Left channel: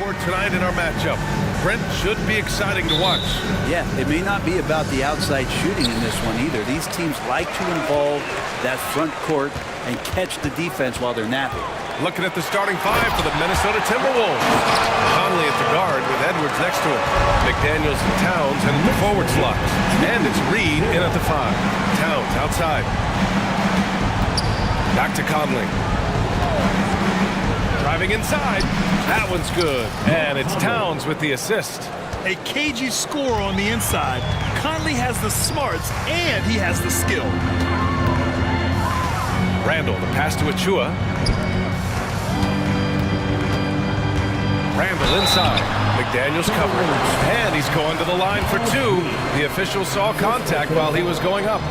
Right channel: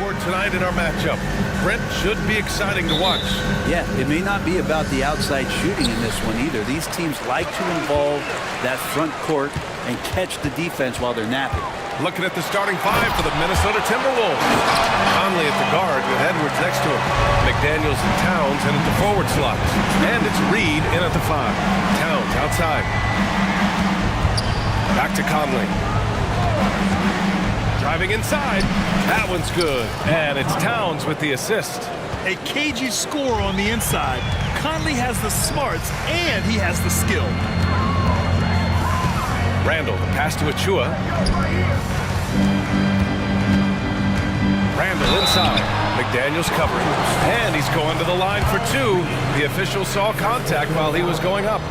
for tonight in our matchup. Brent should be exciting to watch. Yeah, it may not be about the outside shooting in this one either. These teams like to involve that front court and catch the defense while they're napping. Looking at the starting five for the Minnesota Timberwolves. Conley at the guard with Edwards next to him. McDaniels and Towns in at the forward slots. And it's Reed in at the five. Towns outside. Back to Conley. Driving inside. That one's good. And it's Towns with the assist. A cagey score on the inside. Conley has the smarts and he has the skill. Randall, the pass to Achua. Randall inside. McDaniels covering. And he's going to the line for two. The official saw contact while he was going up.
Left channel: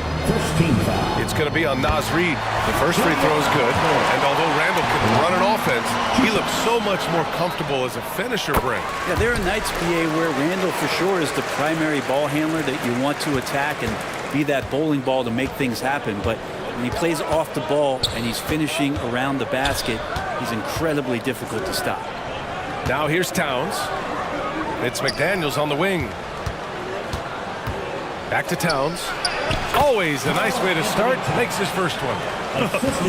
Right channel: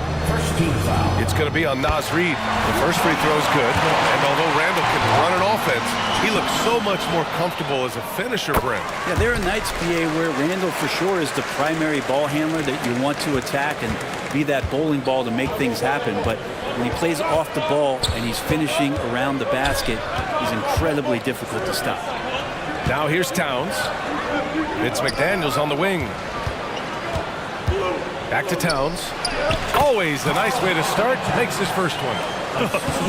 It's going to be on Naz Reid. The first free throw is good. And although Randall can run an offense, he looks so much more comfortable as a finisher, Brent. Yeah, there are nights, PA, where Randall for sure is the primary ball handler that you want to attack and be that bowling ball to make things happen. But when he plays off the ball and he's finishing around the basket, he's incredibly difficult to stop. Now here's Towns. It's McDaniels on the wing. Back to Towns. Always a nice way to start. Makes his first one.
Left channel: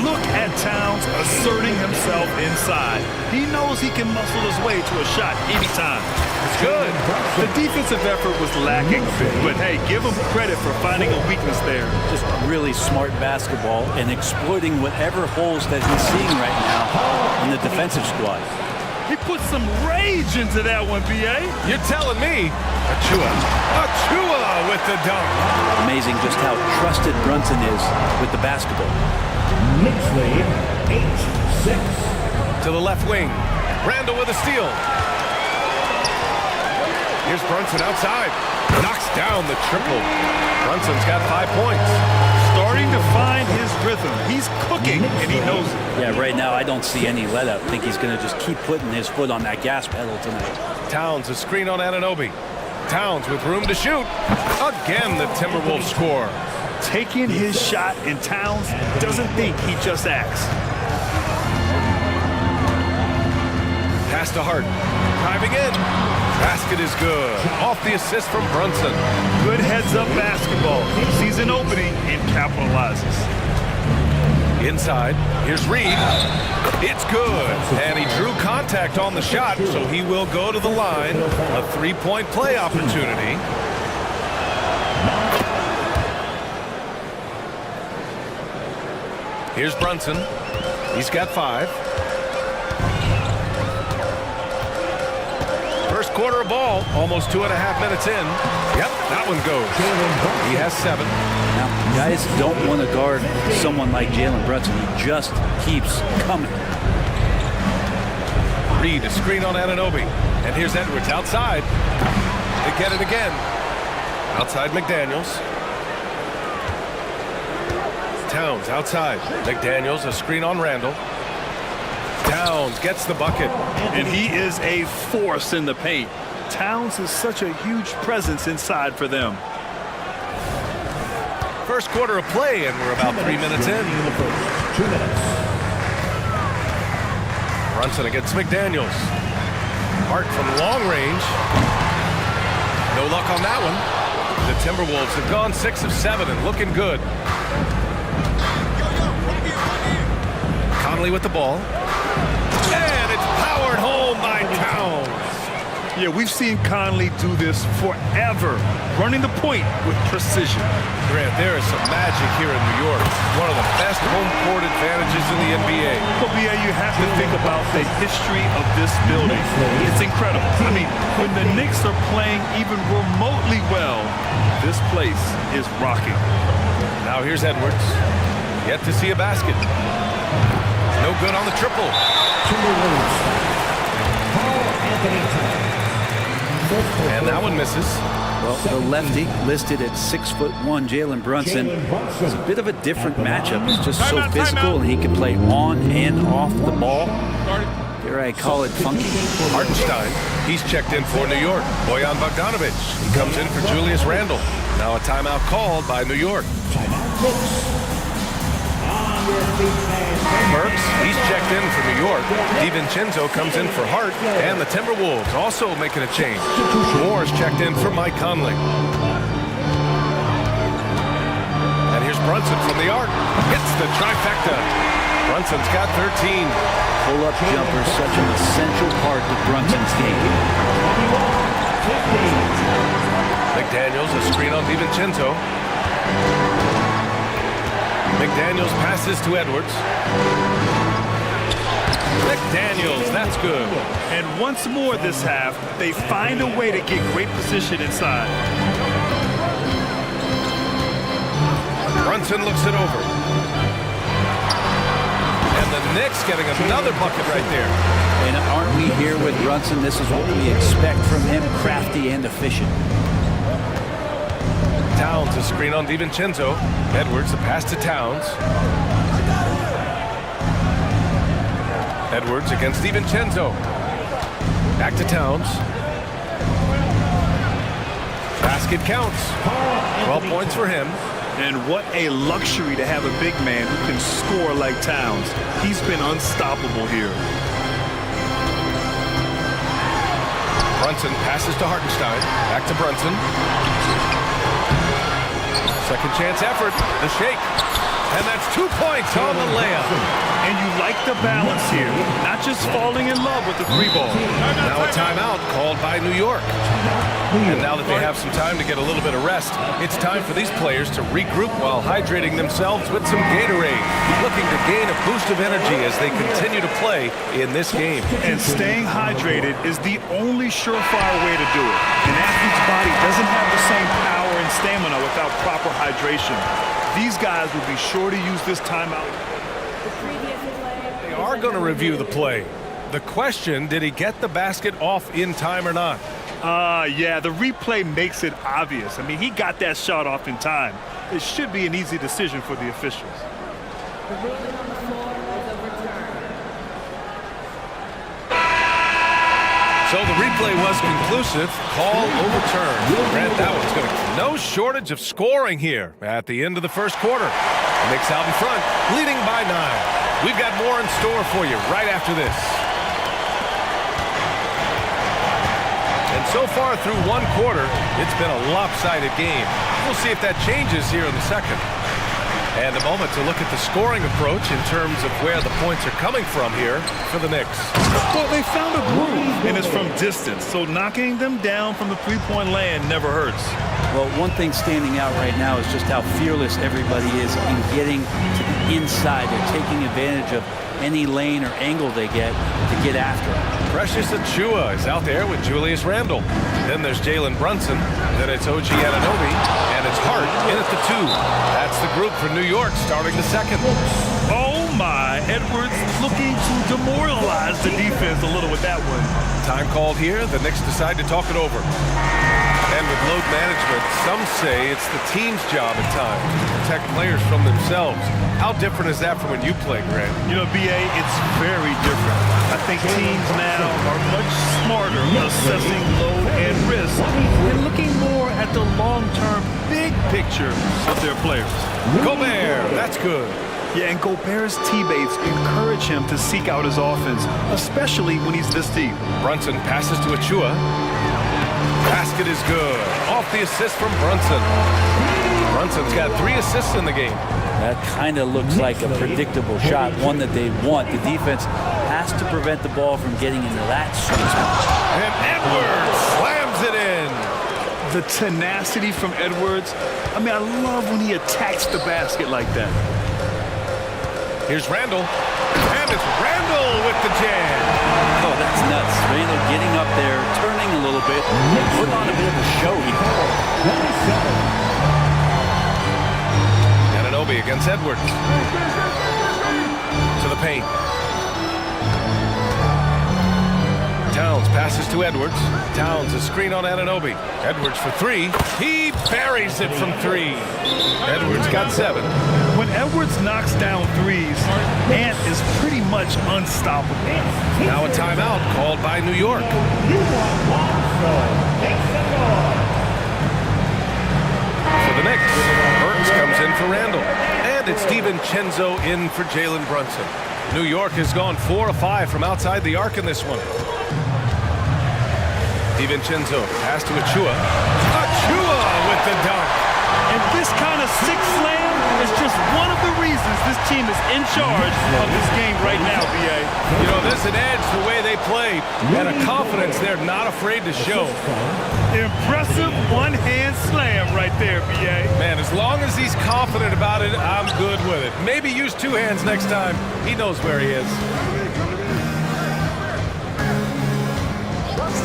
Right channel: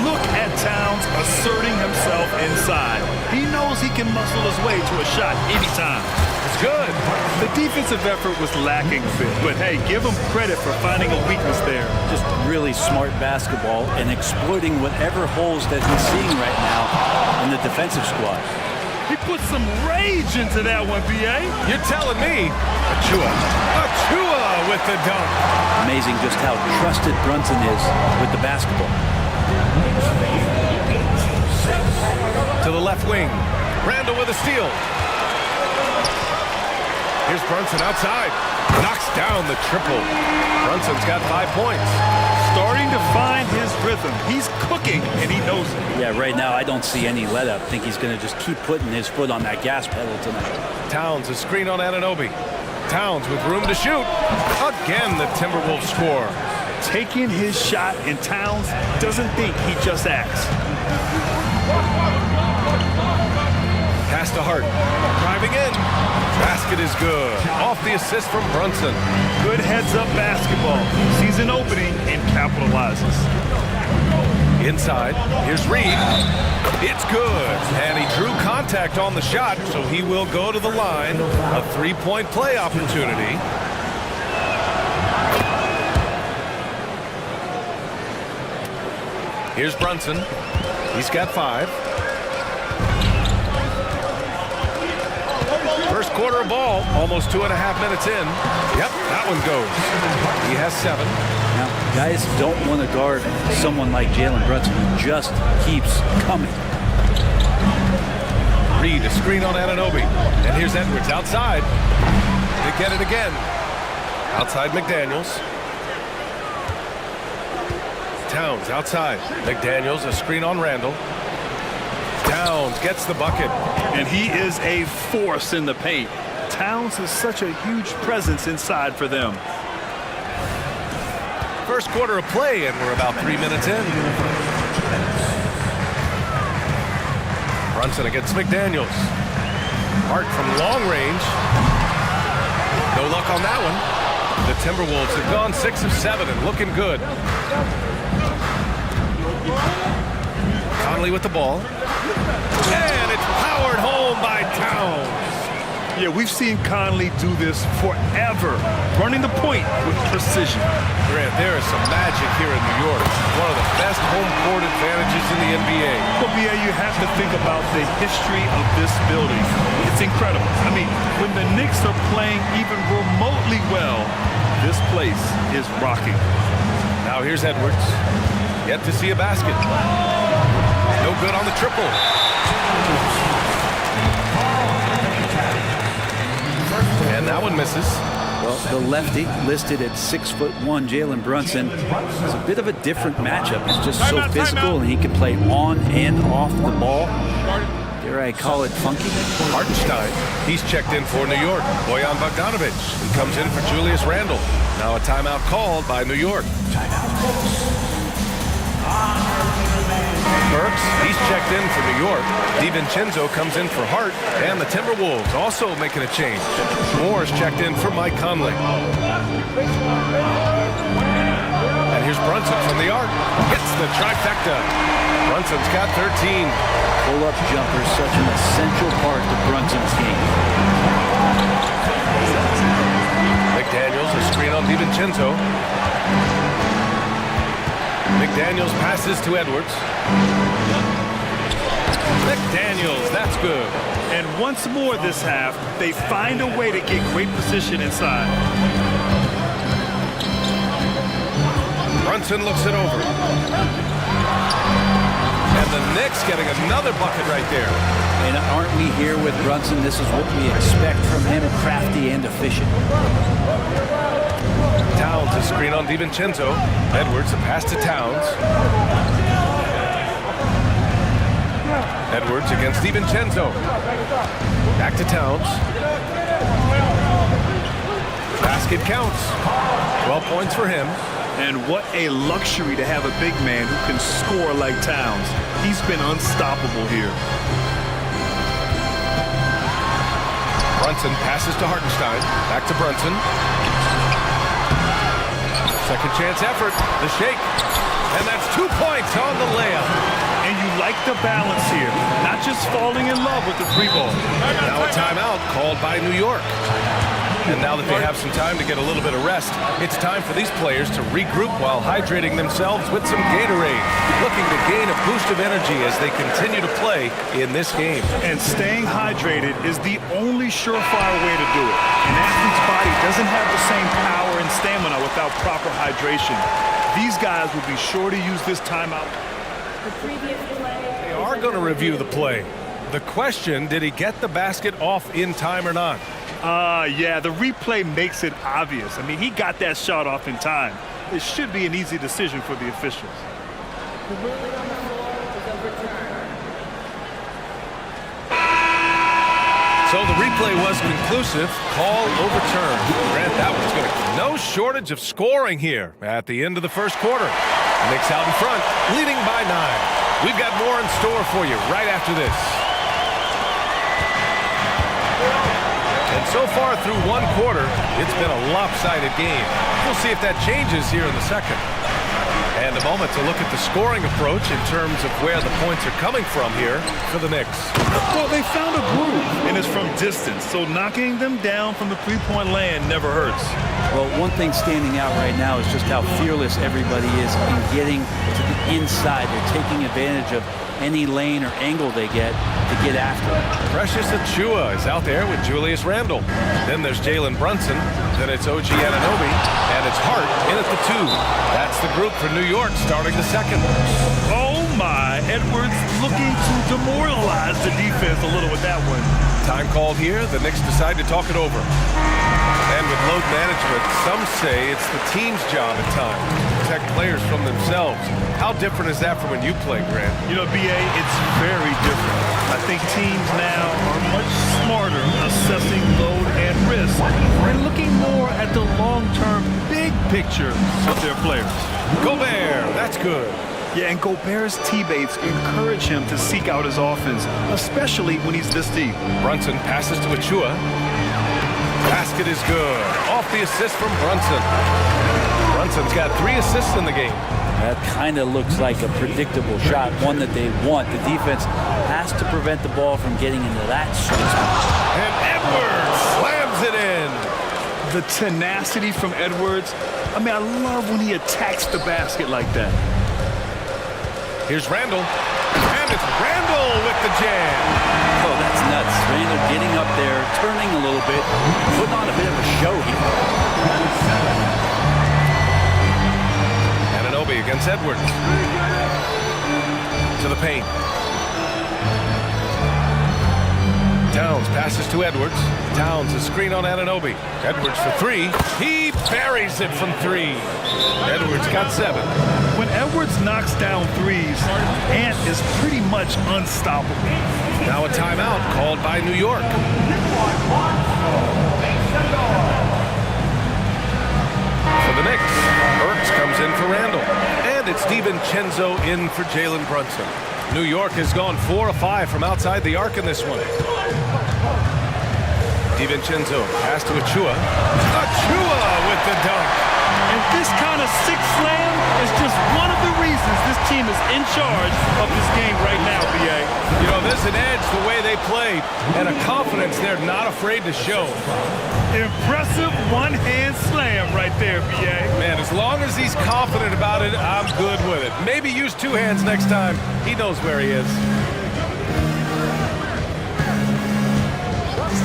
Look at Towns asserting himself inside. He knows he can muscle his way to a shot anytime. It's good. The defensive effort was lacking a bit, but hey, give him credit for finding a weakness there. Just really smart basketball and exploiting whatever holes that he's seeing right now in the defensive squad. He put some rage into that one, B.A. You're telling me. Achua with the dunk. Amazing just how trusted Brunson is with the basketball. To the left wing. Randall with a steal. Here's Brunson outside. Knocks down the triple. Brunson's got 5 points. Starting to find his rhythm. He's cooking, and he knows it. Yeah, right now I don't see any let up. I think he's going to just keep putting his foot on that gas pedal tonight. Towns, a screen on Anunoby. Towns with room to shoot. Again, the Timberwolves score. Taking his shot, and Towns doesn't think, he just acts. Pass to Hart. Driving in. Basket is good. Off the assist from Brunson. Good heads-up basketball. Sees an opening and capitalizes. Inside. Here's Reed. It's good. And he drew contact on the shot, so he will go to the line. A three-point play opportunity. Here's Brunson. He's got 5. First quarter of ball, almost 2.5 minutes in. Yep, that one goes. He has 7. Now, guys don't want to guard someone like Jalen Brunson. He just keeps coming. Reed, a screen on Anunoby. And here's Edwards outside. They get it again. Outside McDaniels. Towns outside. McDaniels, a screen on Randall. Towns gets the bucket. And he is a force in the paint. Towns is such a huge presence inside for them. First quarter of play, and we're about 3 minutes in. Brunson against McDaniels. Hart from long range. No luck on that one. The Timberwolves have gone 6 of 7 and looking good. Conley with the ball. And it's powered home by Towns. Yeah, we've seen Conley do this forever, running the point with precision. Grant, there is some magic here in New York. One of the best home court advantages in the NBA. Well, BA, you have to think about the history of this building. It's incredible. I mean, when the Knicks are playing even remotely well, this place is rocking. Now here's Edwards. Yet to see a basket. No good on the triple. And that one misses. Well, the lefty listed at 6'1", Jalen Brunson, is a bit of a different matchup. He's just so physical, and he can play on and off the ball. Dare I call it funky? Hartenstein, he's checked in for New York. Bojan Bogdanovic, he comes in for Julius Randle. Now a timeout called by New York. Timeout. Burks, he's checked in for New York. DiVincenzo comes in for Hart, and the Timberwolves also making a change. Moore's checked in for Mike Conley. And here's Brunson from the arc. Hits the trifecta. Brunson's got 13. Pull-up jumper, such an essential part of Brunson's game. McDaniels, a screen on DiVincenzo. McDaniels passes to Edwards. McDaniels, that's good. And once more this half, they find a way to get great position inside. Brunson looks it over. And the Knicks getting another bucket right there. And aren't we here with Brunson? This is what we expect from him, crafty and efficient. Towns, a screen on DiVincenzo. Edwards, the pass to Towns. Edwards against DiVincenzo. Back to Towns. Basket counts. 12 points for him. And what a luxury to have a big man who can score like Towns. He's been unstoppable here. Brunson passes to Hartenstein. Back to Brunson. Second chance effort. The shake. And that's 2 points on the layup. And you like the balance here. Not just falling in love with the three ball. Now a timeout called by New York. And now that they have some time to get a little bit of rest, it's time for these players to regroup while hydrating themselves with some Gatorade, looking to gain a boost of energy as they continue to play in this game. And staying hydrated is the only surefire way to do it. An athlete's body doesn't have the same power and stamina without proper hydration. These guys will be sure to use this timeout. The previous play. They are going to review the play. The question, did he get the basket off in time or not? Yeah, the replay makes it obvious. I mean, he got that shot off in time. It should be an easy decision for the officials. The ruling on the floor is overturned. So the replay was conclusive. Call overturned. Grant, that one's going to... No shortage of scoring here at the end of the first quarter. Knicks out in front, leading by 9. We've got more in store for you right after this. And so far through one quarter, it's been a lopsided game. We'll see if that changes here in the second. And a moment to look at the scoring approach in terms of where the points are coming from here for the Knicks. Well, they found a groove, and it's from distance, so knocking them down from the three-point land never hurts. Well, one thing standing out right now is just how fearless everybody is in getting to the inside. They're taking advantage of any lane or angle they get to get after him. Precious Achiuwa is out there with Julius Randle. Then there's Jalen Brunson. Then it's OG Anunoby. And it's Hart in at the 2. That's the group for New York starting the second. Oh my, Edwards looking to demoralize the defense a little with that one. Time called here. The Knicks decide to talk it over. And with load management, some say it's the team's job at times to protect players from themselves. How different is that from when you play, Grant? You know, B.A., it's very different. I think teams now are much smarter assessing load and risk and looking more at the long-term big picture of their players. Gobert, that's good. Yeah, and Gobert's teammates encourage him to seek out his offense, especially when he's this deep. Brunson passes to Achiuwa. Basket is good. Off the assist from Brunson. Brunson's got 3 assists in the game. That kind of looks like a predictable shot, one that they want. The defense has to prevent the ball from getting into that sweet spot. And Edwards slams it in. The tenacity from Edwards. I mean, I love when he attacks the basket like that. Here's Randle. And it's Randle with the jam. Oh, that's nuts. Randle getting up there, turning a little bit, putting on a bit of a show here. Anunoby against Edwards. To the paint. Towns passes to Edwards. Towns a screen on Anunoby. Edwards for 3. He buries it from 3. Edwards got 7. When Edwards knocks down threes, Ant is pretty much unstoppable. Now a timeout called by New York. For the Knicks, Burks comes in for Randall. And it's DiVincenzo in for Jalen Brunson. New York has gone 4 of 5 from outside the arc in this one. DiVincenzo, pass to Achua. Achua with the dunk. And this kind of six slam is just one of the reasons this team is in charge of this game right now, B.A. You know, there's an edge the way they play and a confidence they're not afraid to show. Impressive one-hand slam right there, B.A. Man, as long as he's confident about it, I'm good with it. Maybe use two hands next time. He knows where he is.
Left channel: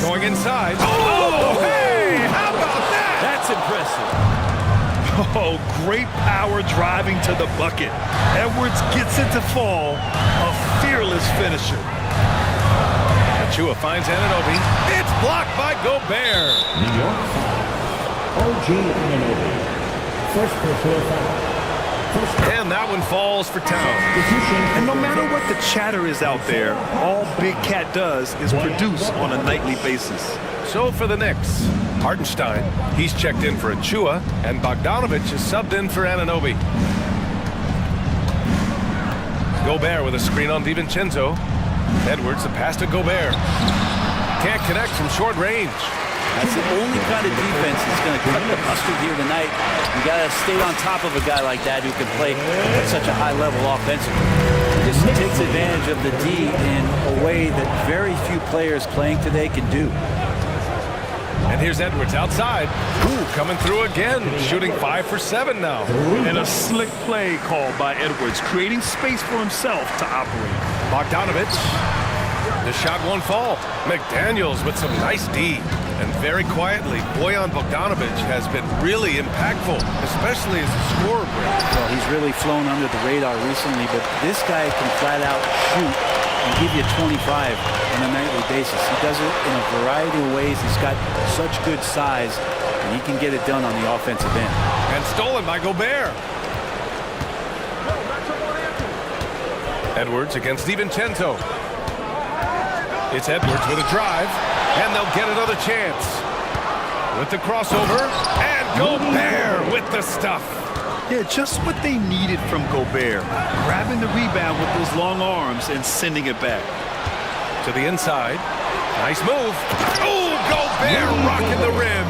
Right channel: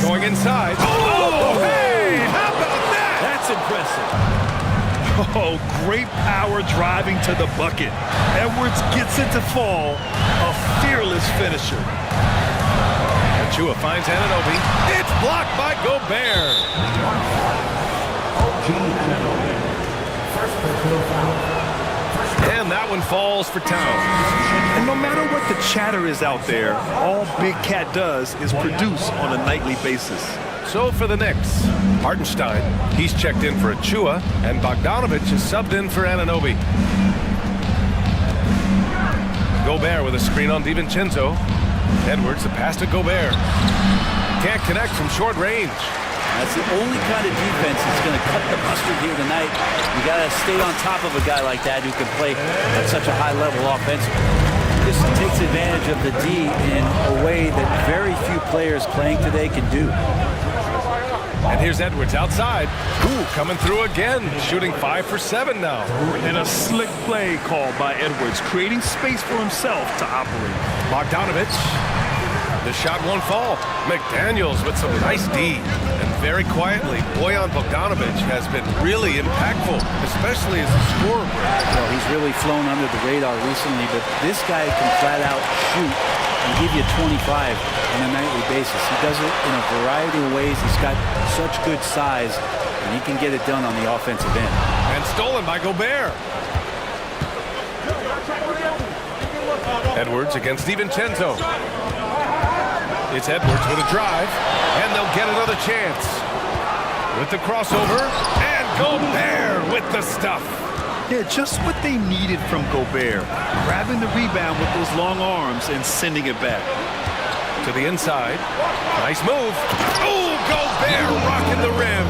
Going inside. Oh, hey! How about that? That's impressive. Oh, great power driving to the bucket. Edwards gets it to fall. A fearless finisher. Achua finds Anunoby. It's blocked by Gobert. New York foul. OG Anunoby. First personal foul. And that one falls for Town. And no matter what the chatter is out there, all Big Cat does is produce on a nightly basis. So for the Knicks, Hartenstein, he's checked in for Achua, and Bogdanovich is subbed in for Anunoby. Gobert with a screen on DiVincenzo. Edwards, the pass to Gobert. Can't connect from short range. That's the only kind of defense that's going to cut the mustard here tonight. You got to stay on top of a guy like that who can play at such a high level offensively. He just takes advantage of the D in a way that very few players playing today can do. And here's Edwards outside. Ooh, coming through again, shooting 5 for 7 now. And a slick play called by Edwards, creating space for himself to operate. Bogdanovich, the shot won't fall. McDaniels with some nice D. And very quietly, Bojan Bogdanović has been really impactful, especially as a scorer, Brent. Well, he's really flown under the radar recently, but this guy can flat out shoot and give you 25 on a nightly basis. He does it in a variety of ways. He's got such good size, and he can get it done on the offensive end. And stolen by Gobert. Edwards against DiVincenzo. It's Edwards with a drive, and they'll get another chance. With the crossover, and Gobert with the stuff. Yeah, just what they needed from Gobert. Grabbing the rebound with those long arms and sending it back. To the inside. Nice move. Oh, Gobert rocking the rim.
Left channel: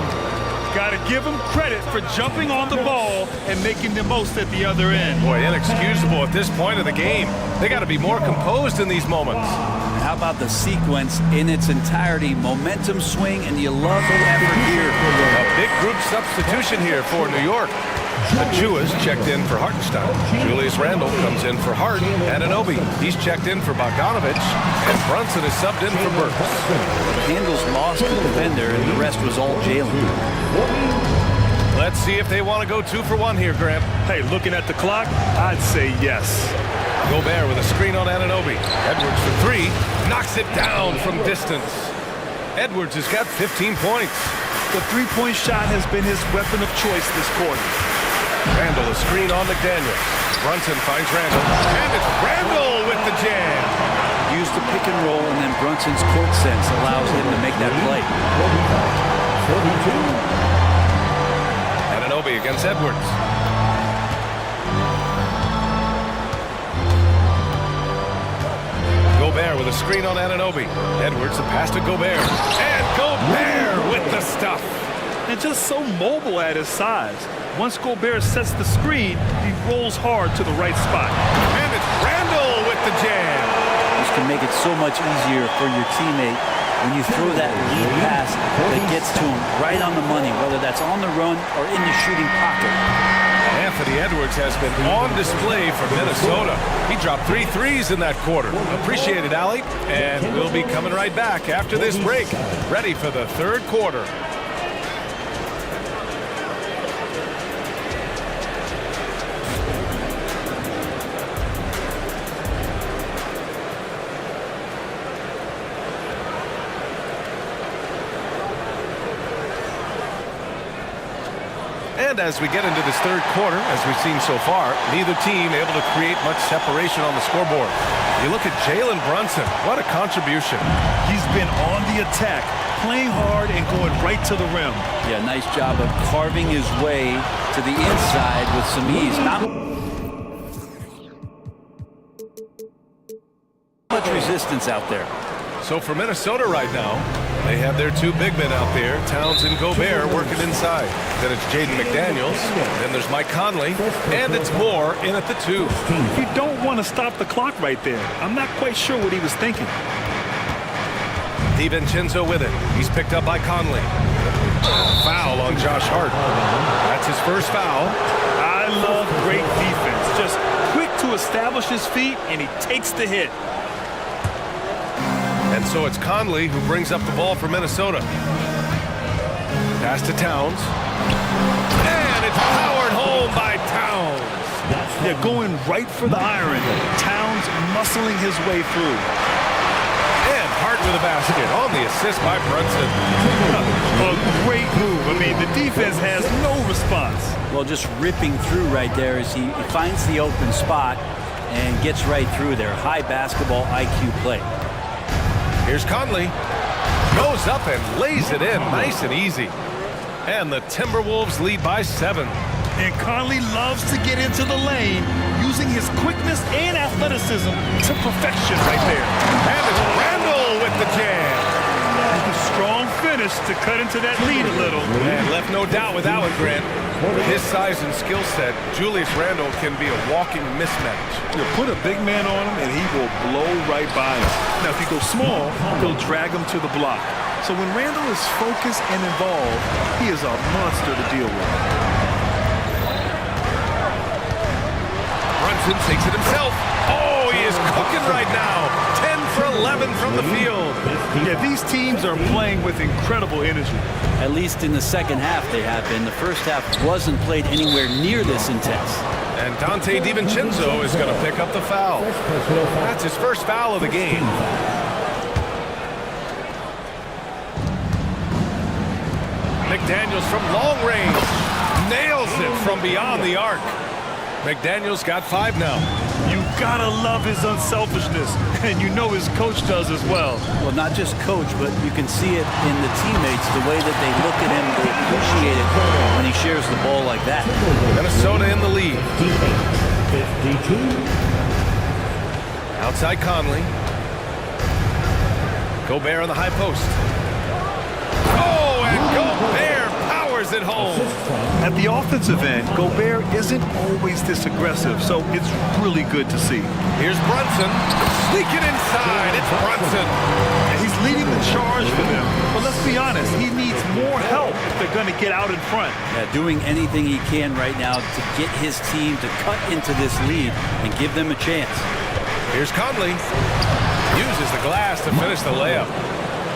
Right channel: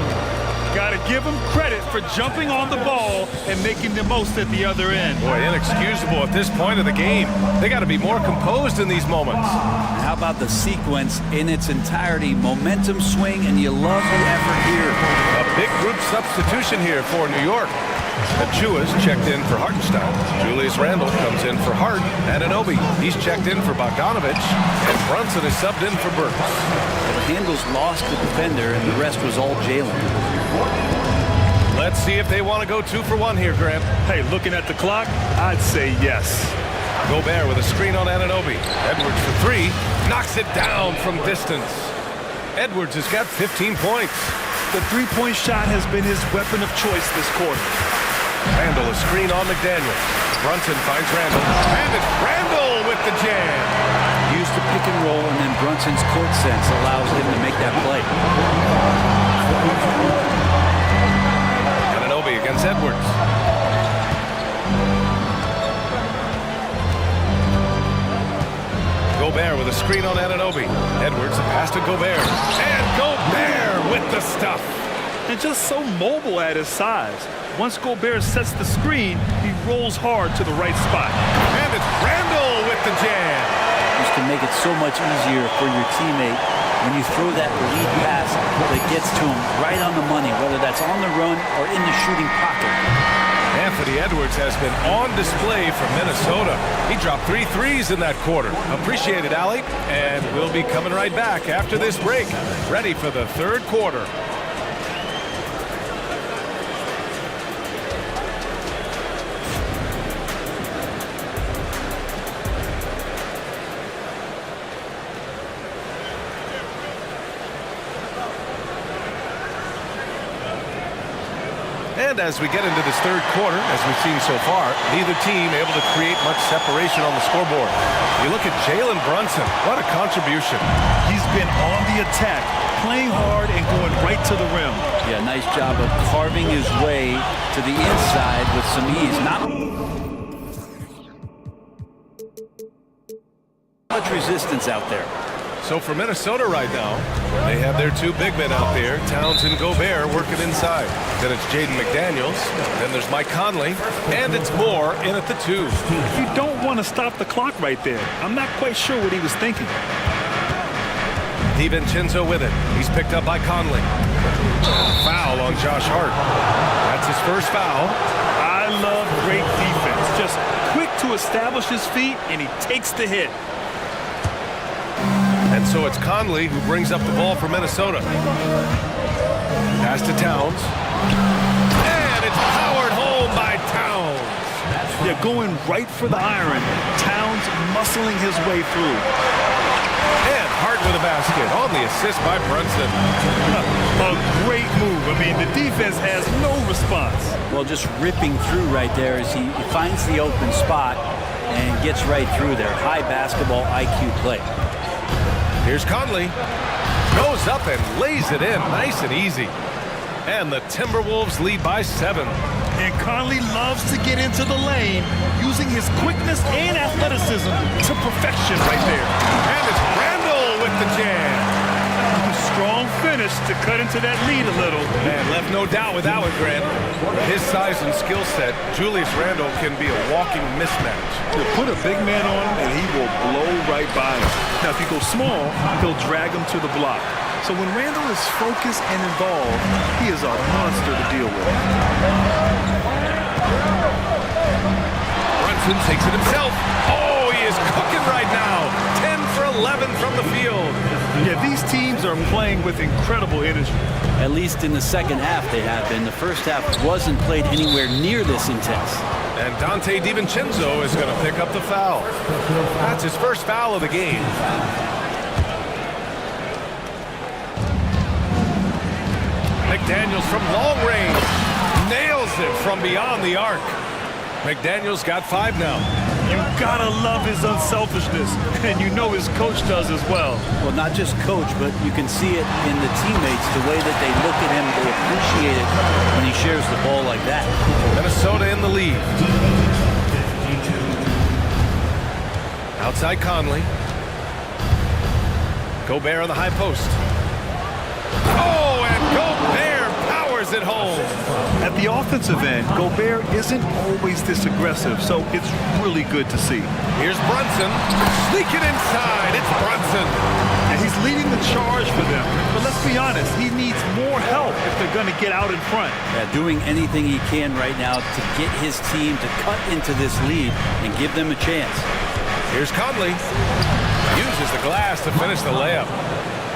Got to give him credit for jumping on the ball and making the most at the other end. Boy, inexcusable at this point of the game. They got to be more composed in these moments. And how about the sequence in its entirety? Momentum swing, and you love the effort here. A big group substitution here for New York. Achua's checked in for Hartenstein. Julius Randle comes in for Hart. Anunoby, he's checked in for Bogdanovich. And Brunson is subbed in for Burks. The handles lost the defender, and the rest was all Jalen. Let's see if they want to go 2 for 1 here, Grant. Hey, looking at the clock, I'd say yes. Gobert with a screen on Anunoby. Edwards for 3. Knocks it down from distance. Edwards has got 15 points. The three-point shot has been his weapon of choice this quarter. Randall, a screen on McDaniels. Brunson finds Randall. And it's Randall with the jam. Use the pick and roll, and then Brunson's court sense allows him to make that play. Anunoby against Edwards. Gobert with a screen on Anunoby. Edwards, the pass to Gobert. And Gobert with the stuff. And just so mobile at his size. Once Gobert sets the screen, he rolls hard to the right spot. And it's Randall with the jam. This can make it so much easier for your teammate when you throw that lead pass that gets to him right on the money, whether that's on the run or in the shooting pocket. Anthony Edwards has been on display for Minnesota. He dropped 3 threes in that quarter. Appreciate it, Allie. And we'll be coming right back after this break. Ready for the third quarter. And as we get into this third quarter, as we've seen so far, neither team able to create much separation on the scoreboard. You look at Jalen Brunson, what a contribution. He's been on the attack, playing hard and going right to the rim. Yeah, nice job of carving his way to the inside with some ease. Not much resistance out there. So for Minnesota right now, they have their two big men out there, Towns and Gobert, working inside. Then it's Jaden McDaniels. Then there's Mike Conley. And it's Moore in at the 2. You don't want to stop the clock right there. I'm not quite sure what he was thinking. DiVincenzo with it. He's picked up by Conley. Foul on Josh Hart. That's his first foul. I love great defense. Just quick to establish his feet, and he takes the hit. And so it's Conley who brings up the ball for Minnesota. Pass to Towns. And it's powered home by Towns. They're going right for the iron. Towns muscling his way through. And Hart with a basket on the assist by Brunson. A great move. I mean, the defense has no response. Well, just ripping through right there as he finds the open spot and gets right through there. High basketball IQ play. Here's Conley. Goes up and lays it in nice and easy. And the Timberwolves lead by 7. And Conley loves to get into the lane, using his quickness and athleticism to perfection right there. And it's Randall with the jam. Strong finish to cut into that lead a little. And left no doubt with that one, Grant. With his size and skill set, Julius Randle can be a walking mismatch. You put a big man on him and he will blow right by him. Now if you go small, he'll drag him to the block. So when Randle is focused and involved, he is a monster to deal with. Brunson takes it himself. Oh, he is cooking right now. 10 for 11 from the field. Yeah, these teams are playing with incredible energy. At least in the second half they have been. The first half wasn't played anywhere near this intense. And Dante DiVincenzo is going to pick up the foul. That's his first foul of the game. McDaniels from long range. Nails it from beyond the arc. McDaniels got 5 now. You gotta love his unselfishness, and you know his coach does as well. Well, not just coach, but you can see it in the teammates, the way that they look at him, they appreciate it when he shares the ball like that. Minnesota in the lead. 52. Outside Conley. Gobert on the high post. Oh, and Gobert powers it home. At the offensive end, Gobert isn't always this aggressive, so it's really good to see. Here's Brunson. Sneak it inside. It's Brunson. And he's leading the charge for them. But let's be honest, he needs more help if they're going to get out in front. Yeah, doing anything he can right now to get his team to cut into this lead and give them a chance. Here's Conley. Uses the glass to finish the layup.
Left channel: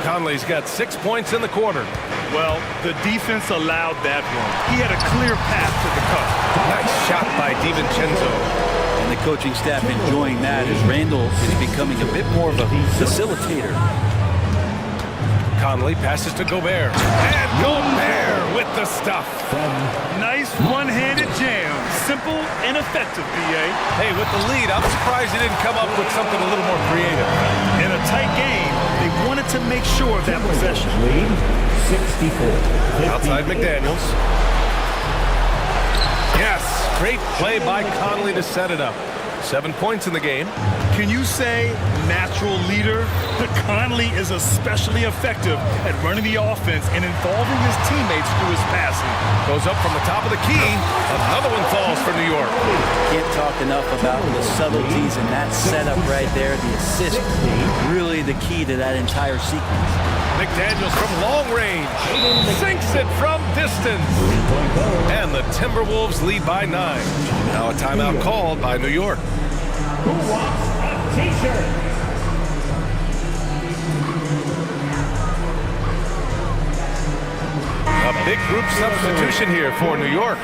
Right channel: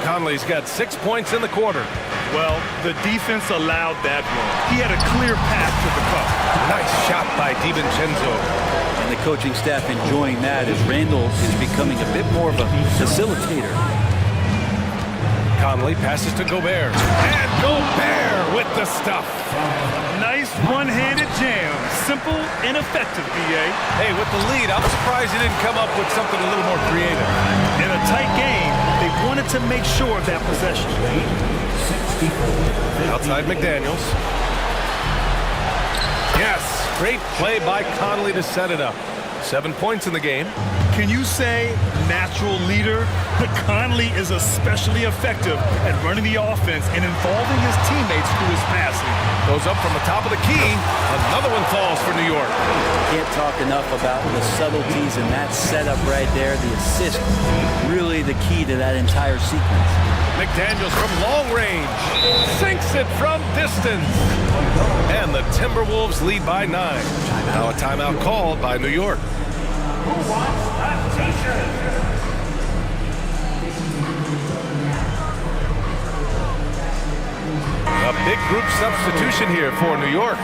Conley's got 6 points in the quarter. Well, the defense allowed that run. He had a clear path to the cup. Nice shot by DiVincenzo. And the coaching staff enjoying that as Randall is becoming a bit more of a facilitator. Conley passes to Gobert. And Gobert with the stuff. Nice one-handed jam. Simple and effective, B.A. Hey, with the lead, I'm surprised he didn't come up with something a little more creative. In a tight game, they wanted to make sure of that possession. 64. Outside McDaniels. Yes, great play by Conley to set it up. 7 points in the game. Can you say natural leader? Conley is especially effective at running the offense and involving his teammates through his passing. Goes up from the top of the key. Another one falls for New York. Can't talk enough about the subtleties in that setup right there. The assist, really the key to that entire sequence. McDaniels from long range. Sinks it from distance. And the Timberwolves lead by 9. Now a timeout called by New York. Who wants a t-shirt? A big group substitution here for New York.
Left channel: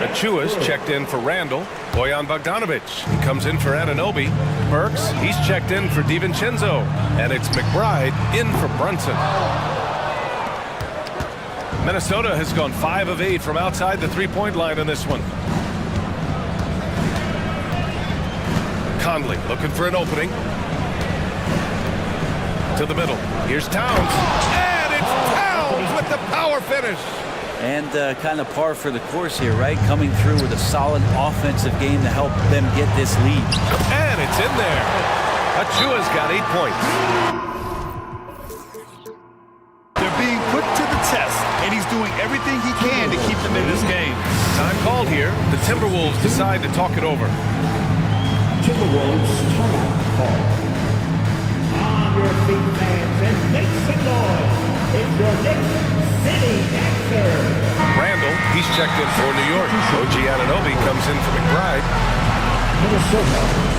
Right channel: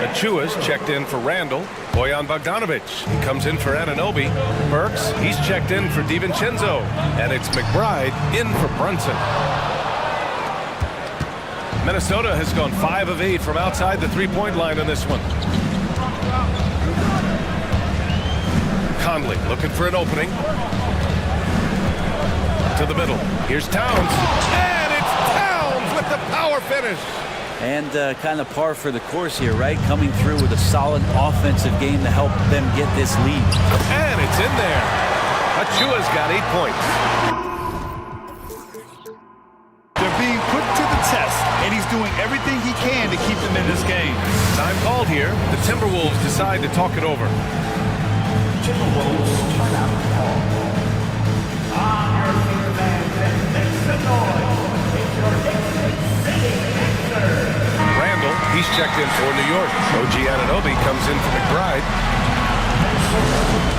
Achua's checked in for Randall. Bojan Bogdanovic, he comes in for Anunoby. Burks, he's checked in for DiVincenzo. And it's McBride in for Brunson. Minnesota has gone 5 of 8 from outside the three-point line in this one. Conley looking for an opening. To the middle. Here's Towns. And it's with the power finish. And kind of par for the course here, right? Coming through with a solid offensive game to help them get this lead. And it's in there. Achua's got 8 points. They're being put to the test, and he's doing everything he can to keep them in this game. Time called here. The Timberwolves decide to talk it over. Timberwolves timeout call. On your feet, fans, and make some noise. It's your next city answer. Randall, he's checked in for New York. OG Anunoby comes in for McBride. Minnesota.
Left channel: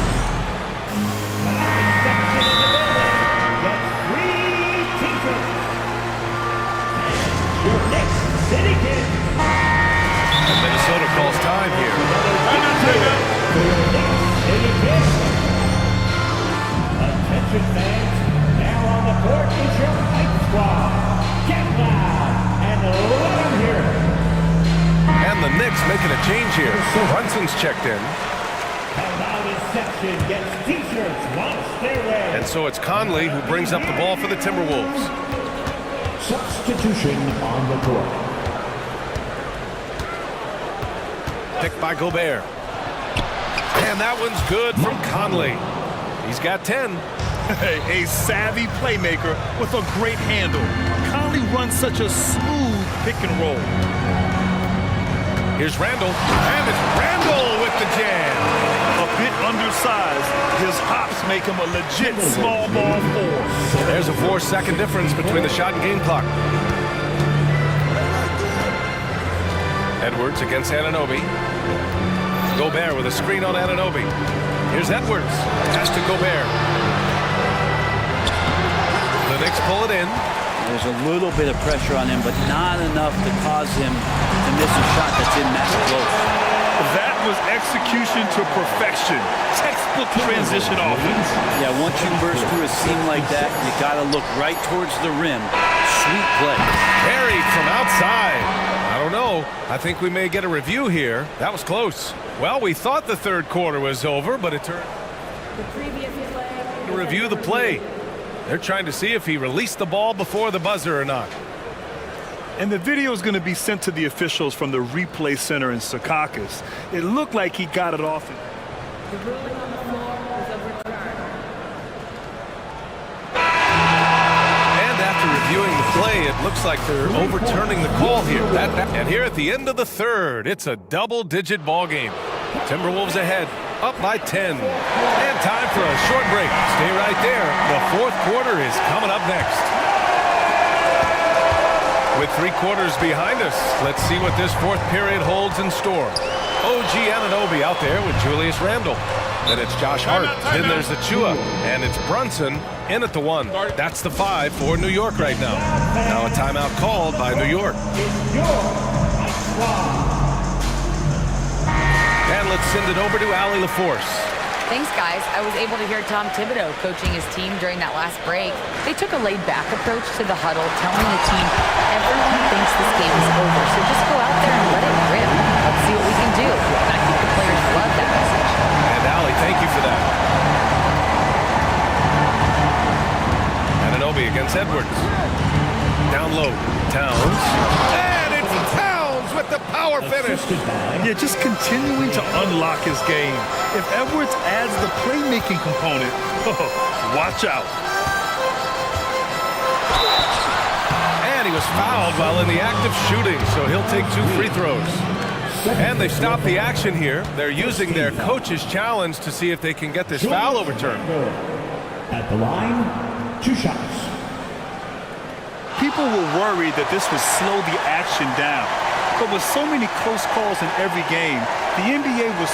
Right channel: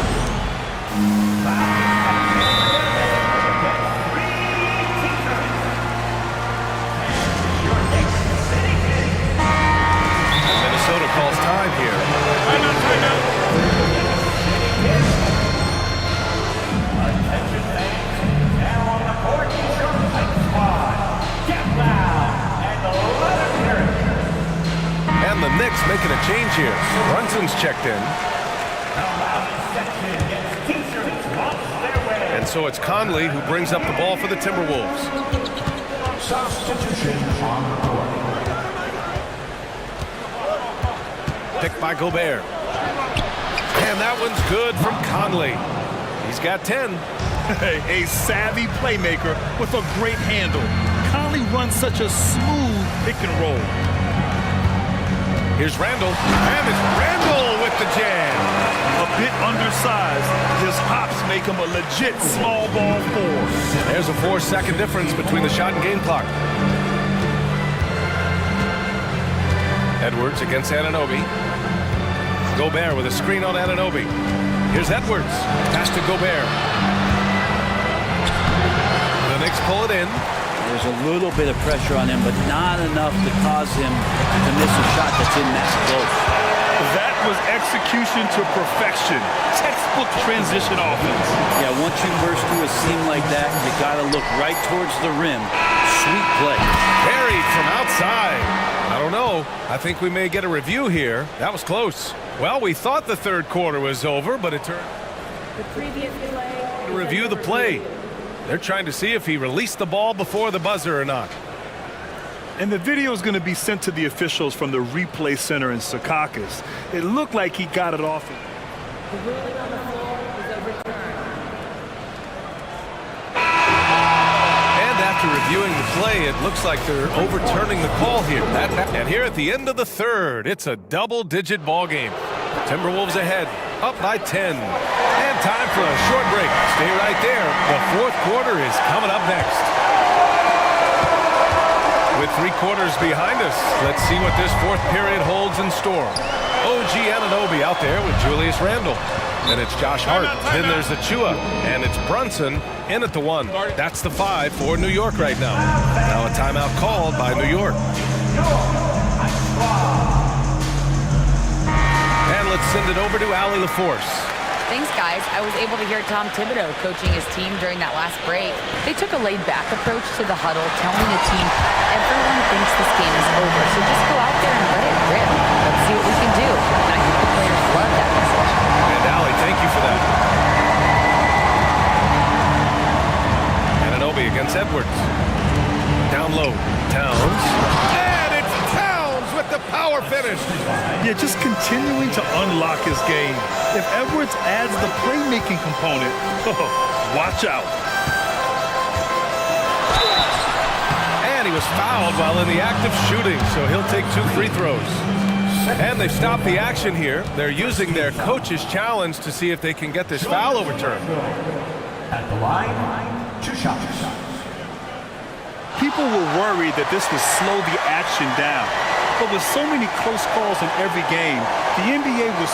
And Minnesota calls time here. Timeout. Attention fans, now on the court is your fight squad. Get loud and let them hear it. And the Knicks making a change here. Brunson's checked in. The loudest section gets t-shirts launched their way. And so it's Conley who brings up the ball for the Timberwolves. Substitution on the court. Picked by Gobert. And that one's good from Conley. He's got 10. A savvy playmaker with a great handle. Conley runs such a smooth pick and roll. Here's Randall. And it's Randall with the jam. A bit undersized, his hops make him a legit small ball 4. There's a 4-second difference between the shot and game clock. Edwards against Anunoby. Gobert with a screen on Anunoby. Here's Edwards. Pass to Gobert. The Knicks pull it in. There's a little bit of pressure on him, but not enough to cause him to miss a shot that's in that close. That was execution to perfection. Textbook transition offense. Yeah, once you burst through a seam like that, you got to look right towards the rim. Sweet play. Buried from outside. I don't know. I think we may get a review here. That was close. Well, we thought the third quarter was over, but it turned The previous play. to review the play. They're trying to see if he released the ball before the buzzer or not. And the video is going to be sent to the officials from the replay center in Secaucus. It looked like he got it off. The ruling on the floor is overturned. And after reviewing the play, it looks like they're overturning the call here. And here at the end of the third, it's a double-digit ball game. Timberwolves ahead, up by 10. And time for a short break. Stay right there. The fourth quarter is coming up next. With 3 quarters behind us, let's see what this fourth period holds in store. OG Anunoby out there with Julius Randle. Then it's Josh Hart. Then there's Achua. And it's Brunson in at the 1. That's the 5 for New York right now. Now a timeout called by New York. And let's send it over to Allie LaForce. Thanks, guys. I was able to hear Tom Thibodeau coaching his team during that last break. They took a laid-back approach to the huddle, telling the team, everyone thinks this game is over, so just go out there and let it rip. Let's see what we can do. And I think the players love that message. And Allie, thank you for that. Anunoby against Edwards. Down low. Towns. And it's Towns with the power finish. Yeah, just continuing to unlock his game. If Edwards adds the playmaking component, watch out. And he was fouled while in the act of shooting, so he'll take 2 free throws. And they've stopped the action here. They're using their coach's challenge to see if they can get this foul overturned. At the line, 2 shots. People were worried that this would slow the action down. But with so many close calls in every game, the NBA was...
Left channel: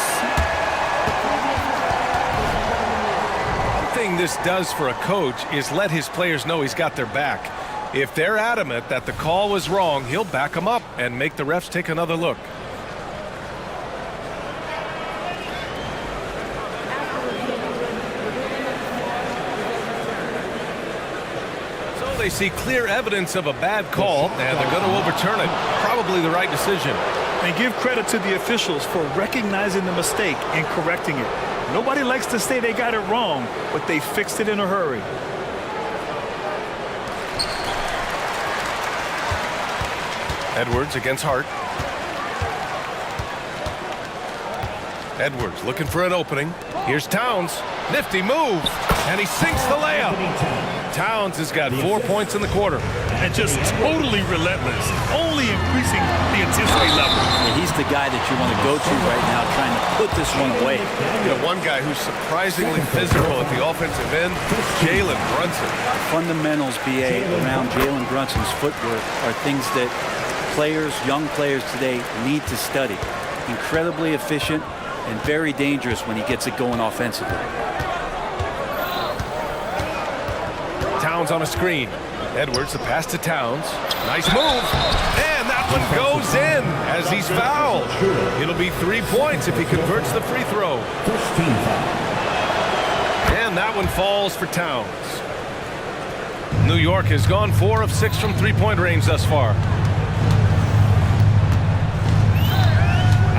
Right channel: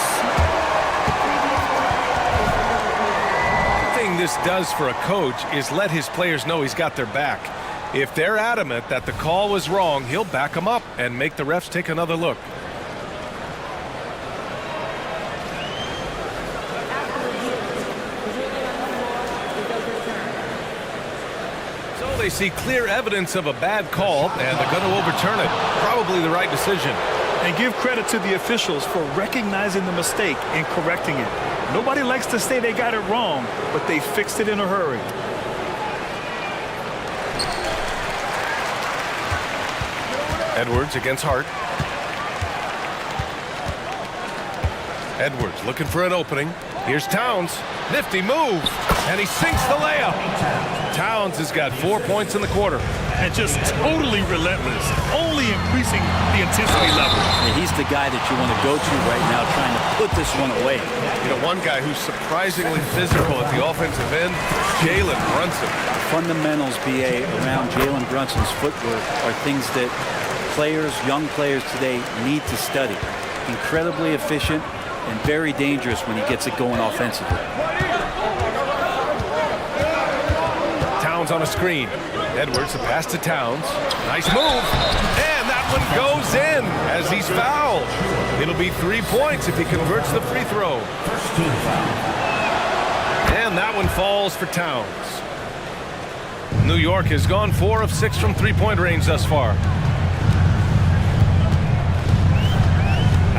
The previous play is under review. One thing this does for a coach is let his players know he's got their back. If they're adamant that the call was wrong, he'll back them up and make the refs take another look. After review, the ruling on the floor is overturned. So they see clear evidence of a bad call, and they're going to overturn it. Probably the right decision. And give credit to the officials for recognizing the mistake and correcting it. Nobody likes to say they got it wrong, but they fixed it in a hurry. Edwards against Hart. Edwards looking for an opening. Here's Towns. Nifty move. And he sinks the layup. Towns has got 4 points in the quarter. And just totally relentless, only increasing the intensity level. Yeah, he's the guy that you want to go to right now, trying to put this one away. You know, one guy who's surprisingly physical at the offensive end, Jalen Brunson. The fundamentals, BA, around Jalen Brunson's footwork are things that players, young players today, need to study. Incredibly efficient and very dangerous when he gets it going offensively. Towns on a screen. Edwards, the pass to Towns. Nice move. And that one goes in as he's fouled. It'll be 3 points if he converts the free throw. First team foul. And that one falls for Towns. New York has gone 4 of 6 from three-point range thus far.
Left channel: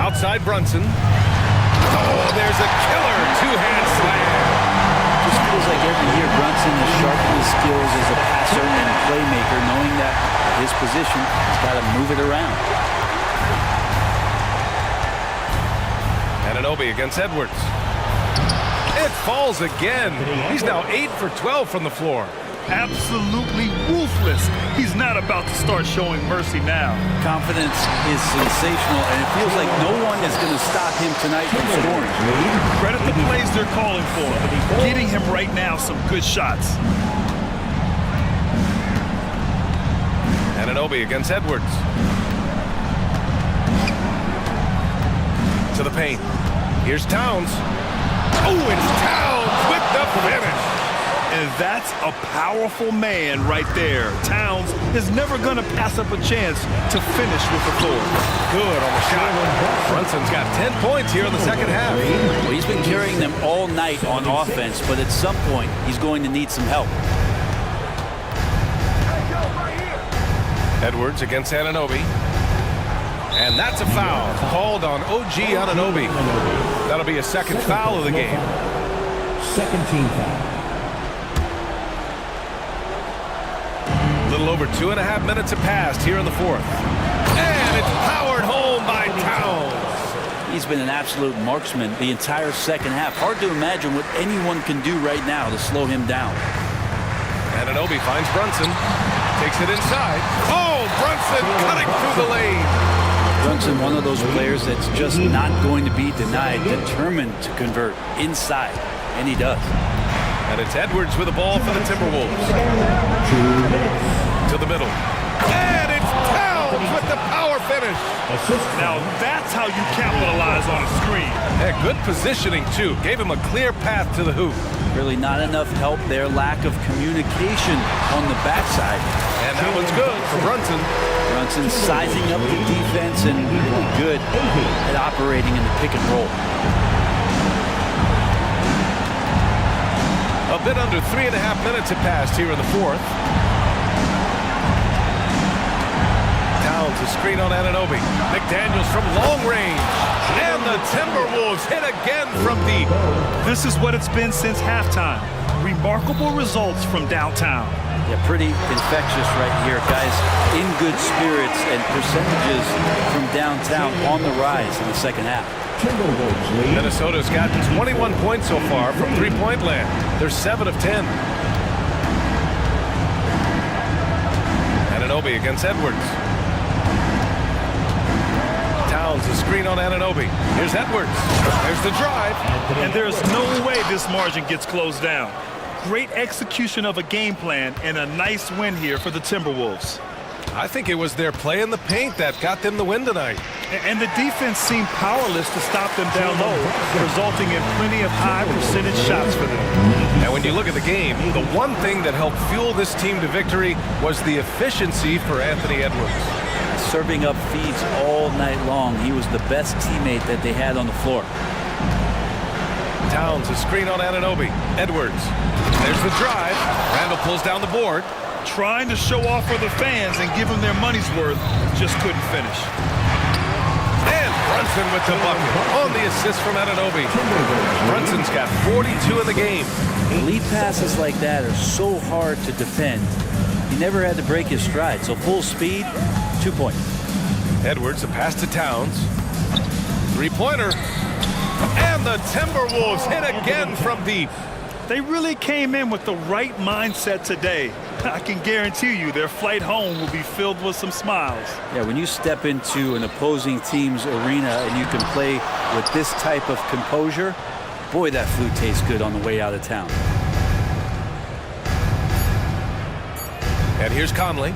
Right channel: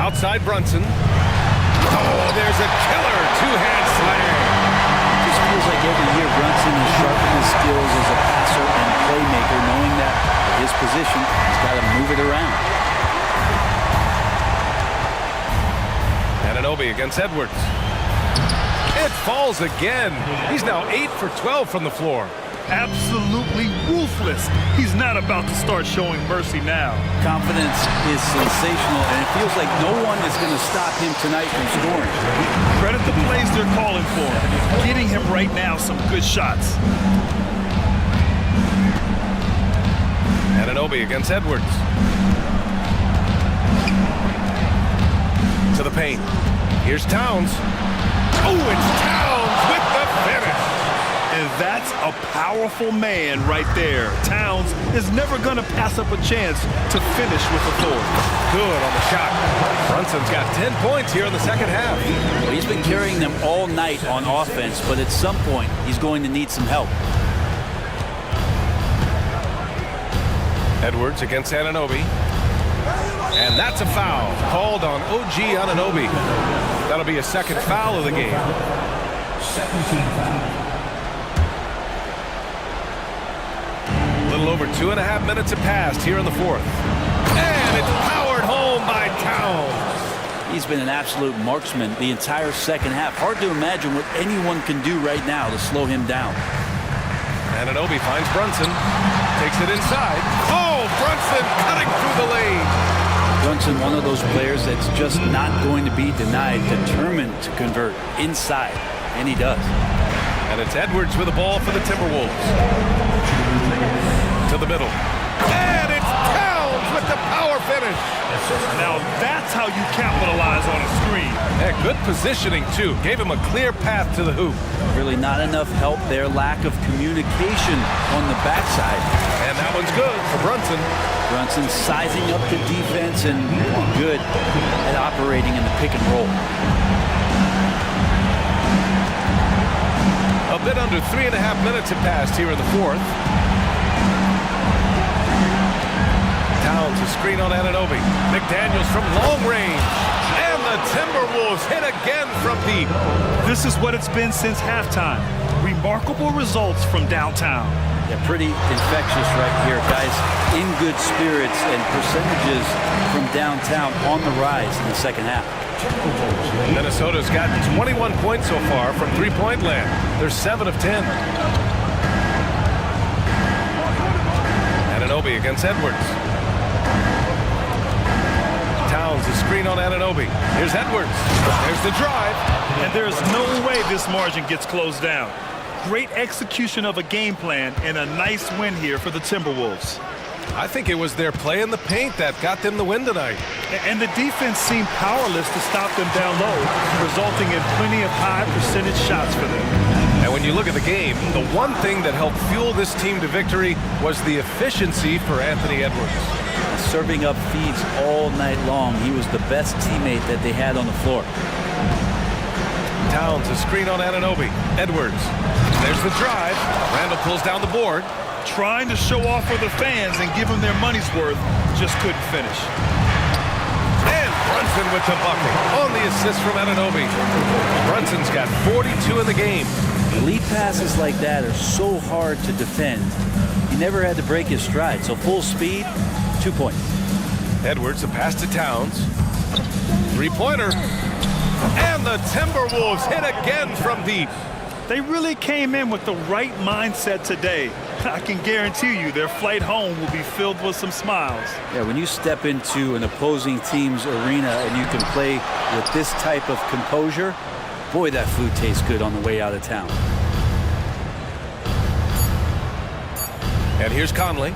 Outside Brunson. Oh, there's a killer two-hand slam. Just feels like every year Brunson has sharpened his skills as a passer and playmaker, knowing that at his position, he's got to move it around. Anunoby against Edwards. It falls again. He's now 8 for 12 from the floor. Absolutely ruthless. He's not about to start showing mercy now. Confidence is sensational, and it feels like no one is going to stop him tonight from scoring. Credit the plays they're calling for. Getting him right now some good shots. Anunoby against Edwards. To the paint. Here's Towns. Oh, it's Towns with the finish. And that's a powerful man right there. Towns is never going to pass up a chance to finish with authority. Good on the shot. Brunson's got 10 points here in the second half. Well, he's been carrying them all night on offense, but at some point, he's going to need some help. Edwards against Anunoby. And that's a foul called on OG Anunoby. That'll be a second foul of the game. Second team foul. A little over 2.5 minutes have passed here in the fourth. And it's powered home by Towns. He's been an absolute marksman the entire second half. Hard to imagine what anyone can do right now to slow him down. Anunoby finds Brunson. Takes it inside. Oh, Brunson cutting through the lane. Brunson, one of those players that's just not going to be denied, determined to convert inside, and he does. And it's Edwards with the ball for the Timberwolves. To the middle. And it's Towns with the power finish. Now that's how you capitalize on a screen. Yeah, good positioning, too. Gave him a clear path to the hoop. Really not enough help there. Lack of communication on the backside. And that one's good for Brunson. Brunson sizing up the defense and really good at operating in the pick and roll. A bit under 3.5 minutes have passed here in the fourth. Towns, a screen on Anunoby. McDaniels from long range. And the Timberwolves hit again from deep. This is what it's been since halftime. Remarkable results from downtown. Yeah, pretty infectious right here, guys. In good spirits and percentages from downtown on the rise in the second half. Minnesota's got 21 points so far from three-point land. They're 7 of 10. Anunoby against Edwards. Towns, a screen on Anunoby. Here's Edwards. There's the drive. And there's no way this margin gets closed down. Great execution of a game plan and a nice win here for the Timberwolves. I think it was their play in the paint that got them the win tonight. And the defense seemed powerless to stop them down low, resulting in plenty of high percentage shots for them. And when you look at the game, the one thing that helped fuel this team to victory was the efficiency for Anthony Edwards. Serving up feeds all night long. He was the best teammate that they had on the floor. Towns, a screen on Anunoby. Edwards. There's the drive. Randall pulls down the board. Trying to show off for the fans and give them their money's worth, just couldn't finish. And Brunson with the bucket on the assist from Anunoby. Brunson's got 42 in the game. Lead passes like that are so hard to defend. He never had to break his stride, so full speed, 2 points. Edwards, the pass to Towns. Three-pointer. And the Timberwolves hit again from deep. They really came in with the right mindset today. I can guarantee you their flight home will be filled with some smiles. Yeah, when you step into an opposing team's arena and you can play with this type of composure, boy, that food tastes good on the way out of town. And here's Conley.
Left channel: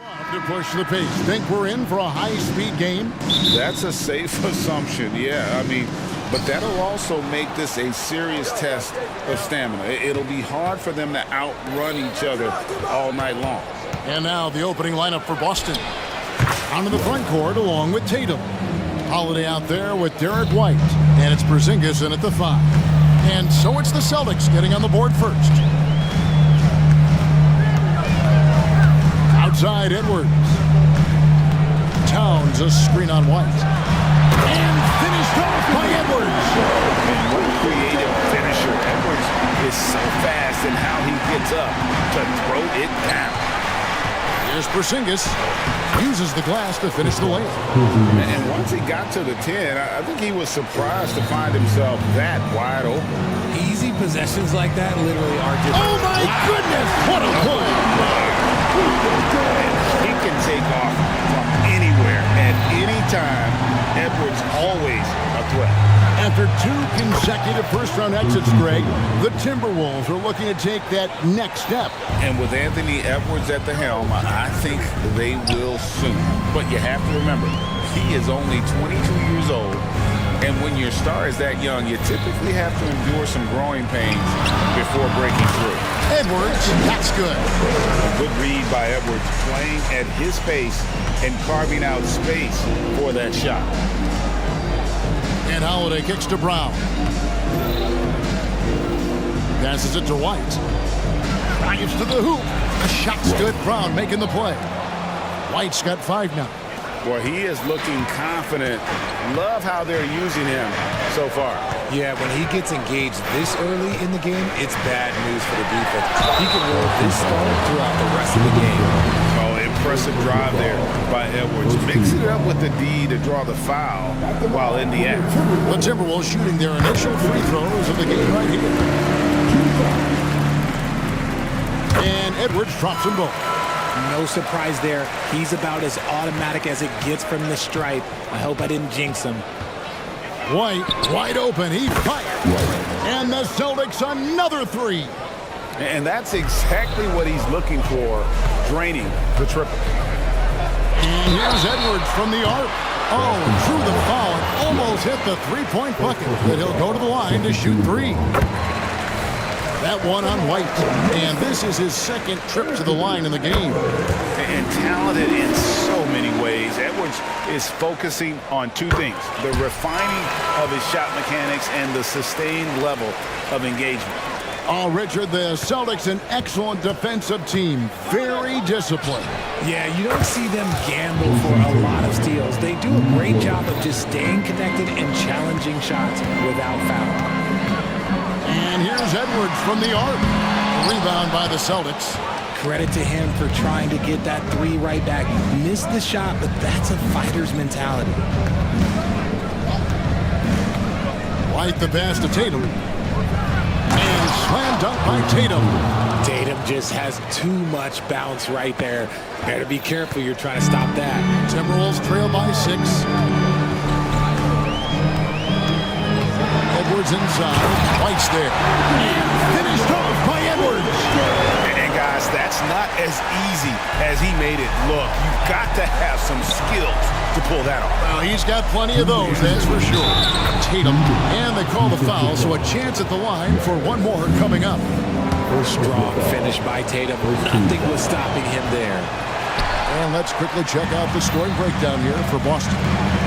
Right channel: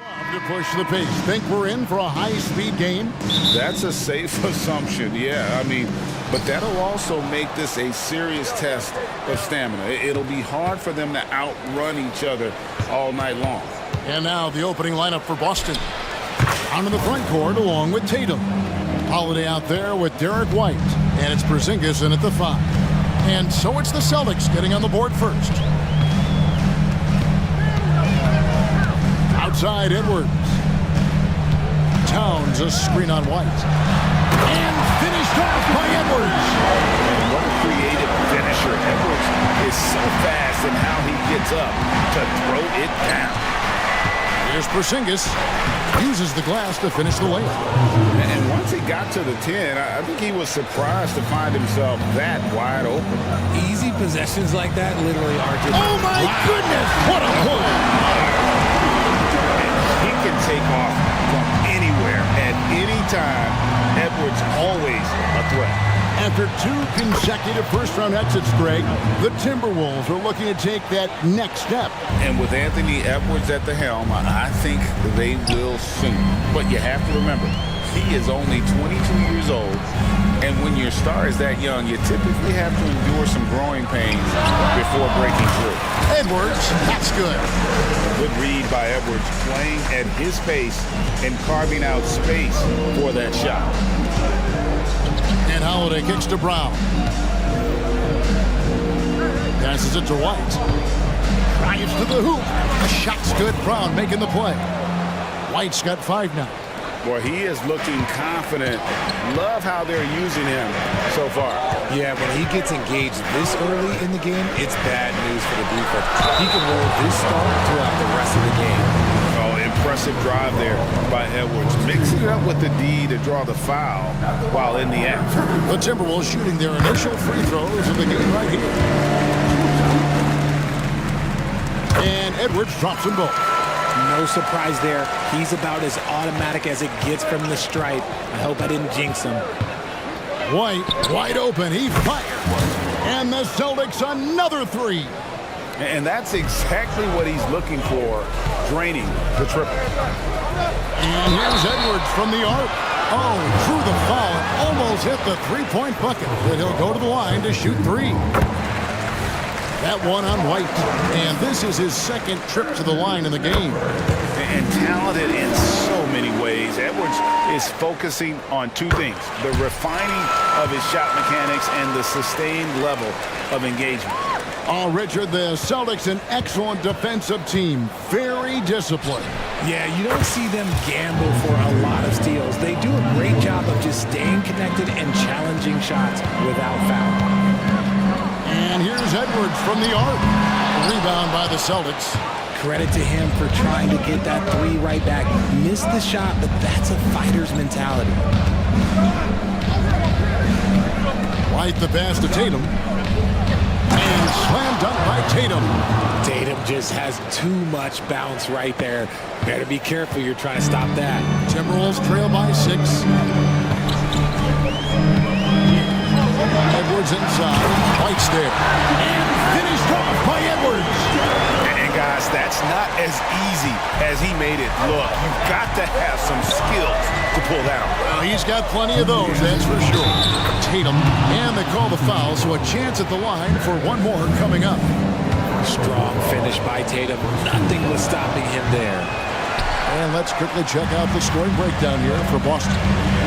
To push the pace. Think we're in for a high-speed game? That's a safe assumption, yeah. I mean, but that'll also make this a serious test of stamina. It'll be hard for them to outrun each other all night long. And now the opening lineup for Boston. Onto the front court along with Tatum. Holiday out there with Derek White. And it's Porzingis in at the 5. And so it's the Celtics getting on the board first. Outside Edwards. Towns a screen on White. And finished off by Edwards. And what a creative finisher. Edwards is so fast in how he gets up to throw it down. Here's Porzingis. Uses the glass to finish the layup. And once he got to the 10, I think he was surprised to find himself that wide open. Easy possessions like that literally are just... Oh, my goodness! What a play! And he can take off from anywhere at any time. Edwards always a threat. After 2 consecutive first-round exits, Greg, the Timberwolves are looking to take that next step. And with Anthony Edwards at the helm, I think they will soon. But you have to remember, he is only 22 years old. And when your star is that young, you typically have to endure some growing pains before breaking through. Edwards, that's good. A good read by Edwards, playing at his pace and carving out space for that shot. And Holiday kicks to Brown. Passes it to White. Drives to the hoop. A shot's good. Brown making the play. White's got 5 now. Boy, he is looking confident. Love how they're using him so far. Yeah, when he gets engaged this early in the game, it's bad news for the defense. He can roll this start throughout the rest of the game. Oh, impressive drive there by Edwards. Mixing it up with the D to draw the foul while in the act. The Timberwolves shooting their initial free throws of the game right here. And Edwards drops them both. No surprise there. He's about as automatic as it gets from the stripe. I hope I didn't jinx him. White, wide open. He fires. And the Celtics another 3. And that's exactly what he's looking for, draining the triple. And here's Edwards from the arc. Oh, drew the foul and almost hit the 3-point bucket. But he'll go to the line to shoot 3. That one on White. And this is his second trip to the line in the game. And talented in so many ways. Edwards is focusing on 2 things: the refining of his shot mechanics and the sustained level of engagement. Oh, Richard, the Celtics, an excellent defensive team. Very disciplined. Yeah, you don't see them gamble for a lot of steals. They do a great job of just staying connected and challenging shots without foul. And here's Edwards from the arc. Rebound by the Celtics. Credit to him for trying to get that 3 right back. Missed the shot, but that's a fighter's mentality. White the pass to Tatum. And slam dunk by Tatum. Tatum just has too much bounce right there. Better be careful, you're trying to stop that. Timberwolves trail by 6. Edwards inside. White's there. And finished off by Edwards. And guys, that's not as easy as he made it look. You've got to have some skills to pull that off. Well, he's got plenty of those, that's for sure. Tatum, and they call the foul, so a chance at the line for one more coming up. Strong finish by Tatum. Nothing was stopping him there. And let's quickly check out the scoring breakdown here for Boston.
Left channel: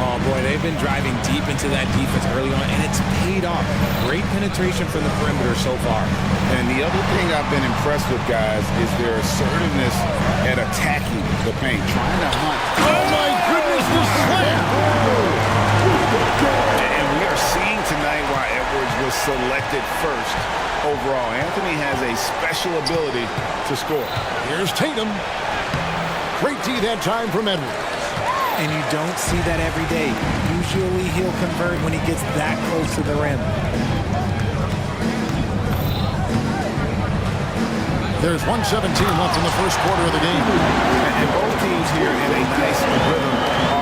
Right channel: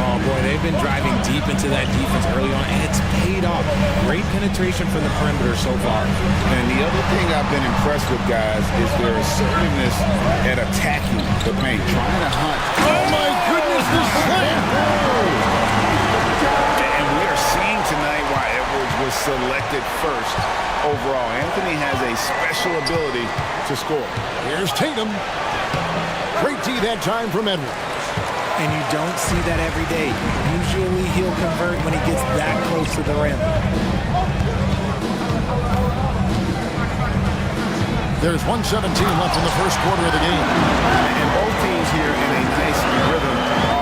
Oh, boy, they've been driving deep into that defense early on, and it's paid off. Great penetration from the perimeter so far. And the other thing I've been impressed with, guys, is their assertiveness at attacking the paint, trying to hunt. Oh, my goodness, the slam! And we are seeing tonight why Edwards was selected first overall. Anthony has a special ability to score. Here's Tatum. Great D that time from Edwards. And you don't see that every day. Usually he'll convert when he gets that close to the rim. There's 1:17 left in the first quarter of the game. And both teams here in a nice rhythm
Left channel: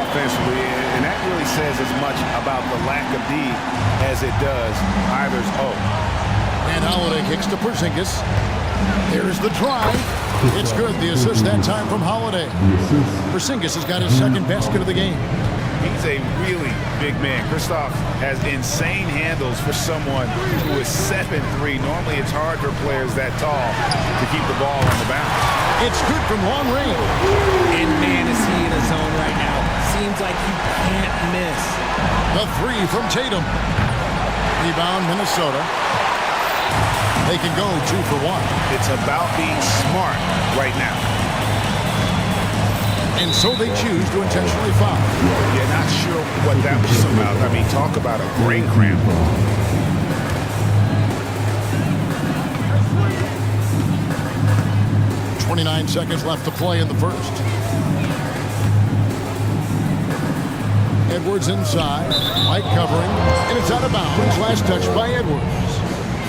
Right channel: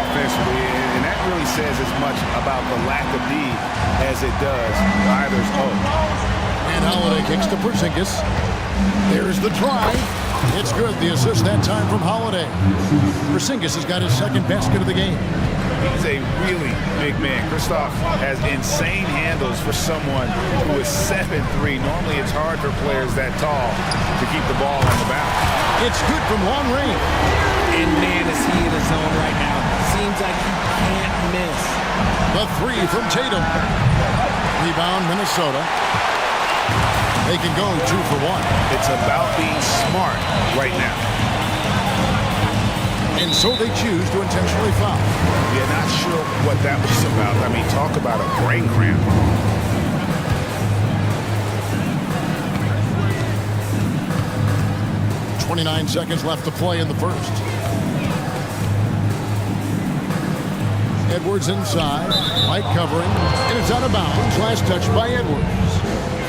offensively. And that really says as much about the lack of D as it does either's O. And Holiday kicks to Porzingis. There's the drive. It's good. The assist that time from Holiday. Porzingis has got his second basket of the game. He's a really big man. Kristoff has insane handles for someone who is 7'3". Normally it's hard for players that tall to keep the ball on the bounce. It's good from long range. And man, is he in a zone right now. Seems like he can't miss. The three from Tatum. Rebound, Minnesota. They can go 2 for 1. It's about being smart right now. And so they choose to intentionally foul. Yeah, not sure what that was about. I mean, talk about a brain cramp. .29 seconds left to play in the first. Edwards inside. White covering. And it's out of bounds. Last touch by Edwards.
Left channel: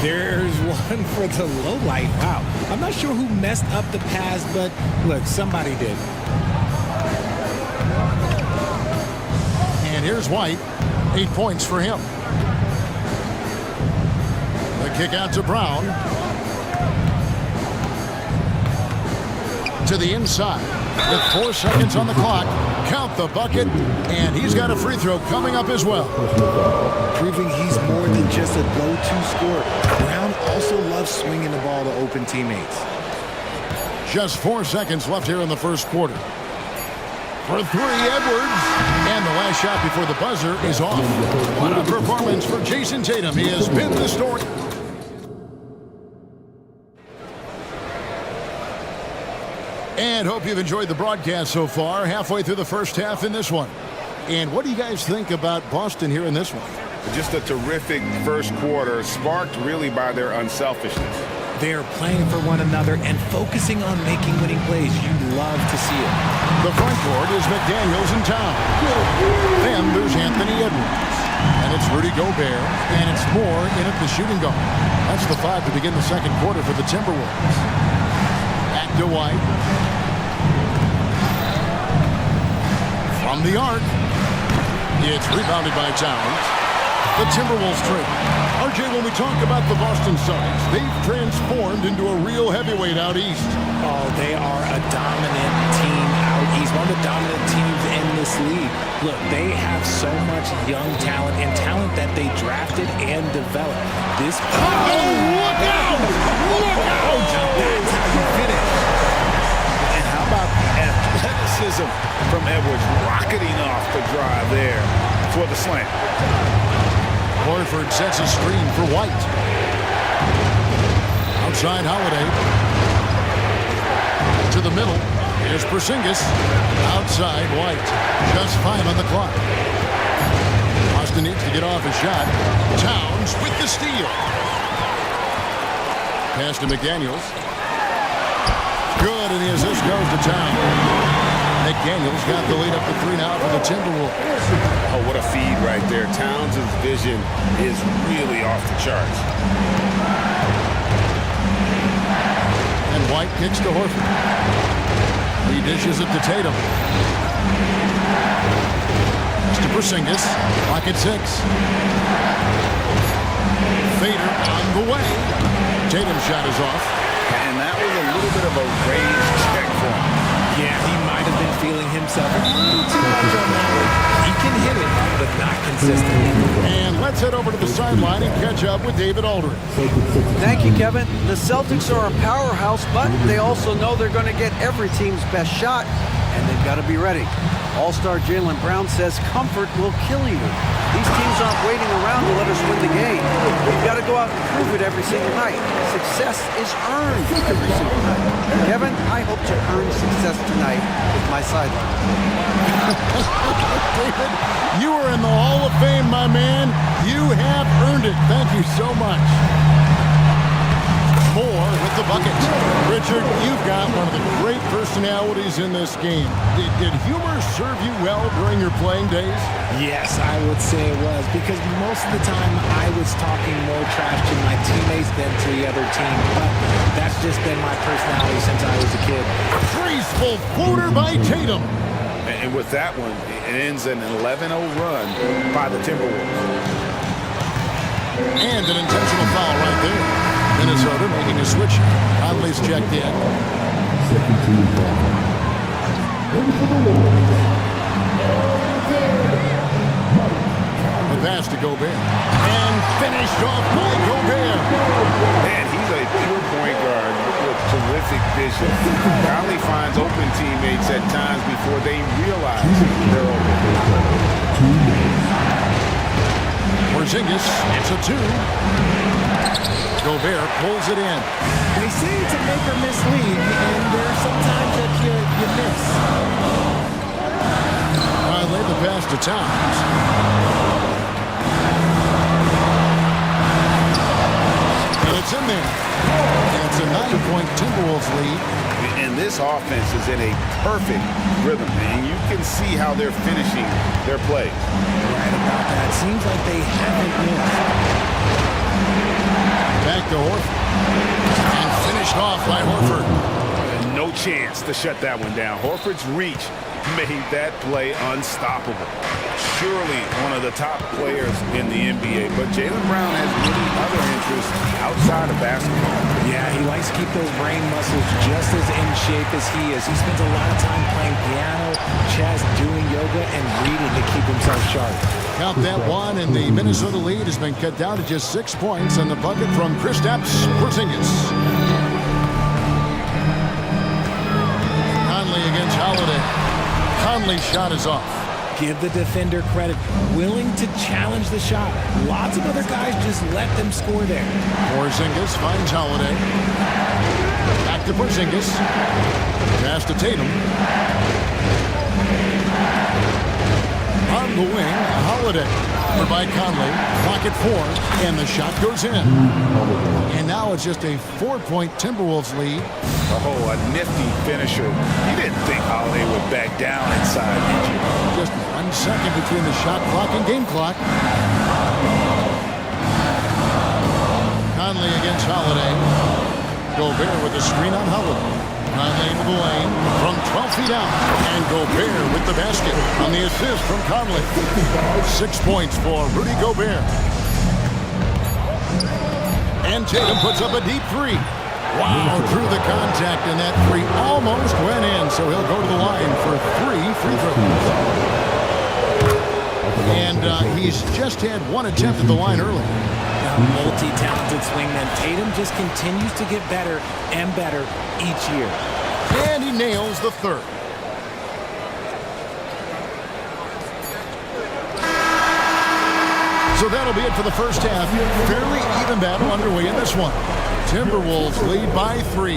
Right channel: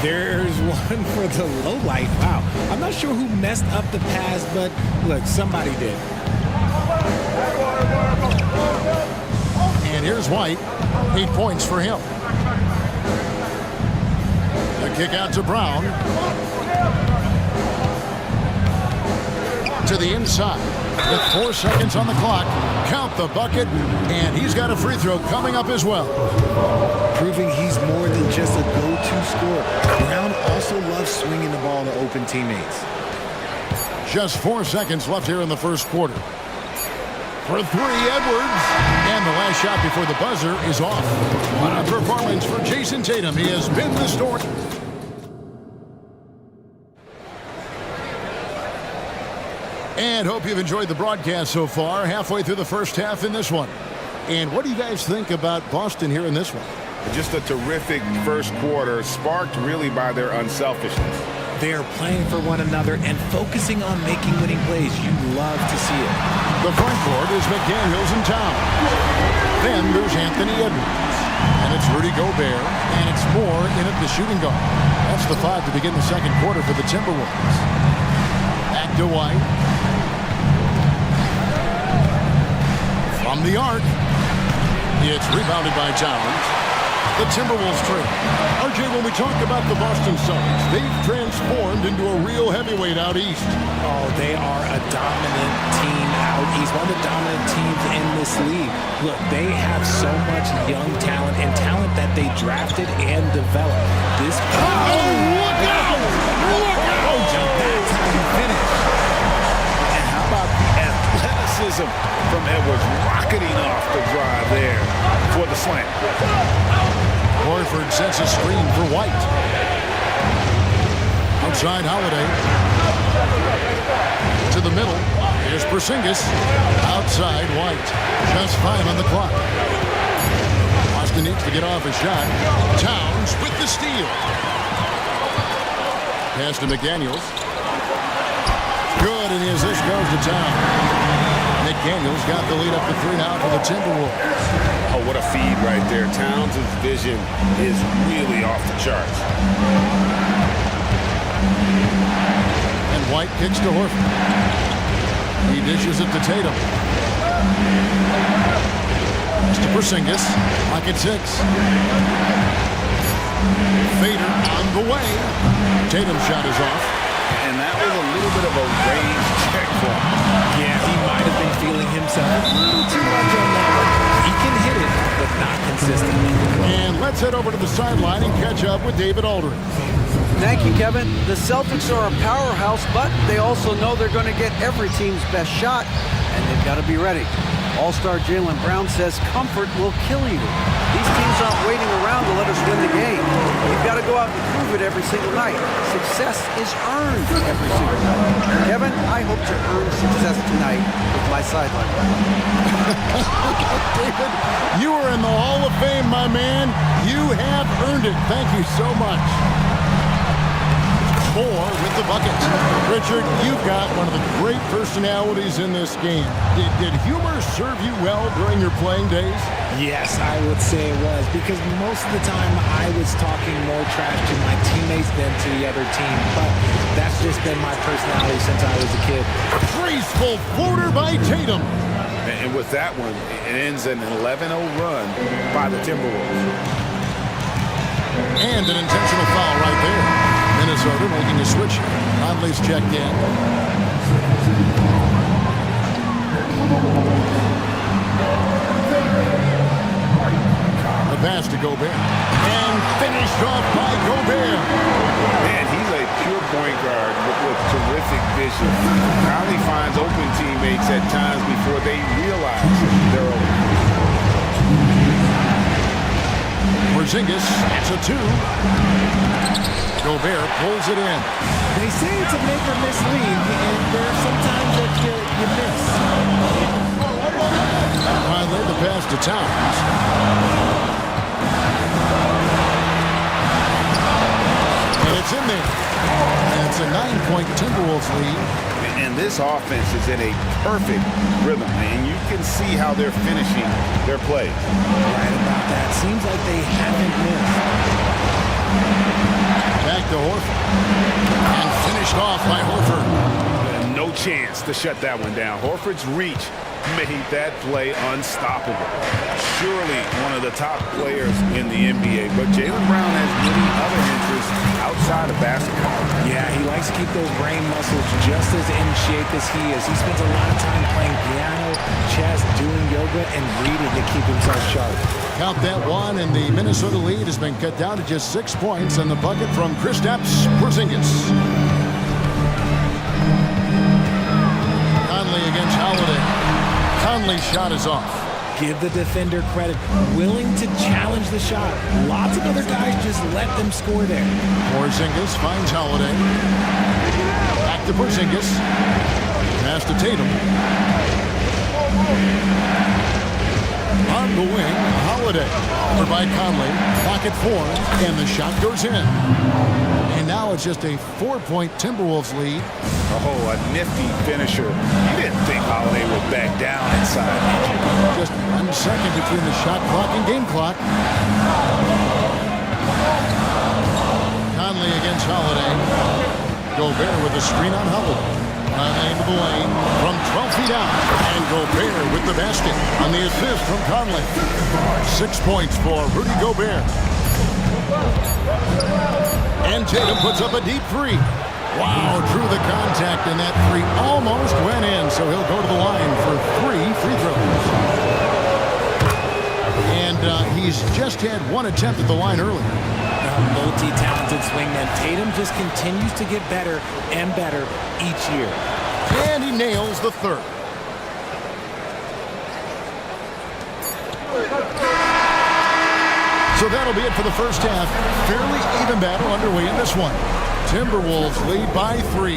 There's one for the low light. Wow. I'm not sure who messed up the pass, but look, somebody did. And here's White. 8 points for him. The kick out to Brown. To the inside. With 4 seconds on the clock. Count the bucket. And he's got a free throw coming up as well. Proving he's more than just a go-to scorer. Brown also loves swinging the ball to open teammates. Just 4 seconds left here in the first quarter. For 3, Edwards. And the last shot before the buzzer is off. What a performance for Jason Tatum. He has been the story. And hope you've enjoyed the broadcast so far. Halfway through the first half in this one. And what do you guys think about Boston here in this one? Just a terrific first quarter, sparked really by their unselfishness. They're playing for one another and focusing on making winning plays. You love to see it. The front court is McDaniels and Towns. Then there's Anthony Edwards. And it's Rudy Gobert. And it's Moore in at the shooting guard. That's the 5 to begin the second quarter for the Timberwolves. Back to White. From the arc. It's rebounded by Towns. The Timberwolves trail. RJ, when we talk about the Boston Celtics, they've transformed into a real heavyweight out east. Oh, they are a dominant team out east. One of the dominant teams in this league. Look, they have so much young talent and talent that they drafted and developed. This. Oh, look out! Look out! Oh, John, that's how you finish. And how about the athleticism from Edwards rocketing off the drive there for the slam. Horford sets a screen for White. Outside Holiday. To the middle. Here's Porzingis. Outside White. Just 5 on the clock. Boston needs to get off a shot. Towns with the steal. Pass to McDaniels. Good, and the assist goes to Towns. McDaniels got the lead up to 3 now for the Timberwolves. Oh, what a feed right there. Towns' vision is really off the charts. And White kicks to Horford. He dishes it to Tatum. Pass to Porzingis. Clock at 6. Fader on the way. Tatum's shot is off. And that was a little bit of a range check for him. Yeah, he might have been feeling himself a little too much on that one. He can hit it, but not consistently. And let's head over to the sideline and catch up with David Aldridge. Thank you, Kevin. The Celtics are a powerhouse, but they also know they're going to get every team's best shot, and they've got to be ready. All-star Jaylen Brown says comfort will kill you. These teams aren't waiting around to let us win the game. You've got to go out and prove it every single night. Success is earned every single night. Kevin, I hope to earn success tonight with my sideline report. David, you are in the Hall of Fame, my man. You have earned it. Thank you so much. Moore with the bucket. Richard, you've got one of the great personalities in this game. Did humor serve you well during your playing days? Yes, I would say it was, because most of the time I was talking more trash to my teammates than to the other team. But that's just been my personality since I was a kid. Graceful floater by Tatum. And with that one, it ends an 11-0 run by the Timberwolves. And an intentional foul right there. Minnesota making a switch. Conley's checked in. The pass to Gobert. And finished off by Gobert. Man, he's a pure point guard with terrific vision. Conley finds open teammates at times before they realize they're open. Porzingis, it's a 2. Gobert pulls it in. They say it's a make or miss league, and there are some times that you miss. Finally, the pass to Towns. And it's in there. And it's a 9-point Timberwolves lead. And this offense is in a perfect rhythm, and you can see how they're finishing their plays. Right about that. Seems like they haven't missed. Back to Horford. And finished off by Horford. No chance to shut that one down. Horford's reach made that play unstoppable. Surely one of the top players in the NBA, but Jaylen Brown has many other interests outside of basketball. Yeah, he likes to keep those brain muscles just as in shape as he is. He spends a lot of time playing piano, chess, doing yoga, and reading to keep himself sharp. Count that one, and the Minnesota lead has been cut down to just 6 points on the bucket from Kristaps Porzingis. Conley against Holiday. Conley's shot is off. Give the defender credit. Willing to challenge the shot. Lots of other guys just let them score there. Porzingis finds Holiday. Back to Porzingis. Pass to Tatum. On the wing, Holiday. Over by Conley. Clock at 4, and the shot goes in. And now it's just a 4-point Timberwolves lead. Oh, a nifty finisher. You didn't think Holiday would back down inside, did you? Just 1 second between the shot clock and game clock. Conley against Holiday. Gobert with a screen on Holiday. Conley into the lane from 12 feet out. And Gobert with the basket on the assist from Conley. 6 points for Rudy Gobert. And Tatum puts up a deep 3. Wow, drew the contact, and that 3 almost went in, so he'll go to the line for 3 free throws. And he's just had 1 attempt at the line earlier. A multi-talented swingman. Tatum just continues to get better and better each year. And he nails the 3rd. So that'll be it for the first half. Fairly even battle underway in this one. Timberwolves lead by 3.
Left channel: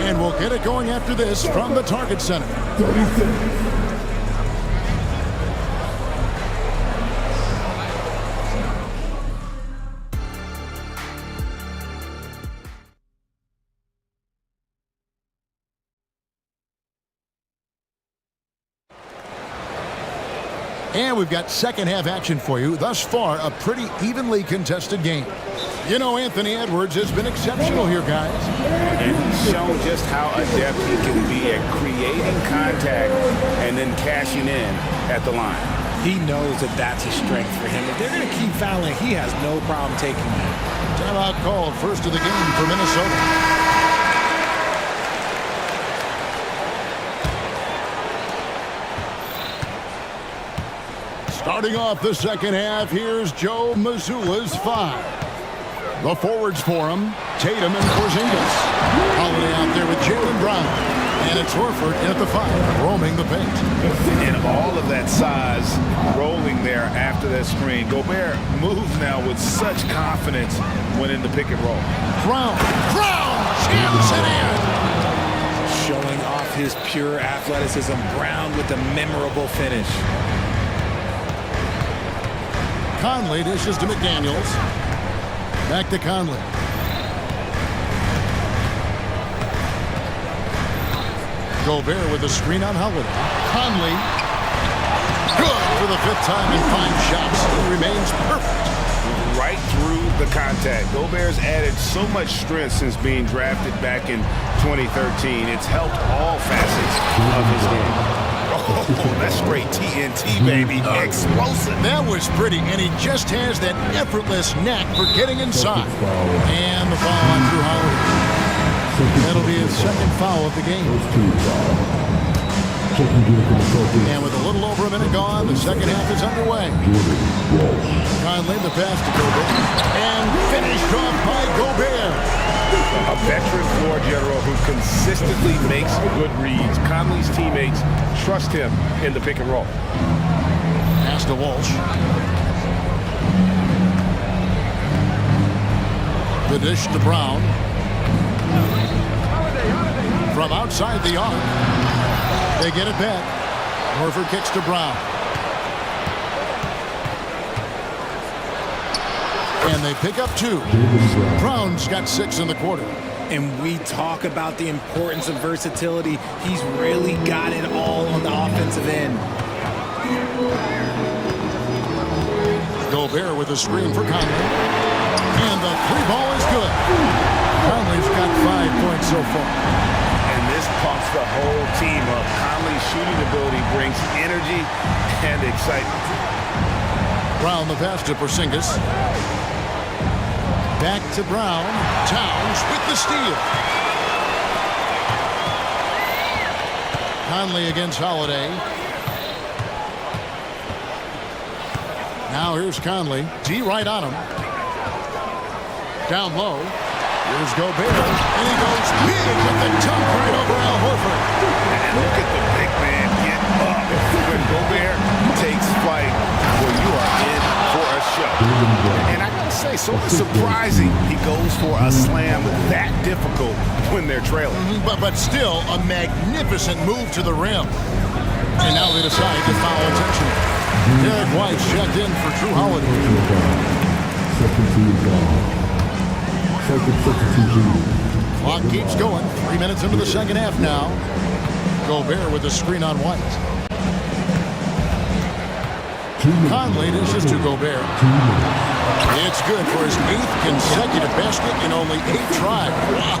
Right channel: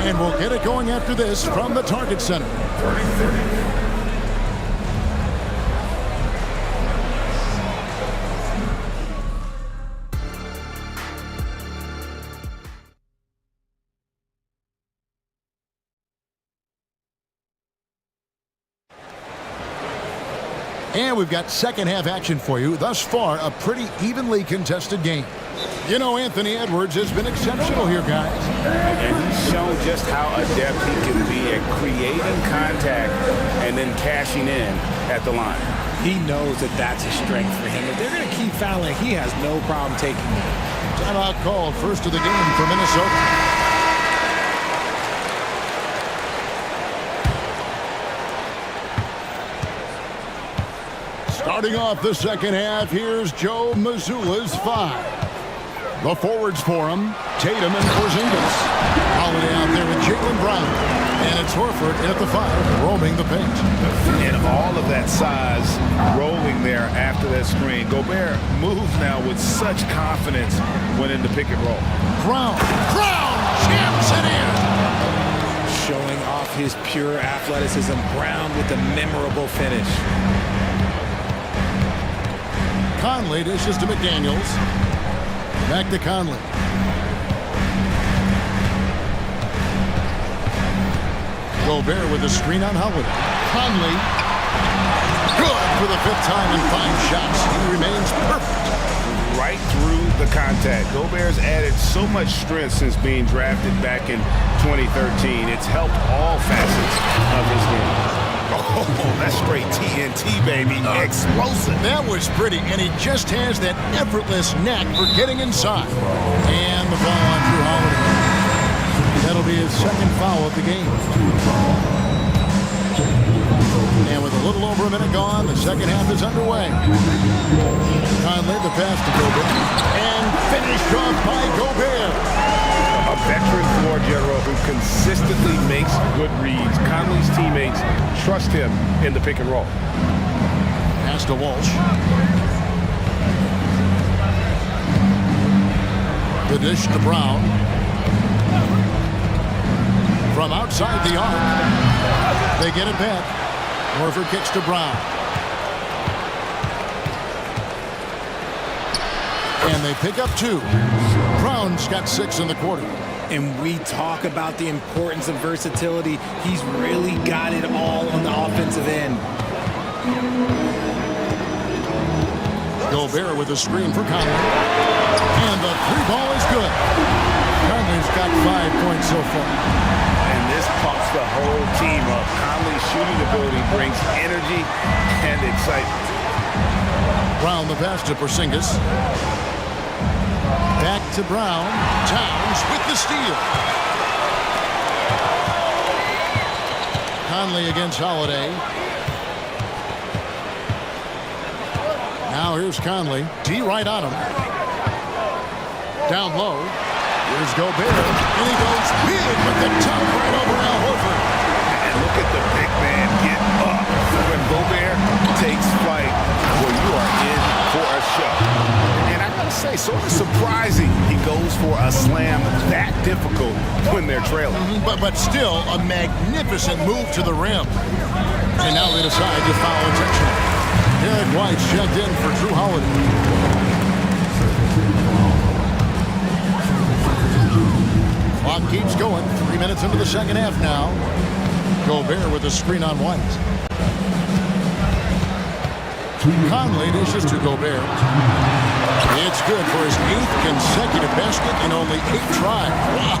And we'll get it going after this from the Target Center. 36. And we've got second half action for you. Thus far, a pretty evenly contested game. You know, Anthony Edwards has been exceptional here, guys. And he's shown just how adept he can be at creating contact and then cashing in at the line. He knows that that's a strength for him. If they're going to keep fouling, he has no problem taking that. Timeout called, first of the game for Minnesota. Starting off the second half, here's Joe Mazzulla's 5. The forwards for him, Tatum and Porzingis. Holiday out there with Jaylen Brown. And it's Horford in at the 5, roaming the paint. And all of that size rolling there after that screen. Gobert moves now with such confidence when in the pick and roll. Brown jams it in. Showing off his pure athleticism. Brown with a memorable finish. Conley dishes to McDaniels. Back to Conley. Gobert with a screen on Holiday. Conley. Good for the 5th time in 5 shots. He remains perfect. Right through the contact. Gobert's added so much strength since being drafted back in 2013. It's helped all facets of his game. Oh, that's straight TNT, baby. Explosive. That was pretty, and he just has that effortless knack for getting inside. And the foul on Drew Holiday. That'll be his second foul of the game. And with a little over a minute gone, the second half is underway. Conley, the pass to Gobert. And finished off by Gobert. A veteran floor general who consistently makes good reads. Conley's teammates trust him in the pick and roll. Pass to Walsh. The dish to Brown. From outside the arc, they get it back. Horford kicks to Brown. And they pick up 2. Brown's got 6 in the quarter. And we talk about the importance of versatility. He's really got it all on the offensive end. Gobert with a screen for Conley. And the 3-ball is good. Conley's got 5 points so far. And this pumps the whole team up. Conley's shooting ability brings energy and excitement. Brown the pass to Porzingis. Back to Brown. Towns with the steal. Conley against Holiday. Now here's Conley. D right on him. Down low. Here's Gobert. And he goes big with the dunk right over Al Horford. And look at the big man get up. When Gobert takes flight, well, you are in for a show. And I gotta say, sort of surprising he goes for a slam that difficult when they're trailing. But still a magnificent move to the rim. And now they decide to foul intentionally. Derek White's checked in for Drew Holiday. Clock keeps going. 3 minutes into the second half now. Gobert with a screen on White. Conley dishes to Gobert. It's good for his 8th consecutive basket in only 8 tries. Wow.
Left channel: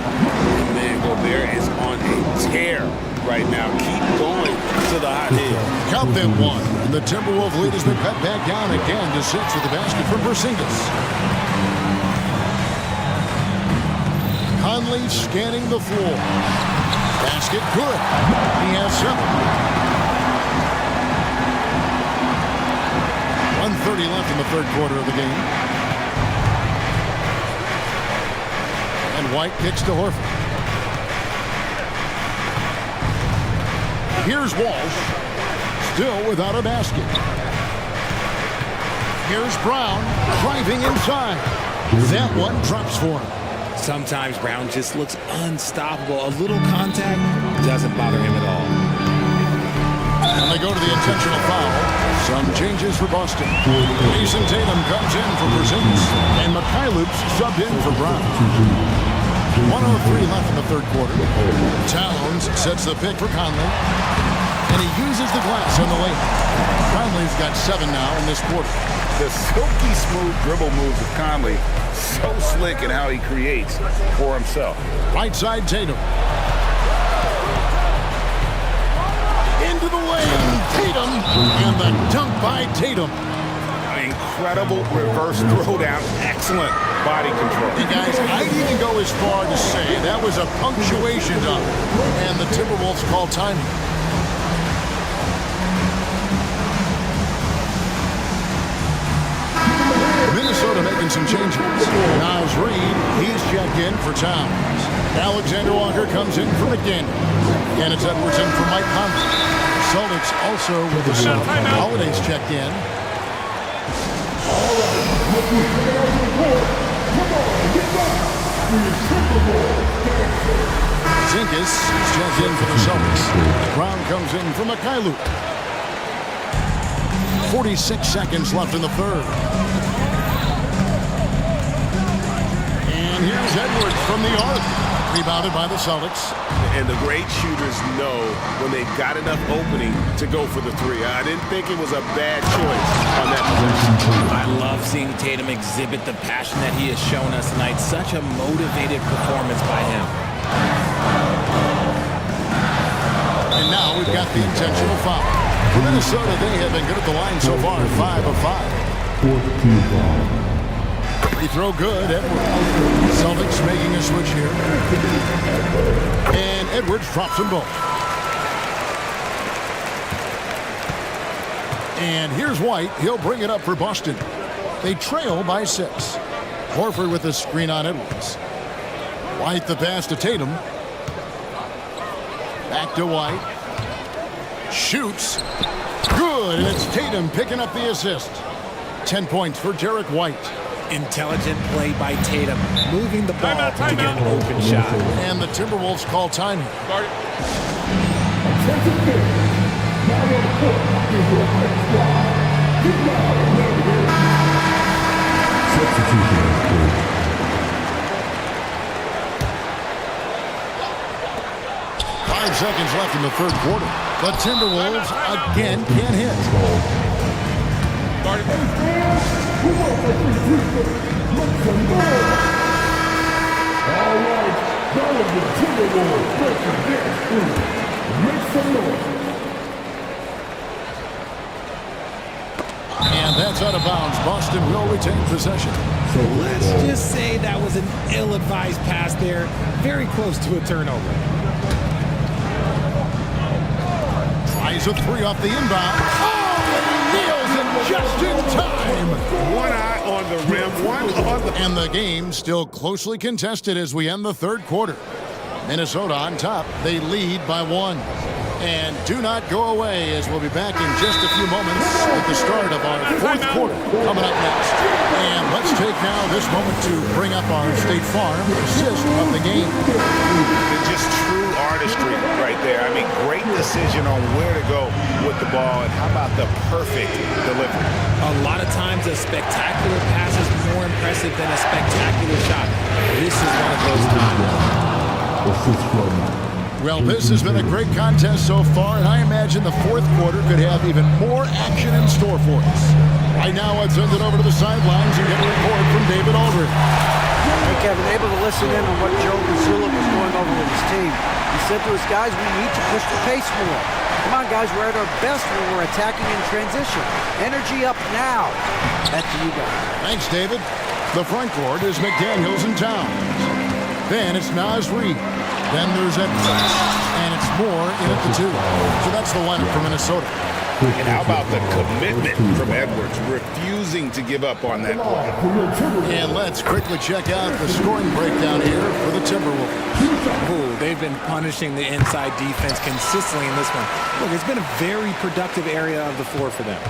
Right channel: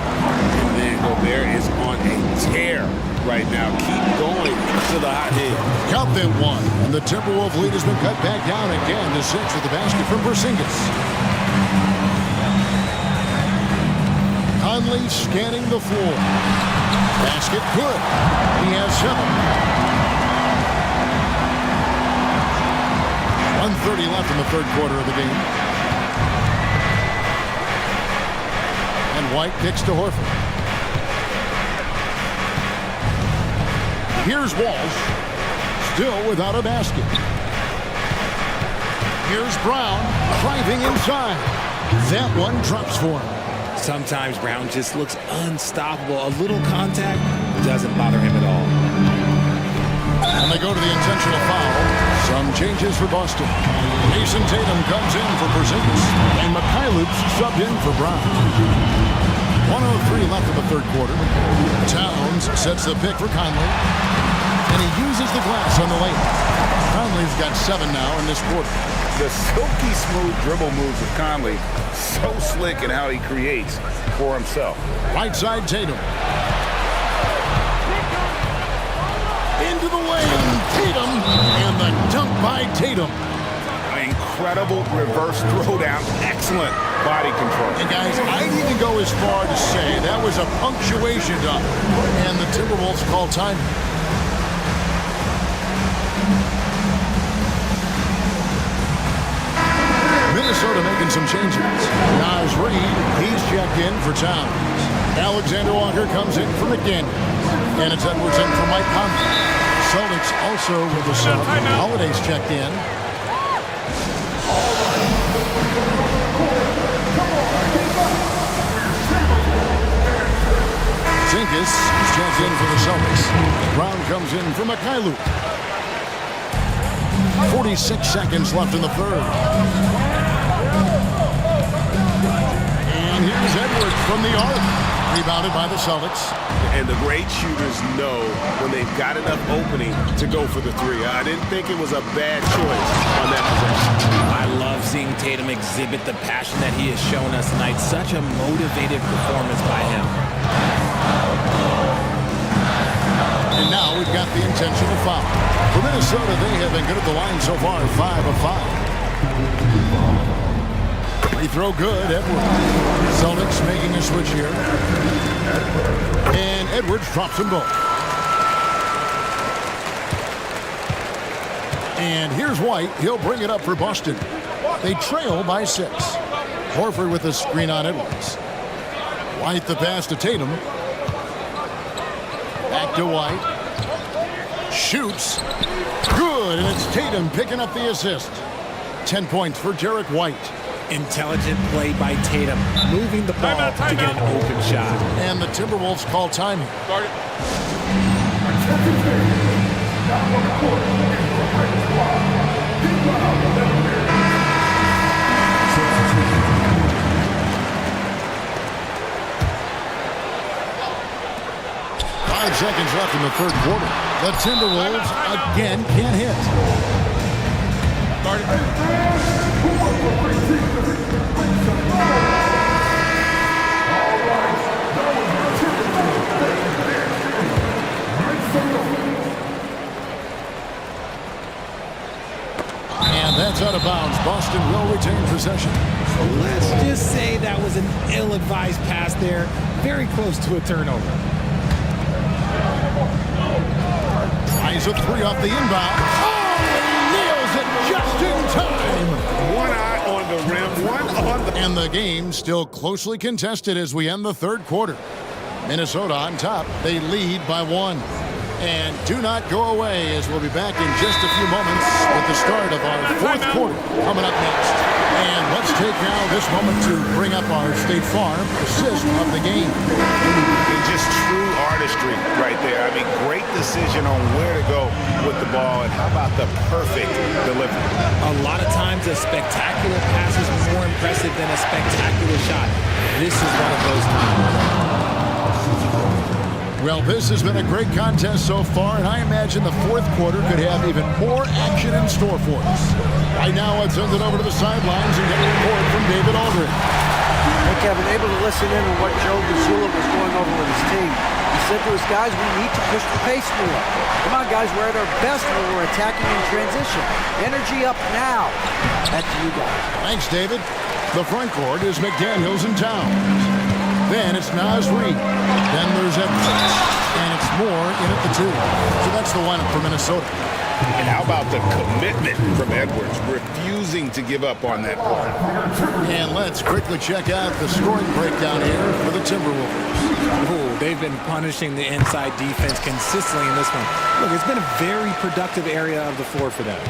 And man, Gobert is on a tear right now. Keep going to the hot head. Count them 1. And the Timberwolves lead has been cut back down again to 6 with the basket from Porzingis. Conley scanning the floor. Basket good. He has 7. 1:30 left in the third quarter of the game. And White kicks to Horford. Here's Walsh. Still without a basket. Here's Brown driving inside. That one drops for him. Sometimes Brown just looks unstoppable. A little contact doesn't bother him at all. And they go to the intentional foul. Some changes for Boston. Jason Tatum comes in for Porzingis. And Mikhailuk's subbed in for Brown. 1:03 left in the third quarter. Towns sets the pick for Conley. And he uses the glass on the layup. Conley's got 7 now in this quarter. The silky smooth dribble moves of Conley. So slick in how he creates for himself. Right side Tatum. Into the lane, Tatum, and the dunk by Tatum. Incredible reverse throwdown, excellent body control. And guys, I'd even go as far to say that was a punctuation dunk, and the Timberwolves call timing. Minnesota making some changes. Nas Reed, he's checked in for Towns. Alexander Walker comes in for McDaniels. And it's Edwards in for Mike Conley. Celtics also with the sub. Holiday's checked in. Zinkis is checked in for the Celtics. Brown comes in for Mikhailuk. 46 seconds left in the third. And here's Edwards from the arc. Rebounded by the Celtics. And the great shooters know when they've got enough opening to go for the 3. I didn't think it was a bad choice on that possession. I love seeing Tatum exhibit the passion that he has shown us tonight. Such a motivated performance by him. And Now we've got the intentional foul. For Minnesota, they have been good at the line so far, 5 of 5. Free throw good, Edwards. Celtics making a switch here. And Edwards drops them both. And here's White. He'll bring it up for Boston. They trail by 6. Horford with a screen on Edwards. White the pass to Tatum. Back to White. Shoots. Good, and it's Tatum picking up the assist. 10 points for Derek White. Intelligent play by Tatum, moving the ball to get an open shot. And the Timberwolves call time here. Start it. 5 seconds left in the third quarter. The Timberwolves again can't hit. Start it. All right, that was the Timberwolves breaking dance through. Make some noise. And that's out of bounds. Boston will retain possession. Let's just say that was an ill-advised pass there. Very close to a turnover. Tries a 3 off the inbound. Oh, and he nails it just in time. One eye on the rim, one on the... And the game still closely contested as we end the third quarter. Minnesota on top. They lead by 1. And do not go away, as we'll be back in just a few moments with the start of our fourth quarter coming up next. And let's take now this moment to bring up our State Farm assist of the game. It's just true artistry right there. I mean, great decision on where to go with the ball, and how about the perfect delivery? A lot of times a spectacular pass is more impressive than a spectacular shot. This is one of those times. Well, this has been a great contest so far, and I imagine the fourth quarter could have even more action in store for us. Right now, let's send it over to the sidelines and get a report from David Aldridge. Hey, Kevin, able to listen in on what Joe Mazzulla was going over with his team. He said to his guys, we need to push the pace more. Come on, guys, we're at our best when we're attacking in transition. Energy up now. Back to you guys. Thanks, David. The front court is McDaniels and Towns. Then it's Naz Reid. Then there's Edwards. And it's Moore in at the 2. So that's the lineup for Minnesota. And how about the commitment from Edwards, refusing to give up on that play? And let's quickly check out the scoring breakdown here for the Timberwolves. Oh, they've been punishing the inside defense consistently in this one. Look, it's been a very productive area of the floor for them.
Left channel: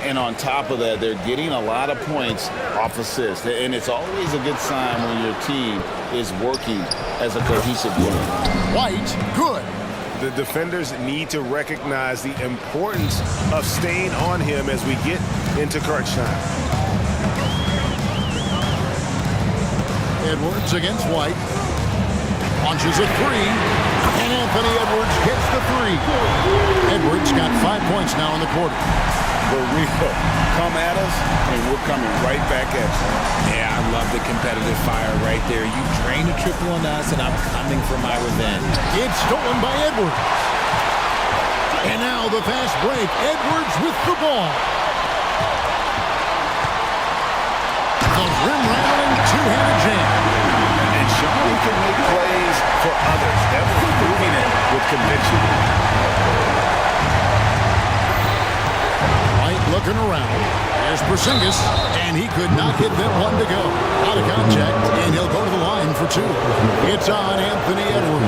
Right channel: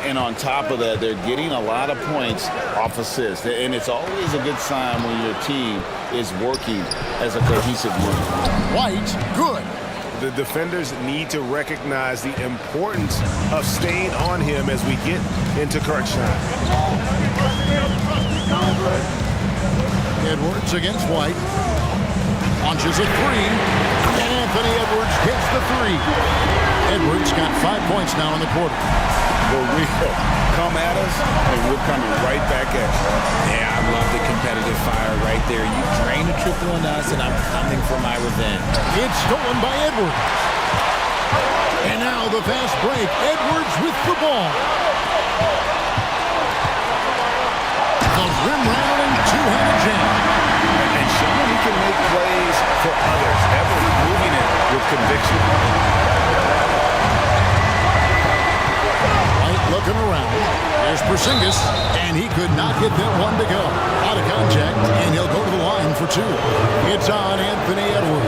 And on top of that, they're getting a lot of points off assists. And it's always a good sign when your team is working as a cohesive unit. White, good. The defenders need to recognize the importance of staying on him as we get into crunch time. Edwards against White. Launches a 3. And Anthony Edwards gets the 3. Edwards got 5 points now in the quarter. The real come at us, and we're coming right back at you. Yeah, I love the competitive fire right there. You drain a triple on us, and I'm coming for my revenge. It's stolen by Edwards. And now the fast break. Edwards with the ball. The rim-rattling two-handed jam. And showing he can make plays for others. Edwards moving it with conviction. White looking around. Here's Porzingis, and he could not get that one to go. Out of contact, and he'll go to the line for 2. It's on Anthony Edwards.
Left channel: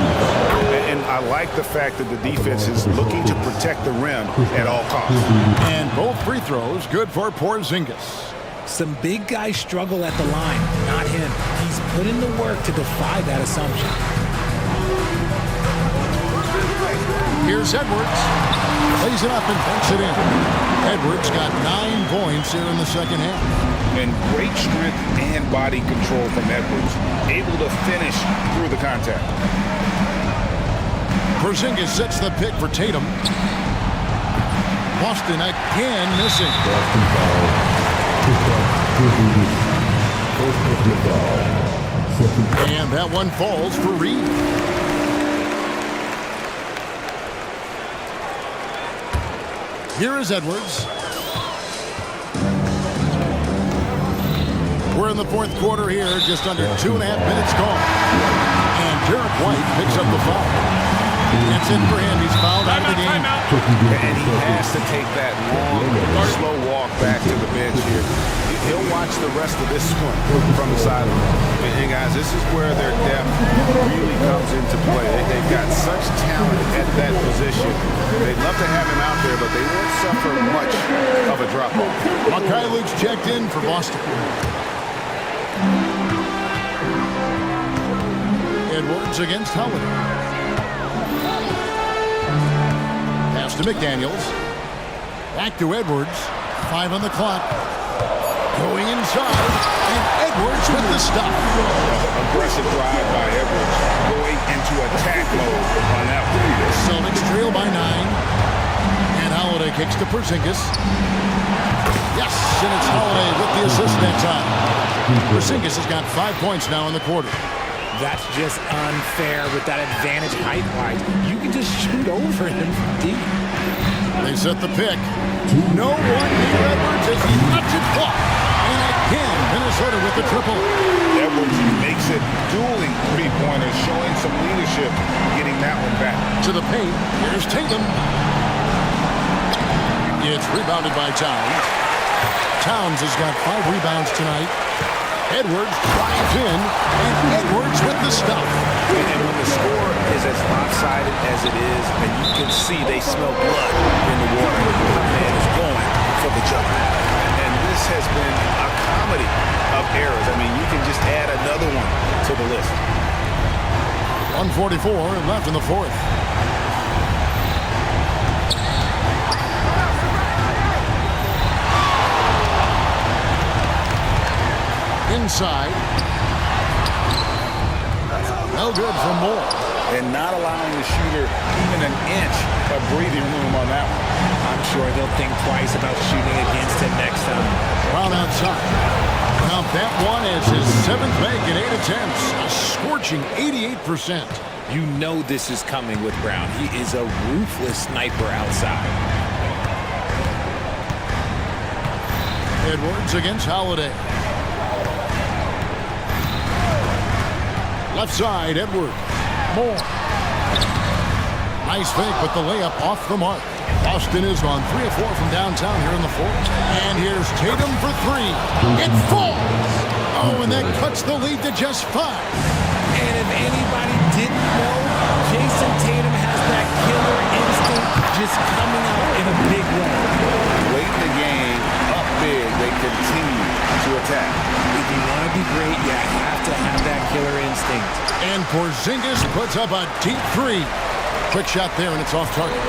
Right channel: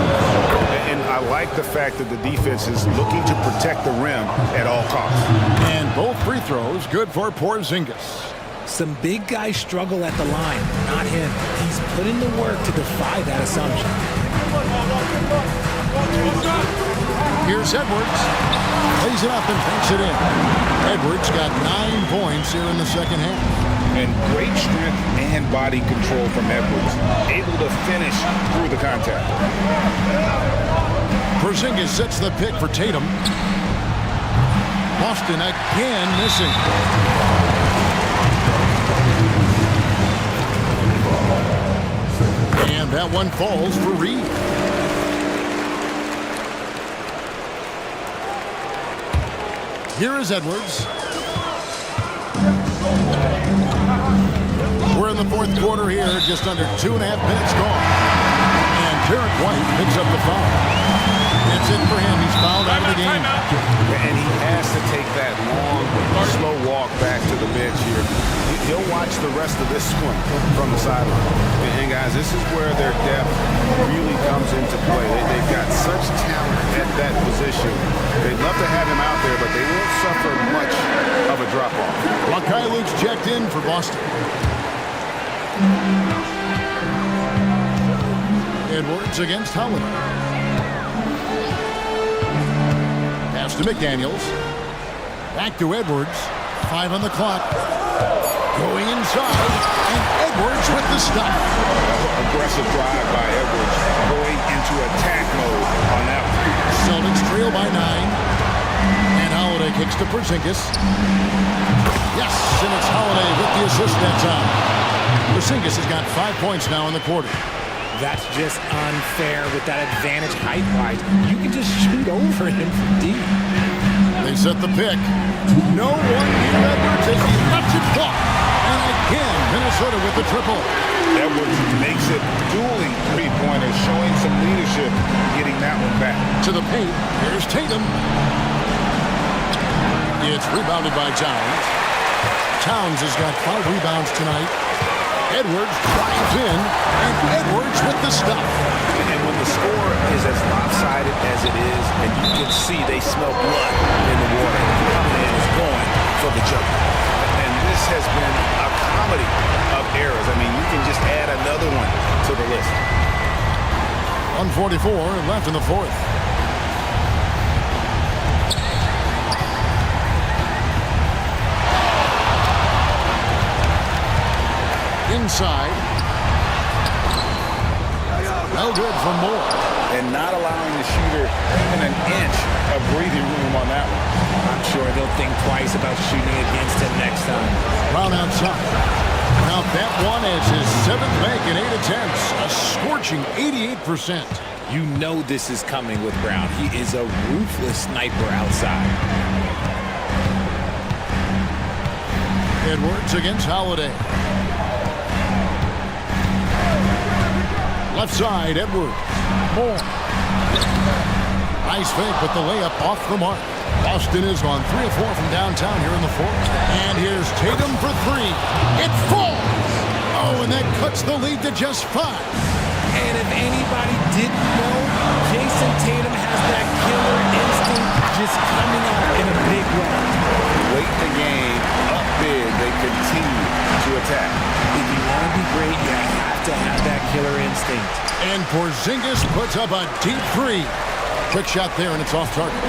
And I like the fact that the defense is looking to protect the rim at all costs. And both free throws good for Porzingis. Some big guys struggle at the line, not him. He's put in the work to defy that assumption. Here's Edwards. Plays it up and banks it in. Edwards got 9 points here in the second half. And great strength and body control from Edwards. Able to finish through the contact. Porzingis sets the pick for Tatum. Boston again missing. And that one falls for Reed. Here is Edwards. We're in the fourth quarter here, just under 2.5 minutes gone. And Derek White picks up the foul. That's it for him. He's fouled out of the game. And he has to take that long, slow walk back to the bench here. He'll watch the rest of this one from the sideline. And guys, this is where their depth really comes into play. They've got such talent at that position. They'd love to have him out there, but they won't suffer much of a drop-off. Makai Luke's checked in for Boston. Edwards against Holiday. Pass to McDaniels. Back to Edwards. 5 on the clock. Going inside. And Edwards with the stop. Aggressive drive by Edwards. Going into attack mode on that one. Celtics trail by 9. And Holiday kicks to Porzingis. Yes, and it's Holiday with the assist that time. Porzingis has got 5 points now in the quarter. That's just unfair with that advantage height-wise. You can just shoot over him from deep. They set the pick. No one near Edwards as he lets it fly. And again, Minnesota with the triple. Edwards makes it dueling three-pointers, showing some leadership, getting that one back. To the paint, here's Tatum. It's rebounded by Towns. Towns has got 5 rebounds tonight. Edwards drives in, and Edwards with the stuff. And when the score is as lopsided as it is, and you can see they smell blood in the water, my man is going for the jugular. And this has been a comedy of errors. I mean, you can just add another one to the list. 1:44 left in the fourth. Inside. No good for Moore. And not allowing the shooter even an inch of breathing room on that one. I'm sure they'll think twice about shooting against him next time. Brown outside. Now that one is his 7th make in 8 attempts. A scorching 88%. You know this is coming with Brown. He is a ruthless sniper outside. Edwards against Holiday. Left side, Edwards. Moore. Nice fake, but the layup off the mark. Boston is on 3 of 4 from downtown here in the fourth. And here's Tatum for 3. It falls! Oh, and that cuts the lead to just 5. And if anybody didn't know, Jason Tatum has that killer instinct just coming out in a big way. Late in the game, up big, they continue to attack. If you want to be great, you have to have that killer instinct. And Porzingis puts up a deep 3. Quick shot there, and it's off target.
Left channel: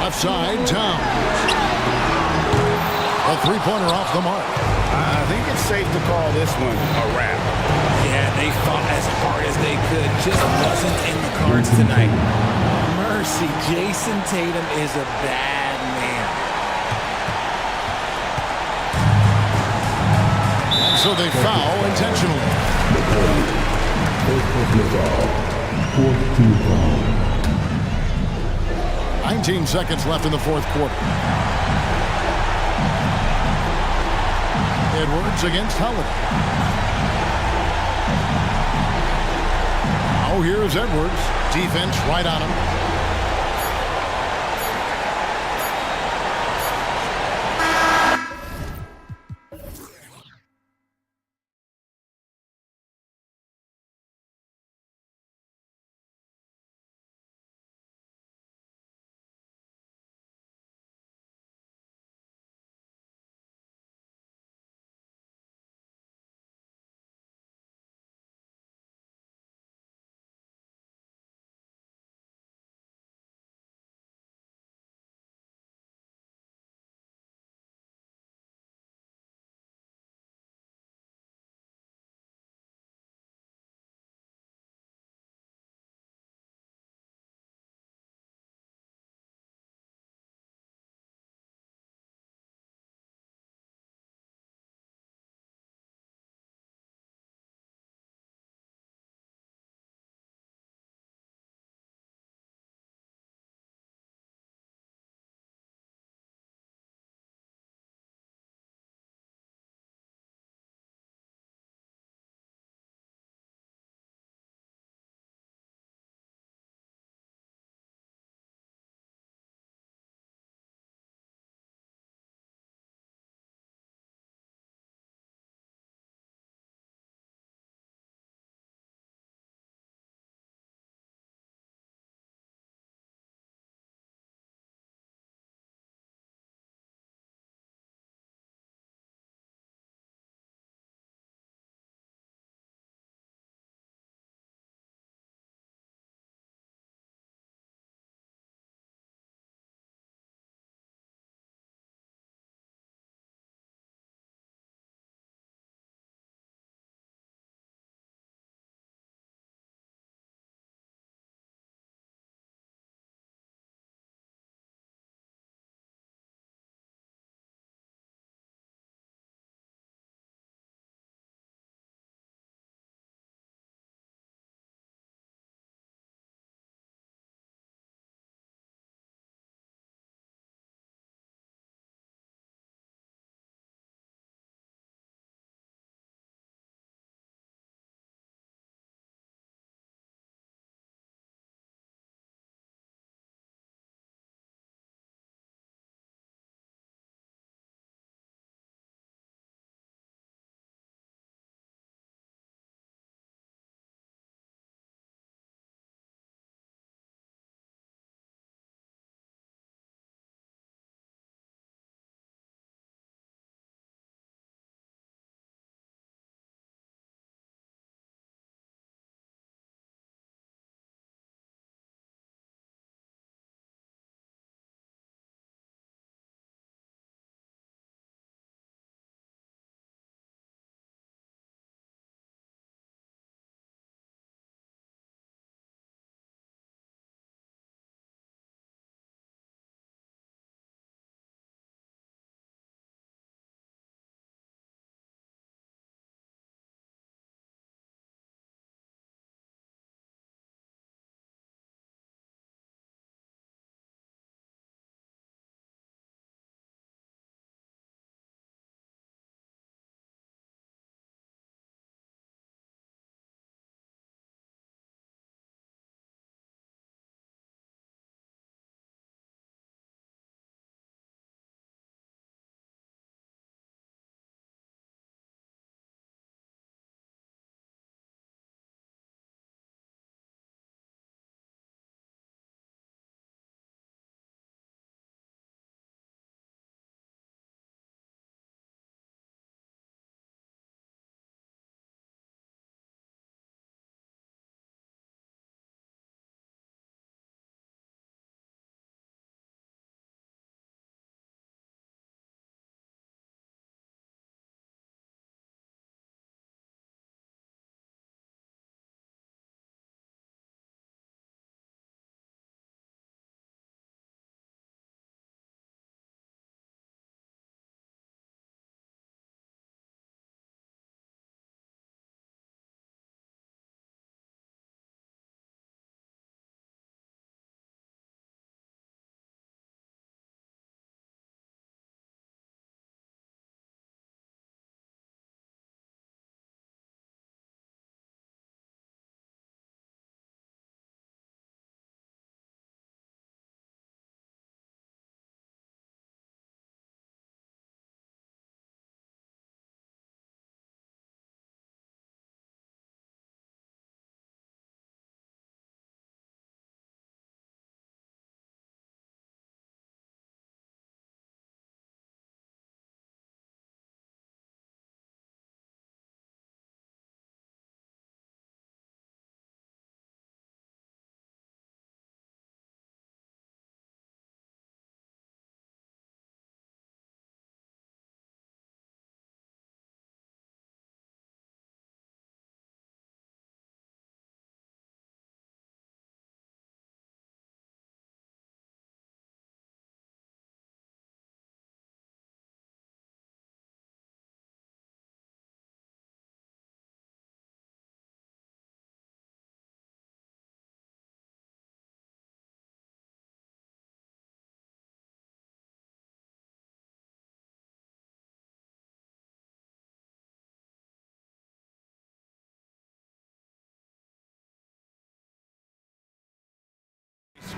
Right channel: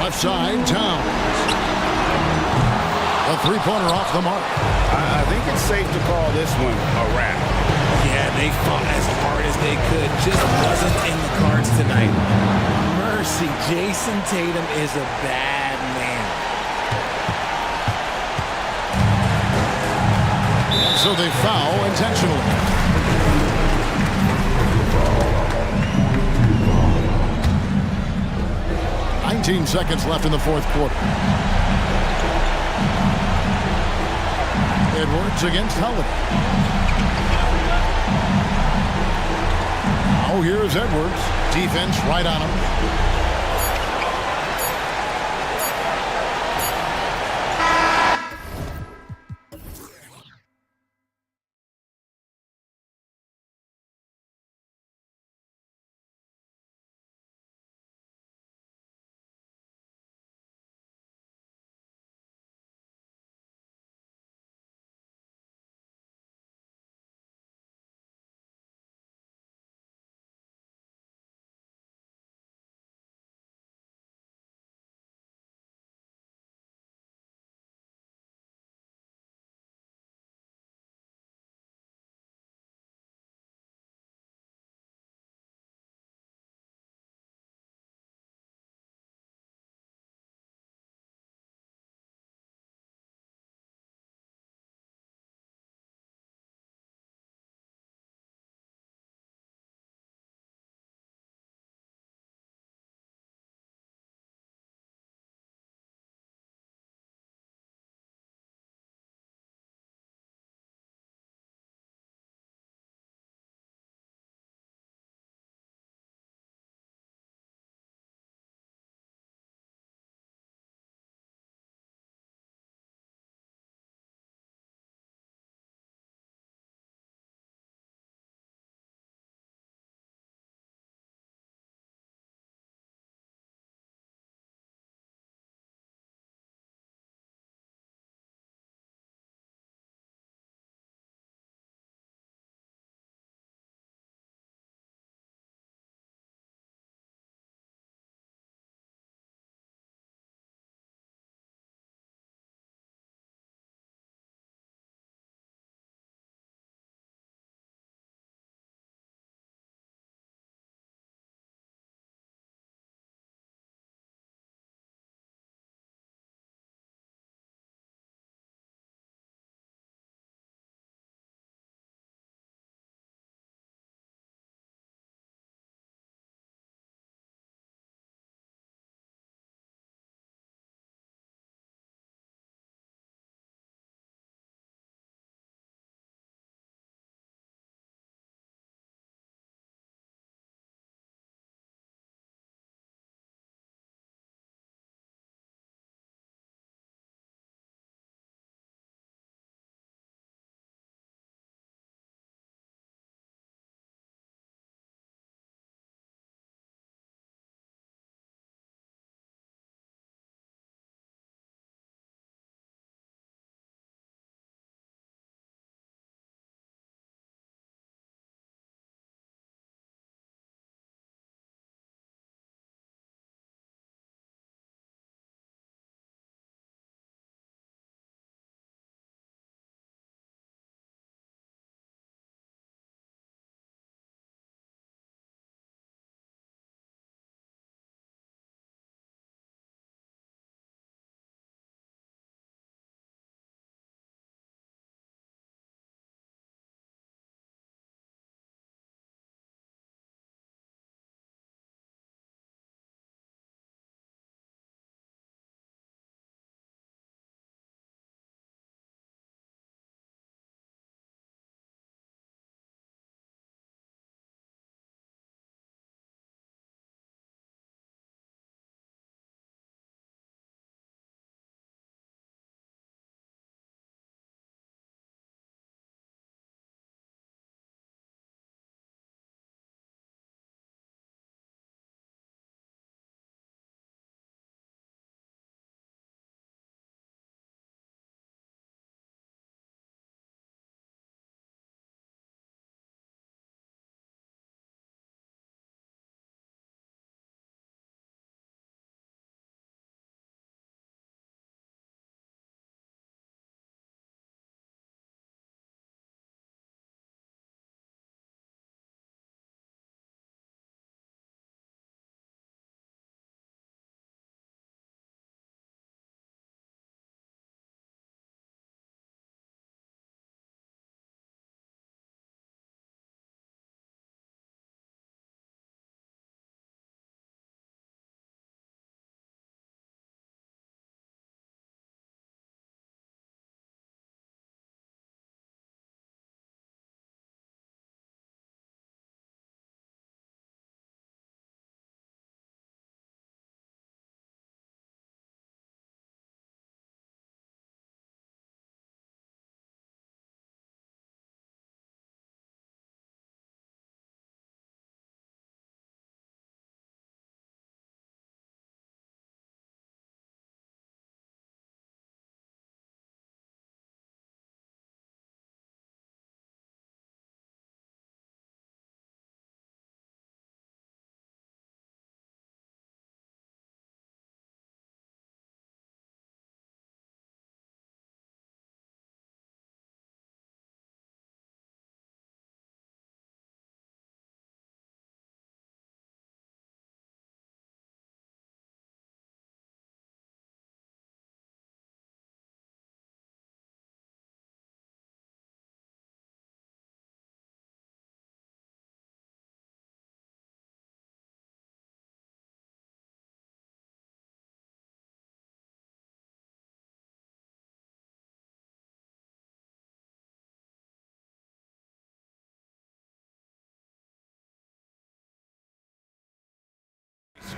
Left side, Towns. A three-pointer off the mark. I think it's safe to call this one a wrap. Yeah, they fought as hard as they could. Just wasn't in the cards tonight. Mercy, Jason Tatum is a bad man. And so they foul intentionally. 19 seconds left in the fourth quarter. Edwards against Holiday. Now here's Edwards. Defense right on him.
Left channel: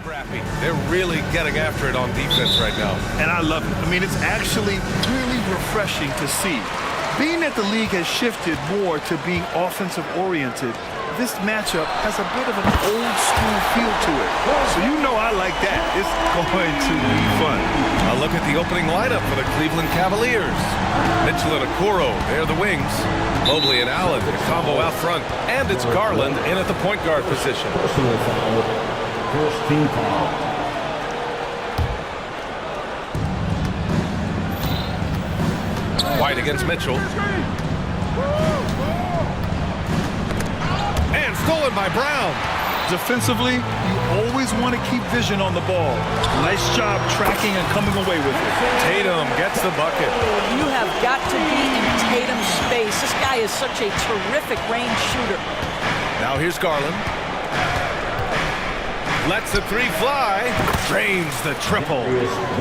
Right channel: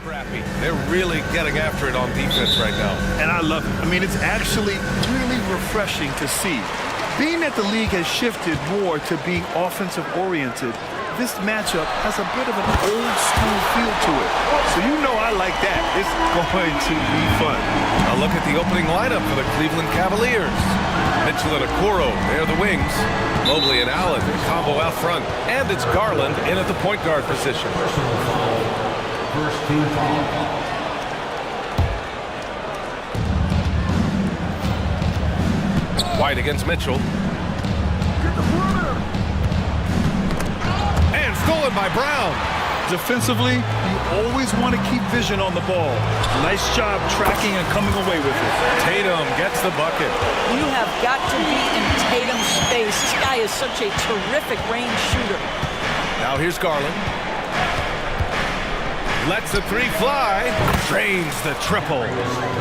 Scrappy. They're really getting after it on defense right now. And I love it. I mean, it's actually really refreshing to see. Being that the league has shifted more to being offensive-oriented, this matchup has a bit of an old-school feel to it. So you know I like that. It's going to be fun. A look at the opening lineup for the Cleveland Cavaliers. Mitchell and Okoro, they're the wings. Mobley and Allen, the combo out front. And it's Garland in at the point guard position. Personal foul. First team foul. White against Mitchell. And stolen by Brown. Defensively, you always want to keep vision on the ball. Nice job tracking and coming away with it. Tatum gets the bucket. You have got to be in Tatum's space. This guy is such a terrific range shooter. Now here's Garland. Lets the three fly. Drains the triple.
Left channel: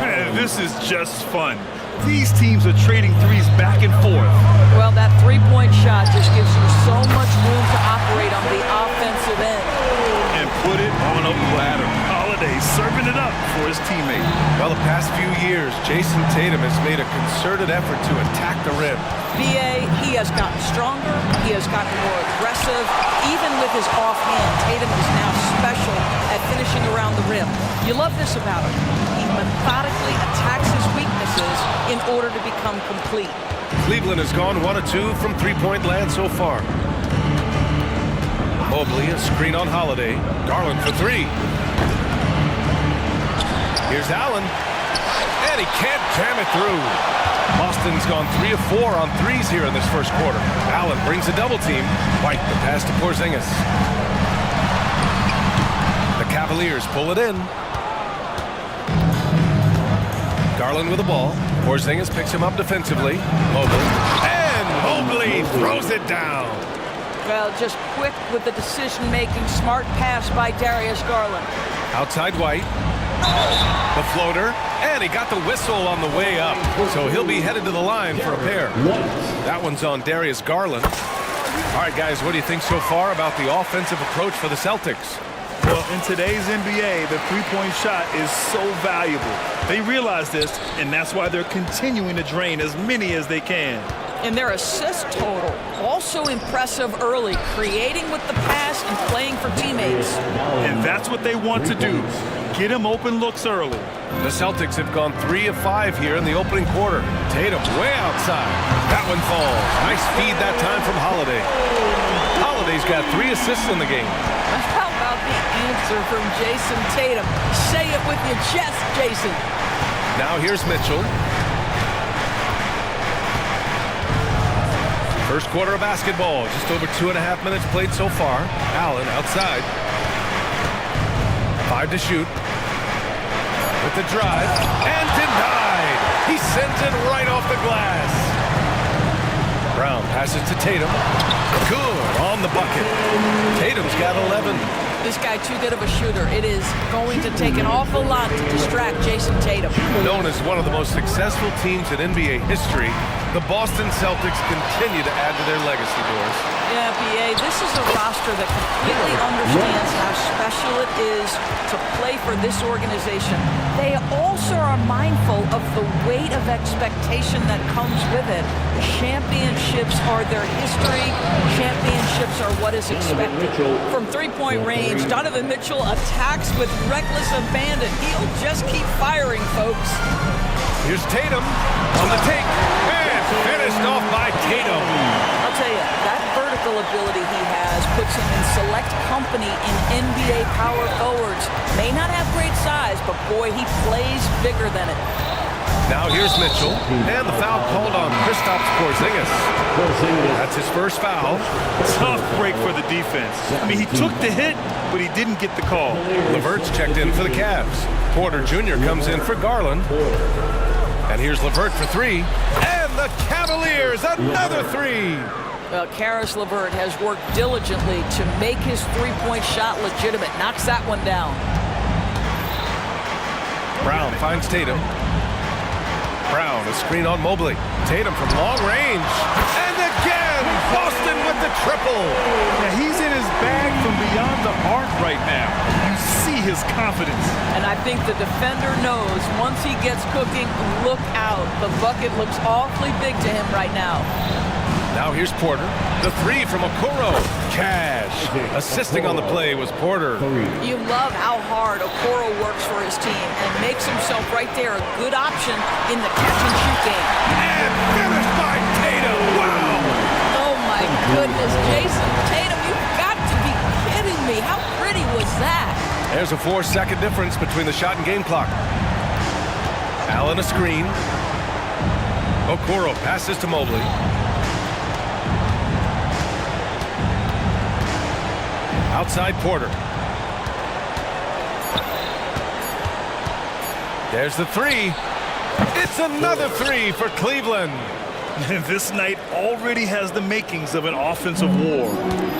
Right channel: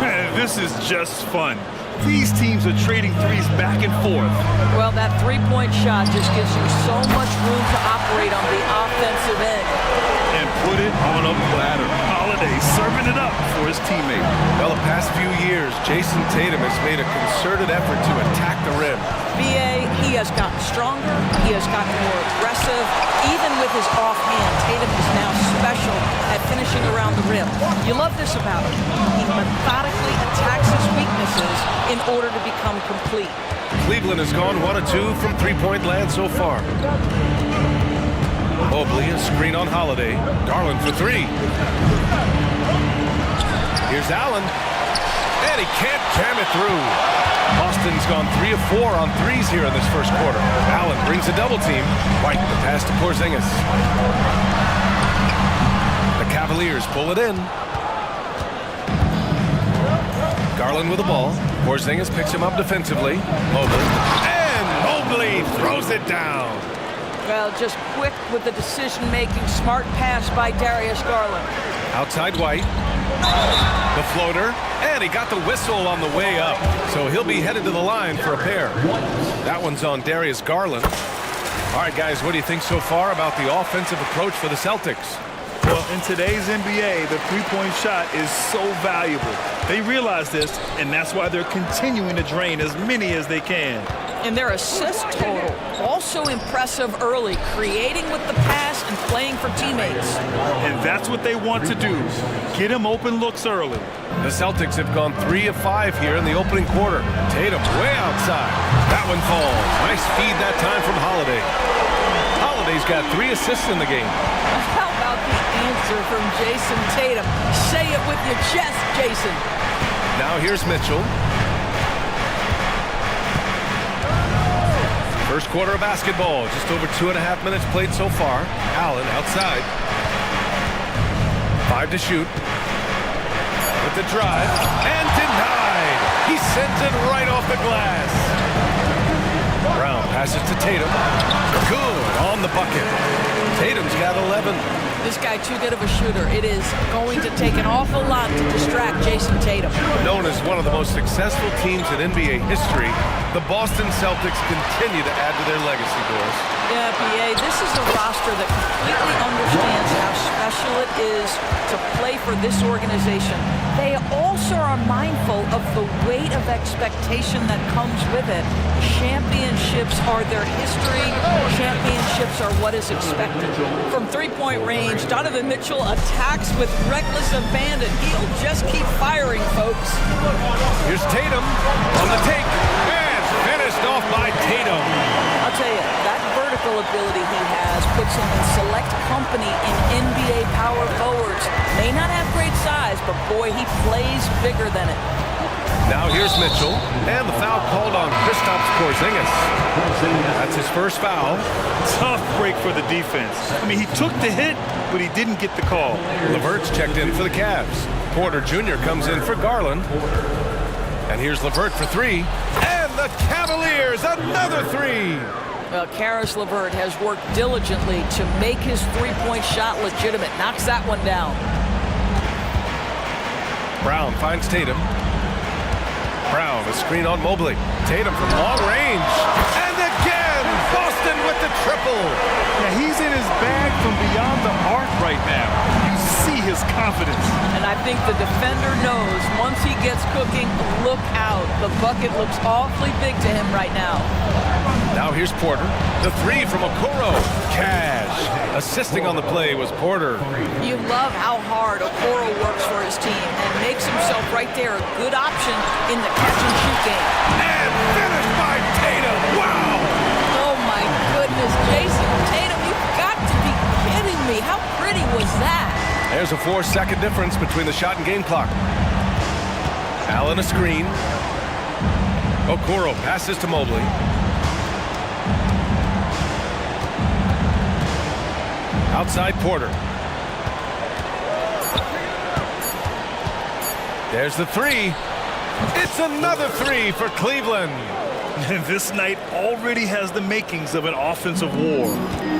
Man, this is just fun. These teams are trading threes back and forth. Well, that three-point shot just gives you so much room to operate on the offensive end. And put it on a platter. Holiday serving it up for his teammate. Well, the past few years, Jason Tatum has made a concerted effort to attack the rim. BA, he has gotten stronger. He has gotten more aggressive. Even with his offhand, Tatum is now special at finishing around the rim. You love this about him. He methodically attacks his weaknesses in order to become complete. Cleveland has gone 1 of 2 from three-point land so far. Mobley, a screen on Holiday. Garland for three. Here's Allen. And he can't jam it through. Boston's gone 3 of 4 on threes here in this first quarter. Allen brings a double team. White, the pass to Porzingis. The Cavaliers pull it in. Garland with the ball. Porzingis picks him up defensively. Mobley. And Mobley throws it down. Well, just quick with the decision-making, smart pass by Darius Garland. Outside White. The floater. And he got the whistle on the way up. So he'll be headed to the line for a pair. That one's on Darius Garland. All right, guys, what do you think so far about the offensive approach for the Celtics? Well, in today's NBA, the three-point shot is so valuable. They realize this, and that's why they're continuing to drain as many as they can. And their assist total, also impressive early, creating with the pass and playing for teammates. And that's what they want to do. Get him open looks early. The Celtics have gone 3 of 5 here in the opening quarter. Tatum way outside. That one falls. Nice feed that time from Holiday. Holiday's got 3 assists in the game. How about the answer from Jason Tatum? Say it with your chest, Jason. Now here's Mitchell. First quarter of basketball, just over 2.5 minutes played so far. Allen outside. 5 to shoot. With the drive, and denied. He sends it right off the glass. Brown passes to Tatum. Good on the bucket. Tatum's got 11. This guy too good of a shooter. It is going to take an awful lot to distract Jason Tatum. Known as one of the most successful teams in NBA history, the Boston Celtics continue to add to their legacy, Doris. Yeah, BA, this is a roster that completely understands how special it is to play for this organization. They also are mindful of the weight of expectation that comes with it. Championships are their history. Championships are what is expected. From three-point range, Donovan Mitchell attacks with reckless abandon. He'll just keep firing, folks. Here's Tatum on the take, and finished off by Tatum. I'll tell you, that vertical ability he has puts him in select company in NBA power forwards. May not have great size, but boy, he plays bigger than it. Now here's Mitchell, and the foul called on Kristaps Porzingis. That's his first foul. Tough break for the defense. I mean, he took the hit, but he didn't get the call. LeVert's checked in for the Cavs. Porter Jr. comes in for Garland. And here's LeVert for 3. And the Cavaliers, another 3. Well, Karis LeVert has worked diligently to make his three-point shot legitimate. Knocks that one down. Brown finds Tatum. Brown, a screen on Mobley. Tatum from long range. And again, Boston with the triple. Yeah, he's in his bag from beyond the arc right now. You see his confidence. And I think the defender knows once he gets cooking, look out. The bucket looks awfully big to him right now. Now here's Porter. The three from Okoro. Cash. Assisting on the play was Porter. You love how hard Okoro works for his team and makes himself right there a good option in the catch-and-shoot game. And finished by Tatum. Wow! Oh, my goodness. Jason Tatum, you've got to be kidding me. How pretty was that? There's a 4-second difference between the shot and game clock. Allen a screen. Okoro passes to Mobley. Outside Porter. There's the three. It's another three for Cleveland. This night already has the makings of an offensive war.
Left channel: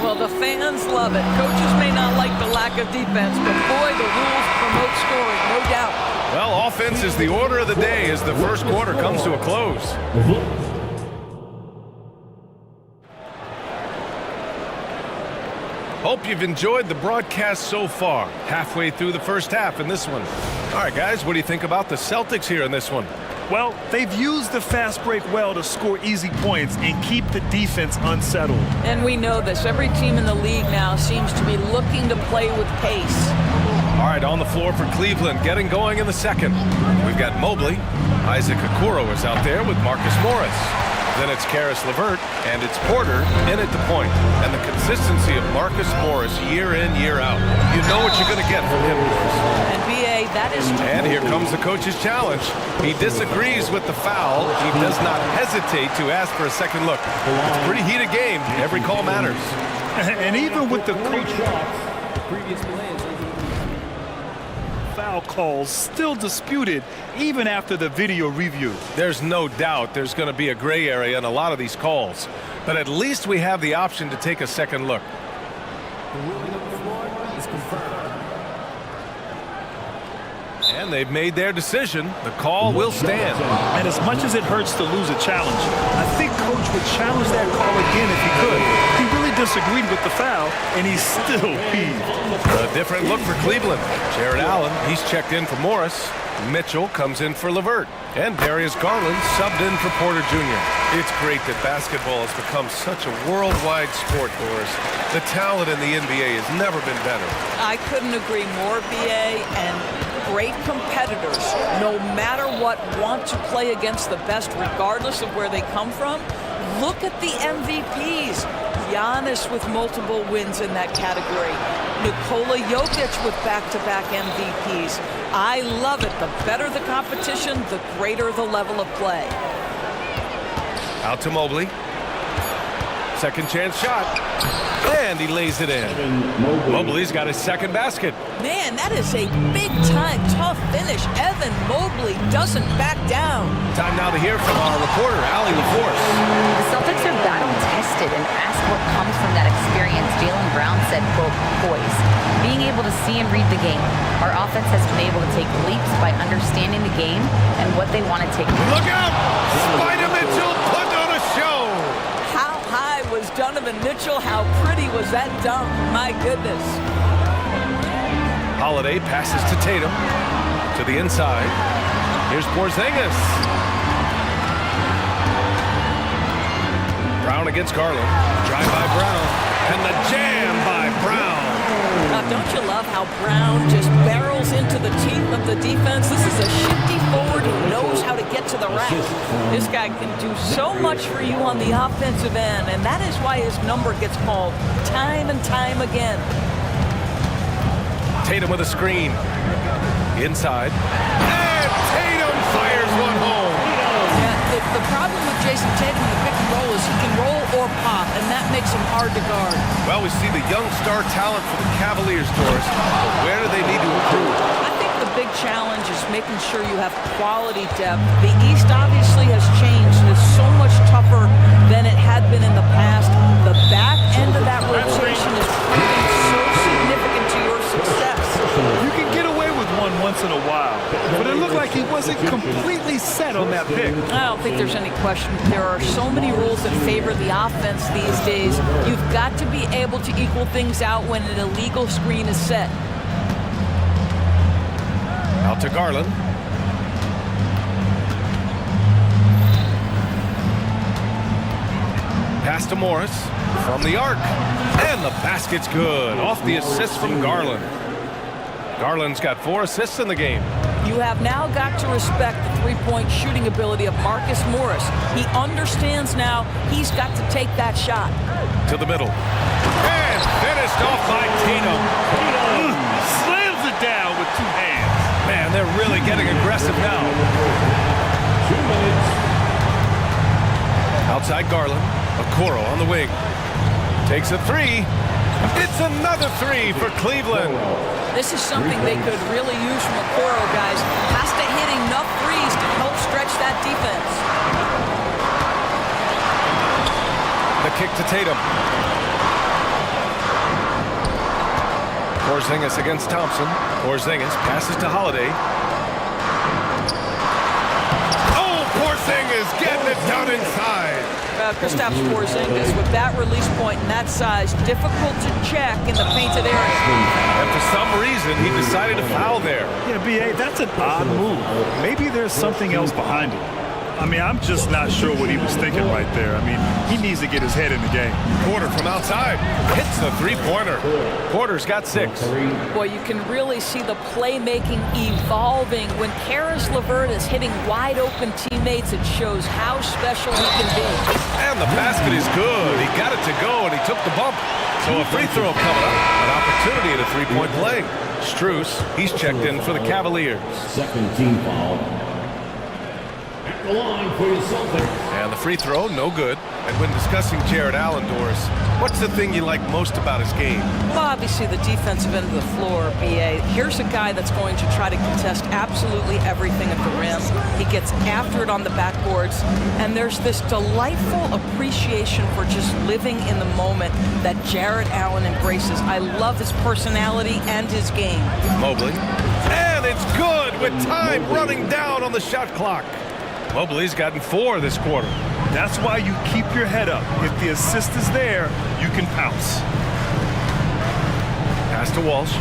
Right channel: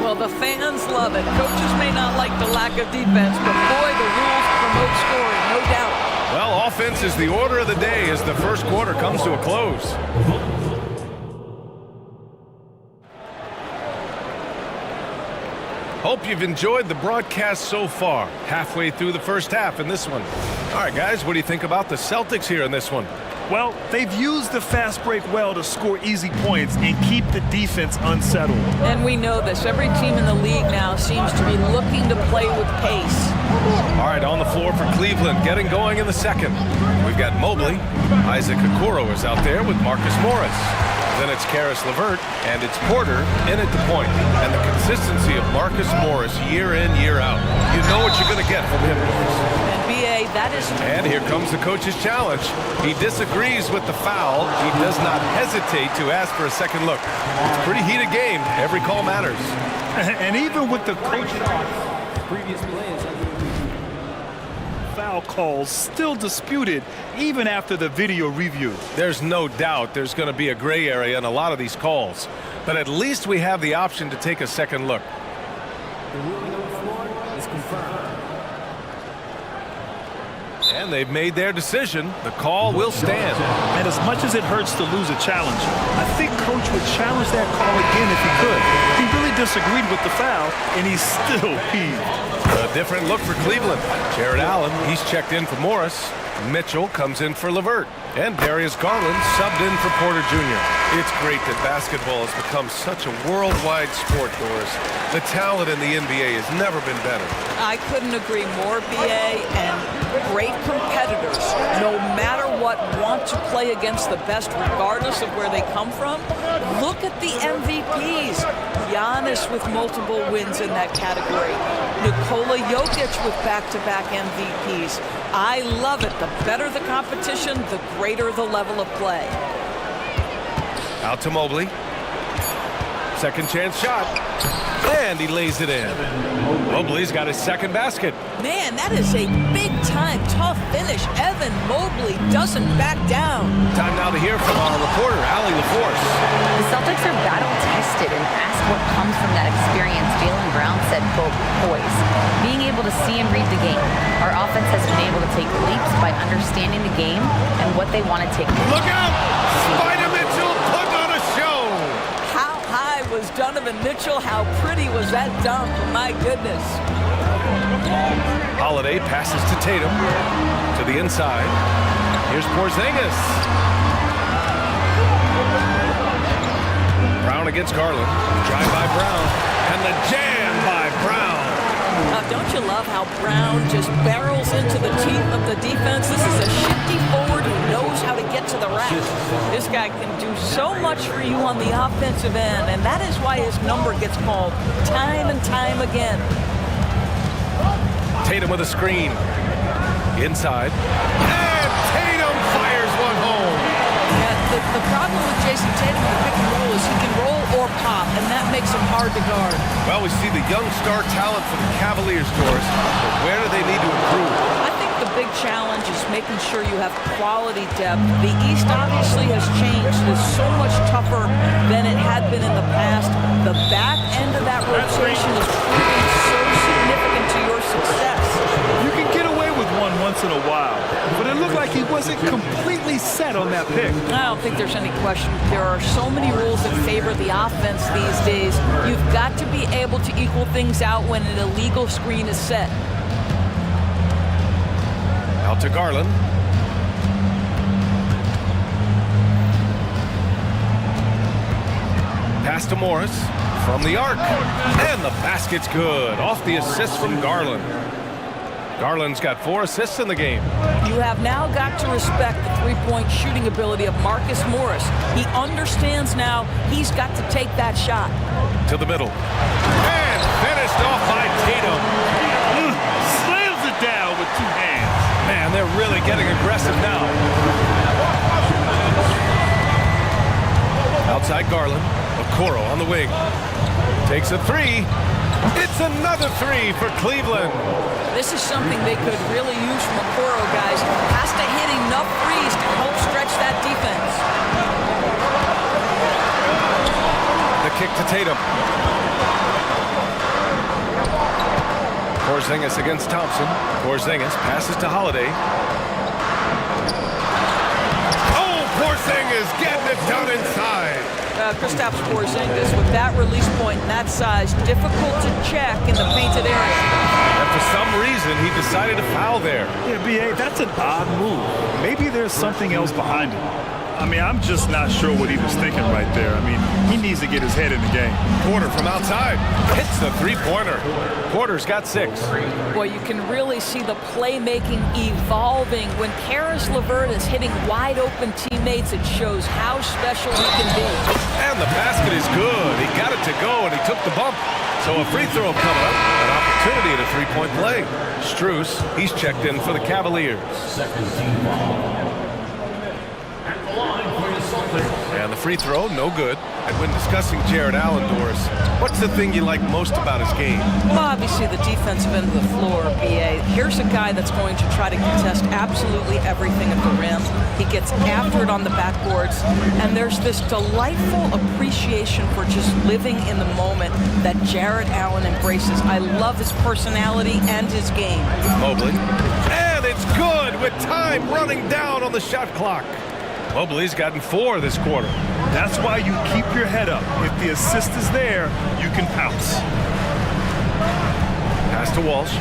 Well, the fans love it. Coaches may not like the lack of defense, but boy, the rules promote scoring, no doubt. Well, offense is the order of the day as the first quarter comes to a close. Hope you've enjoyed the broadcast so far. Halfway through the first half in this one. All right, guys, what do you think about the Celtics here in this one? Well, they've used the fast break well to score easy points and keep the defense unsettled. And we know this. Every team in the league now seems to be looking to play with pace. All right, on the floor for Cleveland, getting going in the second. We've got Mobley. Isaac Okoro is out there with Marcus Morris. Then it's Karis LeVert, and it's Porter in at the point. And the consistency of Marcus Morris year in, year out. You know what you're going to get from him, Doris. And B.A., that is... And here comes the coach's challenge. He disagrees with the foul. He does not hesitate to ask for a second look. It's a pretty heated game. Every call matters. And even with the coaching... Previous play is under review. Foul calls still disputed even after the video review. There's no doubt there's going to be a gray area in a lot of these calls. But at least we have the option to take a second look. The ruling on the floor is confirmed. And they've made their decision. The call will stand. And as much as it hurts to lose a challenge, I think Coach would challenge that call again if he could. He really disagreed with the foul, and he's still peeved. A different look for Cleveland. Jared Allen, he's checked in for Morris. Mitchell comes in for LeVert. And Darius Garland subbed in for Porter Jr. It's great that basketball has become such a worldwide sport, Doris. The talent in the NBA has never been better. I couldn't agree more, B.A., and great competitors, no matter what, want to play against the best regardless of where they come from. Look at the MVPs. Giannis with multiple wins in that category. Nikola Jokic with back-to-back MVPs. I love it. The better the competition, the greater the level of play. Out to Mobley. Second chance shot. And he lays it in. Mobley's got his second basket. Man, that is a big-time tough finish. Evan Mobley doesn't back down. Time now to hear from our reporter, Allie LaForce. The Celtics are battle-tested and asked what comes from that experience. Jaylen Brown said, quote, poise. Being able to see and read the game. Our offense has been able to take leaps by understanding the game and what they want to take. Look out! Spider Mitchell putting on a show. How high was Donovan Mitchell? How pretty was that dunk? My goodness. Holiday passes to Tatum. To the inside. Here's Porzingis. Brown against Garland. Drive by Brown. And the jam by Brown. Don't you love how Brown just barrels into the teeth of the defense? This is a shifty forward who knows how to get to the rack. This guy can do so much for you on the offensive end, and that is why his number gets called time and time again. Tatum with a screen. Inside. And Tatum fires one home. Yeah, the problem with Jason Tatum in the pick and roll is he can roll or pop, and that makes him hard to guard. Well, we see the young star talent for the Cavaliers, Doris, but where do they need to improve? I think the big challenge is making sure you have quality depth. The East obviously has changed. It's so much tougher than it had been in the past. The back end of that rotation is proving so significant to your success. You can get away with 1-1 once in a while, but it looked like he wasn't completely set on that pick. I don't think there's any question. There are so many rules that favor the offense these days. You've got to be able to equal things out when an illegal screen is set. Out to Garland. Pass to Morris from the arc. And the basket's good. Off the assist from Garland. Garland's got 4 assists in the game. You have now got to respect the three-point shooting ability of Marcus Morris. He understands now he's got to take that shot. To the middle. And finished off by Tatum. Slams it down with 2 hands. Man, they're really getting aggressive now. Outside Garland. Okoro on the wing. Takes a 3. It's another 3 for Cleveland. This is something they could really use from Okoro, guys. Has to hit enough threes to help stretch that defense. The kick to Tatum. Porzingis against Thompson. Porzingis passes to Holiday. Oh, Porzingis getting it done inside. Kristaps Porzingis with that release point and that size, difficult to check in the painted area. And for some reason, he decided to foul there. Yeah, B.A., that's an odd move. Maybe there's something else behind it. I mean, I'm just not sure what he was thinking right there. I mean, he needs to get his head in the game. Porter from outside hits the three-pointer. Porter's got 6. Boy, you can really see the playmaking evolving. When Karis LeVert is hitting wide-open teammates, it shows how special he can be. And the basket is good. He got it to go, and he took the bump. So a free throw coming up, an opportunity at a three-point play. Strus, he's checked in for the Cavaliers. Second team foul. At the line for your Celtics. And the free throw, no good. And when discussing Jared Allen, Doris, what's the thing you like most about his game? Well, obviously the defensive end of the floor, B.A. Here's a guy that's going to try to contest absolutely everything at the rim. He gets after it on the backboards, and there's this delightful appreciation for just living in the moment that Jared Allen embraces. I love his personality and his game. Mobley. And it's good with time running down on the shot clock. Mobley's gotten 4 this quarter. That's why you keep your head up. If the assist is there, you can pounce. Pass to Walsh.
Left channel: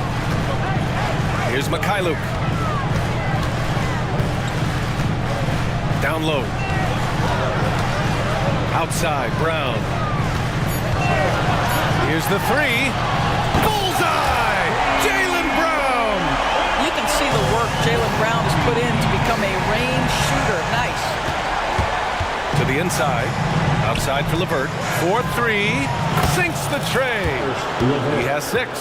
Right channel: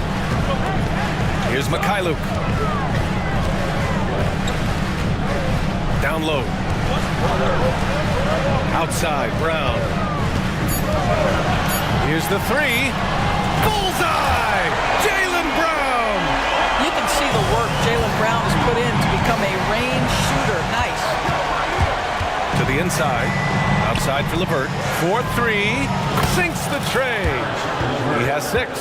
Here's Mikhailuk. Down low. Outside, Brown. Here's the 3. Bullseye! Jaylen Brown! You can see the work Jaylen Brown has put in to become a range shooter. Nice. To the inside. Outside for LeVert. 4-3. Sinks the tray. He has 6.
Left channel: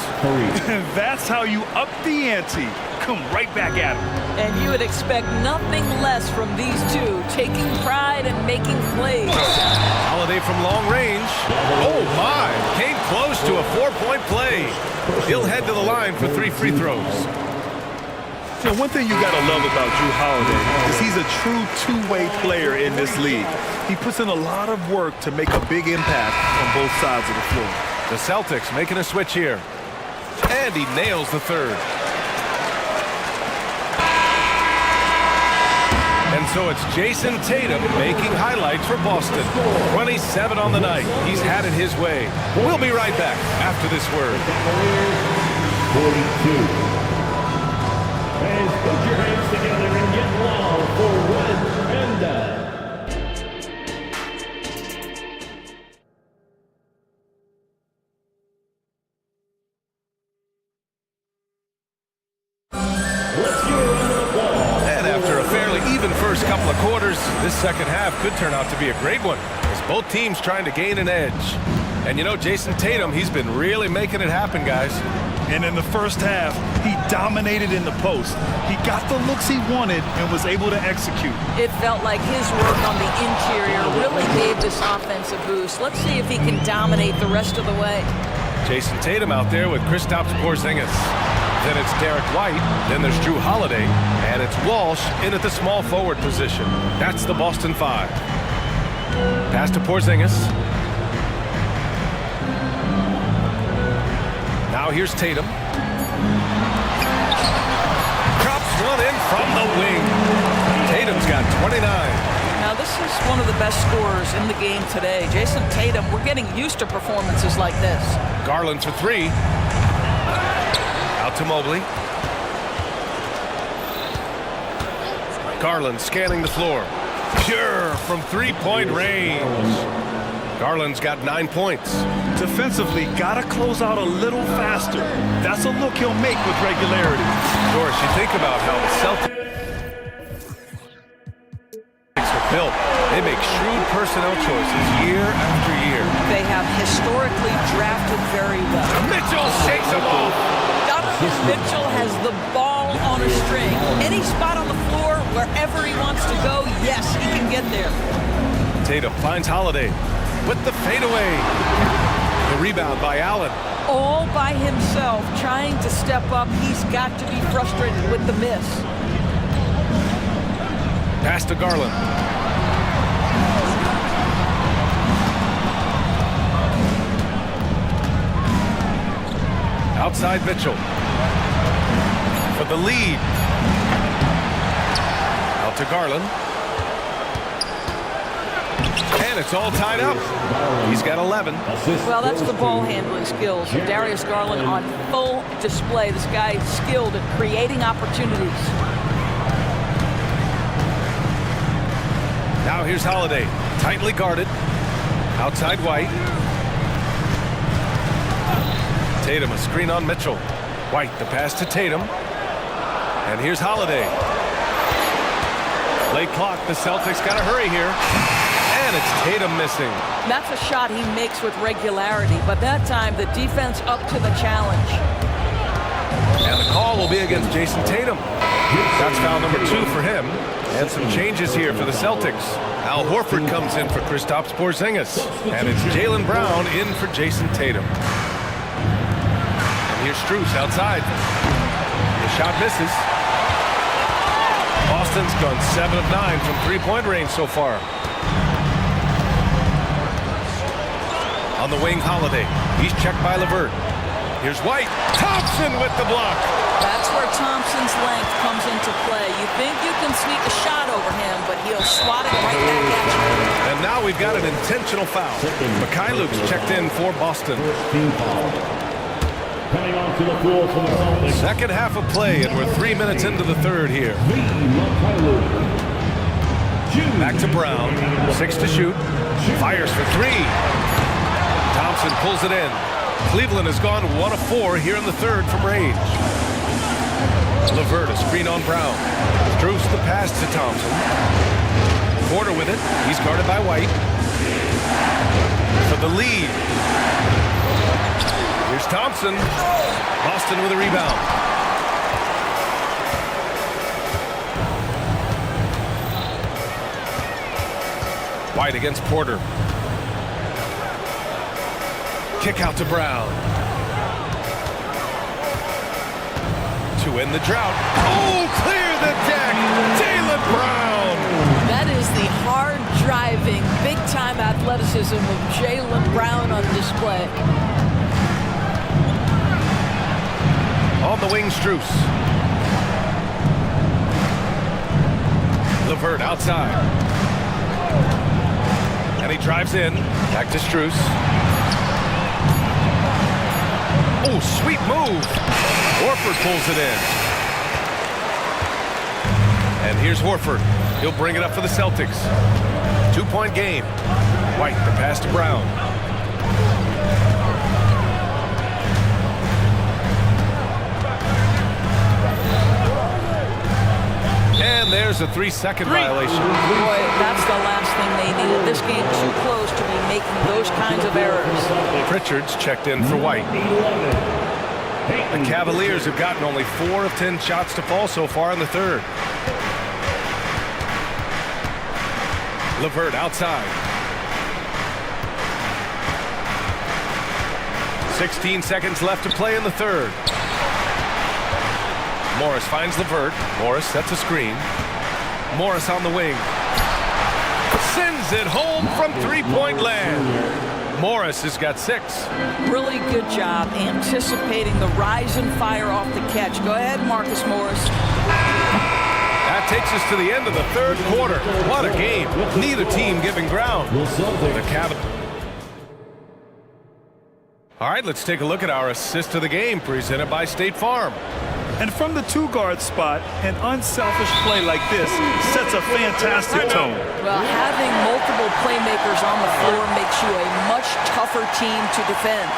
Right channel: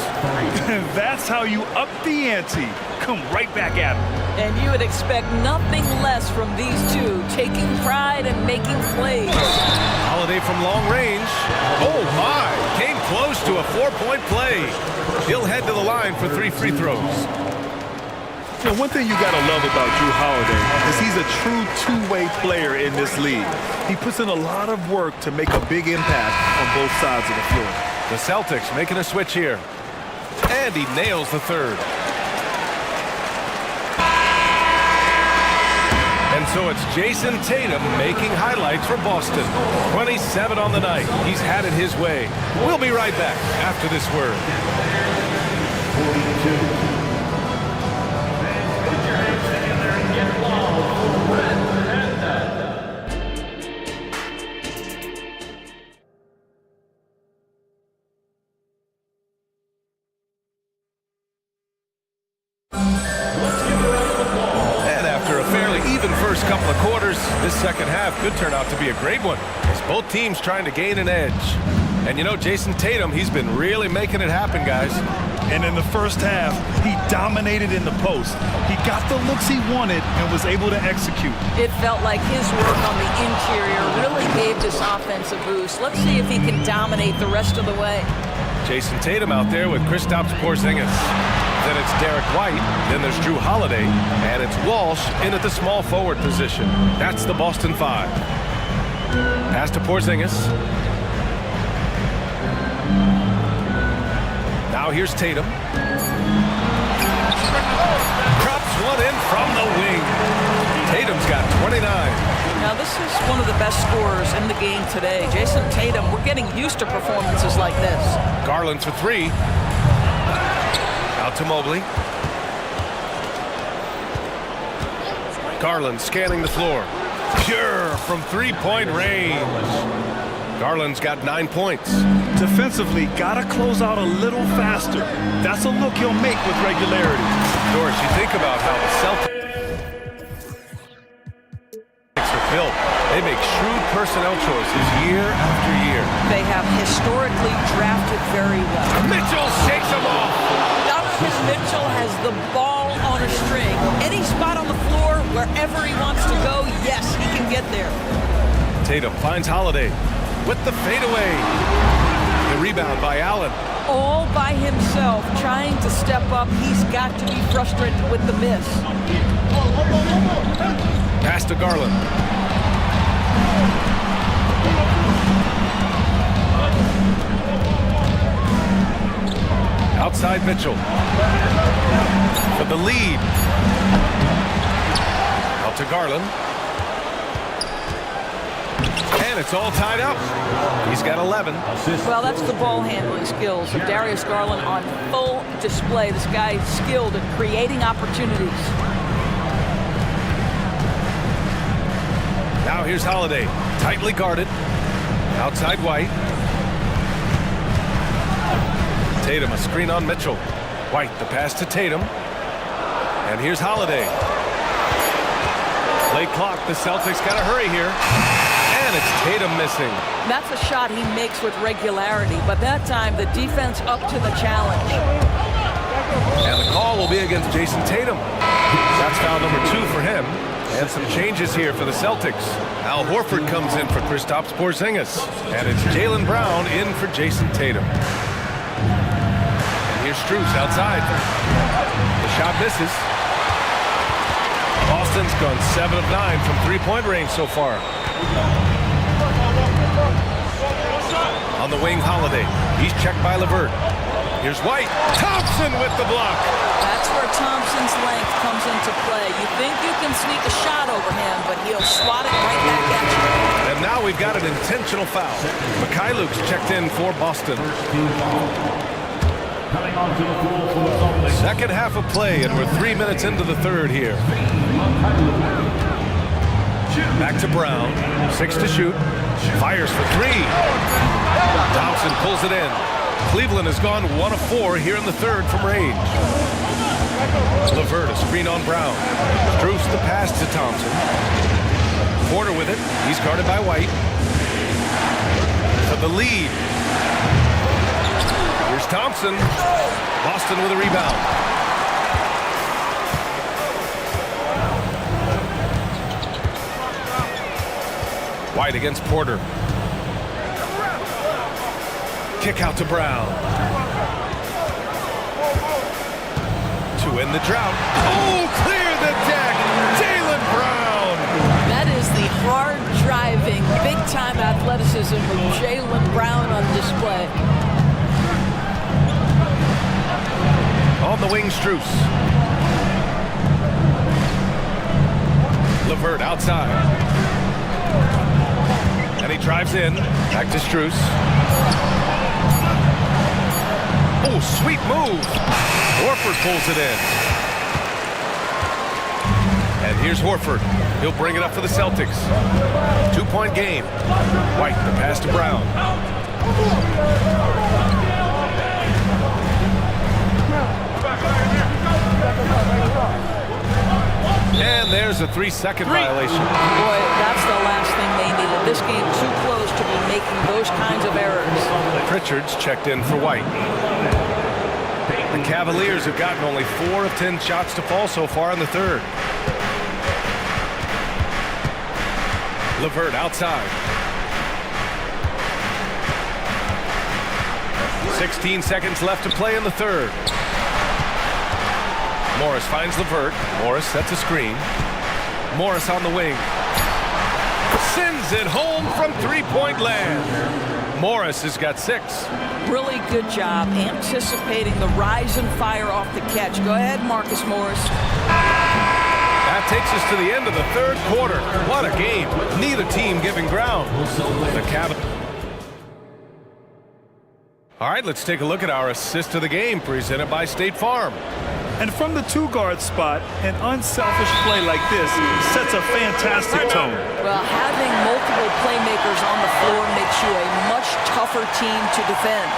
That's how you up the ante. Come right back at him. And you would expect nothing less from these two, taking pride and making plays. Holiday from long range. Oh, my. Came close to a 4-point play. He'll head to the line for 3 free throws. You know, one thing you got to love about Jrue Holiday is he's a true two-way player in this league. He puts in a lot of work to make a big impact on both sides of the floor. The Celtics making a switch here. And he nails the 3rd. And so it's Jason Tatum making highlights for Boston. 27 on the night. He's had it his way. We'll be right back after this word. 42. Put your hands together and get long for Red Panda. And after a fairly even first couple of quarters, this second half could turn out to be a great one, as both teams trying to gain an edge. And you know, Jason Tatum, he's been really making it happen, guys. And in the first half, he dominated in the post. He got the looks he wanted and was able to execute. It felt like his work on the interior really gave this offense a boost. Let's see if he can dominate the rest of the way. Jason Tatum out there with Kristaps Porzingis. Then it's Derek White, then there's Jrue Holiday, and it's Walsh in at the small forward position. That's the Boston 5. Pass to Porzingis. Now here's Tatum. Drops one in from the wing. Tatum's got 29. Now, this is one of the best scorers in the game today. Jason Tatum, we're getting used to performances like this. Garland for three. Out to Mobley. Garland scanning the floor. Pure from three-point range. Garland's got 9 points. Defensively, gotta close out a little faster. That's a look he'll make with regularity. Doris, you think about how the Celtics are built. They make shrewd personnel choices year after year. They have historically drafted very well. Mitchell shakes them off. Donovan Mitchell has the ball on a string. Any spot on the floor, wherever he wants to go, yes, he can get there. Tatum finds Holiday with the fadeaway. The rebound by Allen. All by himself, trying to step up. He's got to be frustrated with the miss. Pass to Garland. Outside Mitchell. For the lead. Out to Garland. And it's all tied up. He's got 11. Well, that's the ball handling skills of Darius Garland on full display. This guy is skilled at creating opportunities. Now here's Holiday. Tightly guarded. Outside White. Tatum, a screen on Mitchell. White, the pass to Tatum. And here's Holiday. Late clock, the Celtics got to hurry here. And it's Tatum missing. That's a shot he makes with regularity, but that time the defense up to the challenge. And the call will be against Jason Tatum. That's foul number 2 for him. And some changes here for the Celtics. Al Horford comes in for Kristaps Porzingis. And it's Jaylen Brown in for Jason Tatum. And here's Strus outside. The shot misses. Boston's gone 7 of 9 from three-point range so far. On the wing, Holiday. He's checked by LeVert. Here's White. Thompson with the block. That's where Thompson's length comes into play. You think you can sneak a shot over him, but he'll swat it right back at you. And now we've got an intentional foul. Mikhailuk's checked in for Boston. Second half of play, and we're 3 minutes into the third here. Back to Brown. 6 to shoot. Fires for 3. Thompson pulls it in. Cleveland has gone 1 of 4 here in the third from range. LeVert, a screen on Brown. Strus the pass to Thompson. Porter with it. He's guarded by White. For the lead. Here's Thompson. Boston with a rebound. White against Porter. Kick out to Brown. To end the drought. Oh, clear the deck. Jaylen Brown. That is the hard-driving, big-time athleticism of Jaylen Brown on display. On the wing, Strus. LeVert outside. And he drives in. Back to Strus. Oh, sweet move. Horford pulls it in. And here's Horford. He'll bring it up for the Celtics. 2-point game. White, the pass to Brown. And there's a 3-second violation. Boy, that's the last thing they needed. This game too close to be making those kinds of errors. Pritchard's checked in for White. The Cavaliers have gotten only 4 of 10 shots to fall so far in the third. LeVert outside. 16 seconds left to play in the third. Morris finds LeVert. Morris sets a screen. Morris on the wing. Sends it home from three-point land. Morris has got 6. Really good job anticipating the rise and fire off the catch. Go ahead, Marcus Morris. That takes us to the end of the third quarter. What a game. Neither team giving ground. The Cavaliers. All right, let's take a look at our assist of the game presented by State Farm. And from the two-guard spot, an unselfish play like this sets a fantastic tone. Well, having multiple playmakers on the floor makes you a much tougher team to defend.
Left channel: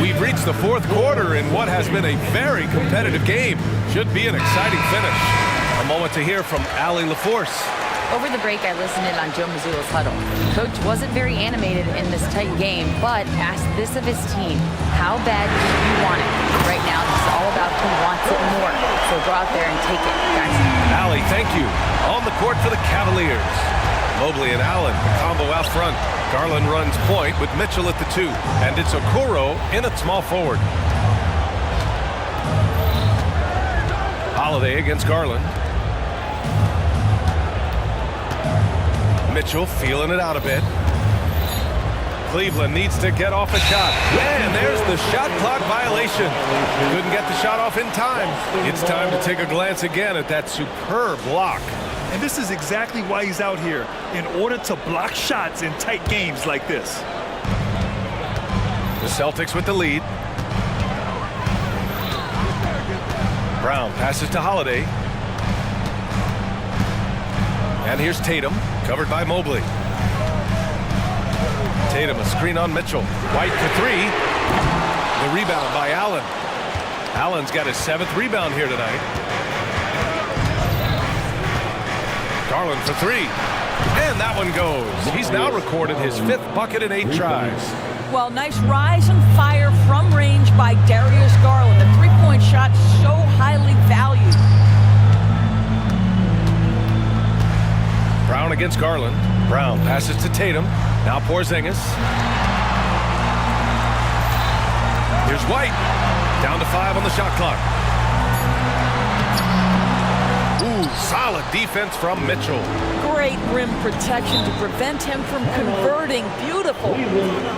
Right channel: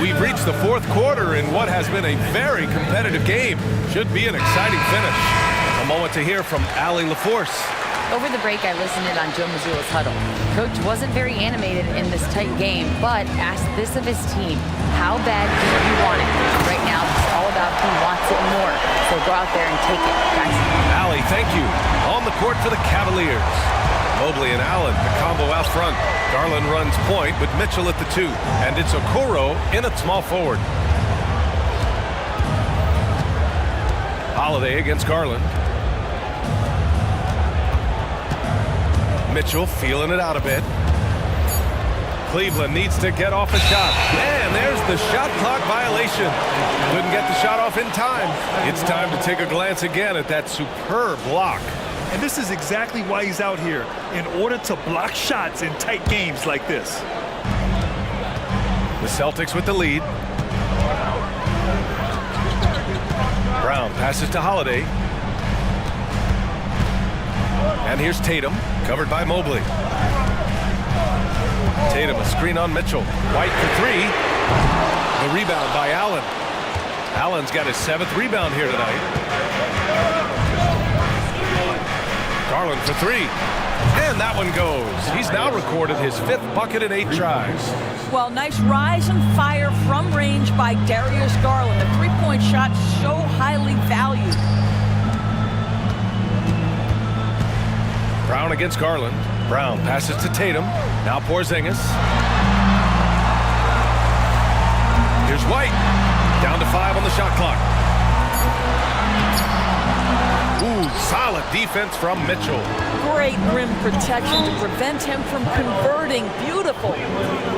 We've reached the fourth quarter in what has been a very competitive game. Should be an exciting finish. A moment to hear from Allie LaForce. Over the break, I listened in on Joe Mazzulla's huddle. Coach wasn't very animated in this tight game, but asked this of his team: how bad do you want it? Right now, this is all about who wants it more. So go out there and take it, guys. Allie, thank you. On the court for the Cavaliers. Mobley and Allen, the combo out front. Garland runs point with Mitchell at the 2. And it's Okoro in at small forward. Holiday against Garland. Mitchell feeling it out a bit. Cleveland needs to get off a shot. And there's the shot clock violation. Couldn't get the shot off in time. It's time to take a glance again at that superb block. And this is exactly why he's out here, in order to block shots in tight games like this. The Celtics with the lead. Brown passes to Holiday. And here's Tatum, covered by Mobley. Tatum, a screen on Mitchell. White for 3. The rebound by Allen. Allen's got his 7th rebound here tonight. Garland for 3. And that one goes. He's now recorded his 5th bucket in 8 tries. Well, nice rise and fire from range by Darius Garland. The three-point shot so highly valued. Brown against Garland. Brown passes to Tatum. Now Porzingis. Here's White. Down to 5 on the shot clock. Ooh, solid defense from Mitchell. Great rim protection to prevent him from converting. Beautiful.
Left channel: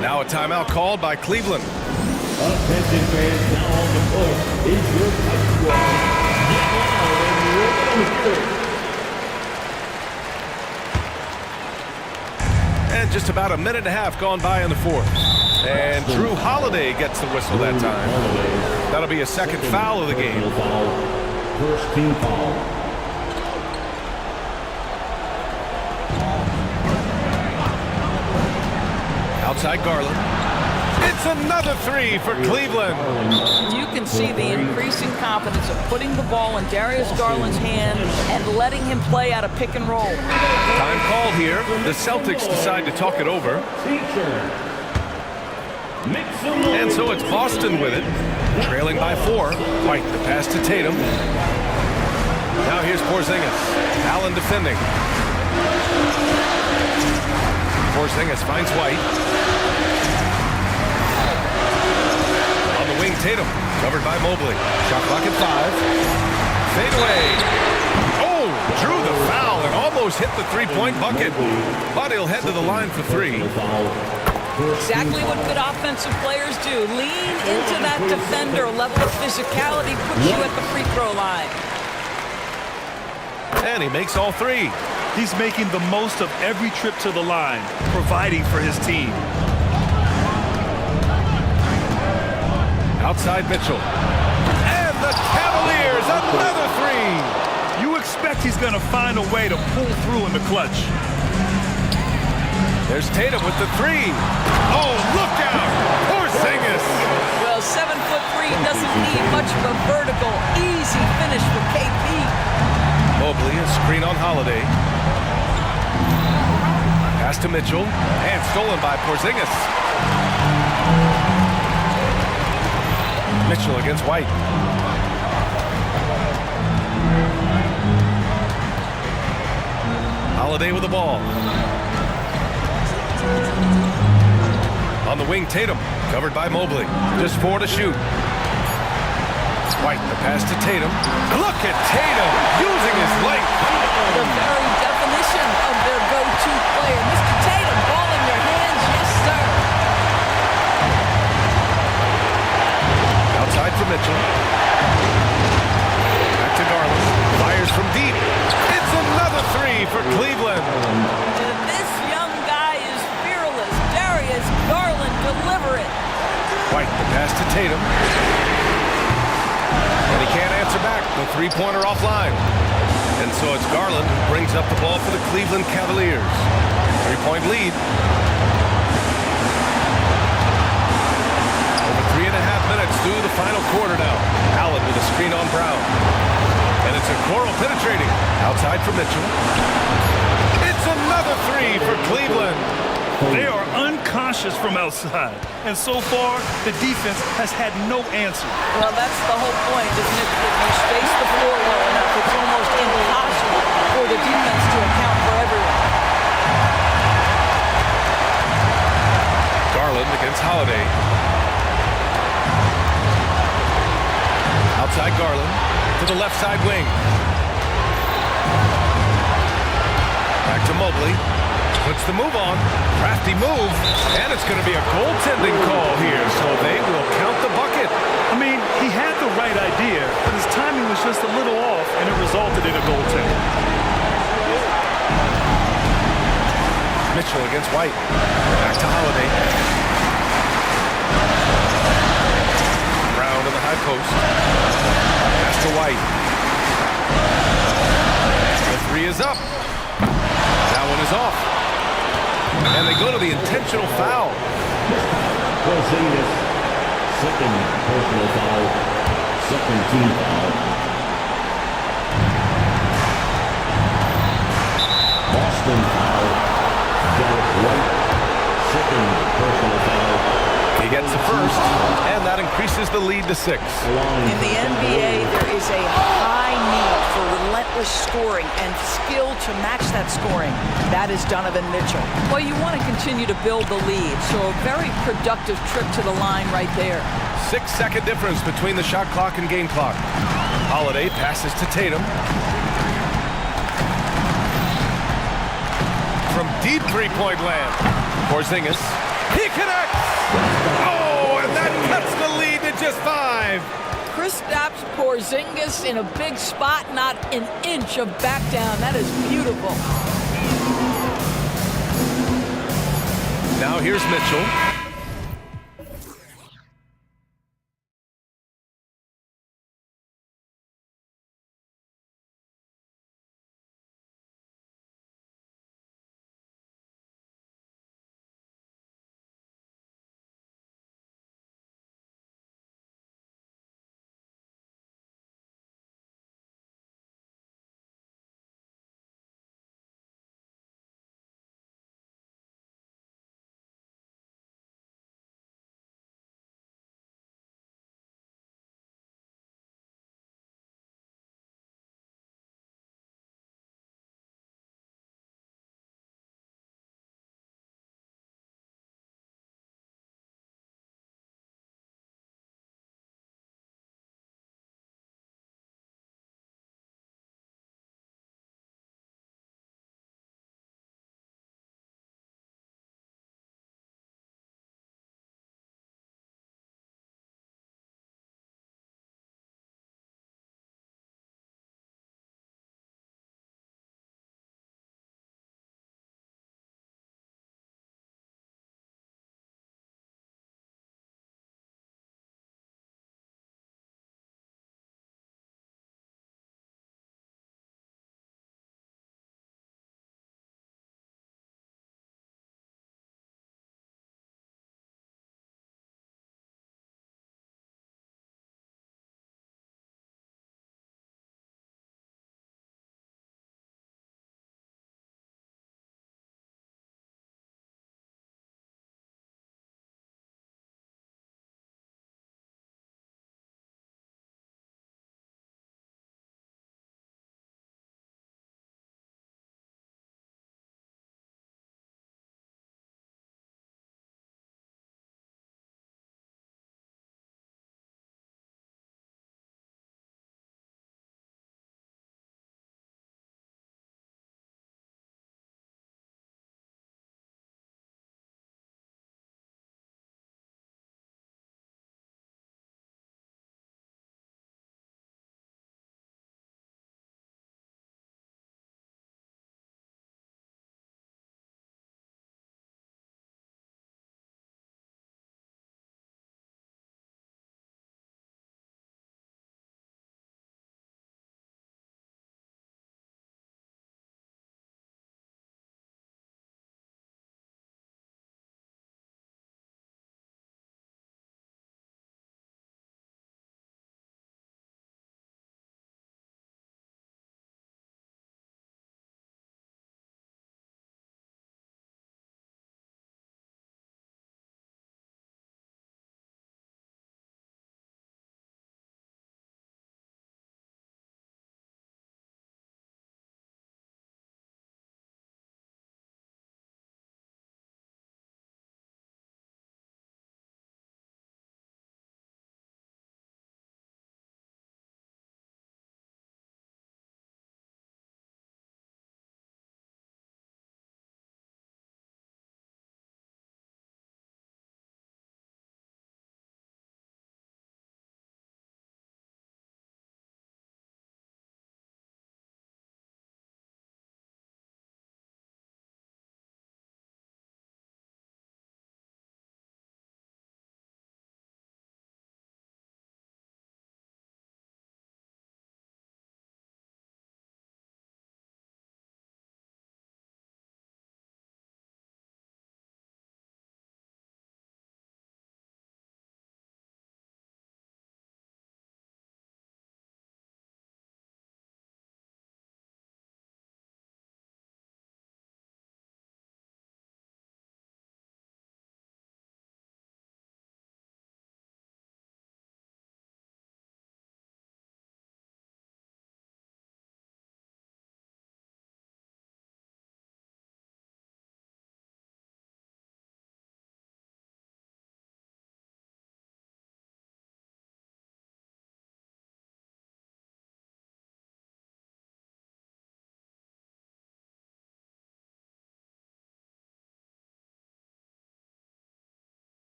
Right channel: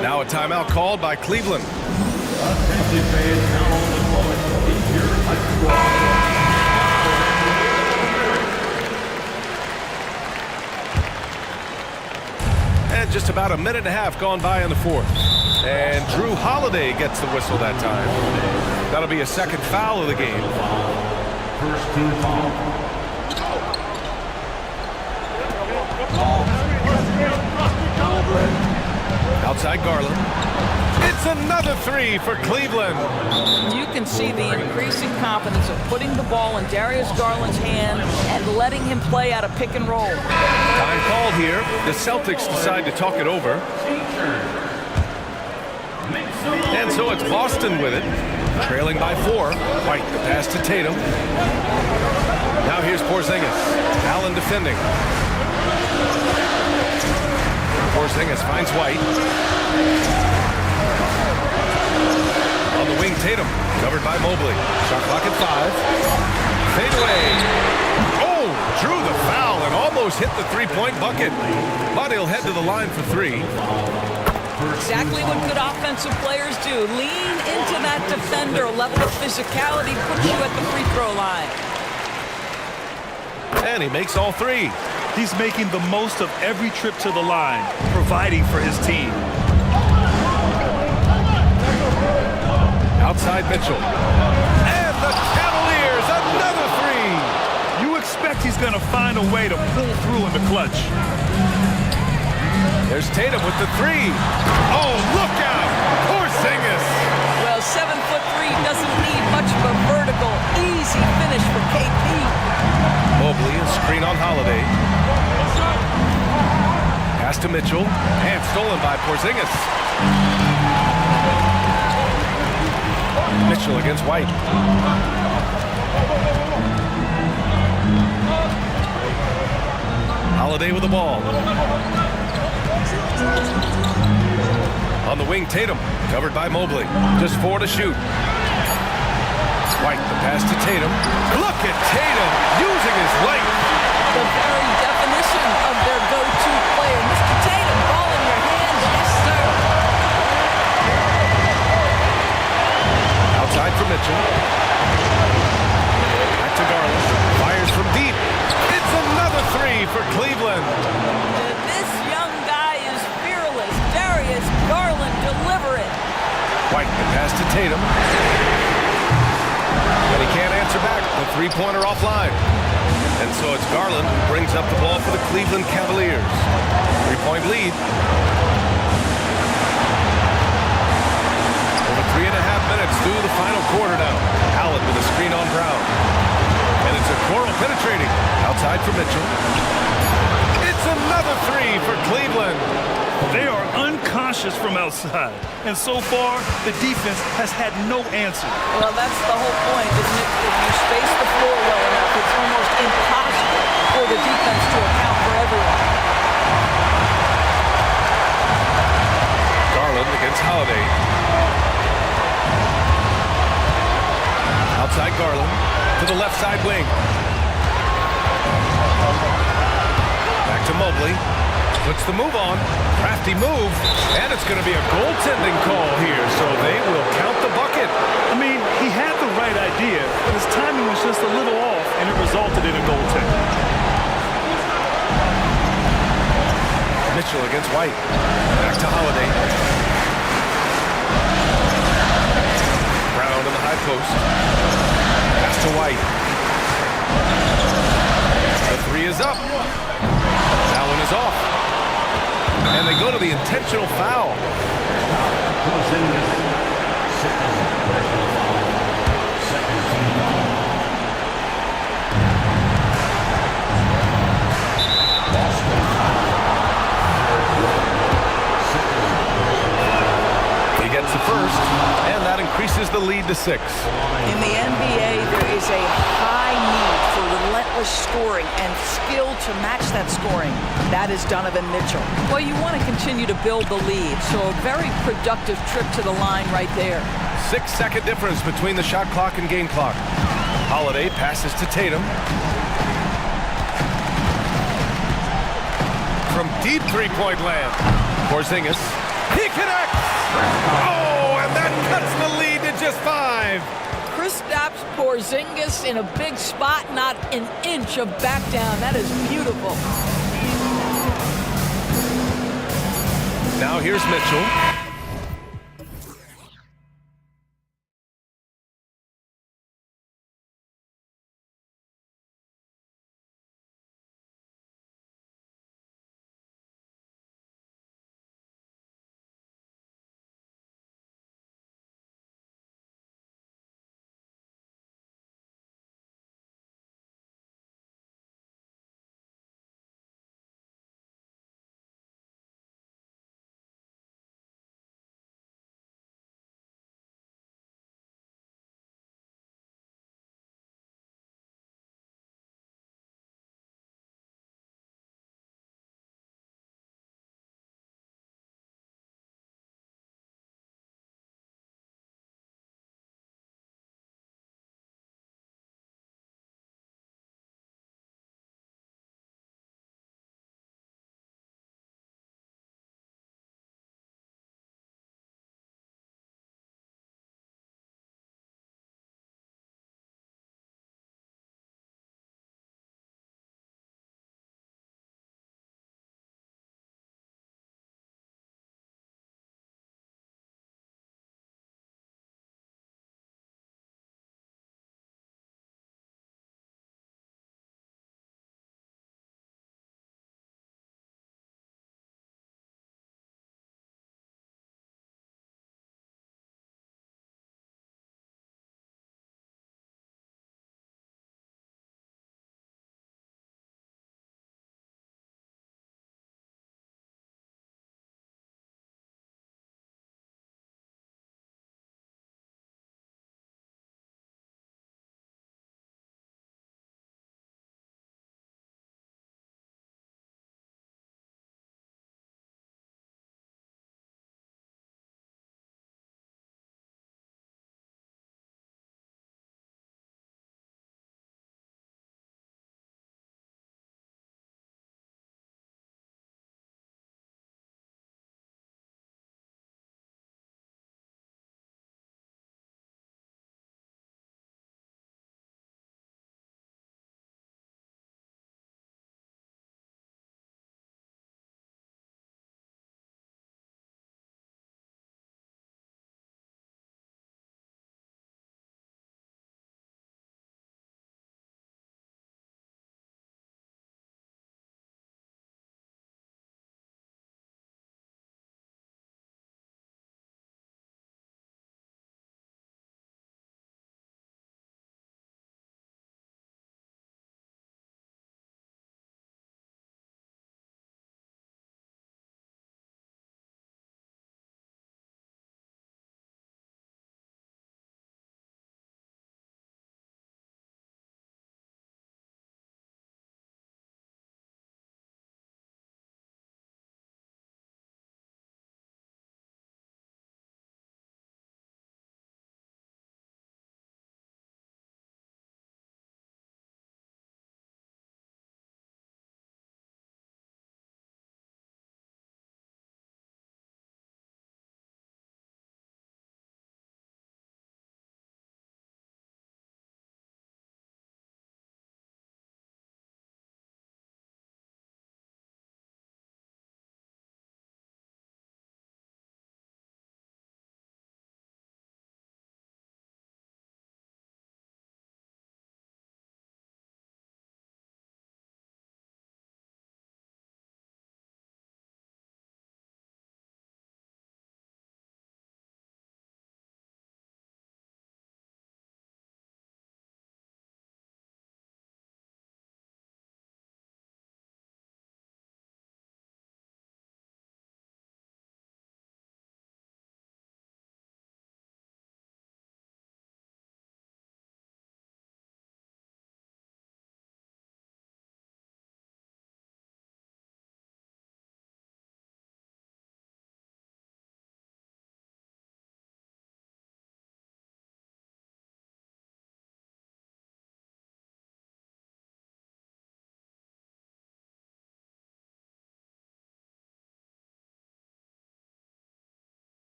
Now a timeout called by Cleveland. Attention fans, now on the court is your And just about a minute and a half gone by in the fourth. And Drew Holiday gets the whistle that time. That'll be a second foul of the game. First team foul. Outside Garland. It's another 3 for Cleveland. You can see the increasing confidence of putting the ball in Darius Garland's hand and letting him play out of pick and roll. Time called here. The Celtics decide to talk it over. And so it's Boston with it, trailing by 4. White, the pass to Tatum. Now here's Porzingis. Allen defending. Porzingis finds White. On the wing, Tatum, covered by Mobley. Shot clock at 5. Fade away. Oh, drew the foul and almost hit the three-point bucket. But he'll head to the line for 3. Exactly what good offensive players do. Lean into that defender. A level of physicality puts you at the free throw line. And he makes all 3. He's making the most of every trip to the line, providing for his team. Outside Mitchell. And the Cavaliers, another 3. You expect he's going to find a way to pull through in the clutch. There's Tatum with the 3. Oh, look out! Porzingis. Well, 7'3" doesn't need much of a vertical. Easy finish for KP. Mobley, a screen on Holiday. Pass to Mitchell, and stolen by Porzingis. Mitchell against White. Holiday with the ball. On the wing, Tatum, covered by Mobley. Just 4 to shoot. White, the pass to Tatum. Look at Tatum using his length. The very definition of their go-to player. Mr. Tatum, ball in your hands, yes, sir. Outside for Mitchell. Back Back to Garland. Fires from deep. It's another three for Cleveland. And this young guy is fearless. Darius Garland, deliver it. White, the pass to Tatum. And he can't answer back. The three-pointer offline. And so it's Garland who brings up the ball for the Cleveland Cavaliers. 3-point lead. Over 3.5 minutes through the final quarter now. Allen with a screen on Brown. And it's a Okoro penetrating. Outside for Mitchell. It's another three for Cleveland. They are unconscious from outside. And so far, the defense has had no answer. Well, that's the whole point, isn't it? If you space the floor well enough, it's almost impossible for the defense to account for everyone. Garland against Holiday. Outside Garland to the left side wing. Back to Mobley. Puts the move on. Crafty move. And it's going to be a goaltending call here, so they will count the bucket. I mean, he had the right idea, but his timing was just a little off, and it resulted in a goaltender. Mitchell against White. Back to Holiday. Brown in the high post. Pass to White. The three is up. That one is off. And they go to the intentional foul. Second personal foul, second team foul. Boston foul. Second personal foul. He gets the first, and that increases the lead to 6. In the NBA, there is a high need for relentless scoring and skill to match that scoring. That is Donovan Mitchell. Well, you want to continue to build the lead, so a very productive trip to the line right there. 6-second difference between the shot clock and game clock. Holiday passes to Tatum. From deep three-point land. Porzingis. He connects! Oh, and that cuts the lead to just 5. Kristaps Porzingis in a big spot, not an inch of back down. That is beautiful. Now here's Mitchell.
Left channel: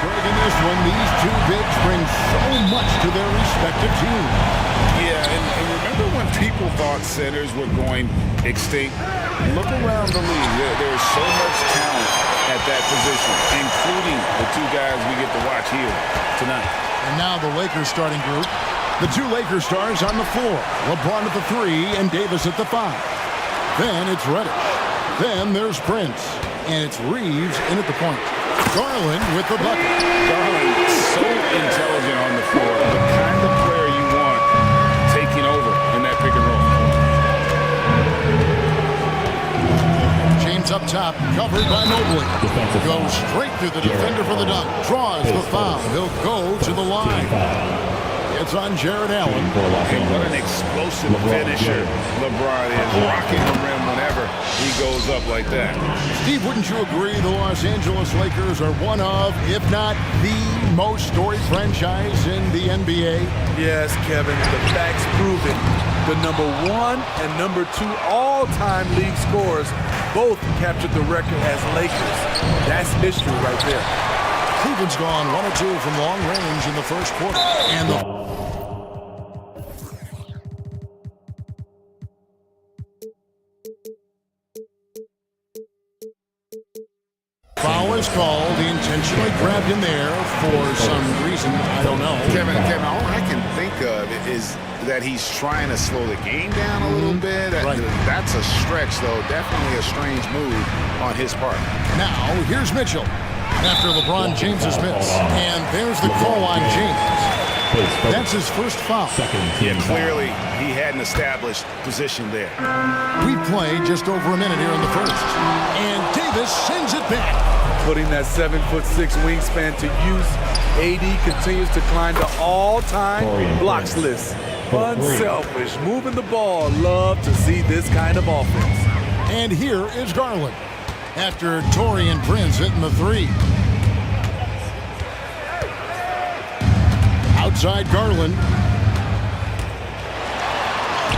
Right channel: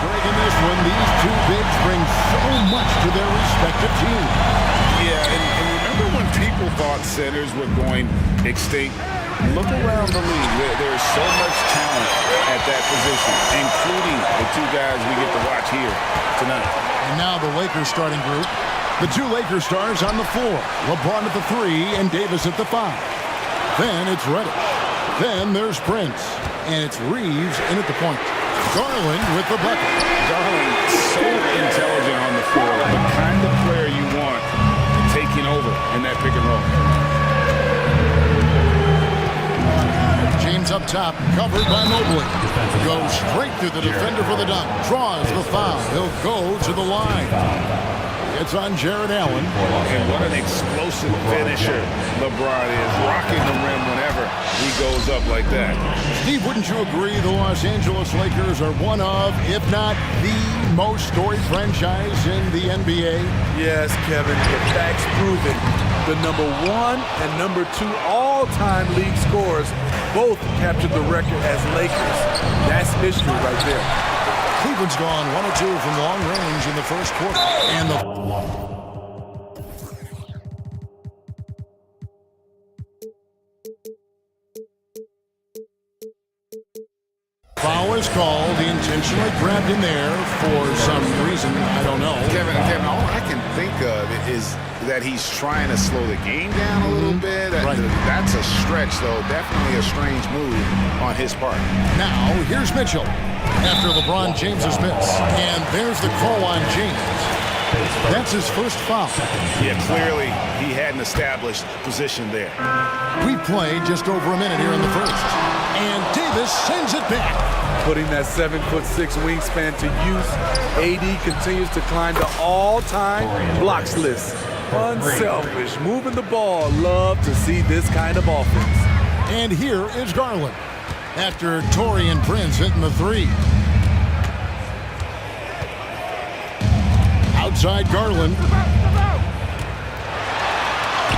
Greg, in this one, these two bigs bring so much to their respective teams. Yeah, and remember when people thought centers were going extinct? Look around the league. There's so much talent at that position, including the two guys we get to watch here tonight. And now the Lakers starting group. The two Lakers stars on the floor. LeBron at the 3 and Davis at the 5. Then it's Reddish. Then there's Prince. And it's Reeves in at the point. Garland with the bucket. Garland, so intelligent on the floor. The kind of player you want taking over in that pick and roll. James up top, covered by Mobley. Goes straight through the defender for the dunk. Draws the foul. He'll go to the line. It's on Jared Allen. And what an explosive finisher LeBron is, rocking the rim whenever he goes up like that. Steve, wouldn't you agree the Los Angeles Lakers are one of, if not the most storied franchise in the NBA? Yes, Kevin, the facts prove it. The #1 and #2 all-time league scorers both captured the record as Lakers. That's history right there. Cleveland's gone 1 of 2 from long range in the first quarter. And the foul is called. He intentionally grabbed him there for some reason. I don't know. Kevin, all I can think of is that he's trying to slow the game down a little bit. Right. That's a stretch, though. Definitely a strange move on his part. Now, here's Mitchell after LeBron James's miss. And there's the call on James. That's his first foul. Yeah, clearly he hadn't established position there. We've played just over a minute here in the first. And Davis sends it back. Putting that 7'6" wingspan to use, AD continues to climb the all-time blocks list. Unselfish, moving the ball. Love to see this kind of offense. And here is Garland after Taurean Prince hitting the 3. Outside Garland.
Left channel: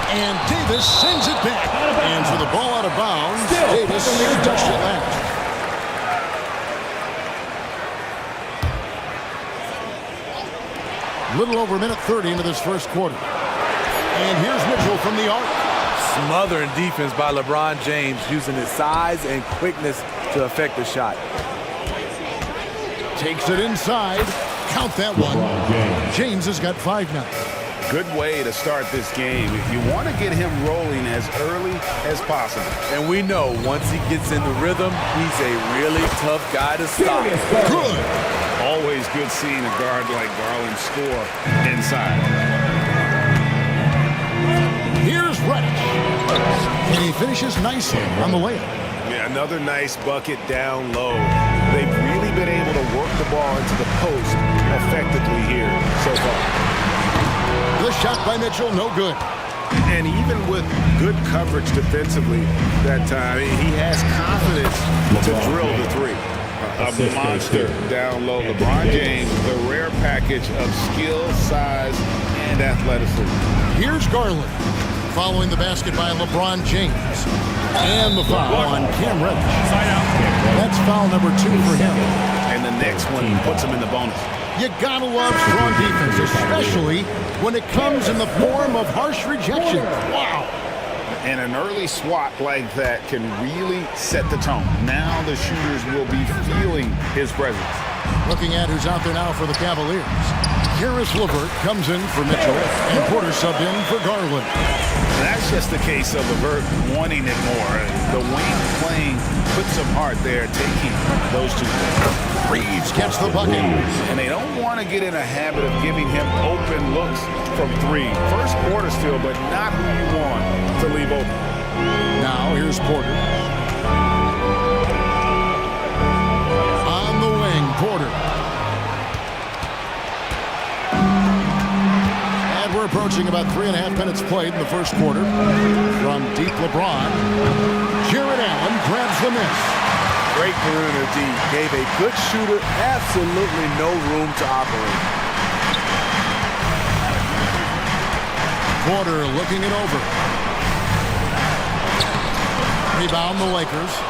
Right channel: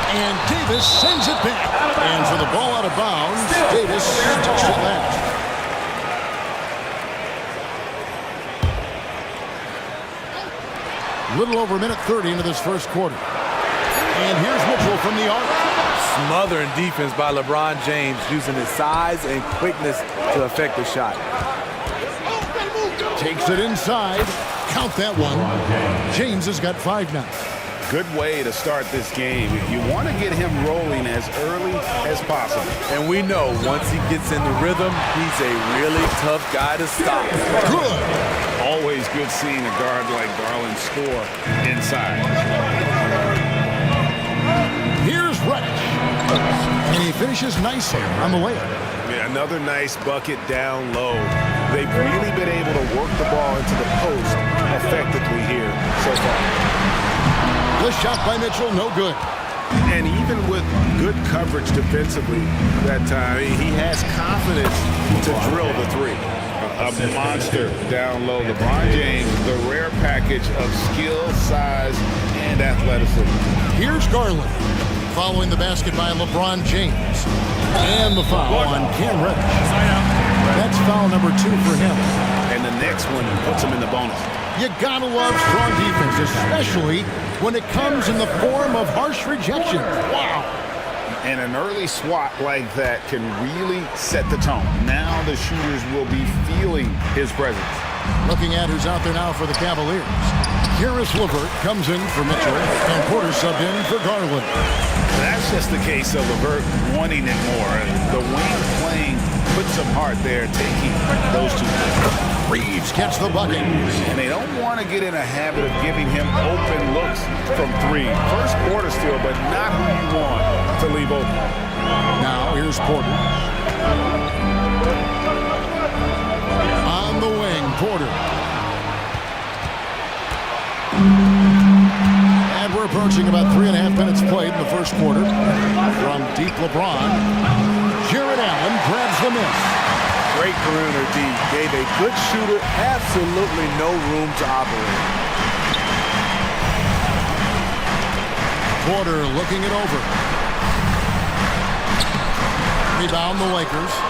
And Davis sends it back. And for the ball out of bounds, Davis touched it last. Little over a minute 30 into this first quarter. And here's Mitchell from the arc. Smothering defense by LeBron James, using his size and quickness to affect the shot. Takes it inside. Count that one. James has got 5 now. Good way to start this game. You want to get him rolling as early as possible. And we know once he gets in the rhythm, he's a really tough guy to stop. Good. Always good seeing a guard like Garland score inside. Here's Reddish. And he finishes nicely on the layup. Yeah, another nice bucket down low. They've really been able to work the ball into the post effectively here so far. The shot by Mitchell, no good. And even with good coverage defensively that time, he has confidence to drill the 3. A monster down low. LeBron James, the rare package of skill, size, and athleticism. Here's Garland following the basket by LeBron James. And the foul on Cam Reddish. That's foul number 2 for him. And the next one puts him in the bonus. You gotta love strong defense, especially when it comes in the form of harsh rejection. Wow. And an early swat like that can really set the tone. Now the shooters will be feeling his presence. Looking at who's out there now for the Cavaliers. Karis LeVert comes in for Mitchell, and Porter subbed in for Garland. That's just the case of LeVert wanting it more. The wing playing put some heart there, taking those 2 things. Reeves gets the bucket. And they don't want to get in a habit of giving him open looks from 3. First quarter still, but not who you want to leave open. Now here's Porter. On the wing, Porter. And we're approaching about 3.5 minutes played in the first quarter. From deep LeBron, Jared Allen grabs the miss. Great perimeter D. Gave a good shooter absolutely no room to operate. Porter looking it over. Rebound the Lakers.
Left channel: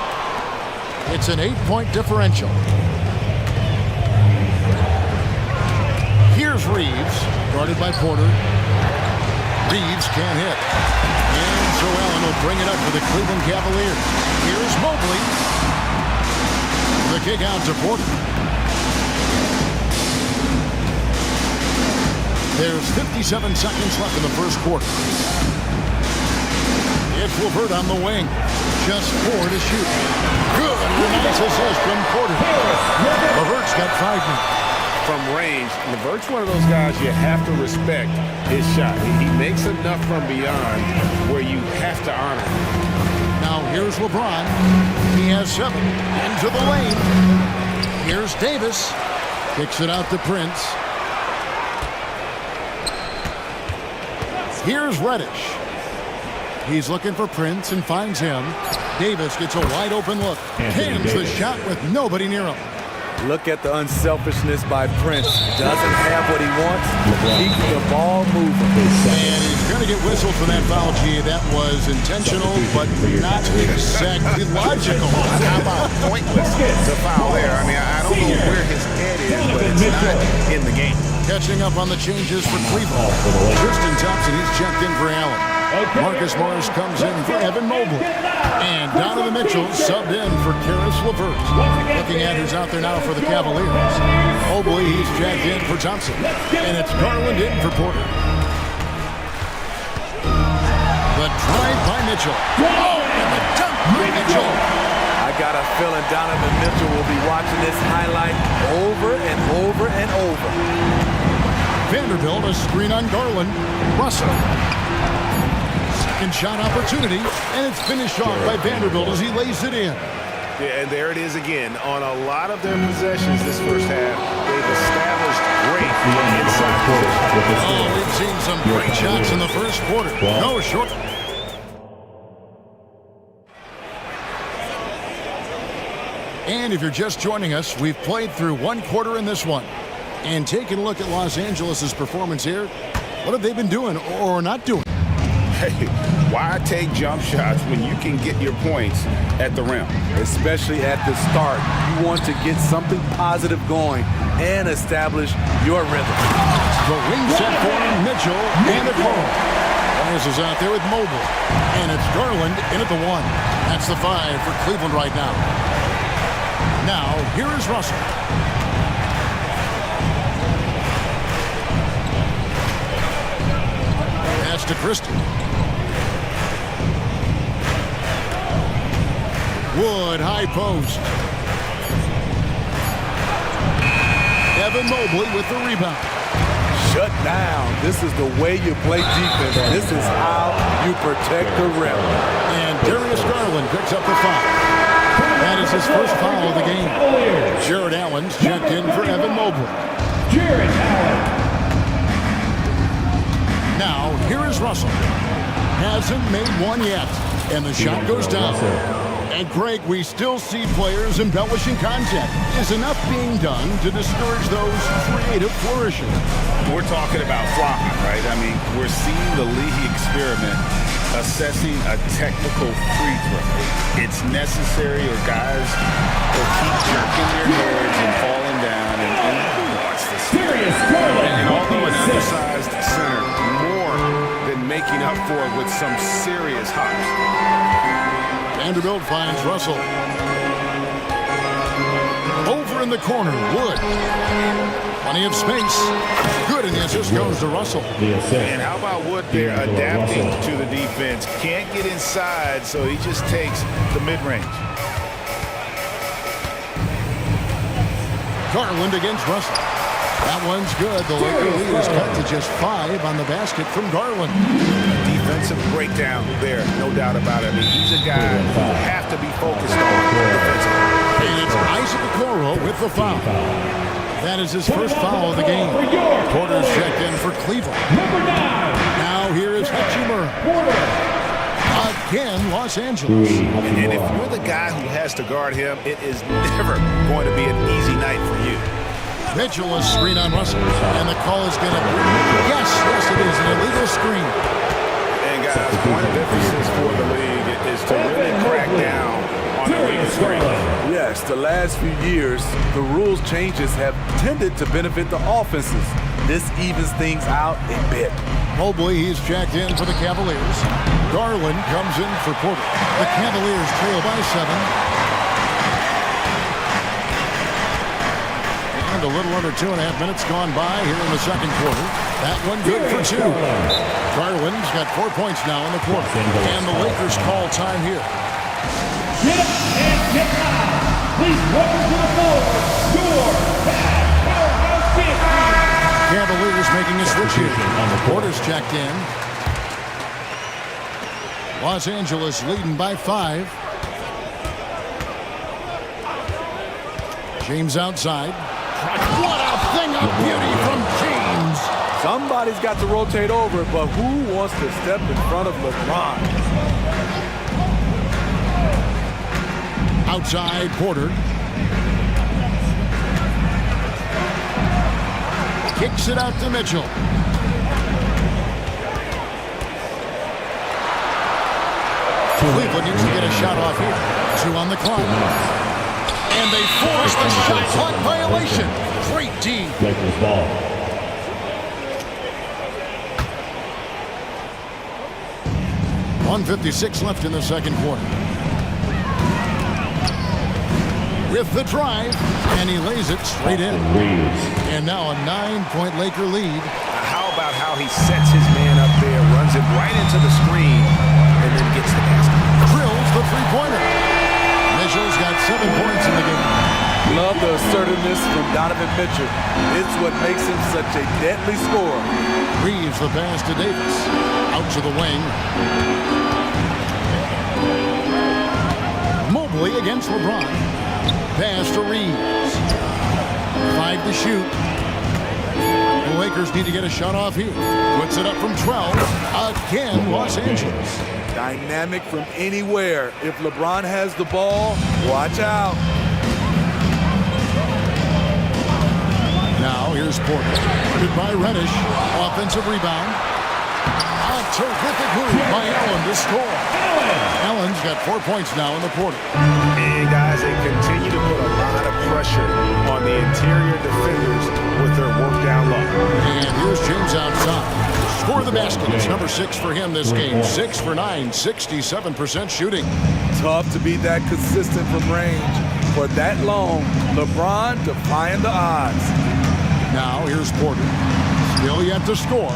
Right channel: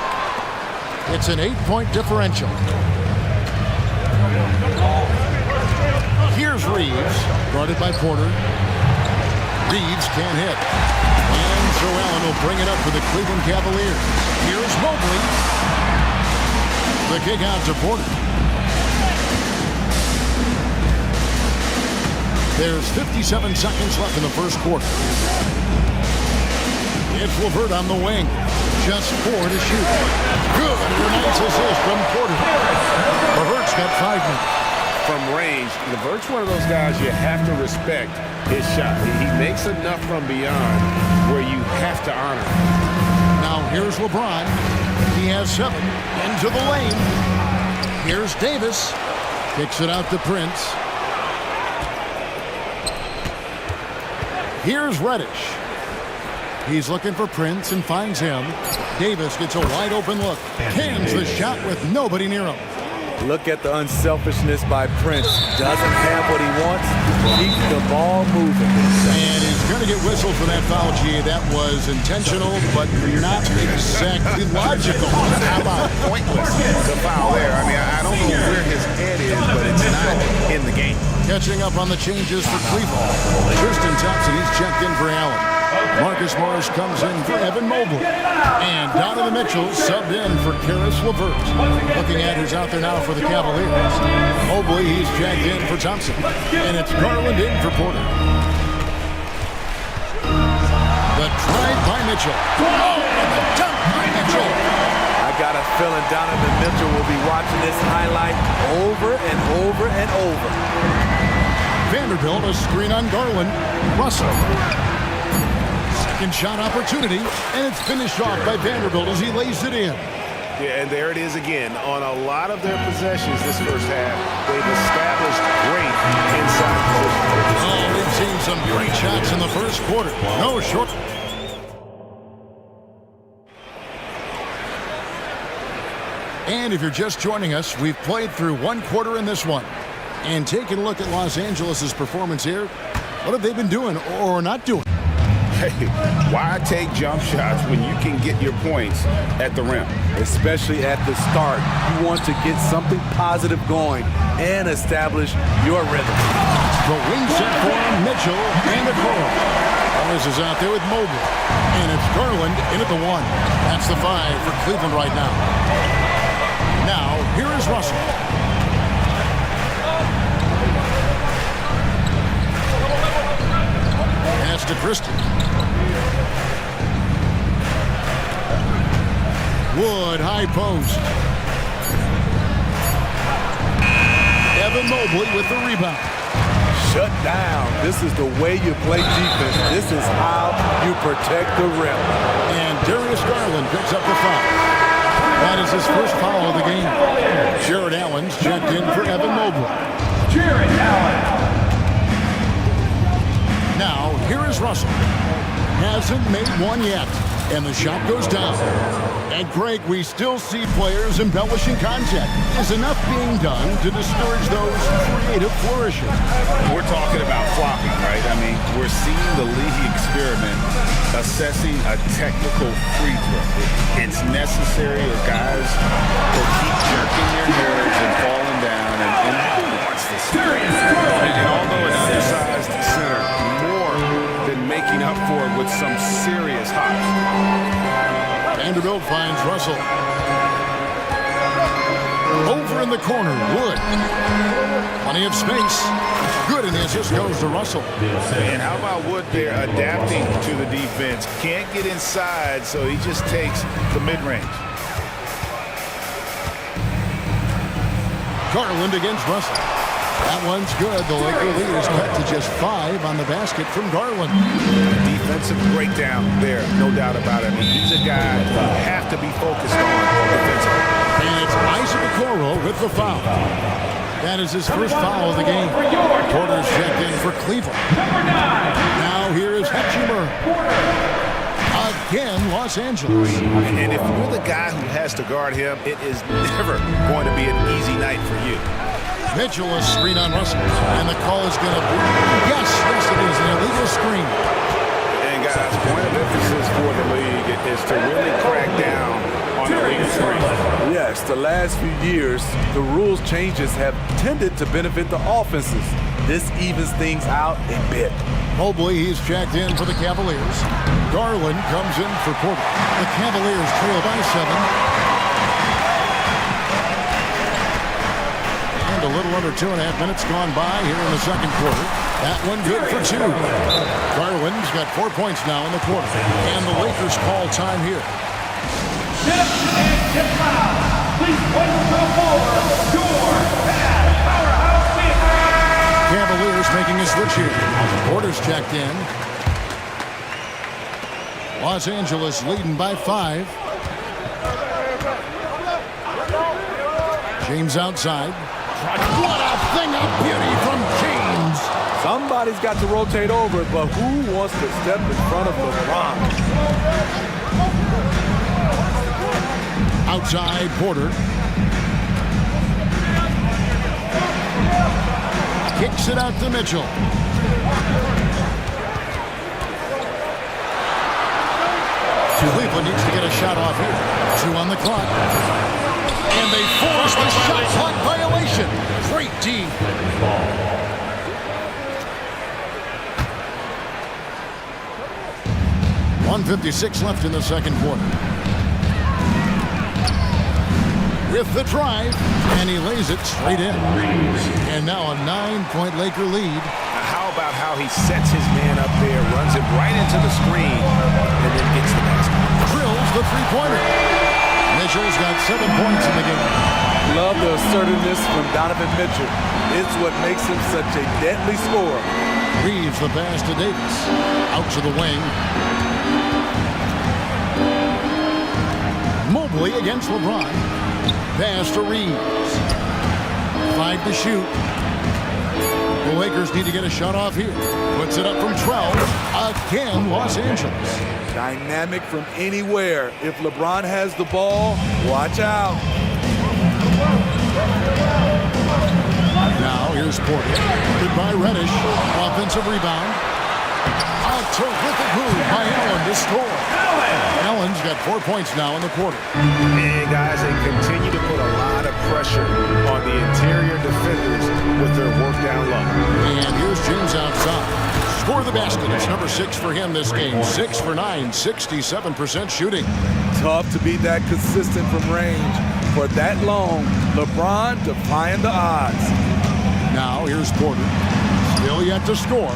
It's an 8-point differential. Here's Reeves, guarded by Porter. Reeves can't hit. And so Allen will bring it up for the Cleveland Cavaliers. Here's Mobley. The kick out to Porter. There's 57 seconds left in the first quarter. It's LeVert on the wing. Just 4 to shoot. Good. And a nice assist from Porter. LeVert's got 5 minutes. From range, LeVert's one of those guys you have to respect his shot. He makes enough from beyond where you have to honor him. Now here's LeBron. He has 7 into the lane. Here's Davis. Kicks it out to Prince. Here's Reddish. He's looking for Prince and finds him. Davis gets a wide open look. Cans the shot with nobody near him. Look at the unselfishness by Prince. Doesn't have what he wants. Keeps the ball moving. And he's going to get whistled for that foul, G. That was intentional, but not exactly logical. How about pointless to foul there? I mean, I don't know where his head is, but it's not in the game. Catching up on the changes for Cleveland. Tristan Thompson, he's checked in for Allen. Marcus Morris comes in for Evan Mobley. And Donovan Mitchell subbed in for Karis LeVert. Looking at who's out there now for the Cavaliers. Mobley, he's checked in for Thompson. And it's Garland in for Porter. The drive by Mitchell. Oh, and the dunk by Mitchell. I got a feeling Donovan Mitchell will be watching this highlight over and over and over. Vanderbilt, a screen on Garland. Russell. Second shot opportunity, and it's finished off by Vanderbilt as he lays it in. Yeah, and there it is again. On a lot of their possessions this first half, they've established great inside position. Oh, we've seen some great shots in the first quarter. No short. And if you're just joining us, we've played through one quarter in this one. And taking a look at Los Angeles' performance here, what have they been doing or not doing? Hey, why take jump shots when you can get your points at the rim? Especially at the start. You want to get something positive going and establish your rhythm. The wing set for him, Mitchell and Okoro. Morris is out there with Mobley. And it's Garland in at the 1. That's the 5 for Cleveland right now. Now, here is Russell. Pass to Christie. Wood, high post. Evan Mobley with the rebound. Shut down. This is the way you play defense. This is how you protect the rim. And Darius Garland picks up the foul. That is his first foul of the game. Jared Allen's checked in for Evan Mobley. Jared Allen. Now, here is Russell. Hasn't made one yet. And the shot goes down. And Greg, we still see players embellishing contact. Is enough being done to discourage those creative flourishes? We're talking about flopping, right? I mean, we're seeing the league experiment assessing a technical free throw. It's necessary or guys will keep jerking their heads and falling down, and who wants to see that? And although an undersized center, more than making up for it with some serious hops. Vanderbilt finds Russell. Over in the corner, Wood. Plenty of space. Good, and the assist goes to Russell. And how about Wood there adapting to the defense? Can't get inside, so he just takes the mid-range. Garland against Russell. That one's good. The Laker lead is cut to just 5 on the basket from Garland. Defensive breakdown there, no doubt about it. I mean, he's a guy you have to be focused on defensively. And it's Isaac Okoro with the foul. That is his first foul of the game. Porter's checked in for Cleveland. Now here is Hachimura. Again, Los Angeles. And if you're the guy who has to guard him, it is never going to be an easy night for you. Mitchell is screen on Russell. And the call is going to be, yes, it is, an illegal screen. And guys, point of emphasis for the league is to really crack down on illegal screens. Yes, the last few years, the rules changes have tended to benefit the offenses. This evens things out a bit. Mobley, he's checked in for the Cavaliers. Garland comes in for Porter. The Cavaliers trail by 7. And a little under 2.5 minutes gone by here in the second quarter. That one good for 2. Garland's got 4 points now in the quarter. And the Lakers call time here. Tip and tip foul. Please welcome to the floor, your powerhouse team. Cavaliers making a switch here. Porter's checked in. Los Angeles leading by 5. James outside. What a thing of beauty from James. Somebody's got to rotate over, but who wants to step in front of LeBron? Outside Porter. Kicks it out to Mitchell. Cleveland needs to get a shot off here. 2 on the clock. And they force the shot clock violation. Great D. 1:56 left in the second quarter. With the drive, and he lays it straight in. And now a 9-point Laker lead. How about how he sets his man up there, runs it right into the screen, and then gets the basket. Drills the three-pointer. Mitchell's got 7 points in the game. Love the assertiveness from Donovan Mitchell. It's what makes him such a deadly scorer. Reeves the pass to Davis. Out to the wing. Mobley against LeBron. Pass to Reeves. 5 to shoot. The Lakers need to get a shot off here. Puts it up from 12. Again, Los Angeles. Dynamic from anywhere. If LeBron has the ball, watch out. Now here's Porter. Guarded by Reddish. Offensive rebound. A terrific move by Allen to score. Allen's got 4 points now in the quarter. And guys, they continue to put a lot of pressure on the interior defenders with their work down low. And here's James outside. Score the basket. It's number 6 for him this game. 6 for 9, 67% shooting. Tough to be that consistent from range. For that long, LeBron defying the odds. Now here's Porter. Still yet to score.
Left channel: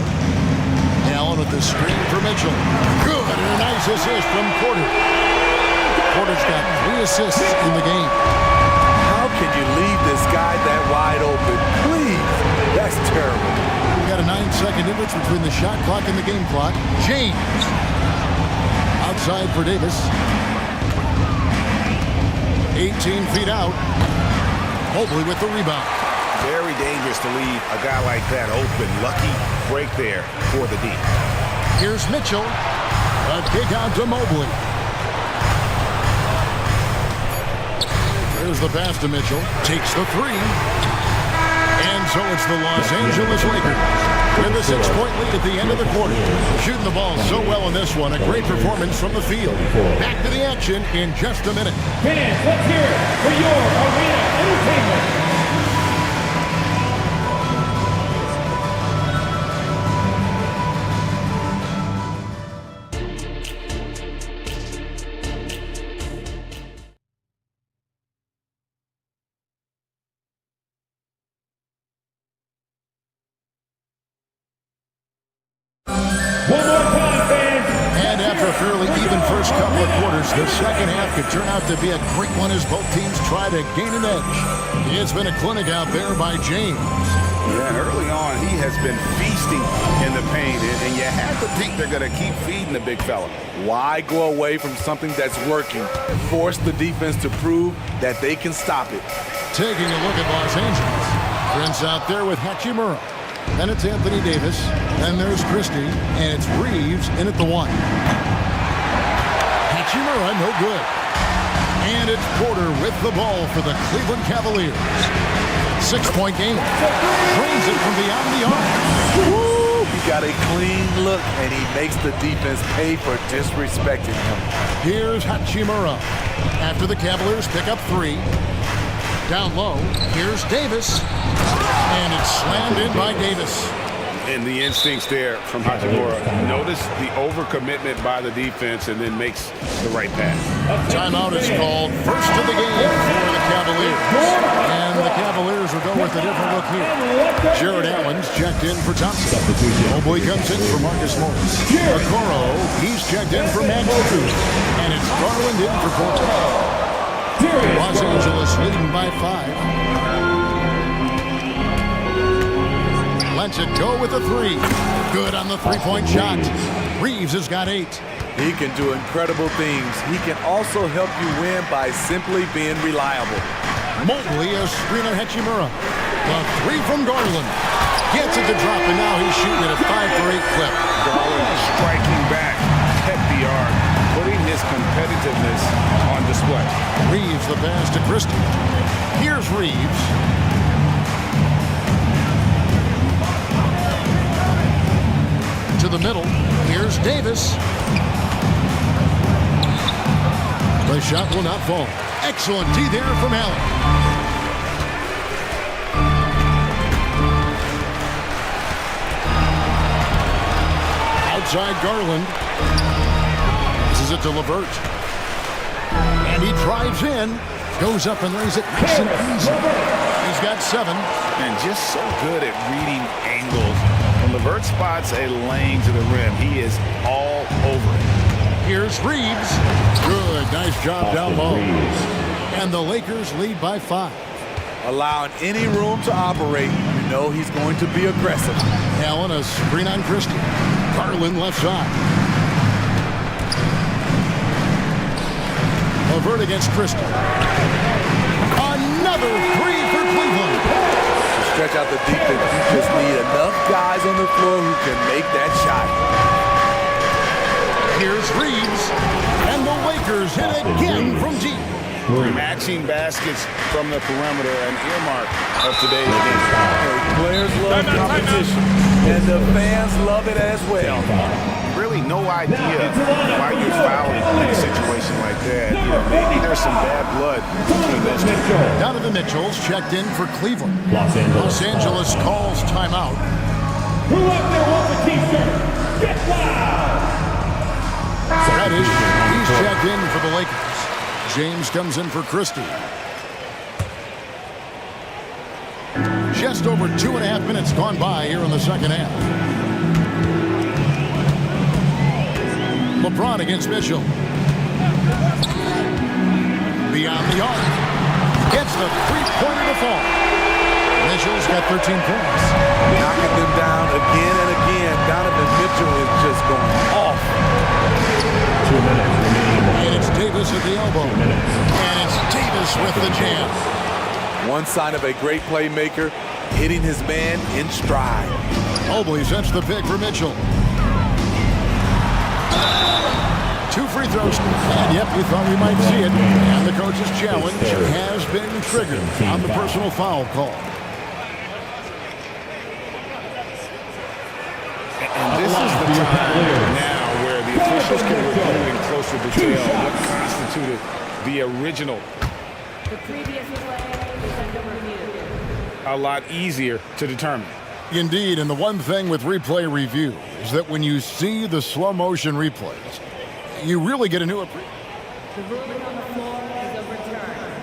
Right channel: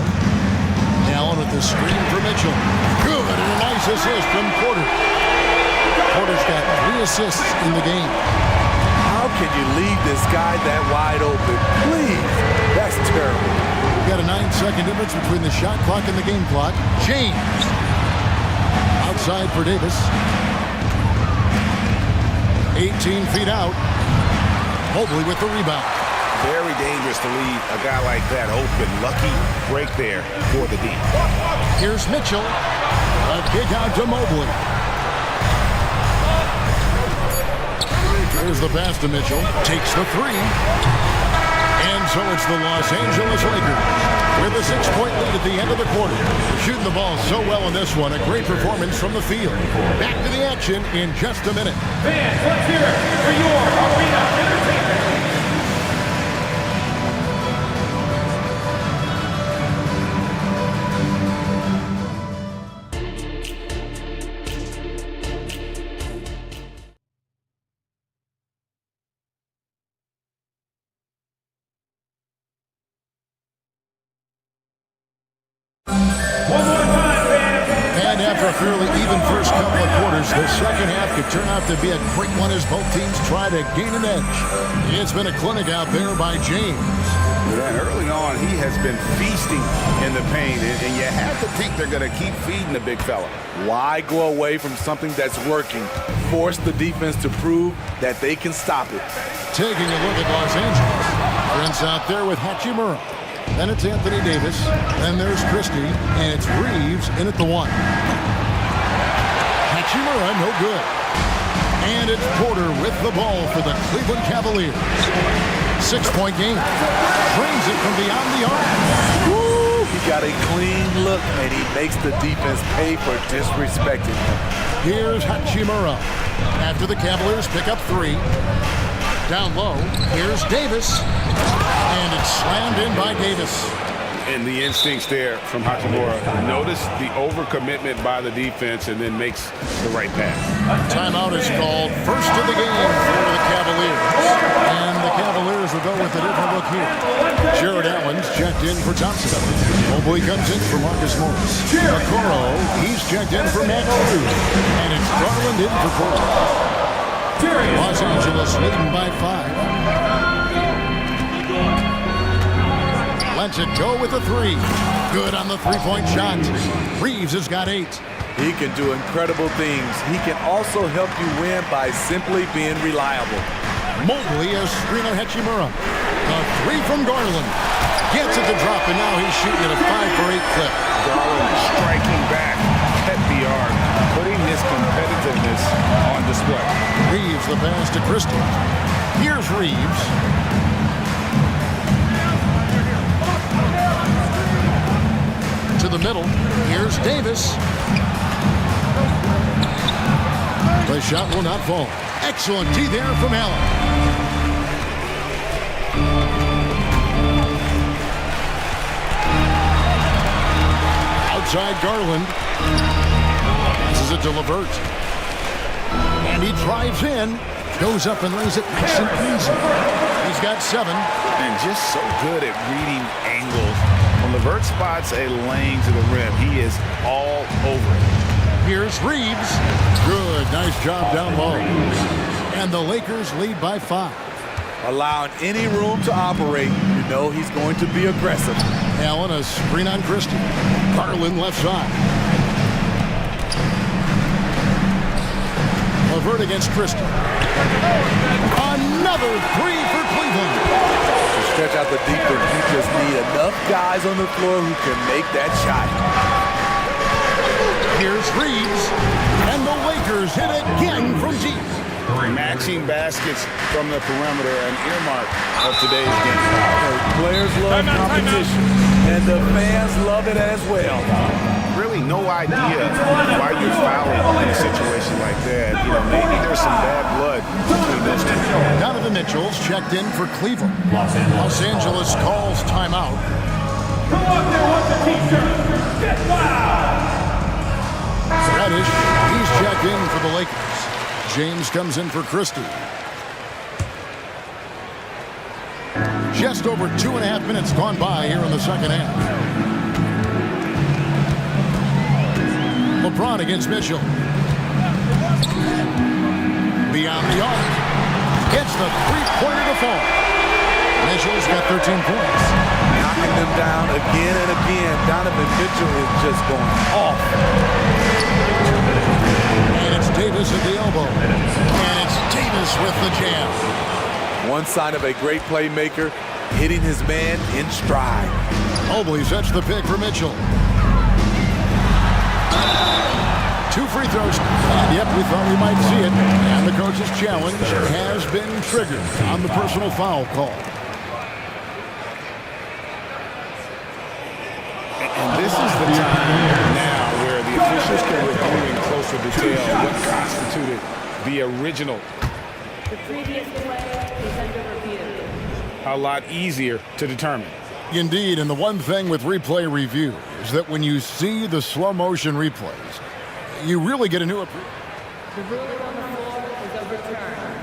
Allen with the screen for Mitchell. Good, and a nice assist from Porter. Porter's got 3 assists in the game. How can you leave this guy that wide open? Please, that's terrible. We've got a 9-second difference between the shot clock and the game clock. James. Outside for Davis. 18 feet out. Mobley with the rebound. Very dangerous to leave a guy like that open. Lucky break there for the D. Here's Mitchell. A kick out to Mobley. There's the pass to Mitchell. Takes the 3. And so it's the Los Angeles Lakers with a 6-point lead at the end of the quarter. Shooting the ball so well in this one. A great performance from the field. Back to the action in just a minute. Fans, let's hear it for your arena entertainment. And after a fairly even first couple of quarters, the second half could turn out to be a great one as both teams try to gain an edge. It's been a clinic out there by James. Yeah, and early on, he has been feasting in the paint, and you have to think they're going to keep feeding the big fella. Why go away from something that's working? Force the defense to prove that they can stop it. Taking a look at Los Angeles. Prince out there with Hachimura. Then it's Anthony Davis. Then there's Christie. And it's Reeves in at the 1. Hachimura, no good. And it's Porter with the ball for the Cleveland Cavaliers. 6-point game. Drains it from beyond the arc. Woo! He got a clean look, and he makes the defense pay for disrespecting him. Here's Hachimura. After the Cavaliers pick up 3. Down low, here's Davis. And it's slammed in by Davis. And the instincts there from Hachimura. Notice the overcommitment by the defense and then makes the right pass. Timeout is called. First of the game for the Cavaliers. And the Cavaliers will go with a different look here. Jared Allen's checked in for Thompson. Mobley comes in for Marcus Morris. Okoro, he's checked in for Matt Cruz. And it's Garland in for Portland. Los Angeles leading by 5. Lets it go with a 3. Good on the three-point shot. Reeves has got 8. He can do incredible things. He can also help you win by simply being reliable. Mobley, a screen on Hachimura. The 3 from Garland. Gets it to drop, and now he's shooting at a 5-for-8 clip. Garland striking back at the arc, putting his competitiveness on display. Reeves the pass to Christie. Here's Reeves. To the middle. Here's Davis. The shot will not fall. Excellent D there from Allen. Outside Garland. Passes it to LeVert. And he drives in. Goes up and lays it nice and easy. He's got 7. And just so good at reading angles. When LeVert spots a lane to the rim, he is all over it. Here's Reeves. Good, nice job down low. And the Lakers lead by 5. Allowing any room to operate, you know he's going to be aggressive. Allen, a screen on Christie. Garland left side. LeVert against Christie. Another 3 for Cleveland. To stretch out the defense, you just need enough guys on the floor who can make that shot. Here's Reeves. And the Lakers hit again from deep. Matching baskets from the perimeter, an earmark of today's game. Players love competition, and the fans love it as well. Really no idea why you're fouling in a situation like that. You know, maybe there's some bad blood between those two. Donovan Mitchell's checked in for Cleveland. Los Angeles calls timeout. Who up there wants a t-shirt? Get wild! Reddish, he's checked in for the Lakers. James comes in for Christie. Just over 2.5 minutes gone by here in the second half. LeBron against Mitchell. Beyond the arc. Gets the three-pointer to fall. Mitchell's got 13 points. Knocking them down again and again. Donovan Mitchell is just going off. And it's Davis at the elbow. And it's Davis with the jam. One sign of a great playmaker, hitting his man in stride. Mobley sets the pick for Mitchell. 2 free throws. And yep, we thought we might see it. And the coach's challenge has been triggered on the personal foul call. And this is the time now where the officials can review in closer detail what constituted the original. The previous play is under review. A lot easier to determine. Indeed, and the one thing with replay review is that when you see the slow motion replays, you really get a new appreciation. The ruling on the floor is overturned.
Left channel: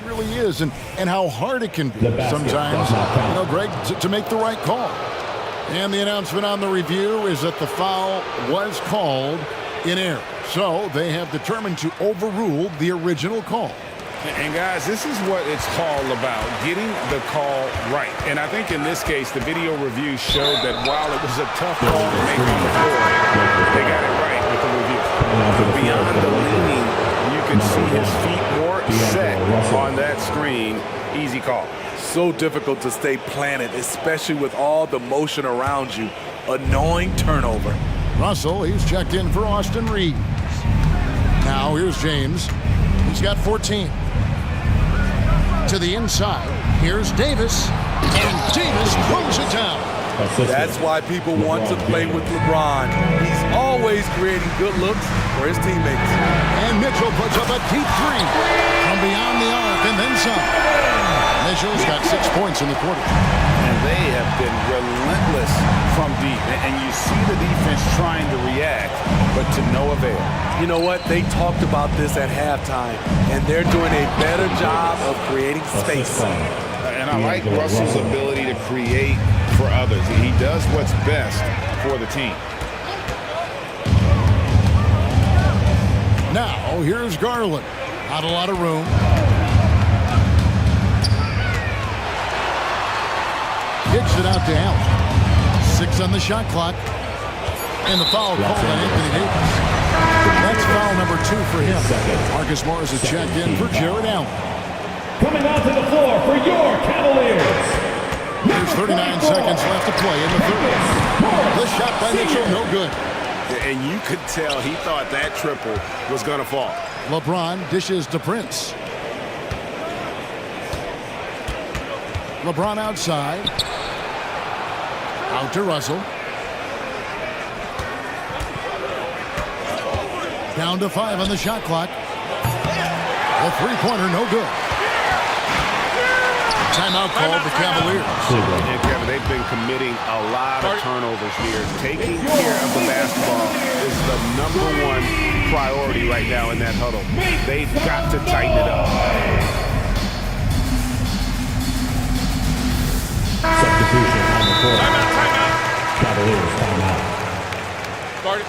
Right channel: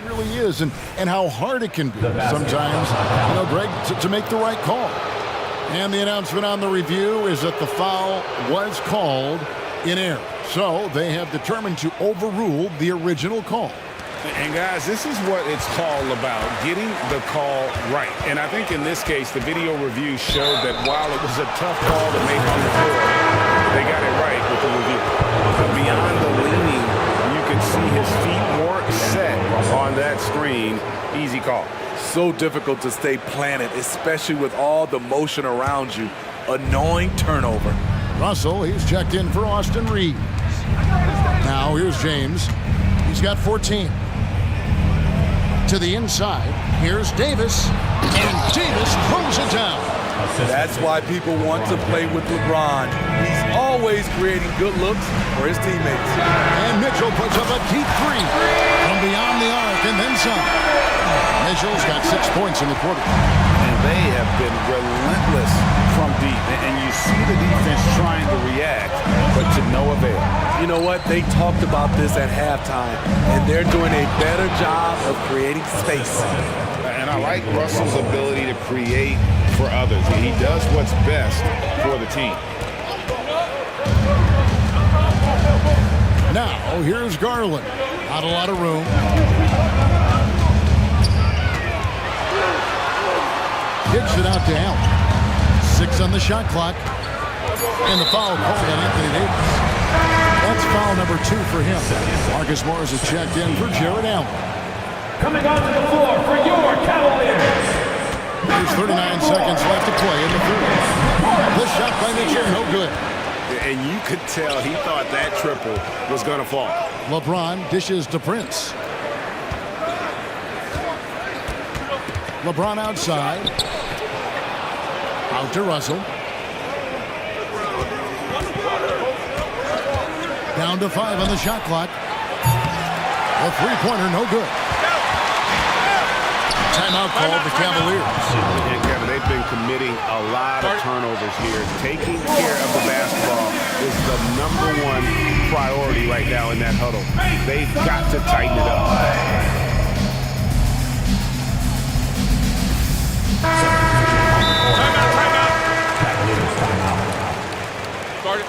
It really is, and how hard it can be sometimes, you know, Greg, to make the right call. And the announcement on the review is that the foul was called in error. So they have determined to overrule the original call. And guys, this is what it's all about, getting the call right. And I think in this case, the video review showed that while it was a tough call to make on the floor, they got it right with the review. Beyond the leaning, you can see his feet more set on that screen. Easy call. So difficult to stay planted, especially with all the motion around you. Annoying turnover. Russell, he's checked in for Austin Reeves. Now here's James. He's got 14. To the inside, here's Davis. And Davis throws it down. That's why people want to play with LeBron. He's always creating good looks for his teammates. And Mitchell puts up a deep 3 from beyond the arc and then some. Mitchell's got 6 points in the quarter. And they have been relentless from deep. And you see the defense trying to react, but to no avail. You know what? They talked about this at halftime, and they're doing a better job of creating space. And I like Russell's ability to create for others. He does what's best for the team. Now, here's Garland. Not a lot of room. Kicks it out to Allen. 6 on the shot clock. And the foul called on Anthony Davis. That's foul number 2 for him. Marcus Morris has checked in for Jared Allen. Coming onto the floor for your Cavaliers. There's 39 seconds left to play in the third. The shot by Mitchell, no good. And you could tell he thought that triple was going to fall. LeBron dishes to Prince. LeBron outside. Out to Russell. Down to 5 on the shot clock. The three-pointer, no good. Timeout called the Cavaliers. And Kevin, they've been committing a lot of turnovers here. Taking care of the basketball is the #1 priority right now in that huddle. They've got to tighten it up. Timeout. Cavaliers timeout. Start it.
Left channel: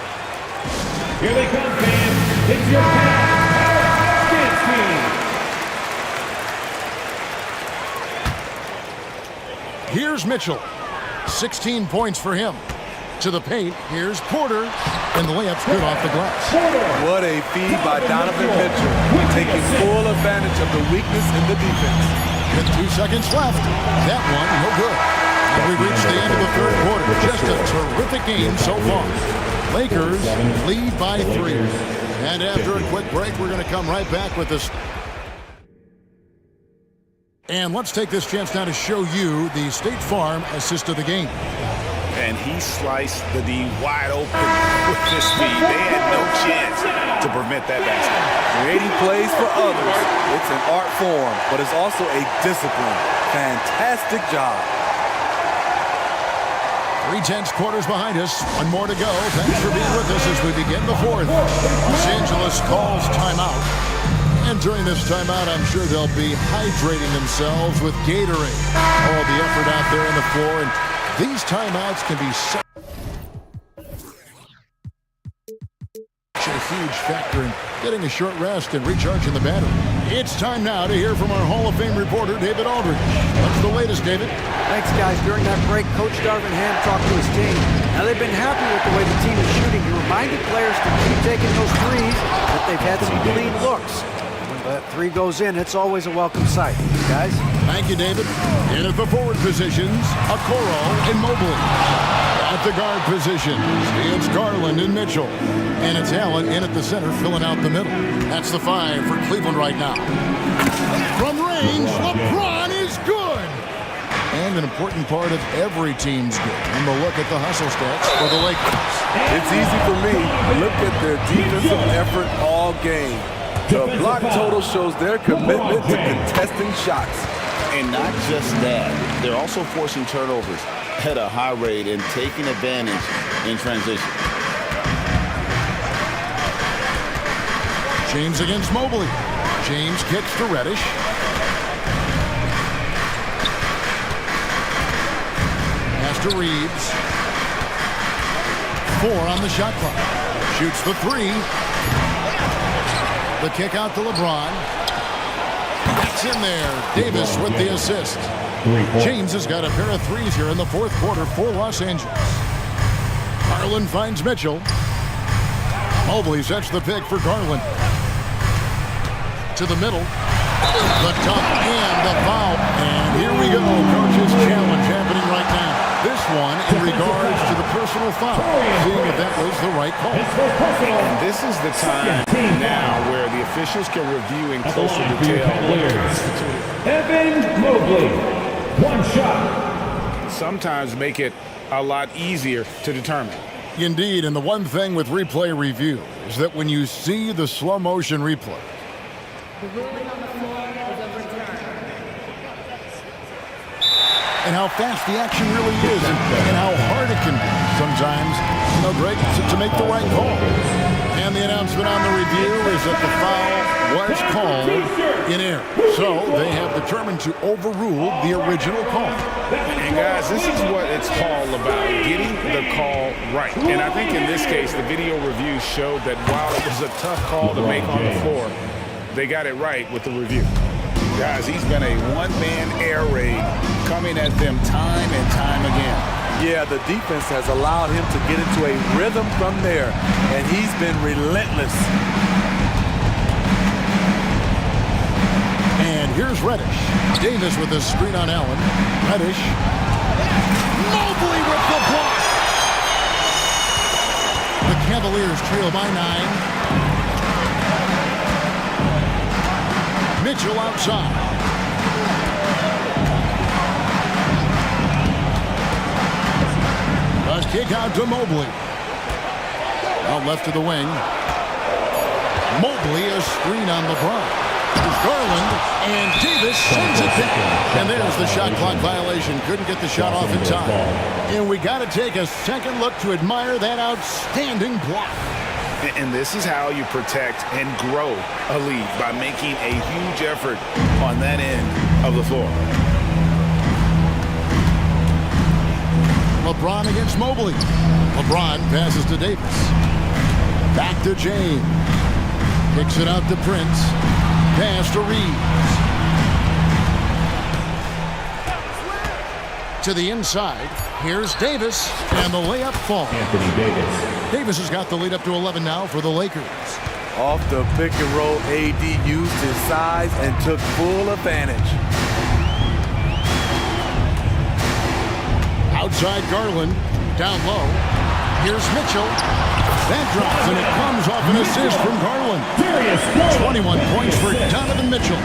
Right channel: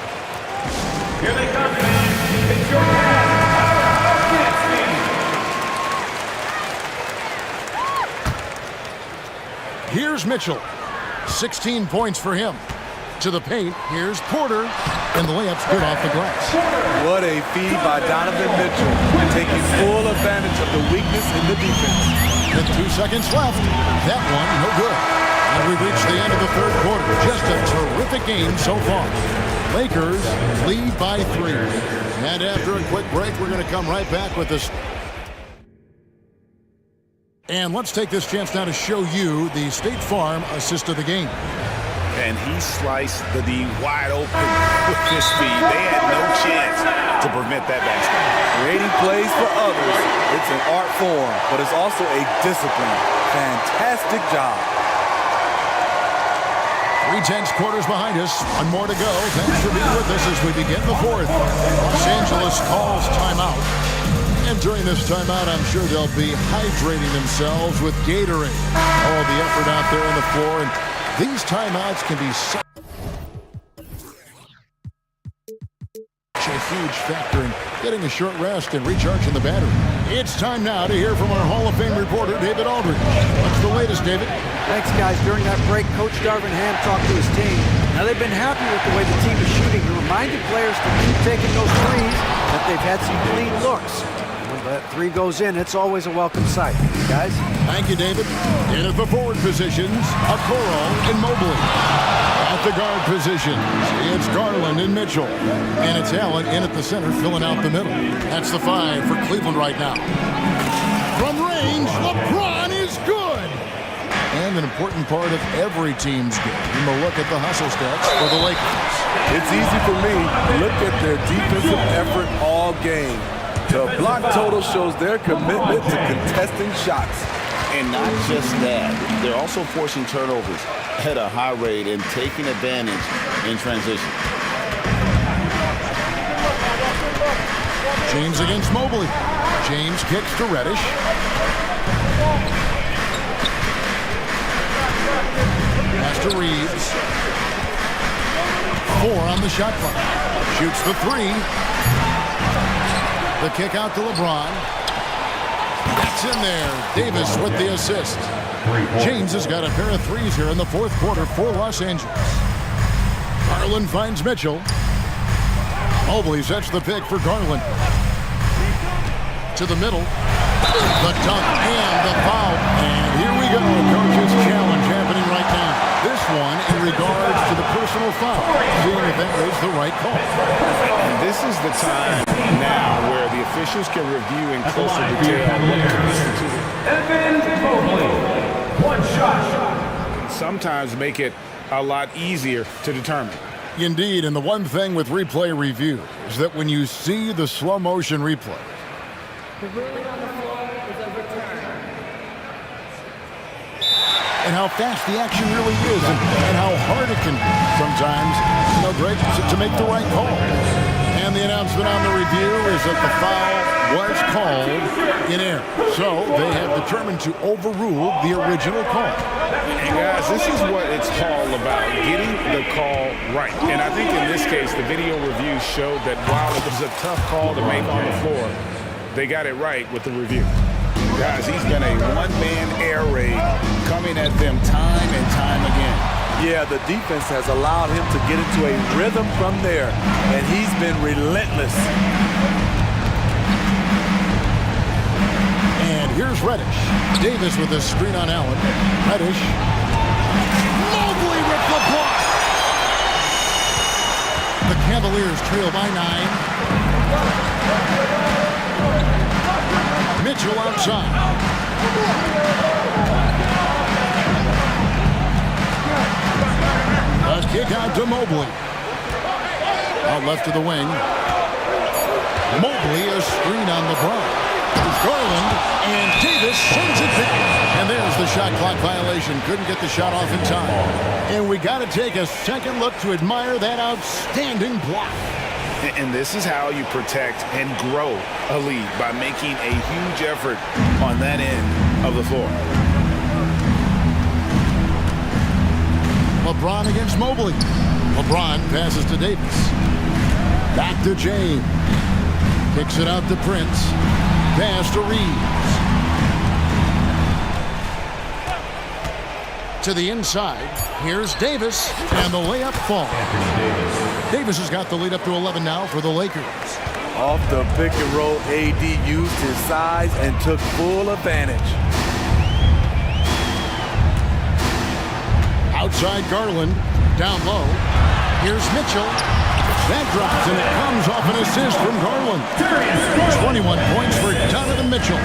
Here they come, fans. It's your Cavs dance team. Here's Mitchell. 16 points for him. To the paint, here's Porter. And the layup's good off the glass. What a feed by Donovan Mitchell, taking full advantage of the weakness in the defense. With 2 seconds left, that one no good. And we've reached the end of the third quarter. Just a terrific game so far. Lakers lead by 3. And after a quick break, we're going to come right back with this. And let's take this chance now to show you the State Farm assist of the game. And he sliced the D wide open with his speed. They had no chance to prevent that basket. Creating plays for others, it's an art form, but it's also a discipline. Fantastic job. 3/10 quarters behind us. One more to go. Thanks for being with us as we begin the fourth. Los Angeles calls timeout. And during this timeout, I'm sure they'll be hydrating themselves with Gatorade. All the effort out there on the floor. And these timeouts can be such a huge factor in getting a short rest and recharging the battery. It's time now to hear from our Hall of Fame reporter, David Aldridge. What's the latest, David? Thanks, guys. During that break, Coach Darvin Ham talked to his team. Now, they've been happy with the way the team is shooting. He reminded players to keep taking those threes, that they've had some clean looks. And when that 3 goes in, it's always a welcome sight. Guys? Thank you, David. In at the forward positions, Okoro and Mobley. At the guard positions, it's Garland and Mitchell. And it's Allen in at the center, filling out the middle. That's the 5 for Cleveland right now. From range, LeBron is good. And an important part of every team's game, a look at the hustle stats for the Lakers. It's easy for me. Look at their defensive effort all game. The block total shows their commitment to contesting shots. And not just that, they're also forcing turnovers at a high rate and taking advantage in transition. James against Mobley. James kicks to Reddish. Pass to Reeves. 4 on the shot clock. Shoots the 3. The kick out to LeBron. That's in there. Davis with the assist. James has got a pair of threes here in the fourth quarter for Los Angeles. Garland finds Mitchell. Mobley sets the pick for Garland. To the middle. The dunk and the foul. And here we go. Coach's challenge happening right now. This one in regards to the personal foul. Seeing if that was the right call. And this is the time now where the officials can review in closer detail what constituted. Evan Mobley, 1 shot. Sometimes make it a lot easier to determine. Indeed, and the one thing with replay review is that when you see the slow motion replay, The ruling on the floor is overturned. and how fast the action really is and how hard it can be sometimes, Greg, to make the right call. And the announcement on the review is that the foul was called in error. So they have determined to overrule the original call. And guys, this is what it's all about, getting the call right. And I think in this case, the video review showed that while it was a tough call to make on the floor, they got it right with the review. Guys, he's been a one-man air raid coming at them time and time again. Yeah, the defense has allowed him to get into a rhythm from there, and he's been relentless. And here's Reddish. Davis with a screen on Allen. Reddish. Mobley with the block. The Cavaliers trail by 9. Mitchell outside. A kick out to Mobley. Out left to the wing. Mobley, a screen on LeBron. There's Garland, and Davis sends it back. And there's the shot clock violation. Couldn't get the shot off in time. And we got to take a second look to admire that outstanding block. And this is how you protect and grow a lead, by making a huge effort on that end of the floor. LeBron against Mobley. LeBron passes to Davis. Back to James. Kicks it out to Prince. Pass to Reeves. To the inside. Here's Davis. And the layup falls. Anthony Davis. Davis has got the lead up to 11 now for the Lakers. Off the pick and roll, AD used his size and took full advantage. Outside Garland. Down low. Here's Mitchell. That drops, and it comes off an assist from Garland. 21 points for Donovan Mitchell.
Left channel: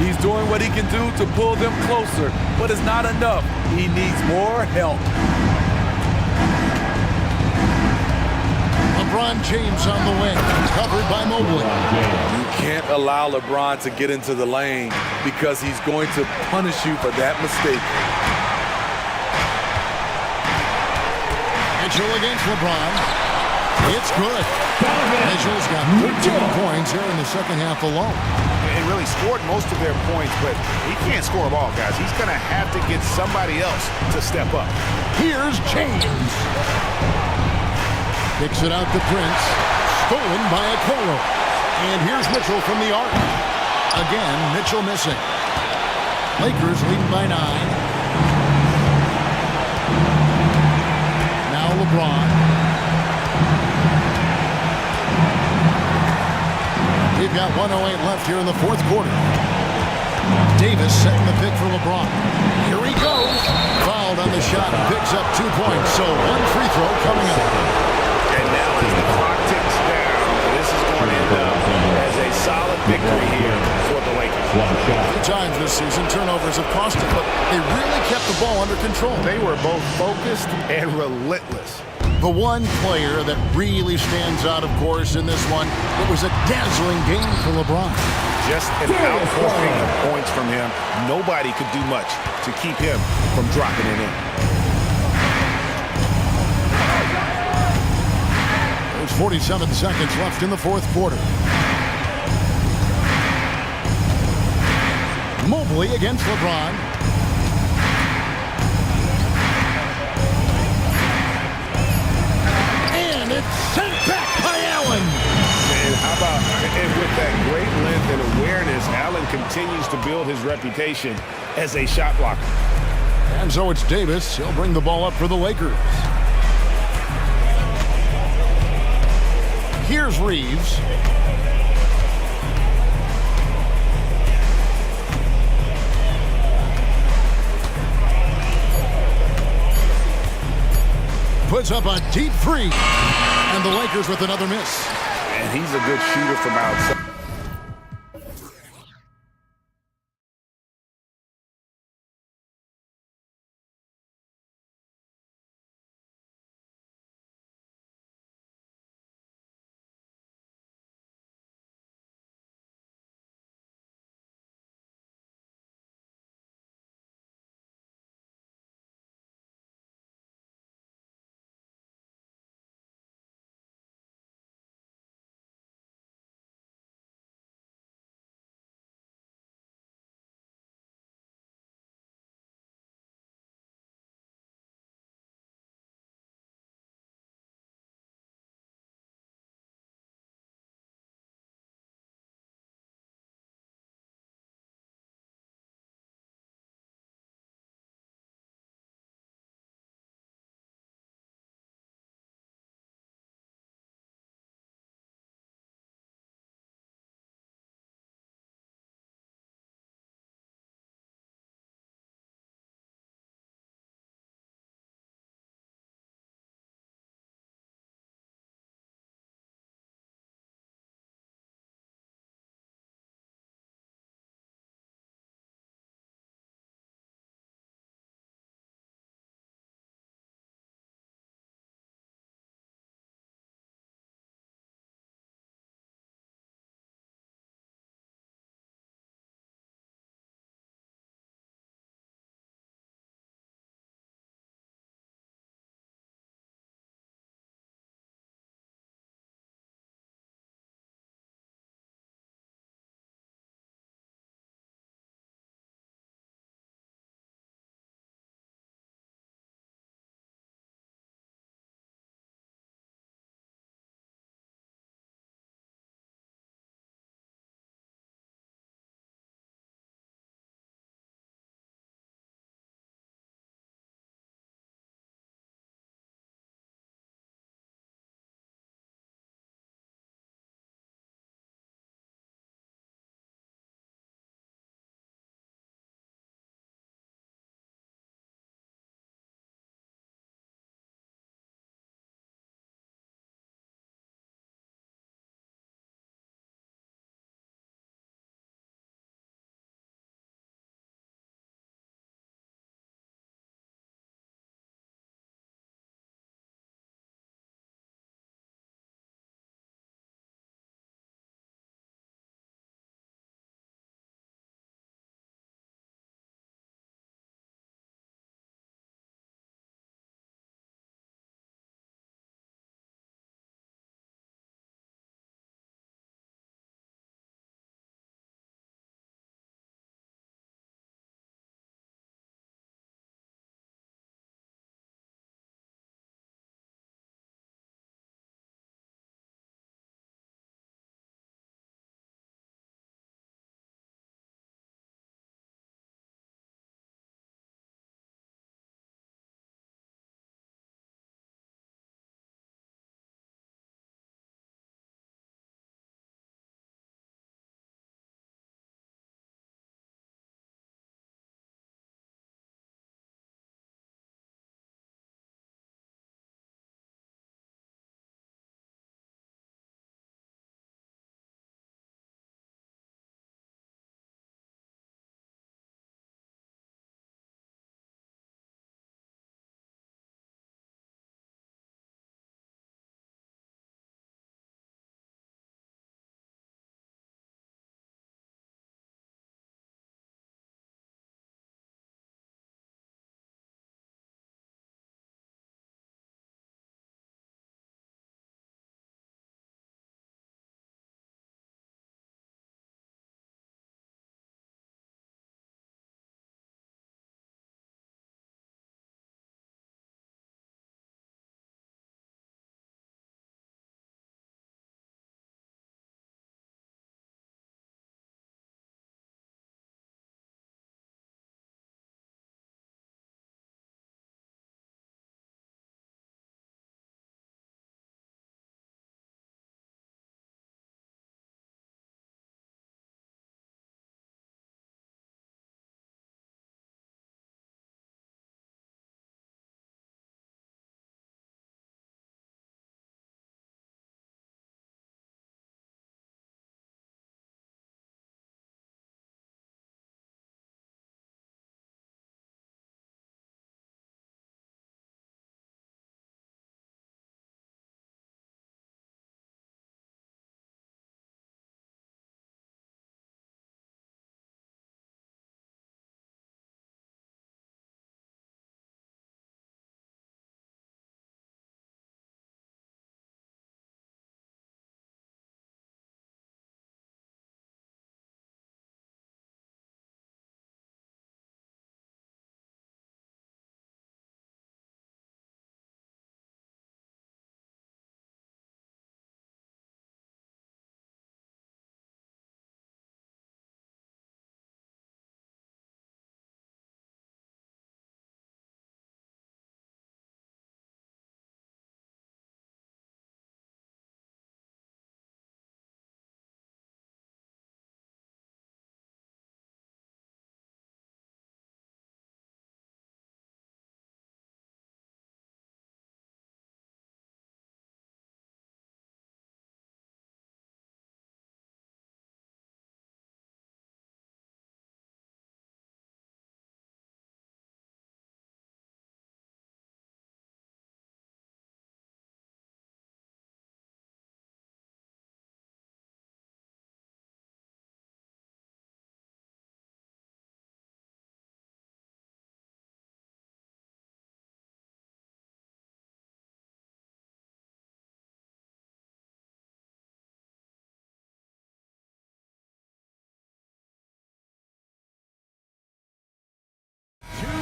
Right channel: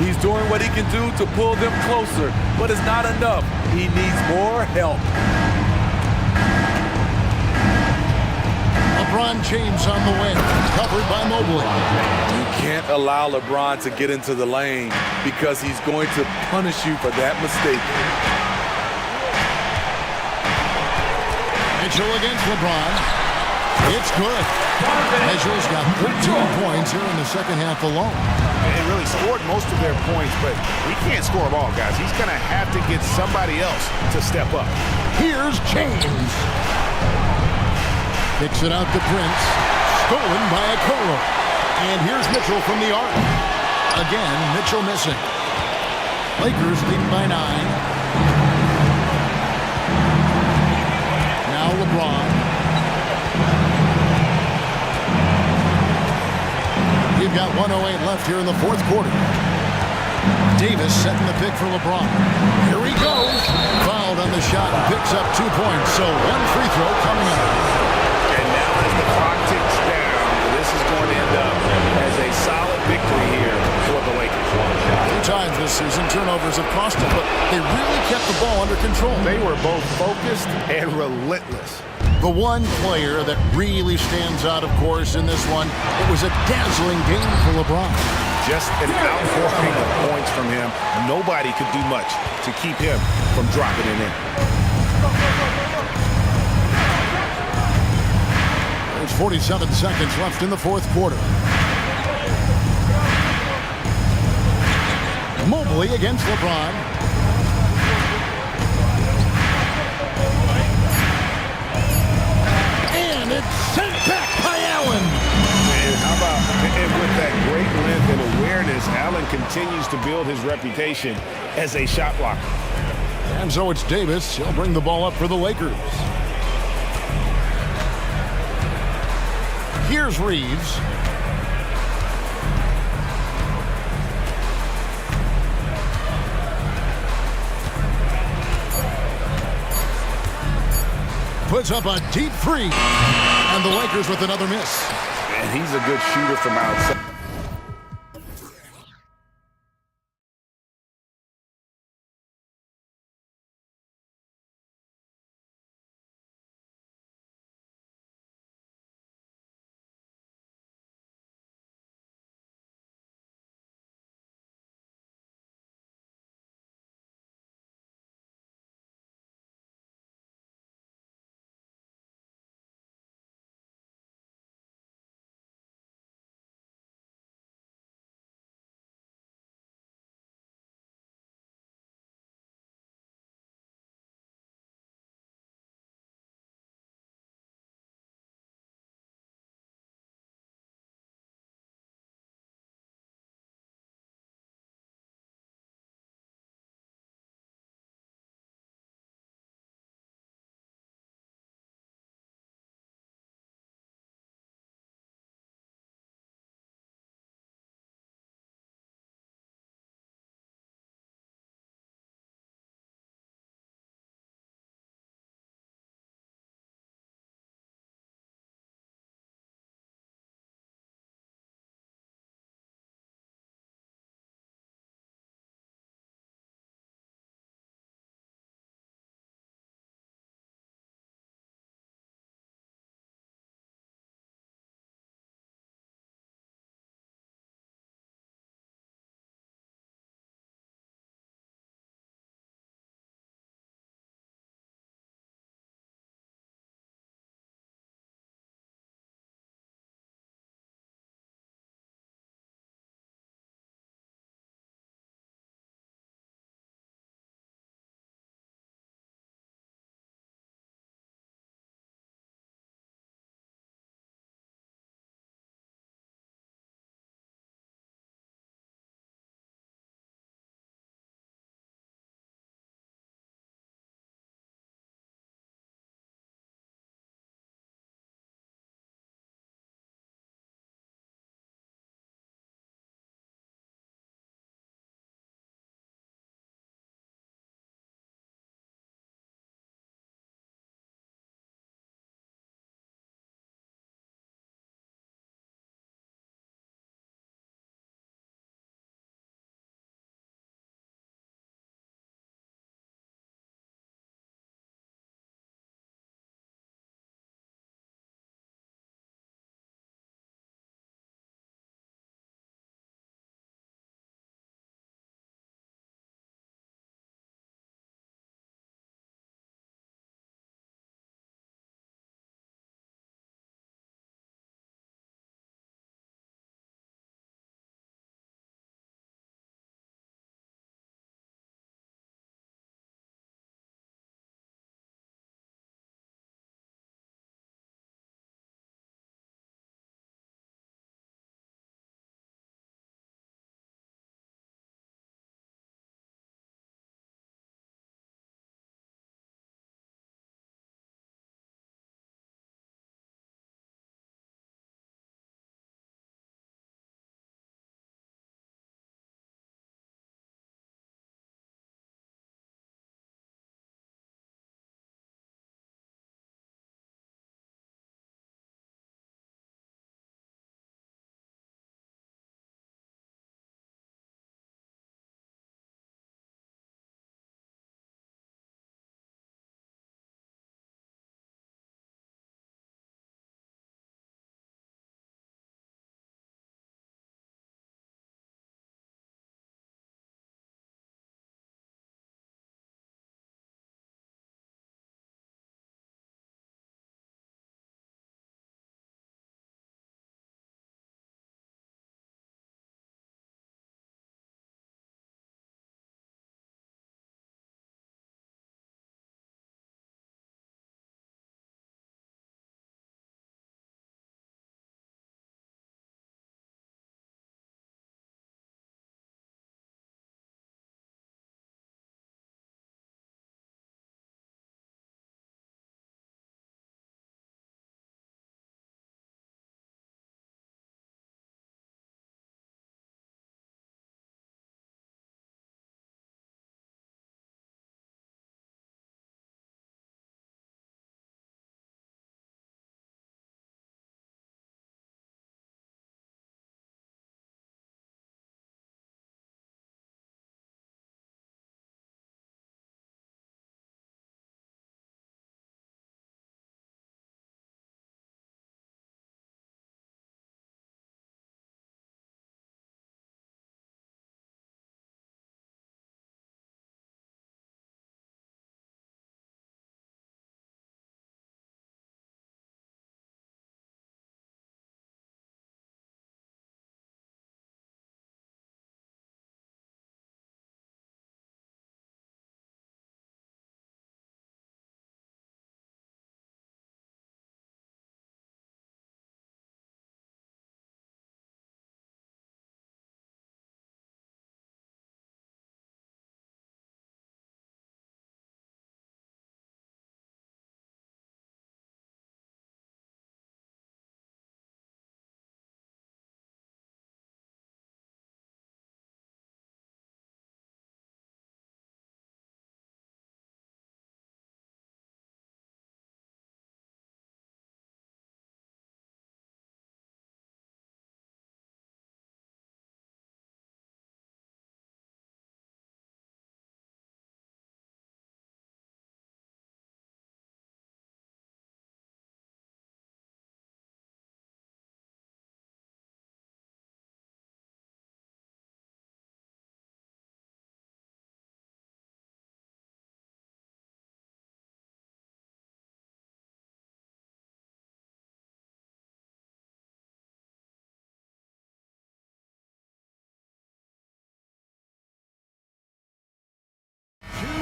He's doing what he can do to pull them closer, but it's not enough. He needs more help. LeBron James on the wing, covered by Mobley. You can't allow LeBron to get into the lane because he's going to punish you for that mistake. Mitchell against LeBron. It's good. Mitchell's got 13 points here in the second half alone. And really scored most of their points, but he can't score them all, guys. He's going to have to get somebody else to step up. Here's James. Kicks it out to Prince. Stolen by Okoro. And here's Mitchell from the arc. Again, Mitchell missing. Lakers leading by 9. Now LeBron. We've got 1:08 left here in the fourth quarter. Davis setting the pick for LeBron. Here he goes. Fouled on the shot and picks up 2 points. So one free throw coming up. And now as the clock ticks down, this is going to end up as a solid victory here for the Lakers. 3 times this season, turnovers have cost them, but they really kept the ball under control. They were both focused and relentless. The one player that really stands out, of course, in this one, it was a dazzling game for LeBron. Just an outpouring of points from him. Nobody could do much to keep him from dropping it in. There's 47 seconds left in the fourth quarter. Mobley against LeBron. And it's sent back by Allen. And how about, and with that great length and awareness, Allen continues to build his reputation as a shot blocker. And so it's Davis. He'll bring the ball up for the Lakers. Here's Reeves. Puts up a deep three. And the Lakers with another miss. And he's a good shooter from outside.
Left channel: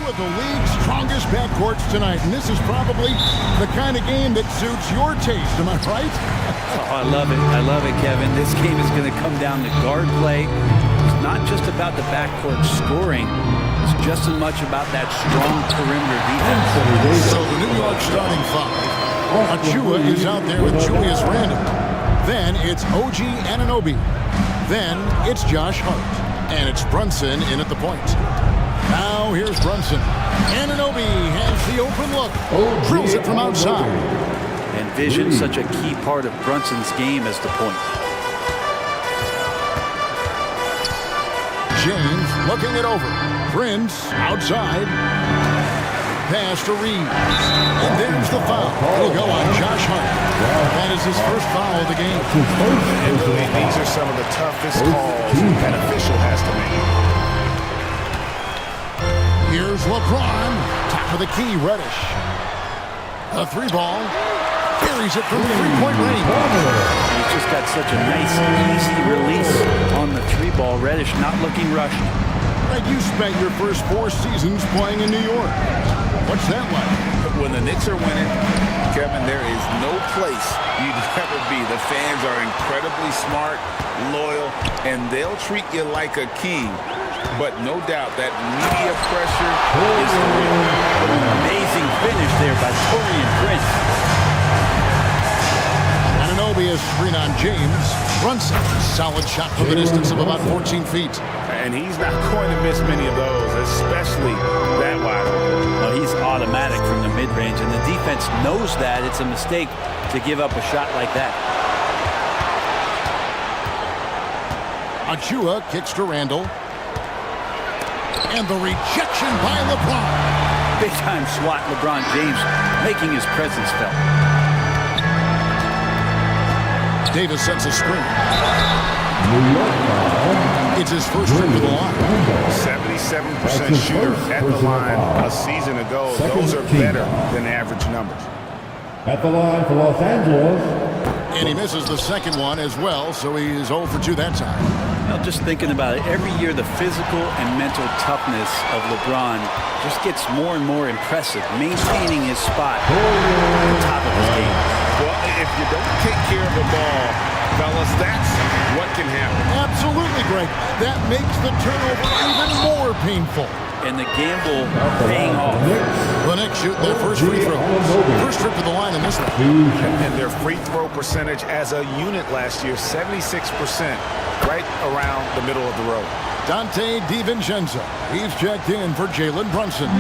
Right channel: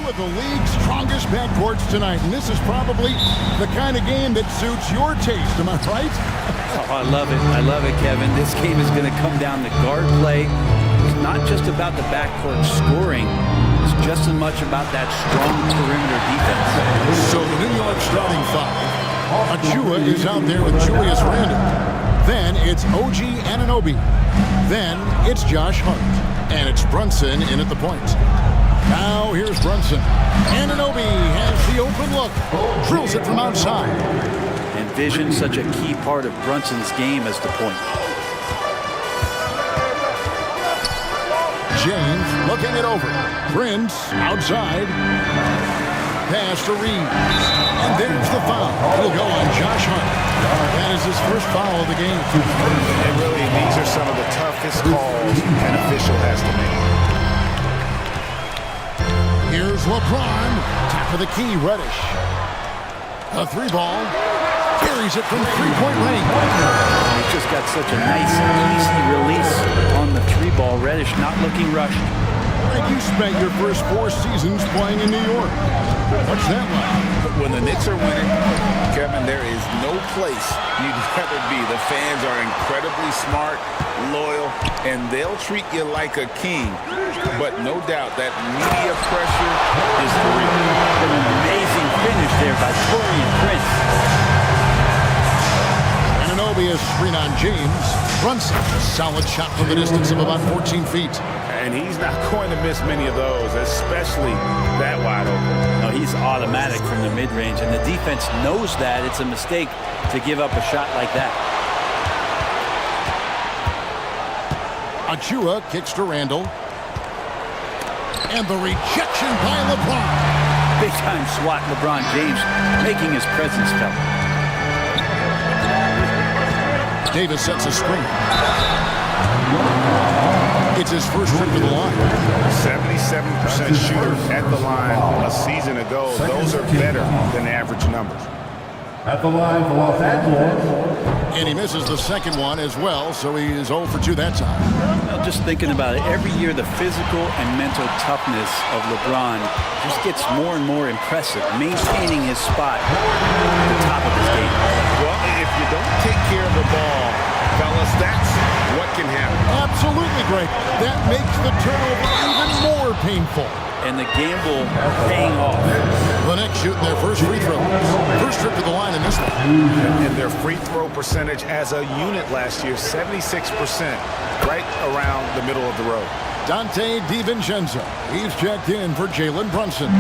of the league's strongest backcourts tonight, and this is probably the kind of game that suits your taste. Am I right? Oh, I love it. I love it, Kevin. This game is going to come down to guard play. It's not just about the backcourt scoring. It's just as much about that strong perimeter defense. So the New York starting five. Achua is out there with Julius Randle. Then it's OG Anunoby. Then it's Josh Hart. And it's Brunson in at the point. Now here's Brunson. Anunoby has the open look. Drills it from outside. And vision, such a key part of Brunson's game as the point. James looking it over. Prince outside. Pass to Reeves. And there's the foul. It'll go on Josh Hart. That is his first foul of the game. And really, these are some of the toughest calls an official has to make. Here's LeBron. Top of the key, Reddish. A three ball. Carries it from three-point range. He's just got such a nice, easy release on the three ball. Reddish not looking rushed. Greg, you spent your first 4 seasons playing in New York. What's that like? When the Knicks are winning, Kevin, there is no place you'd rather be. The fans are incredibly smart, loyal, and they'll treat you like a king. But no doubt that media pressure is for real. What an amazing finish there by Taurean Prince. Anunoby is screen on James. Brunson, solid shot from the distance of about 14 feet. And he's not going to miss many of those, especially that wide open. No, he's automatic from the mid-range, and the defense knows that. It's a mistake to give up a shot like that. Achua kicks to Randle. And the rejection by LeBron. Big-time swat, LeBron James making his presence felt. Davis sets a screen. It's his first trip to the line. 77% shooter at the line a season ago. Those are better than average numbers. At the line for Los Angeles. And he misses the second one as well, so he is 0 for 2 that time. Well, just thinking about it, every year the physical and mental toughness of LeBron just gets more and more impressive, maintaining his spot at the top of his game. Well, if you don't take care of the ball, fellas, that's what can happen. Absolutely, Greg. That makes the turnover even more painful. And the gamble paying off. The Knicks shooting their first free throw. First trip to the line in this one. And their free throw percentage as a unit last year, 76%, right around the middle of the road. Dante DiVincenzo. He's checked in for Jalen Brunson.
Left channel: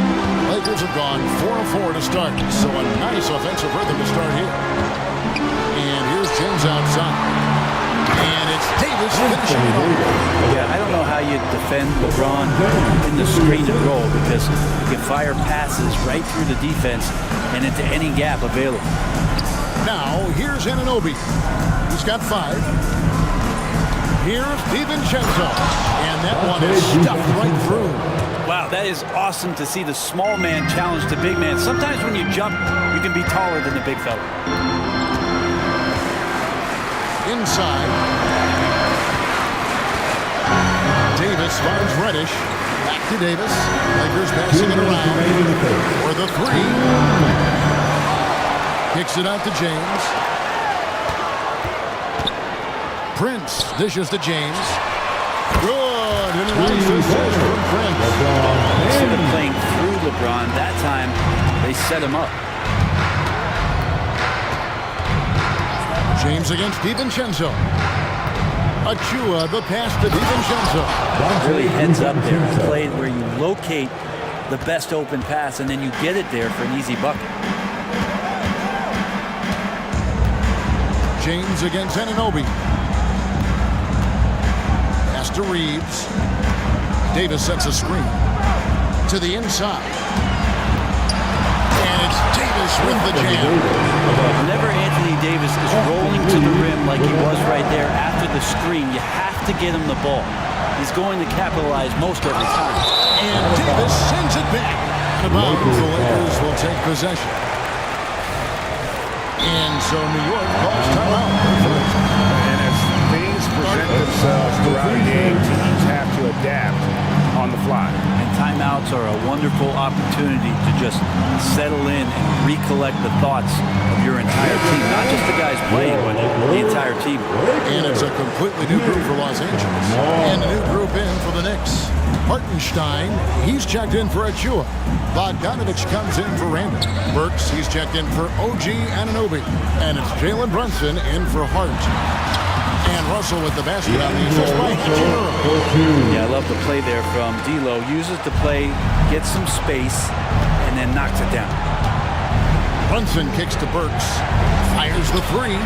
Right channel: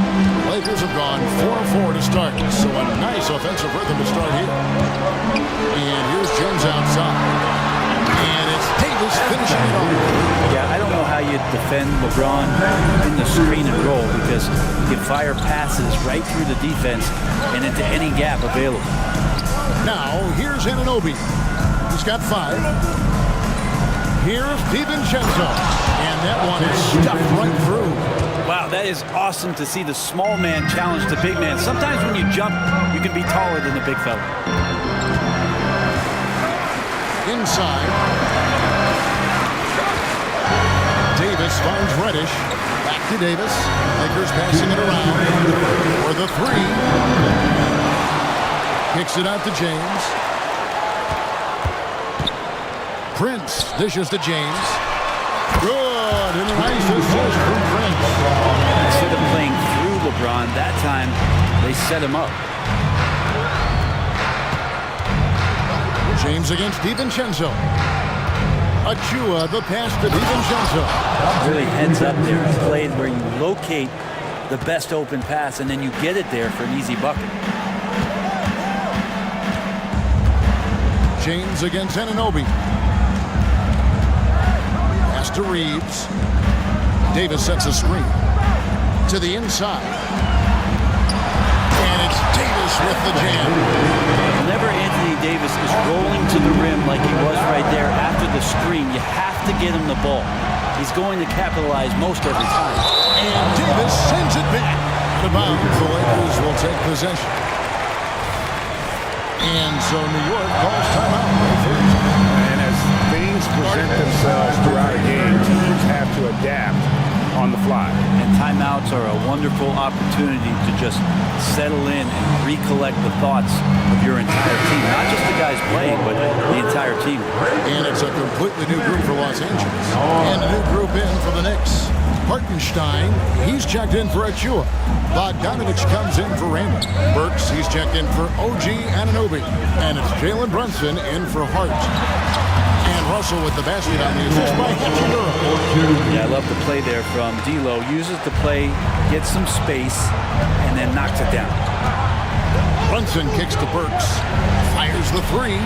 Lakers have gone 4-4 to start, so a nice offensive rhythm to start here. And here's James outside. And it's Davis finishing it off. Yeah, I don't know how you defend LeBron in the screen and roll because he can fire passes right through the defense and into any gap available. Now, here's Anunoby. He's got 5. Here's DiVincenzo. And that one is stuffed right through. Wow, that is awesome to see the small man challenge the big man. Sometimes when you jump, you can be taller than the big fella. Inside. Davis finds Reddish. Back to Davis. Lakers passing it around for the 3. Kicks it out to James. Prince dishes to James. Good. And a nice assist from Prince. Instead of playing through LeBron, that time they set him up. James against DiVincenzo. Achua, the pass to DiVincenzo. Really heads up there. A play where you locate the best open pass and then you get it there for an easy bucket. James against Anunoby. Pass to Reeves. Davis sets a screen. To the inside. And it's Davis with the jam. Whenever Anthony Davis is rolling to the rim like he was right there after the screen, you have to get him the ball. He's going to capitalize most every time. And Davis sends it back. Out of bounds, the Lakers will take possession. And so New York calls timeout. They're first. And as things present themselves throughout a game, teams have to adapt on the fly. And timeouts are a wonderful opportunity to just settle in and recollect the thoughts of your entire team. Not just the guys playing, but the entire team. And it's a completely new group for Los Angeles. And a new group in for the Knicks. Hartenstein, he's checked in for Achua. Bogdanovich comes in for Randall. Burks, he's checked in for OG Anunoby. And it's Jalen Brunson in for Hart. And Russell with the basket on the assist by Hachimura. Yeah, I love the play there from D'Lo. Uses the play, gets some space, and then knocks it down. Brunson kicks to Burks. Fires the three.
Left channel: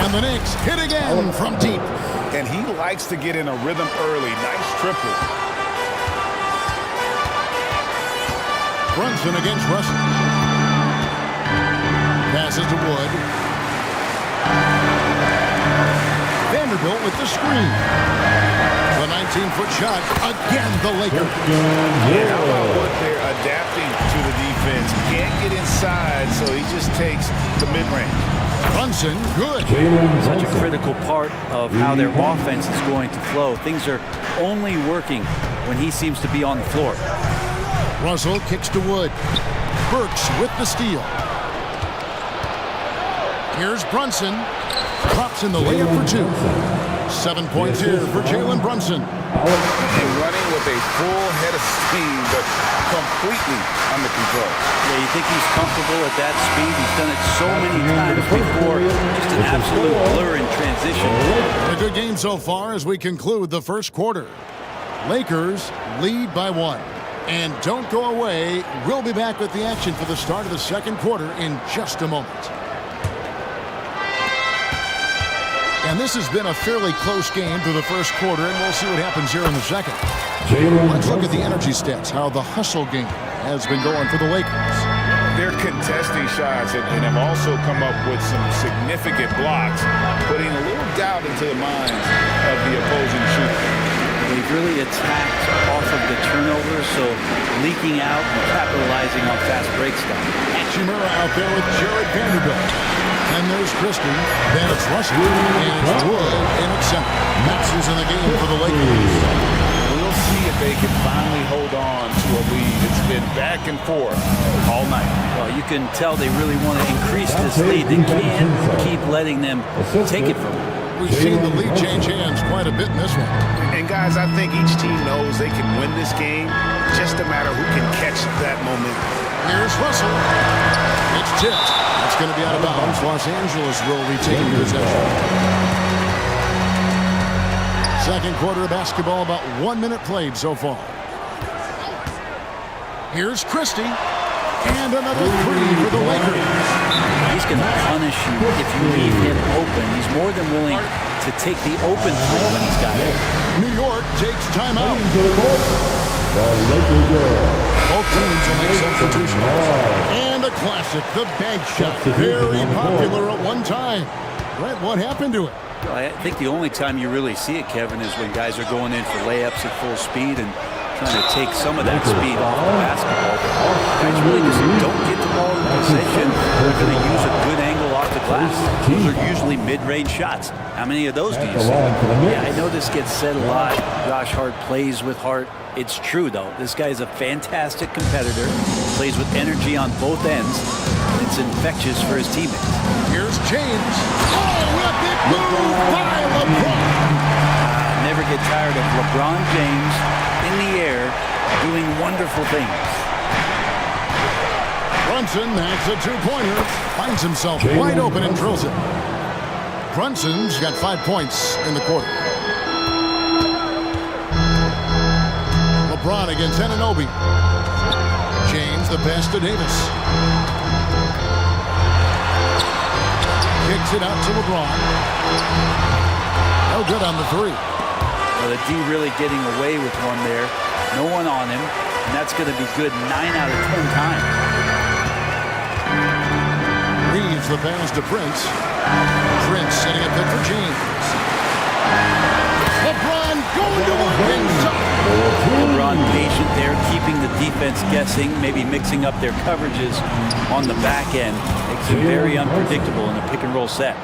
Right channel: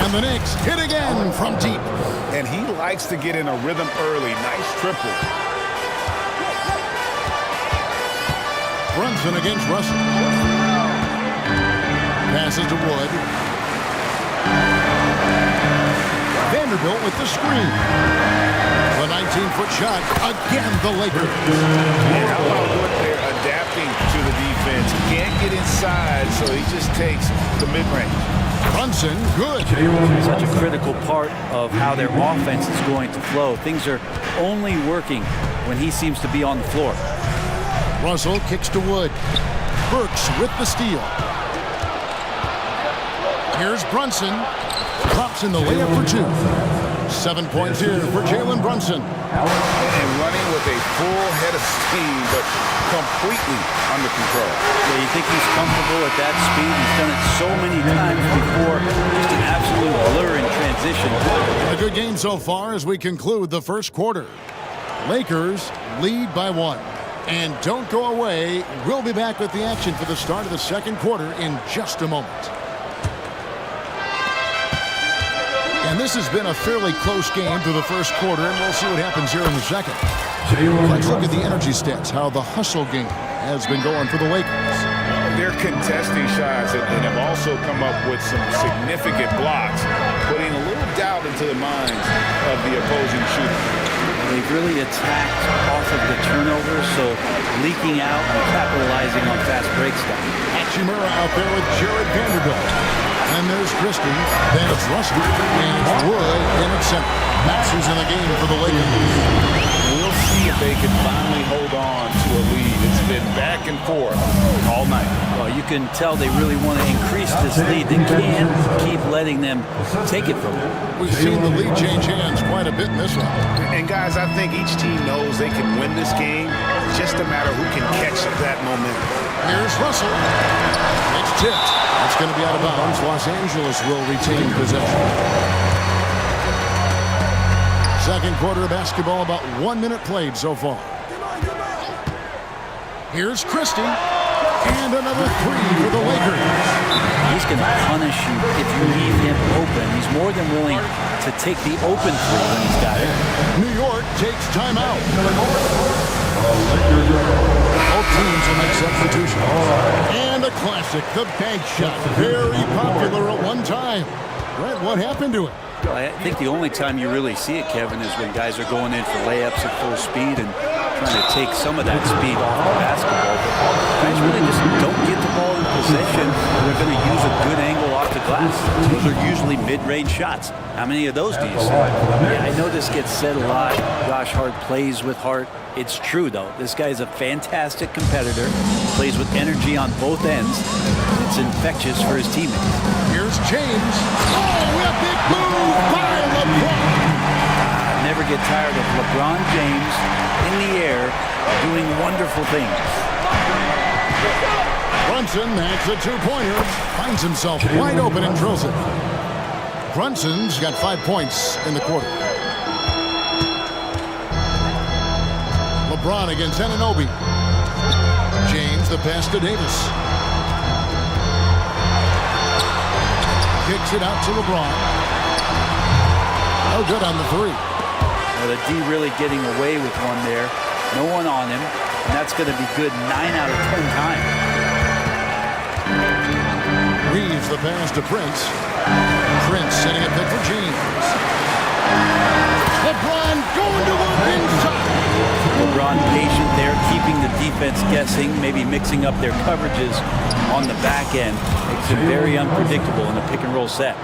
And the Knicks hit again from deep. And he likes to get in a rhythm early. Nice triple. Brunson against Russell. Passes to Wood. Vanderbilt with the screen. The 19-foot shot. Again, the Lakers. And how about Wood there adapting to the defense? Can't get inside, so he just takes the mid-range. Brunson, good. Such a critical part of how their offense is going to flow. Things are only working when he seems to be on the floor. Russell kicks to Wood. Burks with the steal. Here's Brunson. Drops in the layup for two. 7 points here for Jalen Brunson. And running with a full head of steam, but completely under control. Yeah, you think he's comfortable at that speed? He's done it so many times before. Just an absolute blur in transition. A good game so far as we conclude the first quarter. Lakers lead by 1. And don't go away. We'll be back with the action for the start of the second quarter in just a moment. And this has been a fairly close game through the first quarter, and we'll see what happens here in the second. Let's look at the energy stats, how the hustle game has been going for the Lakers. They're contesting shots and have also come up with some significant blocks, putting a little doubt into the minds of the opposing shooter. They've really attacked off of the turnovers, so leaking out and capitalizing on fast break stuff. Hachimura out there with Jared Vanderbilt. And there's Christie, then it's Russell, and it's Wood in at center. Maxey's in the game for the Lakers. We'll see if they can finally hold on to a lead. It's been back and forth all night. Well, you can tell they really want to increase this lead. They can't keep letting them take it from them. We've seen the lead change hands quite a bit in this one. And guys, I think each team knows they can win this game. Just a matter who can catch that momentum. Here's Russell. It's tipped. It's going to be out of bounds. Los Angeles will retain possession. Second quarter of basketball, about 1 minute played so far. Here's Christie. And another three for the Lakers. He's going to punish you if you leave him open. He's more than willing to take the open three when he's got it. New York takes timeout. Both teams will make substitutions. And a classic, the bank shot. Very popular at one time. Brent, what happened to it? Well, I think the only time you really see it, Kevin, is when guys are going in for layups at full speed and trying to take some of that speed off the basketball. But guys really just don't get the ball in position. They're going to use a good angle off the glass. Those are usually mid-range shots. How many of those do you see? Yeah, I know this gets said a lot. Josh Hart plays with heart. It's true, though. This guy's a fantastic competitor, plays with energy on both ends, and it's infectious for his teammates. Here's James. Oh, a big move by LeBron. Never get tired of LeBron James in the air doing wonderful things. Brunson, that's a two-pointer. Finds himself wide open and drills it. Brunson's got 5 points in the quarter. LeBron against Anunoby. James, the pass to Davis. Kicks it out to LeBron. No good on the three. Well, the D really getting away with one there. No one on him, and that's going to be good 9 out of 10 times. Reeves the pass to Prince. Prince setting a pick for James. LeBron going to work inside. LeBron patient there, keeping the defense guessing, maybe mixing up their coverages on the back end. Makes him very unpredictable in a pick and roll set.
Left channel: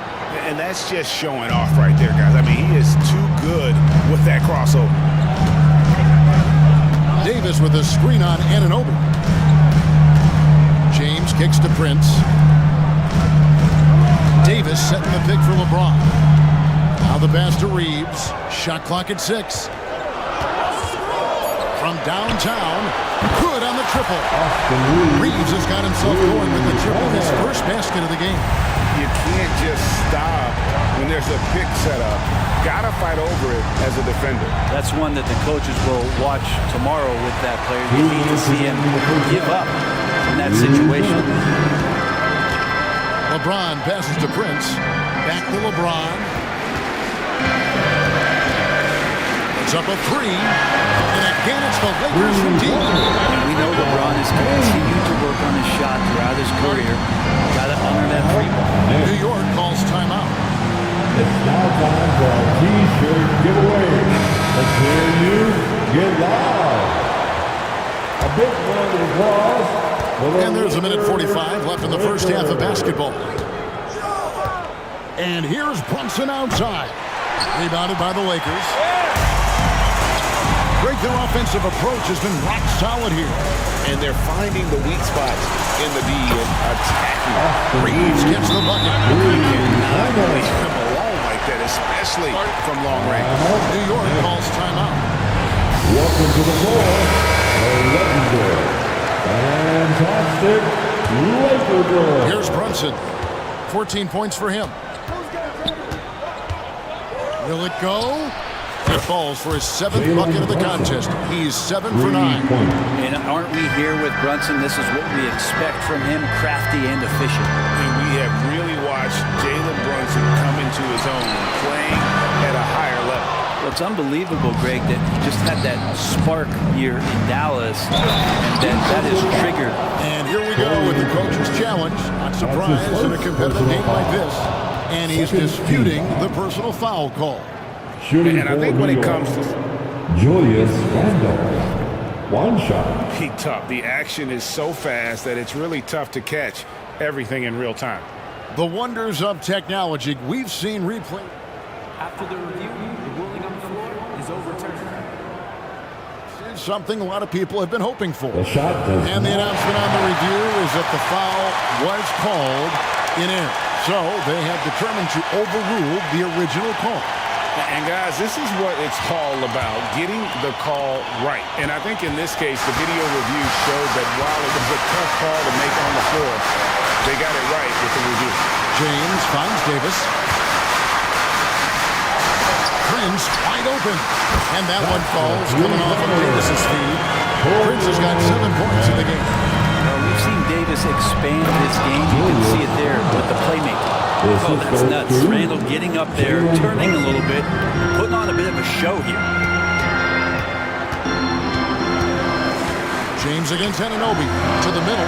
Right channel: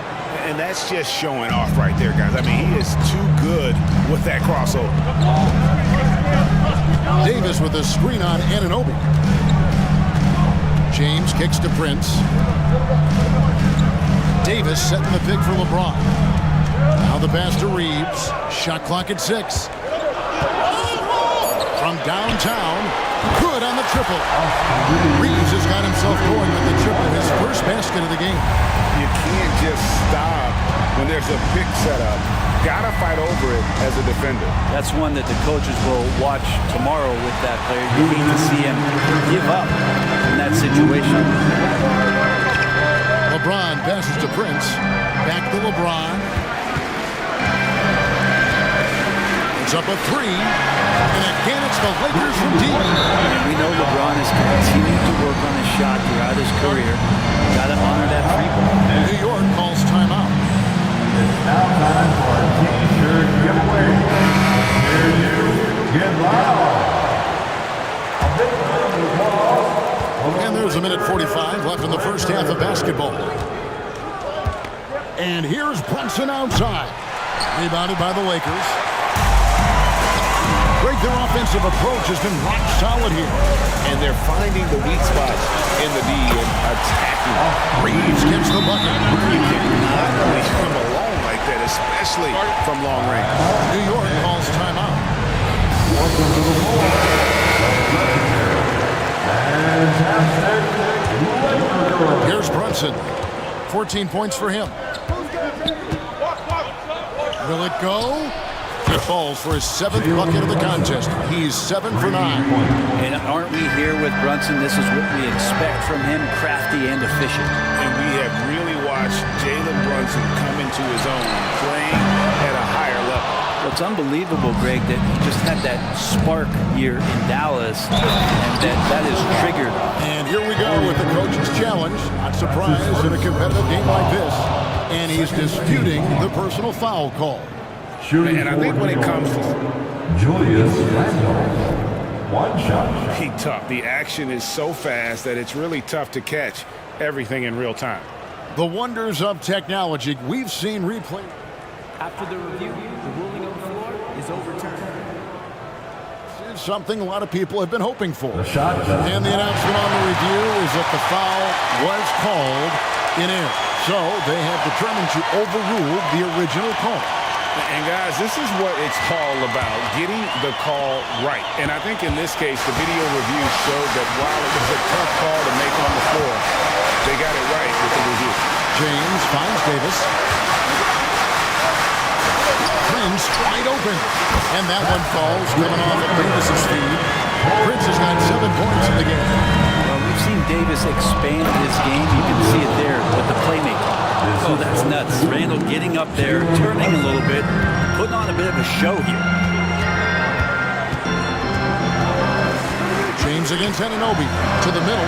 And that's just showing off right there, guys. I mean, he is too good with that crossover. Davis with a screen on Anunoby. James kicks to Prince. Davis setting the pick for LeBron. Now the pass to Reeves. Shot clock at 6. From downtown, good on the triple. Reeves has got himself going with the triple, his first basket of the game. You can't just stop when there's a pick set up. Gotta fight over it as a defender. That's one that the coaches will watch tomorrow with that player. You hate to see him give up in that situation. LeBron passes to Prince. Back to LeBron. It's up a 3. And again, it's the Lakers from deep. We know LeBron has continued to work on his shot throughout his career. Got to honor that 3-ball. New York calls timeout. It's now time for a T-shirt giveaway. Let's hear you get loud. A big round of applause. And there's a minute 45 left in the first half of basketball. And here's Brunson outside. Rebounded by the Lakers. Greg, their offensive approach has been rock solid here. And they're finding the weak spots in the D and attacking. Reeves gets the bucket. You cannot leave him alone like that, especially from long range. New York calls timeout. Welcome to the floor, the legendary, fantastic Laker girl. Here's Brunson. 14 points for him. Will it go? It falls for his 7th bucket of the contest. He's 7 for 9. And aren't we here with Brunson? This is what we expect from him, crafty and efficient. And we have really watched Jalen Brunson come into his own, playing at a higher level. Well, it's unbelievable, Greg, that he just had that spark here in Dallas, and that is triggered. And here we go with the coach's challenge. Not surprised in a competitive game like this. And he's disputing the personal foul call. And I think when it comes to Julius Randle, one shot. Be tough. The action is so fast that it's really tough to catch everything in real time. The wonders of technology. We've seen replay. After the review, the ruling on the floor is overturned. This is something a lot of people have been hoping for. The shot and the announcement on the review is that the foul was called in error. So they have determined to overrule the original call. And guys, this is what it's all about, getting the call right. And I think in this case, the video review showed that while it was a tough call to make on the floor, they got it right with the review. James finds Davis. Prince wide open. And that one falls coming off of Davis's feed. Prince has got 7 points in the game. Well, we've seen Davis expand his game. You can see it there with the playmaking. Oh, that's nuts. Randle getting up there, turning a little bit, putting on a bit of a show here. James against Anunoby to the middle.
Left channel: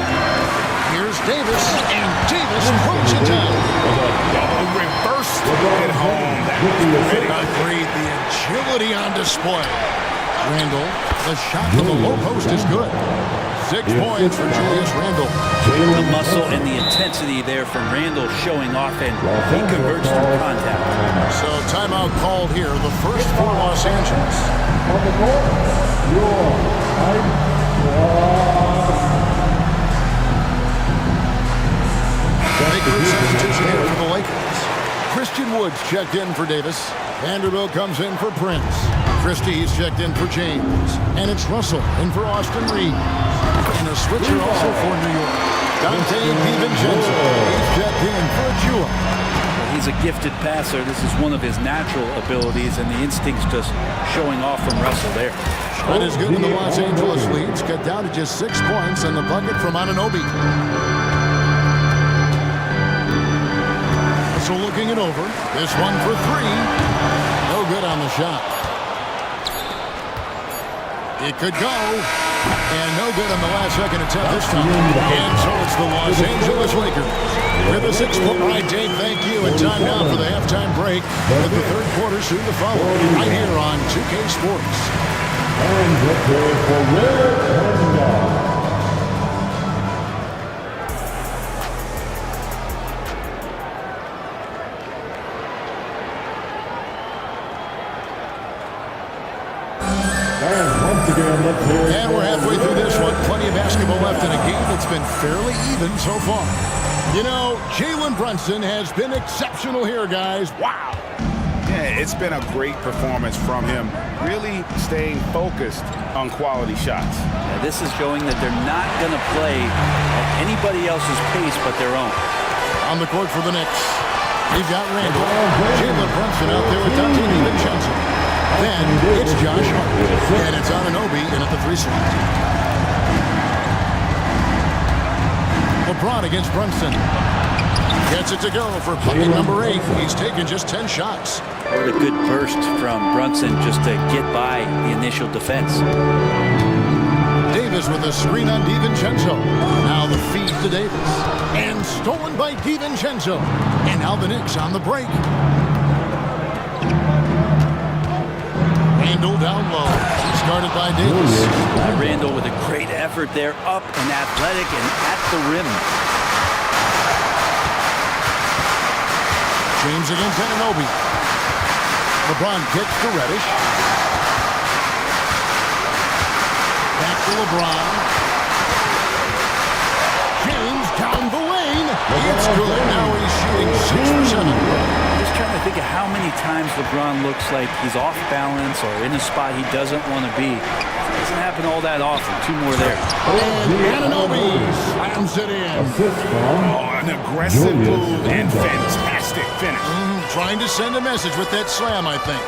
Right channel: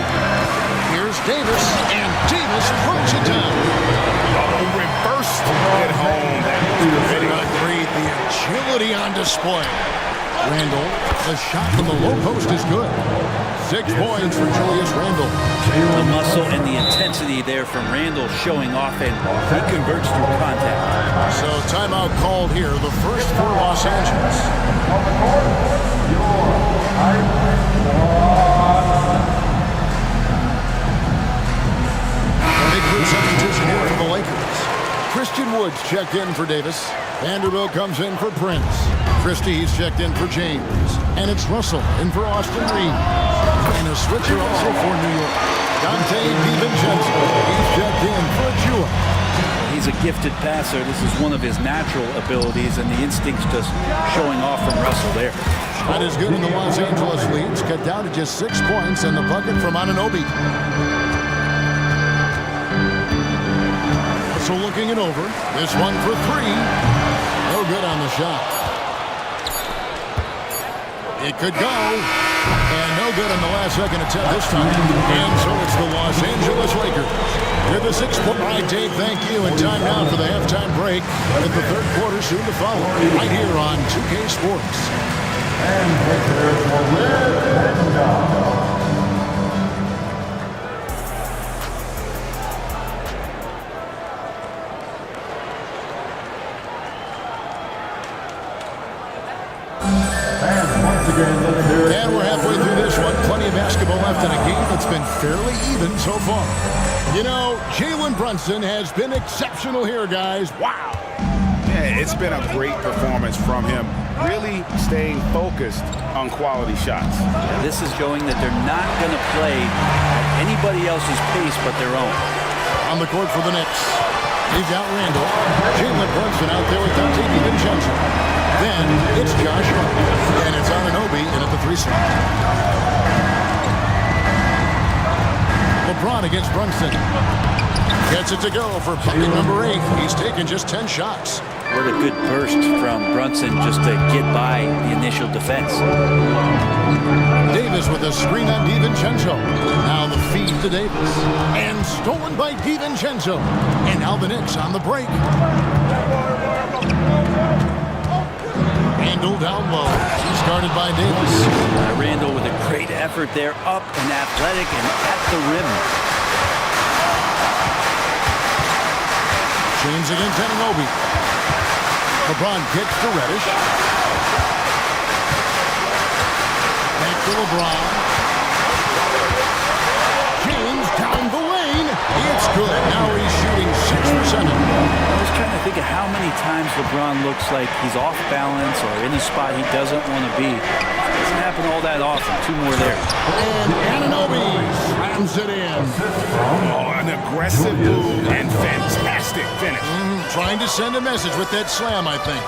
Here's Davis, and Davis throws it down. Oh, reversed at home. That was pretty. Agreed. The agility on display. Randle, the shot from the low post is good. 6 points for Julius Randle. The muscle and the intensity there from Randle showing off, and he converts through contact. So timeout called here, the first for Los Angeles. On the court, your Hype Squad. Big group substitution here for the Lakers. Christian Woods checked in for Davis. Vanderbilt comes in for Prince. Christie's checked in for James. And it's Russell in for Austin Reeves. And a switcher also for New York. Dante DiVincenzo. He's checked in for Achua. Well, he's a gifted passer. This is one of his natural abilities, and the instincts just showing off from Russell there. Shot is good in the Los Angeles leads. Cut down to just 6 points and the bucket from Anunoby. Russell looking it over. This one for 3. No good on the shot. It could go. And no good on the last second attempt this time. And so it's the Los Angeles Lakers with a 6-point. All right, Dave, thank you. And time now for the halftime break with the third quarter soon to follow right here on 2K Sports. And prepare for red and down. And halfway through this one. Plenty of basketball left in a game that's been fairly even so far. You know, Jalen Brunson has been exceptional here, guys. Wow. Yeah, it's been a great performance from him, really staying focused on quality shots. Yeah, this is showing that they're not going to play at anybody else's pace but their own. On the court for the Knicks, we've got Randall, Jalen Brunson out there with Dante DiVincenzo. Then it's Josh Hart, and it's Anunoby in at the 3 slot. LeBron against Brunson. Gets it to go for bucket number 8. He's taken just 10 shots. What a good burst from Brunson just to get by the initial defense. Davis with a screen on DiVincenzo. Now the feed to Davis. And stolen by DiVincenzo. And now the Knicks on the break. Randall down low. She's guarded by Davis. Randall with a great effort there, up and athletic and at the rim. James against Anunoby. LeBron kicks to Reddish. Back to LeBron. James down the lane. It's good. Now he's shooting 6 for 7. I'm just trying to think of how many times LeBron looks like he's off balance or in a spot he doesn't want to be. It doesn't happen all that often. 2 more there. And Anunoby slams it in. Oh, an aggressive move and fantastic finish. Trying to send a message with that slam, I think.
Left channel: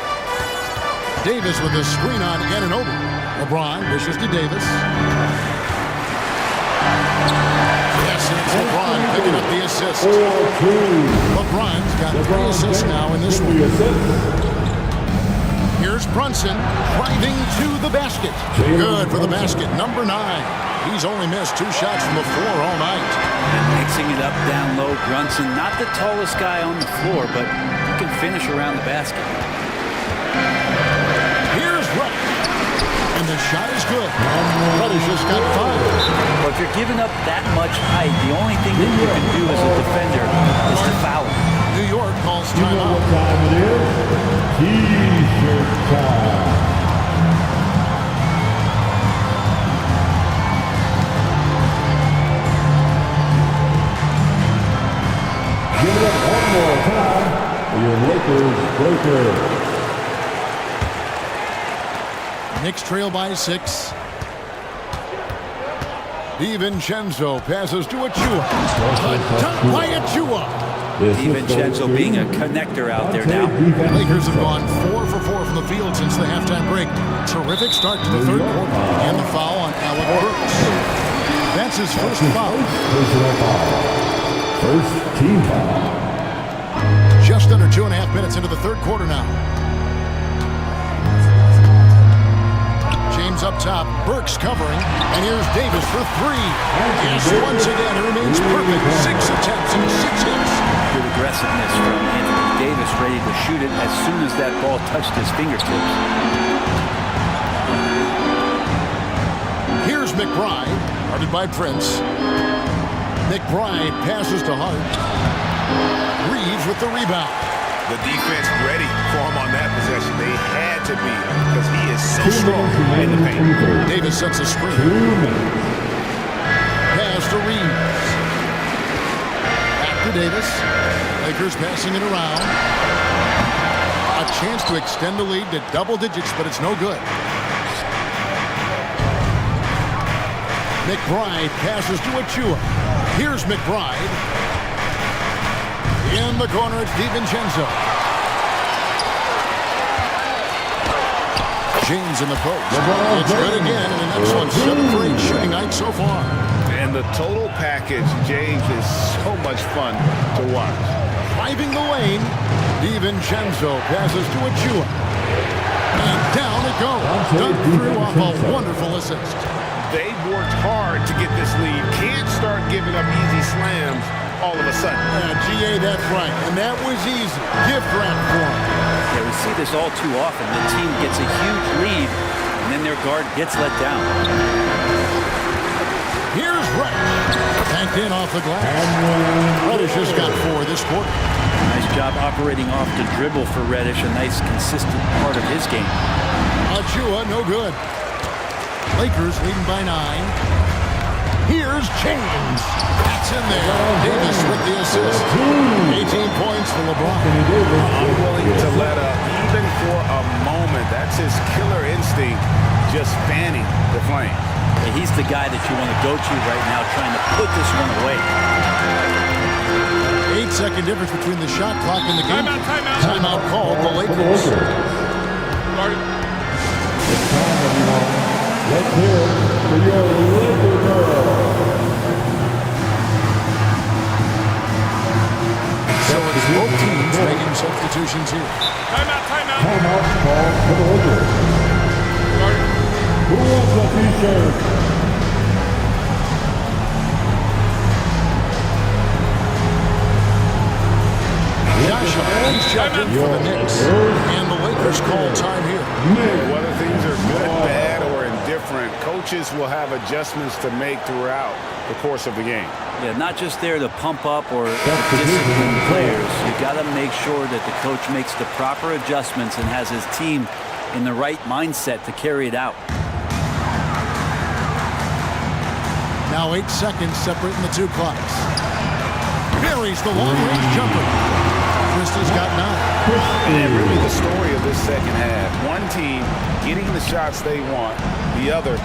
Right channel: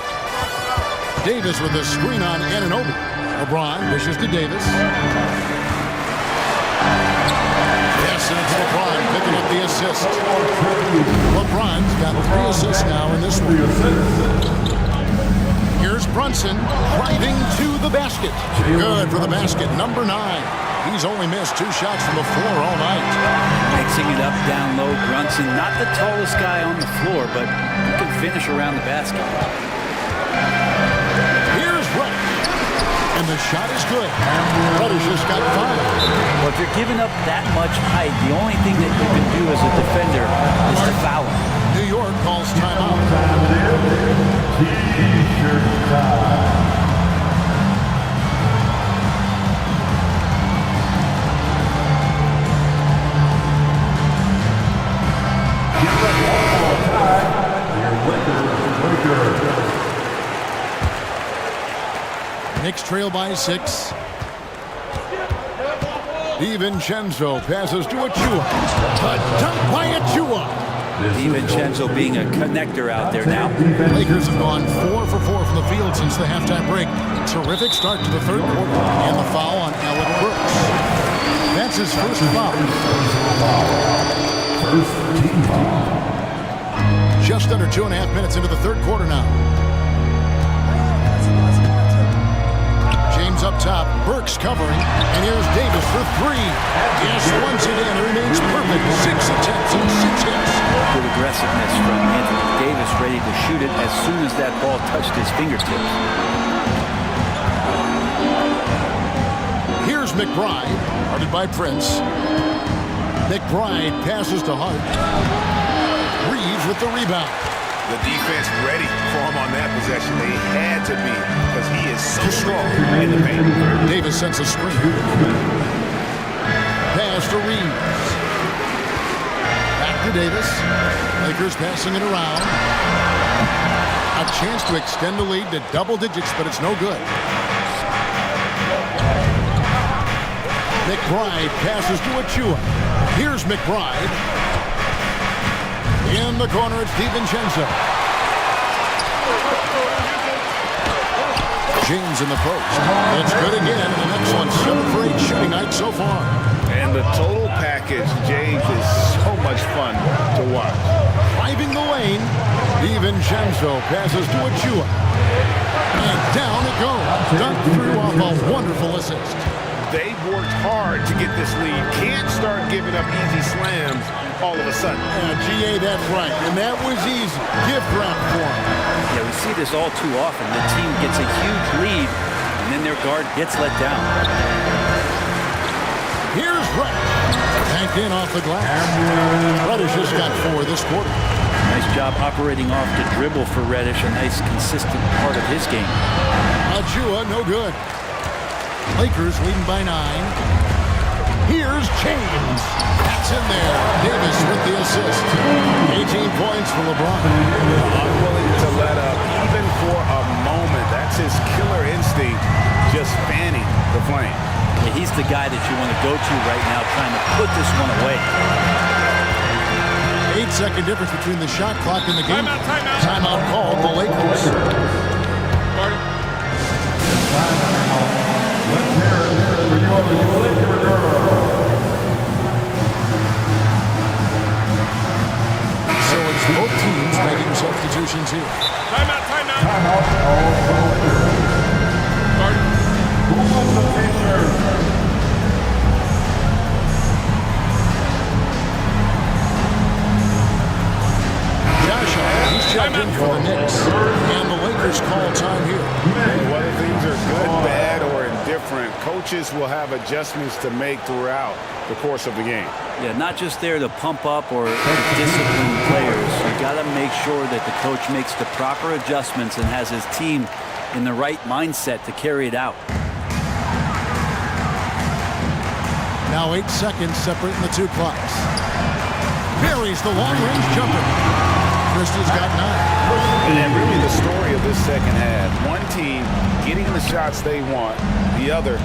Davis with a screen on Anunoby. LeBron dishes to Davis. Yes, and it's LeBron picking up the assist. LeBron's got 3 assists now in this one. Here's Brunson driving to the basket. Good for the basket, number 9. He's only missed 2 shots from the floor all night. And mixing it up down low, Brunson, not the tallest guy on the floor, but he can finish around the basket. Here's Reddish. And the shot is good. Reddish has got 5. Well, if you're giving up that much height, the only thing that you can do as a defender is to foul him. New York calls timeout. T-shirt time. Give it one more time. Your Lakers breaker. Knicks trail by 6. DiVincenzo passes to Achua. A dunk by Achua. DiVincenzo being a connector out there now. Lakers have gone 4 for 4 from the field since the halftime break. Terrific start to the 3rd quarter. And the foul on Alec Brooks. That's his first foul. Personal foul. First team foul. Just under 2.5 minutes into the 3rd quarter now. James up top, Burks covering, and here's Davis for 3. Yes, once again, it remains perfect. 6 attempts and 6 hits. Good aggressiveness from Anthony Davis, ready to shoot it as soon as that ball touched his fingertips. Here's McBride, guarded by Prince. McBride passes to Hart. Reeves with the rebound. The defense ready for him on that possession. They had to be because he is so strong in the paint. Davis sets a screen. Pass to Reeves. Back to Davis. Lakers passing it around. A chance to extend the lead to double digits, but it's no good. McBride passes to Achua. Here's McBride. In the corner, it's DiVincenzo. James in the post. It's good again, and an excellent 7 for 8 shooting night so far. And the total package, James, is so much fun to watch. Driving the lane, DiVincenzo passes to Achua. And down it goes. Dug through off a wonderful assist. They've worked hard to get this lead. Can't start giving up easy slams all of a sudden. GA, that's right. And that was easy. Gift wrap for him. Yeah, we see this all too often. The team gets a huge lead, and then their guard gets let down. Here's Reddish. Banked in off the glass. Reddish has got 4 this quarter. Nice job operating off the dribble for Reddish. A nice, consistent part of his game. Achua, no good. Lakers leading by 9. Here's James. That's in there. Davis with the assist. 18 points for LeBron. Unwilling to let up even for a moment. That's his killer instinct, just fanning the flame. Yeah, he's the guy that you want to go to right now, trying to put this one away. 8-second difference between the shot clock and the game. Timeout. Timeout called the Lakers. It's time, everyone. Let's hear it for your Laker girls. So it's both teams making substitutions here. Timeout. Timeout called for the Lakers. Who wants a t-shirt? Josh Hart, he's checked in for the Knicks. And the Lakers call time here. Whether things are good, bad, or indifferent, coaches will have adjustments to make throughout the course of the game. Yeah, not just there to pump up or to discipline players. You got to make sure that the coach makes the proper adjustments and has his team in the right mindset to carry it out. Now 8 seconds separating the two clocks. Buries the long-range jumper. Christie's got 9. And really the story of this second half. One team getting the shots they want, the other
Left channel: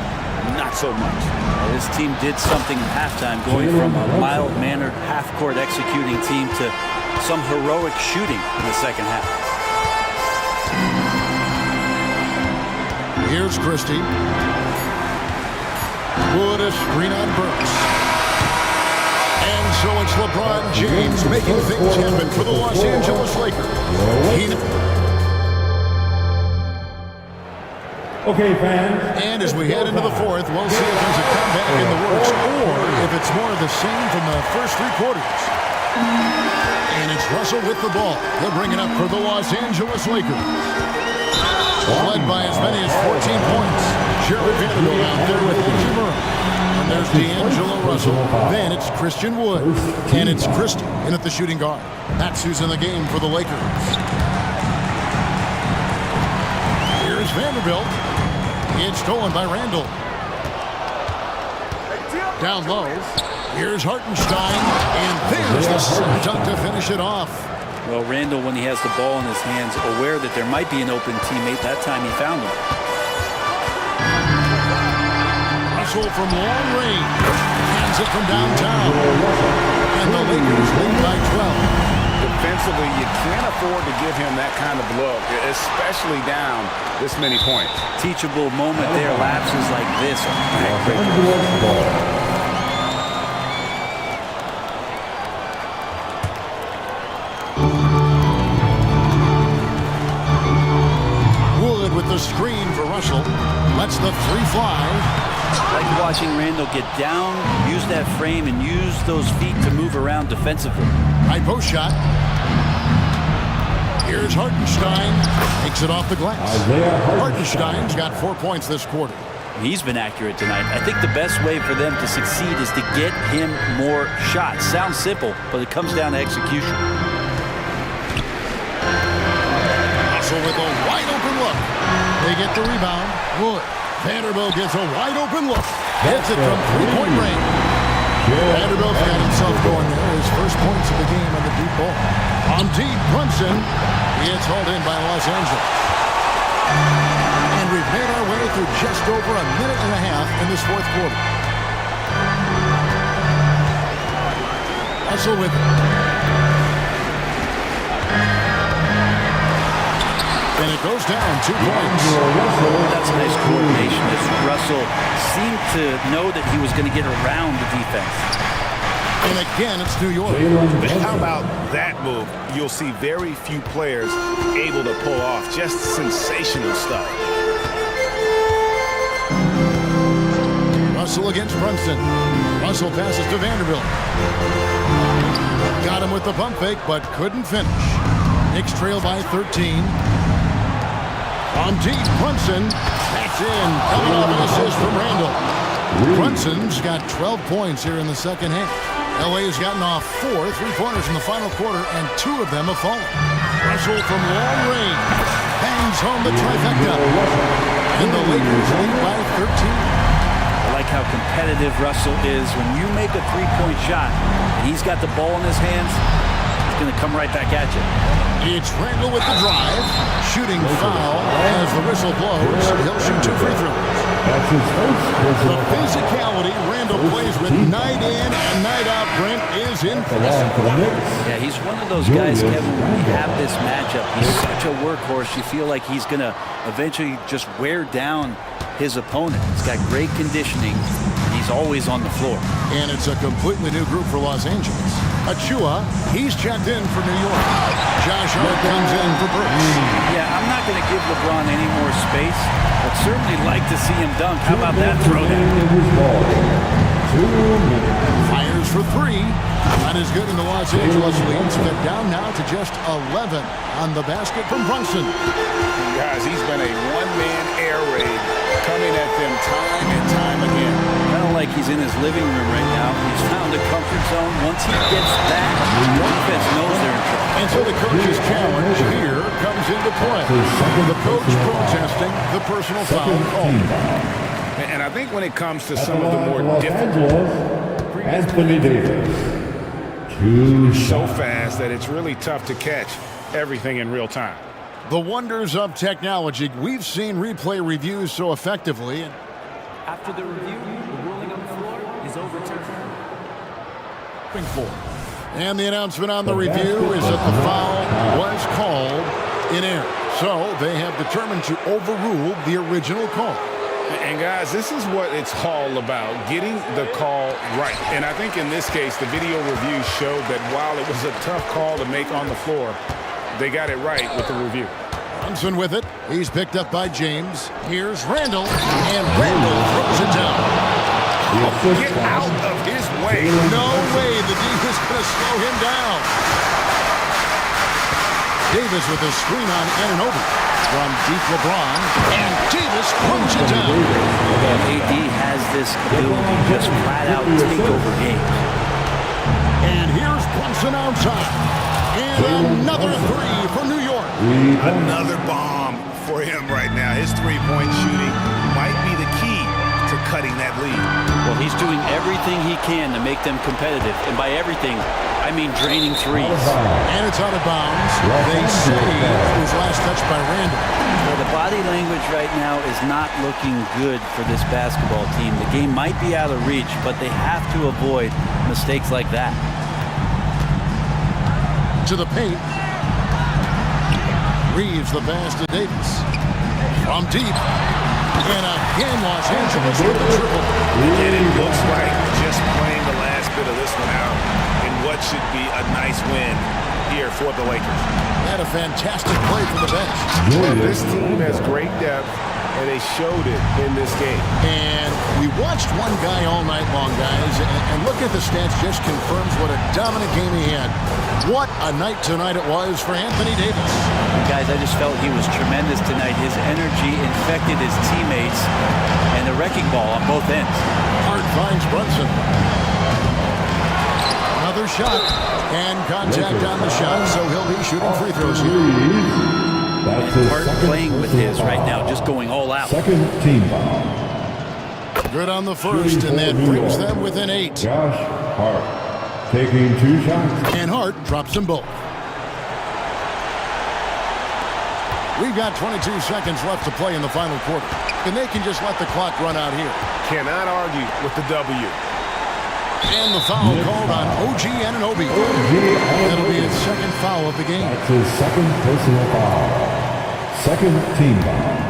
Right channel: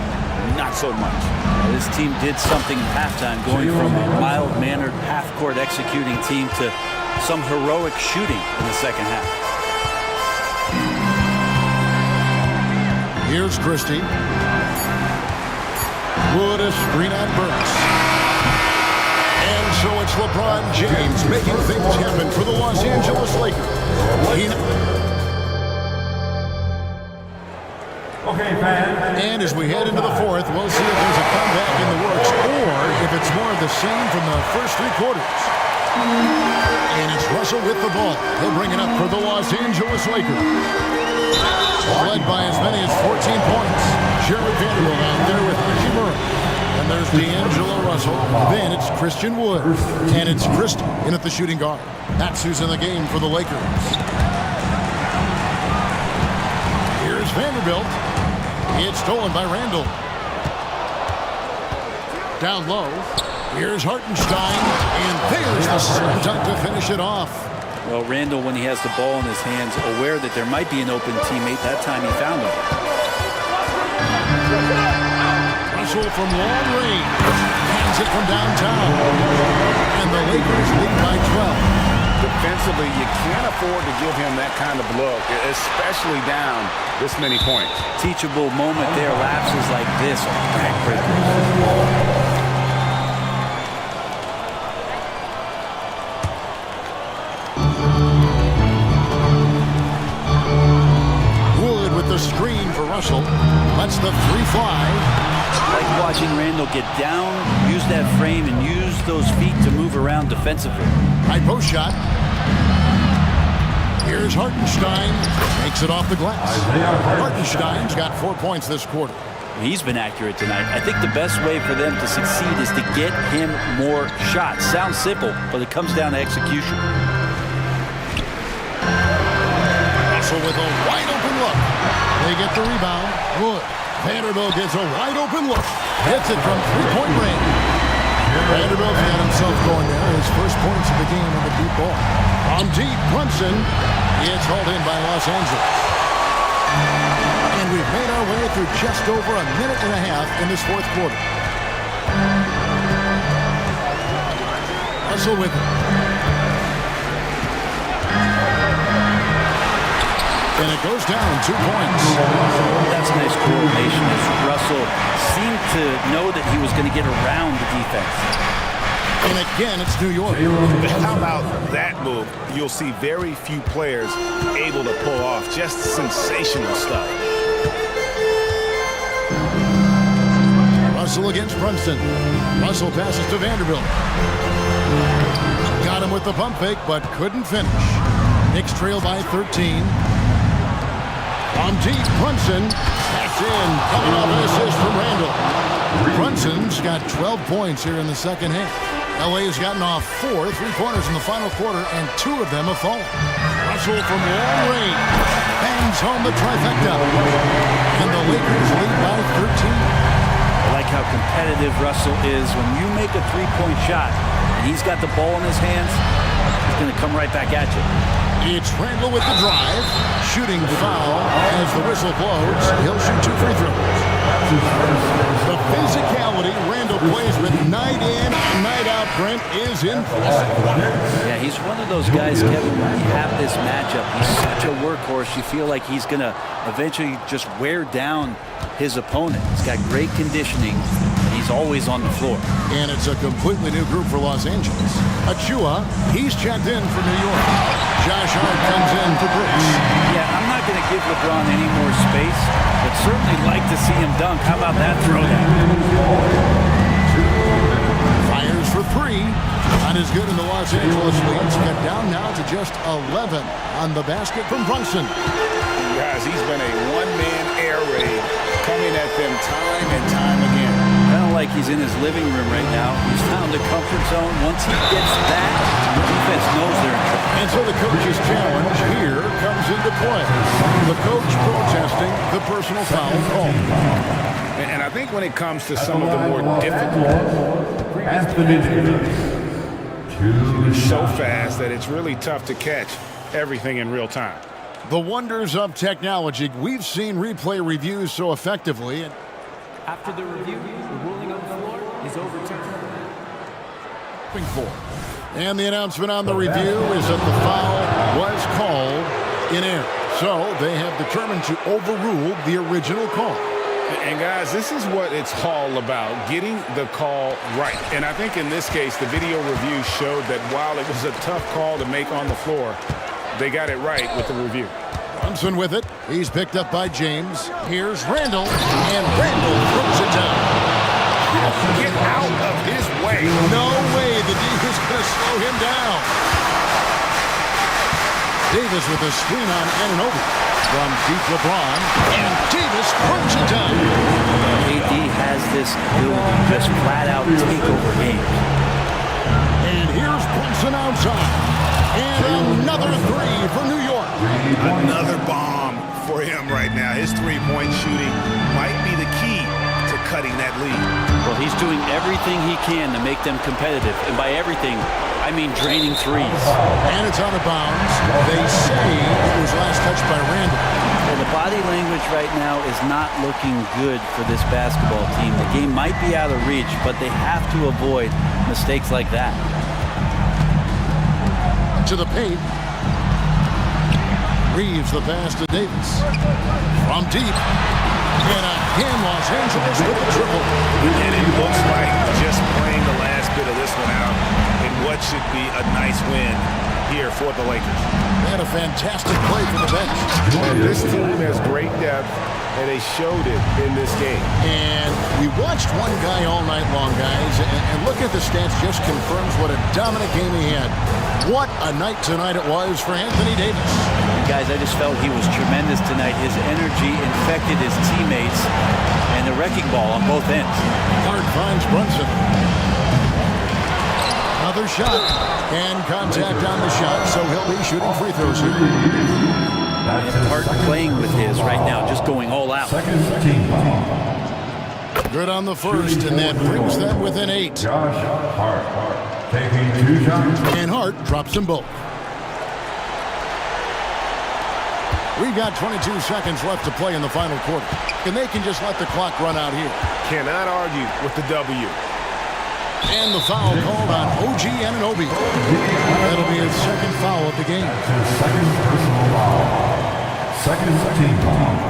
not so much. This team did something in halftime, going from a mild-mannered half-court executing team to some heroic shooting in the second half. Here's Christie. Wood a screen on Burks. And so it's LeBron James making things happen for the Los Angeles Lakers. Okay, fans. And as we head into the fourth, we'll see if there's a comeback in the works or if it's more of the same from the first 3 quarters. And it's Russell with the ball. He'll bring it up for the Los Angeles Lakers. Led by as many as 14 points. Jared Vanderbilt out there with Hachimura. And there's D'Angelo Russell. Then it's Christian Wood. And it's Christie in at the shooting guard. That's who's in the game for the Lakers. Here's Vanderbilt. It's stolen by Randall. Down low. Here's Hartenstein. And there's the dunk to finish it off. Well, Randall, when he has the ball in his hands, aware that there might be an open teammate, that time he found him. Russell from long range. Hands it from downtown. And the Lakers lead by 12. Defensively, you can't afford to give him that kind of look, especially down this many points. Teachable moment there. Lapses like this are backbreakers. Wood with the screen for Russell. Lets the 3 fly. Like watching Randall get down, use that frame, and use those feet to move around defensively. High post shot. Here's Hartenstein. Makes it off the glass. Hartenstein's got 4 points this quarter. He's been accurate tonight. I think the best way for them to succeed is to get him more shots. Sounds simple, but it comes down to execution. Russell with a wide open look. They get the rebound. Wood. Vanderbilt gets a wide open look. Hits it from 3-point range. Vanderbilt's got himself going there. His first points of the game on the deep ball. On deep, Brunson. It's hauled in by Los Angeles. And we've made our way through just over a minute and a half in this fourth quarter. Russell with it. And it goes down 2 points. That's a nice coordination as Russell seemed to know that he was going to get around the defense. And again, it's New York. How about that move? You'll see very few players able to pull off just sensational stuff. Russell against Brunson. Russell passes to Vanderbilt. Got him with the pump fake, but couldn't finish. Knicks trail by 13. From deep, Brunson. That's in. Coming off an assist from Randall. Brunson's got 12 points here in the second half. LA's gotten off 4 3-pointers in the final quarter, and 2 of them have fallen. Russell from long range bangs home the trifecta. And the Lakers lead by 13. I like how competitive Russell is. When you make a three-point shot and he's got the ball in his hands, he's going to come right back at you. It's Randall with the drive. Shooting foul as the whistle blows. He'll shoot 2 free throws. The physicality Randall plays with night in and night out, Brent, is impressive. Yeah, he's one of those guys, Kevin, when you have this matchup, he's such a workhorse. You feel like he's going to eventually just wear down his opponent. He's got great conditioning, and he's always on the floor. And it's a completely new group for Los Angeles. Achua, he's checked in for New York. Josh Hart comes in for Brooks. Yeah, I'm not going to give LeBron any more space, but certainly like to see him dunk. How about that throwdown? Fires for 3. Not as good in the Los Angeles leads. Cut down now to just 11 on the basket from Brunson. Guys, he's been a one-man air raid coming at them time and time again. Kind of like he's in his living room right now. He's found a comfort zone. Once he gets that, the defense knows they're in trouble. And so the coach's challenge here comes into play. The coach protesting the personal foul call. And I think when it comes to some of the more difficult, Anthony Davis. it's so fast that it's really tough to catch everything in real time. The wonders of technology. We've seen replay reviews so effectively. After the review, the ruling on the floor is overturned. And the announcement on the review is that the foul was called in error. So they have determined to overrule the original call. And guys, this is what it's all about, getting the call right. And I think in this case, the video review showed that while it was a tough call to make on the floor, they got it right with the review. Brunson with it. He's picked up by James. Here's Randall, and Randall throws it down. Get out of his way. No way the D is going to slow him down. Davis with a screen on Anunoby. From deep LeBron, and Davis throws it down. AD has this ability to just flat out take over games. And here's Brunson outside. And another 3 for New York. Another bomb for him right now. His three-point shooting might be the key to cutting that lead. Well, he's doing everything he can to make them competitive. And by everything, I mean draining threes. And it's out of bounds. They say it was last touched by Randall. Yeah, the body language right now is not looking good for this basketball team. The game might be out of reach, but they have to avoid mistakes like that. To the paint. Reeves the pass to Davis. From deep. And again, Los Angeles with the triple. And it looks like just playing the last bit of this one out in what should be a nice win here for the Lakers. They had a fantastic play from the bench. And this team has great depth, and they showed it in this game. And we watched one guy all night long, guys, and look at the stats just confirms what a dominant game he had. What a night tonight it was for Anthony Davis. And guys, I just felt he was tremendous tonight. His energy infected his teammates, and the wrecking ball on both ends. Hart finds Brunson. Another shot, and contact on the shot, so he'll be shooting free throws here. And Hart playing with his right now, just going all out. Second team foul. Good on the first, and that brings them within 8. Josh Hart taking 2 shots. And Hart drops them both. We've got 22 seconds left to play in the final quarter, and they can just let the clock run out here. Cannot argue with the W. And the foul called on OG Anunoby. That'll be his second foul of the game. That's his second personal foul. Second team foul.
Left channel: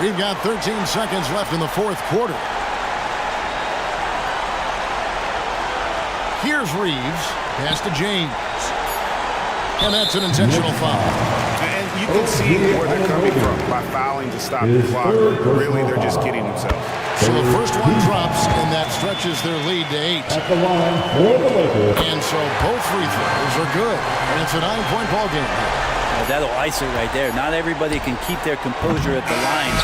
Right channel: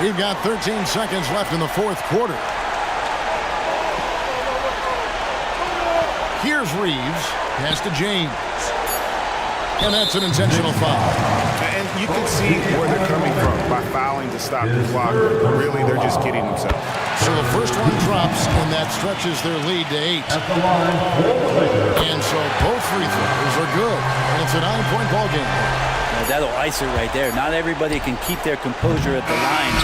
We've got 13 seconds left in the fourth quarter. Here's Reeves. Pass to James. And that's an intentional foul. And you can see where they're coming from by fouling to stop the clock, but really they're just kidding themselves. So the first one drops, and that stretches their lead to 8. At the line for the Lakers. And so both free throws are good, and it's a 9-point ball game. Yeah, that'll ice it right there. Not everybody can keep their composure at the line.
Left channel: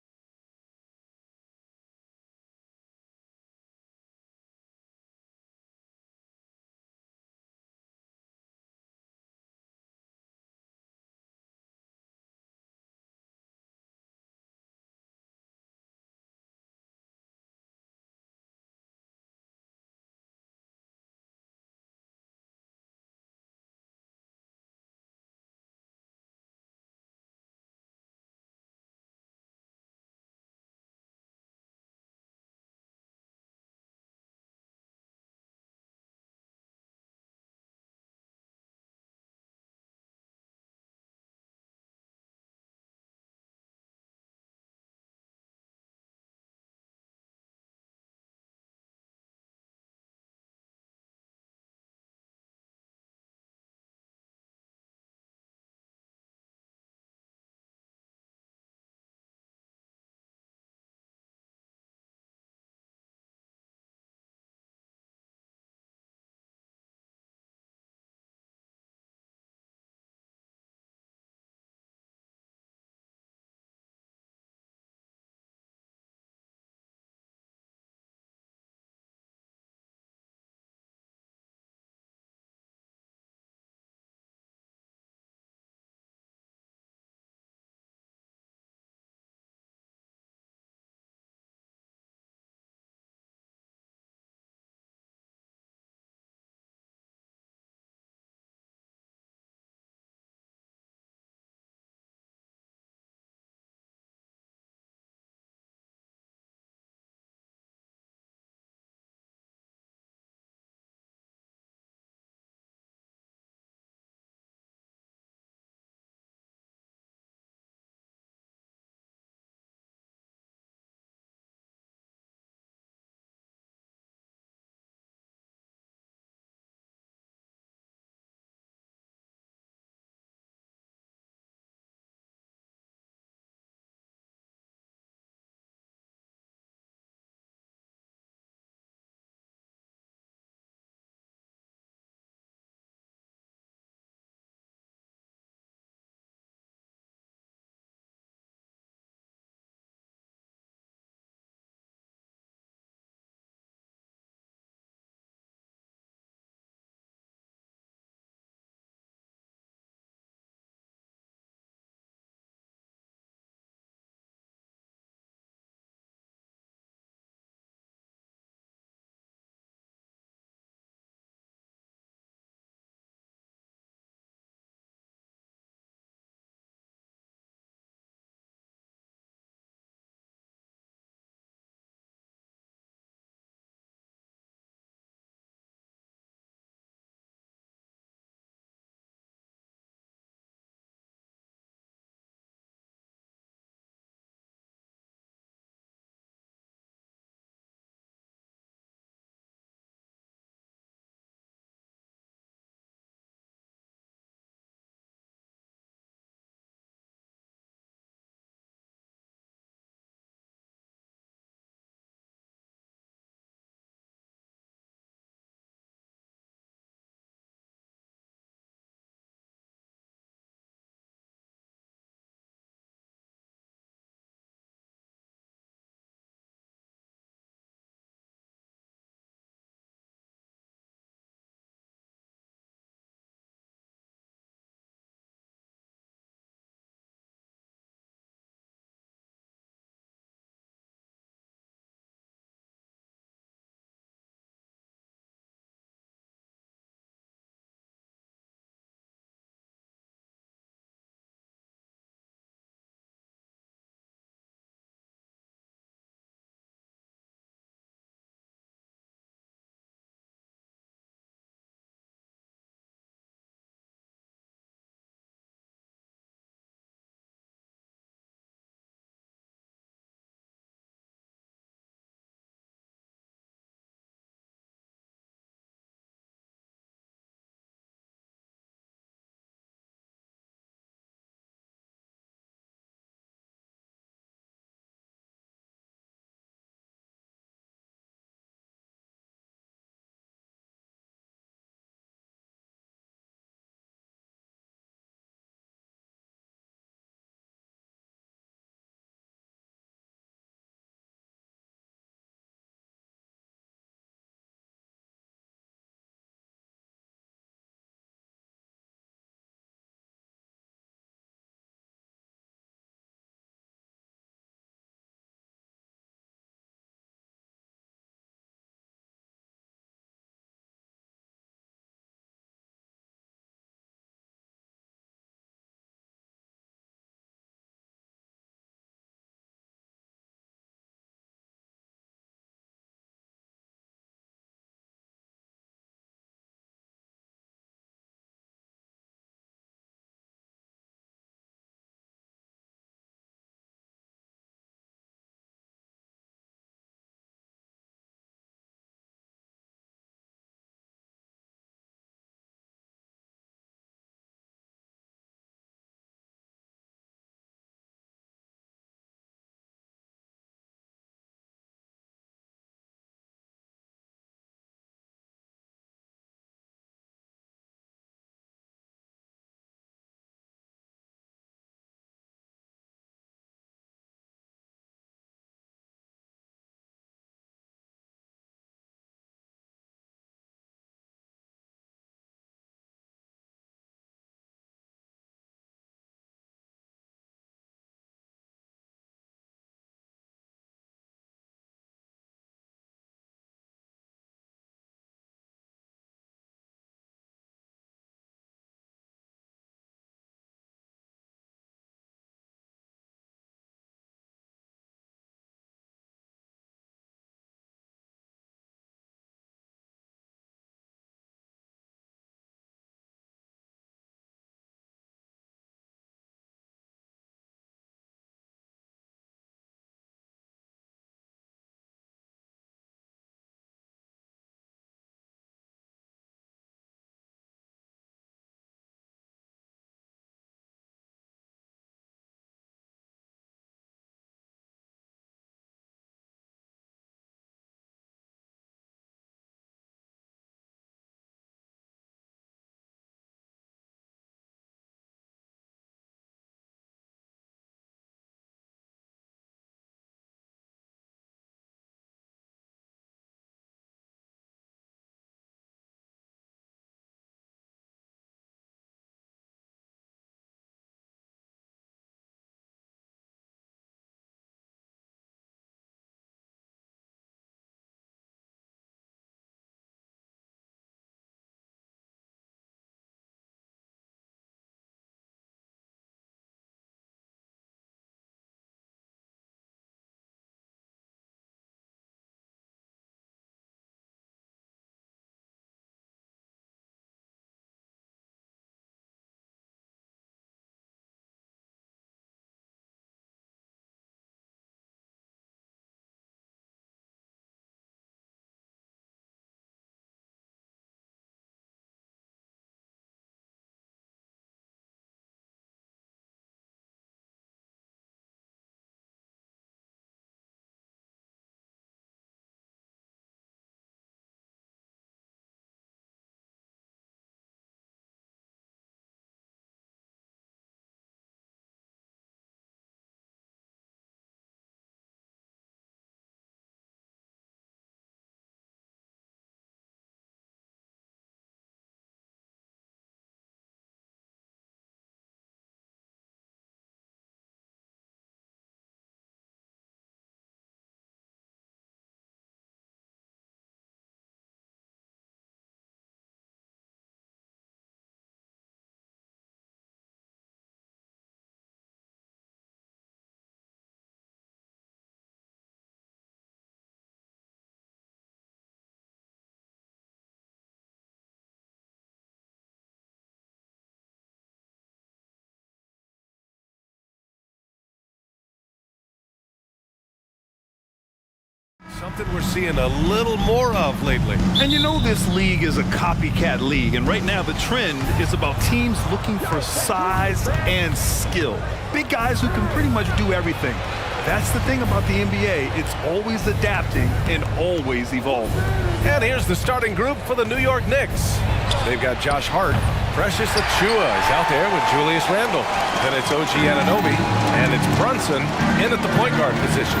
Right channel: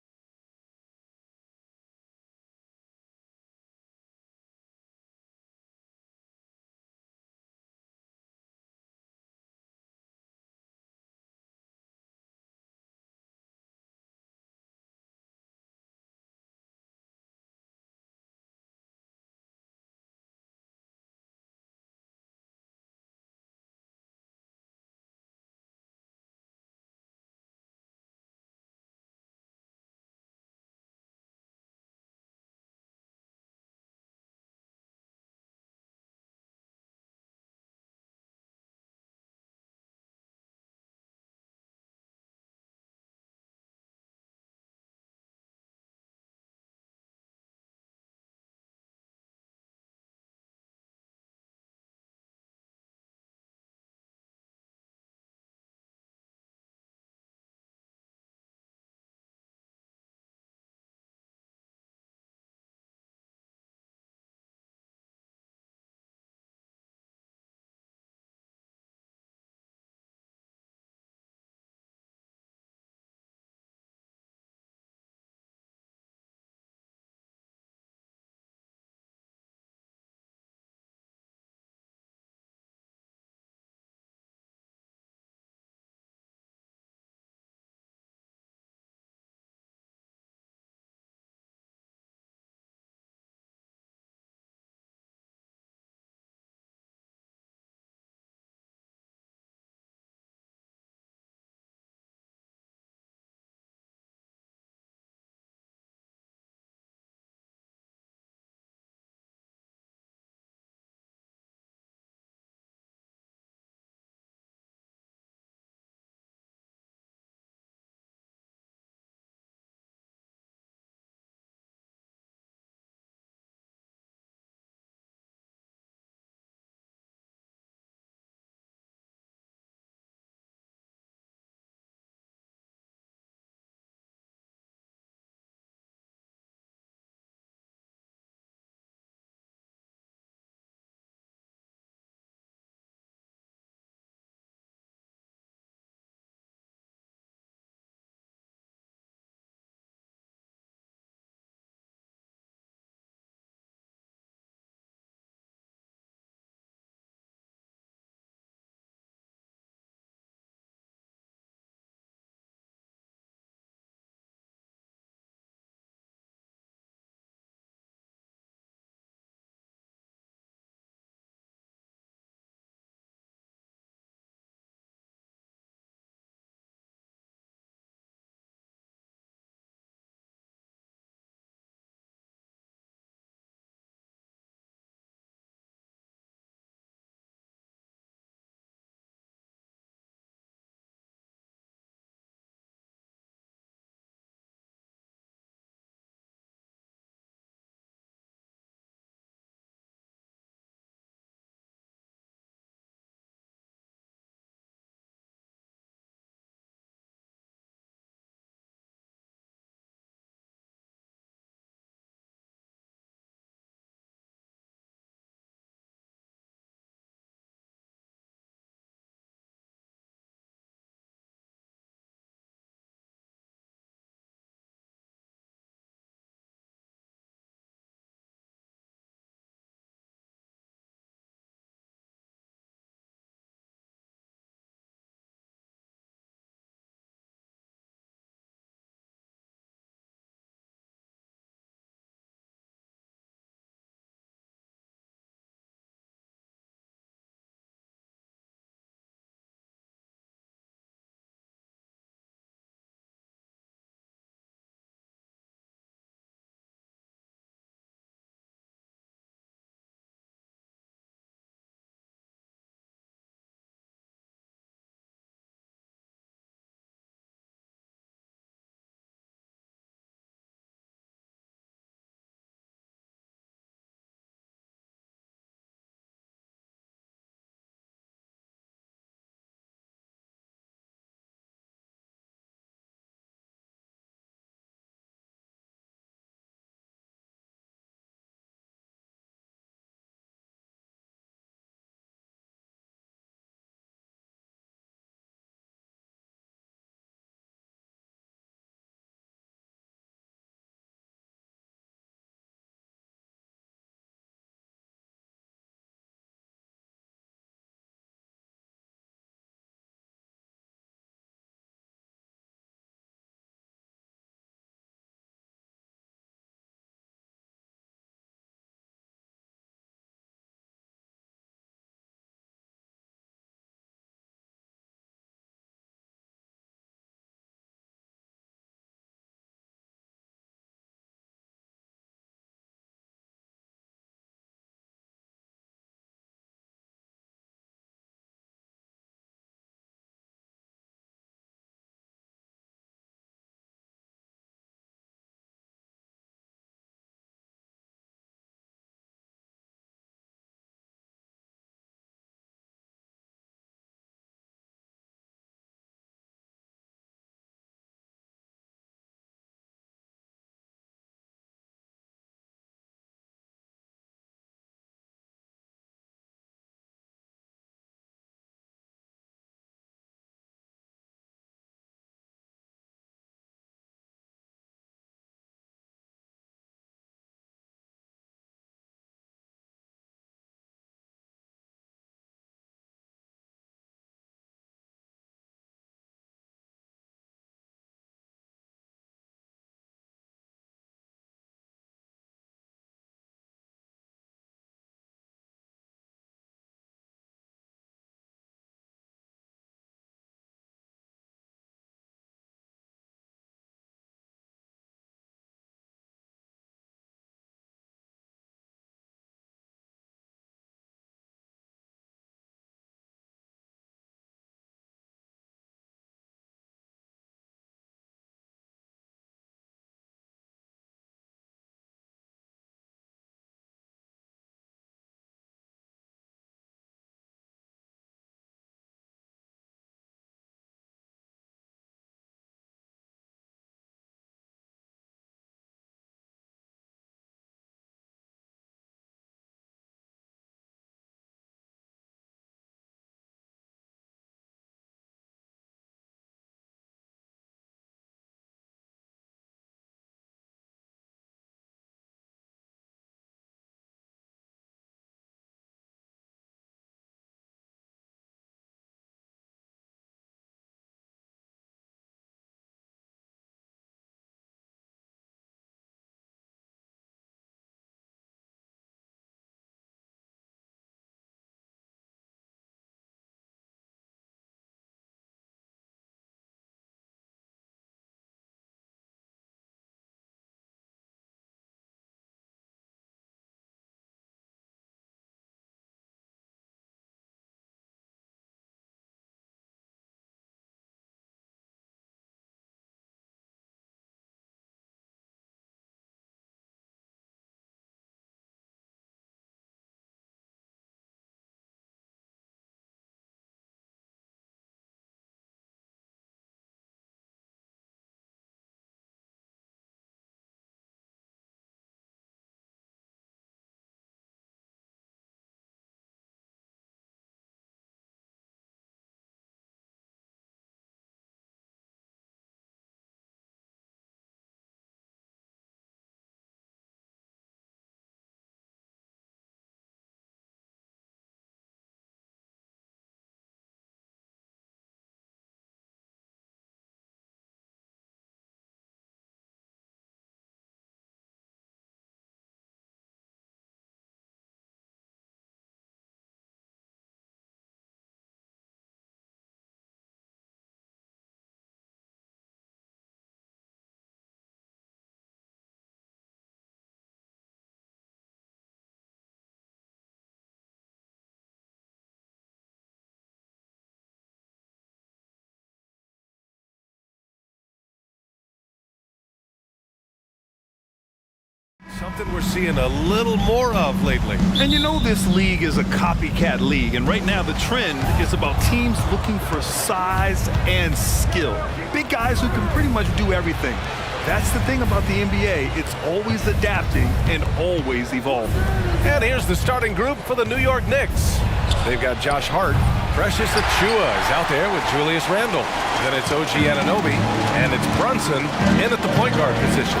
Something we're seeing a little more of lately. And you know this league is a copycat league, and right now the trend is about teams looking for size and skill. Big guys who can pretty much do everything. That's the thing about the NBA. It's always adapting and always evolving. And here's the starting group for the New York Knicks. They've got Josh Hart. Precious Achiuwa is out there with Julius Randle. Then it's OG Anunoby, and it's Brunson in at the point guard position.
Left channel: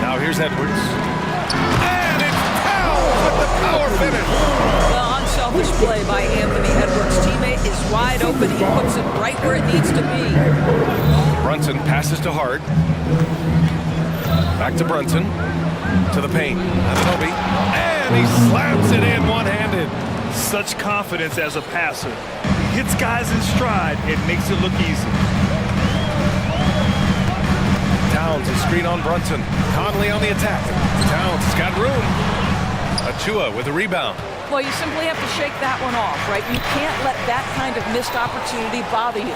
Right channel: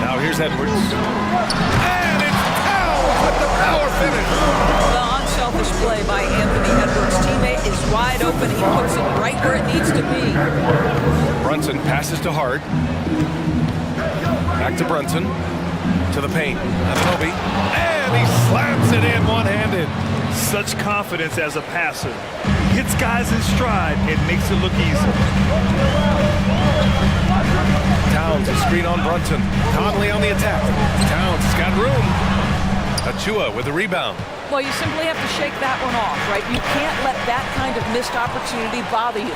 Now here's Edwards. And it's Towns with the power finish. The unselfish play by Anthony Edwards' teammate is wide open. He puts it right where it needs to be. Brunson passes to Hart. Back to Brunson. To the paint. Anunoby. And he slams it in one-handed. Such confidence as a passer. He hits guys in stride. It makes it look easy. Towns is screen on Brunson. Conley on the attack. Towns has got room. Achiuwa with the rebound. Well, you simply have to shake that one off, right? You can't let that kind of missed opportunity bother you.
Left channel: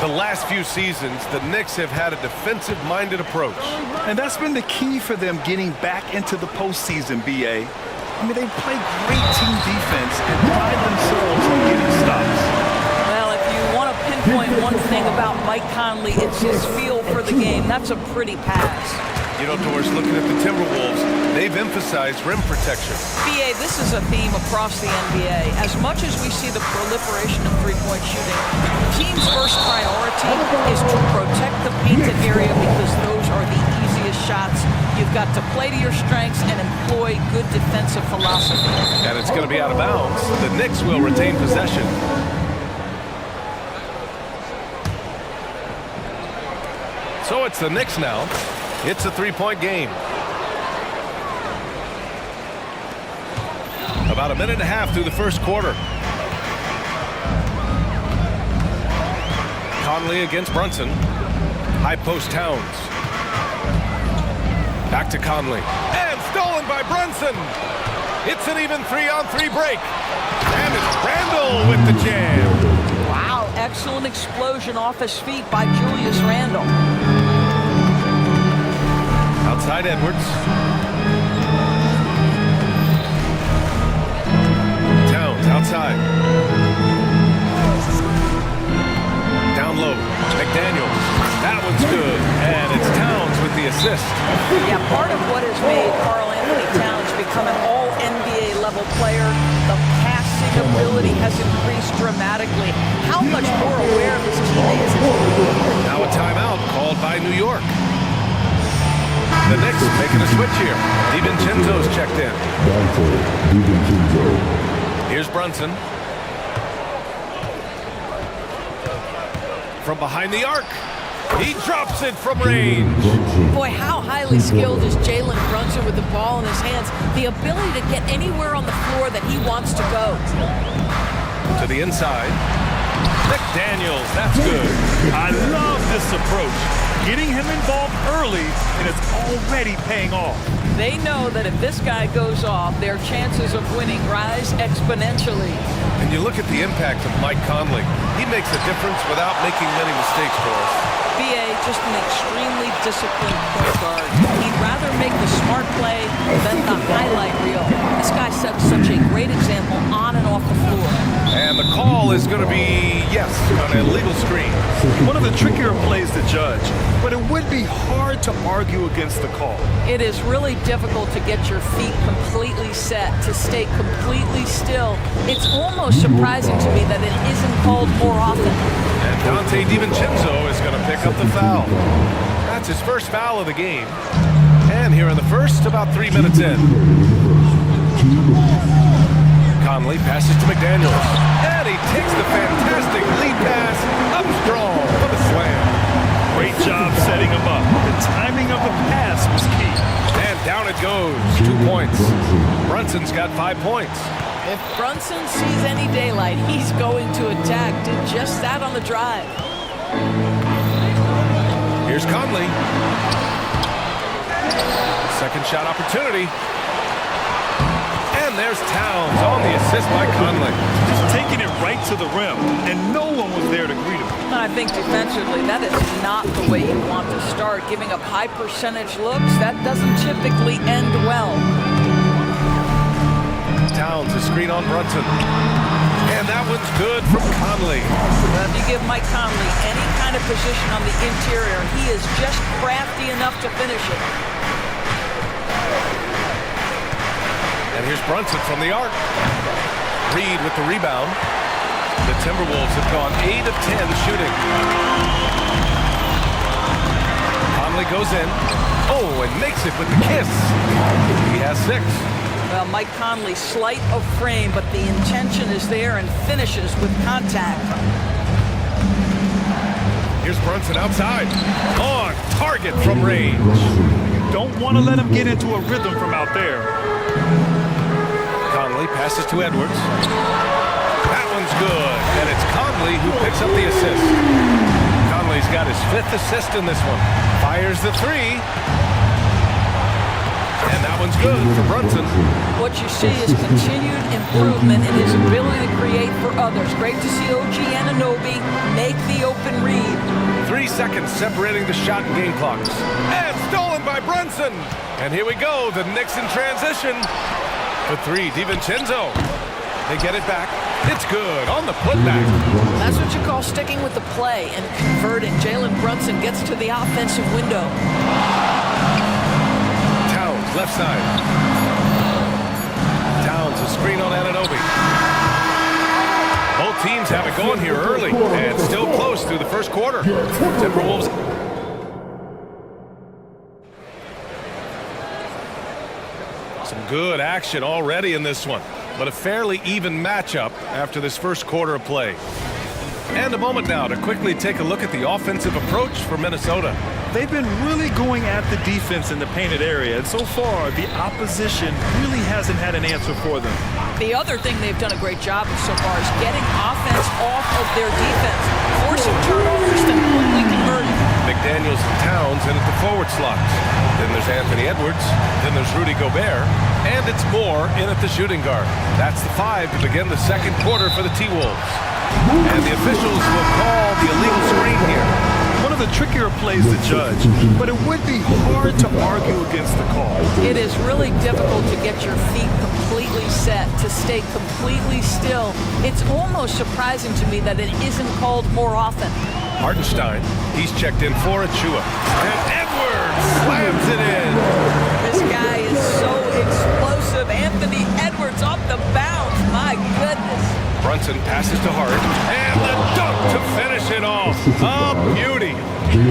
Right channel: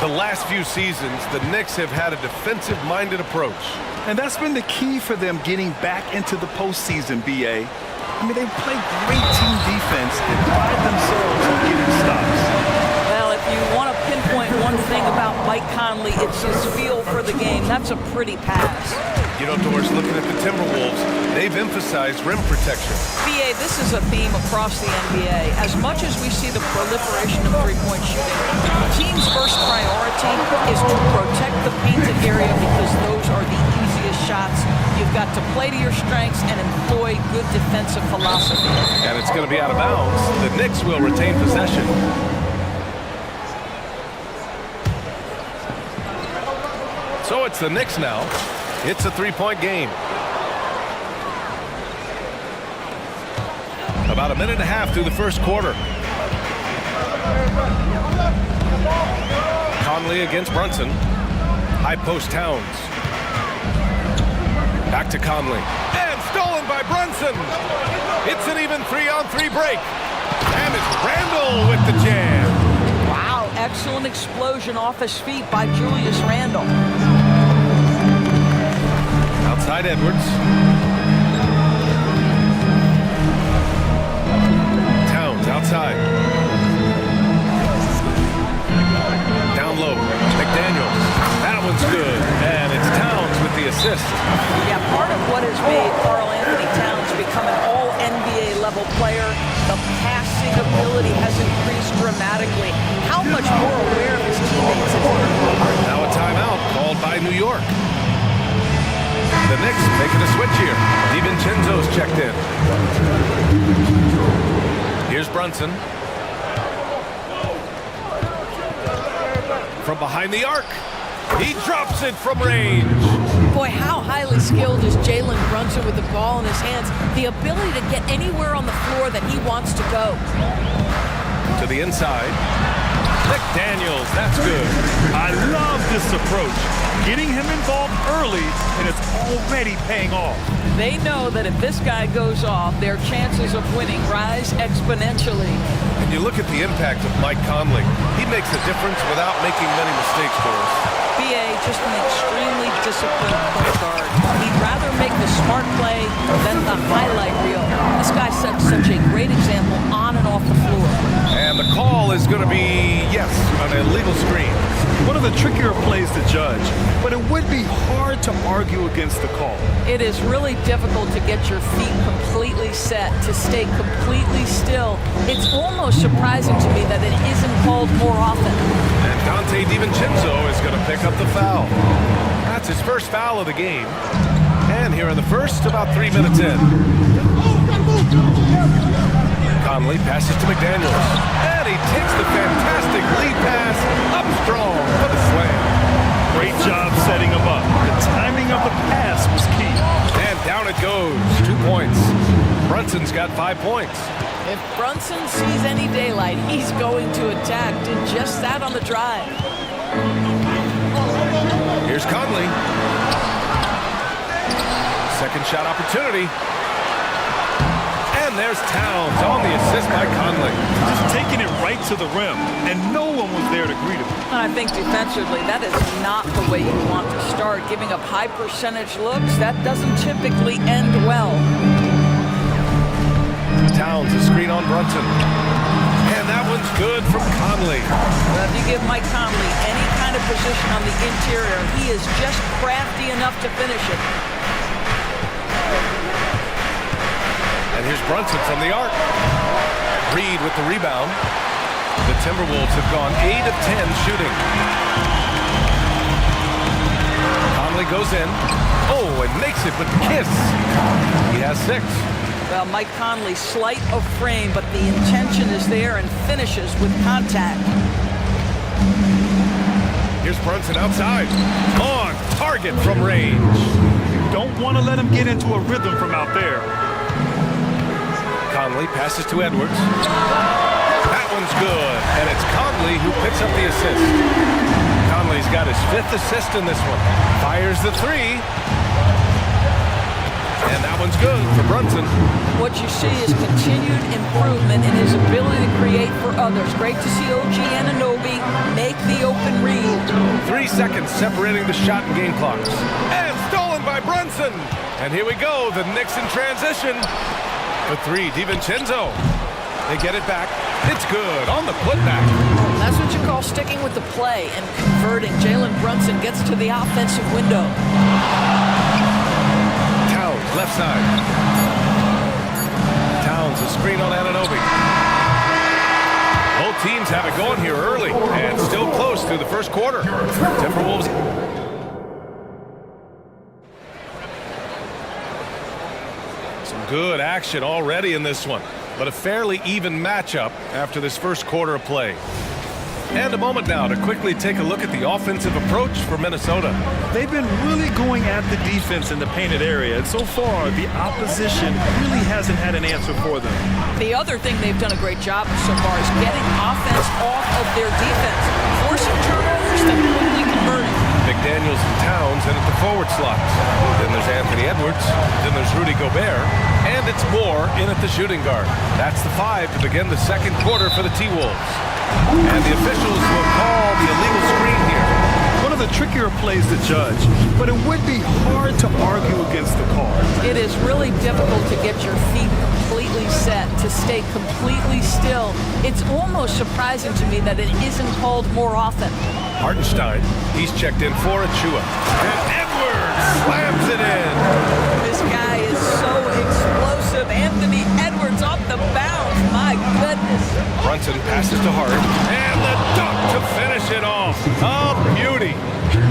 The last few seasons, the Knicks have had a defensive-minded approach. And that's been the key for them getting back into the postseason, B.A. I mean, they play great team defense and pride themselves on getting stops. Well, if you want to pinpoint one thing about Mike Conley, it's his feel for the game. That's a pretty pass. You know, Doris, looking at the Timberwolves, they've emphasized rim protection. BA, this is a theme across the NBA. As much as we see the proliferation of three-point shooting, the team's first priority is to protect the painted area because those are the easiest shots. You've got to play to your strengths and employ good defensive philosophy. And it's going to be out of bounds. The Knicks will retain possession. So it's the Knicks now. It's a three-point game. About a minute and a half through the first quarter. Conley against Brunson. High post Towns. Back to Conley. And stolen by Brunson. It's an even 3-on-3 break. And it's Randle with the jam. Wow, excellent explosion off his feet by Julius Randle. Outside Edwards. Towns outside. Down low. McDaniels. That one's good. And it's Towns with the assist. Yeah, part of what has made Karl Anthony Towns become an all-NBA level player, the passing ability has increased dramatically. How much more aware of his teammates is he? Now a timeout called by New York. The Knicks making a switch here. DiVincenzo's checked in. Here's Brunson. From behind the arc. He drops it from range. Boy, how highly skilled is Jalen Brunson with the ball in his hands. The ability to get anywhere on the floor that he wants to go. To the inside. McDaniels, that's good. I love this approach. Getting him involved early, and it's already paying off. They know that if this guy goes off, their chances of winning rise exponentially. And you look at the impact of Mike Conley. He makes a difference without making many mistakes, Doris. BA, just an extremely disciplined point guard. He'd rather make the smart play than the highlight reel. This guy sets such a great example on and off the floor. And the call is going to be, yes, an illegal screen. One of the trickier plays to judge, but it would be hard to argue against the call. It is really difficult to get your feet completely set, to stay completely still. It's almost surprising to me that it isn't called more often. And Dante DiVincenzo is going to pick up the foul. That's his first foul of the game. And here in the first, about 3 minutes in. Conley passes to McDaniels. And he takes the fantastic lead pass up strong for the slam. Great job setting him up. The timing of the pass was key. And down it goes. 2 points. Brunson's got 5 points. If Brunson sees any daylight, he's going to attack. Did just that on the drive. Here's Conley. Second shot opportunity. And And there's Towns on the assist by Conley. Just taking it right to the rim, and no one was there to greet him. I think defensively, that is not the way you want to start. Giving up high percentage looks, that doesn't typically end well. Towns, a screen on Brunson. And that one's good from Conley. Well, if you give Mike Conley any kind of position on the interior, he is just crafty enough to finish it. And here's Brunson from the arc. Reed with the rebound. The Timberwolves have gone 8 of 10 shooting. Conley goes in. Oh, and makes it with the kiss. He has 6. Well, Mike Conley, slight of frame, but the intention is there and finishes with contact. Here's Brunson outside. On target from range. You don't want to let him get into a rhythm from out there. Conley passes to Edwards. That one's good, and it's Conley who picks up the assist. Conley's got his 5th assist in this one. Fires the 3. And that one's good for Brunson. What you see is continued improvement in his ability to create for others. Great to see OG Anunoby make the open read. 3 seconds separating the shot and game clocks. And stolen by Brunson. And here we go, the Knicks in transition. For 3, DiVincenzo. They get it back. It's good on the putback. That's what you call sticking with the play and converting. Jalen Brunson gets to the offensive window. Towns, left side. Towns, a screen on Anunoby. Both teams have it going here early and still close through the first quarter. Timberwolves. Some good action already in this one, but a fairly even matchup after this first quarter of play. And a moment now to quickly take a look at the offensive approach for Minnesota. They've been really going at the defense in the painted area, and so far, the opposition really hasn't had an answer for them. The other thing they've done a great job of so far is getting offense off of their defense, forcing turnovers, then quickly converting. McDaniels and Towns in at the forward slots. Then there's Anthony Edwards. Then there's Rudy Gobert. And it's Moore in at the shooting guard. That's the 5 to begin the second quarter for the T-Wolves. And the officials will call the illegal screen here. One of the trickier plays to judge, but it would be hard to argue against the call. It is really difficult to get your feet completely set, to stay completely still. It's almost surprising to me that it isn't called more often. Hartenstein, he's checked in for Achua. And Edwards slams it in. This guy is so explosive. Anthony Edwards off the bounce. My goodness. Brunson passes to Hart. And the dunk to finish it off. A beauty.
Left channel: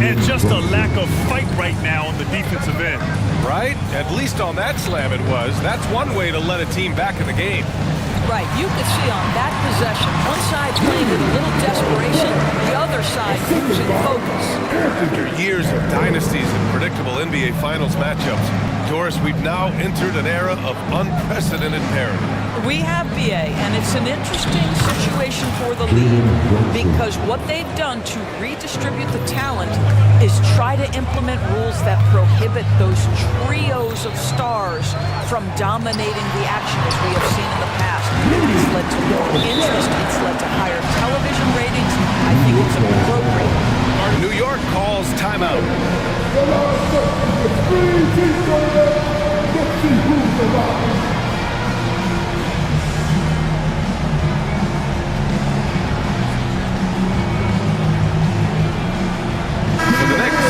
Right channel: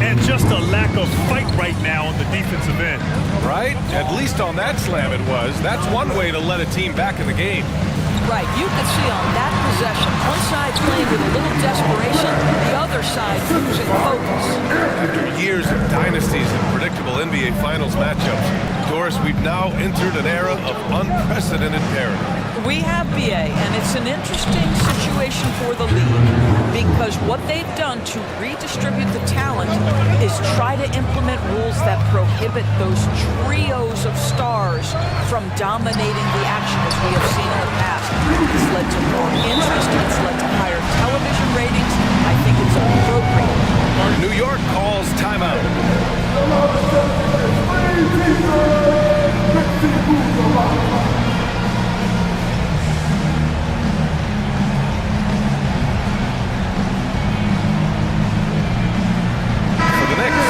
And just a lack of fight right now on the defensive end. Right? At least on that slam it was. That's one way to let a team back in the game. Right, you could see on that possession, one side playing with a little desperation, the other side losing focus. After years of dynasties and predictable NBA Finals matchups, Doris, we've now entered an era of unprecedented parity. We have, BA, and it's an interesting situation for the league because what they've done to redistribute the talent is try to implement rules that prohibit those trios of stars from dominating the action as we have seen in the past. It's led to more interest. It's led to higher television ratings. I think it's appropriate. New York calls timeout. For the Knicks,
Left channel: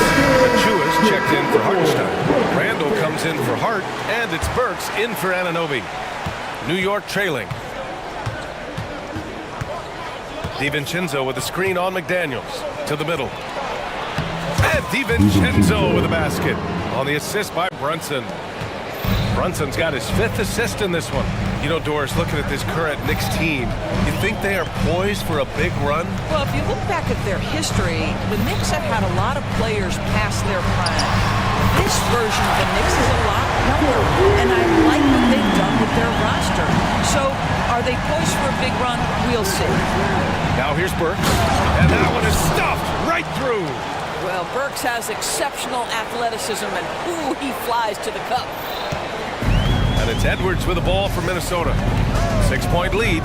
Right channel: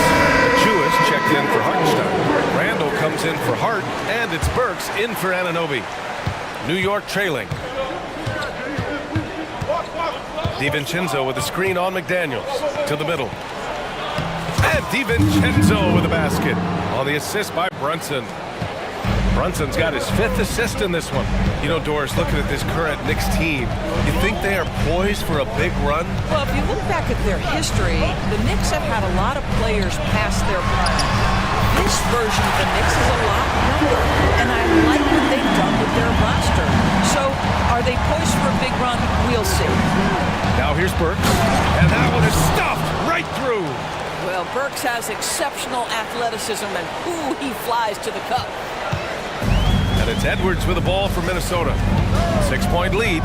Achua's checked in for Hartenstein. Randall comes in for Hart, and it's Burks in for Anunoby. New York trailing. DiVincenzo with a screen on McDaniels to the middle. And DiVincenzo with a basket on the assist by Brunson. Brunson's got his 5th assist in this one. You know, Doris, looking at this current Knicks team, you think they are poised for a big run? Well, if you look back at their history, the Knicks have had a lot of players past their prime. This version of the Knicks is a lot younger, and I like what they've done with their roster. So, are they poised for a big run? We'll see. Now here's Burks, and that one is stuffed right through. Well, Burks has exceptional athleticism, and ooh, he flies to the cup. And it's Edwards with the ball for Minnesota. 6-point lead.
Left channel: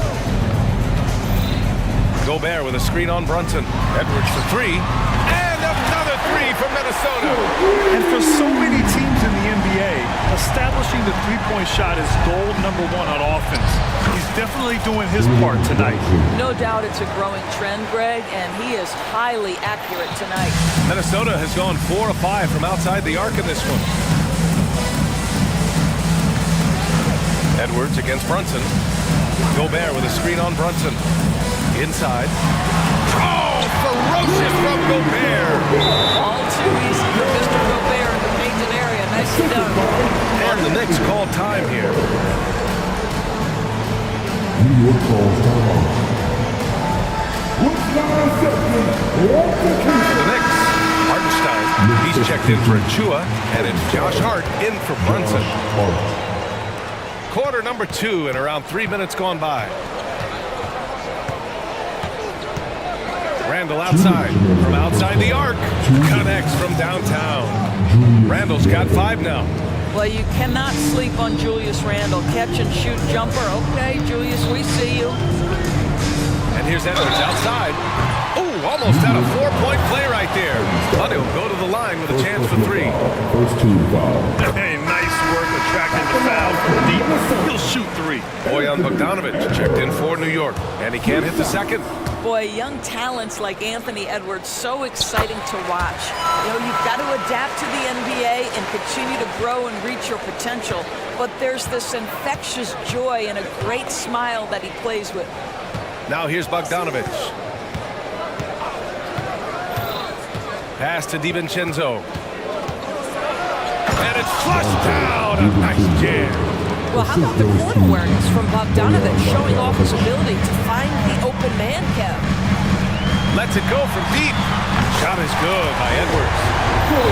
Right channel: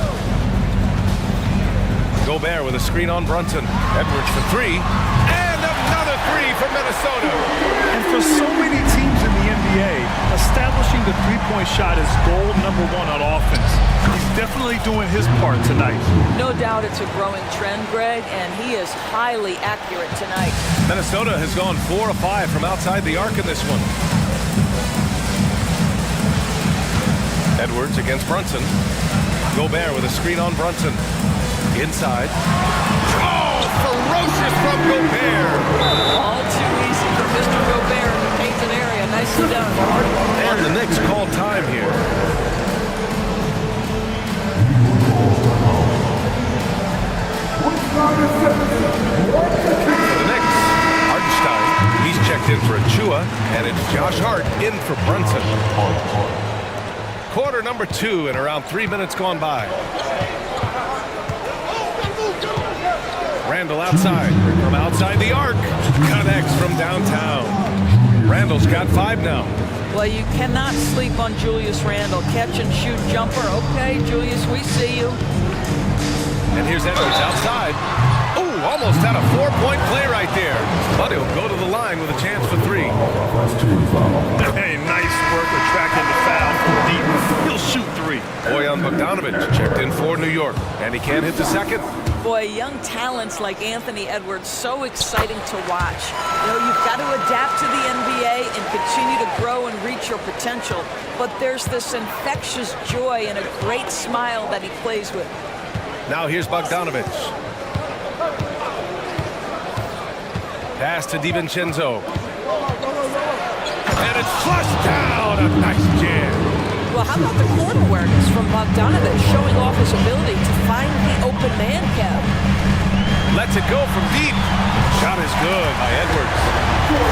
Gobert with a screen on Brunson. Edwards for three. And another three for Minnesota. And for so many teams in the NBA, establishing the three-point shot is goal number one on offense. He's definitely doing his part tonight. No doubt it's a growing trend, Greg, and he is highly accurate tonight. Minnesota has gone 4 of 5 from outside the arc in this one. Edwards against Brunson. Gobert with a screen on Brunson. Inside. Oh, ferocious from Gobert. All too easy for Mr. Gobert in the painted area. Nicely done. And the Knicks call time here. For the Knicks, Hartenstein. He's checked in for Achua, and it's Josh Hart in for Brunson. Quarter number 2 and around 3 minutes gone by. Randall outside. From outside the arc. Connects from downtown. Randall's got 5 now. Well, you cannot sleep on Julius Randle. Catch and shoot jumper. Okay, Julius, we see you. And here's Edwards outside. Oh, almost had a 4-point play right there. But he'll go to the line with a chance for 3. First team foul. Hey, nice work attracting the foul from deep. He'll shoot 3. Bojan Bogdanovic checked in for New York. And he can't hit the second. Boy, young talents like Anthony Edwards, so exciting to watch. You know, you've got to adapt to the NBA and continue to grow and reach your potential. But there's this infectious joy and a great smile that he plays with. Now here's Bogdanovic. Pass to DiVincenzo. And it's flushed down. A nice jam. Well, how about the court awareness from Bogdanovic, showing off his ability to find the open man, Kev? Lets it go from deep. Shot is good by Edwards.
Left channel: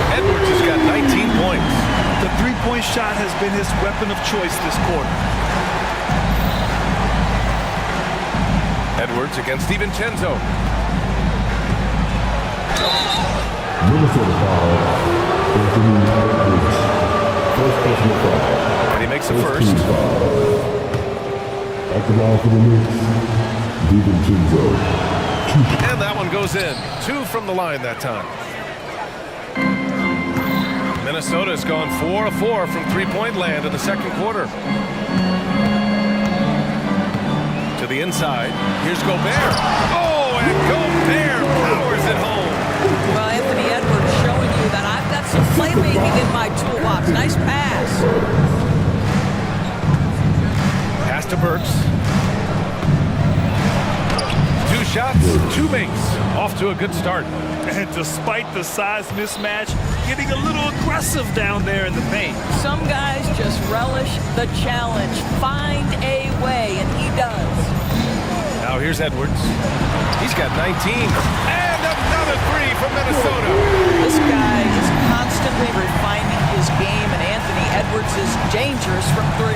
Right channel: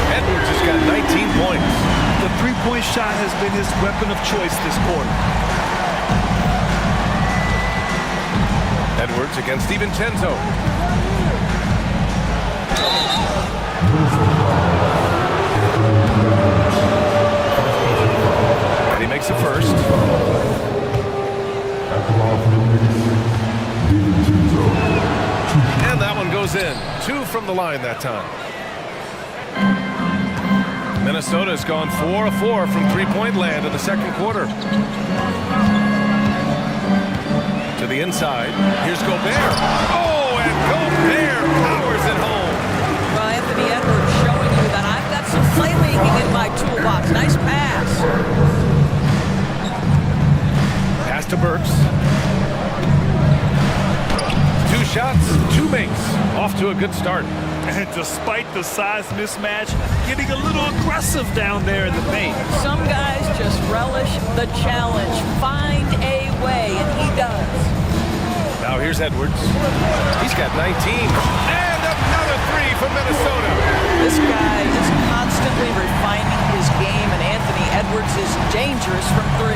Edwards has got 19 points. The three-point shot has been his weapon of choice this quarter. Edwards against DiVincenzo. And he makes the first. At the ball for the Knicks, DiVincenzo. And that one goes in. 2 from the line that time. Minnesota has gone 4 of 4 from three-point land in the second quarter. To the inside. Here's Gobert. Oh, and Gobert powers it home. Well, Anthony Edwards showing you that I've got some playmaking in my toolbox. Nice pass. Pass to Burks. 2 shots, 2 makes. Off to a good start. And despite the size mismatch, getting a little aggressive down there in the paint. Some guys just relish the challenge. Find a way, and he does. Now here's Edwards. He's got 19. And another 3 from Minnesota. This guy is constantly refining his game, and Anthony Edwards is dangerous from 3.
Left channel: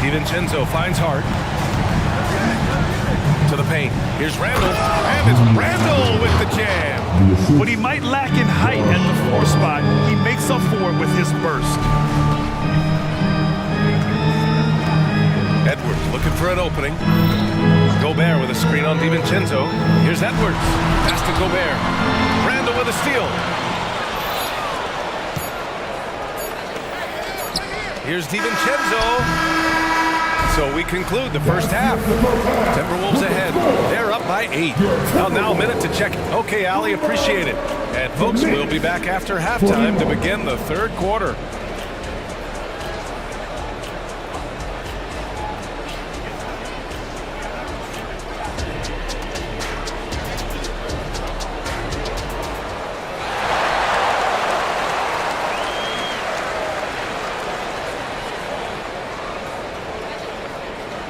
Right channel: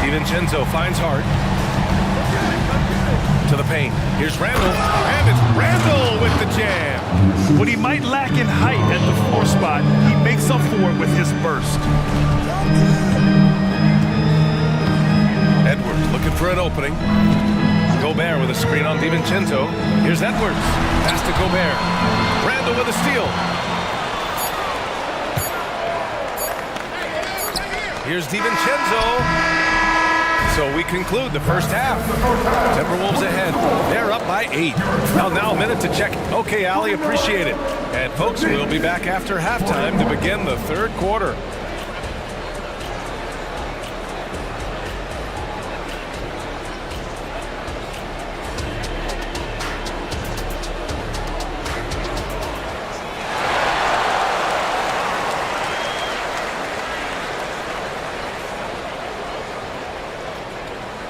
DiVincenzo finds Hart. To the paint. Here's Randall. And it's Randall with the jam. What he might lack in height at the 4 spot, he makes up for it with his burst. Edwards looking for an opening. Gobert with a screen on DiVincenzo. Here's Edwards. Pass to Gobert. Randall with a steal. Here's DiVincenzo. So we conclude the first half. Timberwolves ahead. They're up by 8. Now a minute to check. Okay, Ali, appreciate it. And folks, we'll be back after halftime to begin the third quarter.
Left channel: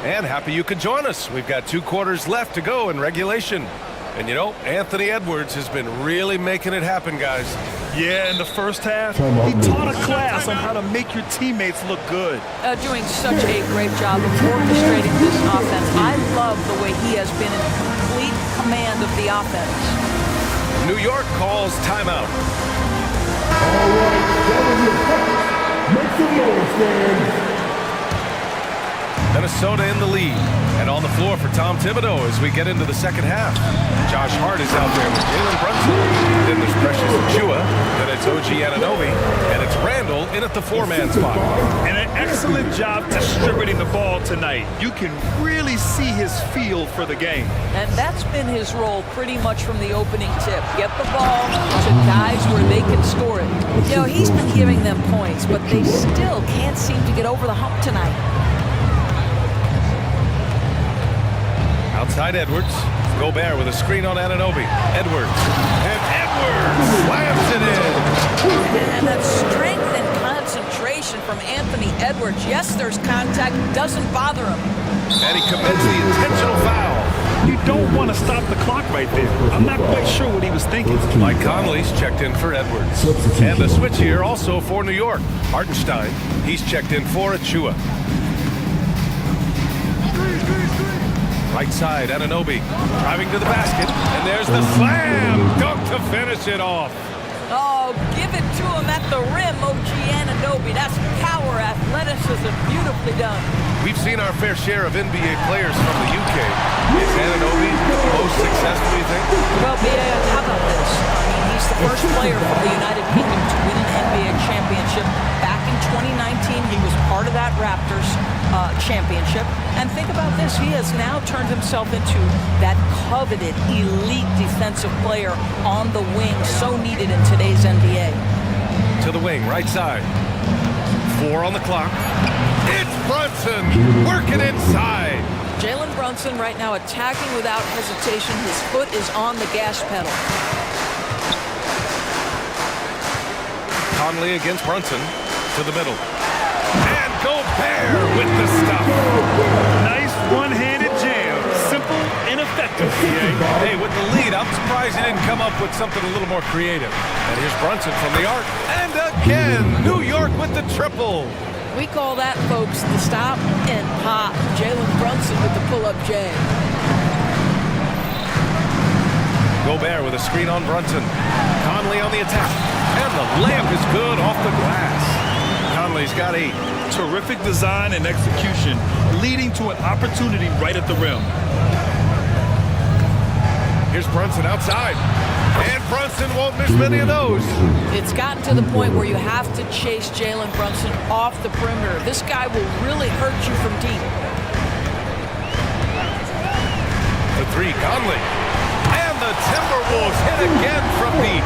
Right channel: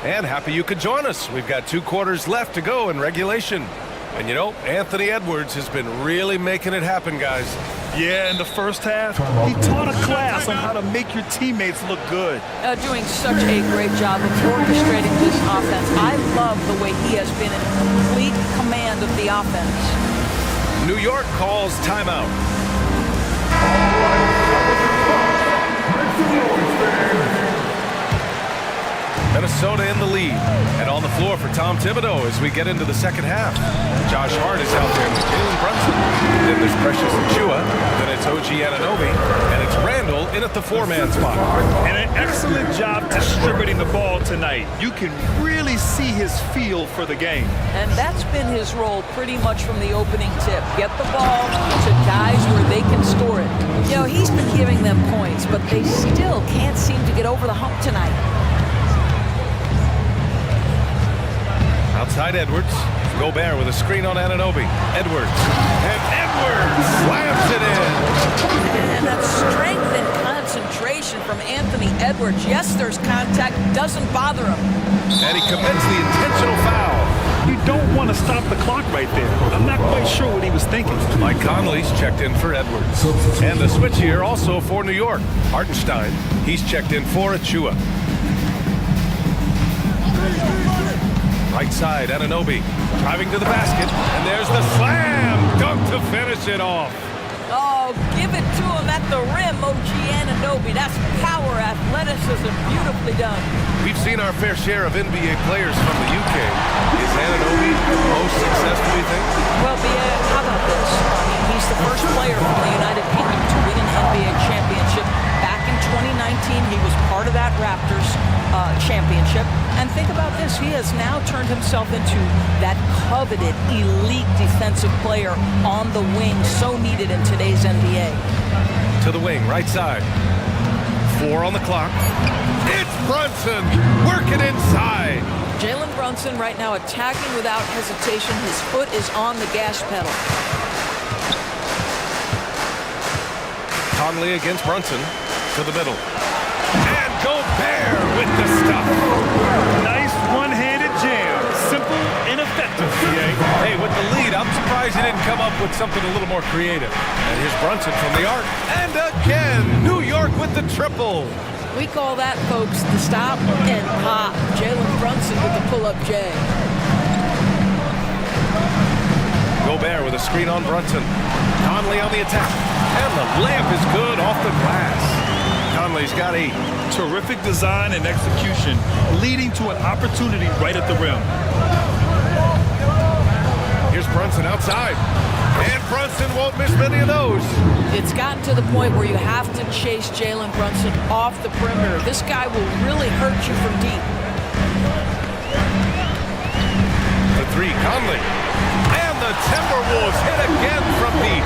And happy you could join us. We've got 2 quarters left to go in regulation. And you know, Anthony Edwards has been really making it happen, guys. Yeah, in the first half, he taught a class on how to make your teammates look good. Doing such a great job of orchestrating this offense. I love the way he has been in complete command of the offense. New York calls timeout. All right, Minnesota in the lead. And on the floor for Tom Thibodeau as we get into the second half. Josh Hart is out there with Jalen Brunson. Then there's Precious Achua. Then it's OG Anunoby. And it's Randall in at the four-man spot. And an excellent job distributing the ball tonight. You can really see his feel for the game. And that's been his role pretty much from the opening tip. Get the ball to guys where they can score it. You know, he's been giving them points, but they still can't seem to get over the hump tonight. Outside Edwards. Gobert with a screen on Anunoby. Edwards. And Edwards slams it in. And that strength and concentration from Anthony Edwards. Yes, there's contact. Doesn't bother him. And he commits the intentional foul. You don't want to stop the clock right there. I'm not quite sure what he was thinking. Mike Conley's checked in for Edwards. And the switch here also for New York. Hartenstein, he's checked in for Achua. Right side, Anunoby driving to the basket, and there's the slam dunk to finish it off. Oh, give it to him at the rim, OG Anunoby. That's power, athleticism, beautifully done. We've seen our fair share of NBA players from the UK. Is Anunoby the most successful, you think? Well, how about this? I mean, he's the first player from the United Kingdom to win an NBA championship. Back in 2019, he was part of that Raptors championship. And think about this, he has now turned himself into that coveted elite defensive player on the wing, so needed in today's NBA. To the wing, right side. 4 on the clock. It's Brunson working inside. Jalen Brunson right now attacking without hesitation. His foot is on the gas pedal. Conley against Brunson to the middle. And Gobert with the stuff. Nice one-handed jam. Simple and effective, PA. Hey, with the lead, I'm surprised he didn't come up with something a little more creative. And here's Brunson from the arc. And again, New York with the triple. We call that, folks, the stop and pop. Jalen Brunson with the pull-up J. Gobert with a screen on Brunson. Conley on the attack. And the layup is good off the glass. Conley's got 8. Terrific design and execution, leading to an opportunity right at the rim. Here's Brunson outside. And Brunson won't miss many of those. It's gotten to the point where you have to chase Jalen Brunson off the perimeter. This guy will really hurt you from deep. The 3, Conley. And the Timberwolves hit again from deep.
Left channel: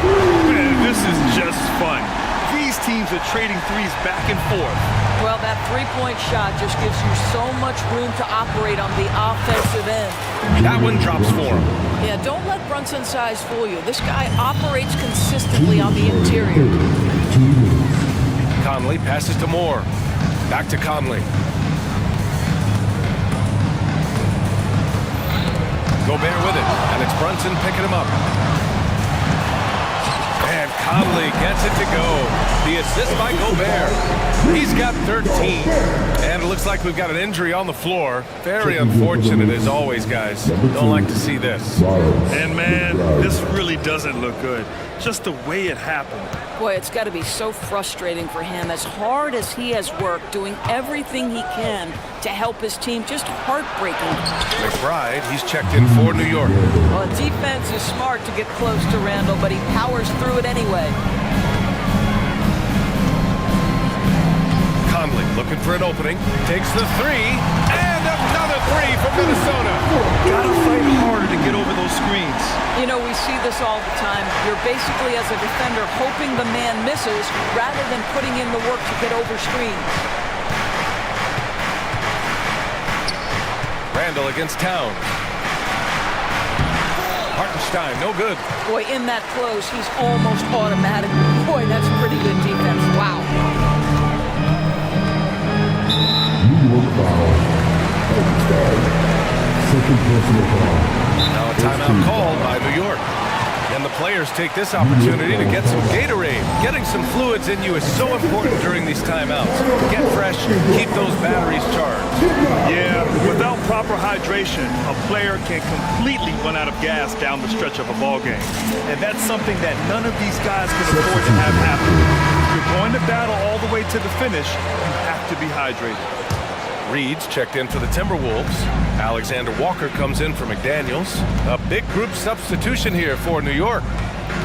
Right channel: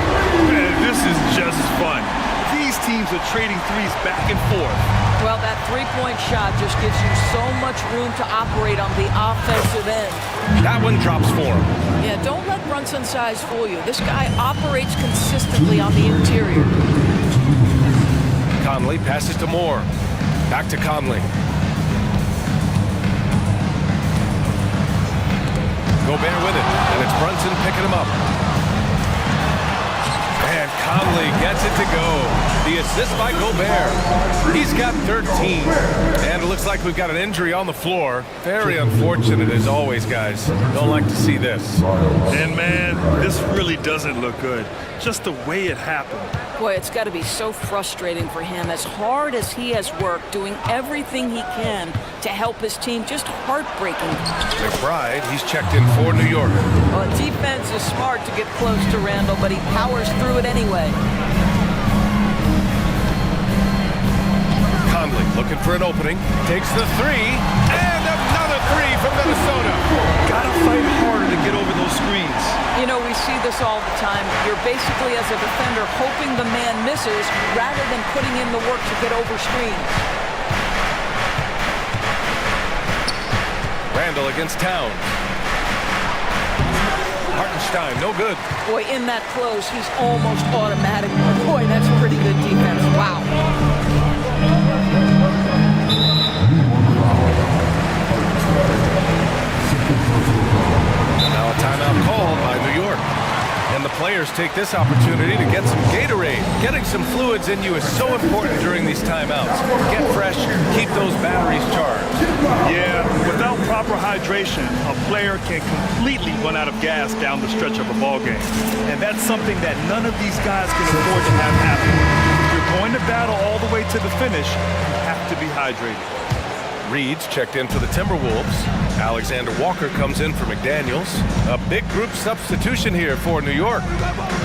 Man, this is just fun. These teams are trading threes back and forth. Well, that three-point shot just gives you so much room to operate on the offensive end. That one drops for him. Yeah, don't let Brunson's size fool you. This guy operates consistently on the interior. Conley passes to Moore. Back to Conley. Gobert with it, and it's Brunson picking him up. And Conley gets it to go. The assist by Gobert. He's got 13. And it looks like we've got an injury on the floor. Very unfortunate as always, guys. Don't like to see this. And man, this really doesn't look good. Just the way it happened. Boy, it's got to be so frustrating for him. As hard as he has worked, doing everything he can to help his team, just heartbreaking. McBride, he's checked in for New York. Well, defense is smart to get close to Randall, but he powers through it anyway. Conley looking for an opening, takes the 3, and another 3 from Minnesota. Gotta fight harder to get over those screens. You know, we see this all the time. You're basically, as a defender, hoping the man misses rather than putting in the work to get over screens. Randall against Towns. Hartenstein, no good. Boy, in that close, he's almost automatic. Boy, that's pretty good defense. Wow. Now a timeout called by New York. And the players take this opportunity to get some Gatorade. Getting some fluids in you is so important during these timeouts. Get fresh, keep those batteries charged. Yeah, without proper hydration, a player can completely run out of gas down the stretch of a ball game. And that's something that none of these guys can afford to have happen. you're going to battle all the way to the finish, you have to be hydrated. Reed's checked in for the Timberwolves. Alexander Walker comes in for McDaniels. A big group substitution here for New York.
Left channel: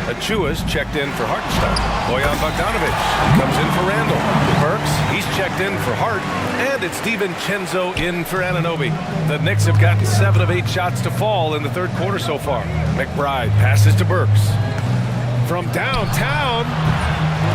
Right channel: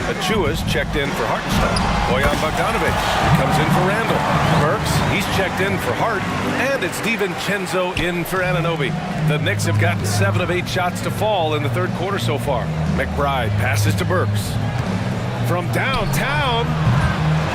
Achua's checked in for Hartenstein. Bojan Bogdanovic comes in for Randall. Burks, he's checked in for Hart. And it's DiVincenzo in for Anunoby. The Knicks have gotten 7 of 8 shots to fall in the third quarter so far. McBride passes to Burks. From downtown,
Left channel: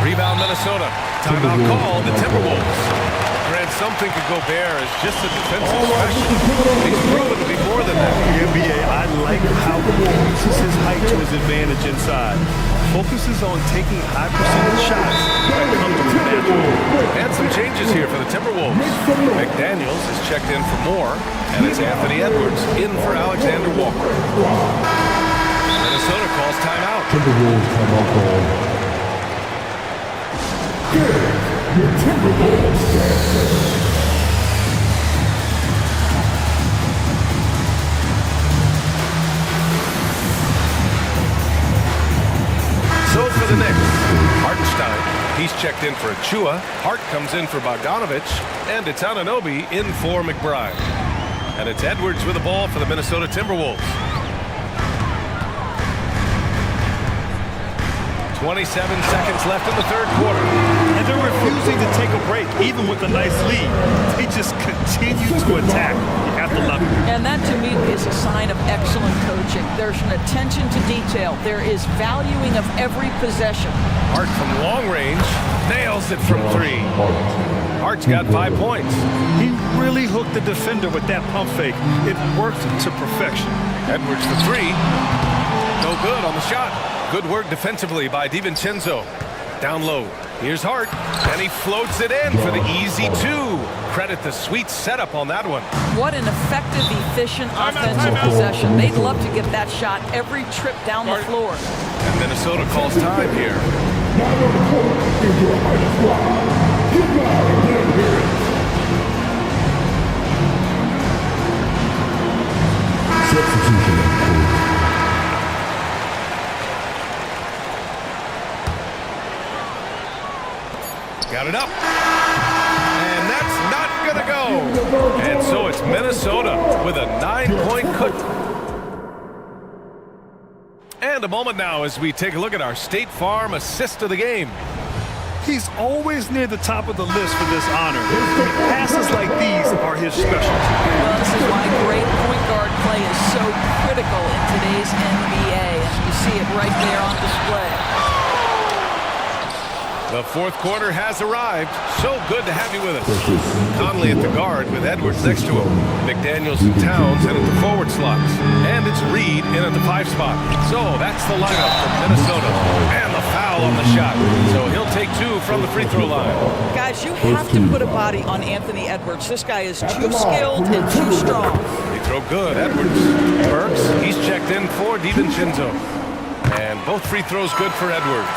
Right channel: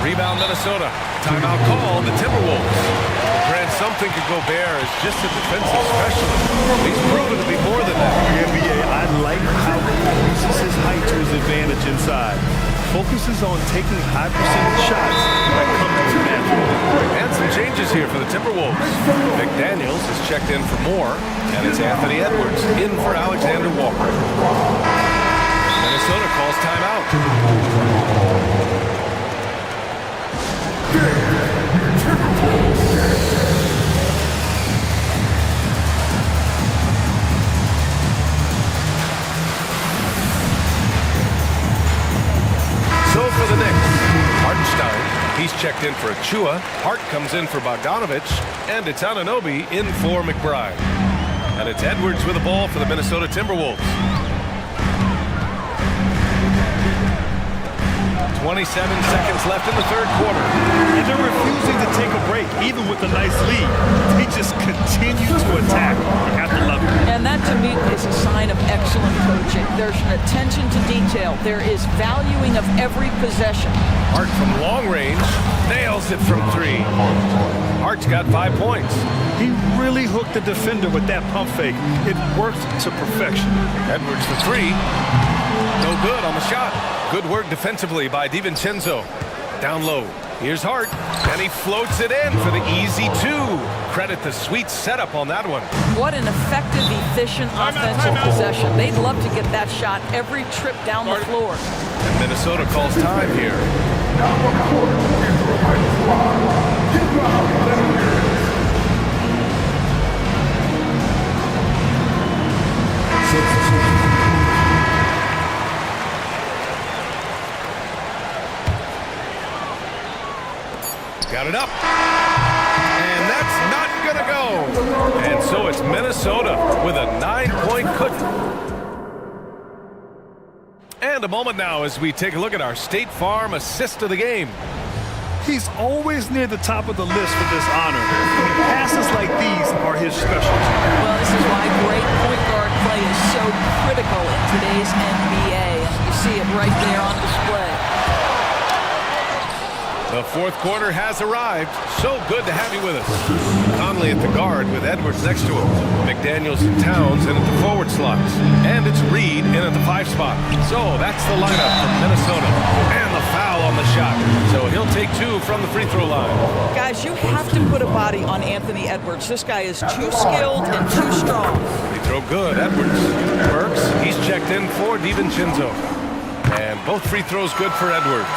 rebound Minnesota. Timeout called the Timberwolves. Grant, something could go bare as just a defensive specialist. He's proven to be more than that. The NBA, I like how he uses his height to his advantage inside. Focuses on taking high percentage shots that come to him naturally. And some changes here for the Timberwolves. McDaniels is checked in for Moore, and it's Anthony Edwards in for Alexander Walker. Minnesota calls timeout. Timberwolves timeout call. Your Timberwolves. So for the Knicks, Hartenstein, he's checked in for Achua. Hart comes in for Bogdanovic, and it's Anunoby in for McBride. And it's Edwards with the ball for the Minnesota Timberwolves. 27 seconds left in the third quarter. And they're refusing to take a break, even with a nice lead. They just continue to attack. You have to love it. And that, to me, is a sign of excellent coaching. There's an attention to detail. There is valuing of every possession. Hart from long range nails it from 3. Hart's got 5 points. He really hooked the defender with that pump fake. It worked to perfection. Edwards for 3. No good on the shot. Good work defensively by DiVincenzo. Down low. Here's Hart, and he floats it in for the easy 2. Credit the sweet setup on that one. What an effective, efficient offensive possession. They'd love to get that shot every trip down the floor. And Minnesota calls time here. Now on the court is your mighty squad. Hit loud and let 'em hear it. Substitution on the court. Got it up. And that's not going to go. And so it's Minnesota with a 9-point cut. And a moment now as we take a look at our State Farm assist of the game. He's always near the top of the list for this honor. I mean, passes like these are his specialty. Well, this is why great point guard play is so critical in today's NBA. And you see it right there on display. The fourth quarter has arrived. So good to have you with us. Conley at the guard with Edwards next to him. McDaniels and Towns in at the forward slots. And it's Reed in at the 5 spot. So that's the lineup from Minnesota. And the foul on the shot. So he'll take 2 from the free throw line. Guys, you have to put a body on Anthony Edwards. This guy is too skilled and too strong. Free throw good. Edwards. Burks, he's checked in for DiVincenzo. And both free throws good for Edwards.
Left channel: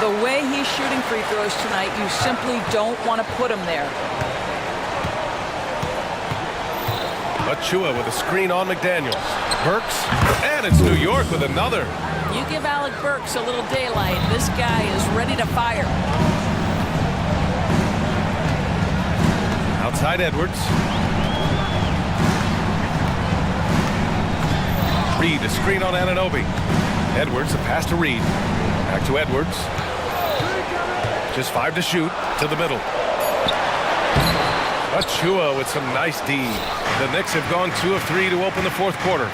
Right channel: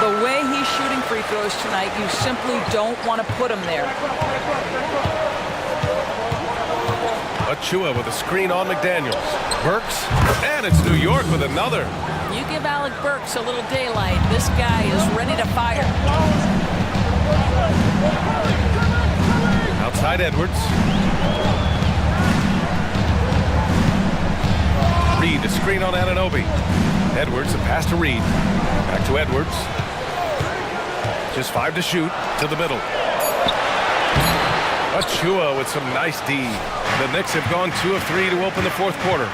The way he's shooting free throws tonight, you simply don't want to put him there. Achua with a screen on McDaniels. Burks, and it's New York with another. You give Alec Burks a little daylight. This guy is ready to fire. Outside Edwards. Reed, a screen on Anunoby. Edwards, a pass to Reed. Back to Edwards. Just 5 to shoot, to the middle. Achua with some nice D. The Knicks have gone 2 of 3 to open the fourth quarter.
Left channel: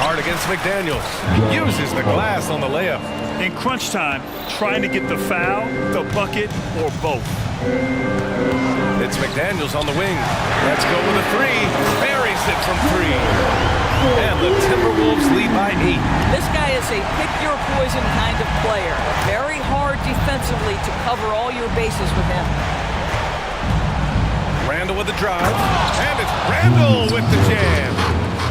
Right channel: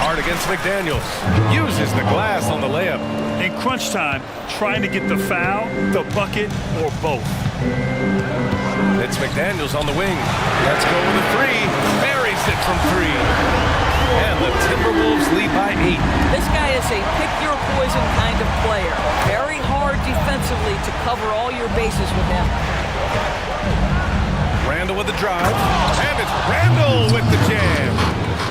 Hard against McDaniels. Uses the glass on the layup. In crunch time, trying to get the foul, the bucket, or both. It's McDaniels on the wing. Let's go with a 3. Buries it from 3. And the Timberwolves lead by 8. This guy is a pick-your-poison kind of player. Very hard defensively to cover all your bases with him. Randall with the drive. And it's Randall with the jam.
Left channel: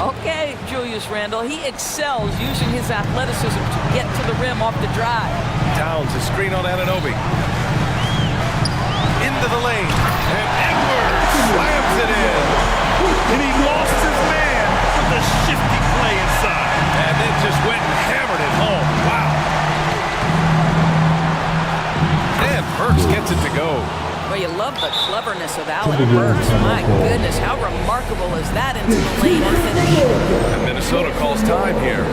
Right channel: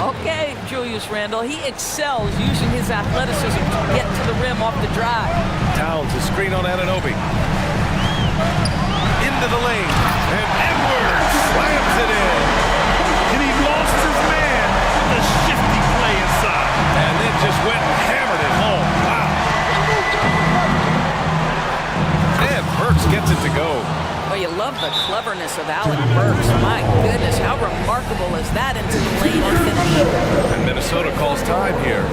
Okay, Julius Randle. He excels using his athleticism to get to the rim off the drive. Towns, a screen on Anunoby. Into the lane. And Edwards slams it in. And he lost his man with a shifty play inside. And then just went and hammered it home. Wow. Burks gets it to go. Well, you love the cleverness of Alec Burks. My goodness, how remarkable is that into the lane and finish? And Minnesota calls time here.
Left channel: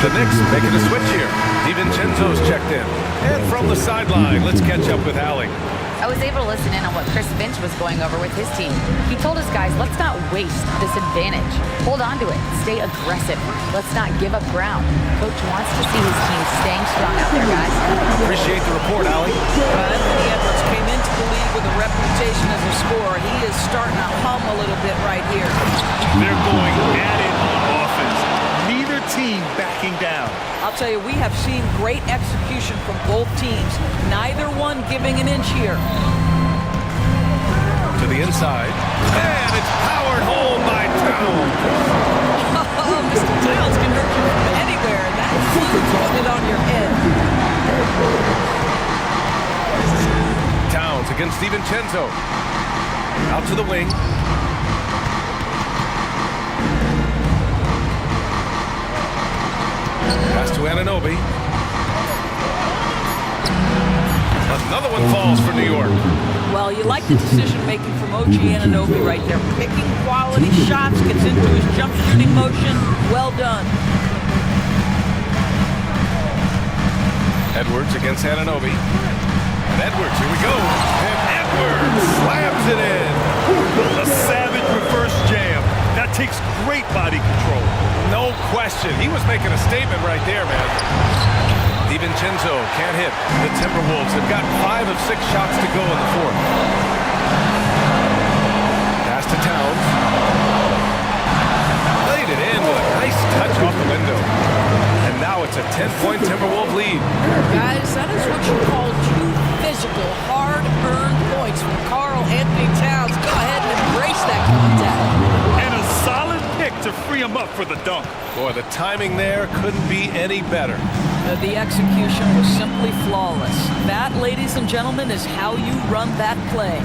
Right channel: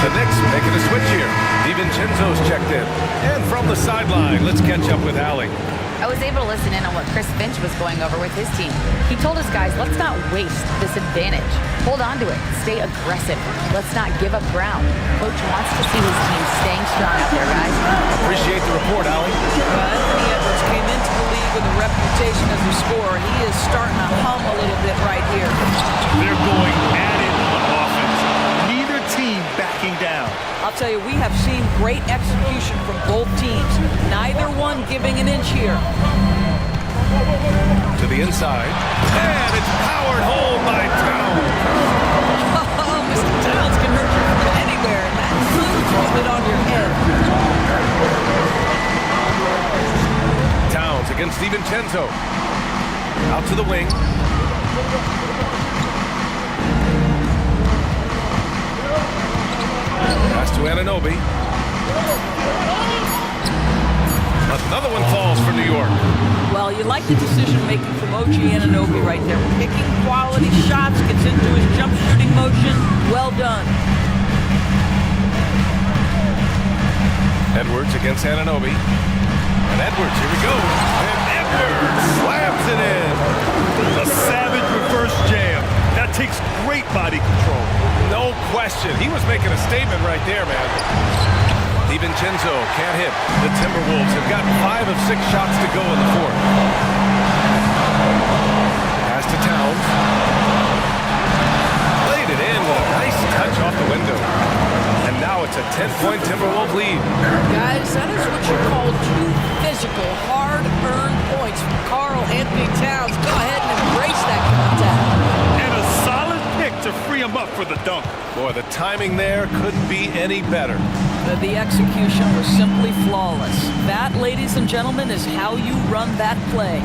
The Knicks making a switch here. DiVincenzo's checked in. And from the sideline, let's catch up with Allie. I was able to listen in on what Chris Finch was going over with his team. He told his guys, let's not waste this advantage. Hold on to it. Stay aggressive. Let's not give up ground. Coach wants to see his team staying strong out there, guys. Appreciate the report, Allie. Well, Anthony Edwards came into the league with a reputation as a scorer. He is starting to hum a little bit right here. They're going at it on offense. Neither team backing down. I'll tell you, we have seen great execution from both teams. Neither one giving an inch here. To the inside. And it's powered home by Towns. Oh, Mr. Towns can hurt you from anywhere, and that includes putting it on your head. Towns against DiVincenzo. Out to the wing. Pass to Anunoby. Another one falls for New York. Well, you like the decision-making from OG Anunoby right there. Picking quality shots, gets into his jump shooting motion. Well done. Edwards against Anunoby. And Edwards, here we go. And Edwards slams it in. A savage reverse jam. That takes great body control. No question. He was making a statement right there, man. DiVincenzo can't hit. The Timberwolves have got 5 of 6 shots to go in the fourth. Pass to Towns. Laid it in with a nice touch off the window. And now it's a 10-point Timberwolves lead. Guys, that is what you call 2 physical, hard-earned points from Karl Anthony Towns. Go ahead and embrace that contact. And a solid pick to free him up for the dunk. Boy, the timing there couldn't be any better. The execution was simply flawless. That, ladies and gentlemen, is how you run that play.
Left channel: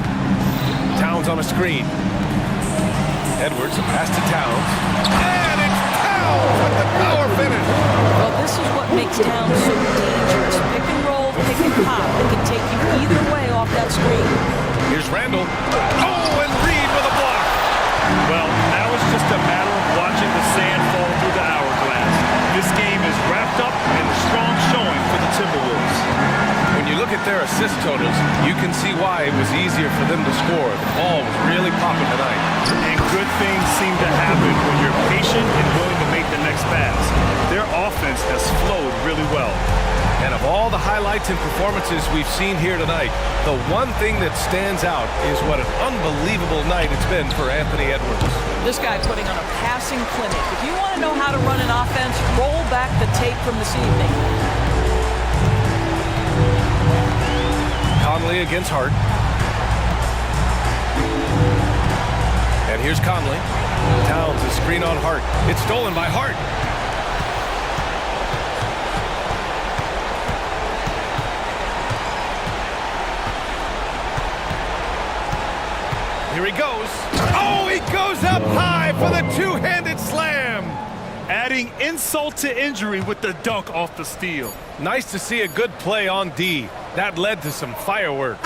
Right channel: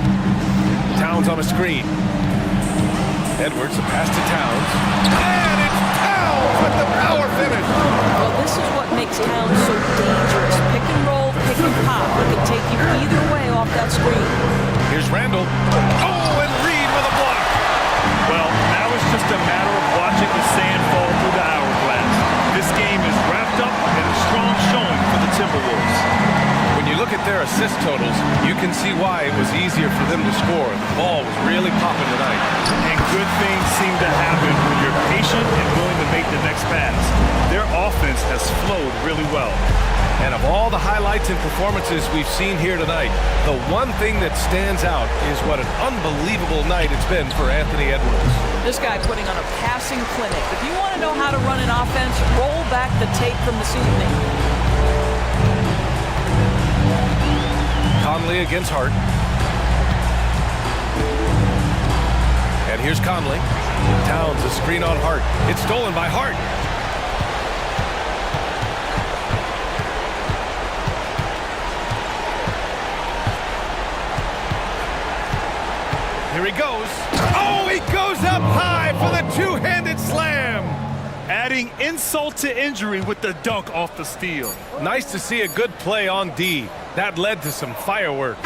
Towns on a screen. Edwards, a pass to Towns. And it's Towns with the power finish. Well, this is what makes Towns so dangerous. Pick and roll, pick and pop. He can take you either way off that screen. Here's Randall. Oh, and Reed with a block. Well, now it's just a matter of watching the sand fall through the hourglass. This game is wrapped up in a strong showing for the Timberwolves. When you look at their assist totals, you can see why it was easier for them to score. The ball was really popping tonight. And good things seem to happen when you're patient and willing to make the next pass. Their offense has flowed really well. And of all the highlights and performances we've seen here tonight, the one thing that stands out is what an unbelievable night it's been for Anthony Edwards. This guy putting on a passing clinic. If you want to know how to run an offense, roll back the tape from this evening. Conley against Hart. And here's Conley. Towns, a screen on Hart. It's stolen by Hart. Here he goes. Oh, he goes up high for the two-handed slam. Adding insult to injury with the dunk off the steal. Nice to see a good play on D. That led to some fireworks.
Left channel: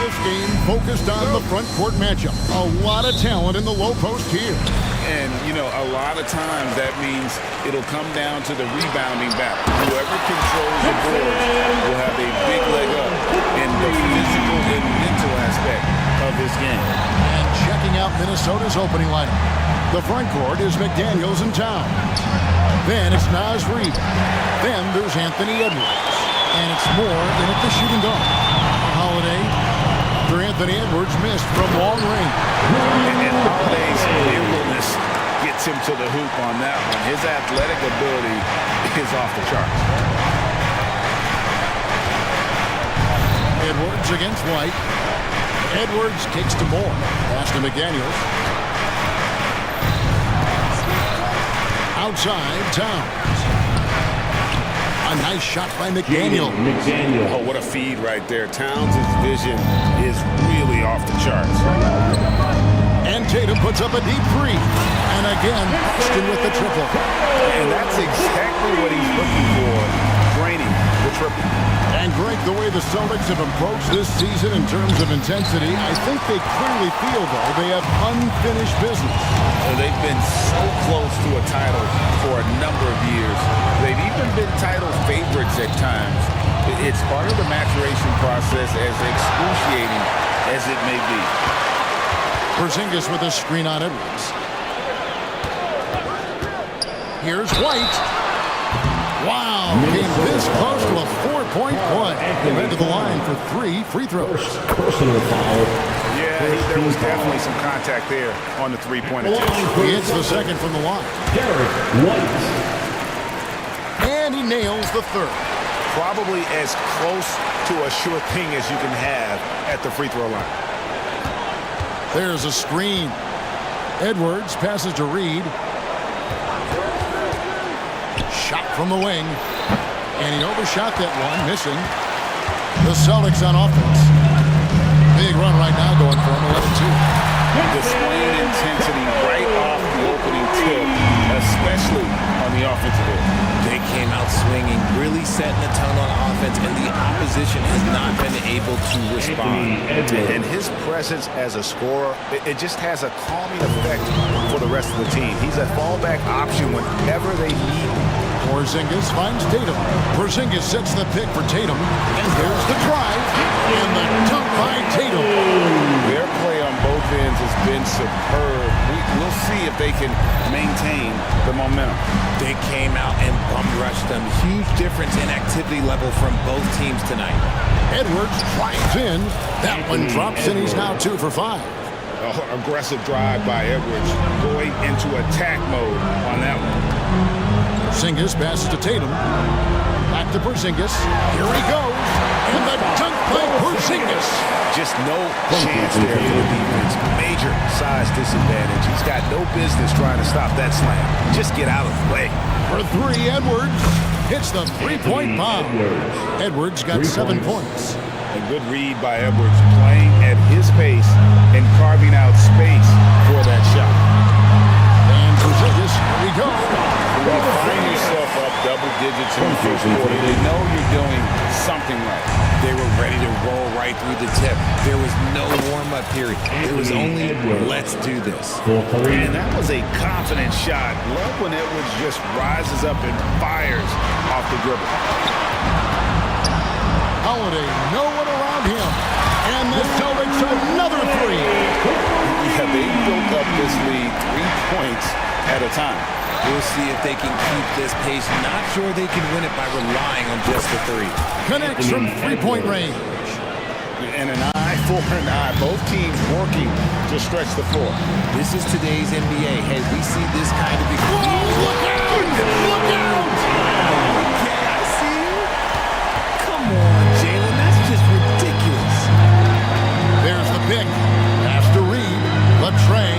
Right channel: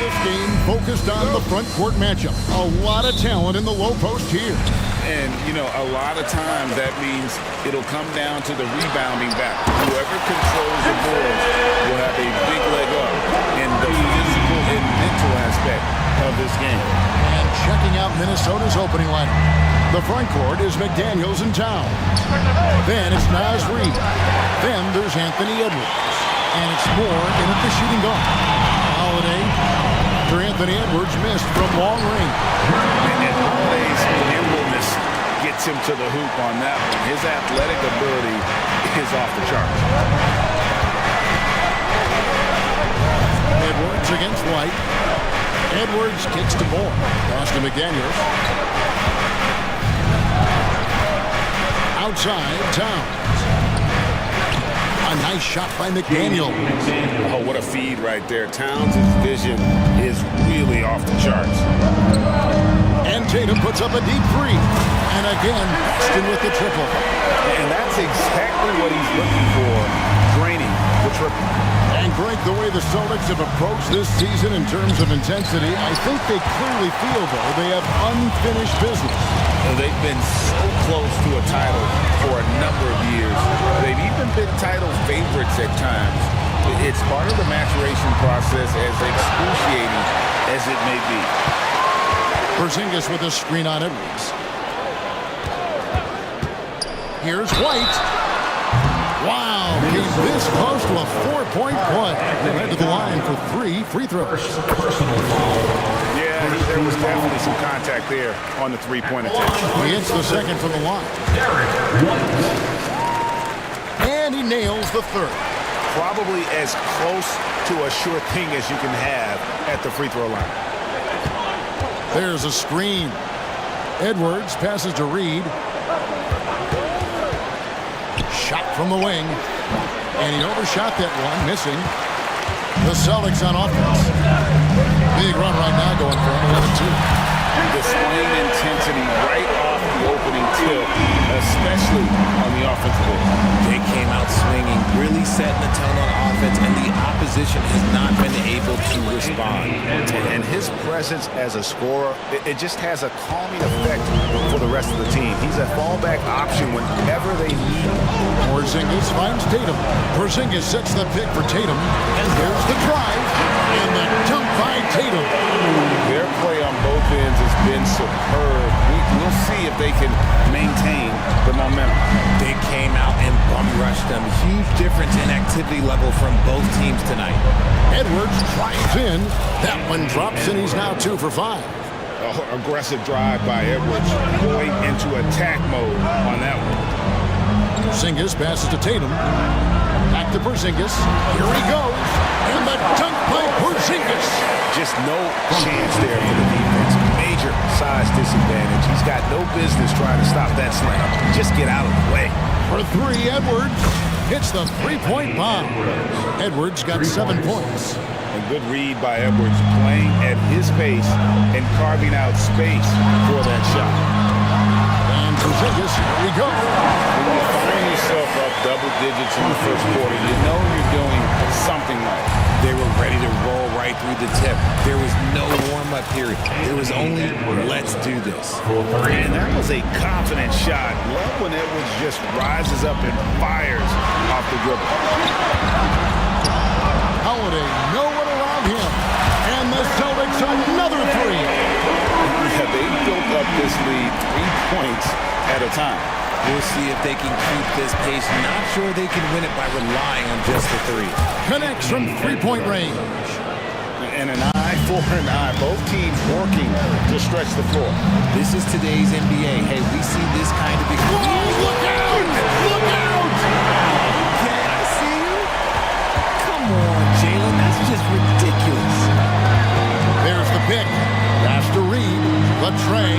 this game focused on the front court matchup. A lot of talent in the low post here. And, you know, a lot of times that means it'll come down to the rebounding battle. Whoever controls the boards will have a big leg up in the physical and mental aspect of this game. And checking out Minnesota's opening lineup. The front court is McDaniels and Towns. Then it's Naz Reid. Then there's Anthony Edwards. And it's Moore in at the shooting guard. Holiday after Anthony Edwards missed from long range. And Holiday's nimbleness gets him to the hoop on that one. His athletic ability is off the charts. Edwards against White. Edwards kicks to Moore. Pass to McDaniels. Outside, Towns. A nice shot by McDaniel. Oh, what a feed right there. Towns' vision is really off the charts. And Tatum puts up a deep three. And again, Boston with the triple. And that's exactly what he's looking for, draining the triple. And Greg, the way the Celtics have approached this season in terms of intensity, I think they clearly feel, though, they have unfinished business. They've been so close to a title for a number of years. They've even been title favorites at times. It's part of the maturation process, as excruciating as it may be. Porzingis with a screen on Edwards. Here's White. Wow, came this close to a 4-point play. They led to the line for 3 free throws. Personal foul. Yeah, there was definitely some contact there on the three-point attempt. He hits the second from the line. And he nails the third. Probably as close to a sure thing as you can have at the free throw line. There's a screen. Edwards passes to Reid. Shot from the wing. And he overshot that one, missing. The Celtics on offense. Big run right now going for him, 11-2. Displaying intensity right off the opening tip, especially on the offensive end. They came out swinging, really setting the tone on offense, and the opposition has not been able to respond. And his presence as a scorer, it just has a calming effect for the rest of the team. He's a fallback option whenever they need him. Porzingis finds Tatum. Porzingis sets the pick for Tatum. And there's the drive. And the dunk by Tatum. Their play on both ends has been superb. We'll see if they can maintain the momentum. They came out and bum rushed them. Huge difference in activity level from both teams tonight. Edwards drives in. That one drops, and he's now 2 for 5. Aggressive drive by Edwards, going into attack mode on that one. Porzingis passes to Tatum. Back to Porzingis. Here he goes. And the dunk by Porzingis. Just no chance there for the defense. Major size disadvantage. He's got no business trying to stop that slam. Just get out of the way. For 3, Edwards hits the 3-point bomb. Edwards got 7 points. A good read by Edwards, playing at his pace and carving out space for that shot. And Porzingis, here we go. When you find yourself up double digits in the first quarter, you know you're doing something right. They were ready to roll right through the tip. There was no warm-up period. There was only, let's do this. And that was a confident shot. Love when Edwards just rises up and fires off the dribble. Holiday, no one around him. And the Celtics another 3. Yeah, they built up this lead 3 points at a time. We'll see if they can keep this pace. Not sure they can win it by relying on just the 3. Connects from 3-point range. And an eye for an eye. Both teams working to stretch the floor. This is today's NBA. Hey, we see this kind of... Whoa, look out! Look out! Wow, okay, I see you. Come on, Jalen. That's just ridiculous. There's the pick. Pass to Reid. The tray.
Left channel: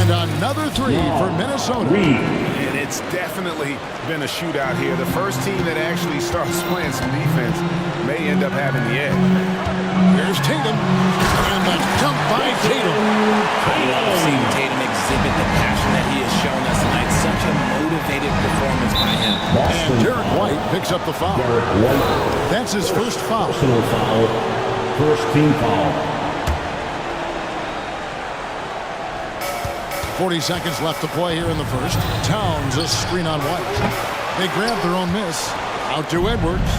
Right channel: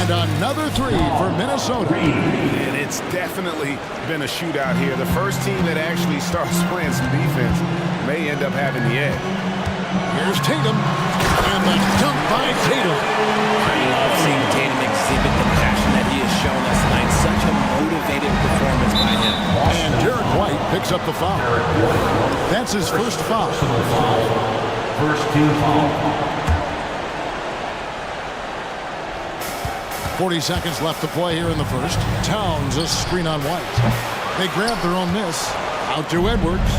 And another 3 for Minnesota. And it's definitely been a shootout here. The first team that actually starts playing some defense may end up having the edge. Here's Tatum. And the dunk by Tatum. I love seeing Tatum exhibit the passion that he has shown us tonight. Such a motivated performance by him. And Derek White picks up the foul. That's his first foul. first team foul. 40 seconds left to play here in the first. Towns a screen on White. They grab their own miss. Out to Edwards.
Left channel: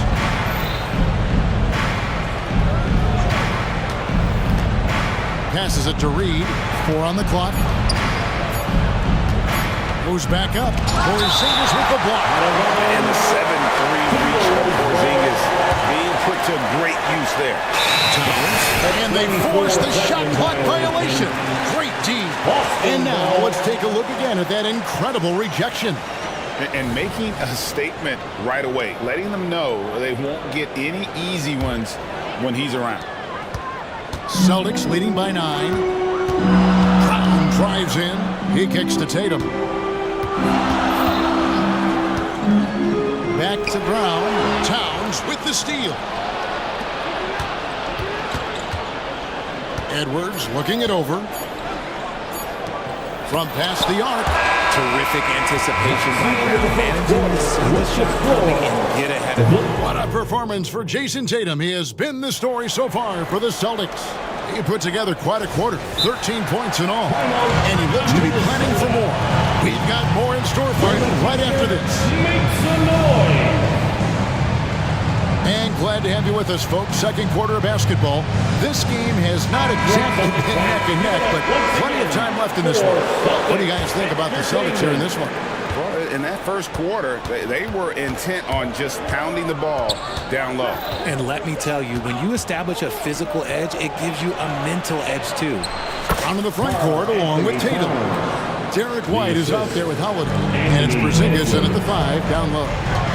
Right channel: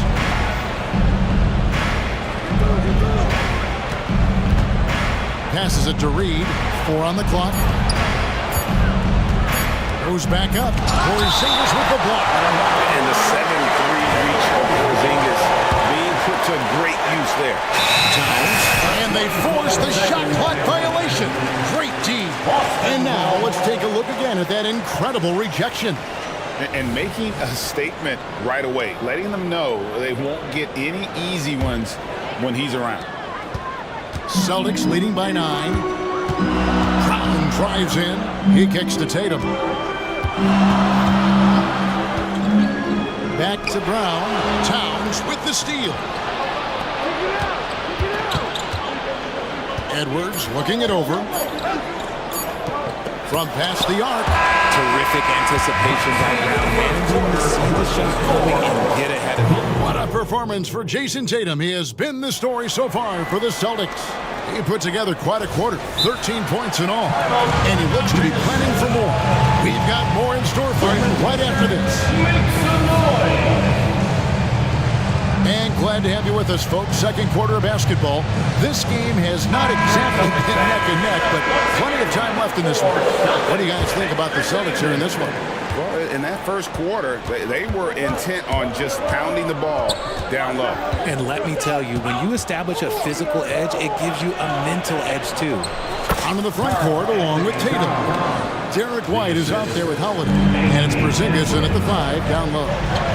Passes it to Reed. 4 on the clock. Goes back up. Porzingis with the block. And the 7-3 reach of Porzingis being put to great use there. Towns. And they force the shot clock violation. Great D. And now let's take a look again at that incredible rejection. And making a statement right away, letting them know they won't get any easy ones when he's around. Celtics leading by 9. Brown drives in. He kicks to Tatum. Back to Brown. Towns with the steal. Edwards looking it over. From past the arc. Terrific anticipation by Brown, managing to see the shot coming and get ahead of it. What a performance for Jason Tatum. He has been the story so far for the Celtics. He put together quite a quarter, 13 points in all, and he looks to be planning for more. We've got more in store for you right after this. And glad to have you with us, folks. Second quarter of basketball. This game has not exactly been neck and neck, but plenty of time left in this one. What do you guys think about the Celtics here in this one? Well, in that first quarter, they were intent on just pounding the ball down low. And let me tell you, when you establish a physical edge, it gives you a mental edge too. Onto the front court along with Tatum. Derek White is out there with Holiday. And it's Porzingis in at the 5 down low.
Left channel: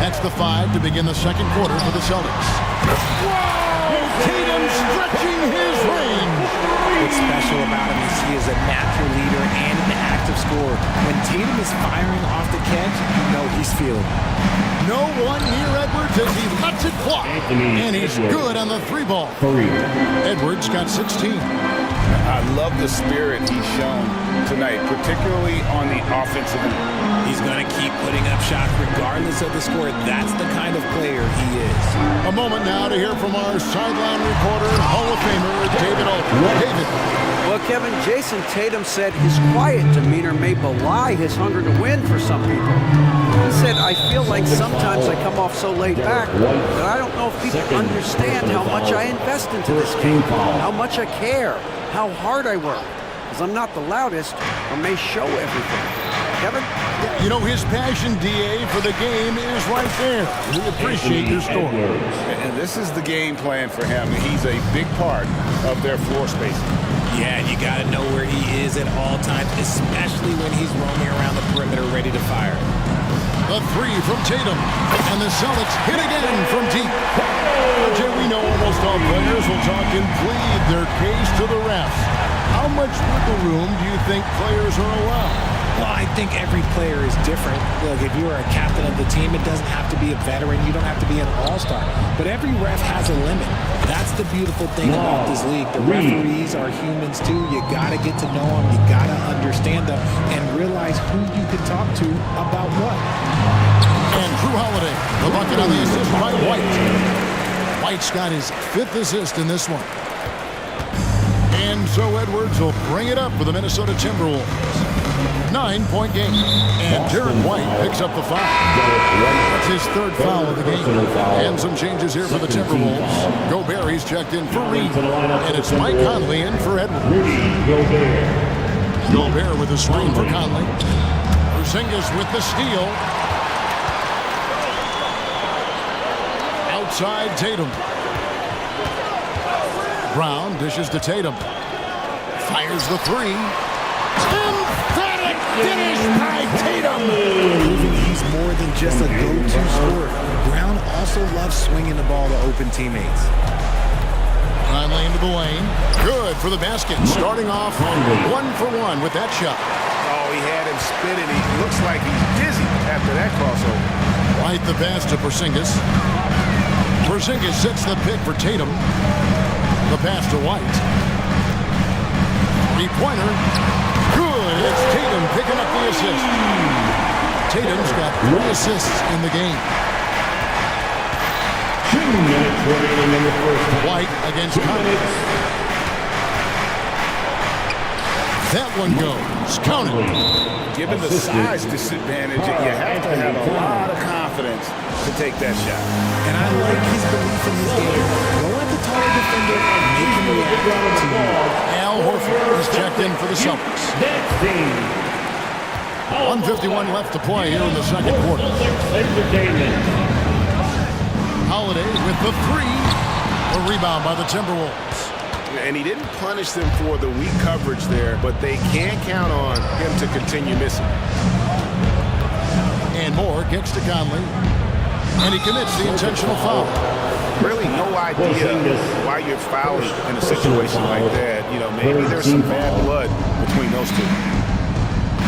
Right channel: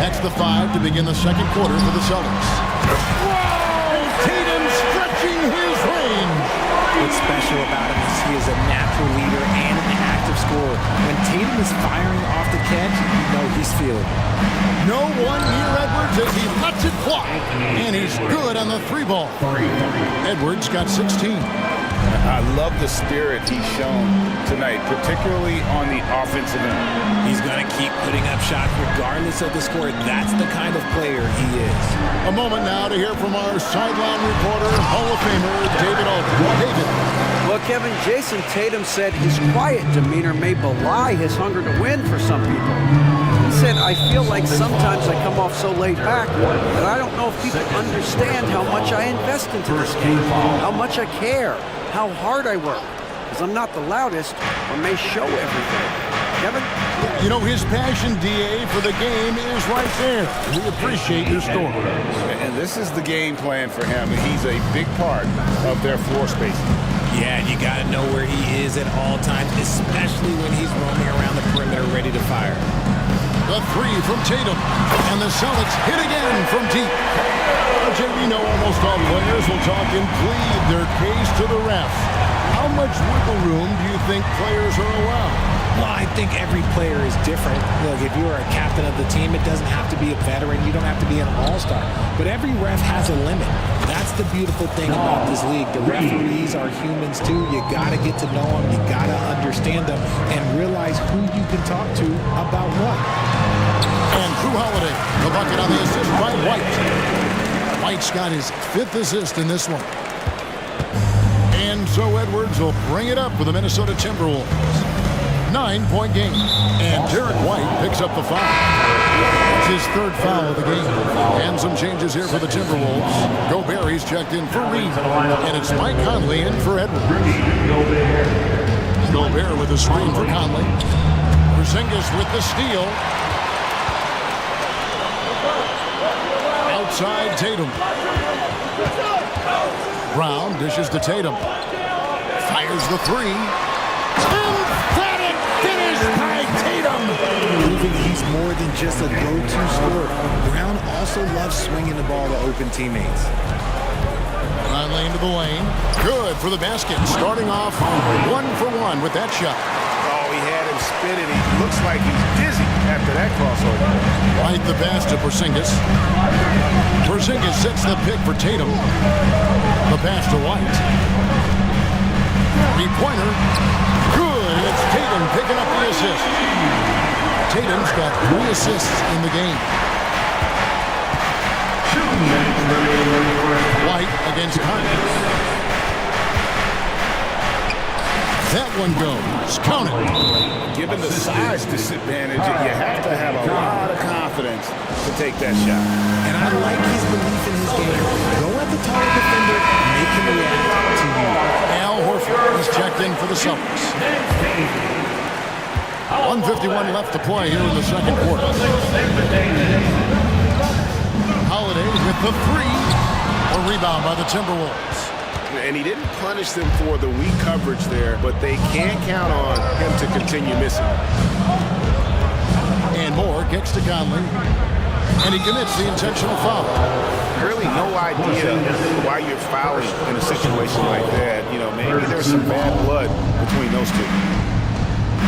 That's the 5 to begin the second quarter for the Celtics. Whoa! Tatum stretching his range. What's special about him is he is a natural leader and an active scorer. When Tatum is firing off the catch, you know he's feeling it. No one near Edwards as he lets it fly. And he's good on the 3 ball. Edwards got 16. I love the spirit he's shown tonight, particularly on the offensive end. He's going to keep putting up shots regardless of the score. That's the kind of player he is. A moment now to hear from our sideline reporter, Hall of Famer David Aldridge. David. Well, Kevin, Jason Tatum said his quiet demeanor may belie his hunger to win for some people. He said, I feel like sometimes I come off so laid back that I don't know if people understand how much I invest into this game, how much I care, how hard I work, because I'm not the loudest or may show everything. Kevin? You know, his passion, DA, for the game is right there. We appreciate your story. And this is the game plan for him. He's a big part of their floor spacing. Yeah, you got to know where he is at all times, especially when he's roaming around the perimeter ready to fire. The 3 from Tatum, and the Celtics hit again from deep. But Jay, we know almost all players will talk and plead their case to the refs. How much wiggle room do you think players are allowed? Well, I think every player is different. Look, if you are a captain of the team, it doesn't have to be a veteran. You don't have to be an all-star. But every ref has a limit. That's the beautiful thing about this league. The referees are humans too. You got to get to know them. You got to understand them and realize who you can talk to about what. And Drew Holiday, the bucket on the assist by White. White's got his 5th assist in this one. And so Edwards will bring it up for the Minnesota Timberwolves. 9-point game. And Derek White picks up the foul. That's his 3rd foul of the game. And some changes here for the Timberwolves. Gobert's checked in for Reed. And it's Mike Conley in for Edwards. Gobert with the screen for Conley. Porzingis with the steal. Outside Tatum. Brown dishes to Tatum. Fires the 3. Emphatic finish by Tatum. Proving he's more than just a go-to scorer. Brown also loves swinging the ball to open teammates. Conley into the lane. Good for the basket. Starting off 1 for 1 with that shot. Oh, he had him spinning. He looks like he's dizzy after that crossover. White the pass to Porzingis. Porzingis sets the pick for Tatum. The pass to White. 3-pointer. Good, and it's Tatum picking up the assist. Tatum's got 3 assists in the game. 2 minutes remaining in the first half. White against Cummings. That one goes. Count it. Given the size disadvantage, you have to have a lot of confidence to take that shot. And I like his belief in his game. Go at the taller defender and make him react to you. Al Horford is checked in for the Celtics. 1:51 left to play here in the second quarter. Holiday with the three. A rebound by the Timberwolves. And he didn't punish them for the weak coverage there, but they can't count on him to continue missing. And Moore kicks to Conley. And he commits the intentional foul. Really no idea why you're fouling in a situation like that. You know, maybe there's some bad blood between those two.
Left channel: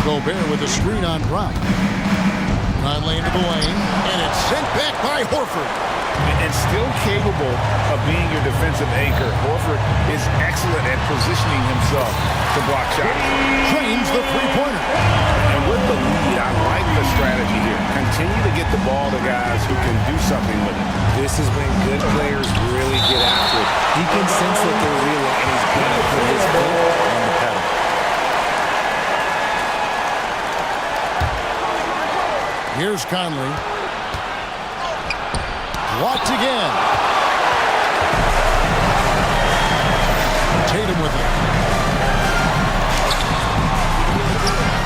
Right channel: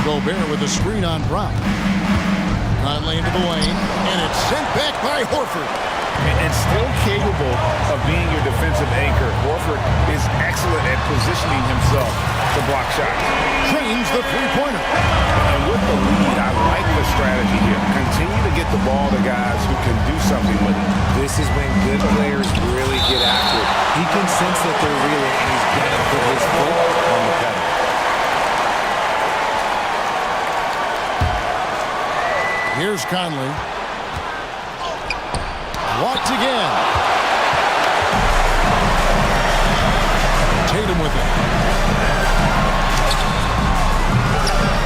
Gobert with a screen on Brown. Conley into the lane, and it's sent back by Horford. And still capable of being your defensive anchor. Horford is excellent at positioning himself to block shots. Trains the three-pointer. And with the lead, I like the strategy here. Continue to get the ball to guys who can do something with it. This is when good players really get after it. He can sense that they're reeling, and he's going to put his foot on the pedal. Here's Conley. Blocked again. Tatum with it.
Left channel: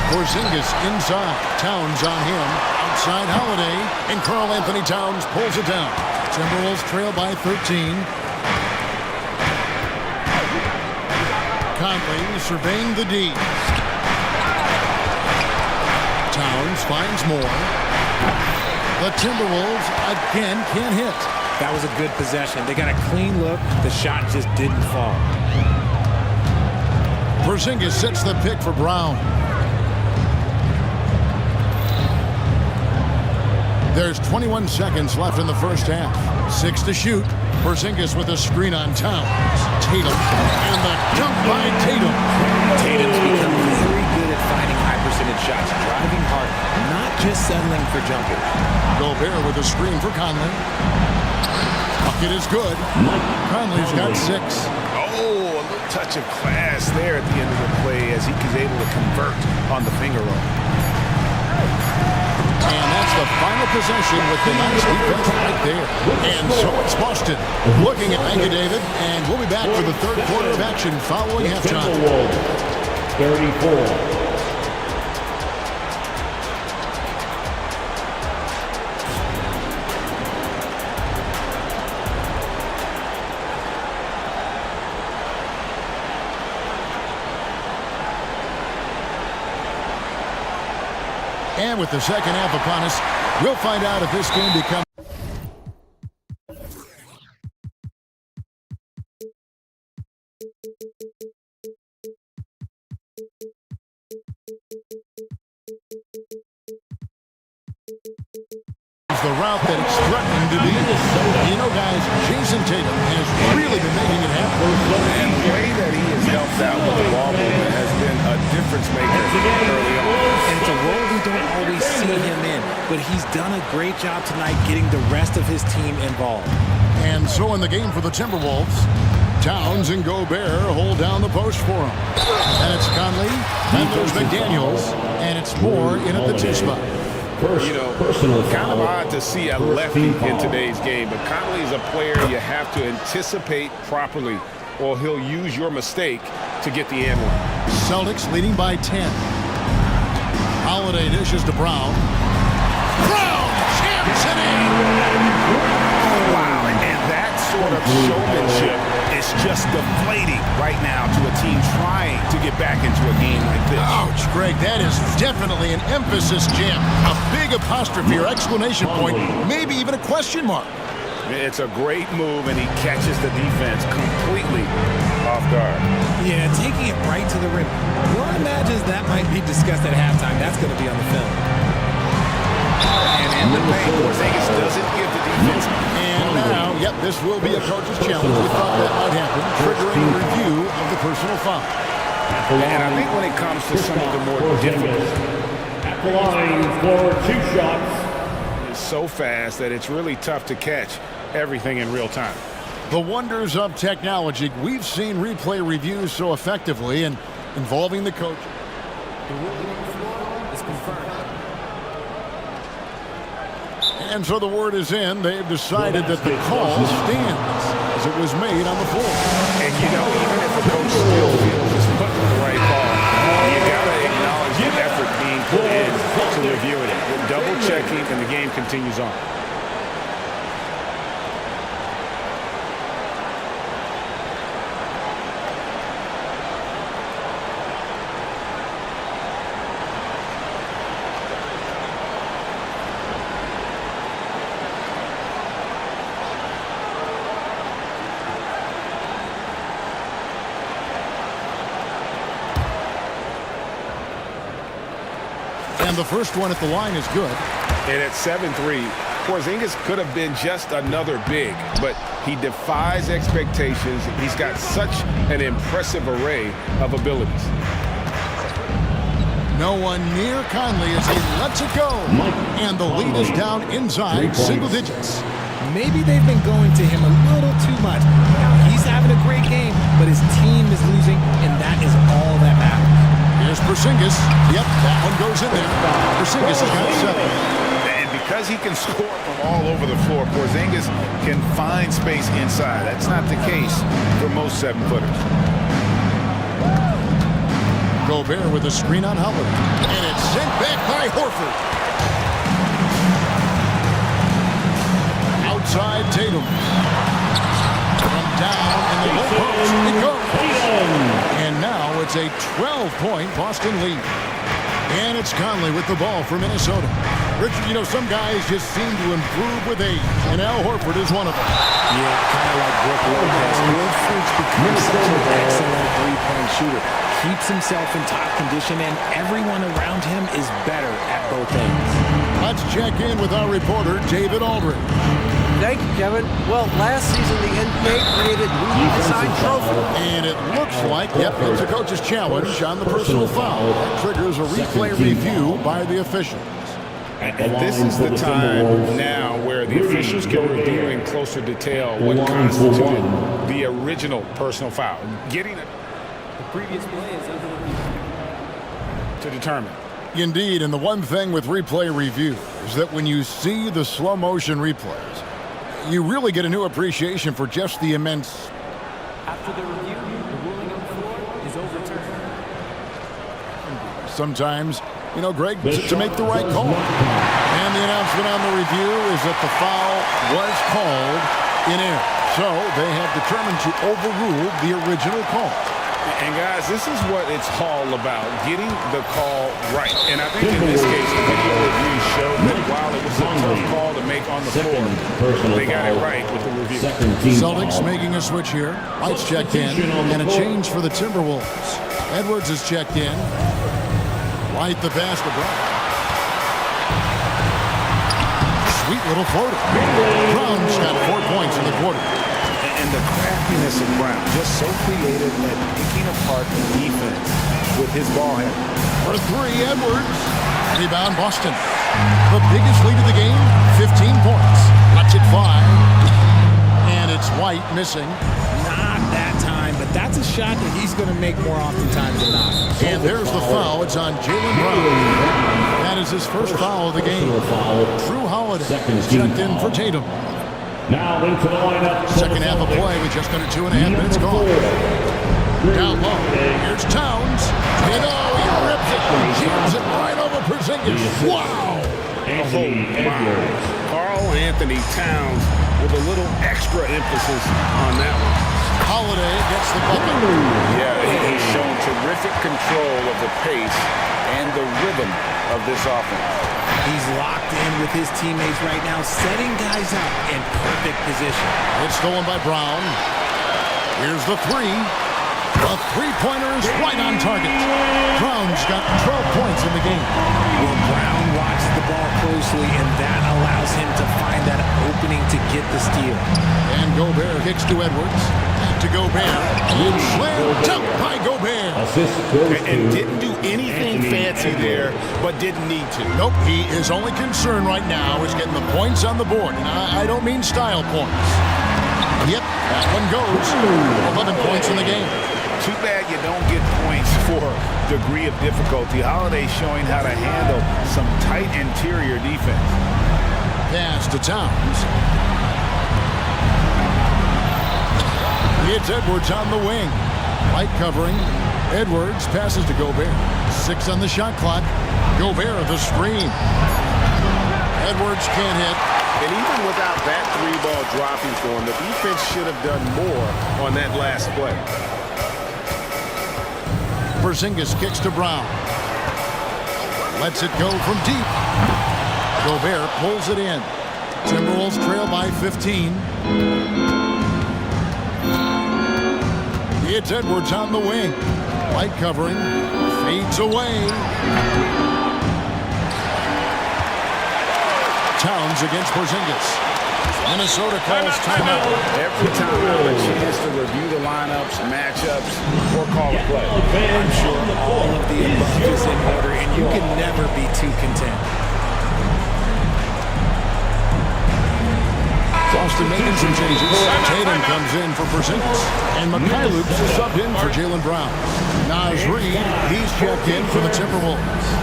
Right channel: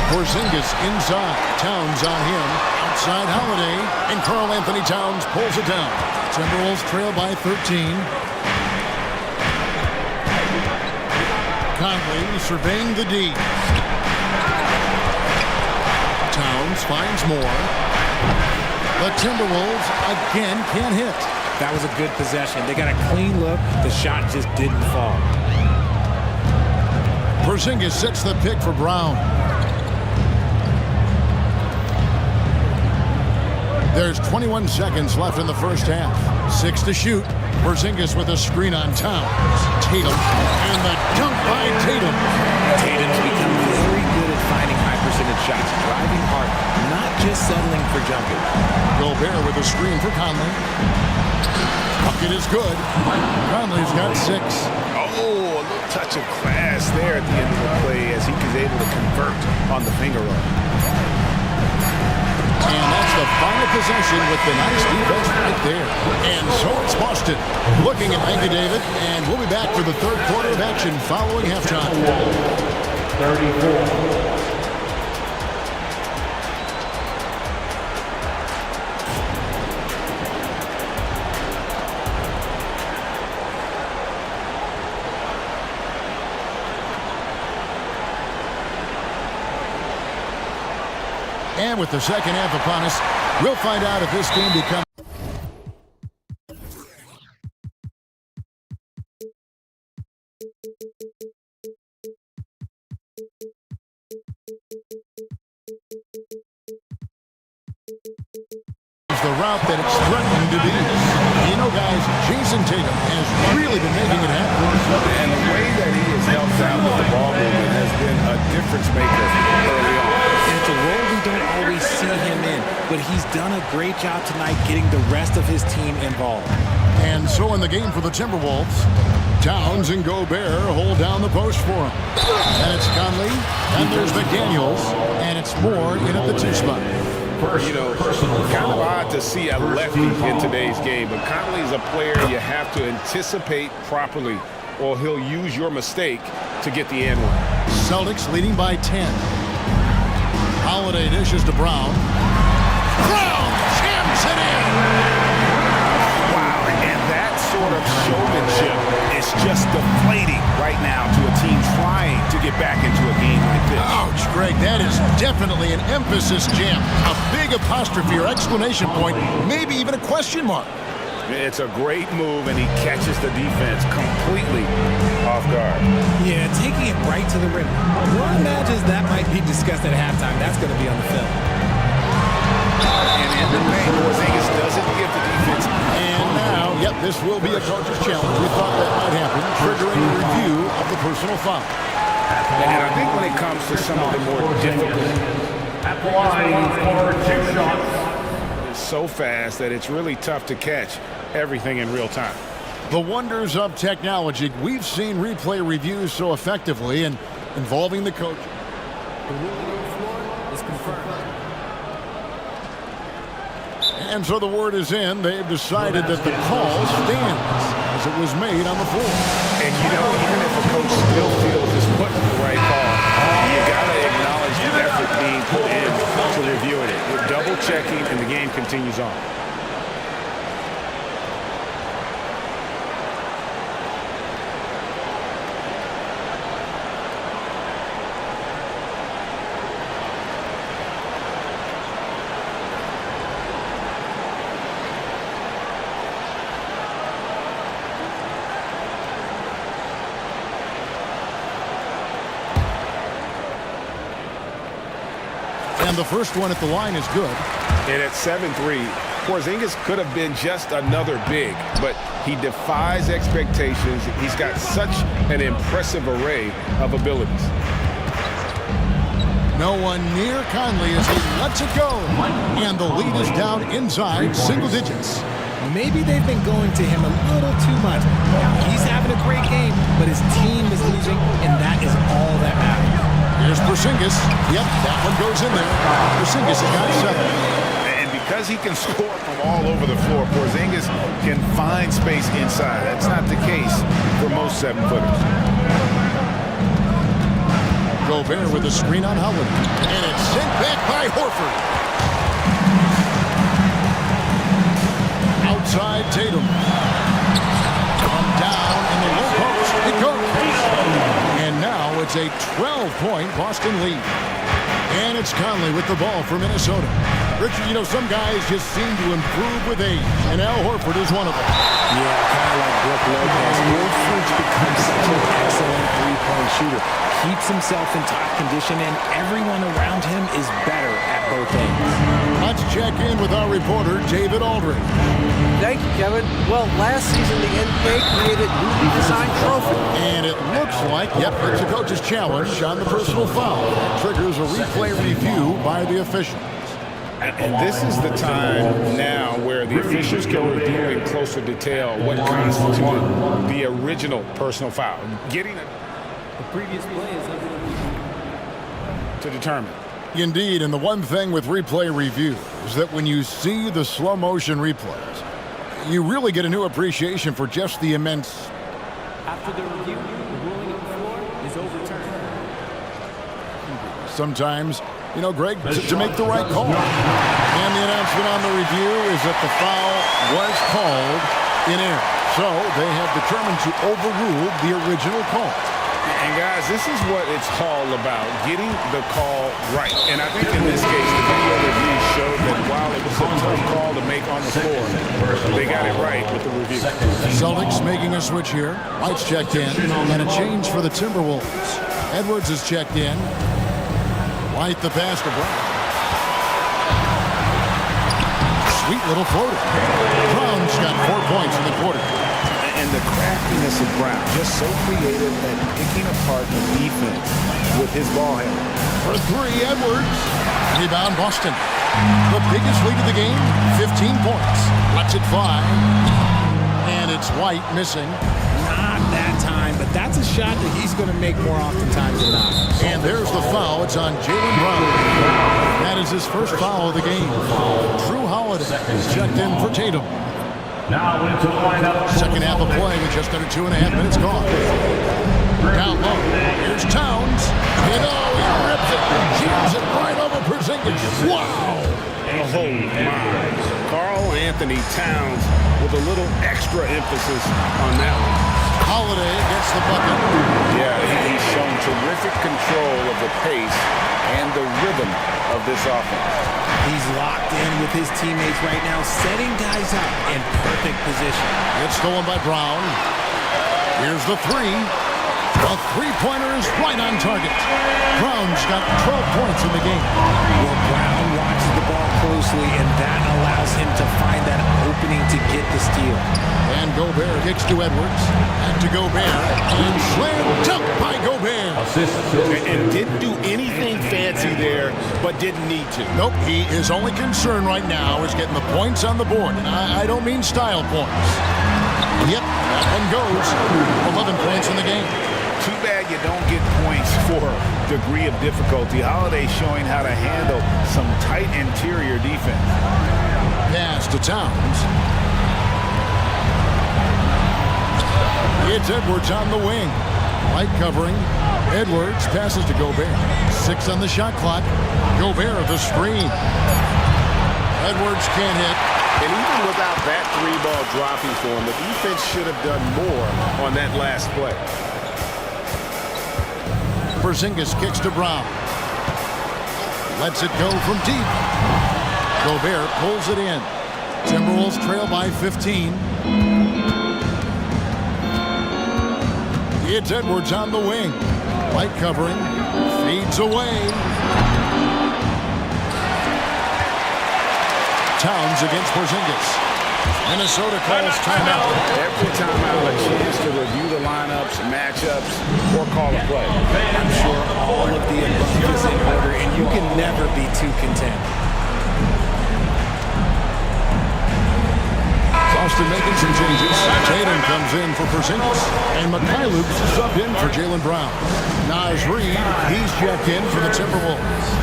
Porzingis inside. Towns on him. Outside Holiday. And Karl Anthony Towns pulls it down. Timberwolves trail by 13. Conley surveying the D. Towns finds more. The Timberwolves again can't hit. That was a good possession. They got a clean look. The shot just didn't fall. Porzingis sets the pick for Brown. There's 21 seconds left in the first half. 6 to shoot. Porzingis with a screen on Towns. Tatum. And the dunk by Tatum. Tatum's become very good at finding high-percentage shots, driving hard, not just settling for jumpers. Gobert with a screen for Conley. Bucket is good. Conley's got 6. Oh, a little touch of class there at the end of the play as he was able to convert on the finger roll. And that's the final possession with the nice defense right there. And so it's Boston looking at Thank you, David. And we'll be back for the third quarter of action following halftime. 34. And with the second half upon us, we'll find out if this game becomes the route that it's threatening to be. You know, guys, Jason Tatum has really been making it happen. And the way that he has helped out with the ball movement has been a difference maker early on. And it's a role we don't always see him in, but he's done a great job tonight getting the rest of his team involved. And so in the game for the Timberwolves, Towns and Gobert hold down the post for him. And it's Conley, then there's McDaniels, and it's Moore in at the 2 spot. You know, kind of odd to see a lefty in today's game, but Conley is a player you have to anticipate properly, or he'll use your mistake to get the and one. Celtics leading by 10. Holiday dishes to Brown. Brown jams it in! Wow, and that sort of showmanship is just deflating right now to a team trying to get back into a game like this. Ouch, Greg, that is definitely an emphasis jam. A big apostrophe or exclamation point, maybe even a question mark. It's a great move, and he catches the defense completely off guard. Yeah, taking it right to the rim. One imagines that might be discussed at halftime. That's going to be on the film. And in the paint, Porzingis doesn't give the defense. And now, yep, this will be a coach's challenge. We thought that might happen, triggering a review of the personal foul. And I think when it comes to some of the more difficult, At the line for 2 shots. it's so fast that it's really tough to catch. everything in real time. The wonders of technology. We've seen replay reviews so effectively and involving the coach. The ruling on the floor is confirmed. And so the word is in. They've decided that the call stands as it was made on the floor. And you know, even if a coach still feels it's put the right call, you got to acknowledge the effort being put in to reviewing it. With double checking, and the game continues on. And the first one at the line is good. And at 7-3, Porzingis could have been just another big, but he defies expectations. He's got such an impressive array of abilities. No one near Conley as he lets it go. And the lead is down inside single digits. Maybe they've been going to him a little too much. Now, he's having a great game, but his team is losing, and that is all that matters. Here's Porzingis. Yep, that one goes in there. Porzingis has got 7. And because he can score from all over the floor, Porzingis can find space inside. That's not the case for most 7-footers. Gobert with a screen on Holiday. And it's sent back by Horford. Outside Tatum. From down in the low post, it goes. And now it's a 12-point Boston lead. And it's Conley with the ball for Minnesota. Richard, you know, some guys just seem to improve with age, and Al Horford is one of them. Yeah, kind of like Brook Lopez. Horford's become such an excellent three-point shooter. Keeps himself in top condition, and everyone around him is better at both ends. Let's check in with our reporter, David Aldridge. Thank you, Kevin. Well, last season the NBA created newly designed trophy. And it looks like, yep, it's a coach's challenge on the personal foul. That triggers a replay review by the officials. And this is the time now where the officials can review in closer detail what constituted the original personal foul. Getting it The previous play is under review. to determine. Indeed, and the one thing with replay review is that when you see the slow motion replays, you really get a new appreciation for just the immense. After the review, the ruling on the floor is overturned. Sometimes, you know, Greg, to make the right call. And the announcement on the review is that the foul was called in error. So they have determined to overrule the original call. And guys, this is what it's all about, getting the call right. And I think in this case, the video review showed that while it was a tough call to make on the floor, they got it right with the review. Celtics making a switch here. White's checked in, and a change for the Timberwolves. Edwards is checked in. White the pass to Brown. Sweet little floater. Brown's got 4 points in the quarter. And the craftiness of Brown, just so creative at picking apart the defense with his ball handle. For 3, Edwards. Rebound, Boston. The biggest lead of the game, 15 points. Lets it fly. And it's White missing. Not that time, but that's a shot that he's going to make more oftentimes than not. And there's the foul. It's on Jaylen Brown. That is his first foul of the game. Drew Holiday is checked in for Tatum. Now into the lineup. Second half of play with just under 2.5 minutes gone. Down low. Here's Towns. And oh, he rips it. Jams it right over Porzingis. Wow. Oh, my. Karl Anthony Towns with a little extra emphasis on that one. Holiday gets the bucket. Yeah, he's shown terrific control of the pace and the rhythm of this offense. He's locked in with his teammates right now, setting guys up in perfect position. It's stolen by Brown. Here's the 3. The three-pointer is right on target. Brown's got 12 points in the game. Well, Brown watches the ball closely, and that allows him to find that open opening to get the steal. And Gobert kicks to Edwards. Back to Gobert. And slam dunk by Gobert. And didn't do anything fancy there, but didn't need to. Nope, his only concern right now is getting the points on the board. And I don't mean style points. Yep, that one goes. 11 points in the game. Too bad you don't get points for degree of difficulty. Holiday showing how to handle some tight interior defense. Pass to Towns. It's Edwards on the wing. Light covering. Edwards passes to Gobert. 6 on the shot clock. Gobert the screen. Edwards can't hit. And even without that 3-ball dropping for him, the defense should have done more on that last play. Porzingis kicks to Brown. Lets it go from deep. Gobert pulls it in. Timberwolves trail by 15. It's Edwards on the wing. Light covering. Fades away. Towns against Porzingis. Minnesota calls timeout. Every timeout, a chance to review the lineups, matchups, or call a play. I'm sure all of the above is in order, and you can never be too content. Boston making some changes. Tatum comes in for Porzingis. And Mikhailuk's subbed in for Jaylen Brown. Nas Reed, he's checked in for the Timberwolves.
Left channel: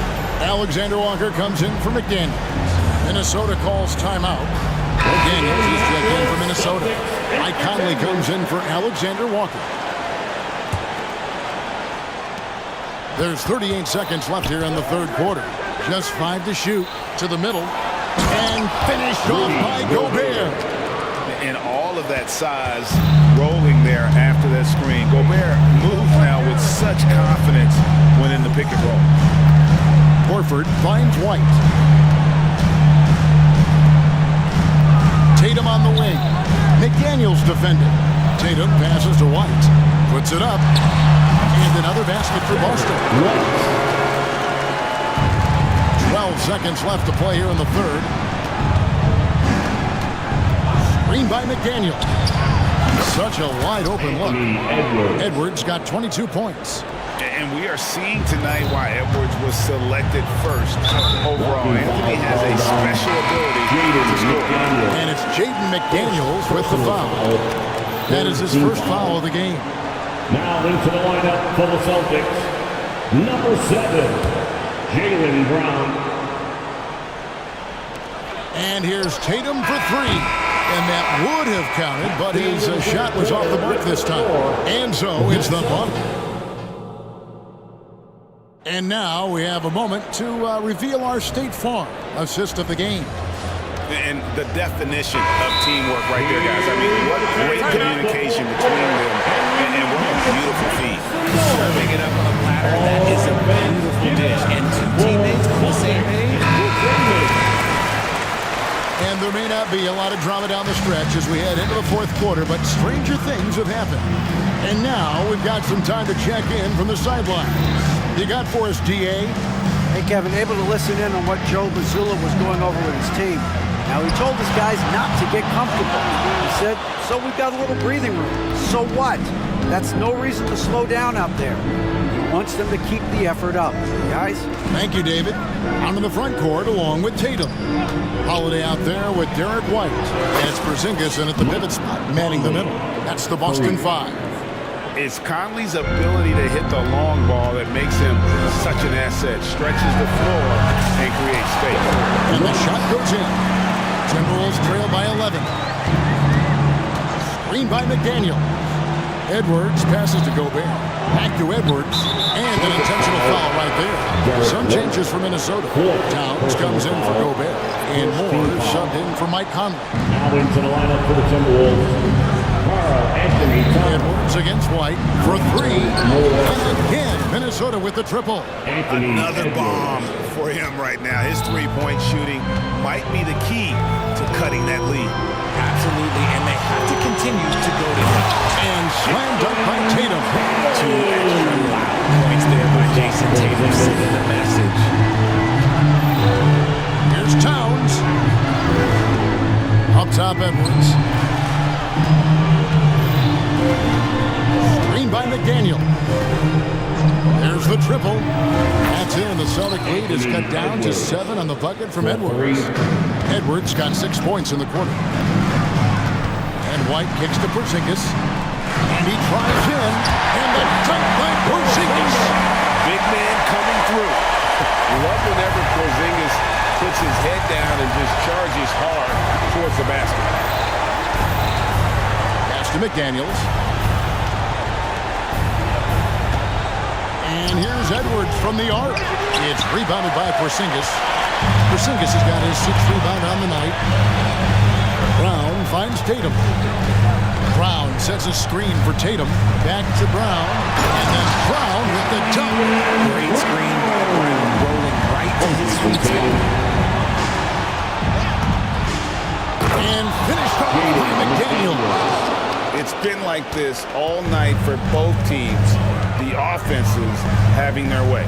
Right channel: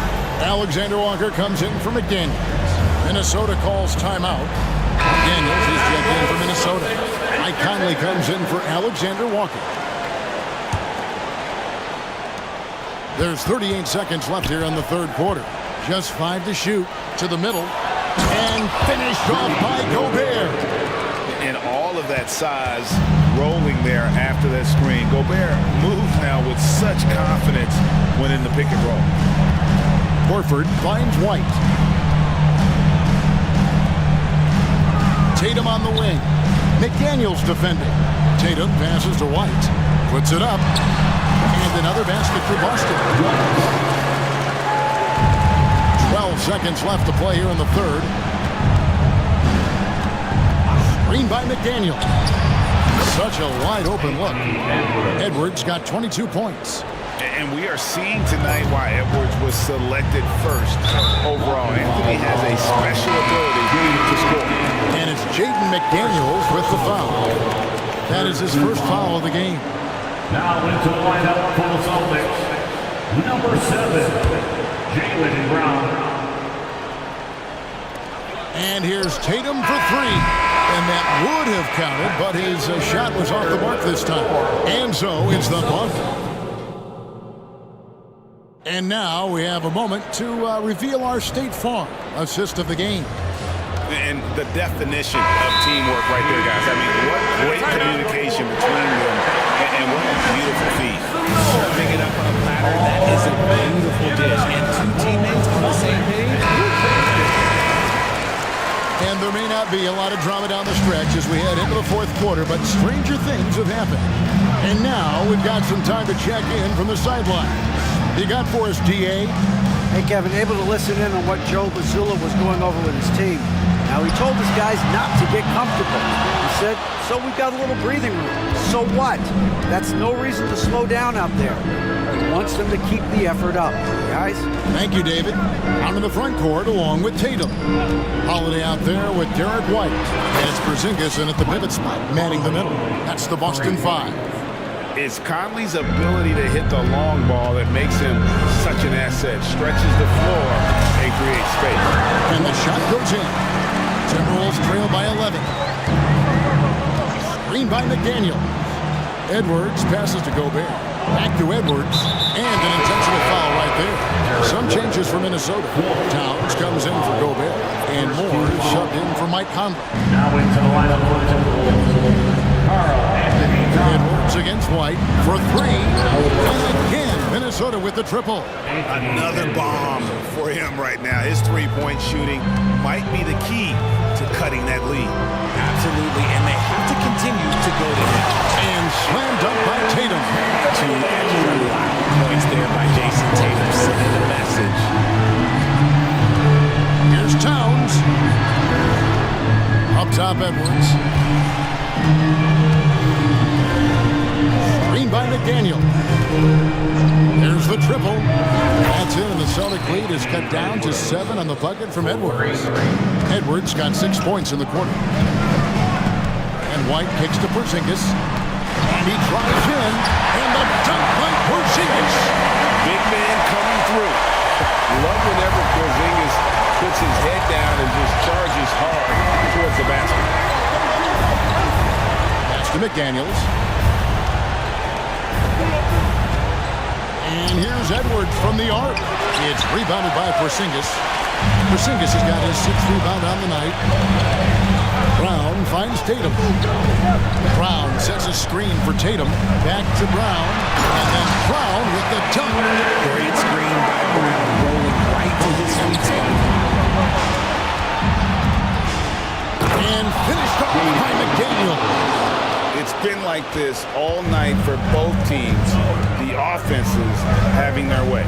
Alexander Walker comes in for McDaniels. Minnesota calls timeout. McDaniels is checked in for Minnesota. Mike Conley comes in for Alexander Walker. There's 38 seconds left here in the third quarter. Just 5 to shoot. To the middle. And finished off by Gobert. And all of that size rolling there after that screen. Gobert moves now with such confidence when in the pick and roll. Horford finds White. Tatum on the wing. McDaniels defending. Tatum passes to White. Puts it up. And another basket for Boston. 12 seconds left to play here in the third. Screen by McDaniel. Such a wide open look. Edwards got 22 points. And we are seeing tonight why Edwards was selected first overall. Anthony has a special ability to score. And it's Jaden McDaniels with the foul. That is his first foul of the game. Now into the lineup for the Celtics. Number 7, Jaylen Brown. And here's Tatum for 3. And that would have counted, but his shot was off the mark this time. And so it's the bump. And now we have a moment to reveal our State Farm assist of the game. And the definition of teamwork right there, guys. I mean, what great communication between them, and what a beautiful feat. Serving it up on a platter, that is a beautiful dish. And 2 teammates on the same page. And there may not be a lot of drama down the stretch as we head into the fourth quarter, but stranger things have happened. And now we've got some time to check in from the sidelines. You got for us, DA? Hey, Kevin, able to listen in on what Joe Mazzulla was going over with his team. Now, he told his guys not to get comfortable. He said, so we've got a little breathing room. So what? That's no reason to slow down out there. He wants them to keep the effort up. Guys? Thank you, David. Out in the front court along with Tatum. Holiday out there with Derek White. And it's Porzingis in at the pivot spot, manning the middle. That's the Boston 5. It's Conley's ability to hit the long ball that makes him such an asset. Stretches the floor and creates space. And the shot goes in. Timberwolves trail by 11. Screen by McDaniel. Edwards passes to Gobert. Back to Edwards. And an intentional foul right there. Some changes for Minnesota. Towns comes in for Gobert. And Moore subbed in for Mike Conley. Now into the lineup for the Timberwolves. Edwards against White for 3. And again, Minnesota with the triple. Another bomb for him right now. His three-point shooting might be the key to cutting that lead. Absolutely, and they have to continue to go to him. And slam dunk by Tatum. 2 extra loud points there by Jason Tatum, sending a message. Here's Towns. Up top, Edwards. Screen by McDaniel. There's the triple. That's in, and the Celtic lead is cut down to 7 on the bucket from Edwards. Edwards got 6 points in the quarter. And White kicks to Porzingis. And he tries in. And the dunk by Porzingis. Big man coming through. Love whenever Porzingis puts his head down and just charges hard towards the basket. Pass to McDaniels. And here's Edwards from the arc. It's rebounded by Porzingis. Porzingis has got his 6th rebound on the night. Brown finds Tatum. Brown sets a screen for Tatum. Back to Brown. And then Brown with the dunk. Great screen by Brown, rolling right to his sweet spot. And finished off by McDaniel. It's been like this all night for both teams. The offenses having their way.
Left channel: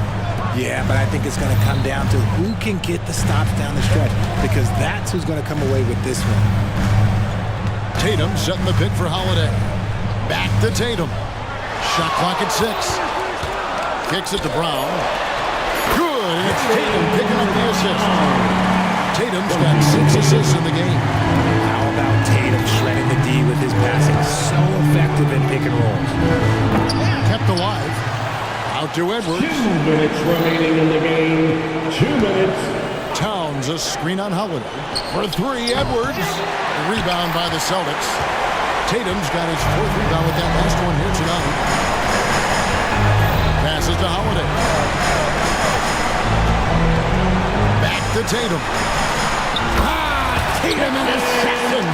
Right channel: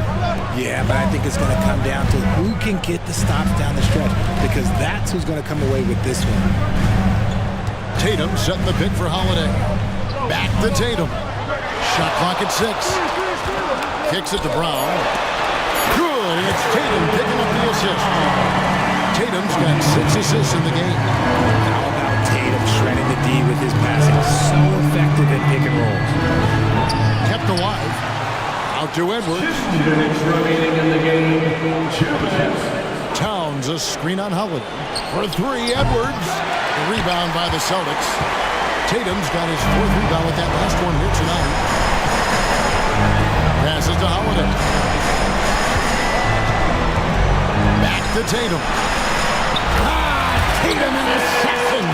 Yeah, but I think it's going to come down to who can get the stops down the stretch, because that's who's going to come away with this one. Tatum setting the pick for Holiday. Back to Tatum. Shot clock at 6. Kicks it to Brown. Good, and it's Tatum picking up the assist. Tatum's got 6 assists in the game. How about Tatum shredding the D with his passing? So effective in pick and rolls. Kept alive. Out to Edwards. 2 minutes remaining in the game. 2 minutes. Towns a screen on Holiday. For 3, Edwards. The rebound by the Celtics. Tatum's got his 4th rebound with that last one here tonight. Passes to Holiday. Back to Tatum. Tatum, an assassin.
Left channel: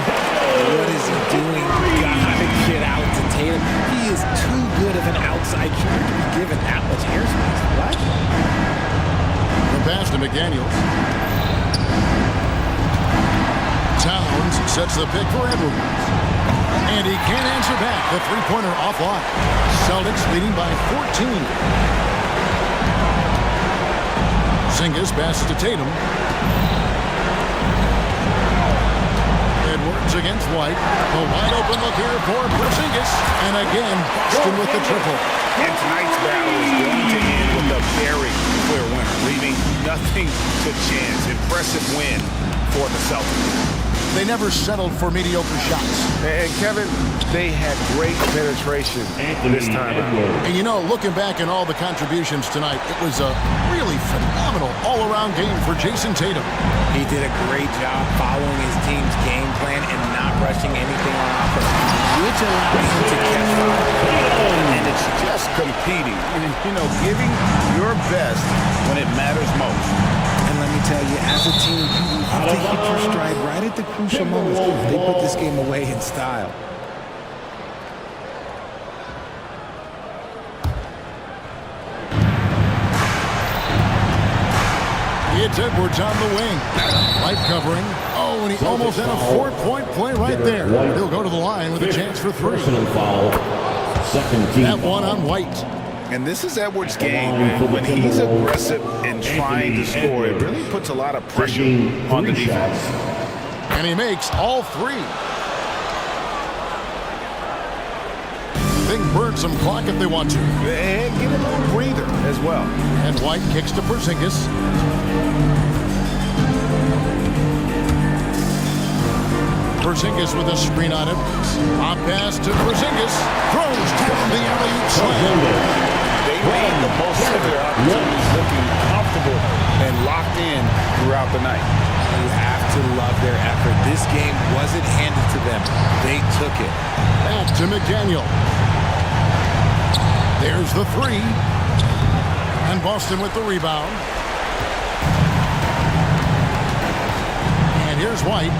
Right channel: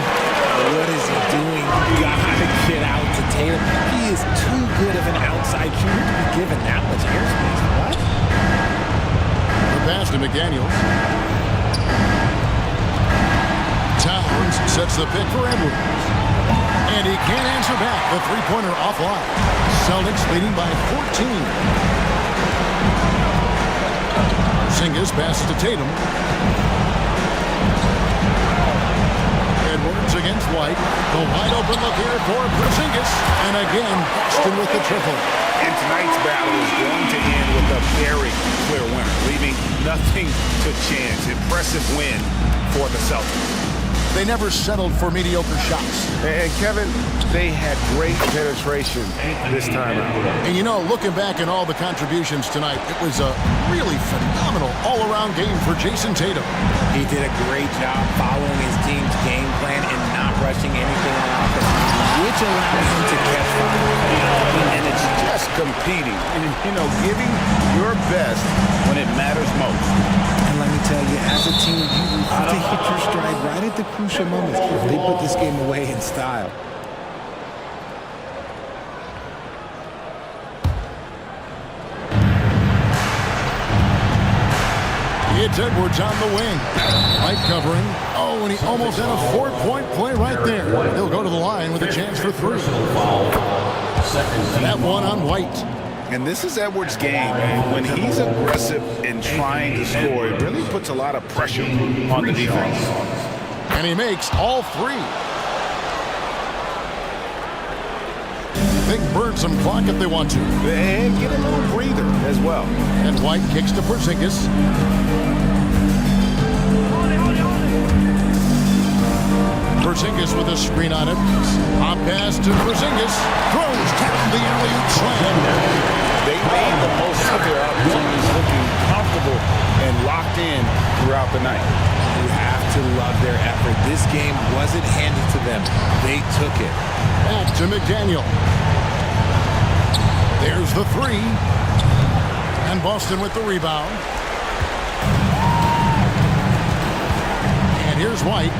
What is he doing? Gotta get out to Tatum. He is too good of an outside shooter to be given that much airspace. What? The pass to McDaniels. Towns sets the pick for Edwards. And he can't answer back. The three-pointer offline. Celtics leading by 14. Porzingis passes to Tatum. Edwards against White. The wide open look here for Porzingis. And again, Boston with the triple. And tonight's battle is going to end with a very clear winner, leaving nothing to chance. Impressive win for the Celtics. They never settled for mediocre shots. And Kevin, they had great penetration this time out. And you know, looking back at all the contributions tonight, it was a really phenomenal all-around game for Jason Tatum. He did a great job following his team's game plan and not rushing anything on offense, which allowed him to catch fire. And it's just competing, you know, giving your best when it matters most. And let me tell you, as a team, you have to hit your stride right at the crucial moments. They put this game away in style. It's Edwards on the wing. Light covering. Oh, and he almost had a 4-point play right there. He'll go to the line with a chance for 3. That one on White. And this is Edwards' game, man. When he's aggressive and trying to score, it really puts a lot of pressure on the defense. And he makes all 3. They can burn some clock if they want to. And get a little breather as well. And White kicks to Porzingis. Porzingis with a screen on it. Hop pass to Porzingis. Throws down the alley-oop slam. They made the most of their opportunities, looking comfortable and locked in throughout the night. You have to love their effort. This game wasn't handed to them. They took it. Back to McDaniel. There's the 3. And Boston with the rebound. And here's White.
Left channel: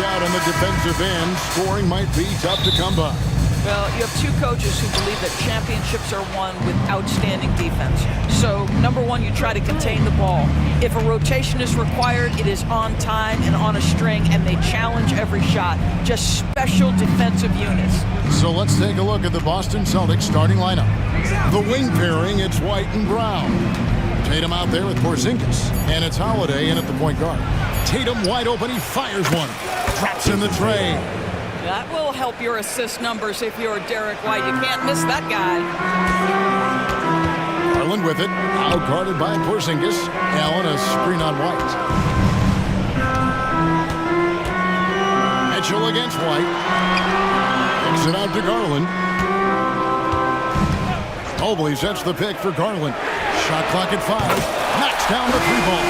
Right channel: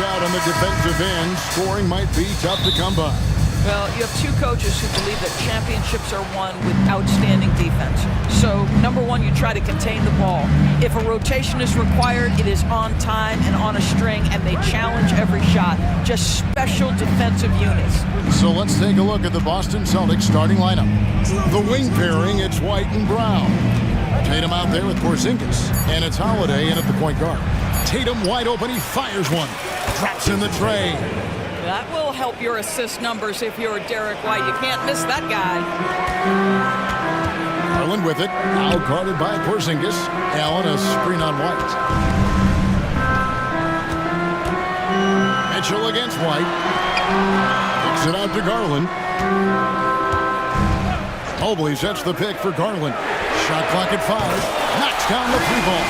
out on the defensive end. Scoring might be tough to come by. Well, you have two coaches who believe that championships are won with outstanding defense. So, number one, you try to contain the ball. If a rotation is required, it is on time and on a string, and they challenge every shot. Just special defensive units. So let's take a look at the Boston Celtics starting lineup. The wing pairing, it's White and Brown. Tatum out there with Porzingis, and it's Holiday in at the point guard. Tatum wide open, he fires one. Drops in the tray. That will help your assist numbers if you're Derek White. You can't miss that guy. Garland with it, now guarded by Porzingis. Allen a screen on White. Mitchell against White. Kicks it out to Garland. Mobley sets the pick for Garland. Shot clock at 5. Knocks down the 3-ball.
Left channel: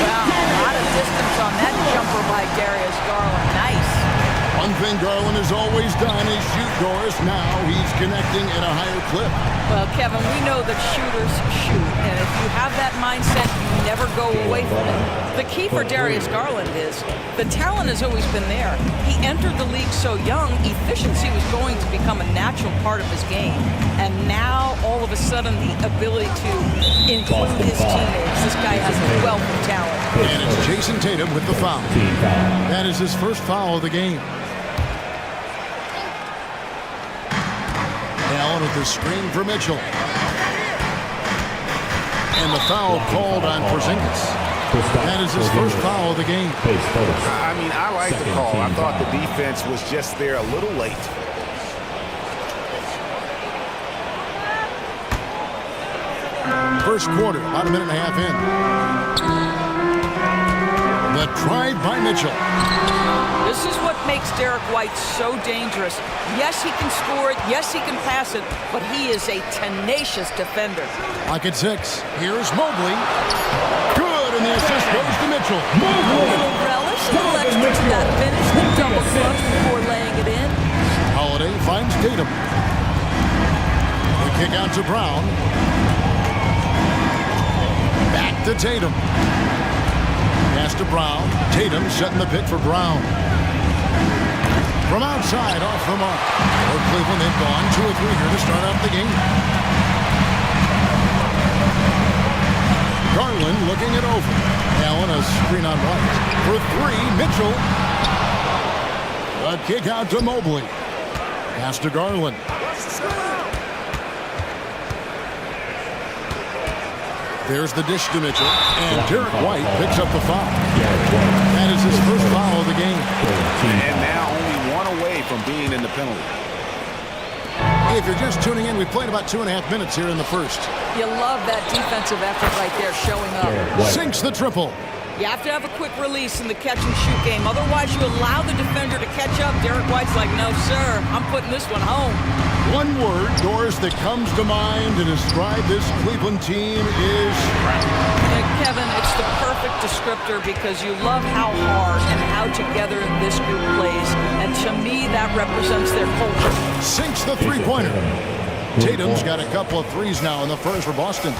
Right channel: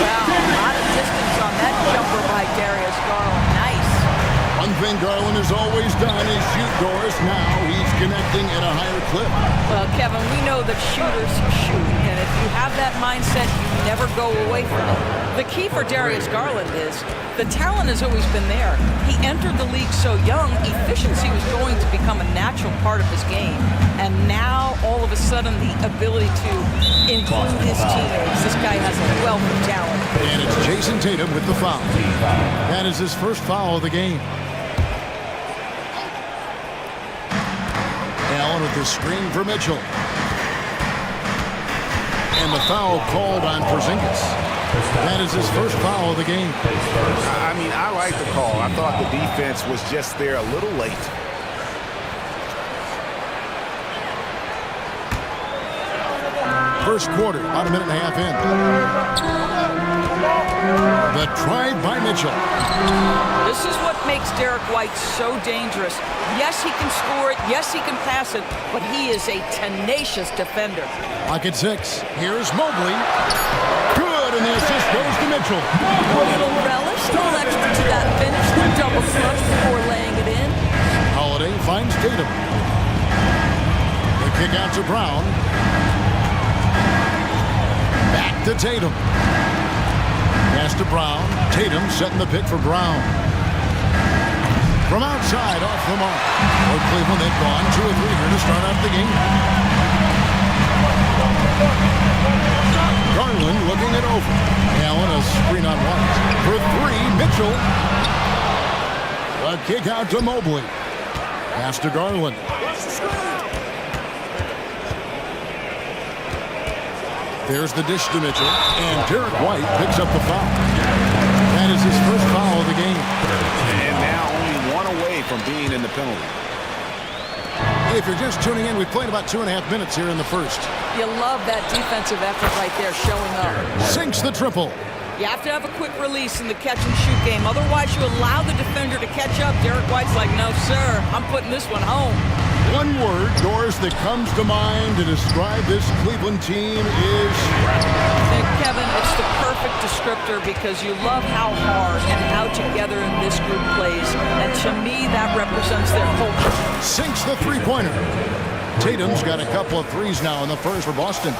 Wow, a lot of distance on that jumper by Darius Garland. Nice. One thing Garland has always done is shoot doors. Now he's connecting at a higher clip. Well, Kevin, we know that shooters shoot, and if you have that mindset, you never go away from it. The key for Darius Garland is the talent has always been there. He entered the league so young, efficiency was going to become a natural part of his game. And now, all of a sudden, the ability to include his teammates. This guy has a wealth of talent. And it's Jason Tatum with the foul. That is his first foul of the game. Allen with the screen for Mitchell. And the foul called on Porzingis. That is his first foul of the game. I mean, I like the call. I thought the defense was just there a little late. First quarter, about a minute and a half in. The drive by Mitchell. This is what makes Derek White so dangerous. Yes, he can score it. Yes, he can pass it. But he is a tenacious defender. Clock at 6. Here's Mobley. Good, and the assist goes to Mitchell. A little relish, a little extra to that finish. The double clutch before laying it in. Holiday finds Tatum. The kick out to Brown. Back to Tatum. Pass to Brown. Tatum setting the pick for Brown. From outside, off the mark. For Cleveland, they've gone 2 of 3 here to start out the game. Garland looking it over. Allen a screen on White. For 3, Mitchell. A kick out to Mobley. Pass to Garland. There's the dish to Mitchell. And Derek White picks up the foul. That is his first foul of the game. And now only 1 away from being in the penalty. If you're just tuning in, we played about 2.5 minutes here in the first. You love that defensive effort right there showing up. Sinks the triple. You have to have a quick release in the catch-and-shoot game. Otherwise, you allow the defender to catch up. Derek White's like, no, sir, I'm putting this one home. One word, Doris, that comes to mind to describe this Cleveland team is Kevin, it's the perfect descriptor because you love how hard and how together this group plays. And to me, that represents their culture. Sinks the three-pointer. Tatum's got a couple of threes now in the first for Boston.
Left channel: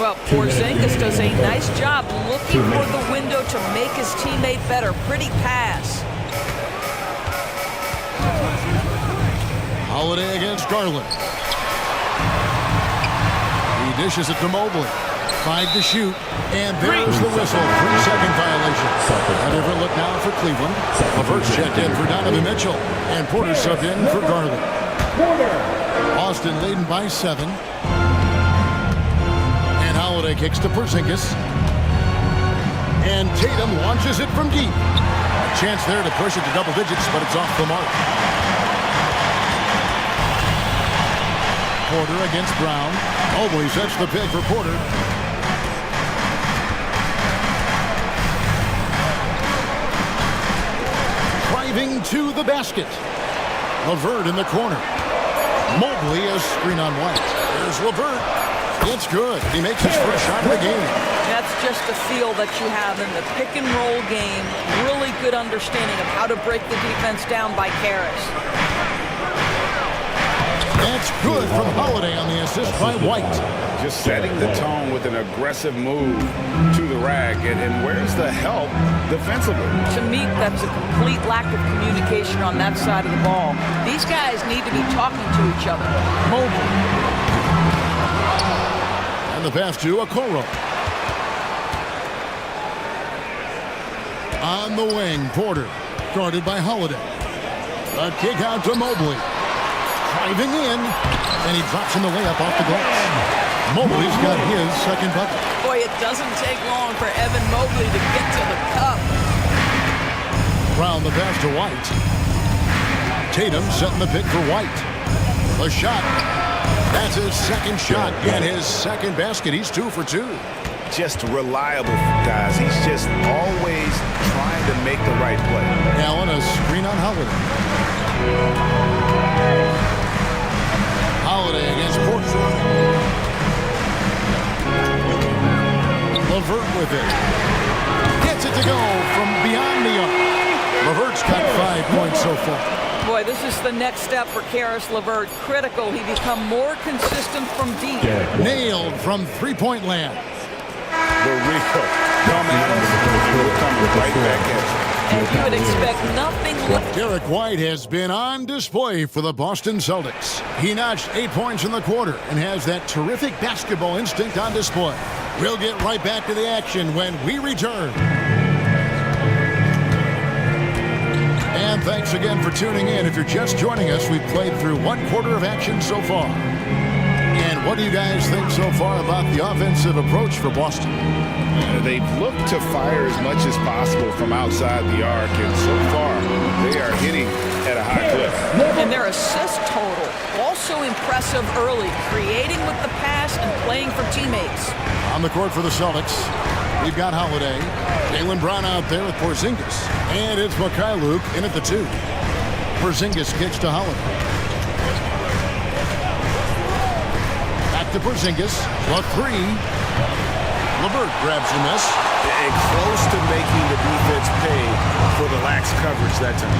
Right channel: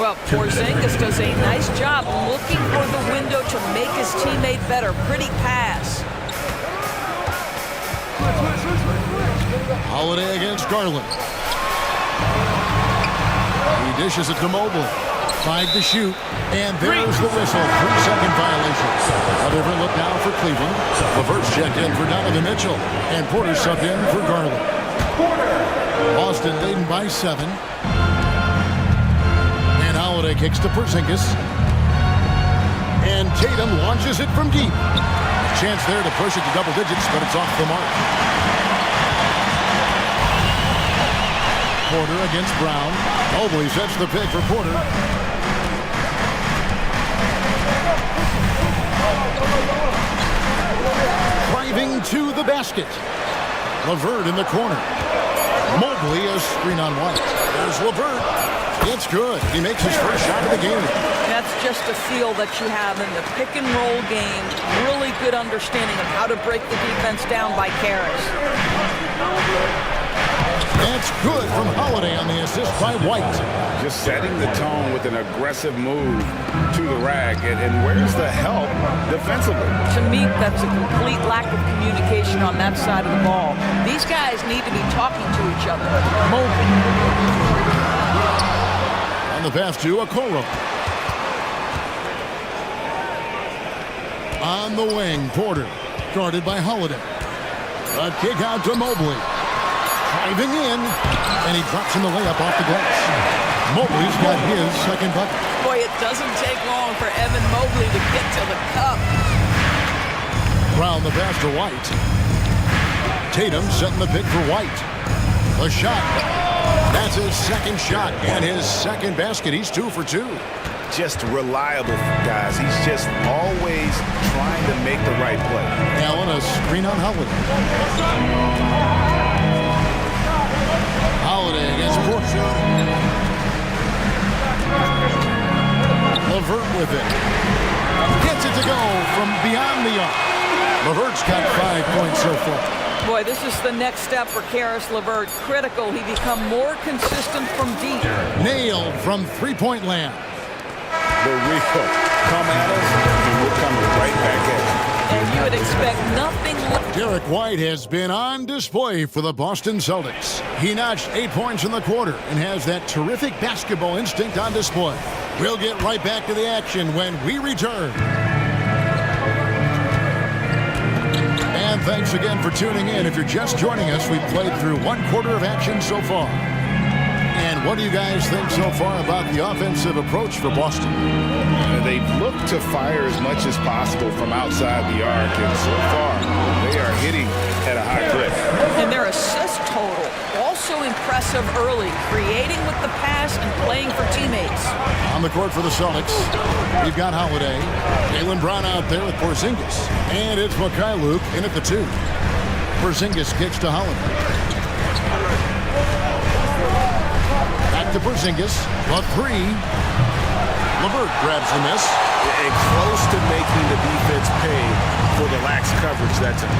Well, Porzingis does a nice job looking for the window to make his teammate better. Pretty pass. Holiday against Garland. He dishes it to Mobley. 5 to shoot. And there's the whistle. 3-second violation. A different look now for Cleveland. LeVert's checked in for Donovan Mitchell. And Porter subbed in for Garland. Boston leading by 7. And Holiday kicks to Porzingis. And Tatum launches it from deep. A chance there to push it to double digits, but it's off the mark. Porter against Brown. Mobley sets the pick for Porter. Driving to the basket. LeVert in the corner. Mobley a screen on White. There's LeVert. It's good. He makes his first shot of the game. That's just a feel that you have in the pick and roll game. Really good understanding of how to break the defense down by Karras. That's good from Holiday on the assist by White. just setting the tone with an aggressive move to the rack. And where's the help defensively? To me, that's a complete lack of communication on that side of the ball. These guys need to be talking to each other. Mobley. And the pass to Okoro. On the wing, Porter, guarded by Holiday. A kick out to Mobley. Driving in, and he drops in the layup off the glass. Mobley's got his second bucket. Boy, it doesn't take long for Evan Mobley to get to the cup. Brown the pass to White. Tatum setting the pick for White. The shot. That's his second shot and his second basket. He's 2 for 2. Just reliable, guys. He's just always trying to make the right play. Allen, a screen on Holiday. Holiday against Porter. LeVert with it. Gets it to go from beyond the arc. LeVert's got 5 points so far. Boy, this is the next step for Karis LeVert. Critical. He become more consistent from deep. Nailed from three-point land. The real come at us, and we're coming right back at you. And you would expect nothing less. Derek White has been on display for the Boston Celtics. He notched 8 points in the quarter and has that terrific basketball instinct on display. We'll get right back to the action when we return. And thanks again for tuning in. If you're just joining us, we've played through 1 quarter of action so far. And what do you guys think so far about the offensive approach for Boston? They've looked to fire as much as possible from outside the arc, and so far they are hitting at a high clip. And their assist total also impressive early, creating with the pass and playing for teammates. On the court for the Celtics, we've got Holiday, Jaylen Brown out there with Porzingis, and it's Luke in at the 2. Porzingis kicks to Holiday. Back to Porzingis, a 3. LeVert grabs the miss. And close to making the defense pay for the lax coverage that time.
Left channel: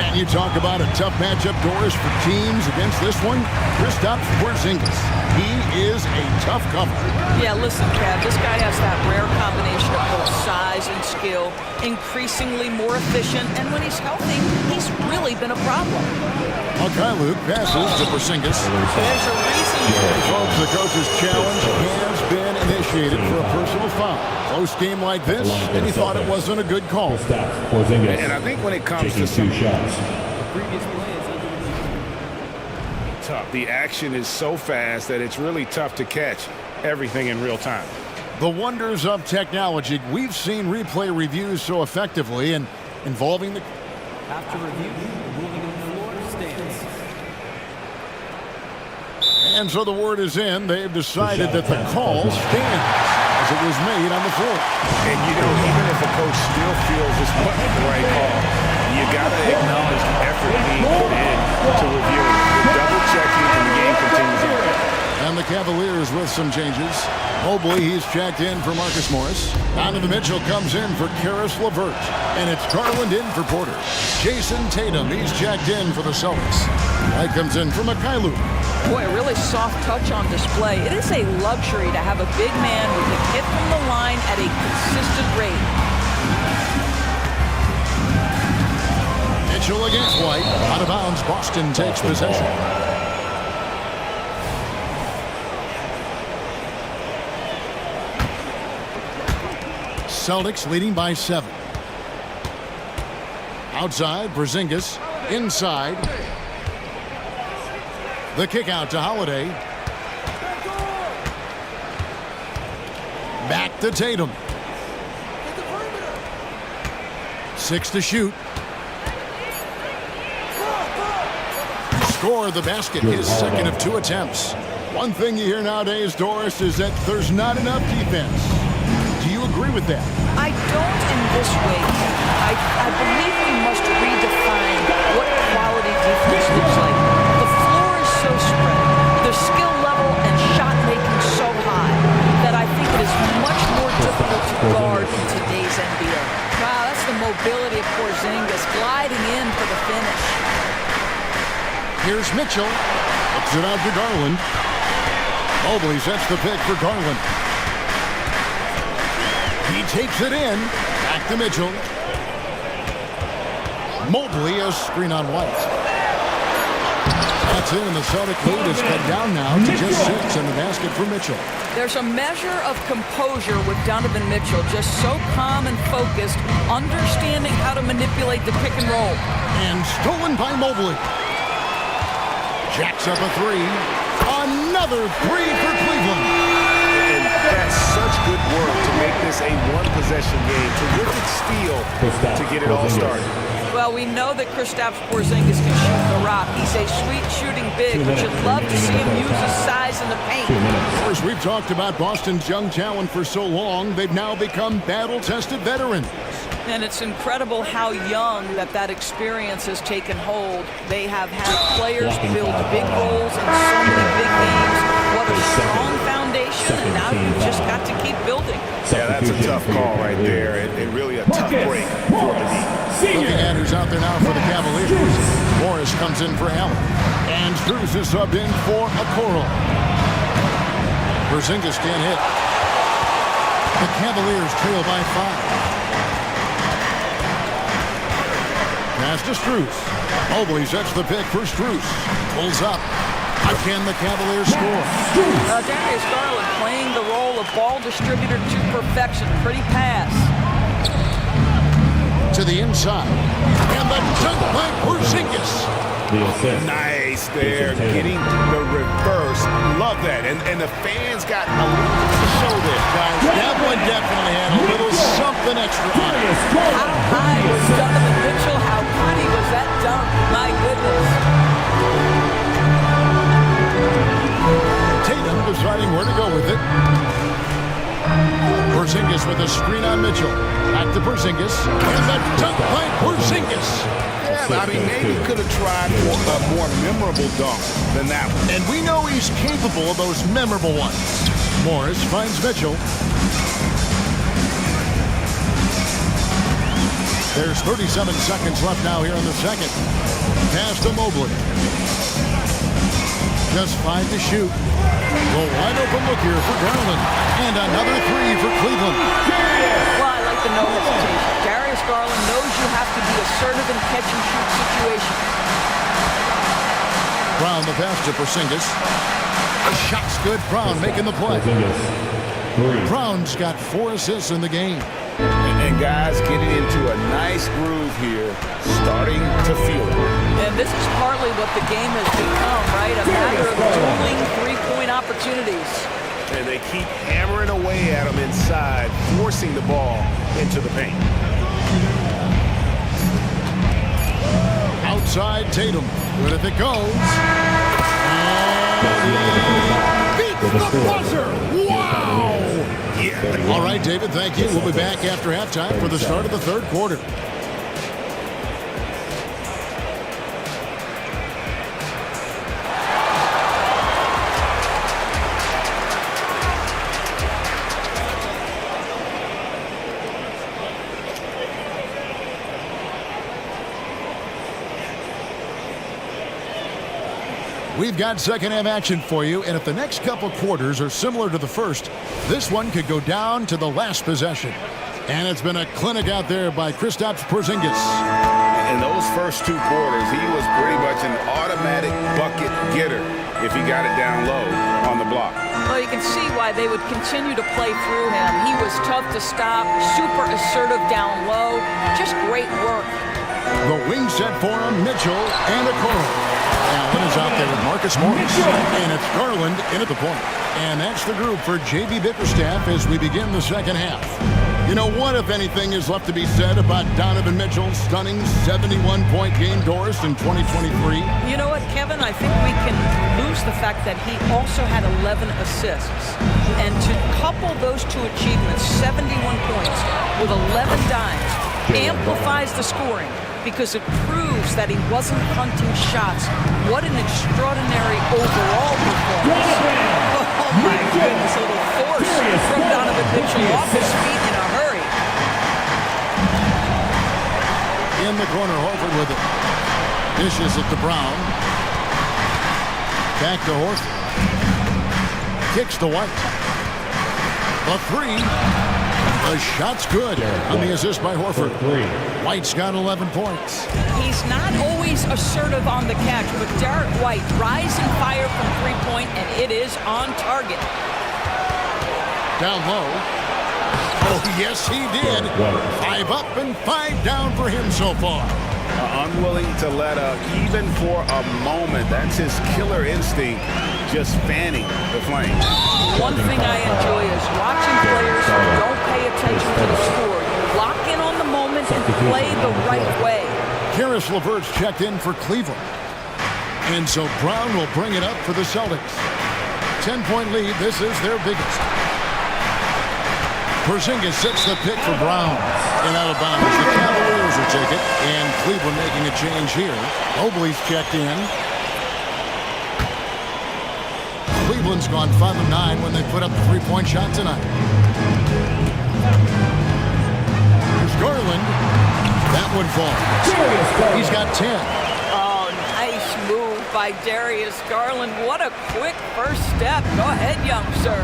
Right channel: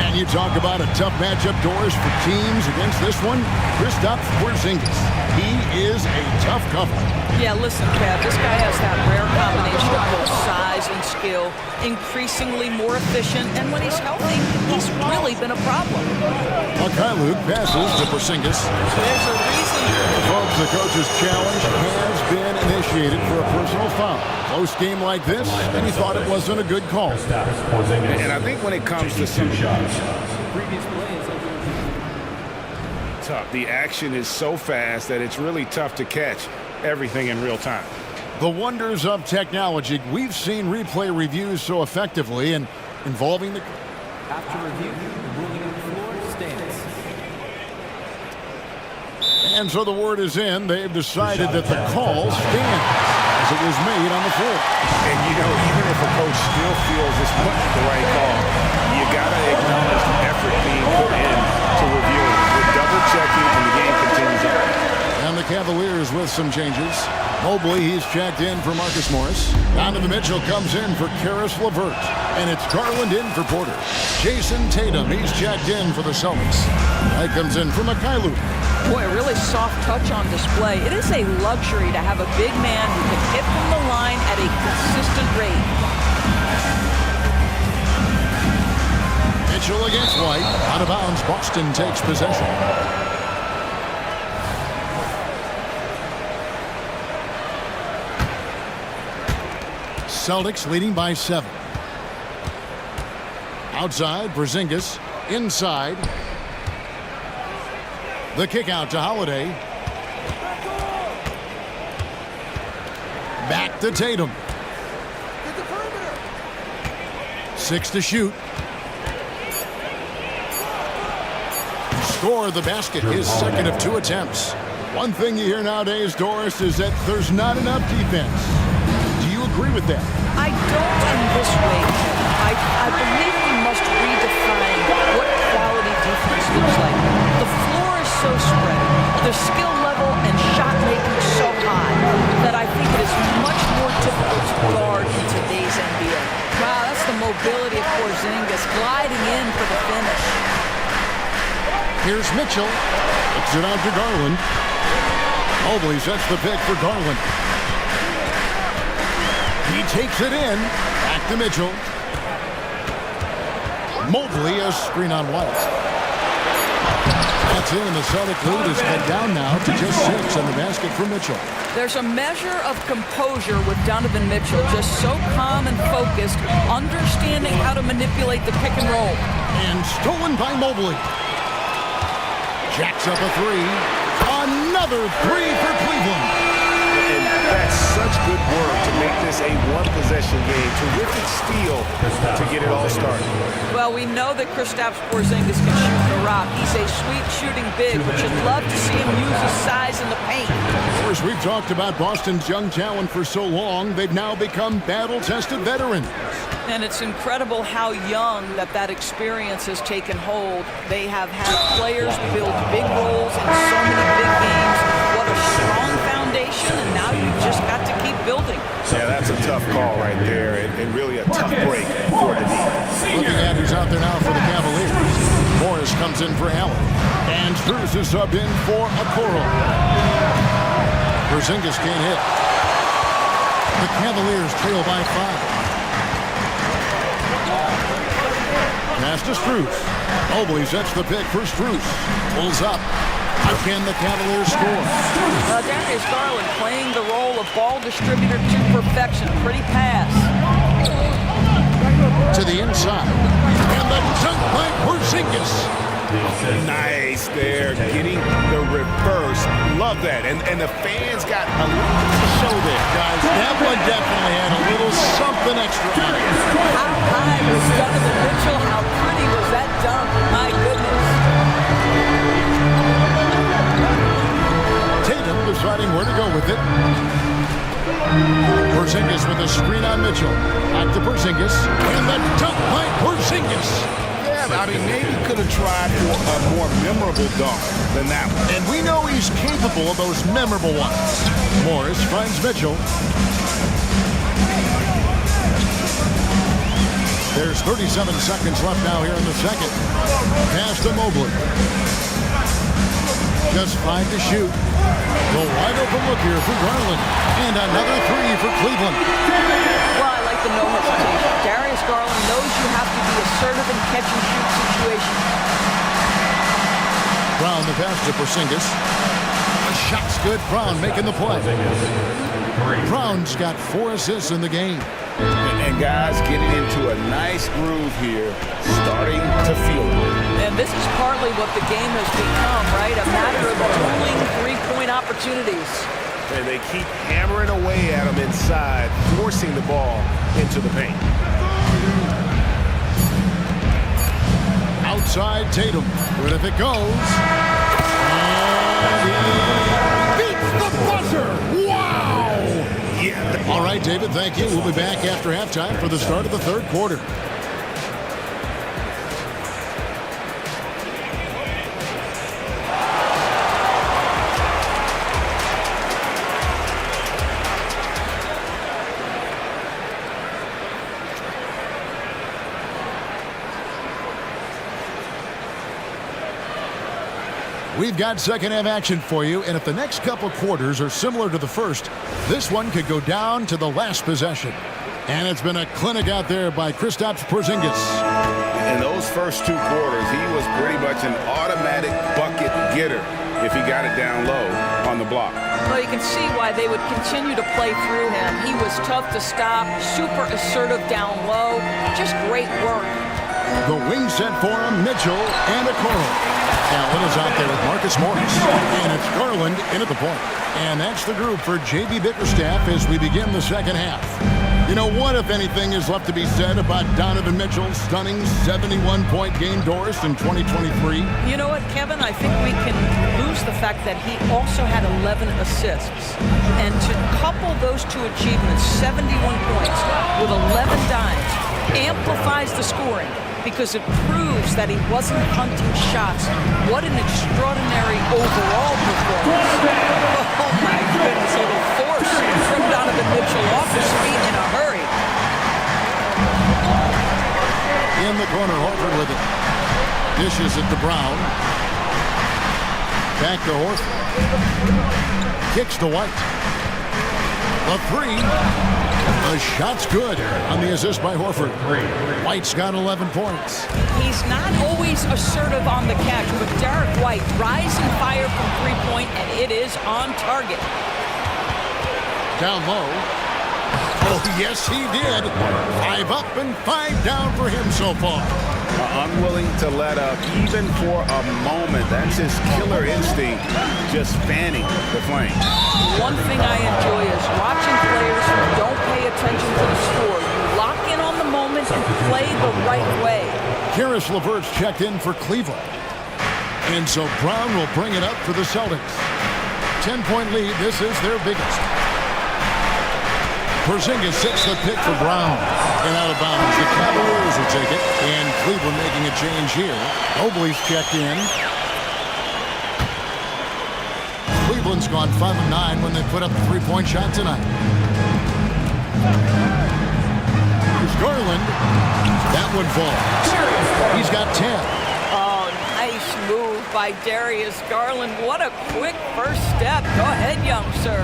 And you talk about a tough matchup, Doris, for teams against this one. Kristaps Porzingis. He is a tough cover. Yeah, listen, Kev, this guy has that rare combination of both size and skill, increasingly more efficient, and when he's healthy, he's really been a problem. Luke passes to Porzingis. There's a reason. Folks, the coach's challenge has been initiated for a personal foul. Close game like this, and he thought it wasn't a good call. And I think when it comes to some shots, The previous play is under review. tough. The action is so fast that it's really tough to catch everything in real time. The wonders of technology. We've seen replay reviews so effectively and involving the... After review, the ruling on the floor stands. And so the word is in. They've decided that the call stands as it was made on the floor. And, you know, even if a coach still feels this wasn't the right call, you got to acknowledge the effort being put in to reviewing it. We're double-checking, and the game continues on. And the Cavaliers with some changes. Mobley, he's checked in for Marcus Morris. Donovan Mitchell comes in for Karis LeVert. And it's Garland in for Porter. Jason Tatum, he's checked in for the Celtics. White comes in for Luke. Boy, a really soft touch on display. It is a luxury to have a big man who can hit from the line at a consistent rate. Mitchell against White. Out of bounds, Boston takes possession. Celtics leading by 7. Outside, Porzingis. Inside. The kick out to Holiday. Back to Tatum. 6 to shoot. Score the basket, his second of 2 attempts. One thing you hear nowadays, Doris, is that there's not enough defense. Do you agree with that? I don't in this way, Kevin. I believe we must redefine what quality defense looks like. The floor is so spread, the skill level and shot making so high that I think it is much more difficult to guard in today's NBA. Wow, that's the mobility of Porzingis gliding in for the finish. Here's Mitchell. Looks it out to Garland. Mobley sets the pick for Garland. He takes it in. Back to Mitchell. Mobley, a screen on White. That's in, and the Celtic lead is cut down now to just 6 on the basket for Mitchell. There's a measure of composure with Donovan Mitchell, just so calm and focused, understanding how to manipulate the pick and roll. And stolen by Mobley. Jacks up a three. Another three for Cleveland. And that's such good work to make this a one-possession game. Terrific steal to get it all started. Well, we know that Kristaps Porzingis can shoot the rock. He's a sweet shooting big, but you'd love to see him use his size in the paint. Of course, we've talked about Boston's young talent for so long. They've now become battle-tested veterans. And it's incredible how young that experience has taken hold. They have had players build big roles in so many big games. What a strong foundation, and now you've just got to keep building. Yeah, that's a tough call right there, and really a tough break for the D. Looking at who's out there now for the Cavaliers. Morris comes in for Allen. And Strus is subbed in for Okoro. Porzingis can't hit. The Cavaliers trail by 5. Pass to Strus. Mobley sets the pick for Strus. Pulls up. Again, the Cavaliers score. Darius Garland playing the role of ball distributor to perfection. Pretty pass. To the inside. And the dunk by Porzingis. Nice there, getting the reverse. Love that. And the fans got a little bit to show there. Guys, that one definitely had a little something extra on it. How high was Donovan Mitchell? How pretty was that dunk? My goodness. Tatum deciding where to go with it. Porzingis with a screen on Mitchell. Back to Porzingis. And the dunk by Porzingis. Yeah, I mean, maybe could have tried for a more memorable dunk than that one. And we know he's capable of those memorable ones. Morris finds Mitchell. There's 37 seconds left now here in the second. Pass to Mobley. Just 5 to shoot. The wide open look here for Garland. And another three for Cleveland. Well, I like the no hesitation. Darius Garland knows you have to be assertive in catch-and-shoot situations. Brown the pass to Porzingis. The shot's good. Brown making the play. Brown's got 4 assists in the game. And guys getting into a nice groove here, starting to feel it. And this is partly what the game has become, right? A matter of dueling three-point opportunities. And they keep hammering away at them inside, forcing the ball into the paint. Outside Tatum. Good if it goes. And he beats the buzzer. Wow! Yeah. All right, David, thank you. We'll be back after halftime for the start of the third quarter. We've got second half action for you, and if the next couple quarters are similar to the first, this one could go down to the last possession. And it's been a clinic out there by Kristaps Porzingis. In those first 2 quarters, he was pretty much an automatic bucket getter if he got it down low on the block. Well, you can see why they would continue to play through him. He was tough to stop, super assertive down low, just great work. The wing set for him, Mitchell and Okoro. Allen is out there with Marcus Morris. And it's Garland in at the point. And that's the group for J.B. Bickerstaff as we begin the second half. You know, what, if anything, is left to be said about Donovan Mitchell's stunning 71-point game, Doris, in 2023? You know what, Kevin? I think we can lose the fact that he also had 11 assists. And to couple those 2 achievements, 71 points with 11 dimes, amplifies the scoring, because it proves that he wasn't hunting shots. What an extraordinary overall performance. Oh my goodness, a little force from Donovan Mitchell off his feet in a hurry. In the corner, Horford with it. Dishes it to Brown. Back to Horford. Kicks to White. The three. The shot's good on the assist by Horford. White's got 11 points. He's not always assertive on the catch, but Derek White, rising fire from three-point, and it is on target. Down low. Oh, yes, he did. 5 up and 5 down for him so far. Unwilling to let up, even for a moment. That's his killer instinct, just fanning the flame. One thing I enjoy is watching players who don't pay attention to the score. You lock in on the moment and play the right way. Karis LeVert's checked in for Cleveland. And so Brown will bring it up for the Celtics. 10-point lead. This is their biggest. Porzingis sets the pick for Brown. And out of bounds. The Cavaliers will take it. And Cleveland making a change here. Mobley's checked in. Cleveland's gone 5 of 9 when they put up the three-point shot tonight. Here's Garland. That one falls. He's got 10. Oh, nice move by Darius Garland. What a quick first step. Go ahead, young sir.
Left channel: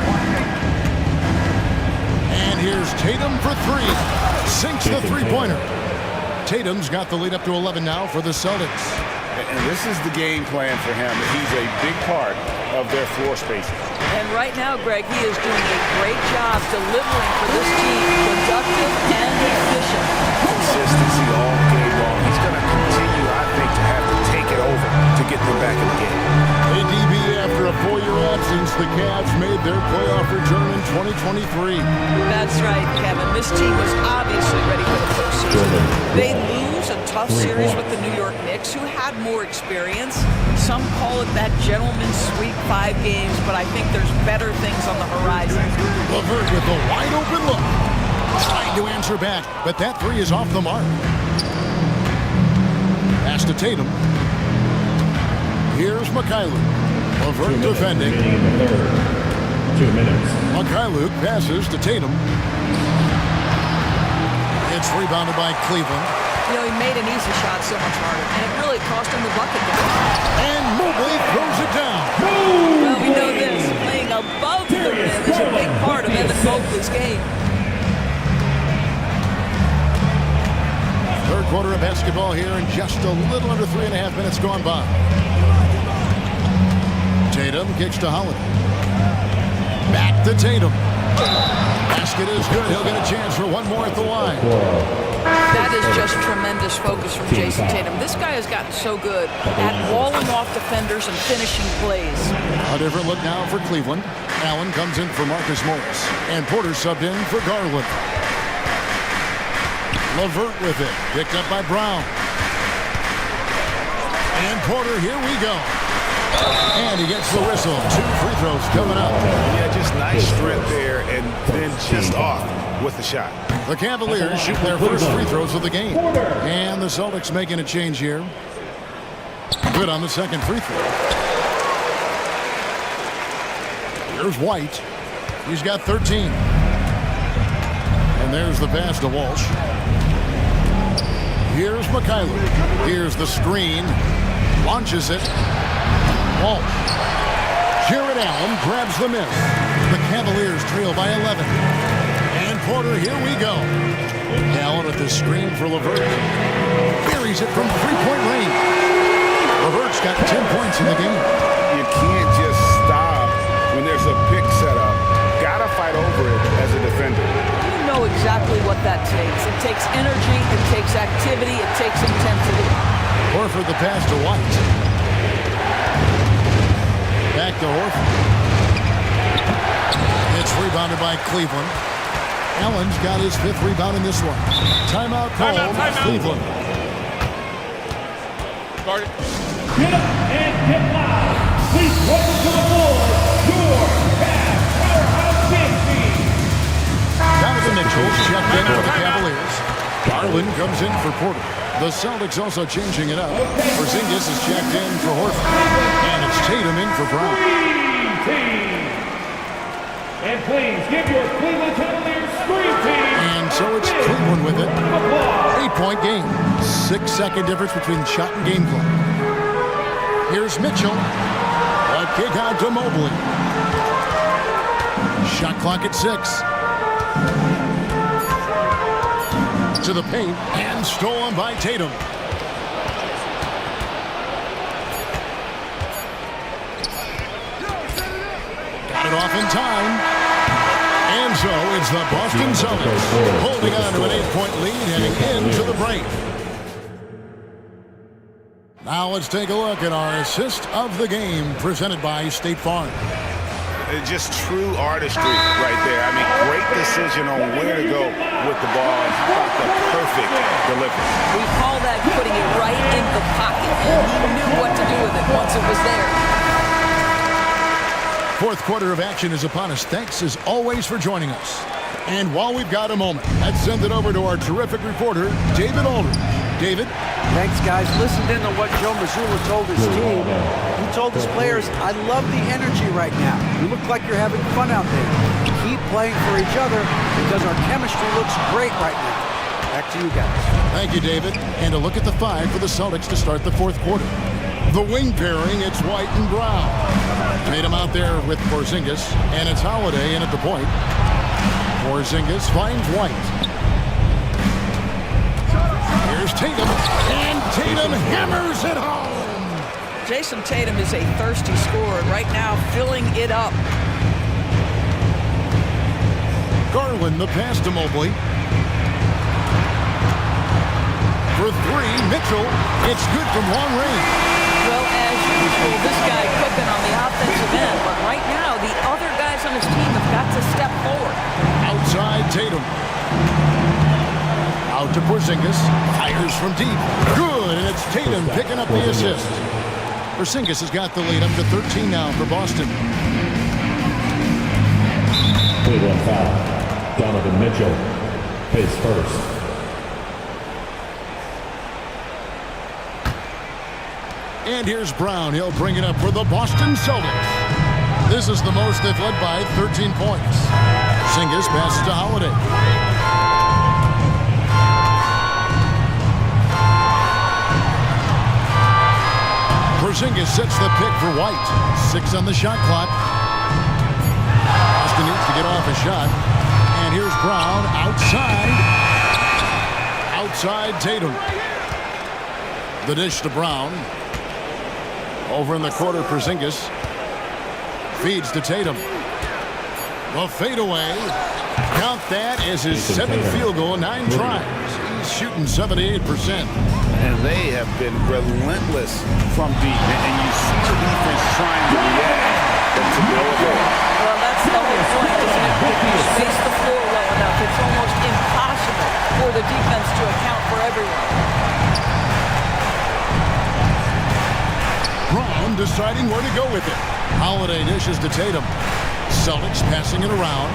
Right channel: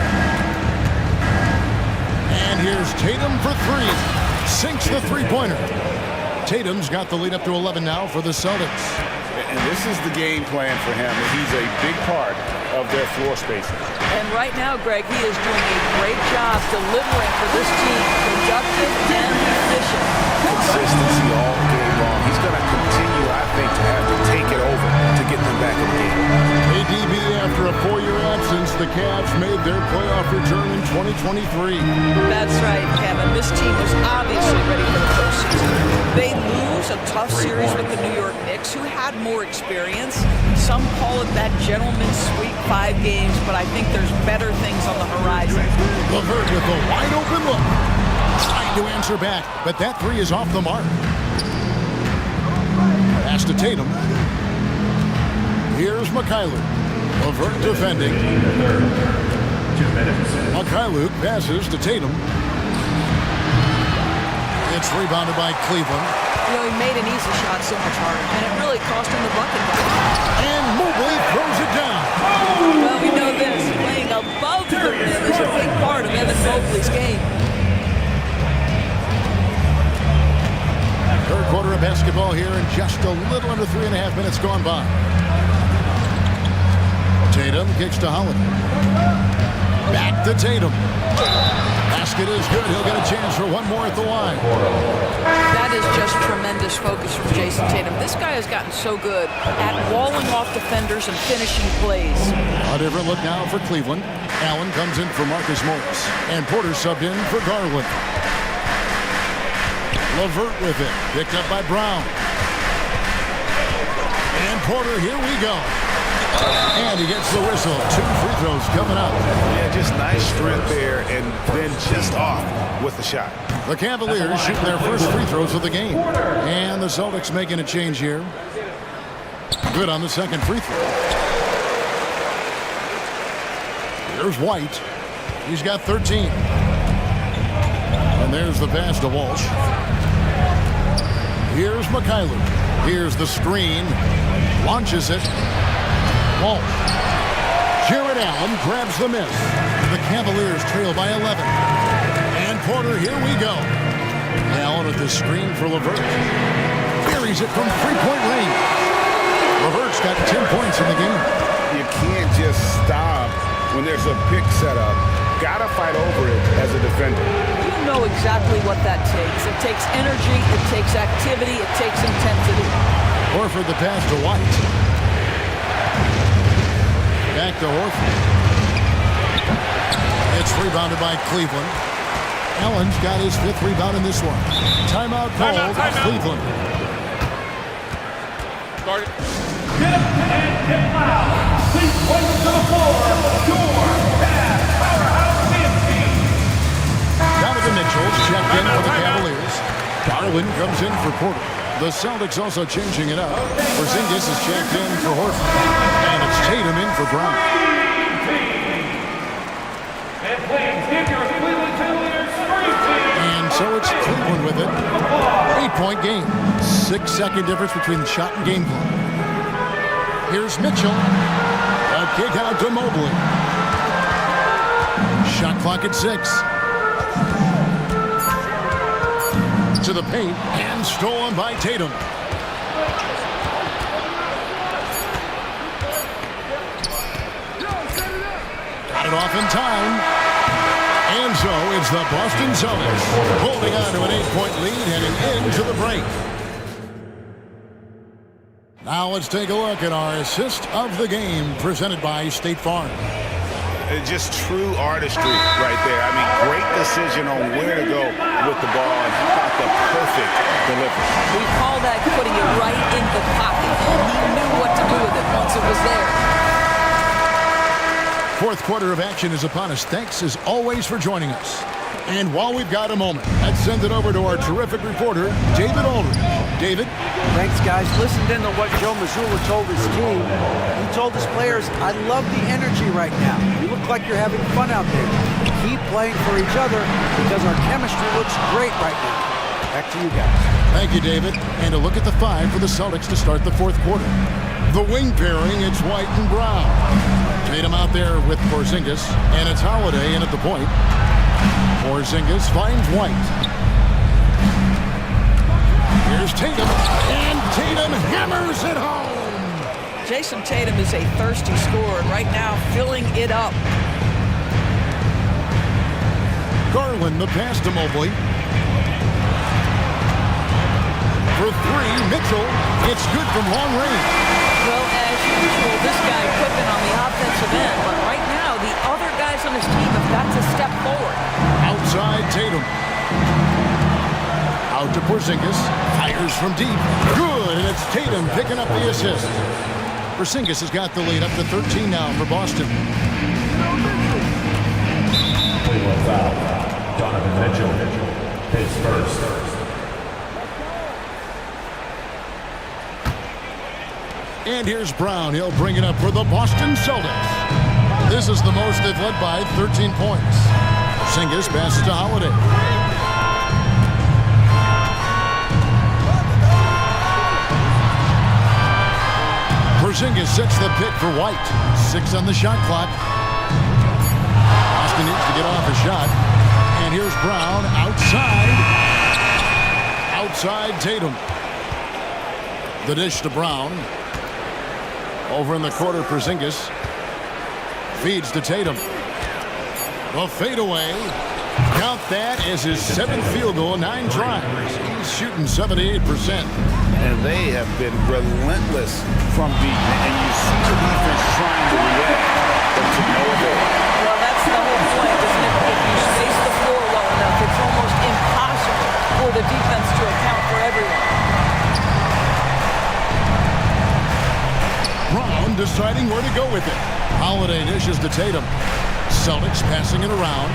And here's Tatum for 3. Sinks the three-pointer. Tatum's got the lead up to 11 now for the Celtics. And this is the game plan for him. He's a big part of their floor spacing. And right now, Greg, he is doing a great job delivering for this team. Productive and efficient. Consistency all game long. He's going to continue, I think, to have to take it over to get them back in the game. ADB, after a 4-year absence, the Cavs made their playoff return in 2023. That's right, Kevin. This team was obviously ready for the postseason. They lose a tough series with the New York Knicks, who had more experience. Some call it that gentleman's sweep 5 games, but I think there's better things on the horizon. LeVert with a wide-open look. Trying to answer back, but that three is off the mark. Pass to Tatum. Here's Mikhailuk. LeVert defending. 2 minutes. Mikhailuk passes to Tatum. It's rebounded by Cleveland. You know, he made an easy shot so much harder, and it really cost him the bucket down. And Mobley throws it down. Well, we know this. Playing above the rim is a big part of Evan Mobley's game. Third quarter of basketball here, and just a little under 3.5 minutes gone by. Tatum kicks to Holiday. Back to Tatum. Basket is good. He'll get a chance for one more at the line. That is just tremendous focus from Jason Tatum. This guy has gotten so good at walling off defenders and finishing plays. A different look now for Cleveland. Allen comes in for Marcus Morris. And Porter subbed in for Garland. LeVert with it. Picked up by Brown. And Porter, here we go. And he gets the whistle. 2 free throws coming up. Yeah, just nice strength there, and then just off with the shot. The Cavaliers shoot their first free throws of the game. And the Celtics making a change here. Good on the second free throw. Here's White. He's got 13. And there's the pass to Walsh. Here's Mikhailuk. Here's the screen. Launches it. Walsh. Jared Allen grabs the miss. The Cavaliers trail by 11. And Porter, here we go. Allen with the screen for LeVert. Buries it from three-point range. LeVert's got 10 points in the game. You can't just stop when there's a pick set up. Gotta fight over it as a defender. You know exactly what that takes. It takes energy, it takes activity, it takes intensity. Horford the pass to White. Back to Horford. It's rebounded by Cleveland. Allen's got his 5th rebound in this one. Timeout called. Cleveland. Guard it. Get up and get loud. Please welcome to the floor, your Cavs powerhouse team. Donovan Mitchell's checked in for the Cavaliers. Garland comes in for Porter. The Celtics also changing it up. Porzingis is checked in for Horford. And it's Tatum in for Brown. And please give your Cleveland Cavaliers scream team. And so it's Cleveland with it. 8-point game. 6-second difference between the shot and game clock. Here's Mitchell. A kick out to Mobley. Shot clock at 6. To the paint and stolen by Tatum. Got it off in time. And so it's the Boston Celtics holding on to an 8-point lead heading into the break. Now let's take a look at our assist of the game presented by State Farm. Just true artistry right there. I mean, great decision on where to go with the ball, and how about the perfect delivery? We call that putting it right in the pocket, and he knew what to do with it once it was there. Fourth quarter of action is upon us. Thanks as always for joining us. And while we've got a moment, let's send it over to our terrific reporter, David Aldridge. David? Thanks, guys. Listened in to what Joe Mazzulla told his team. He told his players, I love the energy right now. You look like you're having fun out there. Keep playing for each other because our chemistry looks great right now. Back to you guys. Thank you, David. And a look at the 5 for the Celtics to start the fourth quarter. The wing pairing, it's White and Brown. Tatum out there with Porzingis, and it's Holiday in at the point. Porzingis finds White. Here's Tatum, and Tatum hammers it home. Jason Tatum is a thirsty scorer, and right now filling it up. Garland, the pass to Mobley. For 3, Mitchell. It's good from long range. Well, as usual, this guy cooking on the offensive end, but right now the other guys on his team have got to step forward. Outside Tatum. Out to Porzingis. Fires from deep. Good, and it's Tatum picking up the assist. Porzingis has got the lead up to 13 now for Boston. Cleveland foul. Donovan Mitchell, his first. And here's Brown. He'll bring it up for the Boston Celtics. This is the most they've led by 13 points. Porzingis passes to Holiday. Porzingis sets the pick for White. 6 on the shot clock. Boston needs to get off a shot. And here's Brown outside. Outside Tatum. The dish to Brown. Over in the quarter, Porzingis feeds to Tatum. The fadeaway. Count that as his 7th field goal, 9 tries. He's shooting 78%. And they have been relentless from deep. And you see the defense trying to react, but to no avail. Well, that's the whole point, isn't it? If you space the floor well enough, it's almost impossible for the defense to account for everyone. Brown deciding where to go with it. Holiday dishes to Tatum. Celtics passing it around.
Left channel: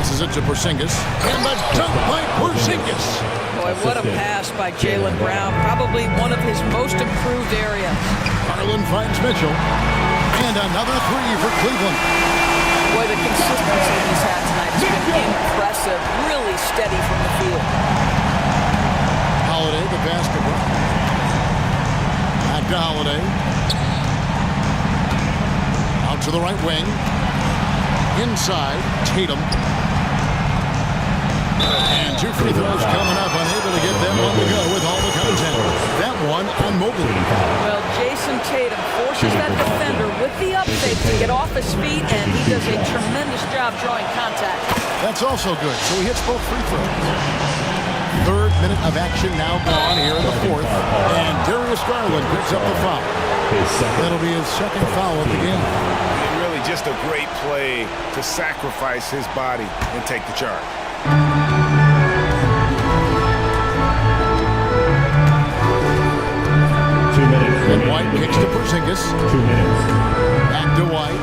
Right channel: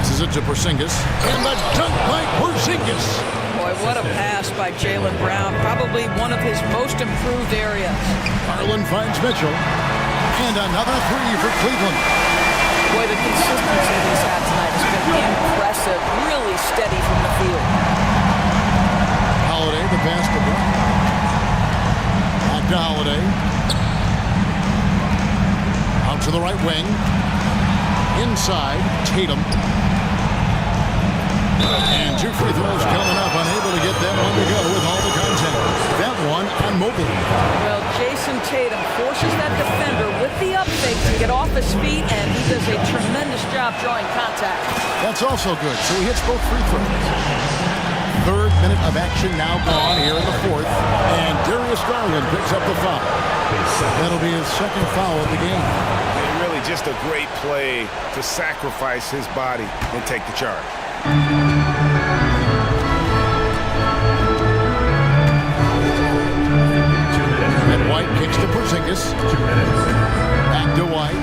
Passes it to Porzingis. And the dunk by Porzingis. Boy, what a pass by Jaylen Brown. Probably one of his most improved areas. Garland finds Mitchell. And another 3 for Cleveland. Boy, the consistency he's had tonight has been impressive. Really steady from the field. Holiday, the pass to Brown. Back to Holiday. Out to the right wing. Inside, Tatum. And 2 free throws coming up. Unable to get that one to go with all the contact. That one on Mobley. Well, Jason Tatum forces that defender with the up fake to get off his feet, and he does a tremendous job drawing contact. That's also good. So he hits both free throws. 3rd minute of action now gone here in the 4th. And Darius Garland picks up the foul. That'll be his 2nd foul of the game. Really just a great play to sacrifice his body and take the charge. And White kicks to Porzingis. 2 minutes. Back to White.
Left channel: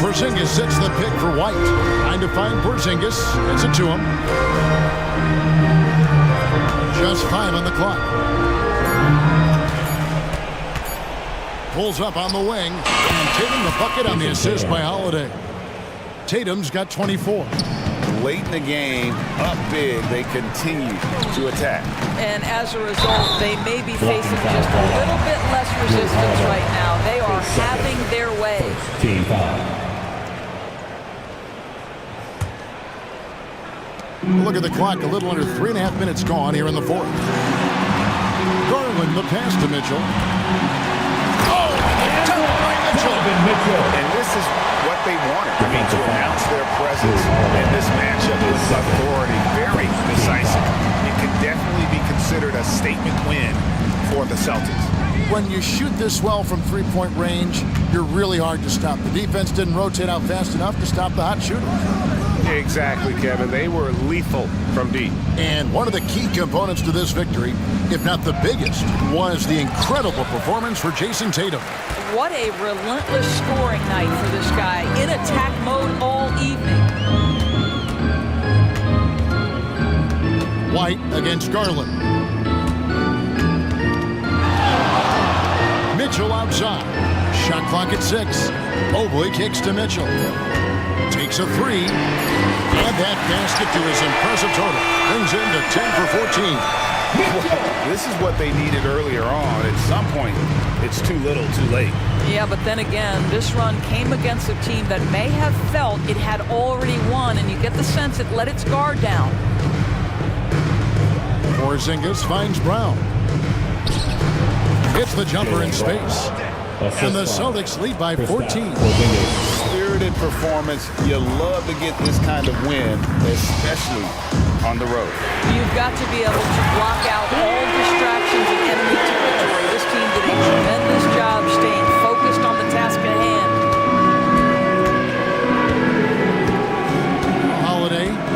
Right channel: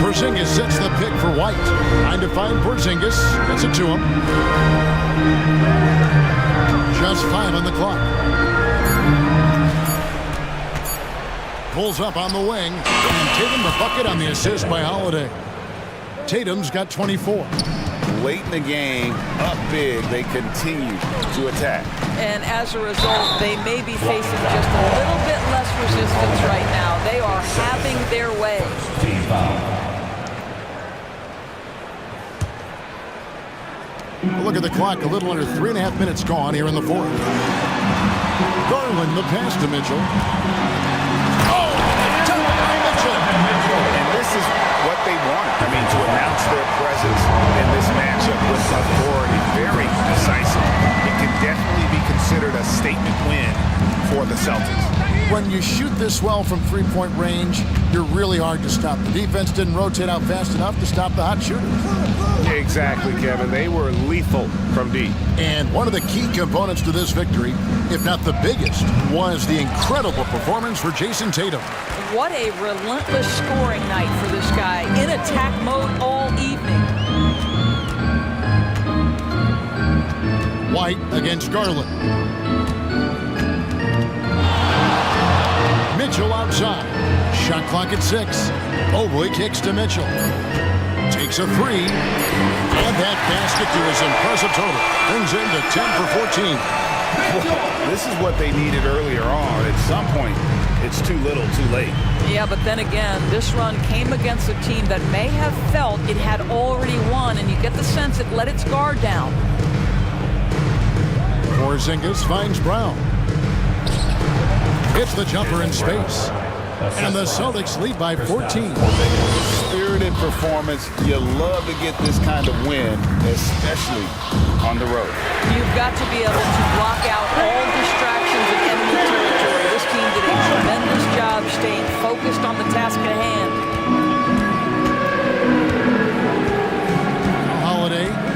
Porzingis sets the pick for White. Trying to find Porzingis. Gets it to him. Just 5 on the clock. Pulls up on the wing. And Tatum the bucket on the assist by Holiday. Tatum's got 24. Late in the game, up big, they continue to attack. And as a result, they may be facing just a little bit less resistance right now. They are having their way. Team foul. Look at the clock, a little under 3.5 minutes gone here in the fourth. Garland, the pass to Mitchell. Oh, and the dunk by Mitchell. And this is what they wanted. I mean, to announce their presence in this matchup with authority, very decisive. It could definitely be considered a statement win for the Celtics. When you shoot this well from three-point range, you're really hard to stop. The defense didn't rotate out fast enough to stop the hot shooters. Yeah, exactly, Kevin. They were lethal from deep. And one of the key components to this victory, if not the biggest, was the incredible performance for Jason Tatum. What a relentless scoring night for this guy, in attack mode all evening. White against Garland. Mitchell outside. Shot clock at 6. Mobley kicks to Mitchell. Takes a 3. And that basket to his impressive total. Brings him to 10 for 14. Well, this is what they needed earlier on. At some point, it's too little, too late. Yeah, but then again, this run came against a team that may have felt it had already won, and you get the sense it let its guard down. Porzingis finds Brown. Hits the jumper in space. And the Celtics lead by 14. Spirited performance. You love to get this kind of win, especially on the road. You've got to be able to block out all distractions in enemy territory. This team did a tremendous job staying focused on the task at hand. Holiday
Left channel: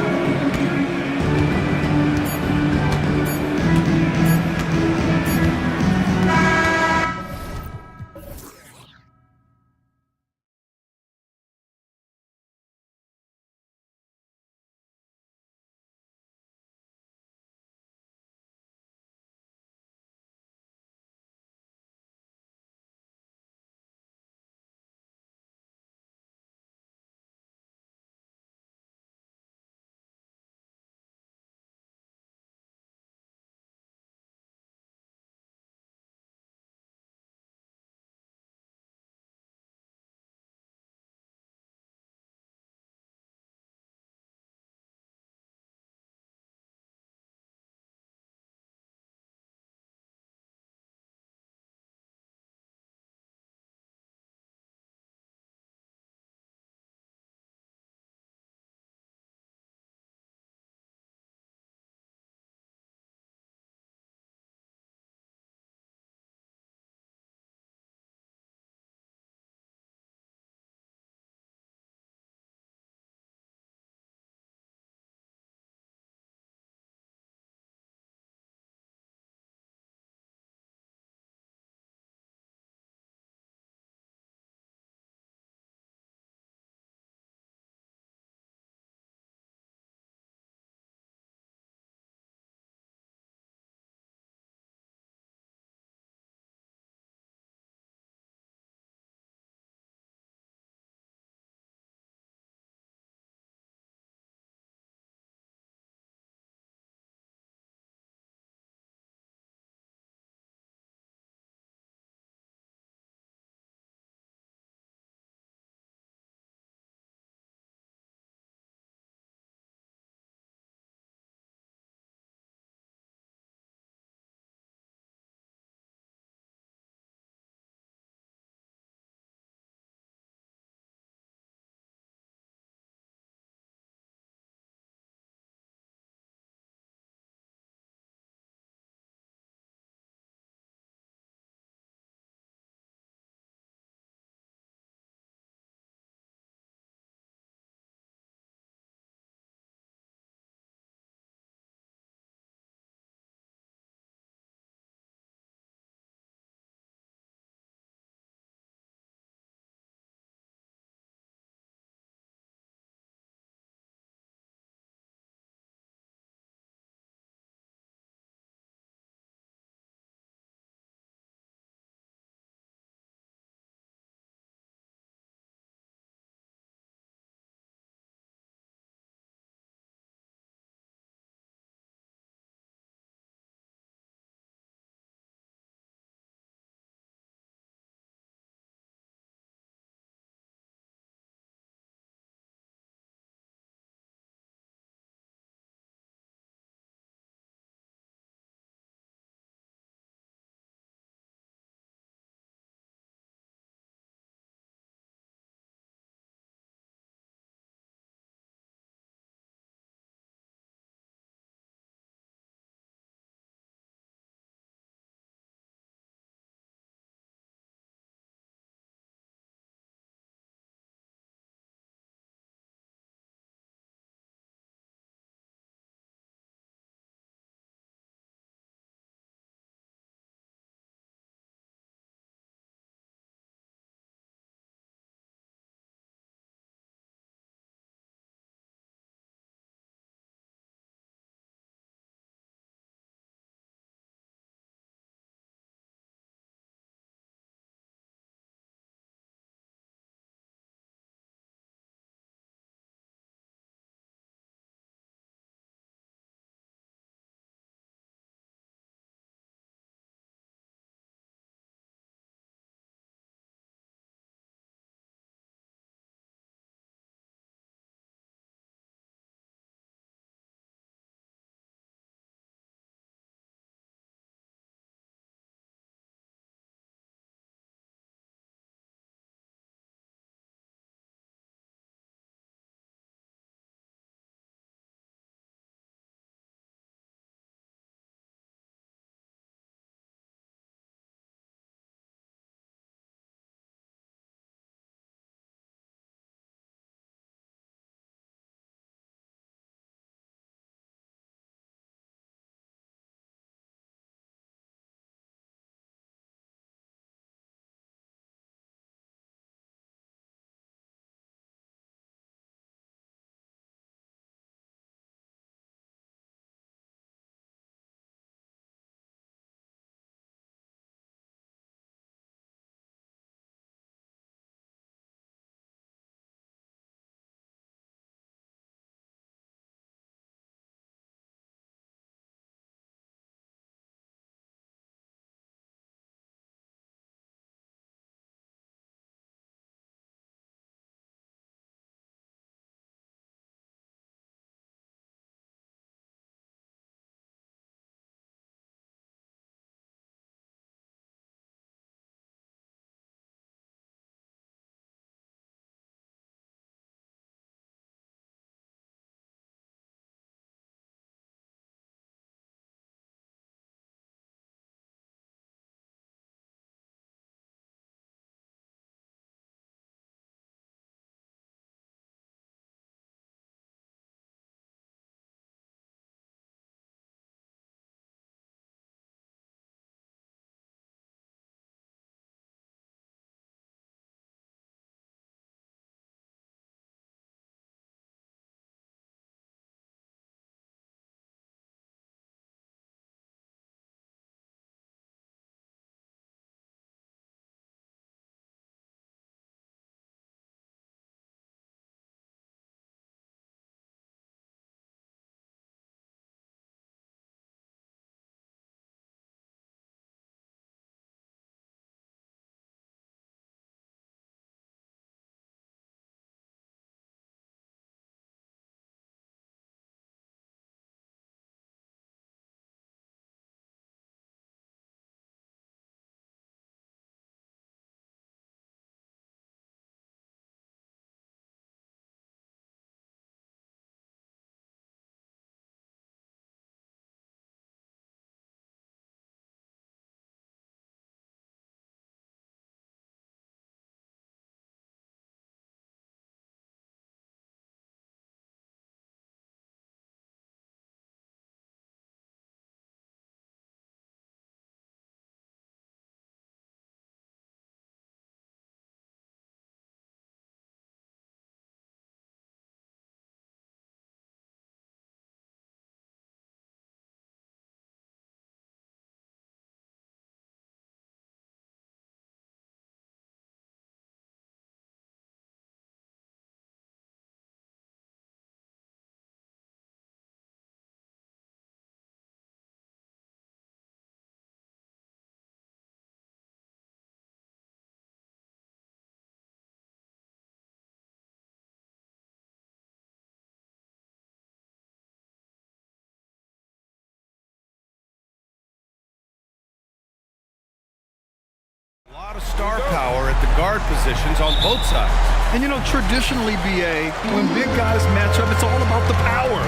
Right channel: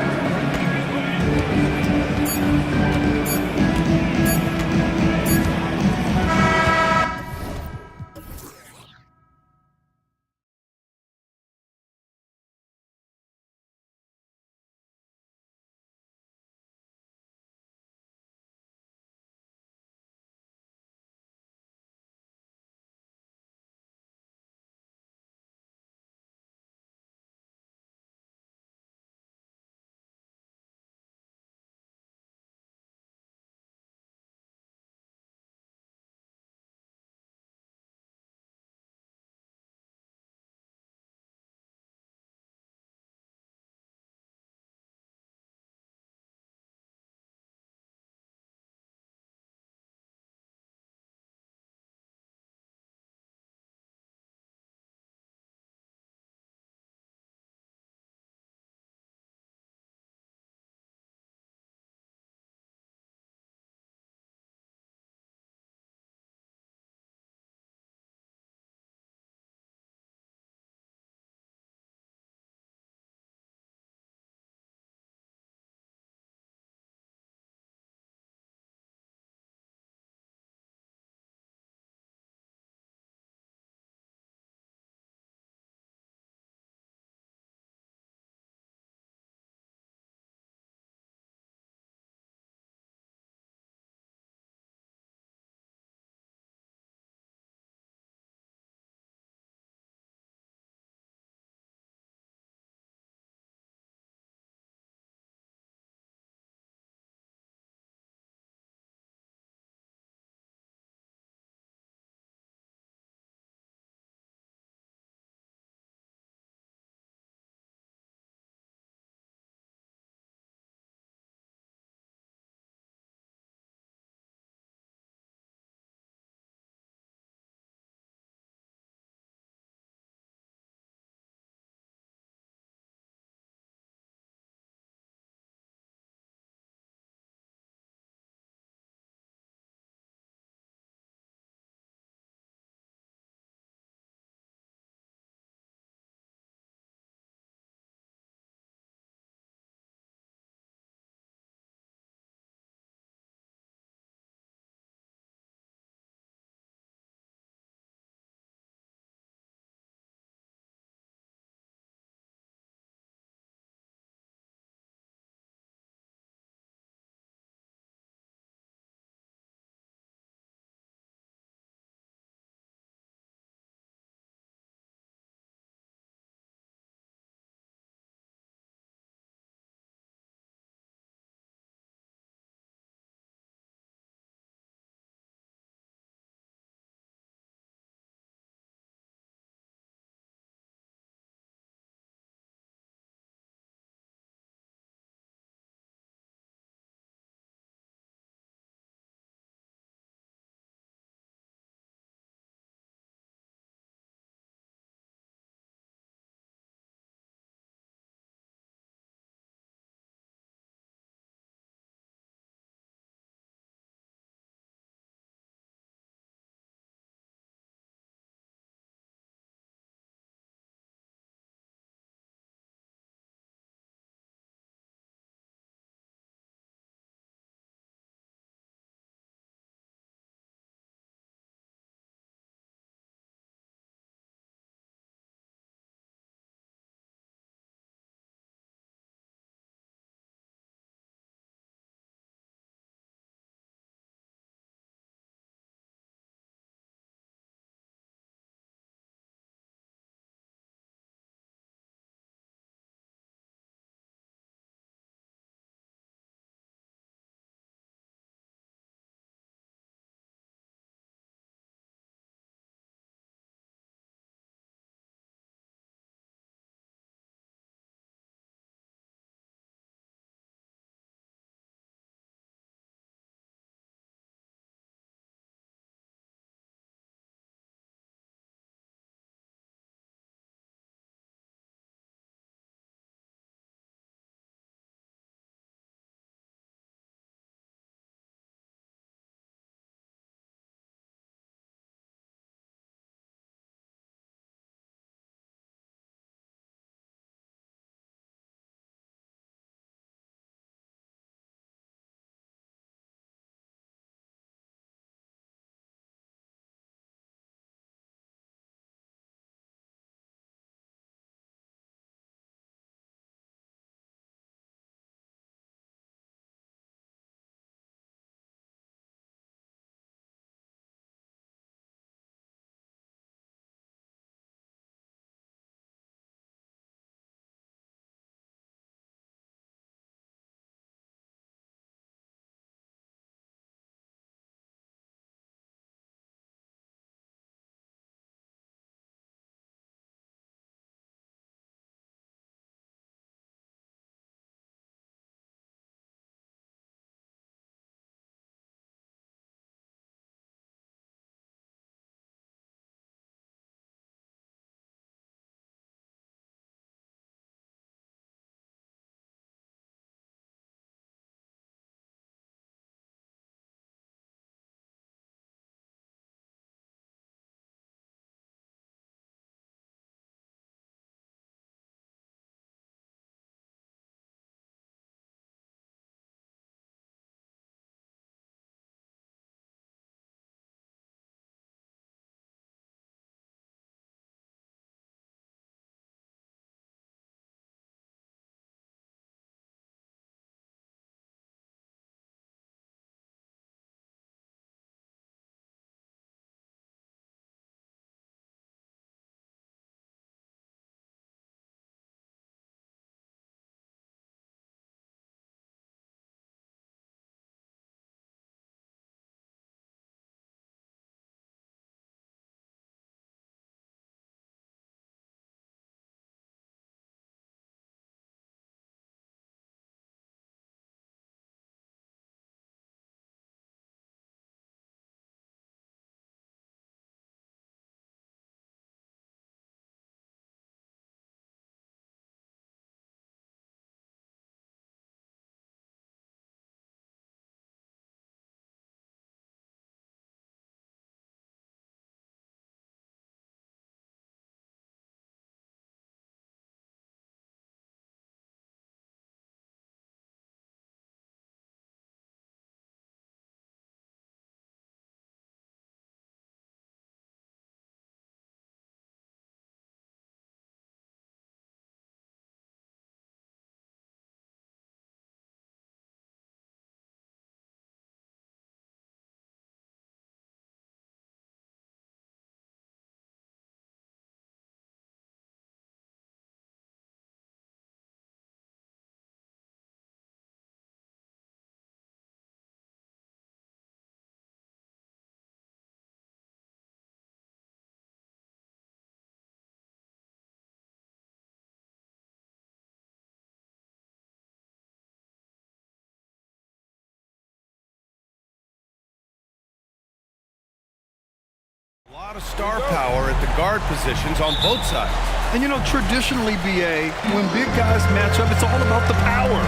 A lot of star power at the guard positions on both sides. And you know, traditionally, BA, when big guys match up, it's all about the power.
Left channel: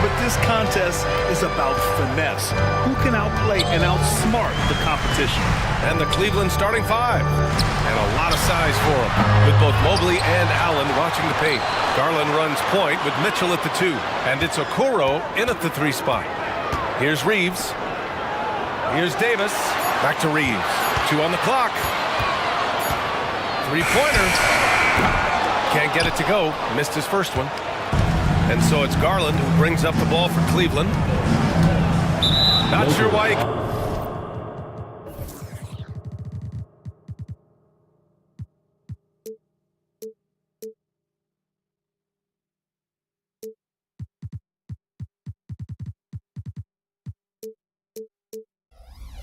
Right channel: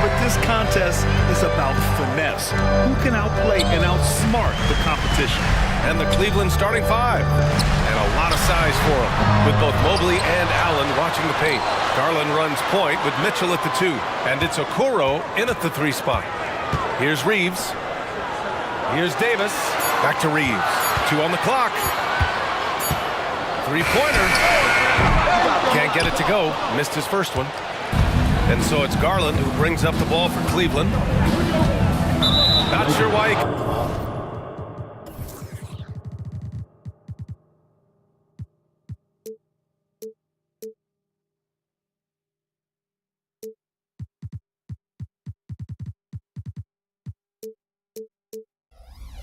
But this contest is about finesse. Who can outplay and outsmart the competition? And the Cleveland starting five. And a lot of size for him, with both Mobley and Allen watching the paint. Garland runs point with Mitchell at the 2. And it's Okoro in at the 3 spot. Here's Reeves. Here's Davis. Back to Reeves. 2 on the clock. 3-pointer. Can't get it to go. Missed his first one. And so it's Garland who brings up the ball for Cleveland. Not sure why he...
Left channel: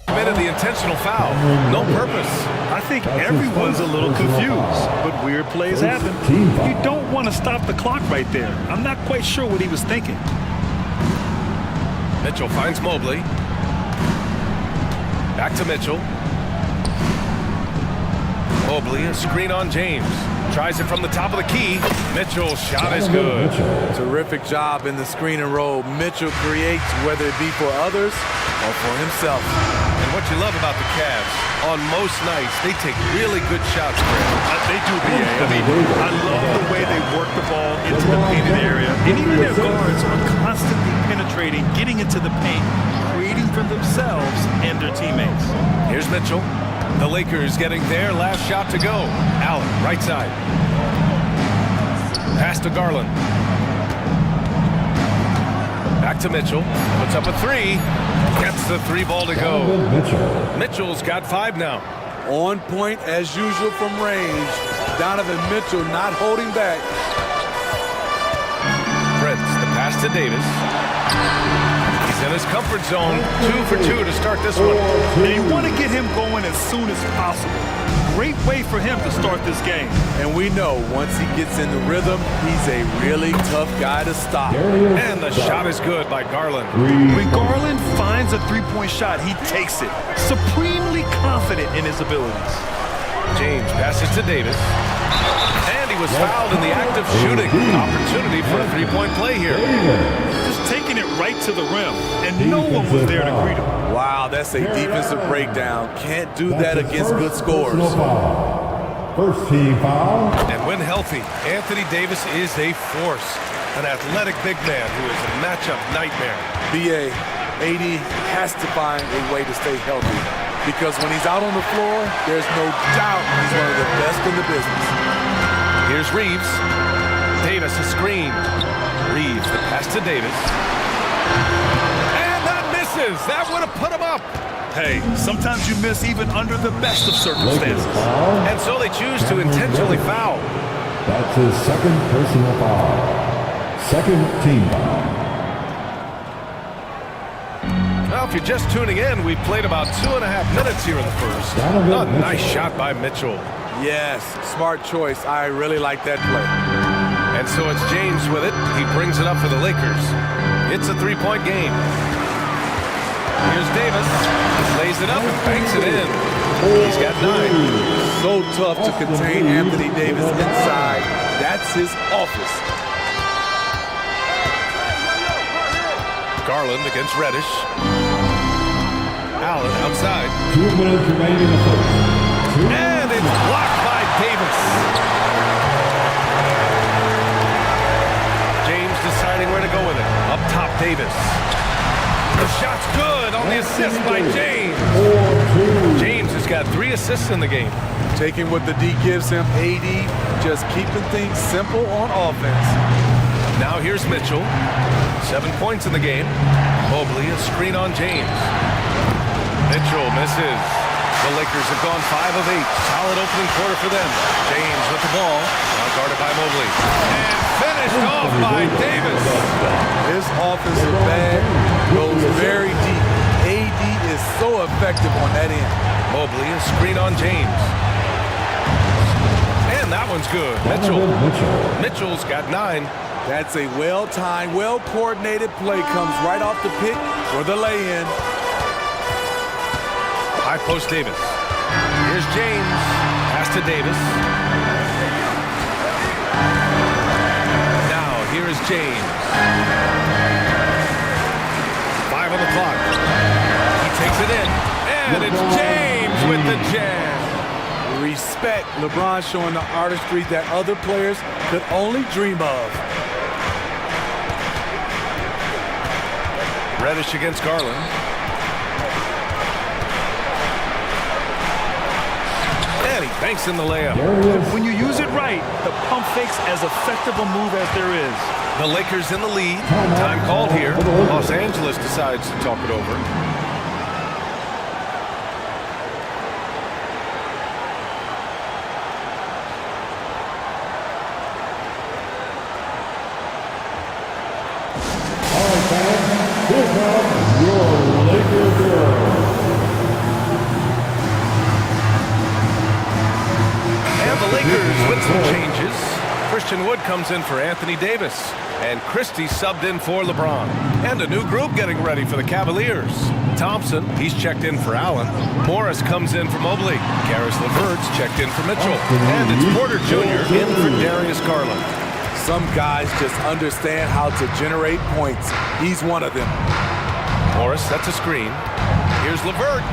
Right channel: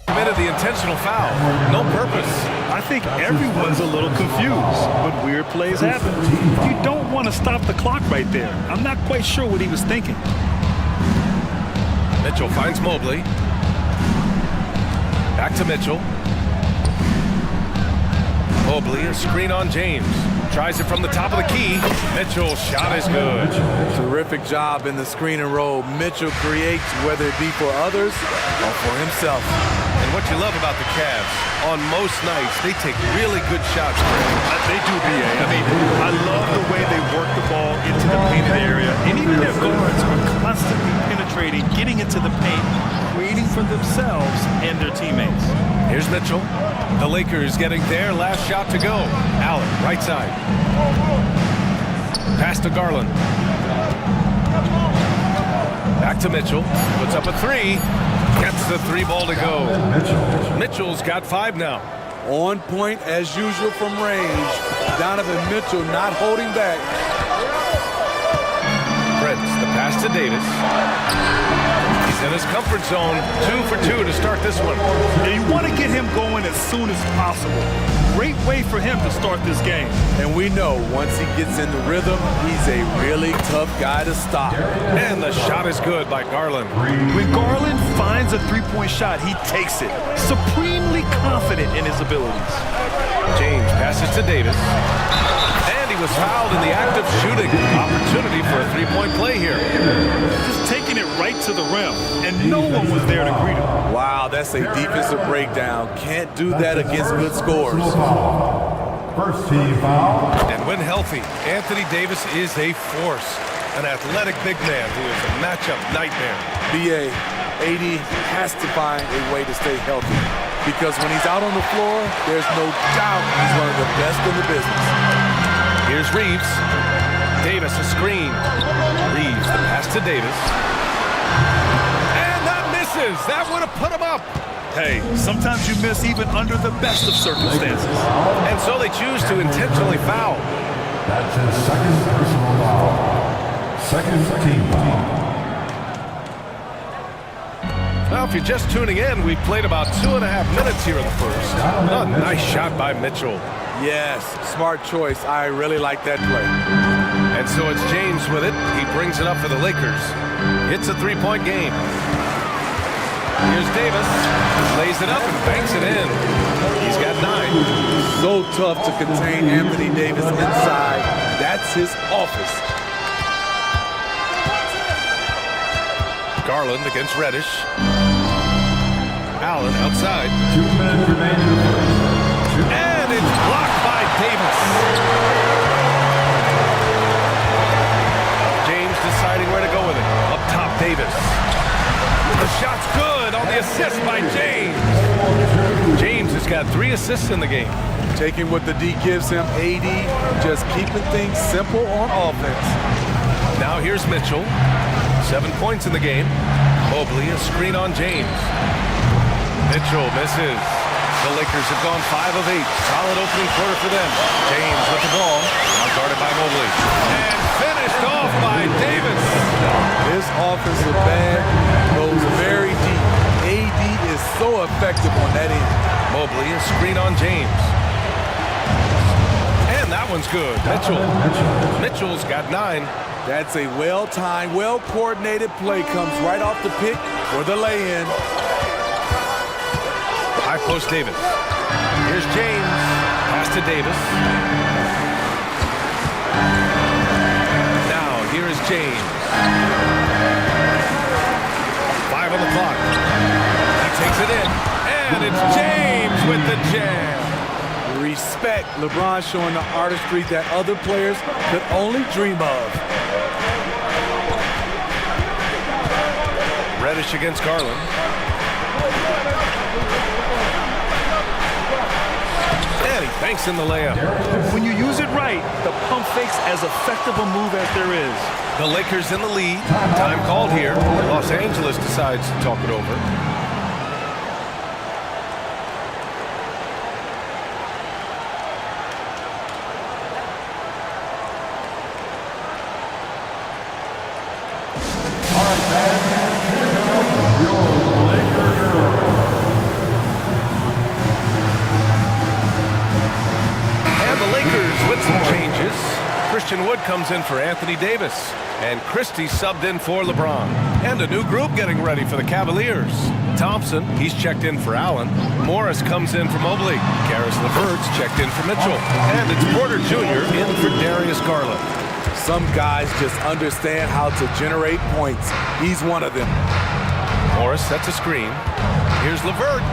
committed the intentional foul. No purpose. I think everyone's a little confused, but weird plays happen. You don't want to stop the clock right there. I'm not quite sure what he was thinking. Mitchell finds Mobley. Back to Mitchell. Mobley, a screen on James. Tries it from the top of the key. Mitchell's shot is good. Terrific job in the screen and roll. Mitchell creates, whether it be for others or for himself. And what you love about the Cavs, on most nights, they take really good shots, Greg. They do, BA. I mean, I love the way they work the ball into the painted area. And even their guards are constantly penetrating, getting into the paint, creating for themselves and their teammates. Here's Mitchell. The Lakers getting their last shot to go. Allen, right side. Pass to Garland. Back to Mitchell. Puts up a 3. Gets the 3 ball to go. Mitchell's got 5 now. On point as usual from range. Donovan Mitchell not holding back. Prince, the pass to Davis. He's in his comfort zone. 2 for 2 to start this one. Now you want to get him going as soon as possible. Great way for him to start this game. And we know once he gets in the rhythm, he's a really tough guy to stop. And the shot is good by Garland. When Garland finds a three-point shot, he takes it. Supremely confident in his abilities. James passes to Davis. And he was fouled in the act of shooting. Opportunity for a 3-point play here. Just taking it right to the rim, and no one was there to greet him. Wow, that's a defensive breakdown. Can't do that against good scores. First team foul. And when healthy, Anthony Davis is a force. An athletic big man who is a matchup nightmare. BA, AD has to find a way to stay healthy. Because when he's out on the floor, there's no doubt he's one of the best in the business. Here's Reeves. Davis a screen. Reeves the pass to Davis. And that misses. That would have put him up. Hey, sometimes you miss even under the best of circumstances. And so they choose to intentionally foul. That's his second personal foul. Second team foul. Well, if you're just tuning in, we've played about 2.5 minutes here in the first. A nice shot by Mitchell. Yes, smart choice. I really like that play. And so it's James with it. He brings it up for the Lakers. It's a 3-point game. Here's Davis. Lays it up and banks it in. He's got 9. So tough to contain Anthony Davis inside. That's his office. Garland against Reddish. Allen outside. 2 minutes remain in the first. And it's blocked by Davis. James deciding where to go with it. Up top, Davis. The shot's good on the assist by James. James has got 3 assists in the game. Taking what the D gives him, AD just keeping things simple on offense. Now here's Mitchell. 7 points in the game. Mobley, a screen on James. Mitchell misses. The Lakers have gone 5 of 8. Solid opening quarter for them. James with the ball. Now guarded by Mobley. And finished off by Davis. His offensive bag goes very deep. AD is so effective on that end. Mobley, a screen on James. And that one's good. Mitchell's got 9. That's a well-timed, well-coordinated play. Comes right off the pick for the lay-in. High post Davis. Here's James. Pass to Davis. Now, here is James. 5 on the clock. He takes it in. And it's James with the jam. Respect. LeBron showing the artistry that other players could only dream of. Reddish against Garland. And he banks in the layup. When you use it right, the pump fake's as effective a move as there is. The Lakers in the lead. Time called here. Los Angeles decides to talk it over. All right, fans, here comes your Lakers hero. And the Lakers with some changes. Christian Wood comes in for Anthony Davis. And Christie subbed in for LeBron. And a new group getting ready for the Cavaliers. Thompson, he's checked in for Allen. Morris comes in for Mobley. Karis LeVert's checked in for Mitchell. And it's Porter Jr. in for Darius Garland. Some guys just understand how to generate points. He's one of them. Morris sets a screen. Here's LeVert.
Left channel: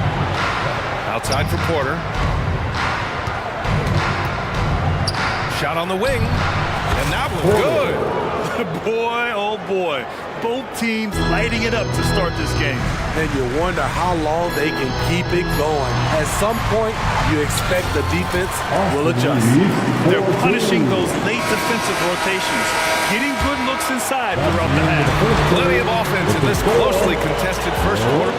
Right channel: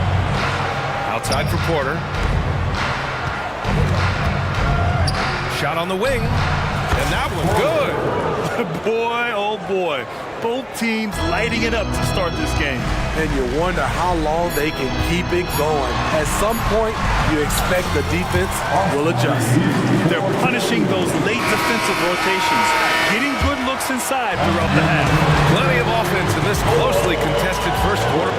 Outside for Porter. Shot on the wing. And that one's good. Boy, oh boy. Both teams lighting it up to start this game. And you wonder how long they can keep it going. At some point, you expect the defense will adjust. They're punishing those late defensive rotations, getting good looks inside throughout the half. Plenty of offense in this closely contested first quarter.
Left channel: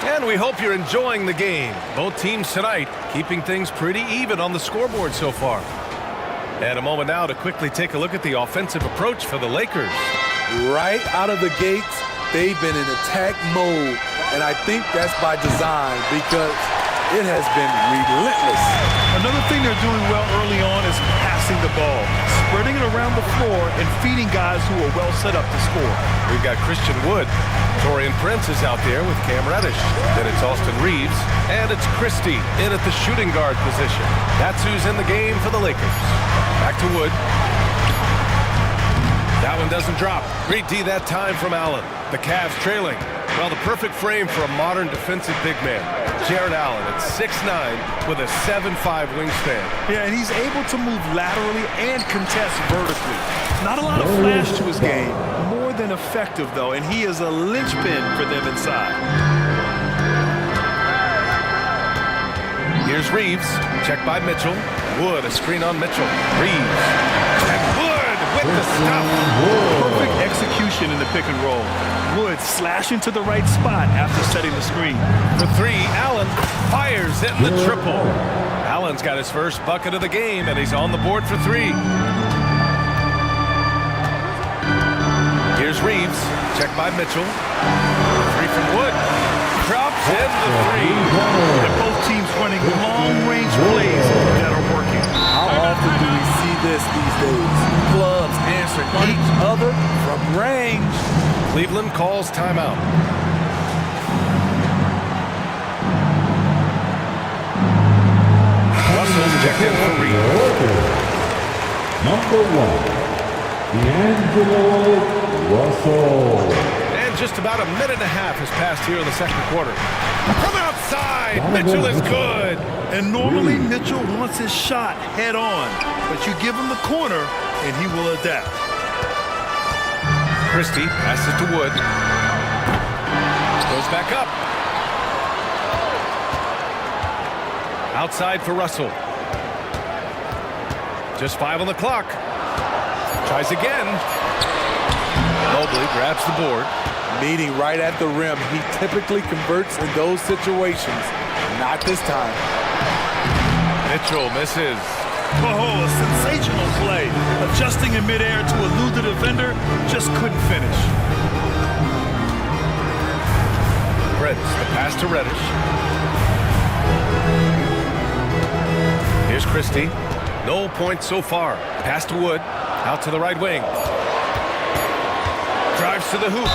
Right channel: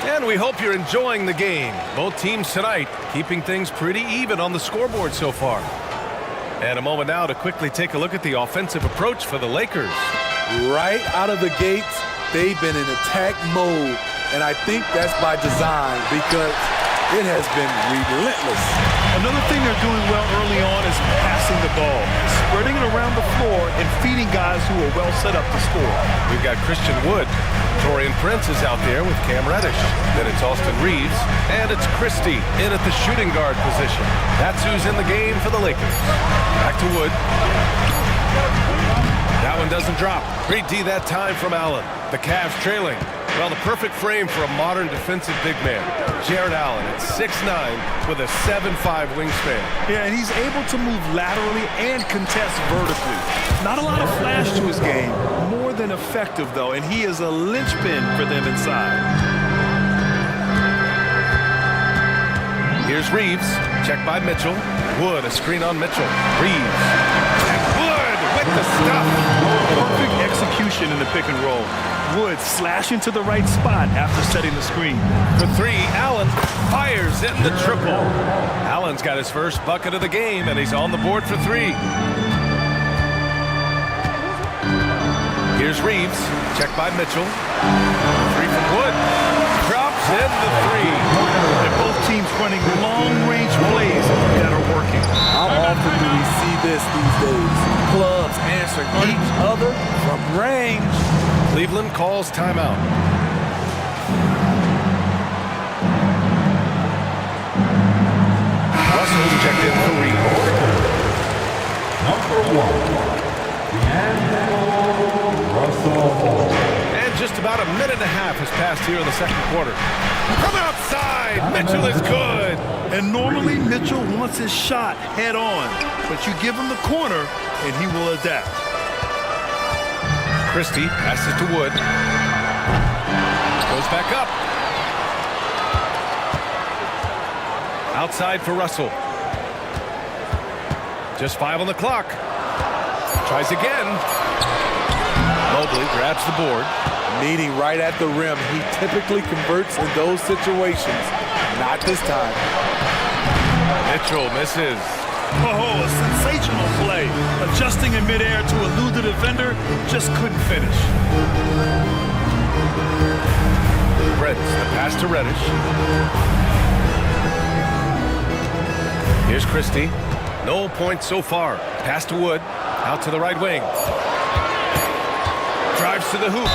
And we hope you're enjoying the game. Both teams tonight keeping things pretty even on the scoreboard so far. And a moment now to quickly take a look at the offensive approach for the Lakers. Right out of the gates, they've been in attack mode. And I think that's by design because it has been relentless. Another thing they're doing well early on is passing the ball, spreading it around the floor and feeding guys who are well set up to score. We've got Christian Wood. Torian Prince is out there with Cam Reddish. Then it's Austin Reeves. And it's Christie in at the shooting guard position. That's who's in the game for the Lakers. Back to Wood. That one doesn't drop. Great D that time from Allen. The Cavs trailing. Well, the perfect frame for a modern defensive big man. Jared Allen at 6'9" with a 7'5" wingspan. Yeah, and he's able to move laterally and contest vertically. Not a lot of flash to his game. More than effective, though, and he is a linchpin for them inside. Here's Reeves. Checked by Mitchell. Wood, a screen on Mitchell. Reeves. And Wood with the stuff. Perfect execution in the pick and roll. Wood slashing to the right spot after setting the screen. For three, Allen fires in the triple. Allen's got his first bucket of the game, and he's on the board for three. Here's Reeves. Checked by Mitchell. Three from Wood. Drops in the three. And both teams running long-range plays that are working. How often do we see this these days? Clubs answering each other from range. Cleveland calls timeout. Russell's checked in for Reeves. Number 1, D'Angelo Russell. And just about a minute and a half has passed here in the second quarter. From outside, Mitchell is good. And normally Mitchell wants his shot head on, but you give him the corner and he will adapt. Christie passes to Wood. Goes back up. Outside for Russell. Just 5 on the clock. Tries again. Mobley grabs the board. Meeting right at the rim. He typically converts in those situations. Not this time. Mitchell misses. Oh, a sensational play. Adjusting in midair to elude the defender, just couldn't finish. Prince, the pass to Reddish. Here's Christie. No points so far. Pass to Wood. Out to the right wing. Drives to the hoop.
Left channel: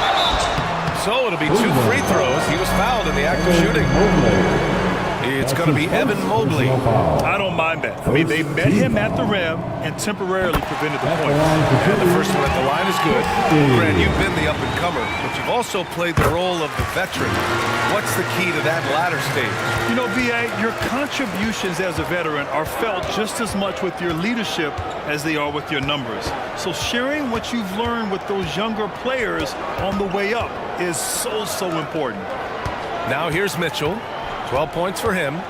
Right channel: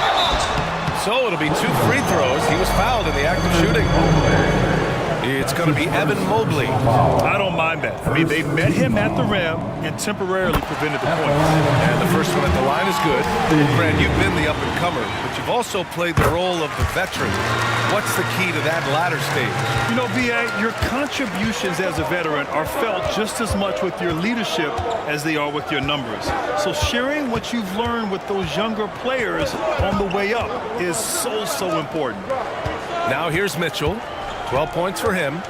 So it'll be 2 free throws. He was fouled in the act of shooting. It's going to be Evan Mobley. I don't mind that. I mean, they met him at the rim and temporarily prevented the points. And the first one at the line is good. Well, Grant, you've been the up-and-comer, but you've also played the role of the veteran. What's the key to that latter stage? You know, B.A., your contributions as a veteran are felt just as much with your leadership as they are with your numbers. So sharing what you've learned with those younger players on the way up is so important. Now here's Mitchell. 12 points for him.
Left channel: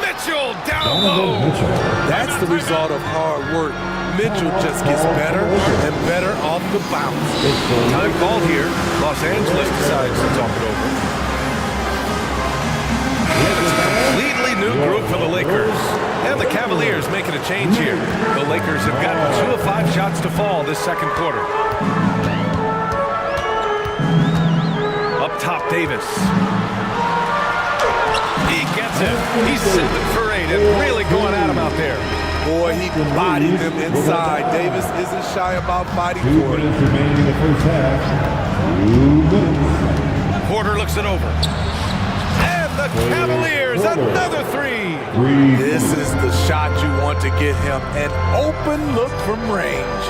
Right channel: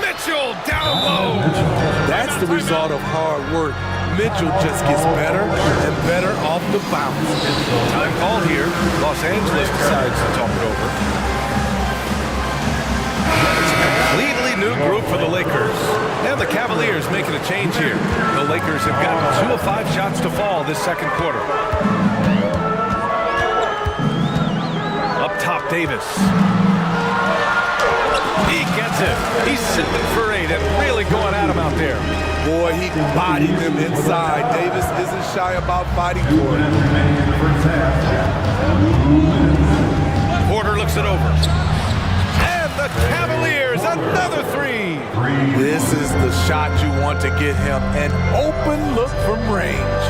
Mitchell down low. That's the result of hard work. Mitchell just gets better and better off the bounce. Time called here. Los Angeles decides to talk it over. And it's a completely new group for the Lakers. And the Cavaliers making a change here. The Lakers have gotten 2 of 5 shots to fall this second quarter. Up top, Davis. He gets it. He's 7 for 8 and really going at him out there. Boy, he bodied them inside. Davis isn't shy about fighting for it. Remaining in the first half. 2 minutes. Porter looks it over. And the Cavaliers, another 3. This is the shot you want to get him. An open look from range.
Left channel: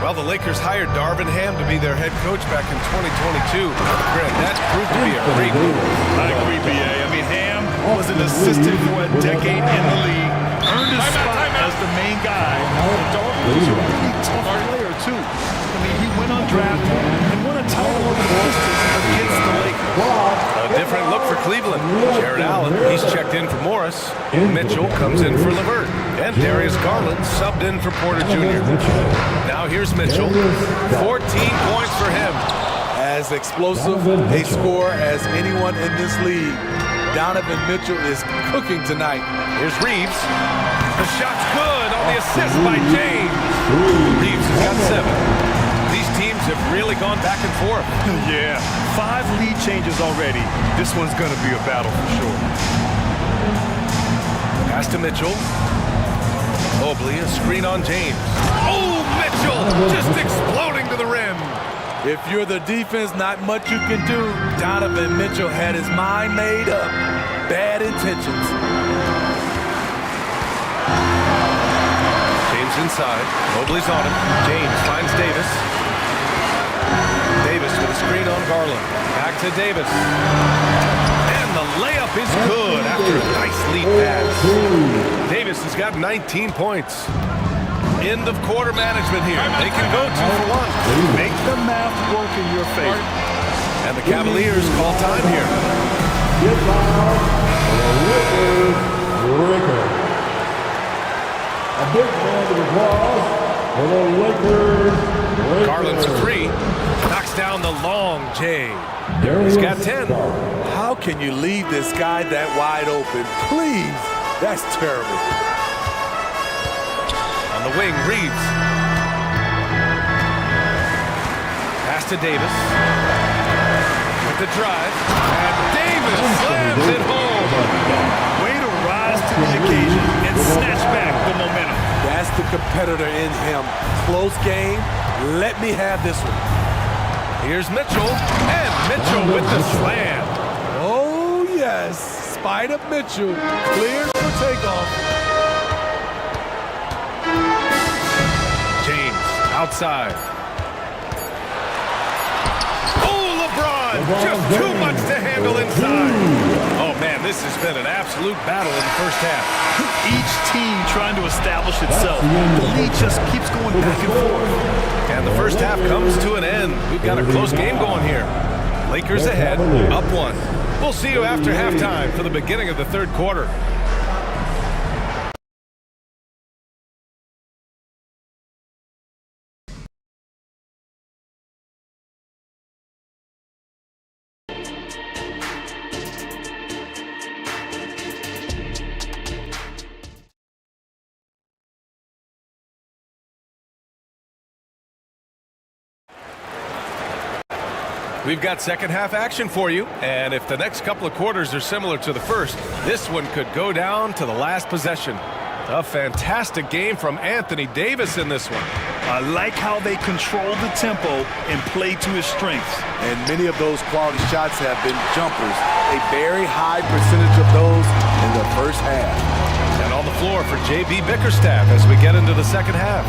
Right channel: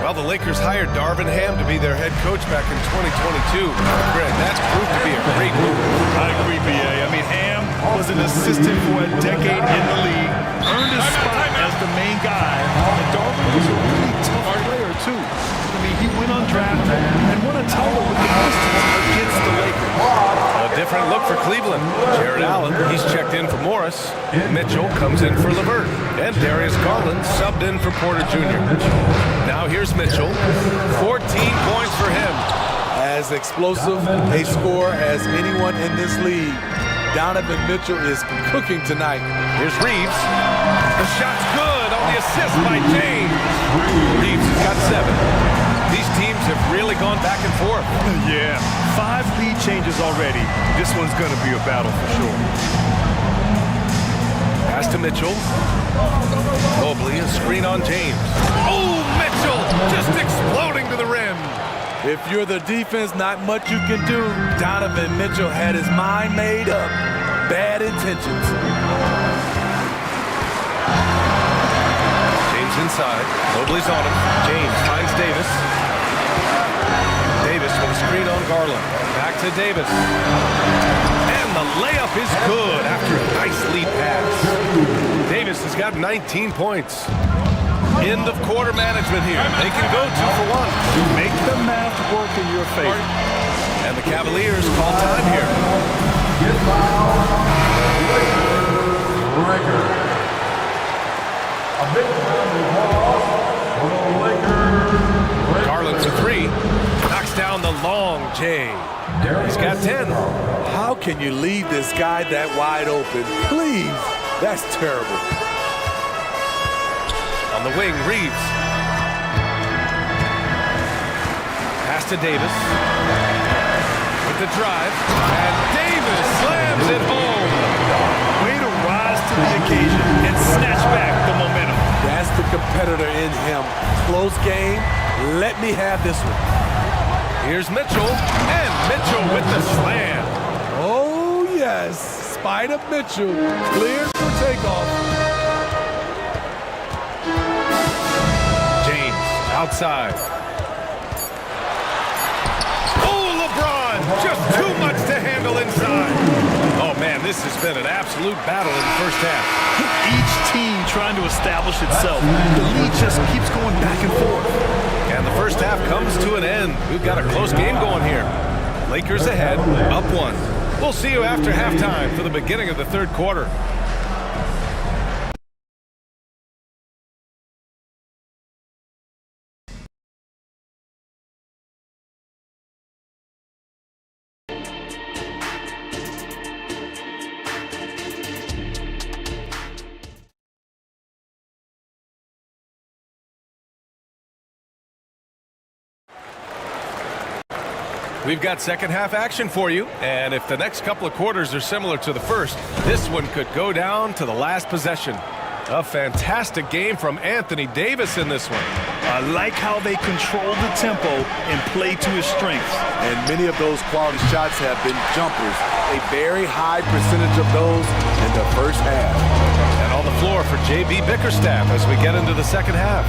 Well, the Lakers hired Darvin Ham to be their head coach back in 2022. Grant, that proved to be a great move. I agree, B.A. I mean, Ham was an assistant for a decade in the league, earned his spot as the main guy, and Darvin was a really tough player, too. I mean, he went undrafted and won a title with the Pistons against the Lakers. A different look for Cleveland. Jared Allen, he's checked in for Morris. Mitchell comes in for LeVert. And Darius Garland subbed in for Porter Jr. Now here's Mitchell. 14 points for him. As explosive a scorer as anyone in this league, Donovan Mitchell is cooking tonight. Here's Reeves. The shot's good on the assist by James. Reeves has got 7. These teams have really gone back and forth. Yeah, 5 lead changes already. This one's going to be a battle for sure. Pass to Mitchell. Mobley, a screen on James. Oh, Mitchell just exploding to the rim. If you're the defense, not much you can do. Donovan Mitchell had his mind made up. Bad intentions. James inside. Mobley's on him. James finds Davis. Davis with a screen on Garland. Back to Davis. And the layup is good after a nice lead pass. Davis has got 19 points. End of quarter management here. They can go 2 for 1. Make the math work in your favor. And the Cavaliers call time here. Get loud. Lakers. A big round of applause for the Lakers. Garland for 3. Knocks down the long J. He's got 10. How can you leave this guy that wide open? Please. That's terrible. On the wing, Reeves. Pass to Davis. With the drive. And Davis slams it home. Way to rise to the occasion and snatch back the momentum. That's the competitor in him. Close game. Let me have this one. Here's Mitchell. And Mitchell with the slam. Oh, yes. Spider Mitchell cleared for takeoff. James outside. Oh, LeBron, just too much to handle inside. Oh, man, this has been an absolute battle in the first half. Each team trying to establish itself. The lead just keeps going back and forth. And the first half comes to an end. We've got a close game going here. Lakers ahead, up 1. We'll see you after halftime for the beginning of the third quarter. We've got second half action for you, and if the next couple of quarters are similar to the first, this one could go down to the last possession. A fantastic game from Anthony Davis in this one. I like how they control the tempo and play to his strengths. And many of those quality shots have been jumpers. A very high percentage of those in the first half. And on the floor for J.B. Bickerstaff as we get into the second half.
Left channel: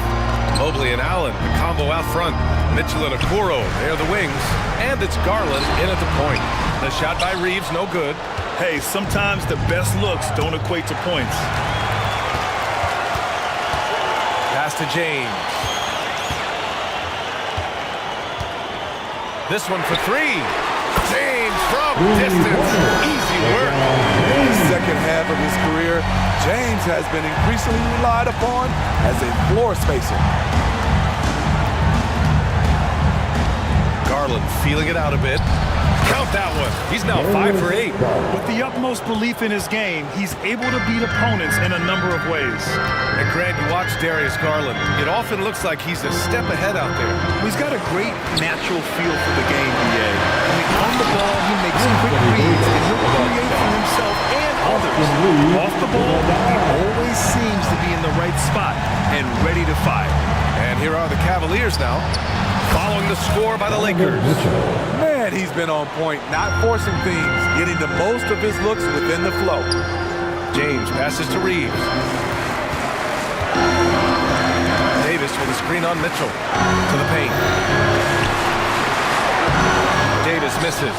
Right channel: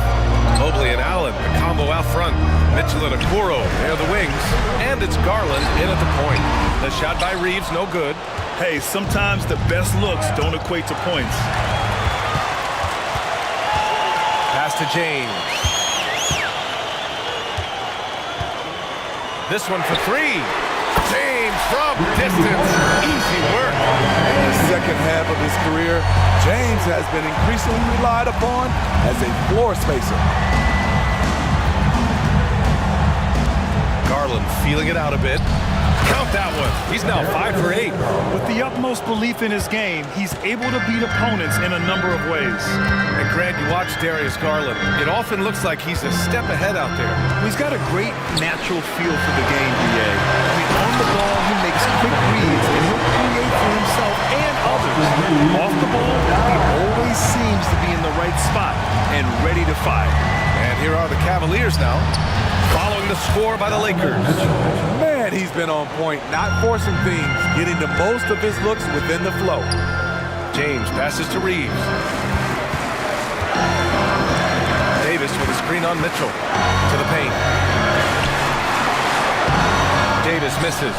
Mobley and Allen, the combo out front. Mitchell and Okoro, they're the wings. And it's Garland in at the point. The shot by Reeves, no good. Hey, sometimes the best looks don't equate to points. Pass to James. This one for three. James from distance. Easy work. In the second half of his career, James has been increasingly relied upon as a floor spacer. Garland feeling it out a bit. Count that one. He's now 5 for 8. With the utmost belief in his game, he's able to beat opponents in a number of ways. And Grant, you watch Darius Garland. It often looks like he's a step ahead out there. He's got a great natural feel for the game, BA. I mean, on the ball, he makes quick reads, and he'll create for himself and others. Off the ball, he always seems to be in the right spot and ready to fire. And here are the Cavaliers now, following the score by the Lakers. Man, he's been on point, not forcing things, getting the most of his looks within the flow. James passes to Reeves. Davis with a screen on Mitchell to the paint. Davis misses.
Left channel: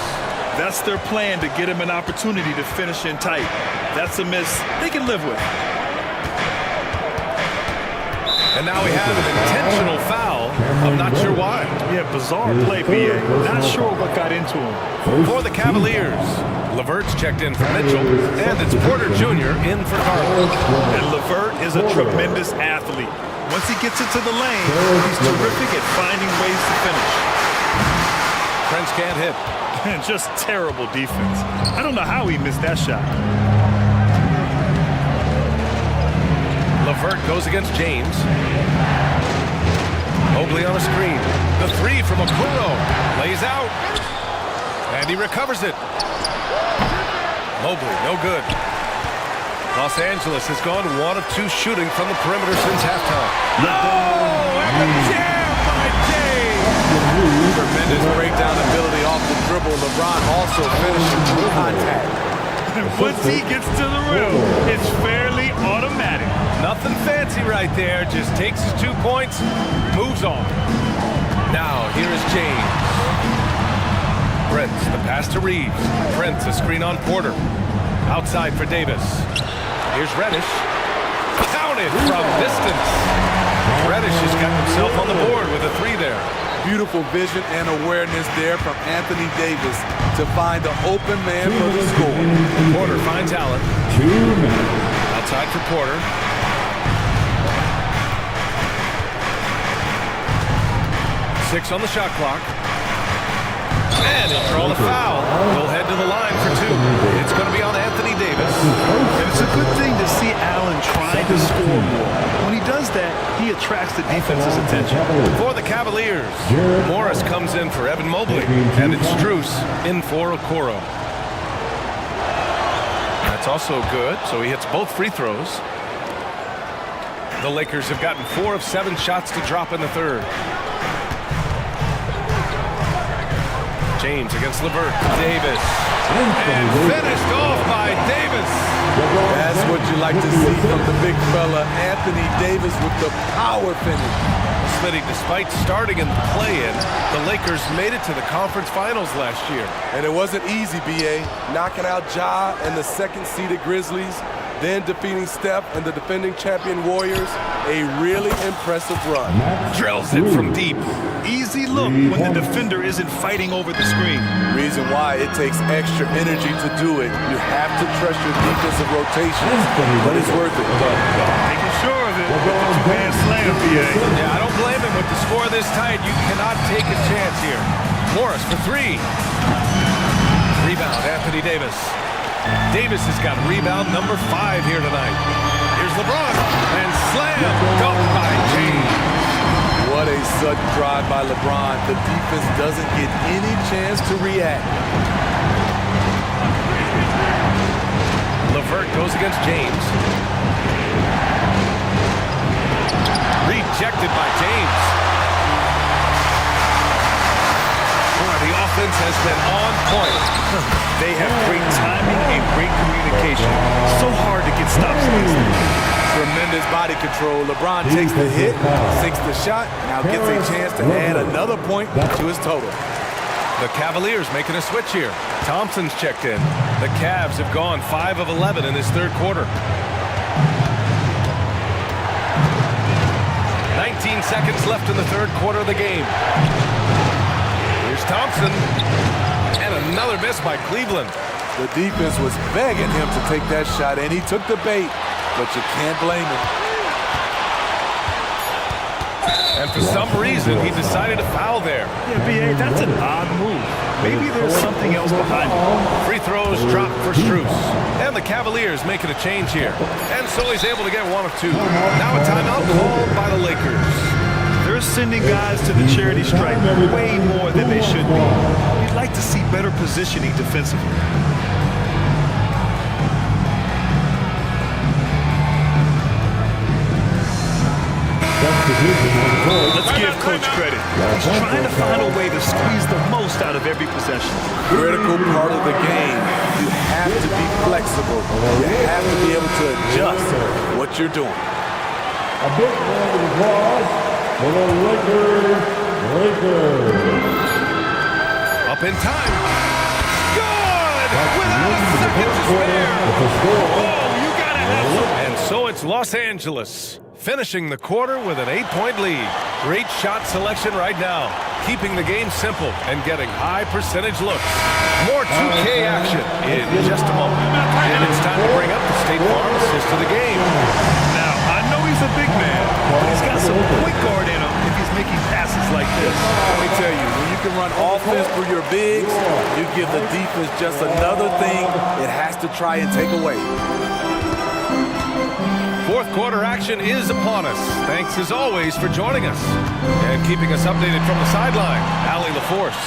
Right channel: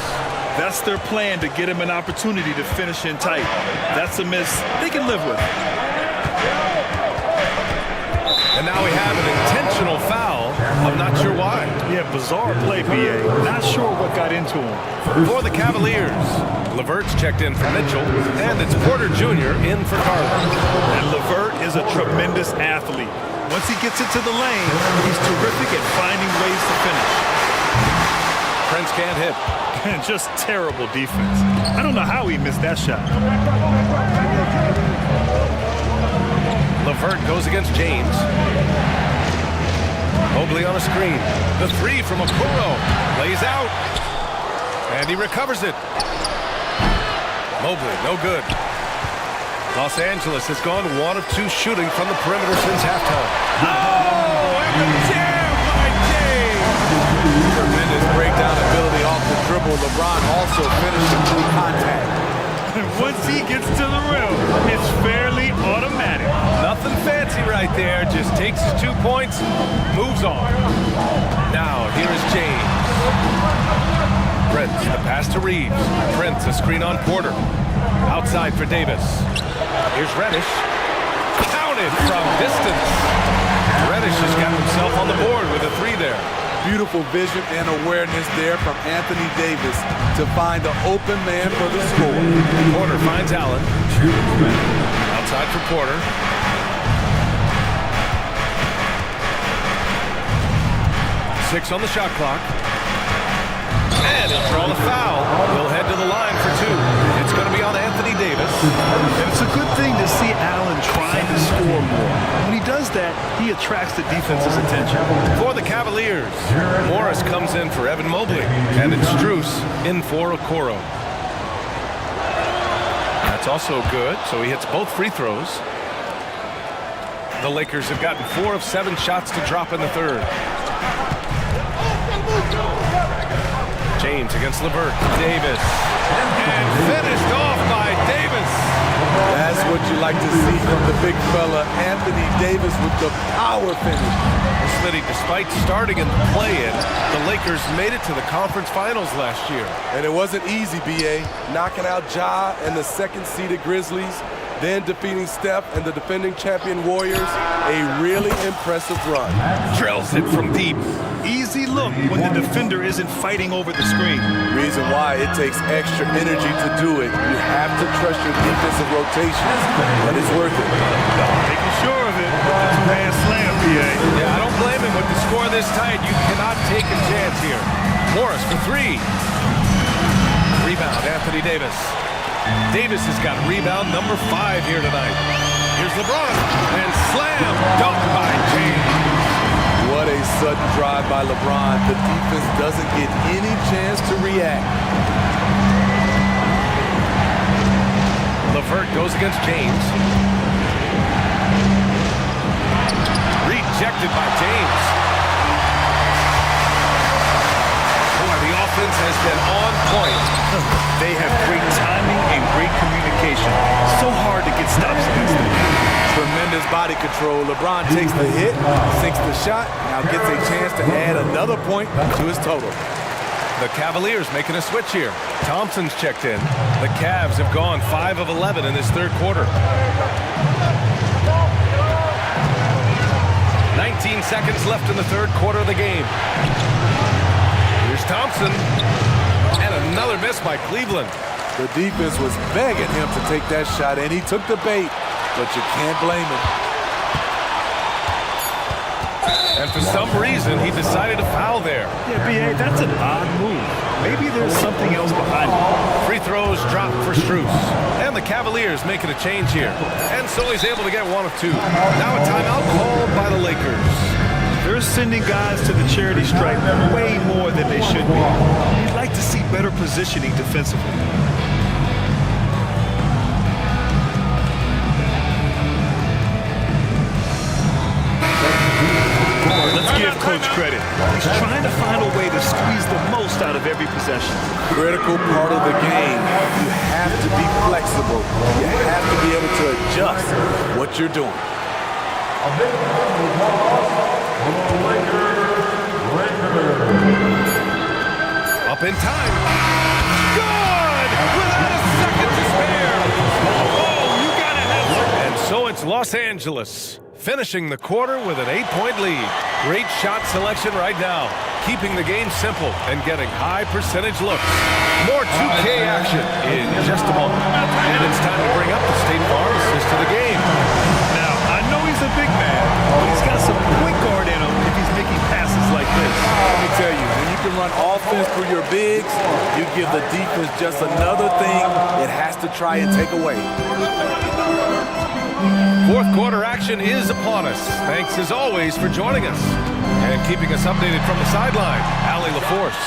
That's their plan, to get him an opportunity to finish in tight. That's a miss they can live with. And now we have an intentional foul. I'm not sure why. Yeah, bizarre play, BA. Not sure what got into him. For the Cavaliers, Levert's checked in for Mitchell, and it's Porter Jr. in for Garland. And Levert is a tremendous athlete. Once he gets into the lane, he's terrific at finding ways to finish. Prince can't hit. And just terrible defense. I don't know how he missed that shot. Levert goes against James. Mobley on a screen. The three from Okoro. Lays out. And he recovers it. Mobley, no good. Los Angeles has gone 1 of 2 shooting from the perimeter since halftime. Oh, and the jam by James. Tremendous breakdown ability off the dribble. LeBron also finishing through contact. And once he gets to the rim, it's fairly automatic. Nothing fancy right there. Just takes his 2 points, moves on. Now, here is James. Prince, the pass to Reeves. Prince, a screen on Porter. Outside for Davis. Here's Reddish. Counted from distance. Reddish has got himself on the board with a 3 there. Beautiful vision and awareness there from Anthony Davis to find the open man for the score. Porter finds Allen. 2 minutes. Outside for Porter. Six on the shot clock. And he'll draw the foul. He'll head to the line for 2. It's going to be on Anthony Davis. And it's a good thing to see Allen trying to score more. When he does that, he attracts the defense's attention. For the Cavaliers, Morris comes in for Evan Mobley. And it's Strus in for Okoro. That's also good, so he hits both free throws. The Lakers have gotten 4 of 7 shots to drop in the third. James against Levert. Davis. And finished off by Davis. That's what you like to see from the big fella, Anthony Davis, with the power finish. Smitty, despite starting in the play-in, the Lakers made it to the conference finals last year. And it wasn't easy, B.A. Knocking out Ja and the second-seeded Grizzlies, then defeating Steph and the defending champion Warriors. A really impressive run. Drills it from deep. Easy look when the defender isn't fighting over the screen. Reason why it takes extra energy to do it. You have to trust your defensive rotations, but it's worth it. Making sure of it with the 2-hand slam, BA. Yeah, I don't blame him. With the score this tight, you cannot take a chance here. Morris for 3. Rebound, Anthony Davis. Davis has got rebound number 5 here tonight. Here's LeBron, and slam dunked by James. What a sudden drive by LeBron. The defense doesn't get any chance to react. Levert goes against James. Rejected by James. Boy, the offense has been on point. They have great timing and great communication. So hard to get stops against them. Tremendous body control. LeBron takes the hit, sinks the shot, now gets a chance to add another point to his total. The Cavaliers making a switch here. Thompson's checked in. The Cavs have gone 5 of 11 in this third quarter. 19 seconds left in the third quarter of the game. Here's Thompson. And another miss by Cleveland. The defense was begging him to take that shot, and he took the bait, but you can't blame him. And for some reason, he decided to foul there. Yeah, B.A., that's an odd move. Maybe there's something else behind it. Free throws dropped for Strus. And the Cavaliers making a change here. And so he's able to get one of two. Now a timeout called by the Lakers. They're sending guys to the charity stripe way more than they should be. You'd like to see better positioning defensively. Let's give Coach credit. He's trying to find a way to squeeze the most out of every possession. Critical part of the game. You have to be flexible. You have to be able to adjust what you're doing. A big round of applause for the Lakers. Up in time. Good! Without a second to spare. Oh, you gotta have some. And so it's Los Angeles, finishing the quarter with an 8-point lead. Great shot selection right now, keeping the game simple and getting high percentage looks. More 2K action in just a moment. And it's time to bring up the State Farm assist to the game. Now, I know he's a big man, but he's got some point guard in him if he's making passes like this. Let me tell you, when you can run offense through your bigs, you give the defense just another thing it has to try and take away. Fourth quarter action is upon us. Thanks as always for joining us and keeping us updated from the sideline. Allie LaForce.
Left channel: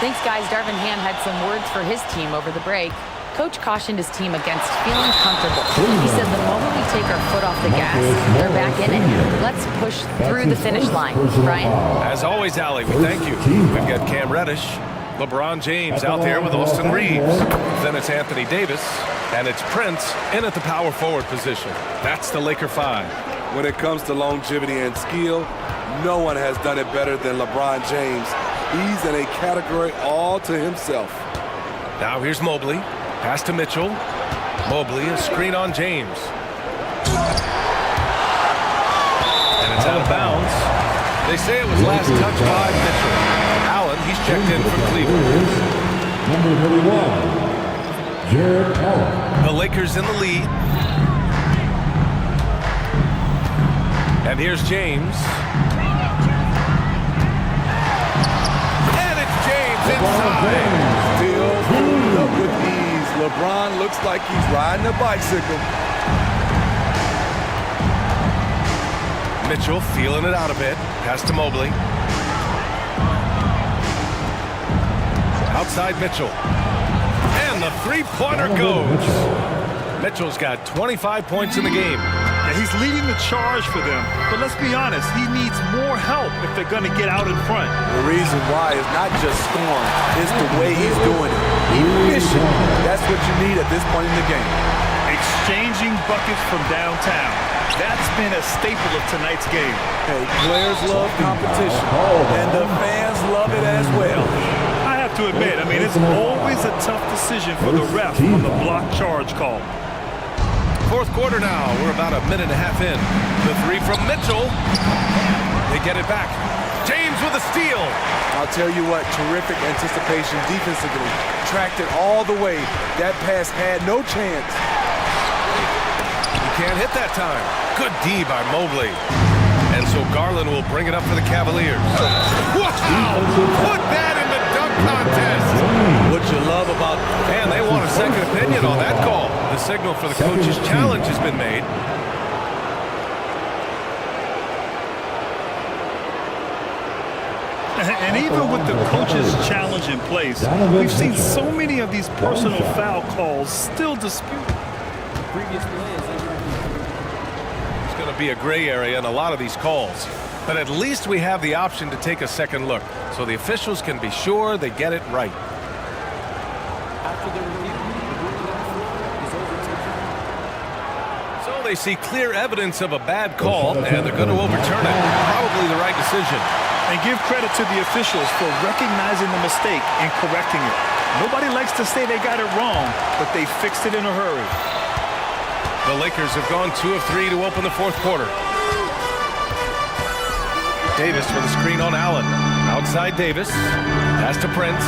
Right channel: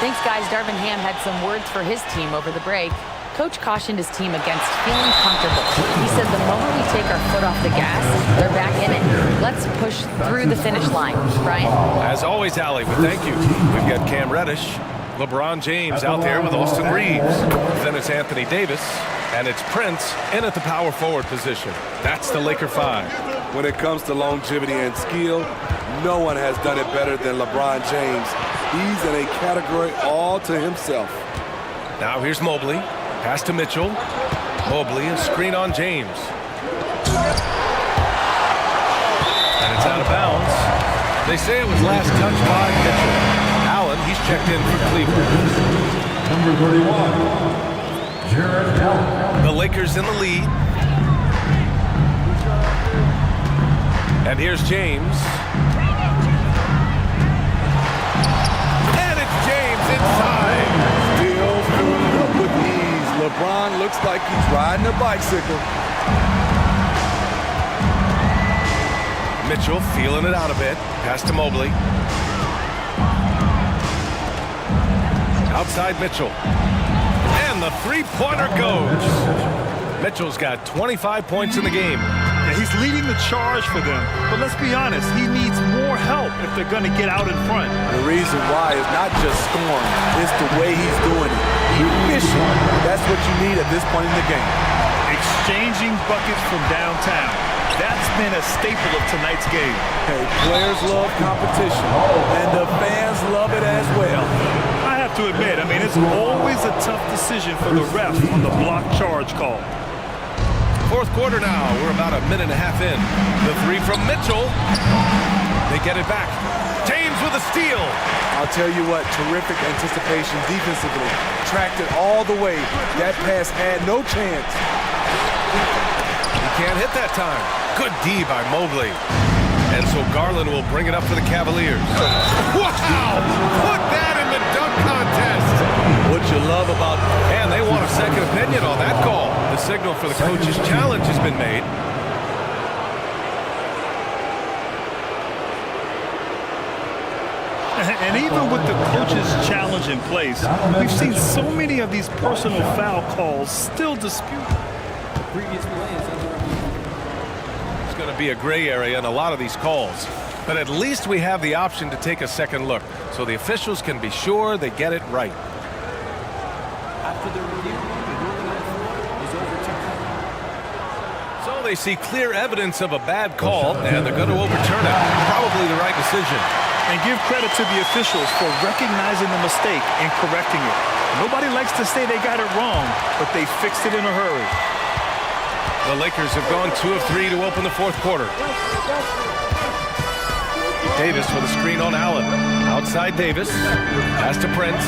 Thanks, guys. Darvin Ham had some words for his team over the break. Coach cautioned his team against feeling comfortable. He said the moment we take our foot off the gas, they're back in it. Let's push through the finish line. Brian? As always, Allie, we thank you. We've got Cam Reddish, LeBron James out there with Austin Reeves. Then it's Anthony Davis. And it's Prince in at the power forward position. That's the Laker 5. When it comes to longevity and skill, no one has done it better than LeBron James. He's in a category all to himself. Now here's Mobley. Pass to Mitchell. Mobley, a screen on James. And it's out of bounds. They say it was last touched by Mitchell. Allen, he's checked in for Cleveland. Number 31. Jared Allen. The Lakers in the lead. And here's James. And it's James inside. Still filling it up with ease. LeBron looks like he's riding a bicycle. Mitchell feeling it out a bit. Pass to Mobley. Outside Mitchell. And the three-pointer goes. Mitchell's got 25 points in the game. Yeah, he's leading the charge for them. But let's be honest, he needs more help if they're going to get out in front. The reason why is not just scoring, it's the way he's doing it. Efficient. That's what you need at this point in the game. Exchanging buckets from downtown. That's been a staple of tonight's game. Hey, players love competition, and the fans love it as well. I have to admit, I mean, it's always a tough decision for the ref on the block charge call. Fourth quarter now. We're about a minute and a half in. The three from Mitchell. They get it back. James with a steal. I'll tell you what, terrific anticipation defensively. Tracked it all the way. That pass had no chance. He can't hit that time. Good D by Mobley. And so Garland will bring it up for the Cavaliers. Wow! Put that in the dunk contest. What you love about... And they want a second opinion on that call. The signal for the coach's challenge has been made. And even with the coach's challenge in place, we've seen so many of these personal foul calls still disputed. The previous play is under review. going to be a gray area in a lot of these calls. But at least we have the option to take a second look, so the officials can be sure they get it right. After the review, the ruling on the floor is overturned. So they see clear evidence of a bad call, and they're going to overturn it. Probably the right decision. And give credit to the officials for recognizing the mistake and correcting it. Nobody likes to say they got it wrong, but they fixed it in a hurry. The Lakers have gone 2 of 3 to open the fourth quarter. Davis with a screen on Allen. Outside Davis. Pass to Prince.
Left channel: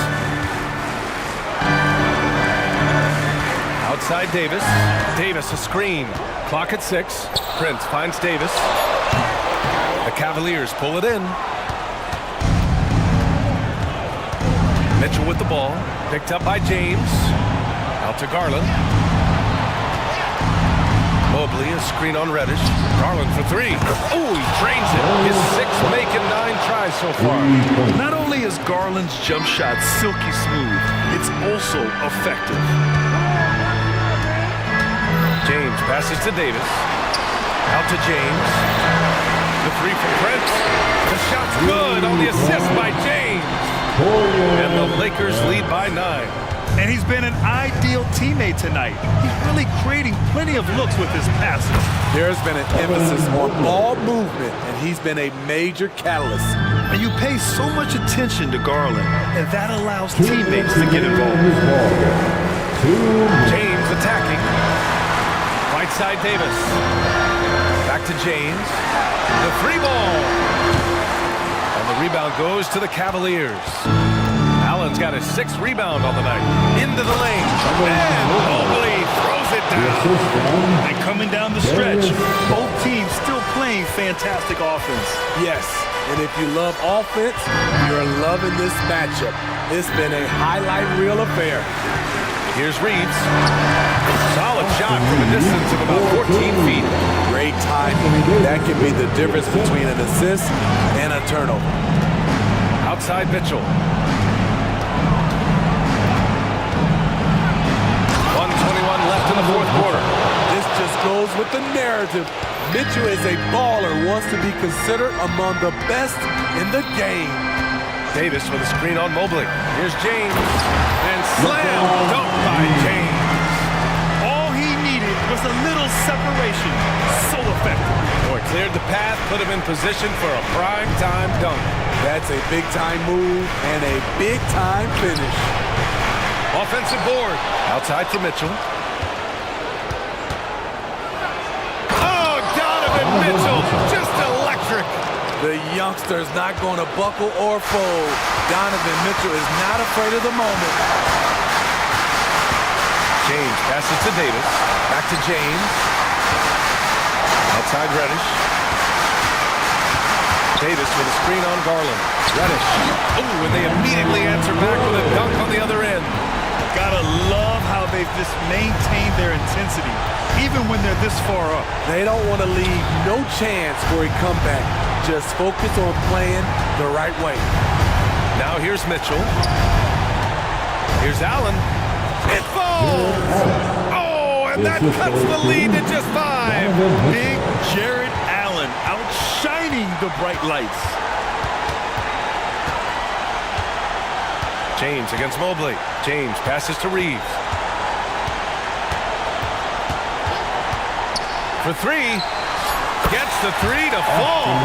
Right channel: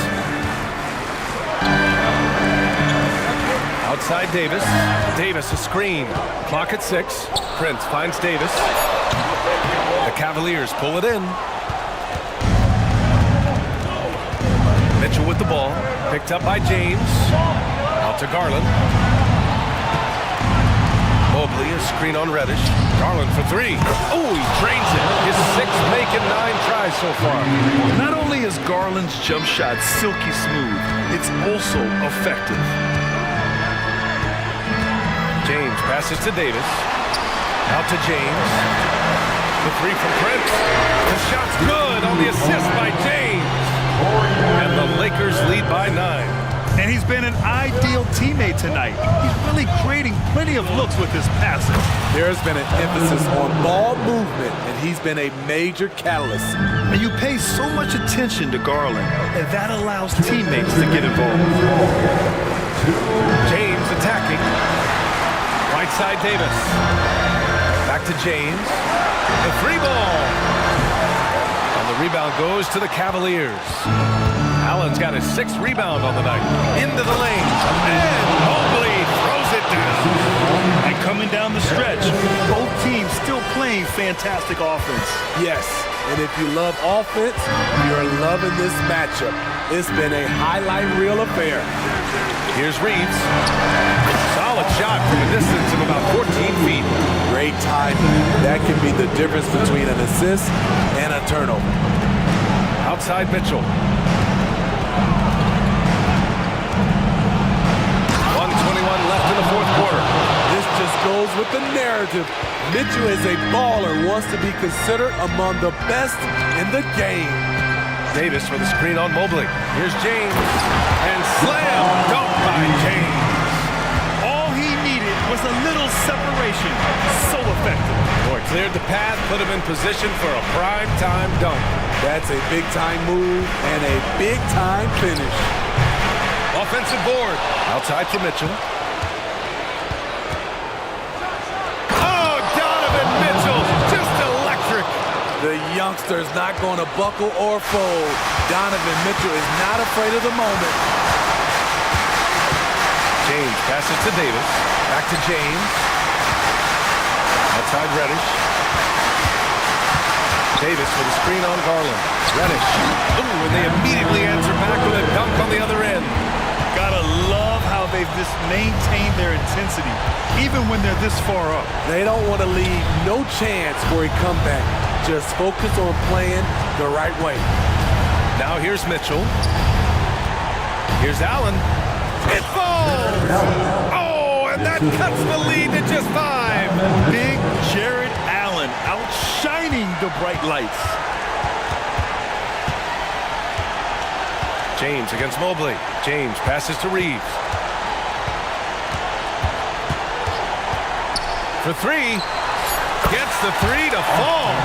Outside Davis. Davis a screen. Clock at 6. Prince finds Davis. The Cavaliers pull it in. Mitchell with the ball. Picked up by James. Out to Garland. Mobley, a screen on Reddish. Garland for 3. Oh, he drains it. His 6th make in 9 tries so far. Not only is Garland's jump shot silky smooth, it's also effective. James passes to Davis. Out to James. The 3 from Prince. The shot's good on the assist by James. And the Lakers lead by 9. And he's been an ideal teammate tonight. He's really creating plenty of looks with his passing. There's been an emphasis on ball movement, and he's been a major catalyst. And you pay so much attention to Garland, and that allows teammates to get involved. James attacking. Right side Davis. Back to James. The 3 ball. And the rebound goes to the Cavaliers. Allen's got his 6th rebound on the night. Into the lane. And Mobley throws it down. And coming down the stretch, both teams still playing fantastic offense. Yes, and if you love offense, you're loving this matchup. It's been a highlight reel affair. Here's Reeves. Solid shot from a distance of about 14 feet. Great timing. That can be the difference between an assist and a turnover. Outside Mitchell. 1:21 left in the fourth quarter. This just goes with the narrative. Mitchell is a baller, wants to be considered among the best in the game. Davis with a screen on Mobley. Here's James. And slam dunk by James. All he needed was a little separation. So effective. Boy, cleared the path, put him in position for a prime-time dunk. That's a big-time move and a big-time finish. Offensive board. Outside for Mitchell. Oh, Donovan Mitchell, just electric. The youngster's not going to buckle or fold. Donovan Mitchell is not afraid of the moment. James passes to Davis. Back to James. Outside Reddish. Davis with a screen on Garland. Reddish. Ooh, and they immediately answer back with a dunk on the other end. Gotta love how they've just maintained their intensity, even when they're this far up. They don't want to leave no chance for a comeback. Just focus on playing the right way. Now here's Mitchell. Here's Allen. It falls! Oh, and that cuts the lead to just 5. Big Jared Allen outshining the bright lights. James against Mobley. James passes to Reeves. For 3. Gets the 3 to fall.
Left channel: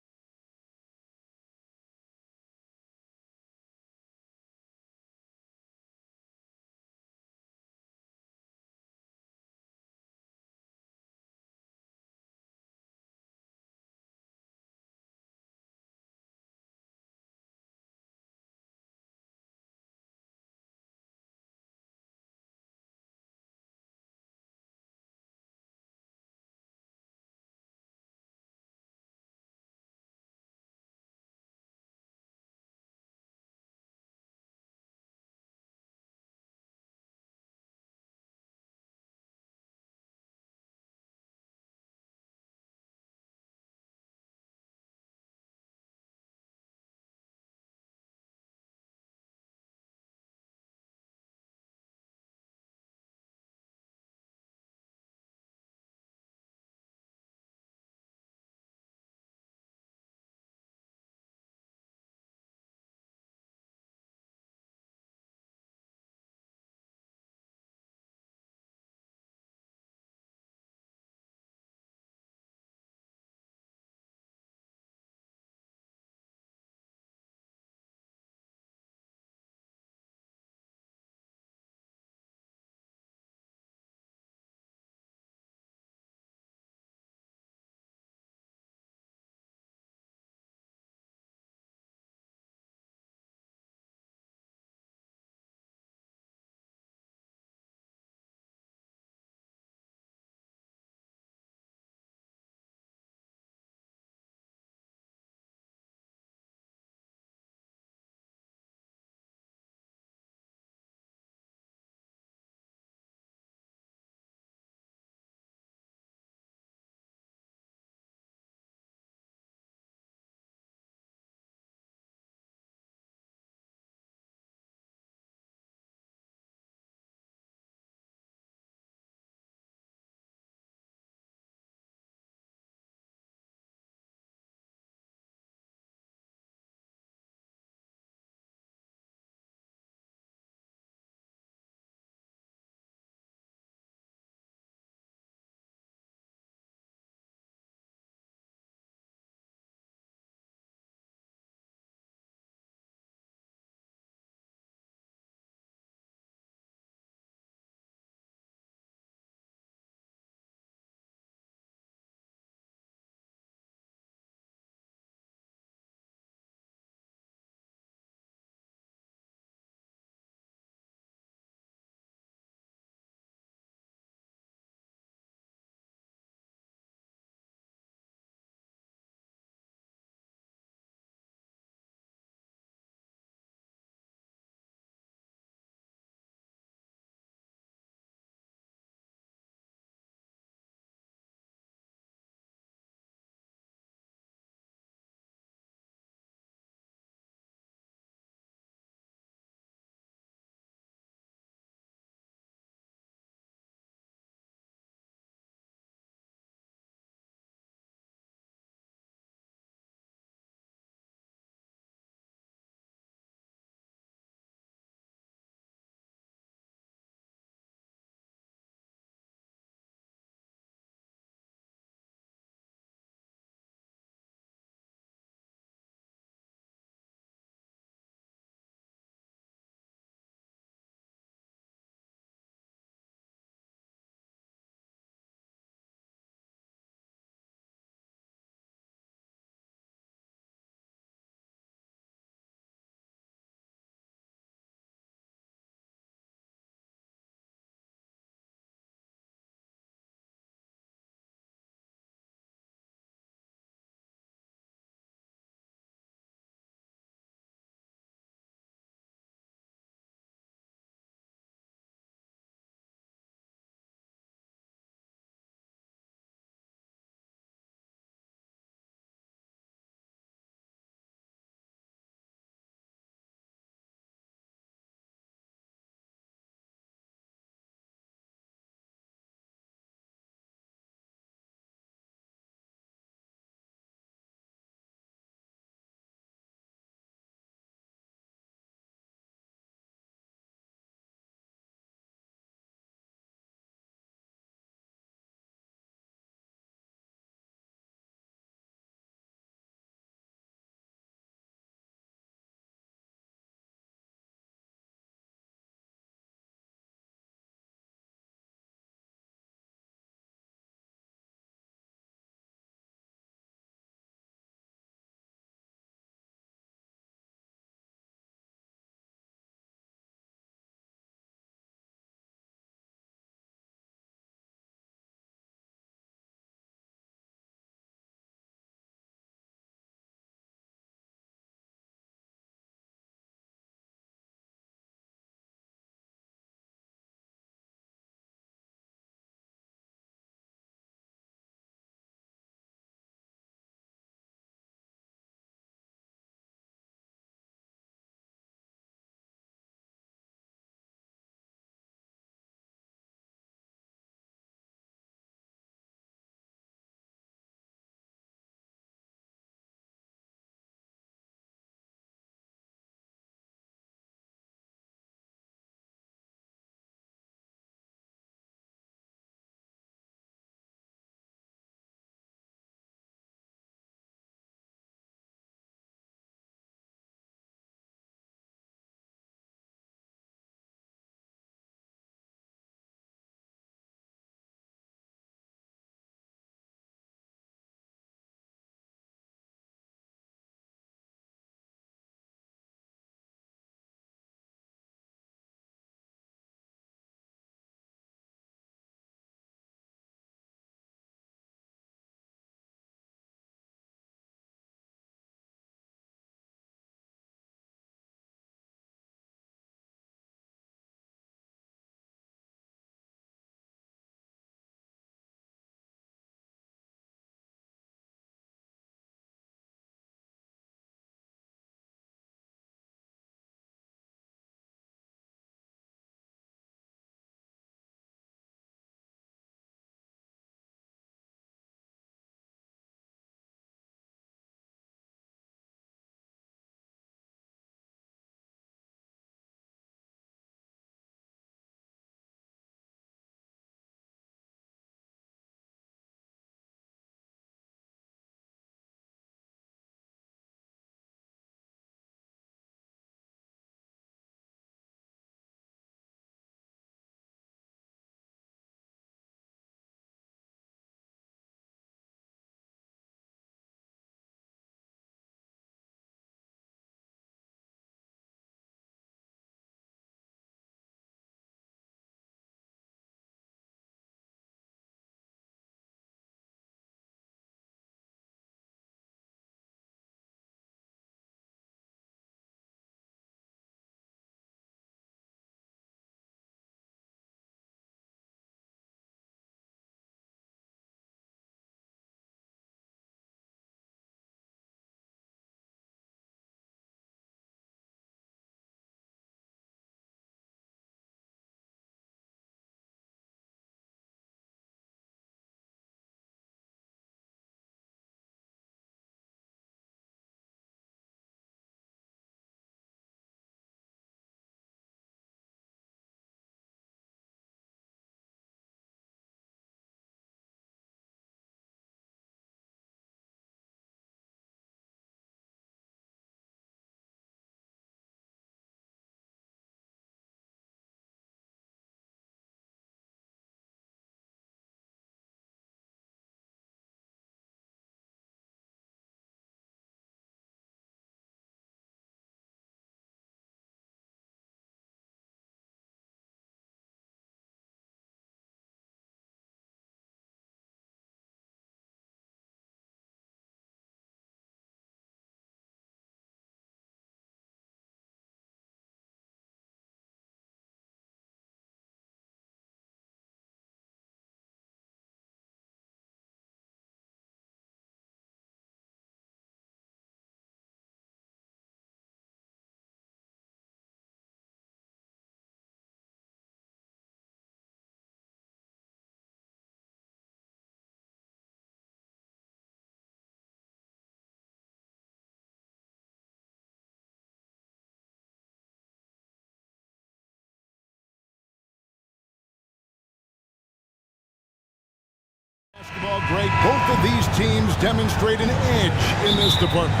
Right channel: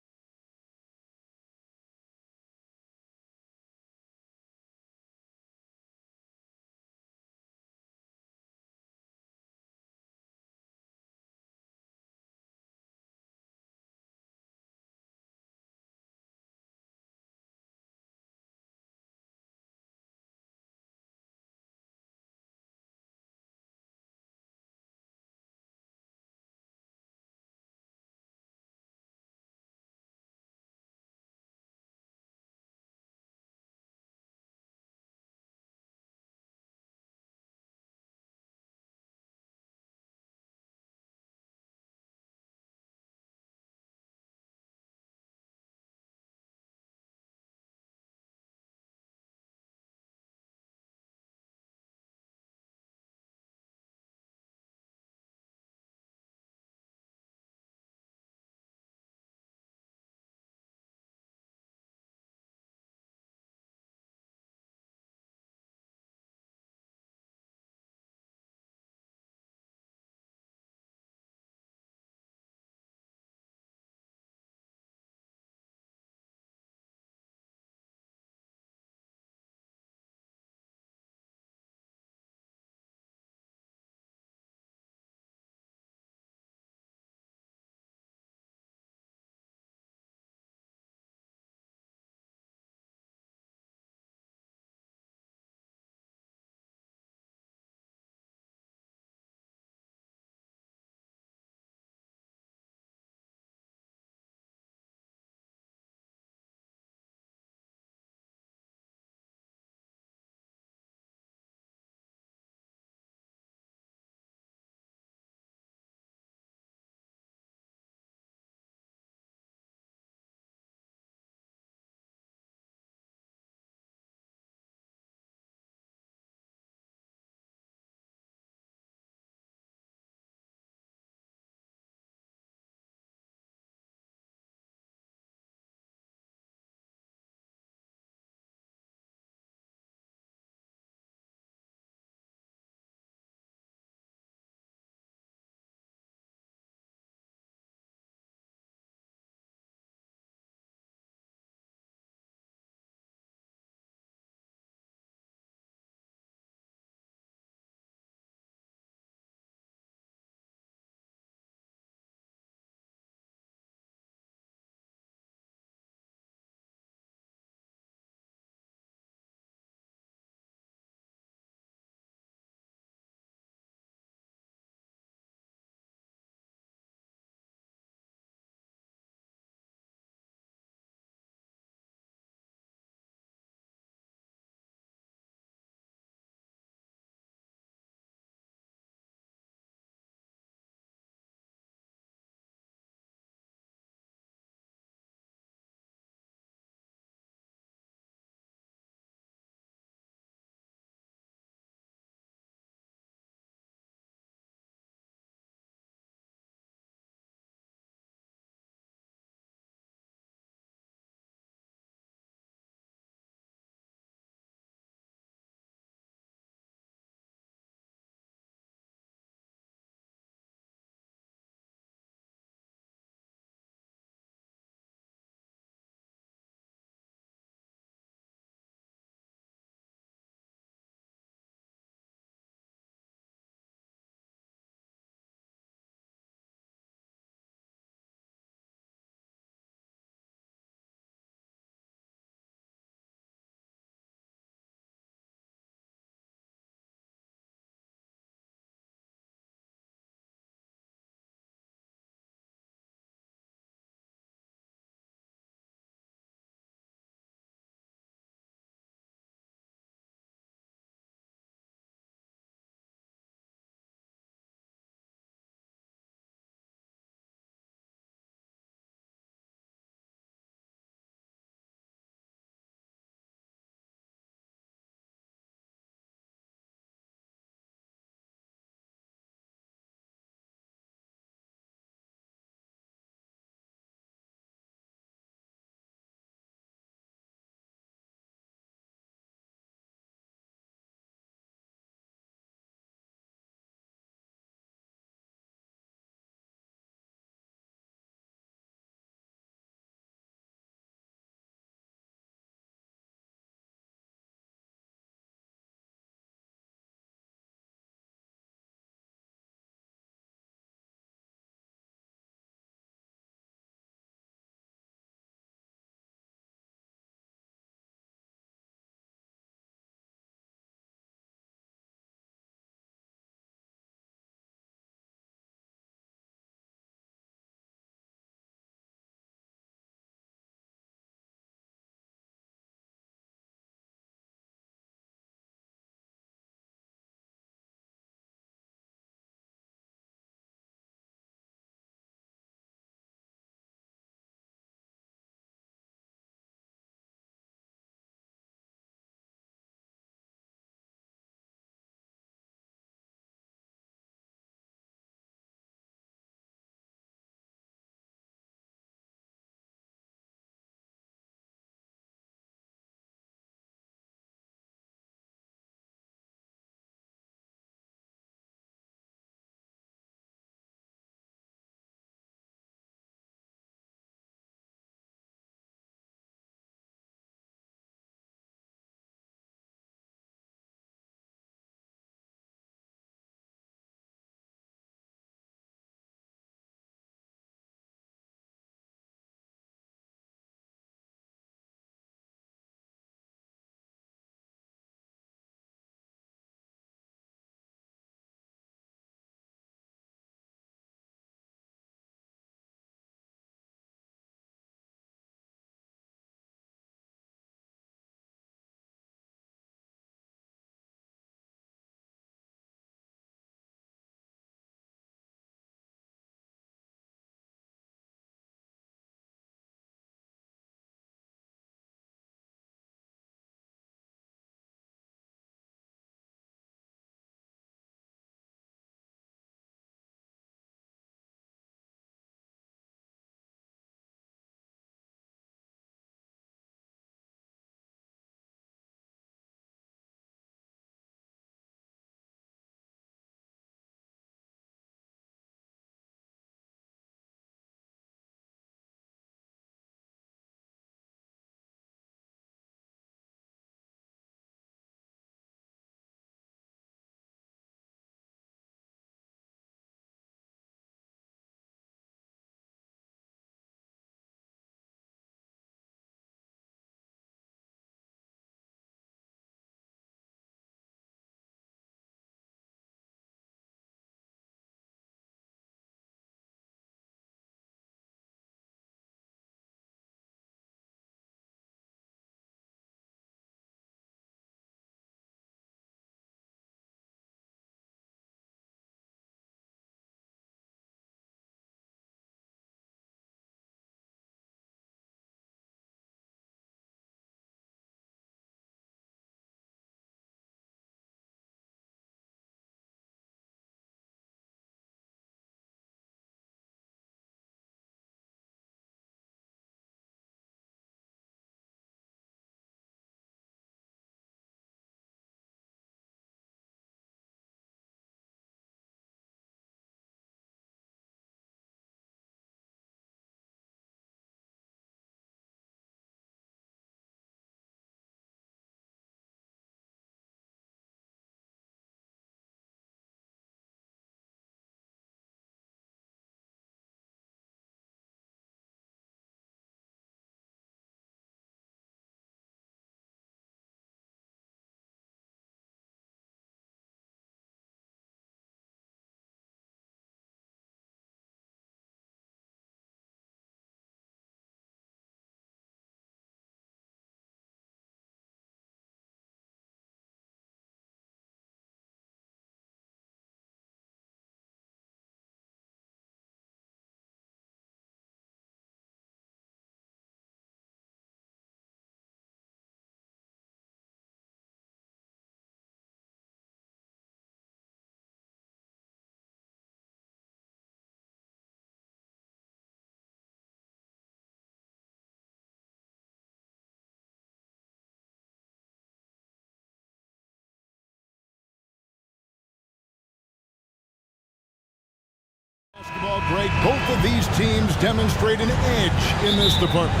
Basketball, Greg, both of these teams demonstrate an edge in this department.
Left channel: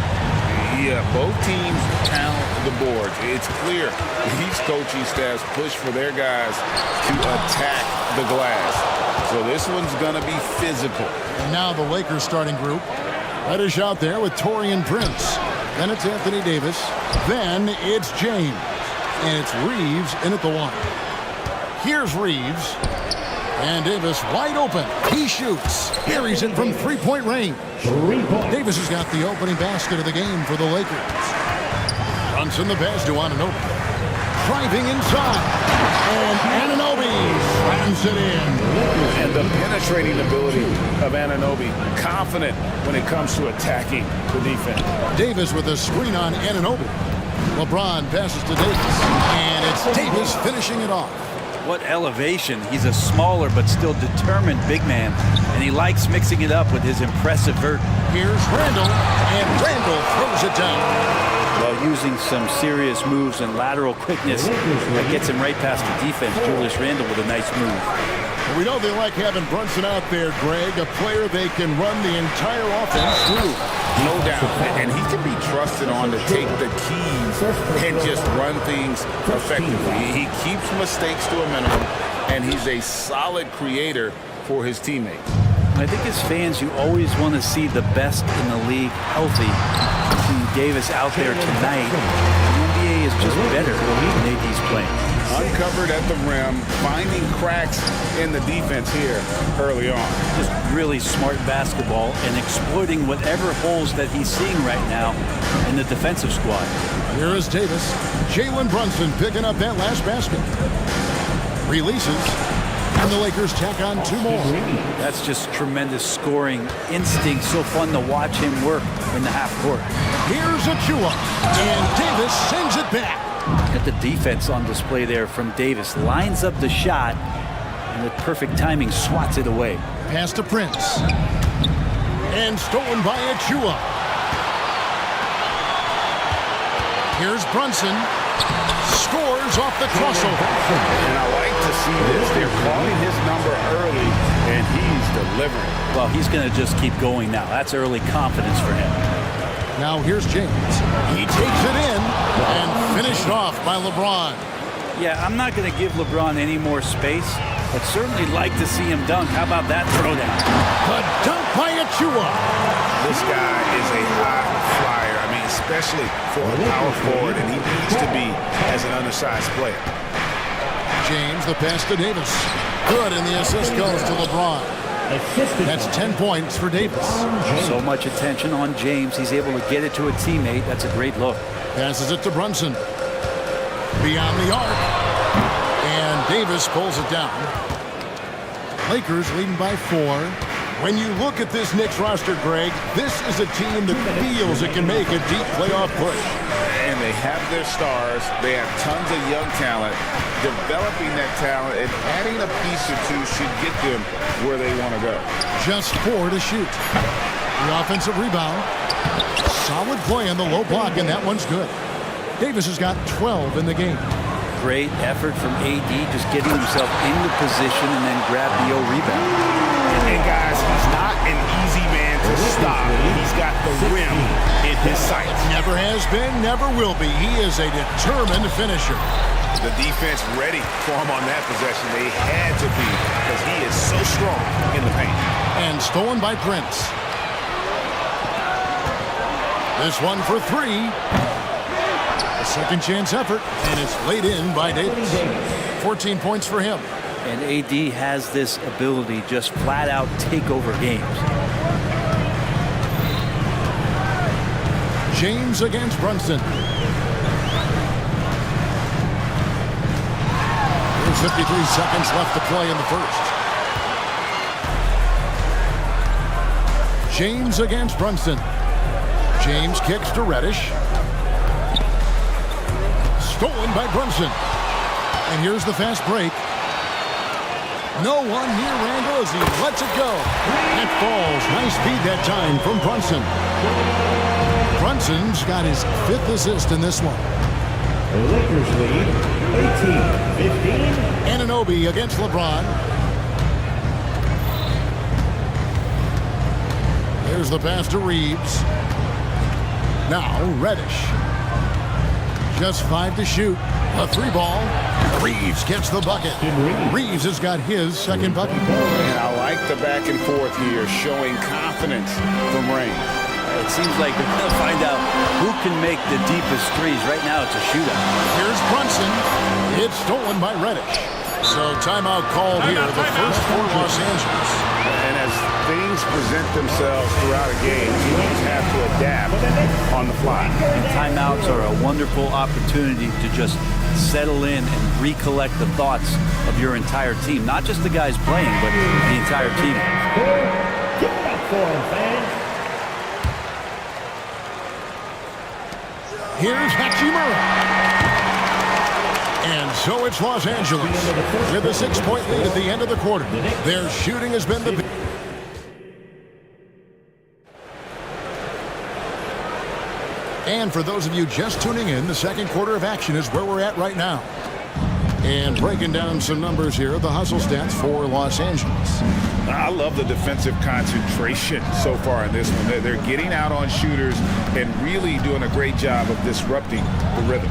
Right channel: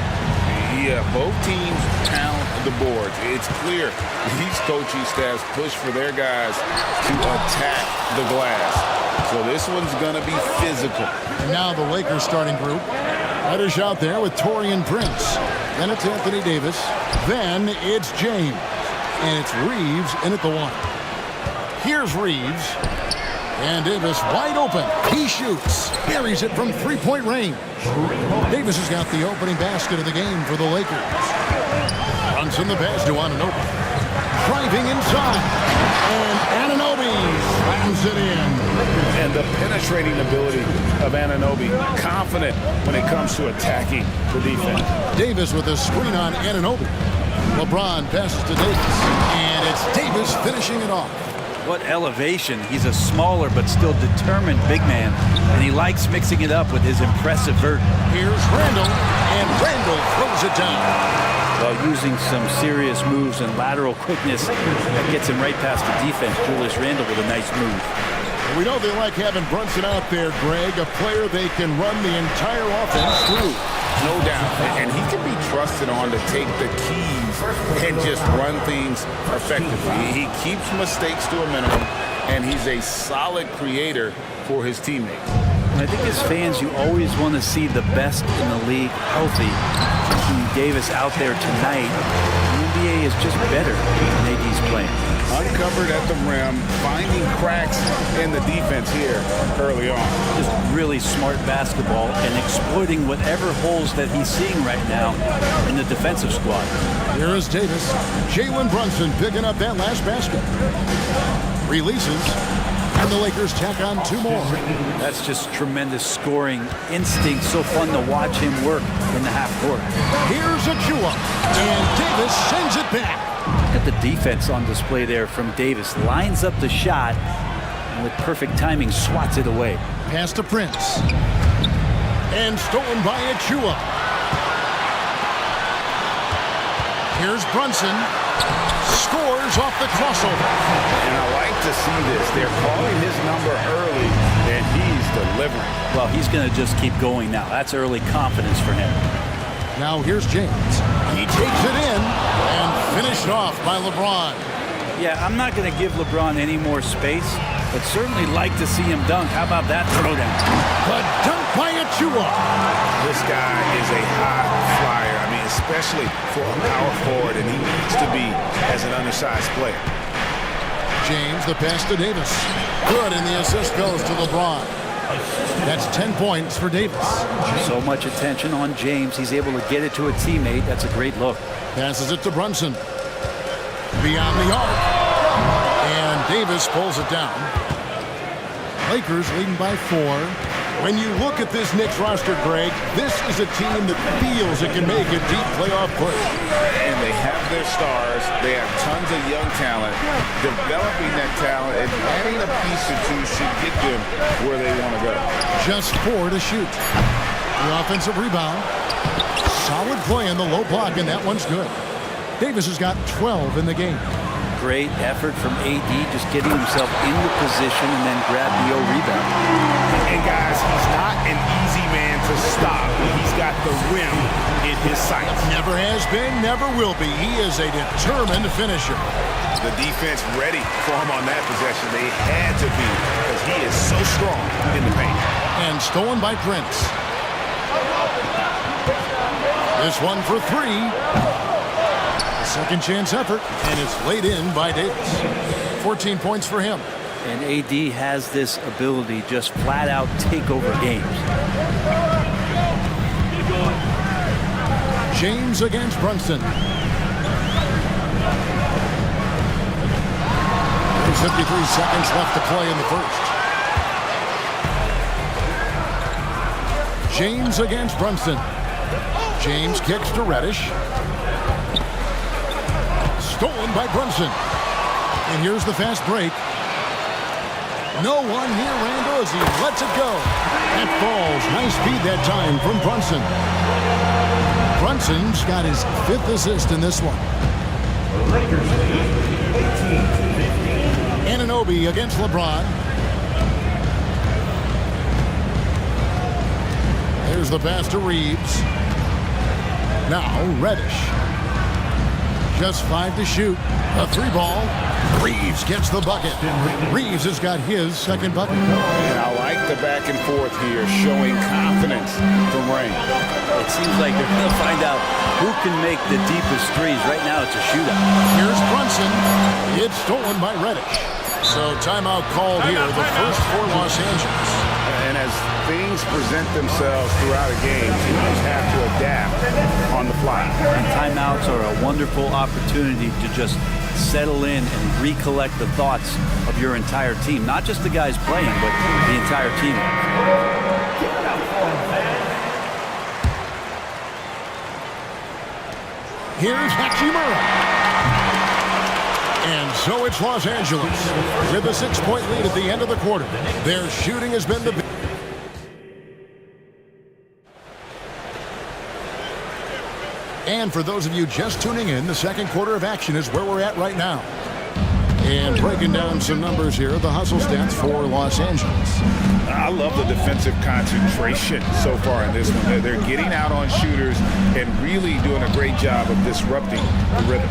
Yeah, both teams pound the boards. It's clear these coaching staffs push for their guys to attack the glass. So this one's going to be physical. And now the Lakers starting group. Reddish out there with Taurean Prince. Then it's Anthony Davis. Then it's James. And it's Reeves in at the one. Here's Reeves. And Davis wide open. He shoots. Buries it from three-point range. Davis has got the opening basket of the game for the Lakers. Brunson the pass to Anunoby. Driving inside. And Anunoby slams it in. And the penetrating ability of Anunoby. Confident when it comes to attacking the defense. Davis with a screen on Anunoby. LeBron passes to Davis. And it's Davis finishing it off. What elevation. He's a smaller but still determined big man, and he likes mixing it up with his impressive vert. Here's Randall, and Randall throws it down. While using some serious moves and lateral quickness, that gets him right past the defense. Julius Randle with a nice move. We know they like having Brunson out there, Greg, a player they can run the entire offense through. No doubt. And he can be trusted on to take the keys and just run things effectively. He keeps mistakes to a minimum, and he's a solid creator for his teammates. I think as fans, you always want to see the best in the league healthy. Seeing Davis out there tonight, the NBA is just better when AD's playing. Uncovered at the rim, finding cracks in the defense here early on. Just really smart basketball and exploiting whatever holes that he's seeing right now in the defensive squad. Here is Davis. Jalen Brunson picking up that last basket. Releases. And the Lakers tack on two more. That's just tremendous scoring instinct. So fun to watch him work in the half court. Here's Achua. And Davis sends it back. Look at the defense on display there from Davis. Lines up the shot and with perfect timing swats it away. Pass to Prince. And stolen by Achua. Here's Brunson. Scores off the crossover. And I like to see this. They're calling his number early, and he's delivering. Well, he's going to just keep going now. That's early confidence for him. Now here's James. He takes it in and finished off by LeBron. Yeah, I'm not going to give LeBron any more space, but certainly like to see him dunk. How about that throwdown? The dunk by Achua. This guy is a high flyer. I mean, especially for a power forward, and he needs to be as an undersized player. James, the pass to Davis. Good, and the assist goes to LeBron. That's 10 points for Davis. So much attention on James. He's able to get it to a teammate. That's a great look. Passes it to Brunson. Beyond the arc. And Davis pulls it down. Lakers leading by 4. When you look at this Knicks roster, Greg, this is a team that feels it can make a deep playoff push. And they have their stars. They have tons of young talent. Developing that talent and adding a piece or two should get them where they want to go. Just 4 to shoot. The offensive rebound. Solid play in the low block, and that one's good. Davis has got 12 in the game. Great effort from AD, just getting himself into position and then grab the rebound. And guys, he's not an easy man to stop when he's got the rim in his sights. Never has been, never will be. He is a determined finisher. The defense ready for him on that possession. They had to be because he is so strong in the paint. And stolen by Prince. This one for 3. A second chance effort, and it's laid in by Davis. 14 points for him. And AD has this ability just flat out take over games. James against Brunson. There's 53 seconds left to play in the first. James against Brunson. James kicks to Reddish. Stolen by Brunson. And here's the fast break. No one near Randall as he lets it go. That falls. Nice feed that time from Brunson. Brunson's got his 5th assist in this one. The Lakers lead 18-15. Anunoby against LeBron. There's the pass to Reeves. Now Reddish. Just 5 to shoot. A 3-ball. Reeves gets the bucket. Reeves has got his second bucket. And I like the back and forth here, showing confidence from Rain. It seems like they're going to find out who can make the deepest threes. Right now, it's a shootout. Here's Brunson. It's stolen by Reddish. So timeout called here, the first for Los Angeles. And as things present themselves throughout a game, teams have to adapt on the fly. And timeouts are a wonderful opportunity to just settle in and recollect the thoughts of your entire team. Not just the guys playing, but the entire team. Give it up for him, fans. Here's Hachimura. And so it's Los Angeles with a 6-point lead at the end of the quarter. Their shooting has been the... And for those of you just tuning in, the second quarter of action is where we're at right now. And breaking down some numbers here, the hustle stats for Los Angeles. I love the defensive concentration so far in this one. They're getting out on shooters and really doing a great job of disrupting the rhythm.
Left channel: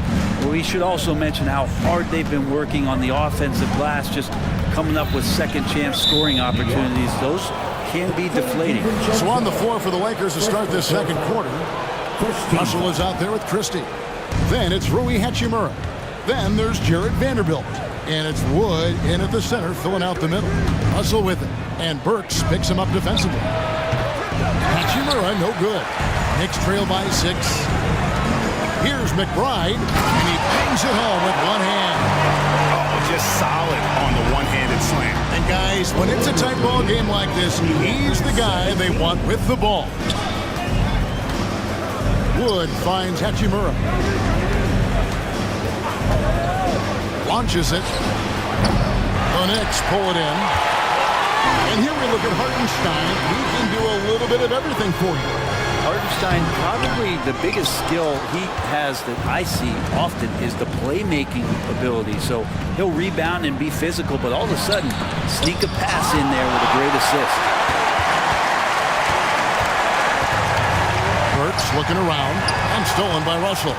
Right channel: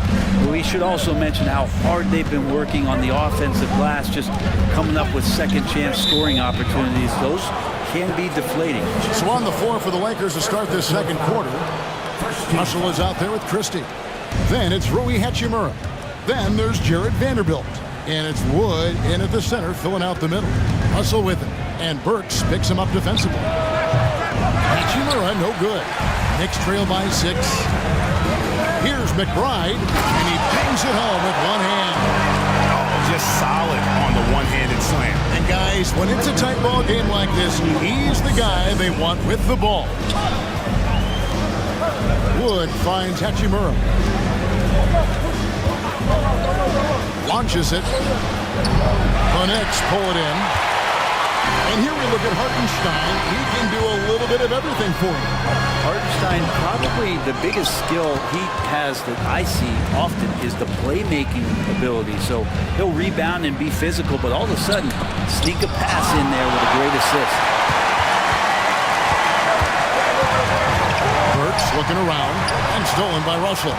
We should also mention how hard they've been working on the offensive glass, just coming up with second chance scoring opportunities. Those can be deflating. So on the floor for the Lakers to start this second quarter, Russell is out there with Christie. Then it's Rui Hachimura. Then there's Jared Vanderbilt. And it's Wood in at the center, filling out the middle. Russell with it. And Burks picks him up defensively. Hachimura, no good. Knicks trail by 6. Here's McBride, and he bangs it home with one hand. Oh, just solid on the one-handed slam. And guys, when it's a tight ball game like this, he's the guy they want with the ball. Wood finds Hachimura. Launches it. The Knicks pull it in. And here we look at Hartenstein. He can do a little bit of everything for you. Hartenstein, probably the biggest skill he has that I see often is the playmaking ability. So he'll rebound and be physical, but all of a sudden, sneak a pass in there with a great assist. Burks looking around and stolen by Russell.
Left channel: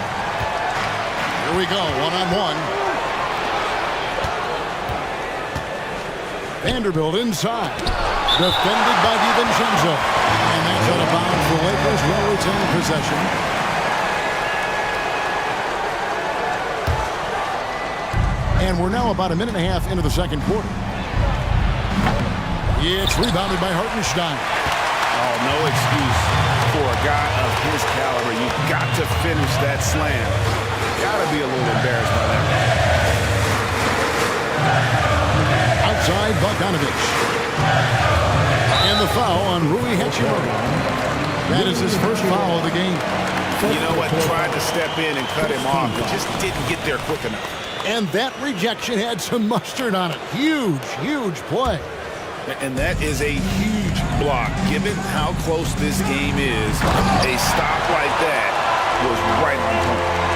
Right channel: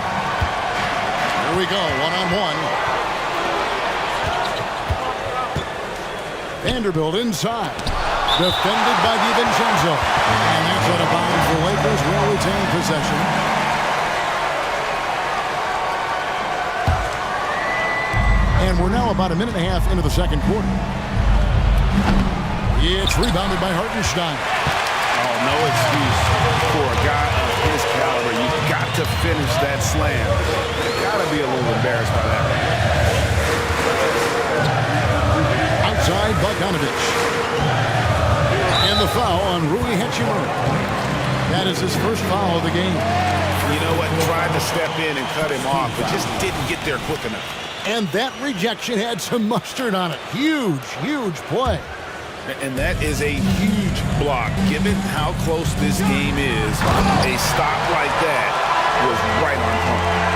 Here we go, one-on-one. Vanderbilt inside. Defended by DiVincenzo. And that's out of bounds. The Lakers will retain possession. And we're now about a minute and a half into the second quarter. It's rebounded by Hartenstein. Oh, no excuse for a guy of his caliber. You've got to finish that slam. Got to be a little embarrassed by that. Outside Bogdanovich. And the foul on Rui Hachimura. That is his first foul of the game. You know what? Tried to step in and cut him off, but just didn't get there quick enough. And that rejection had some mustard on it. Huge, huge play. And that is a huge block. Given how close this game is, a stop like that was right on point.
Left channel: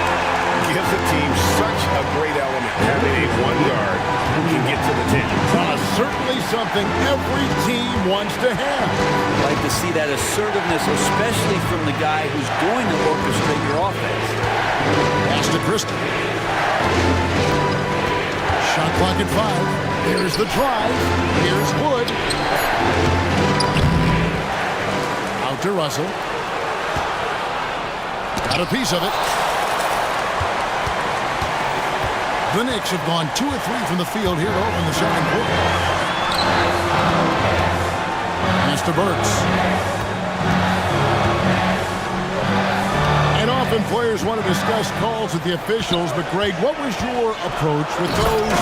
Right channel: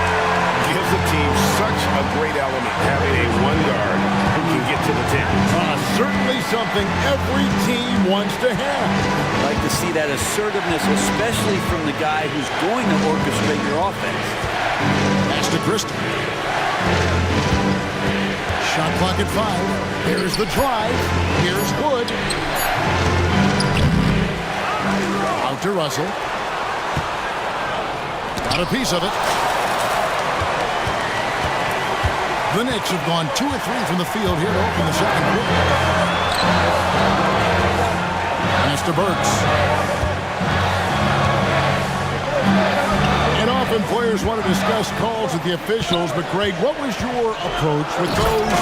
Gives the team such a great element having a one guard who can get to the 10. Certainly something every team wants to have. I'd like to see that assertiveness, especially from the guy who's going to orchestrate your offense. Pass to Christie. Shot clock at 5. Here's the drive. Here's Wood. Out to Russell. Got a piece of it. The Knicks have gone 2 of 3 from the field here to open the second quarter. Pass to Burks. And often players want to discuss calls with the officials, but Greg, what was your approach with those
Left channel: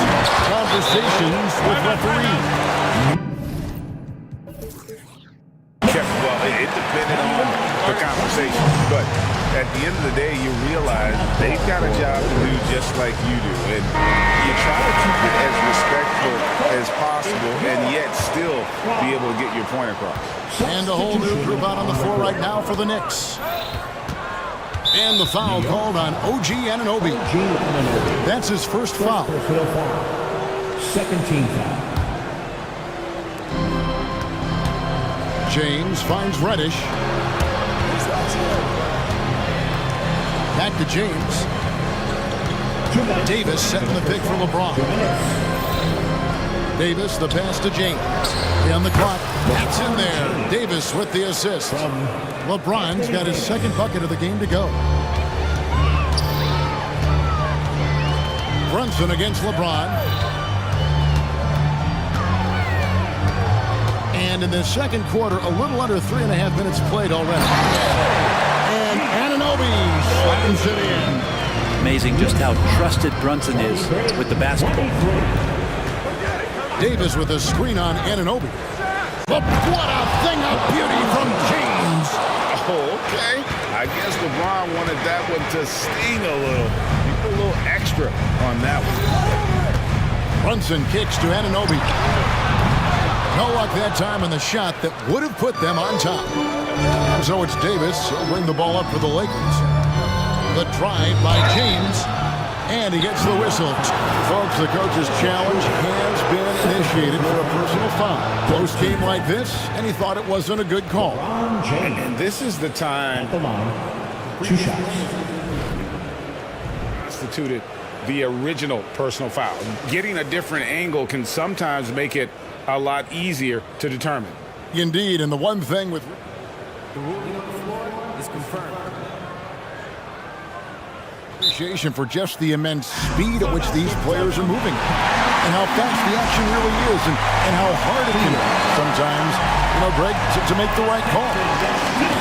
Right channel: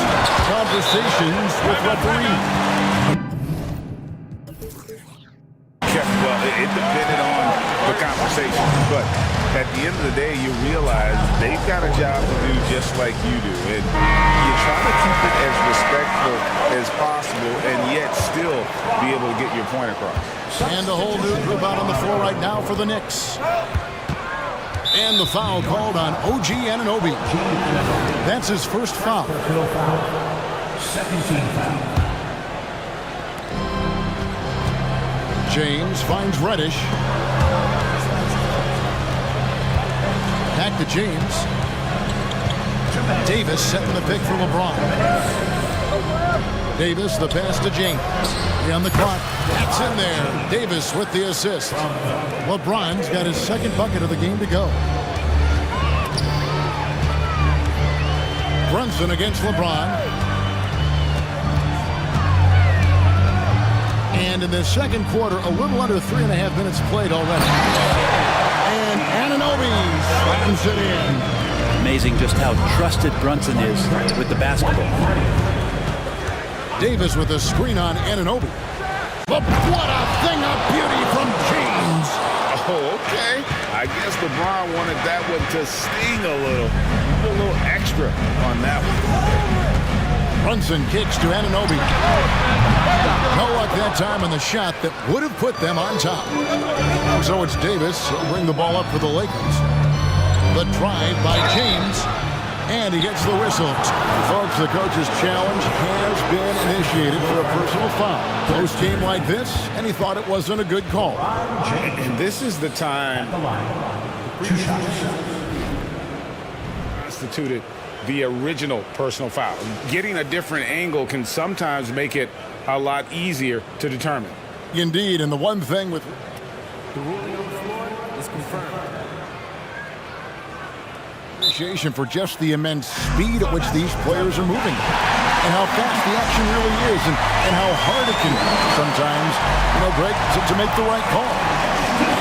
conversations with referees? Well, it depended on the conversation, but at the end of the day, you realize they've got a job to do just like you do, and you try to keep it as respectful as possible and yet still be able to get your point across. And a whole new group out on the floor right now for the Knicks. And the foul called on OG Anunoby. That's his first foul. Second team foul. James finds Reddish. Back to James. Davis setting the pick for LeBron. Davis, the pass to James. On the clock. That's in there. Davis with the assist. LeBron's got his second bucket of the game to go. Brunson against LeBron. And in the second quarter, a little under 3.5 minutes played already. And Anunoby slams it in. Amazing just how trusted Brunson is with the basketball. Davis with a screen on Anunoby. But what a thing of beauty from James. Oh, okay. I guess LeBron wanted that one to sting a little. You put a little extra on that one. Brunson kicks to Anunoby. No luck that time on the shot that would have put them on top. And so it's Davis. He'll bring the ball up for the Lakers. The drive by James. And he gets the whistle. Folks, the coach's challenge has been initiated for a personal foul. Close game like this, and he thought it wasn't a good call. And this is the time constituted the original personal foul. Getting a different angle can sometimes make it a lot easier to determine. Indeed, and the one thing with... The ruling on the floor is confirmed. Appreciation for just the immense speed at which these players are moving and how fast the action really is and how hard it can be sometimes, Greg, to make the right call.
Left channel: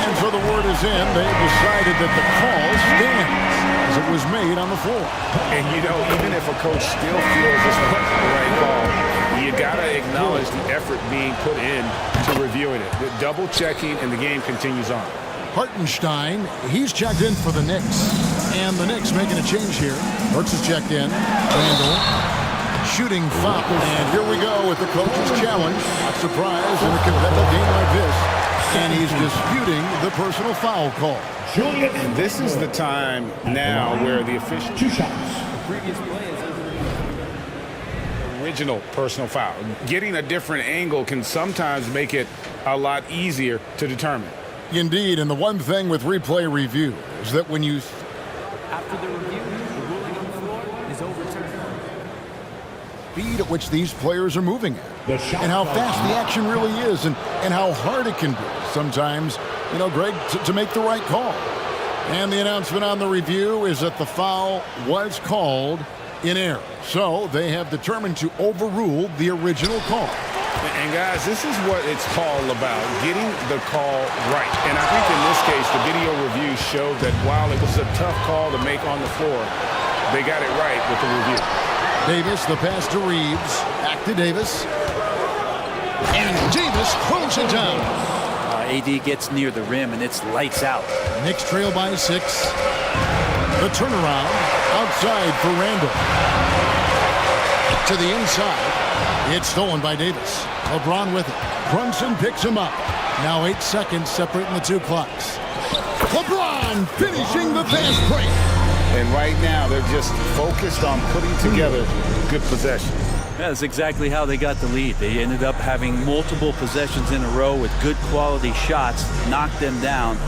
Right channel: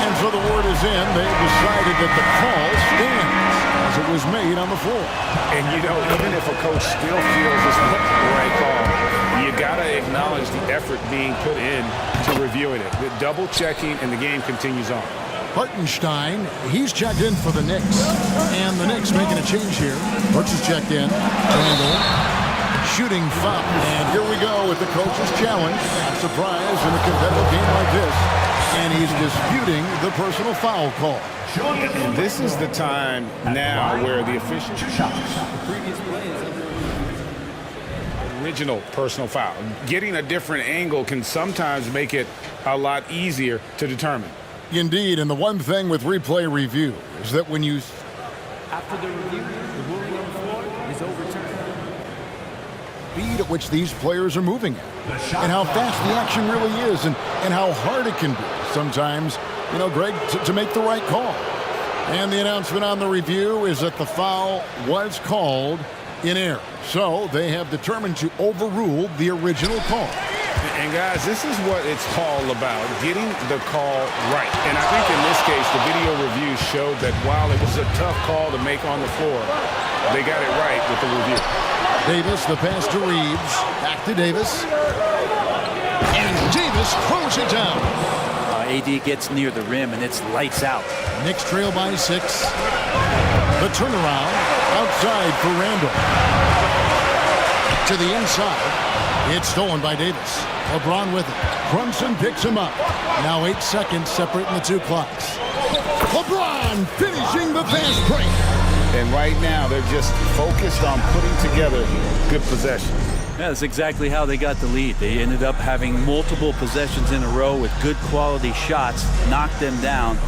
And so the word is in. They've decided that the call stands as it was made on the floor. And, even if a coach still feels this wasn't the right call, you got to acknowledge the effort being put in to reviewing it. The double checking, and the game continues on. Hartenstein, he's checked in for the Knicks. And the Knicks making a change here. Burks is checked in. Randall, shooting foul. And here we go with the coach's challenge. Not surprised in a competitive game like this. And he's disputing the personal foul call. And this is the time now where the official... The previous play is under review. Original personal foul. Getting a different angle can sometimes make it a lot easier to determine. Indeed, and the one thing with replay review is that when you... After the review, the ruling on the floor is overturned. Speed at which these players are moving at and how fast the action really is and how hard it can be sometimes, Greg, to make the right call. And the announcement on the review is that the foul was called in error. So they have determined to overrule the original call. And guys, this is what it's all about, getting the call right. And I think in this case, the video review showed that while it was a tough call to make on the floor, they got it right with the review. Davis, the pass to Reeves. Back to Davis. And Davis throws it down. AD gets near the rim, and it's lights out. Knicks trail by 6. The turnaround outside for Randall. To the inside. It's stolen by Davis. LeBron with it. Brunson picks him up. Now 8 seconds separating the two clocks. LeBron finishing the fast break. And right now, they're just focused on putting together good possession. Yeah, that's exactly how they got the lead. They ended up having multiple possessions in a row with good quality shots, knocked them down,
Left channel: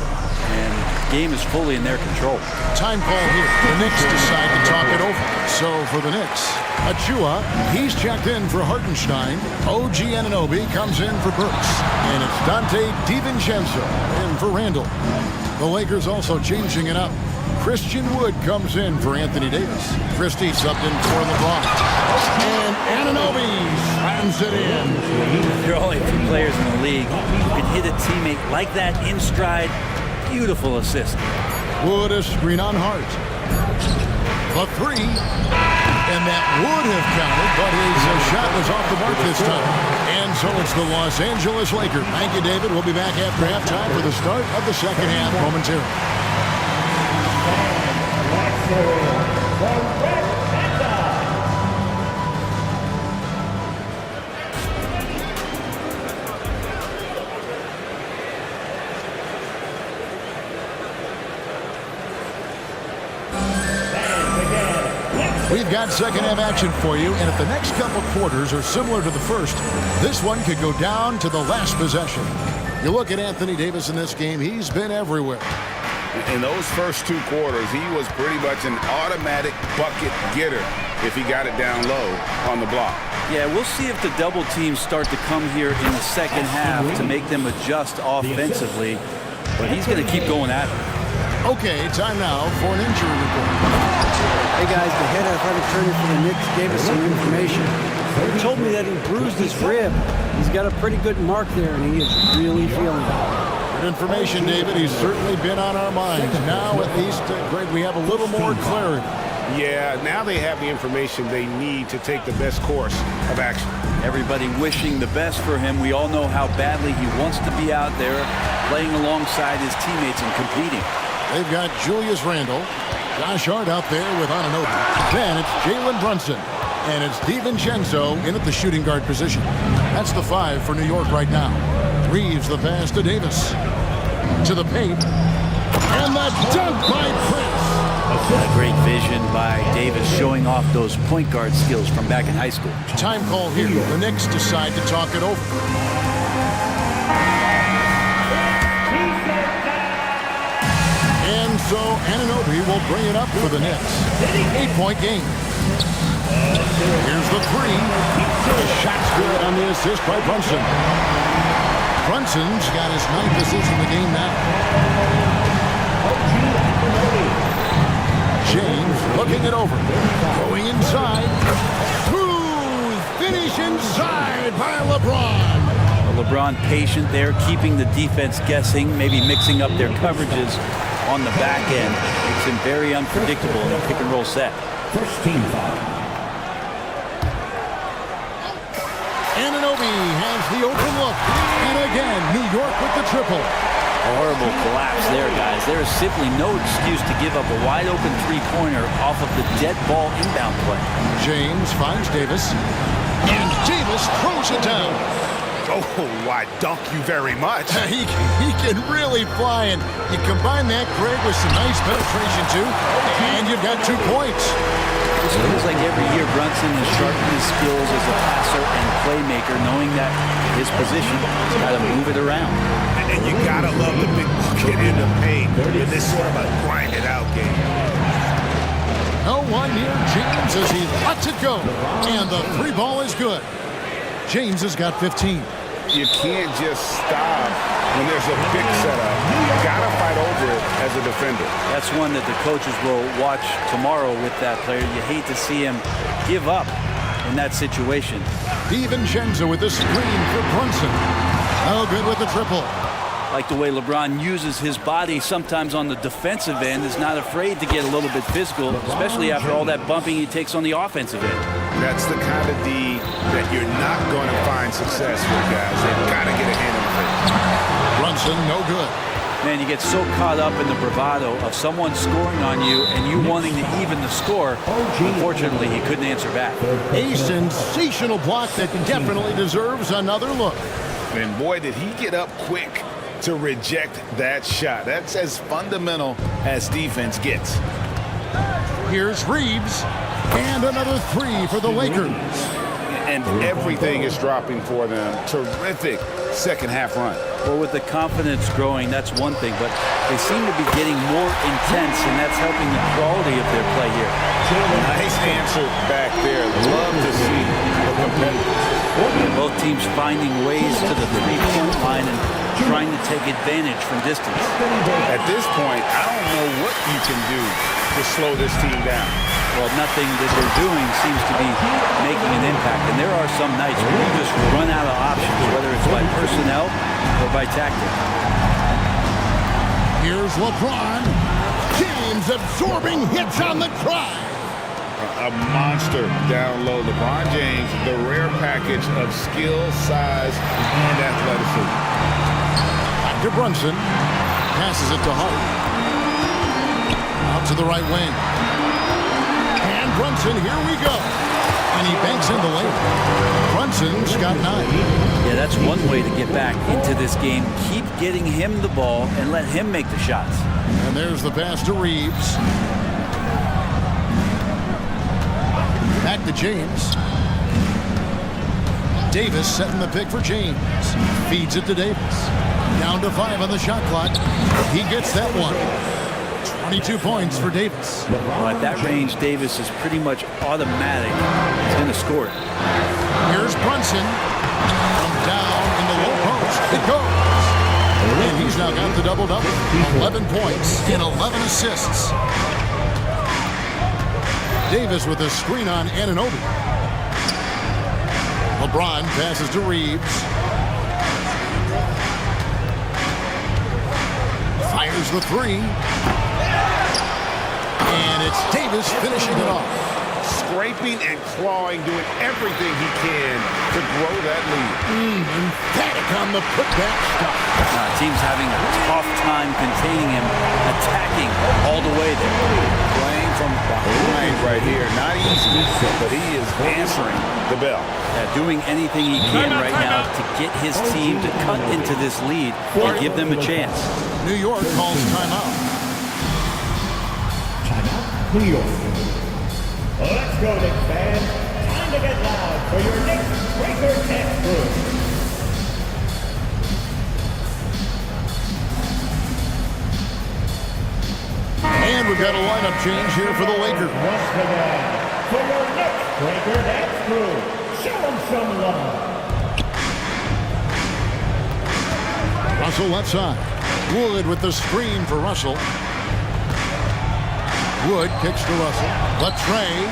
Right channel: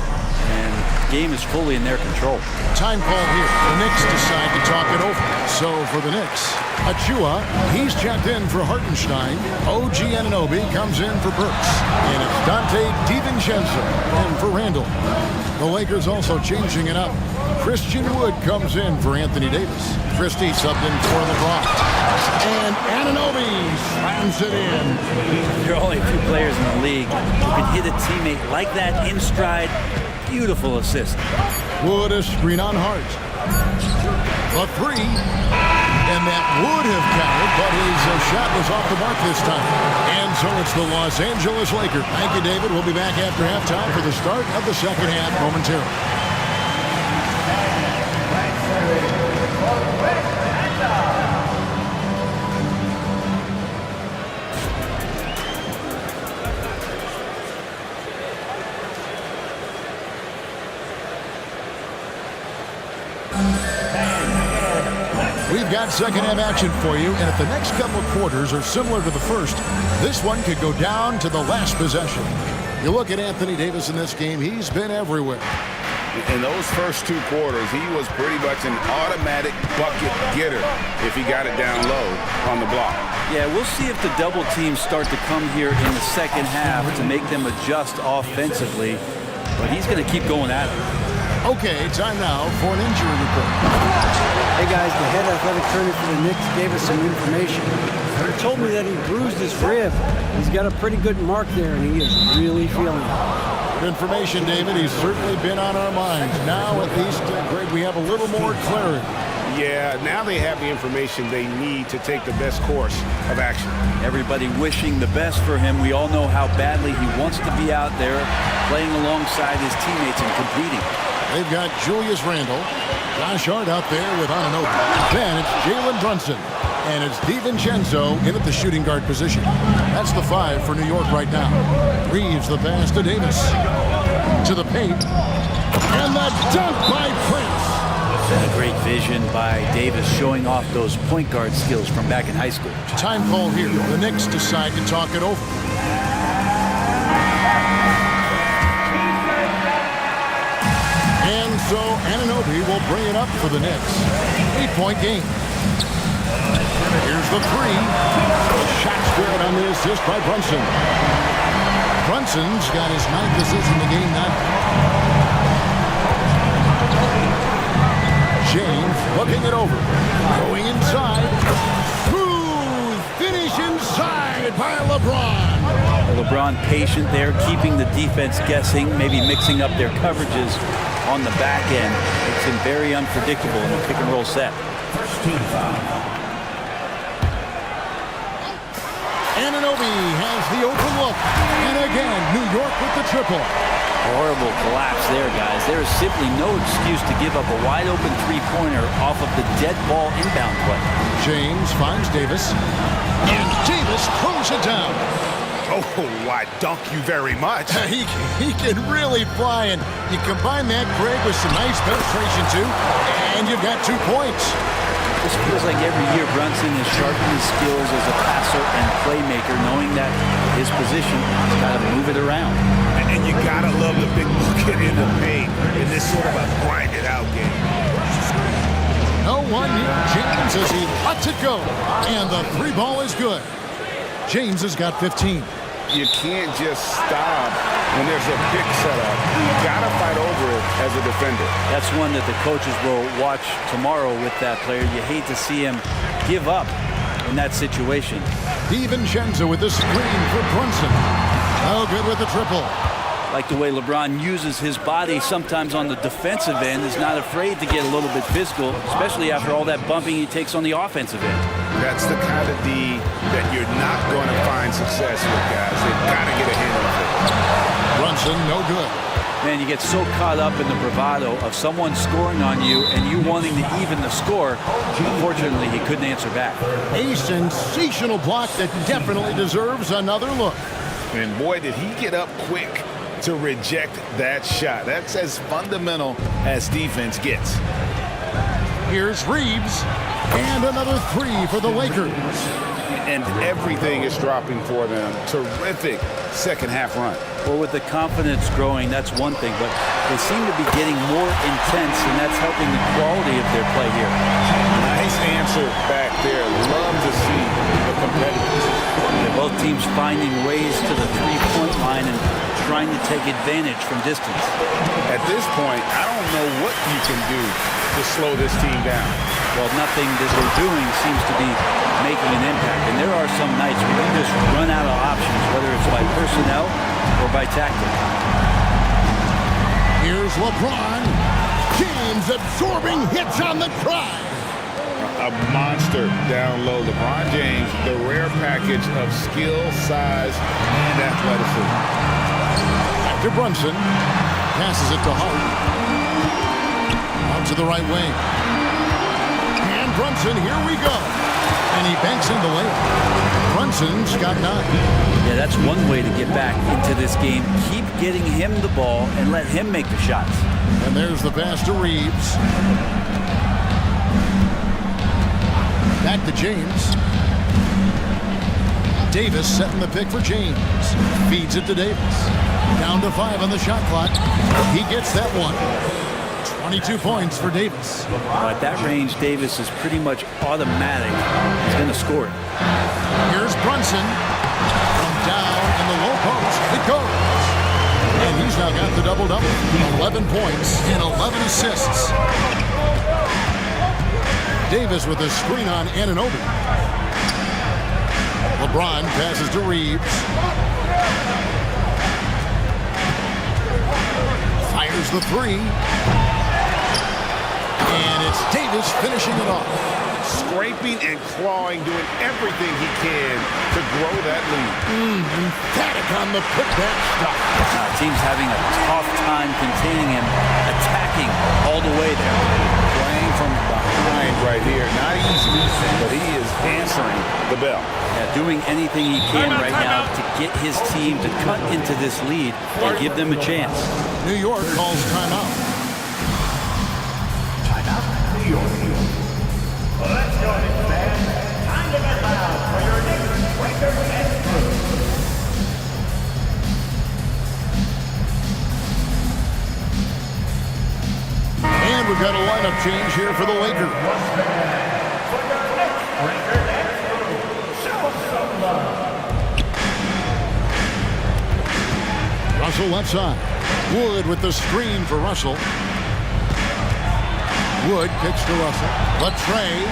and the game is fully in their control. Time call here. The Knicks decide to talk it over. So for the Knicks, Achua, he's checked in for Hartenstein. OG Anunoby comes in for Burks. And it's Dante DiVincenzo in for Randall. The Lakers also changing it up. Christian Wood comes in for Anthony Davis. Christie subbed in for LeBron. And Anunoby slams it in. There are only a few players in the league who can hit a teammate like that in stride. Beautiful assist. Wood a screen on Hart. The 3. And that would have counted, but his shot was off the mark this time. And so it's the Los Angeles Lakers. Thank you, David. We'll be back after halftime for the start of the second half momentarily. We've got second half action for you, and if the next couple quarters are similar to the first, this one could go down to the last possession. You look at Anthony Davis in this game, he's been everywhere. In those first 2 quarters, he was pretty much an automatic bucket getter if he got it down low on the block. Yeah, we'll see if the double teams start to come here in the second half to make them adjust offensively, but he's going to keep going at it. Okay, time now for an injury report. Hey guys, the head athletic trainer for the Knicks gave us some information. He told me that he bruised his rib. He's got a pretty good mark there, and he is really feeling it. Good information, David. He's certainly been on our minds. Now, at least, Greg, we have a little more clarity. Yeah, now they have the information they need to take the best course of action. Everybody wishing the best for him. We all know how badly he wants to be out there playing alongside his teammates and competing. They've got Julius Randle, Josh Hart out there with Anunoby. Then it's Jalen Brunson. And it's DiVincenzo in at the shooting guard position. That's the 5 for New York right now. Reeves the pass to Davis. To the paint. And the dunk by Prince. A great vision by Davis showing off those point guard skills from back in high school. Time call here. The Knicks decide to talk it over. And so Anunoby will bring it up for the Knicks. 8-point game. Here's the 3. The shot's good on the assist by Brunson. Brunson's got his 9th assist in the game now. James looking it over. Going inside. Smooth finish inside by LeBron. LeBron patient there, keeping the defense guessing, maybe mixing up their coverages on the back end. Makes him very unpredictable in a pick and roll set. First team foul. Anunoby has the open look. And again, New York with the triple. Horrible collapse there, guys. There is simply no excuse to give up a wide-open three-pointer off of the dead ball inbound play. James finds Davis. And Davis throws it down. Oh, I dunk you very much. He can really fly, and you combine that, Greg, with some nice penetration, too, and you've got 2 points. This feels like every year Brunson has sharpened his skills as a passer and playmaker, knowing that his position, he's got to move it around. And you got to love the big bucket in the paint in this sort of a grinded-out game. No one near James as he lets it go, and the 3 ball is good. James has got 15. You can't just stop when there's a pick set up. You got to fight over it as a defender. That's one that the coaches will watch tomorrow with that player. You hate to see him give up in that situation. DiVincenzo with the screen for Brunson. Oh, good with the triple. Like the way LeBron uses his body sometimes on the defensive end, is not afraid to get a little bit physical, especially after all that bumping he takes on the offensive end. That's the kind of D that you're not going to find success with, guys. They've got to get a handle of it. Brunson, no good. Man, you get so caught up in the bravado of someone scoring on you and you wanting to even the score. Unfortunately, he couldn't answer back. A sensational block that definitely deserves another look. And boy, did he get up quick to reject that shot. That's as fundamental as defense gets. Here's Reeves. And another 3 for the Lakers. And everything is dropping for them. Terrific second half run. Well, with the confidence growing, that's one thing, but they seem to be getting more intense, and that's helping the quality of their play here. Nice answer back there. Love to see the competitors. Yeah, both teams finding ways to the three-point line and trying to take advantage from distance. At this point, I don't know what you can do to slow this team down. Well, nothing that they're doing seems to be making an impact. And there are some nights where you just run out of options, whether it's by personnel or by tactic. Here's LeBron. James absorbing hits on the drive. A monster down low. LeBron James, the rare package of skill, size, and athleticism. Back to Brunson. Passes it to Hart. Out to the right wing. And Brunson, here we go. And he banks in the layup. Brunson's got 9. Yeah, that's one way to get back into this game. Keep getting him the ball and let him make the shots. And there's the pass to Reeves. Back to James. Davis setting the pick for James. Feeds it to Davis. Down to 5 on the shot clock. He gets that one. 22 points for Davis. Well, at that range, Davis is pretty much automatic. He's going to score it. Here's Brunson. From down in the low post, it goes. And he's now got the double-double. 11 points and 11 assists. Davis with a screen on Anunoby. LeBron passes to Reeves. Fires the three. And it's Davis finishing it off. Scraping and clawing, doing everything he can to grow that lead. Emphatic on the putback stuff. Team's having a tough time containing him, attacking all the way there. Playing from behind right here. Not easy, but he is answering the bell. Yeah, doing anything he can right now to get his team to cut into this lead and give them a chance. New York calls timeout. Timeout, New York. Let's go, Knicks fans. Time to get loud for your Knicks breaker and crew. And we've got a lineup change here for the Lakers. Once again, for your Knicks breaker and crew, show them some love. Russell left side. Wood with the screen for Russell. Wood kicks to Russell. Latre.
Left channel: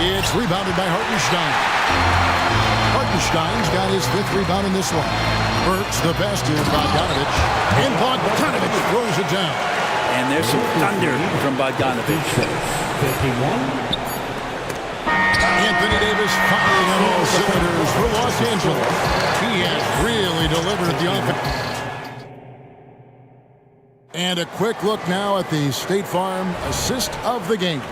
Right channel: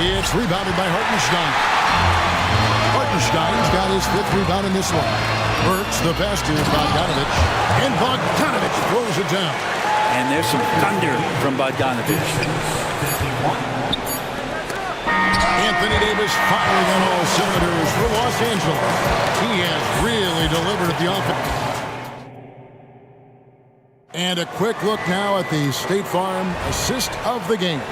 It's rebounded by Hartenstein. Hartenstein's got his 5th rebound in this one. Burks the pass to Bogdanovich. And Bogdanovich throws it down. And there's some thunder from Bogdanovich. 51. Anthony Davis firing on all cylinders for Los Angeles. He has really delivered at the offense. And a quick look now at the State Farm assist of the game.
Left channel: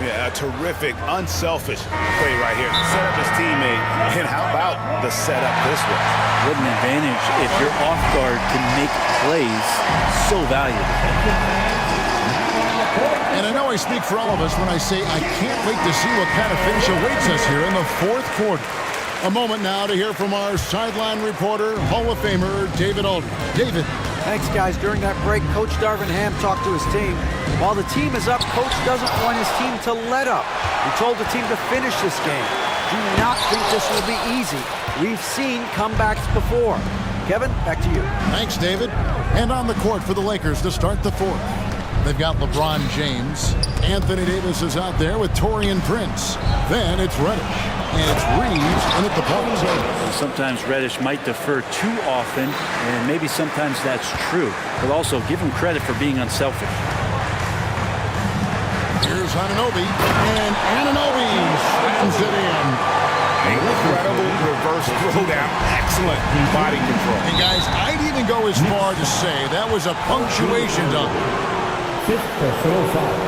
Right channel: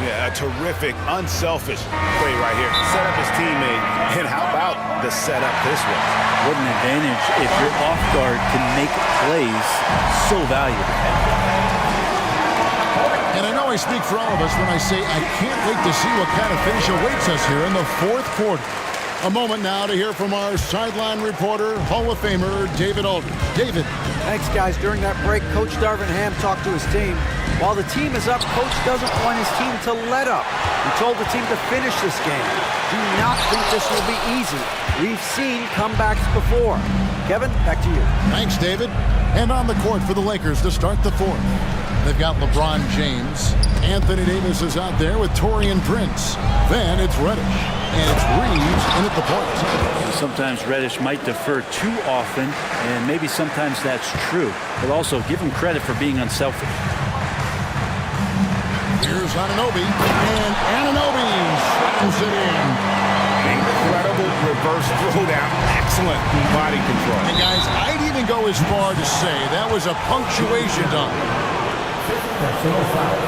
Yeah, a terrific, unselfish play right here. Set up his teammate, and how about the setup this was? What an advantage if your off guard can make plays so valuable. And I know I speak for all of us when I say I can't wait to see what kind of finish awaits us here in the 4th quarter. A moment now to hear from our sideline reporter, Hall of Famer David Aldridge. David. Thanks, guys. During that break, Coach Darvin Ham talked to his team. While the team is up, Coach doesn't want his team to let up. He told the team to finish this game. Do not think this will be easy. We've seen comebacks before. Kevin, back to you. Thanks, David. And on the court for the Lakers to start the 4th. They've got LeBron James. Anthony Davis is out there with Taurean Prince. Then it's Reddish. And it's Reeves in at the point. And sometimes Reddish might defer too often, and maybe sometimes that's true. But also give him credit for being unselfish. Here's Anunoby. And Anunoby slams it in. Incredible reverse throwdown. Excellent body control. And guys, I'd even go as far to say that was a punctuation dunk. 5th personal foul.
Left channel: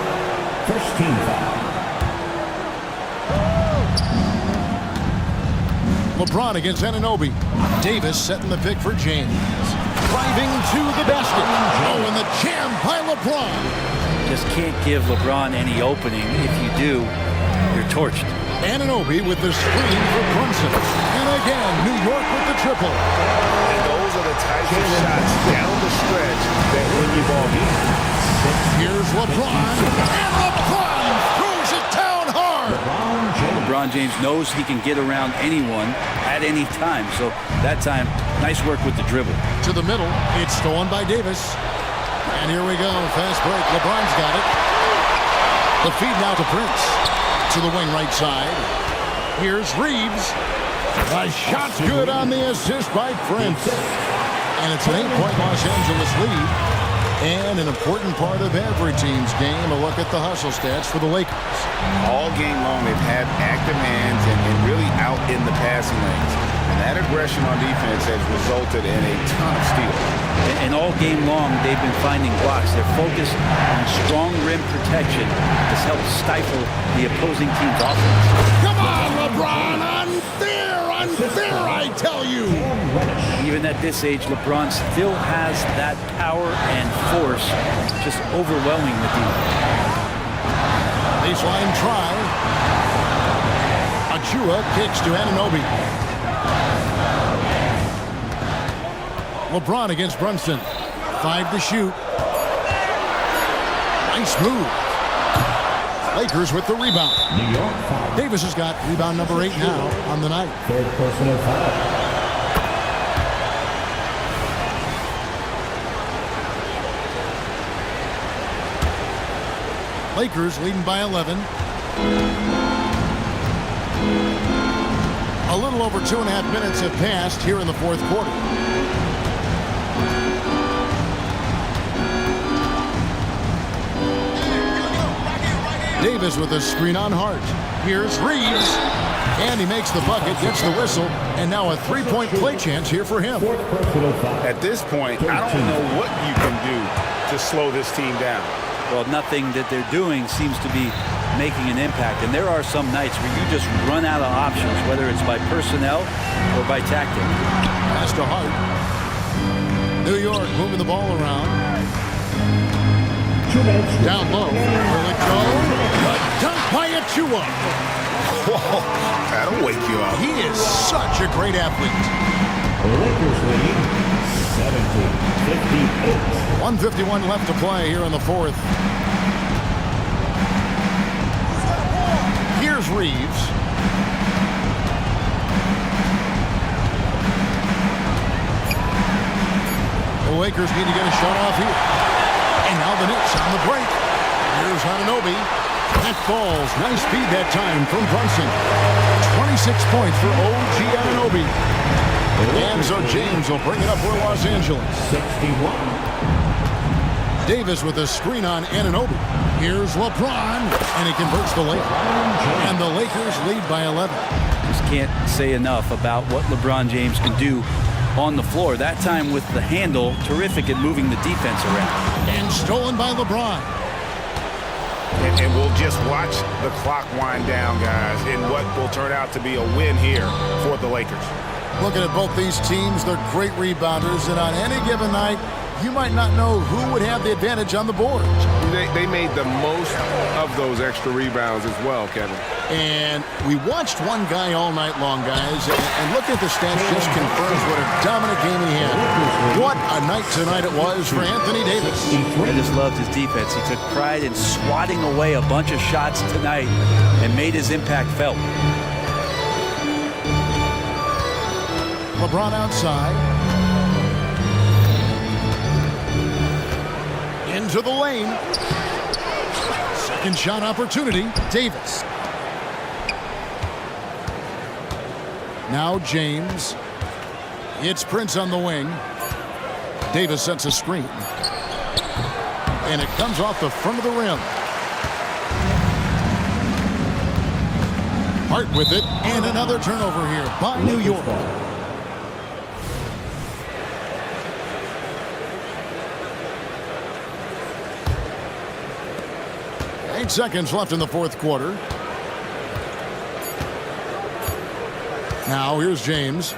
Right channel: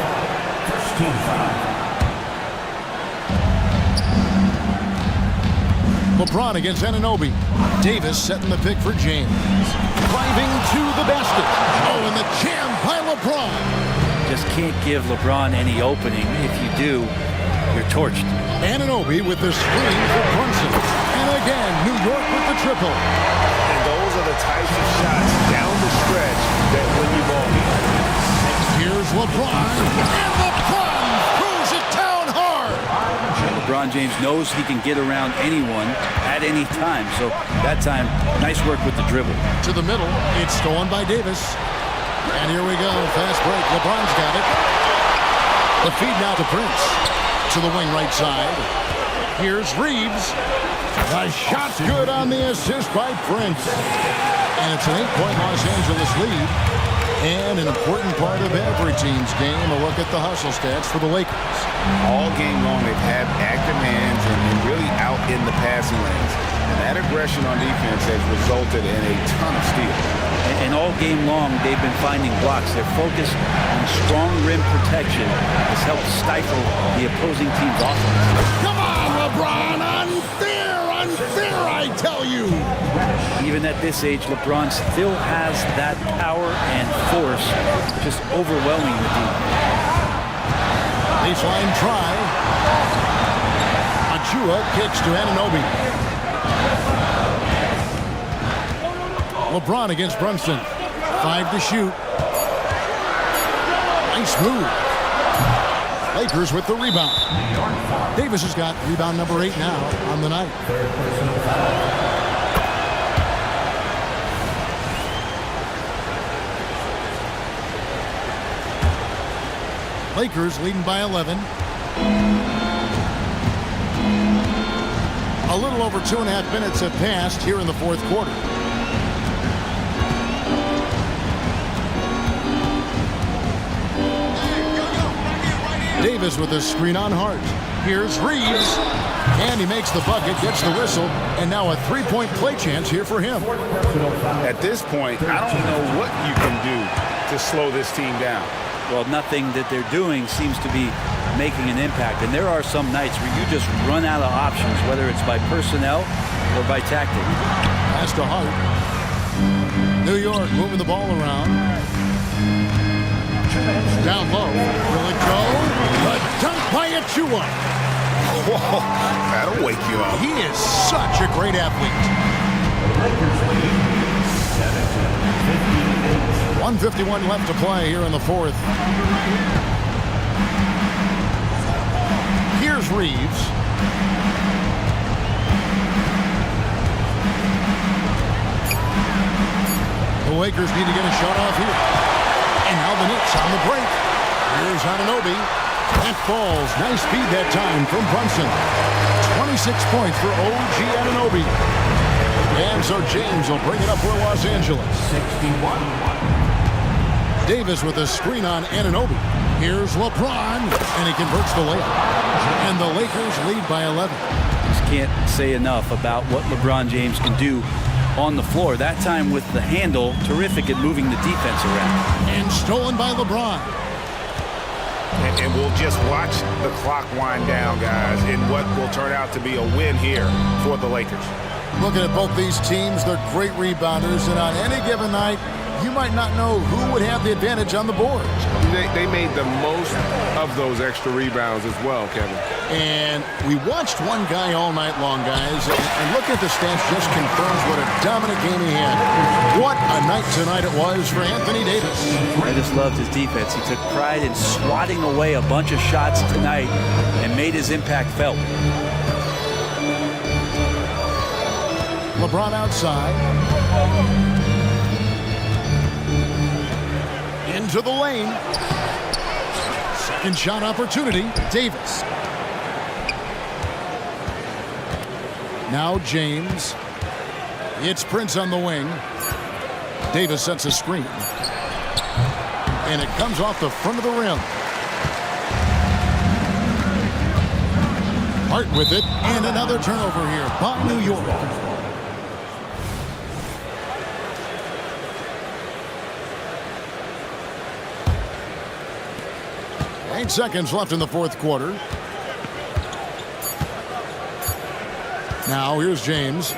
First team foul. LeBron against Anunoby. Davis setting the pick for James. Driving to the basket. Oh, and the jam by LeBron. Just can't give LeBron any opening. If you do, you're torched. Anunoby with the screen for Brunson. And again, New York with the triple. And those are the types of shots down the stretch that win you ball games. Here's LeBron. And LeBron throws it down hard. LeBron James knows he can get around anyone at any time. So that time, nice work with the dribble. To the middle, it's stolen by Davis. And here we go, fast break. LeBron's got it. The feed now to Prince. To the wing right side. Here's Reeves. The shot's good on the assist by Prince. And it's an 8-point Los Angeles lead. And an important part of every team's game, a look at the hustle stats for the Lakers. All game long, they've had active hands and really out in the passing lanes. And that aggression on defense has resulted in a ton of steals. And all game long, they've been finding blocks. Their focus on strong rim protection has helped stifle the opposing team's offense. Come on, LeBron! Unfair! Unfair, I tell you! Even at this age, LeBron still has that power and force, just overwhelming the team. Baseline try. Achua kicks to Anunoby. LeBron against Brunson. 5 to shoot. Nice move. Lakers with the rebound. Davis has got rebound number 8 now on the night. Third personal foul. Lakers leading by 11. A little over 2.5 minutes have passed here in the fourth quarter. Davis with a screen on Hart. Here's Reeves. And he makes the bucket, gets the whistle, and now a three-point play chance here for him. At this point, I don't know what you can do to slow this team down. Well, nothing that they're doing seems to be making an impact. And there are some nights where you just run out of options, whether it's by personnel or by tactic. Pass to Hart. New York moving the ball around. Down low. Will it go? The dunk by Achua. Whoa, that'll wake you up. He is such a great athlete. Lakers lead 70-58. 1:51 left to play here in the fourth. Here's Reeves. The Lakers need to get a shot off here. And now the Knicks on the break. Here's Anunoby. That falls. Nice feed that time from Brunson. 26 points for OG Anunoby. And so James will bring it up for Los Angeles. 61. Davis with a screen on Anunoby. Here's LeBron, and he converts the layup. And the Lakers lead by 11. Just can't say enough about what LeBron James can do on the floor. That time with the handle, terrific at moving the defense around. And stolen by LeBron. And we'll just watch the clock wind down, guys, in what will turn out to be a win here for the Lakers. Looking at both these teams, they're great rebounders, and on any given night, you might not know who would have the advantage on the board. They made the most of those extra rebounds as well, Kevin. And we watched one guy all night long, guys, and looking at the stats just confirms what a dominant game he had. What a night tonight it was for Anthony Davis. I just loved his defense. He took pride in swatting away a bunch of shots tonight and made his impact felt. LeBron outside. Into the lane. Second shot opportunity. Davis. Now James. It's Prince on the wing. Davis sets a screen. And it comes off the front of the rim. Hart with it. And another turnover here by New York. 8 seconds left in the fourth quarter. Now here's James.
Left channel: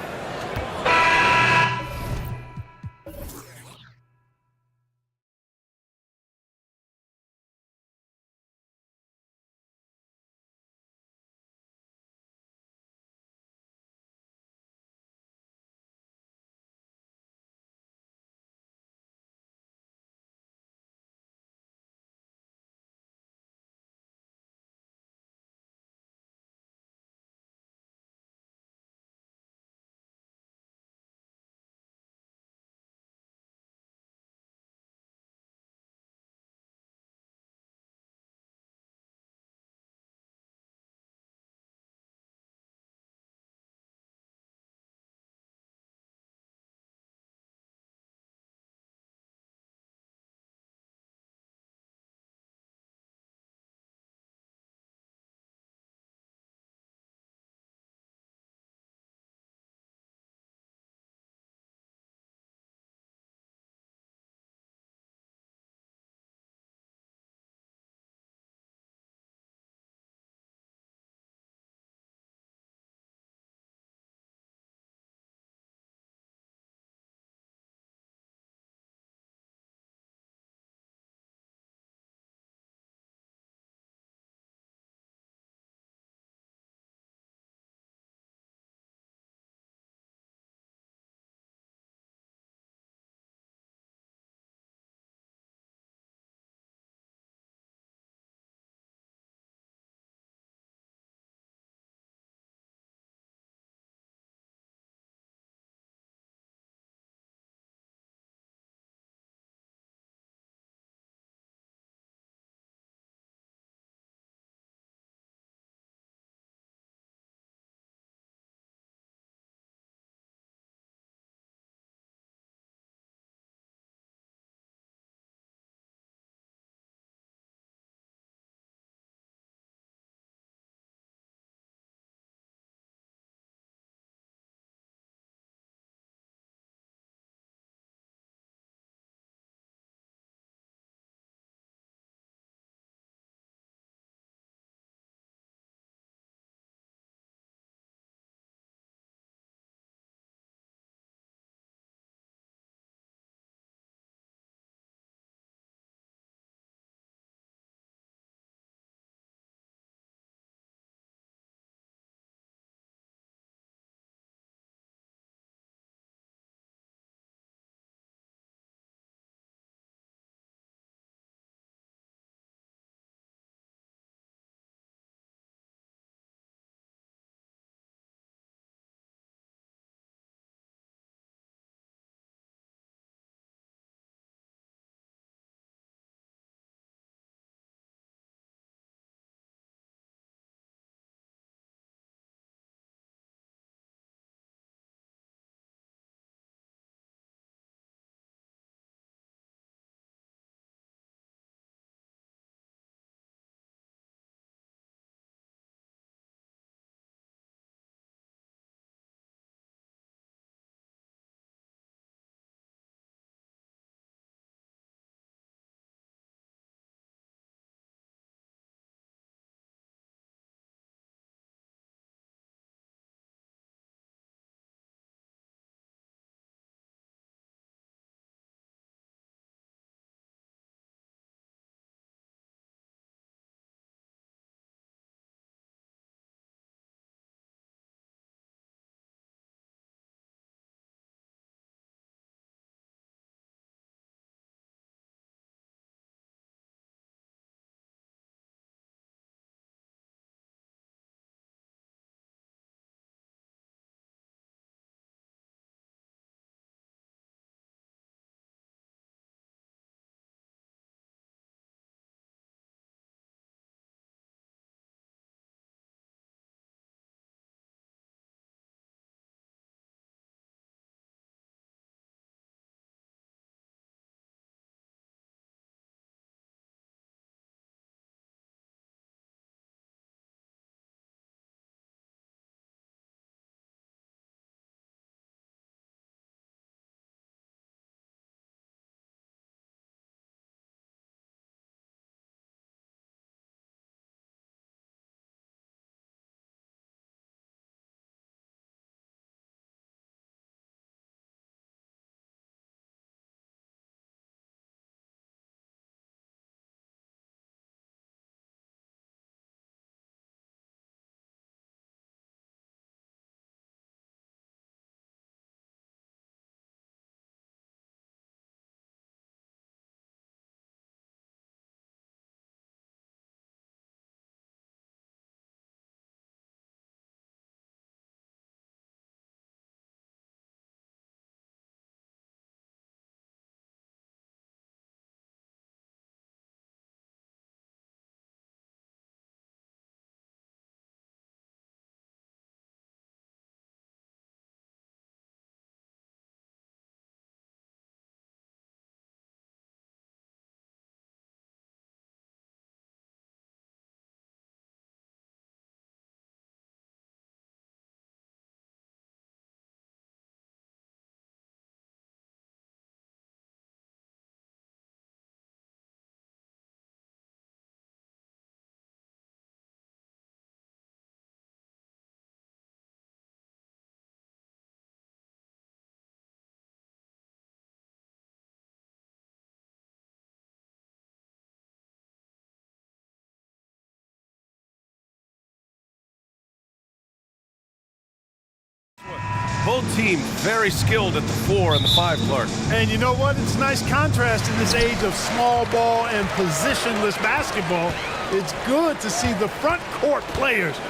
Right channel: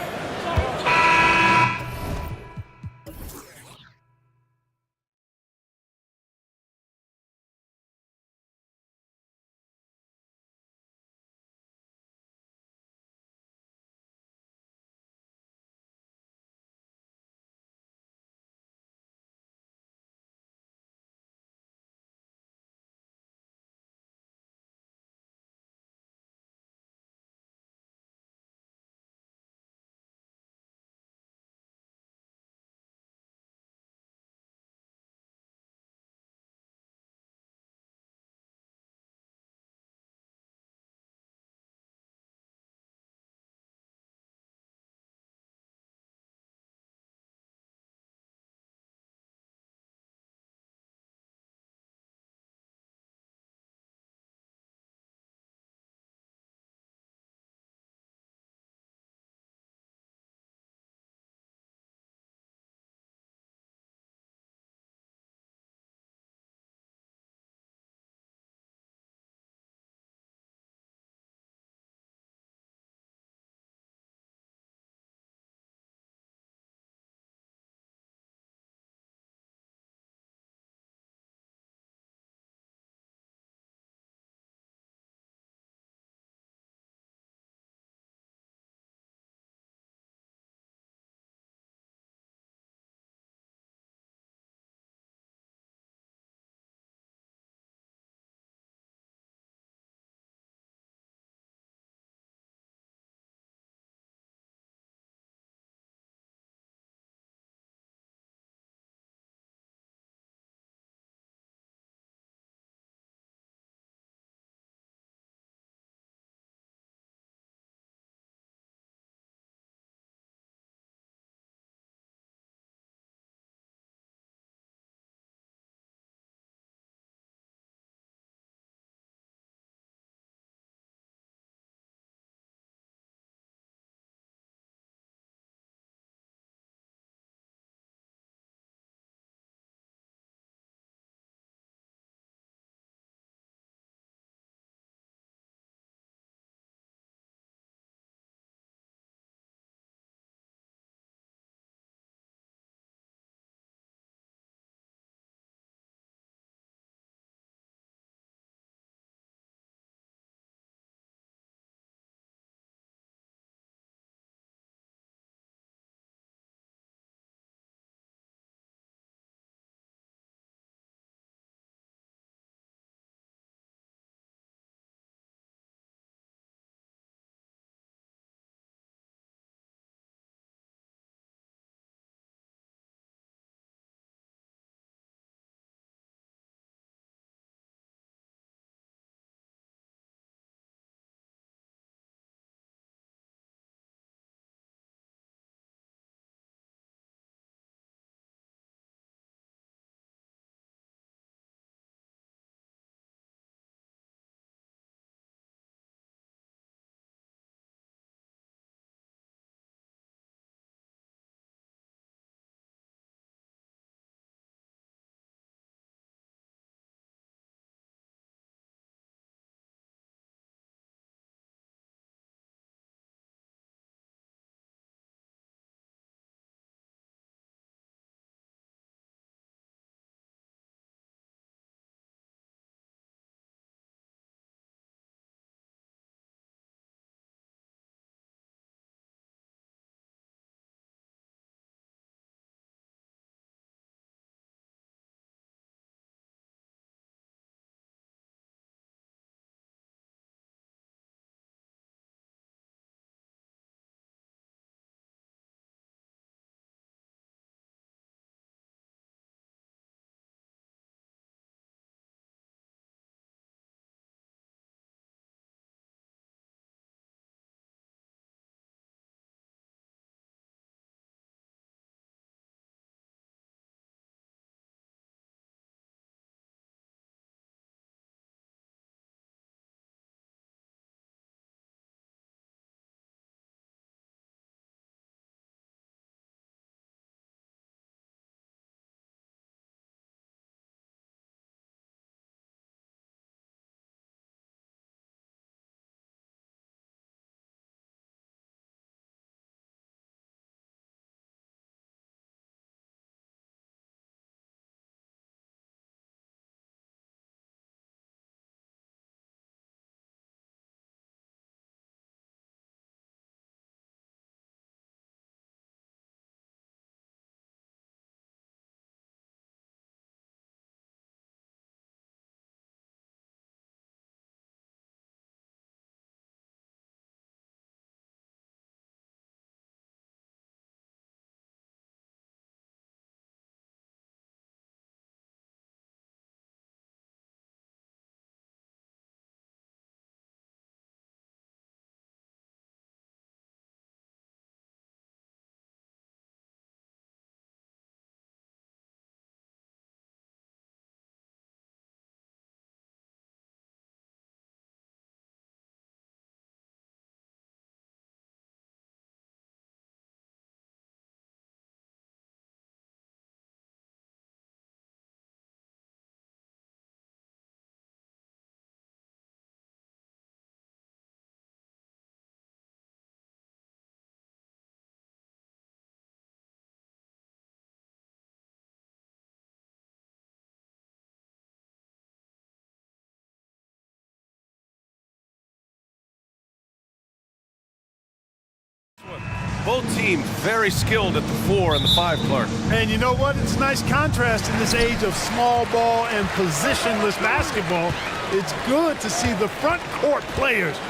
Both teams very skilled at the 4 and the 5, Clark. And you know what? It's a nice contrast in this age of small ball and positionless basketball. It's good to see the front court players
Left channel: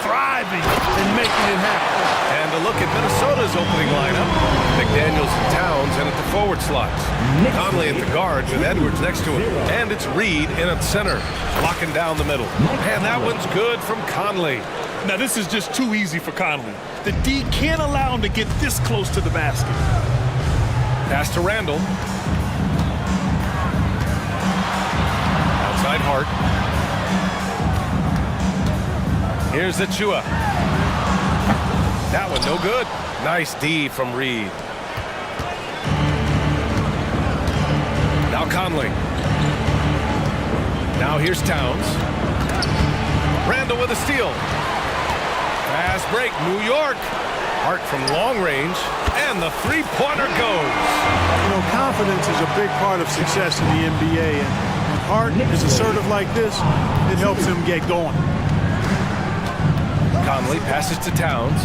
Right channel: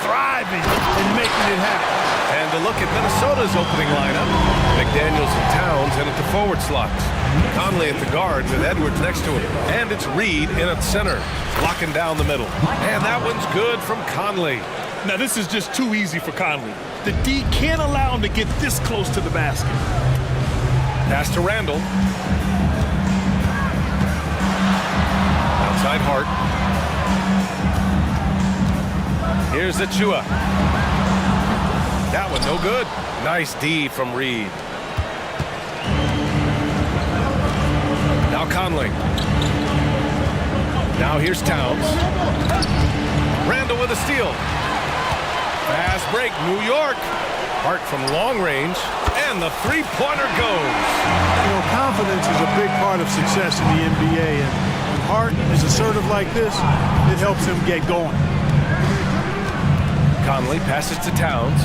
thriving and making it happen. And a look at Minnesota's opening lineup. McDaniels and Towns in at the forward slots. Conley at the guard with Edwards next to him. And it's Reed in at center, locking down the middle. And that one's good from Conley. Now this is just too easy for Conley. The D can't allow him to get this close to the basket. Pass to Randall. Outside Hart. Here's Achua. That one no good. Nice D from Reed. Now Conley. Now here's Towns. Randall with a steal. Fast break, New York. Hart from long range, and the three-pointer goes. You know, confidence is a big part of success in the NBA, and when Hart is assertive like this, it helps him get going. Conley passes to Towns.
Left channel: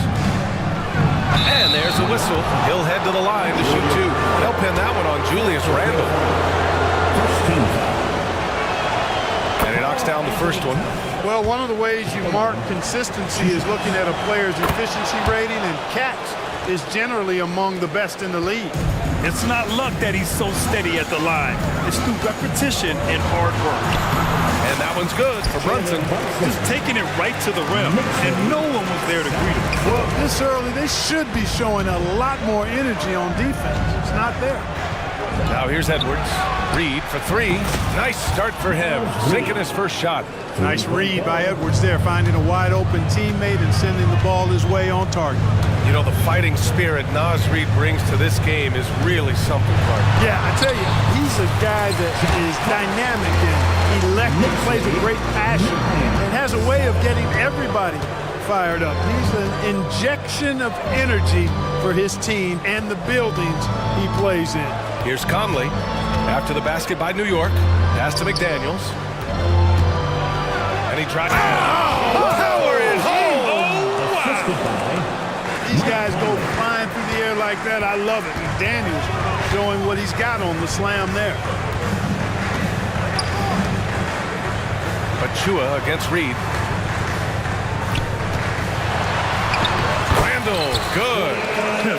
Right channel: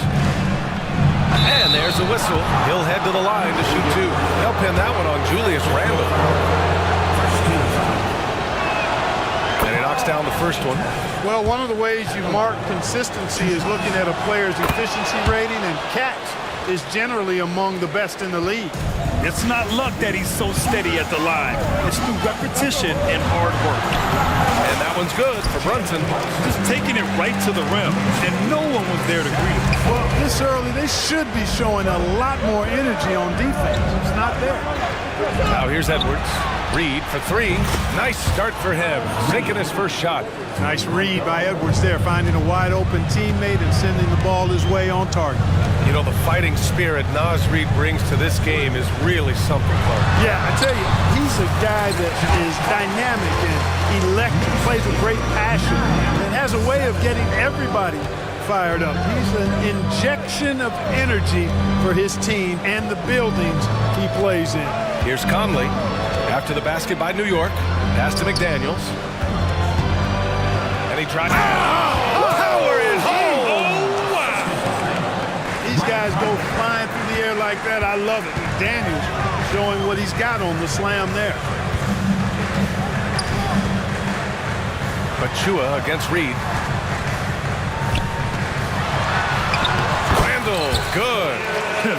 And there's the whistle. He'll head to the line to shoot 2. They'll pin that one on Julius Randle. And he knocks down the first one. Well, one of the ways you mark consistency is looking at a player's efficiency rating, and Cat's is generally among the best in the league. It's not luck that he's so steady at the line. It's through repetition and hard work. And that one's good for Brunson. Just taking it right to the rim, and no one was there to greet him. Well, this early, they should be showing a lot more energy on defense. It's not there. Now here's Edwards. Reed for 3. Nice start for him. Sinking his first shot. Nice read by Edwards there, finding a wide-open teammate and sending the ball his way on target. You know, the fighting spirit Naz Reid brings to this game is really something, Clark. Yeah, I tell you, he's a guy that is dynamic and electric, plays with great passion, and has a way of getting everybody fired up. He's an injection of energy for his team and the buildings he plays in. Here's Conley. After the basket by New York. Pass to McDaniels. And he tries. Power it home! Oh, wow! These guys go flying through the air like that. I love it. McDaniels showing what he's got on the slam there. Achua against Reed. Randall, good.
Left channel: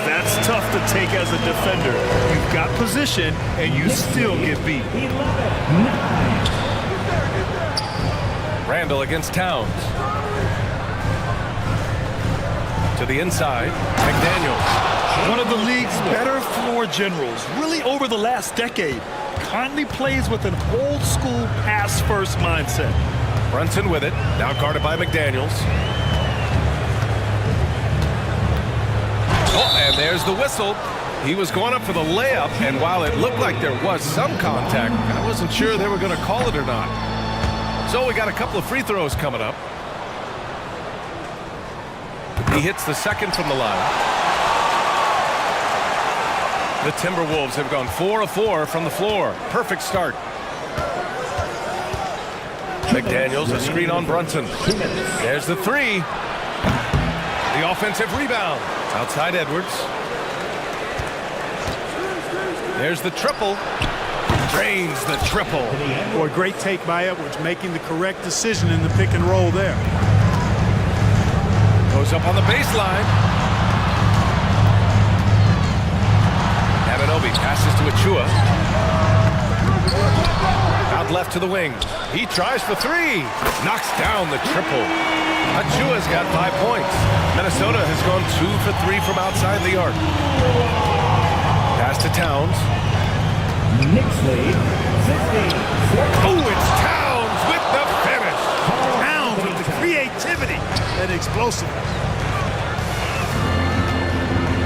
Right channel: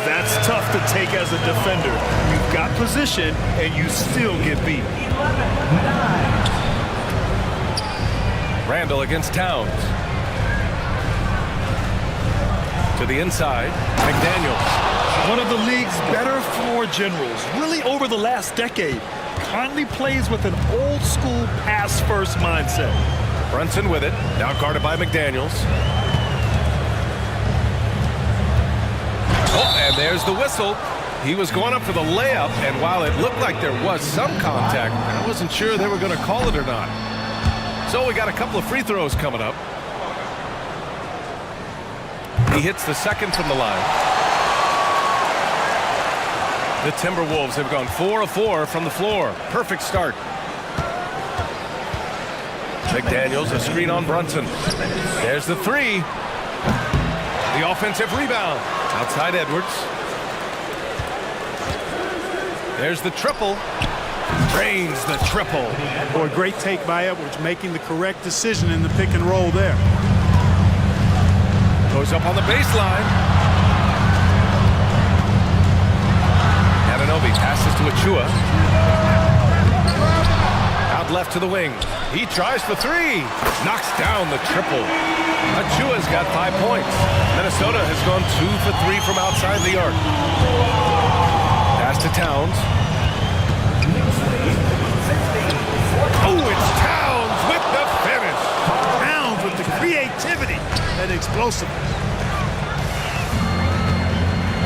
That's tough to take as a defender. You've got position, and you still get beat. 9. Randall against Towns. To the inside, McDaniels. One of the league's better floor generals, really over the last decade. Conley plays with an old-school pass-first mindset. Brunson with it, now guarded by McDaniels. Oh, and there's the whistle. He was going up for the layup, and while it looked like there was some contact, I wasn't sure they were going to call it or not. So we got a couple of free throws coming up. He hits the second from the line. The Timberwolves have gone 4 of 4 from the floor. Perfect start. McDaniels, a screen on Brunson. There's the 3. The offensive rebound. Outside Edwards. There's the triple. Drains the triple. Boy, great take by Edwards, making the correct decision in the pick and roll there. Goes up on the baseline. Anunoby passes to Achua. Out left to the wing. He tries for 3. Knocks down the triple. Achua's got 5 points. Minnesota has gone 2 for 3 from outside the arc. Pass to Towns. Oh, it's Towns with the finish. Towns with the creativity and explosiveness.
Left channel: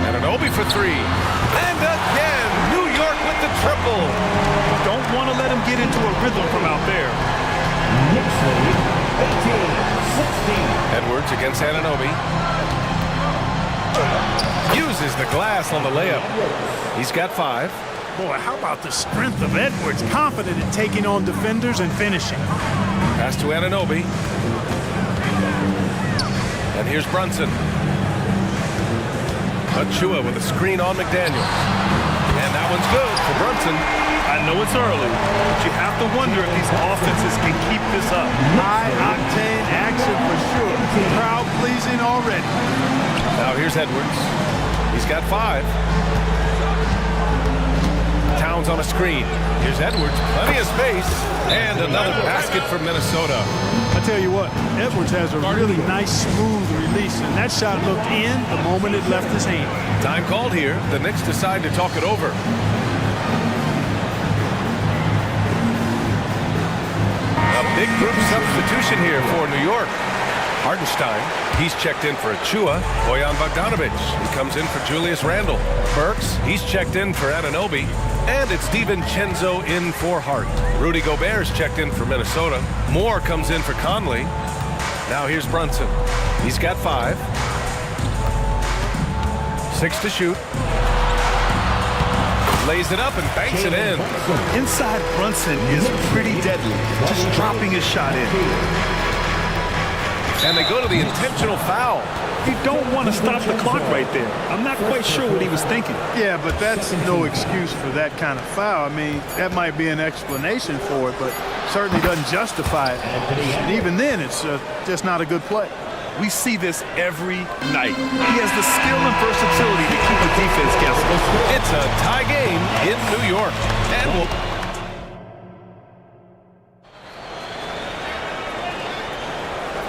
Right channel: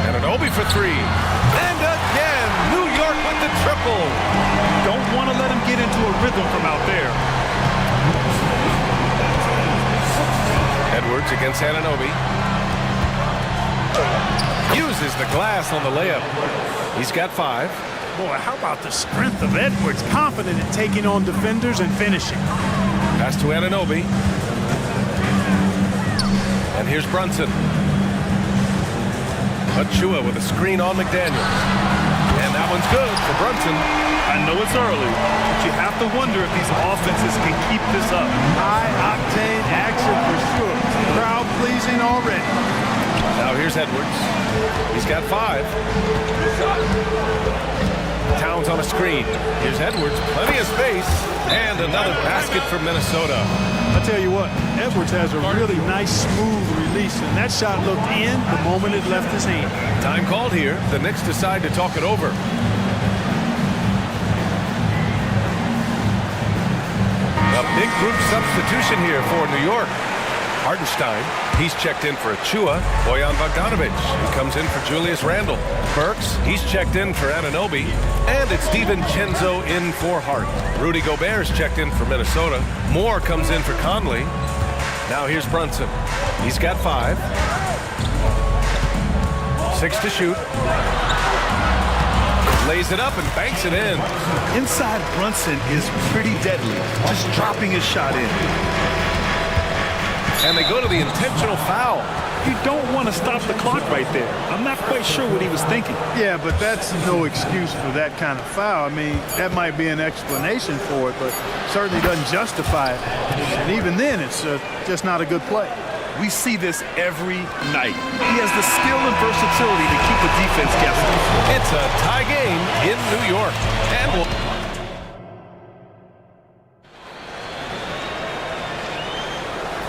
Anunoby for 3. And again, New York with the triple. Don't want to let him get into a rhythm from out there. Edwards against Anunoby. Uses the glass on the layup. He's got 5. Boy, how about the strength of Edwards? Confident in taking on defenders and finishing. Pass to Anunoby. And here's Brunson. Achua with a screen on McDaniels. And that one's good for Brunson. I know it's early, but you have to wonder if these offenses can keep this up. High-octane action for sure. Crowd-pleasing already. Now here's Edwards. He's got 5. Towns on a screen. Here's Edwards, plenty of space, and another basket for Minnesota. I tell you what, Edwards has a really nice, smooth release, and that shot looked in the moment it left his hand. Time called here. The Knicks decide to talk it over. A big group substitution here for New York. Hartenstein, he's checked in for Achua. Bojan Bogdanovic, he comes in for Julius Randle. Burks, he's checked in for Anunoby. And it's DiVincenzo in for Hart. Rudy Gobert's checked in for Minnesota. Moore comes in for Conley. Now here's Brunson. He's got 5. 6 to shoot. Lays it up and banks it in. Inside Brunson is pretty deadly, just dropping his shot in. And they go to the intentional foul. You don't want to stop the clock right there. I'm not quite sure what he was thinking. Yeah, but that's no excuse for that kind of foul. I mean, that might be an explanation for it, but certainly doesn't justify it. And even then, it's just not a good play. We see this every night. He has the skill and versatility to keep the defense guessing. It's a tie game in New York. And we'll...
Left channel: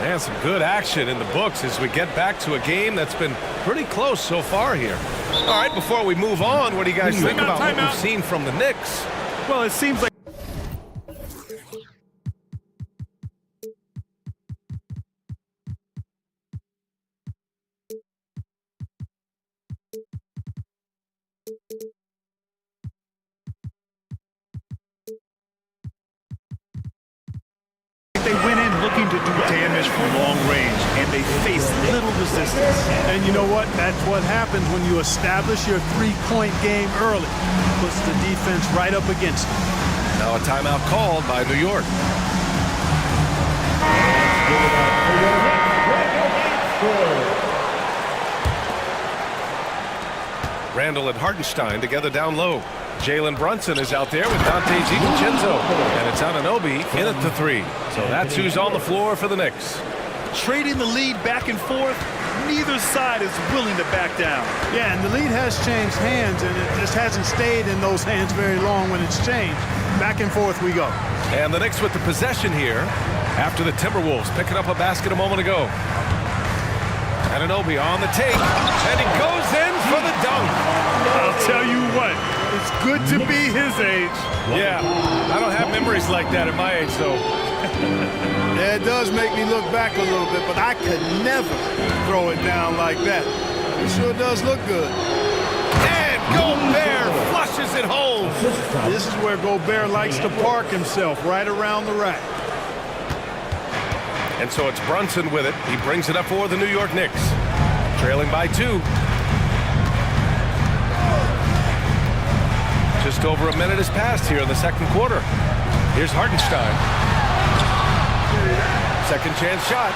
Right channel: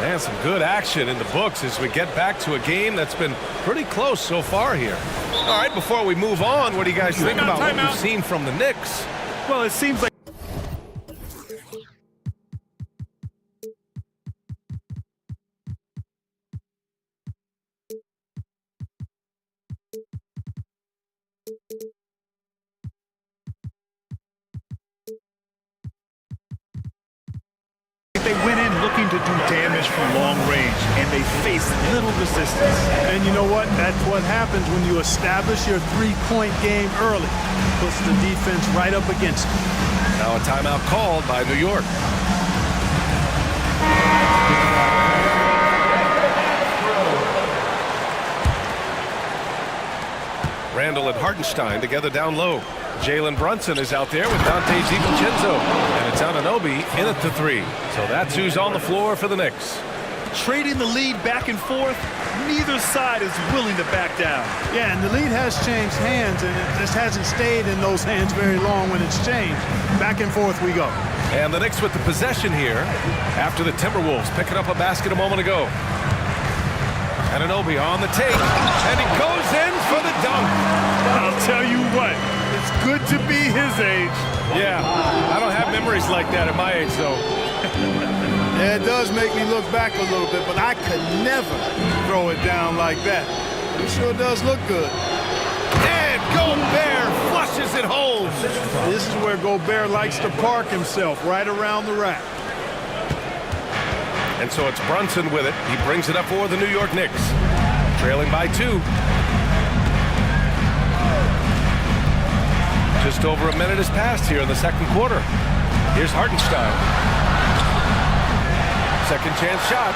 And some good action in the books as we get back to a game that's been pretty close so far here. All right, before we move on, what do you guys think about what we've seen from the Knicks? Well, it seems like they went in looking to do damage from long range, and they faced little resistance. And you know what? That's what happens when you establish your three-point game early. Puts the defense right up against it. Now a timeout called by New York. Randle and Hartenstein together down low. Jalen Brunson is out there with Dante DiVincenzo. And it's Anunoby in at the 3. So that's who's on the floor for the Knicks. Trading the lead back and forth, neither side is willing to back down. Yeah, and the lead has changed hands, and it just hasn't stayed in those hands very long when it's changed. Back and forth we go. And the Knicks with the possession here after the Timberwolves picking up a basket a moment ago. Anunoby on the take, and he goes in for the dunk. I'll tell you what, it's good to be his age. Yeah, I don't have memories like that at my age, though. Yeah, it does make me look back a little bit, but I could never throw it down like that. It sure does look good. And Gobert flushes it home. This is where Gobert likes to park himself, right around the rack. And so it's Brunson with it. He brings it up for the New York Knicks. Trailing by 2. Just over a minute has passed here in the second quarter. Here's Hartenstein. Second chance shot.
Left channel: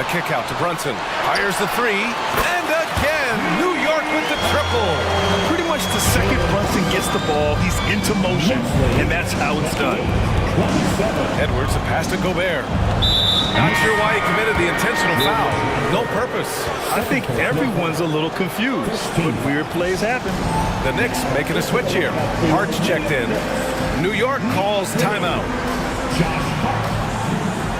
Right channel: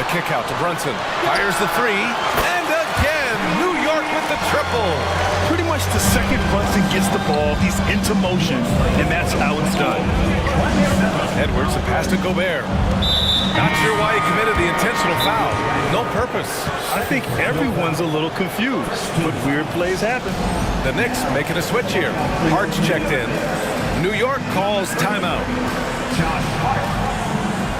The kick out to Brunson. Fires the 3. And again, New York with the triple. Pretty much the second Brunson gets the ball, he's into motion, and that's how it's done. Edwards, the pass to Gobert. Not sure why he committed the intentional foul. No purpose. I think everyone's a little confused, but weird plays happen. The Knicks making a switch here. Hart's checked in. New York calls timeout.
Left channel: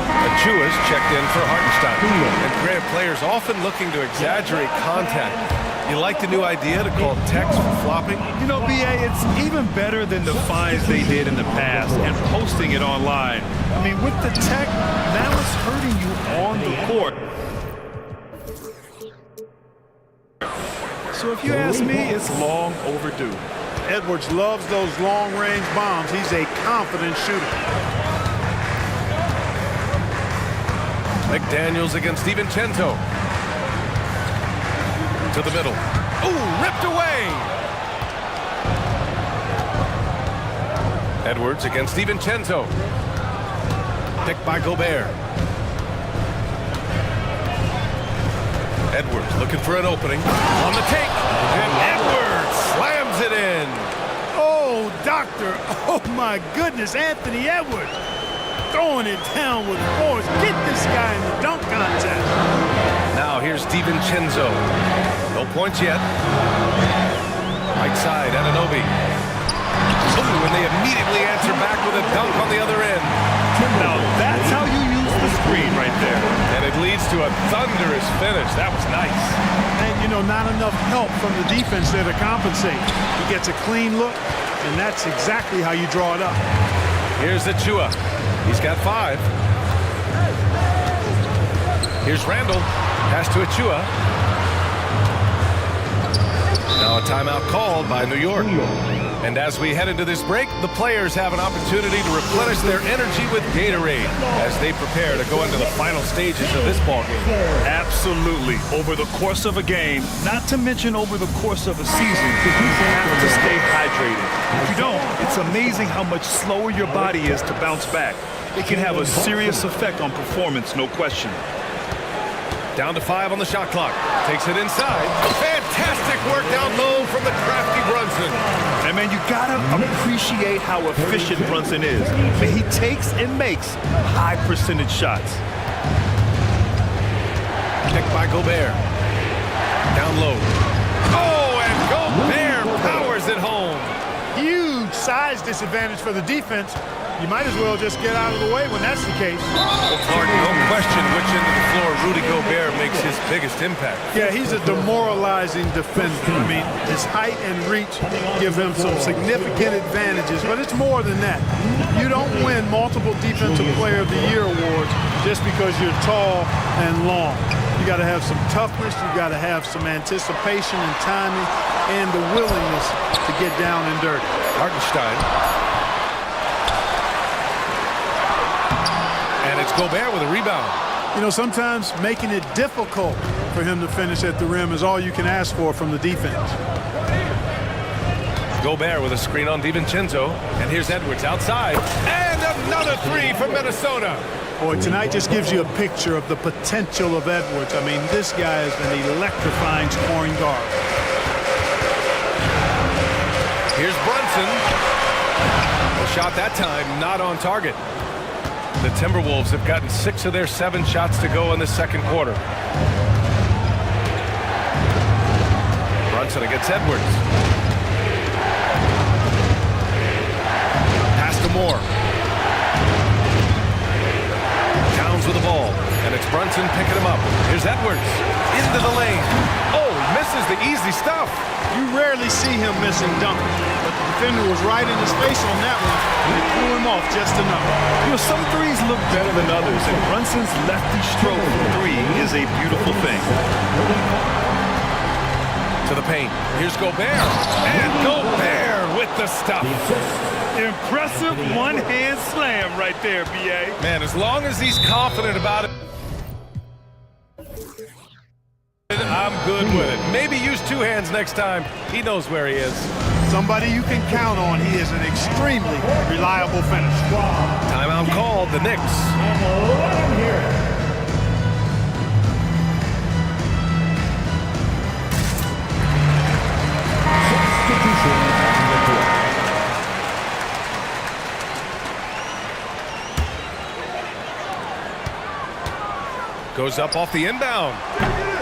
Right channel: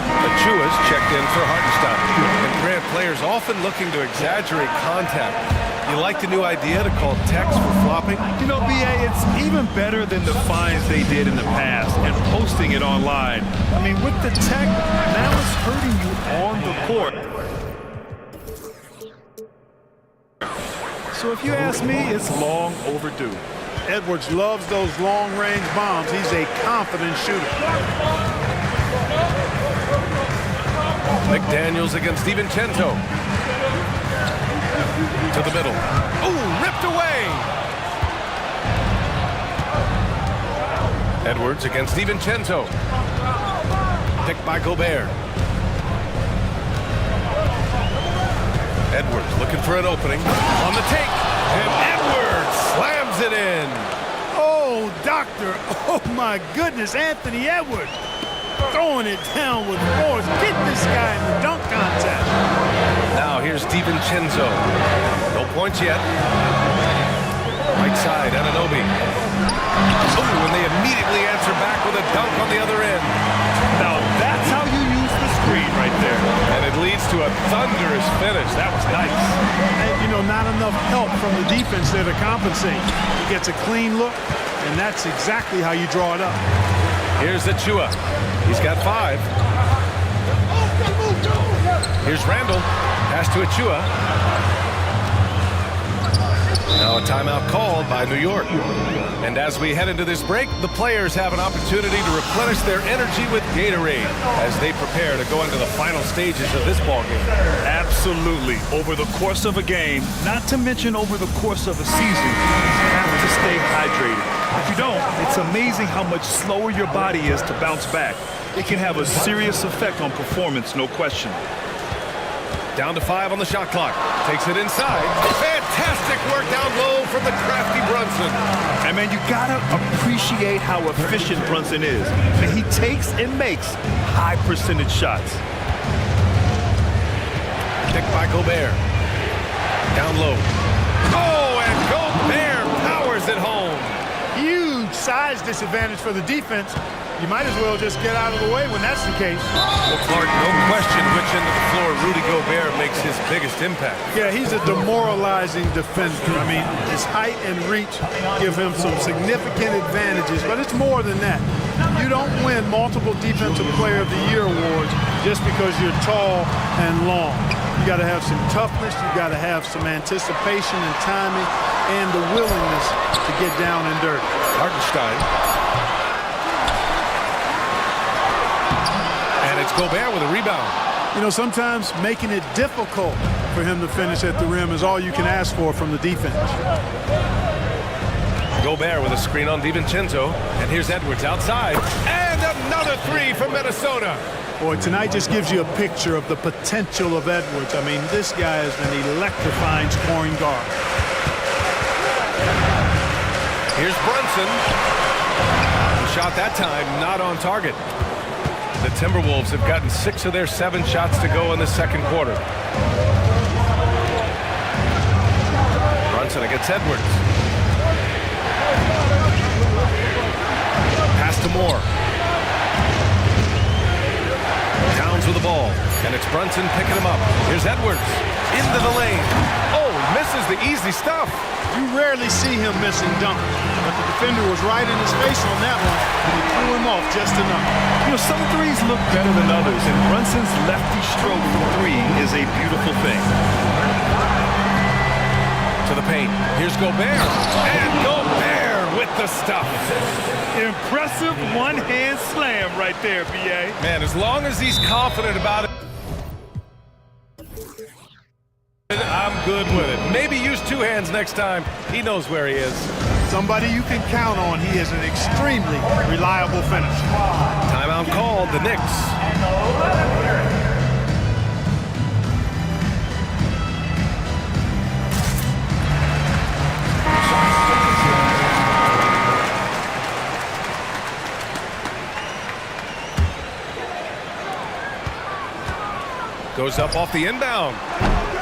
Achua's checked in for Hartenstein. And Grant, players often looking to exaggerate contact. You like the new idea to call techs for flopping? You know, B.A., it's even better than the fines they did in the past and posting it online. I mean, with the tech, now it's hurting you on the court. So if you ask me, it's long overdue. Edwards loves those long-range bombs. He's a confident shooter. McDaniels against DiVincenzo. To the middle. Ooh, ripped away! Edwards against DiVincenzo. Picked by Gobert. Edwards looking for an opening. On the take. And Edwards slams it in. Oh, doctor. Oh, my goodness. Anthony Edwards throwing it down with force. Get this guy in the dunk contest. Now here's DiVincenzo. No points yet. Right side, Anunoby. Oh, and they immediately answer back with a dunk on the other end. Now that's how you use the screen right there. And it leads to a thunderous finish. That was nice. And, you know, not enough help from the defense there to compensate. He gets a clean look, and that's exactly how you draw it up. Here's Achua. He's got 5. Here's Randall. Pass to Achua. Now a timeout called by New York. And as we head into this break, the players have an opportunity to replenish their energy with Gatorade as they prepare to go into the final stages of this ball game. Absolutely. Over the course of a game, not to mention over the course of a season, you have to stay hydrated. If you don't, it's amazing how much slower your body is to bounce back. It can have a serious effect on performance, no question. Down to 5 on the shot clock. Takes it inside. Fantastic work down low from the crafty Brunson. And man, you gotta appreciate how efficient Brunson is. Man, he takes and makes high percentage shots. Picked by Gobert. Down low. Oh, and Gobert powers it home. Huge size disadvantage for the defense. You might as well just get out of the way when that's the case. Well, Clark, no question which end of the floor Rudy Gobert makes his biggest impact. Yeah, he's a demoralizing defender. I mean, his height and reach give him some significant advantages, but it's more than that. You don't win multiple Defensive Player of the Year awards just because you're tall and long. You got to have some toughness, you got to have some anticipation and timing, and the willingness to get down and dirty. Hartenstein. And it's Gobert with a rebound. You know, sometimes making it difficult for him to finish at the rim is all you can ask for from the defense. Gobert with a screen on DiVincenzo. And here's Edwards outside. And another 3 from Minnesota. Boy, tonight just gives you a picture of the potential of Edwards. I mean, this guy is an electrifying scoring guard. Here's Brunson. The shot that time not on target. The Timberwolves have gotten 6 of their 7 shots to go in the second quarter. Brunson against Edwards. Pass to Moore. Towns with the ball, and it's Brunson picking him up. Here's Edwards into the lane. Oh, he misses the easy stuff. You rarely see him missing dunks, but the defender was right in his face on that one, and it threw him off just enough. You know, some threes look better than others, and Brunson's lefty stroke from 3 is a beautiful thing. To the paint. Here's Gobert. And Gobert with the stuff. Impressive one-hand slam right there, B.A. Man, as long as he's confident about it, I'm good with it. Maybe use 2 hands next time. He knows where he is. Somebody you can count on. He is an extremely reliable finisher. Timeout called, the Knicks. Goes up off the inbound.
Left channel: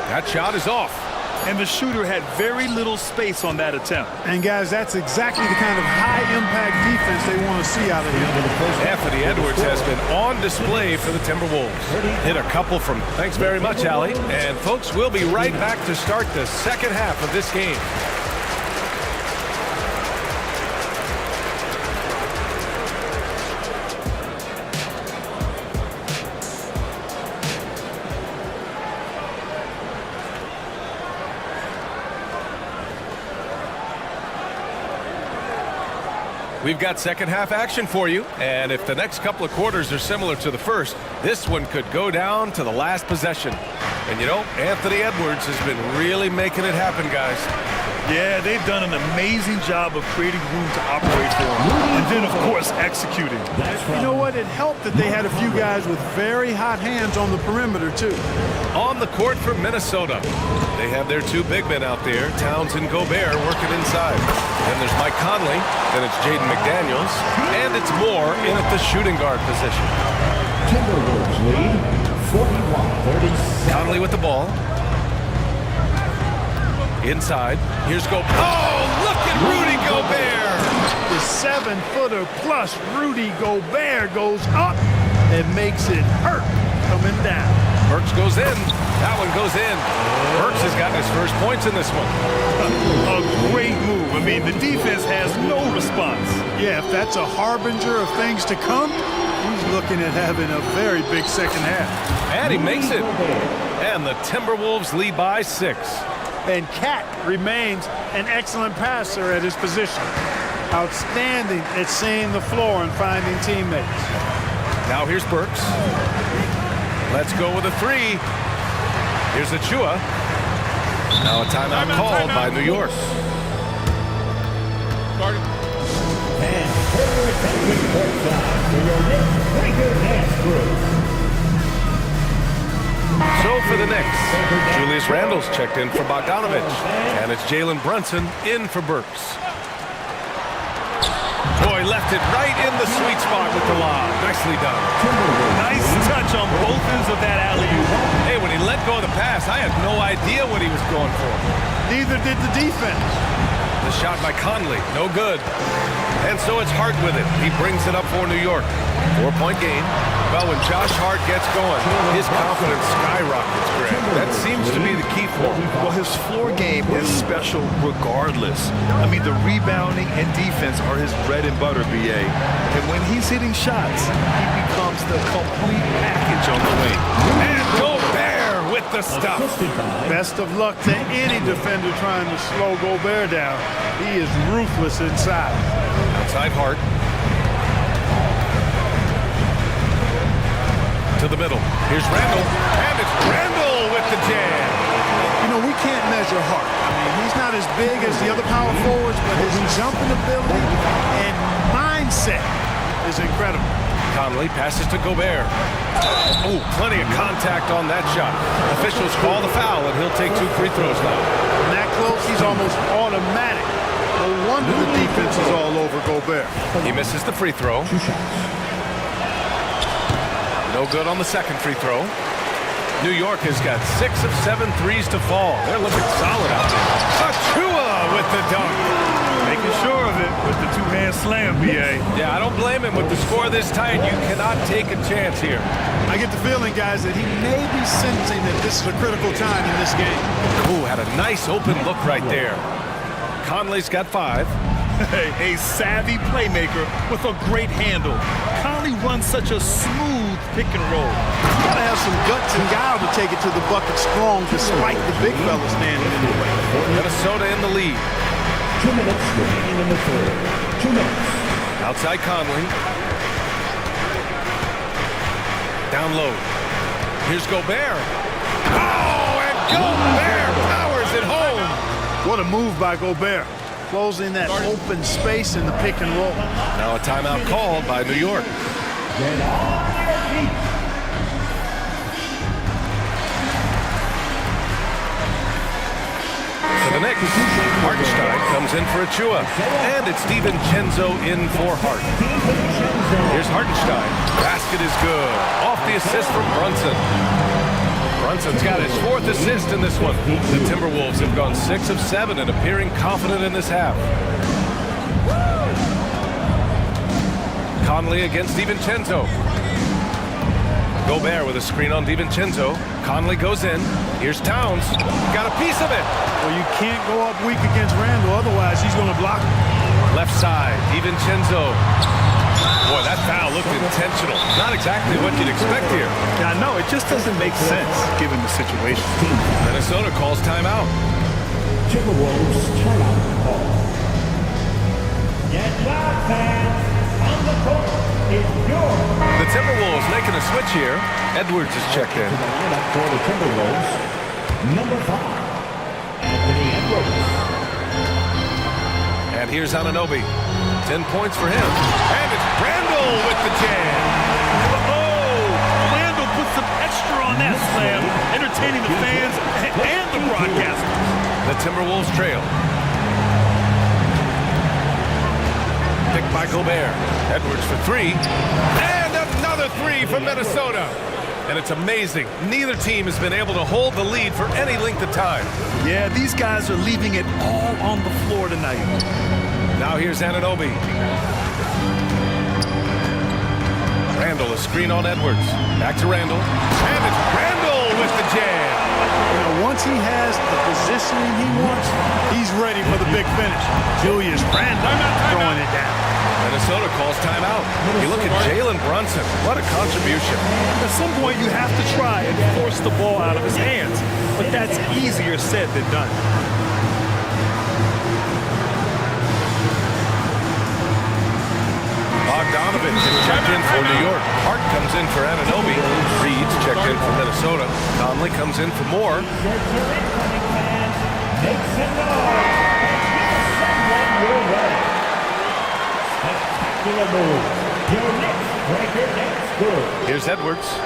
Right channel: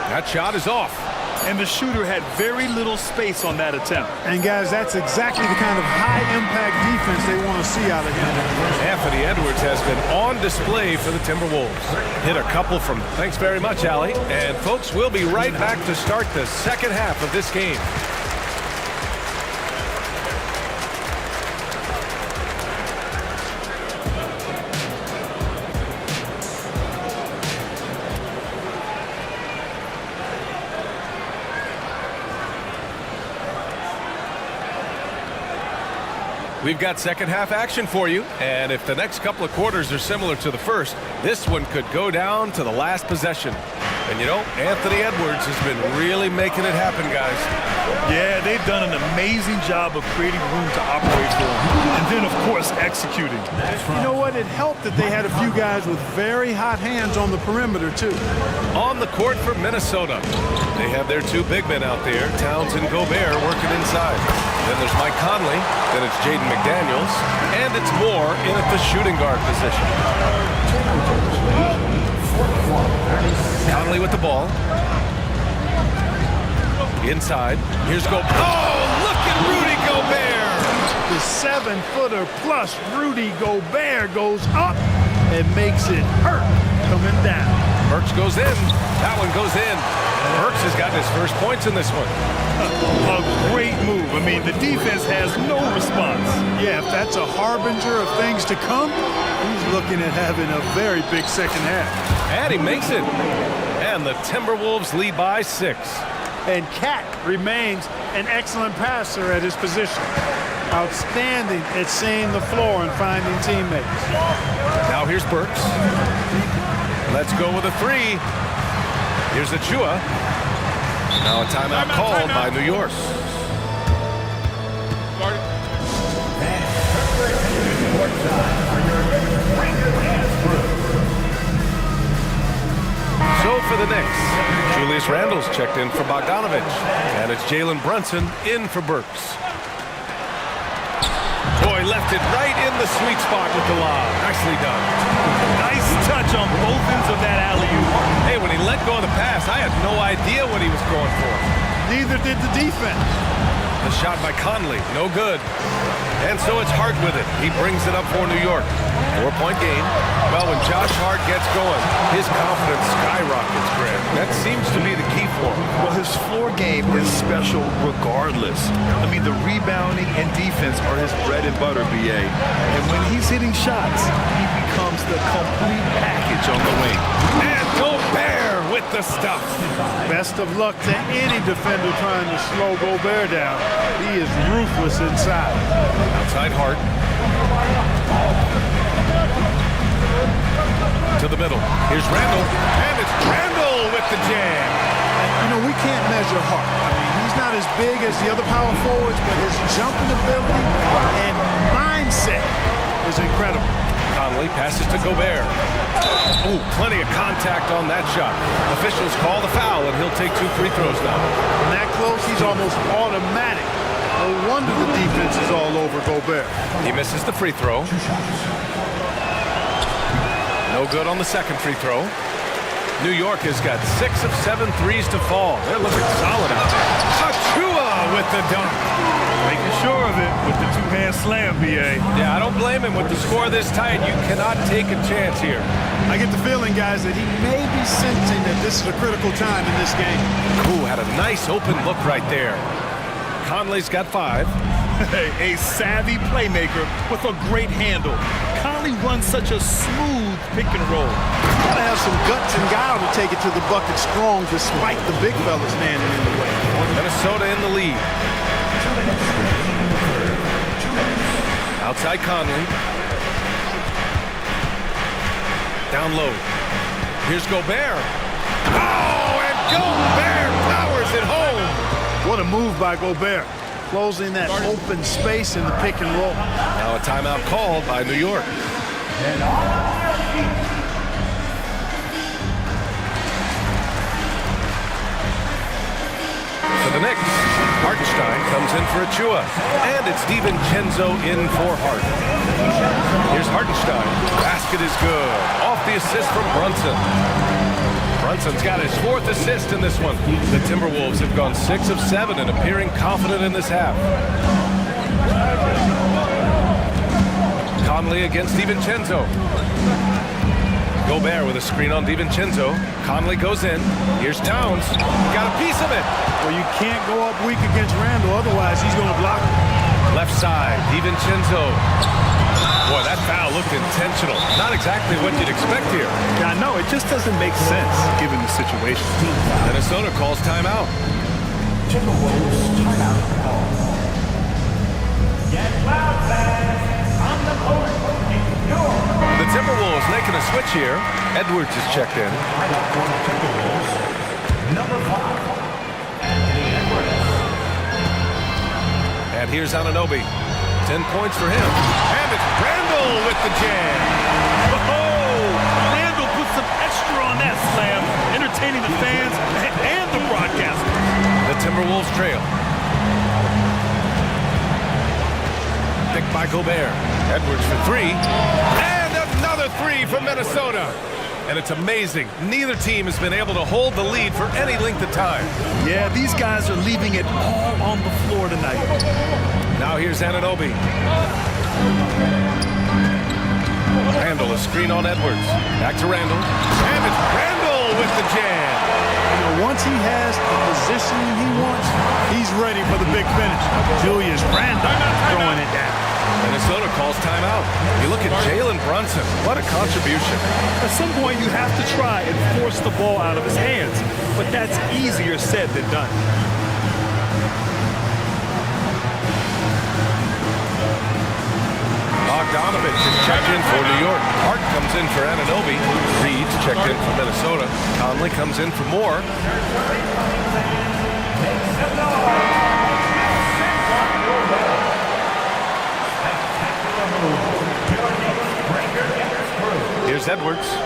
That shot is off. And the shooter had very little space on that attempt. And guys, that's exactly the kind of high-impact defense they want to see out of him. Anthony Edwards has been on display for the Timberwolves. Hit a couple from... Thanks very much, Allie. And folks, we'll be right back to start the second half of this game. We've got second half action for you, and if the next couple of quarters are similar to the first, this one could go down to the last possession. And you know, Anthony Edwards has been really making it happen, guys. Yeah, they've done an amazing job of creating room to operate for him. And then, of course, executing. You know what? It helped that they had a few guys with very hot hands on the perimeter, too. On the court for Minnesota. They have their two big men out there, Towns and Gobert, working inside. Then there's Mike Conley. Then it's Jaden McDaniels. And it's Moore in at the shooting guard position. Conley with the ball. Inside. Here's Gobert. Oh, look at Rudy Gobert! The 7-footer plus Rudy Gobert goes up and makes it hurt coming down. Burks goes in. That one goes in. Burks has gotten his first points in this one. A great move. I mean, the defense has no response. Yeah, if that's a harbinger of things to come, he's looking at having a very big second half. And he makes it. And the Timberwolves lead by 6. And Cat remains an excellent passer at his position. Outstanding at seeing the floor and finding teammates. Now here's Burks. Let's go with a 3. Here's Achua. Now a timeout called by New York. So for the Knicks, Julius Randle's checked in for Bogdanovich. And it's Jalen Brunson in for Burks. Boy, left it right in the sweet spot with the lob. Nicely done. Nice touch on both ends of that alley-oop. Hey, when he let go of the pass, I had no idea what he was going for. Neither did the defense. The shot by Conley, no good. And so it's Hart with it. He brings it up for New York. 4-point game. Well, when Josh Hart gets going, his confidence skyrockets, Grant. That seems to be the key for him. Well, his floor game is special regardless. I mean, the rebounding and defense are his bread and butter, BA. And when he's hitting shots, he becomes the complete package on the wing. And Gobert with the stuff. Best of luck to any defender trying to slow Gobert down. He is ruthless inside. Outside Hart. To the middle. Here's Randle. And it's Randle with the jam. You know, we can't measure Hart. I mean, he's not as big as the other power forwards, but his jumping ability and mindset is incredible. Conley passes to Gobert. Oh, plenty of contact on that shot. Officials call the foul, and he'll take 2 free throws now. From that close, he's almost automatic. No wonder the defense is all over Gobert. He misses the free throw. No good on the second free throw. New York has got 6 of 7 threes to fall. They're looking solid out there. Achua with the dunk. Making sure of it with the two-hand slam, BA. Yeah, I don't blame him with the score this tight. You cannot take a chance here. I get the feeling, guys, that he may be sensing that this is a critical time in this game. Ooh, had a nice open look right there. Conley's got 5. A savvy playmaker with a great handle. Conley runs such a smooth pick and roll. You gotta have some guts and guile to take it to the bucket strong despite the big fella standing in the way. Minnesota in the lead. 2 minutes remaining in the third. 2 minutes. Outside Conley. Down low. Here's Gobert. Oh, and Gobert powers it home. What a move by Gobert. Closing that open space in the pick and roll. Now a timeout called by New York. For the Knicks, Hartenstein comes in for Achua. And it's DiVincenzo in for Hart. Here's Hartenstein. Basket is good. Off the assist from Brunson. Brunson's got his 4th assist in this one. The Timberwolves have gone 6 of 7 and appearing confident in this half. Conley against DiVincenzo. Gobert with a screen on DiVincenzo. Conley goes in. Here's Towns. Got a piece of it. Well, you can't go up weak against Randle, otherwise he's going to block him. Left side, DiVincenzo. Boy, that foul looked intentional. Not exactly what you'd expect here. Yeah, no, it just doesn't make sense given the situation. Minnesota calls timeout. Timberwolves timeout call. Get loud, fans. The Timberwolves making a switch here. Edwards is checked in. Lineup for the Timberwolves, number 5, Anthony Edwards. And here's Anunoby. 10 points for him. And it's Randall with the jam. Oh, Randall put some extra on that slam, entertaining the fans and the broadcasters. The Timberwolves trail. Picked by Gobert. Edwards for 3. And another 3 from Minnesota. And it's amazing. Neither team has been able to hold the lead for any length of time. Yeah, these guys are leaving it all on the floor tonight. Now here's Anunoby. Randall, a screen on Edwards. Back to Randall. And it's Randall with the jam. You know, once he has the positioning he wants, he's ready for the big finish. Julius Randle throwing it down. Minnesota calls timeout. You look at Jalen Brunson. What a contribution. At some point, you have to try and force the ball out of his hands. But that's easier said than done. Bogdanovich is checked in for New York. Hart comes in for Anunoby. Reed's checked in for Minnesota. Conley comes in for Moore. Here's Edwards.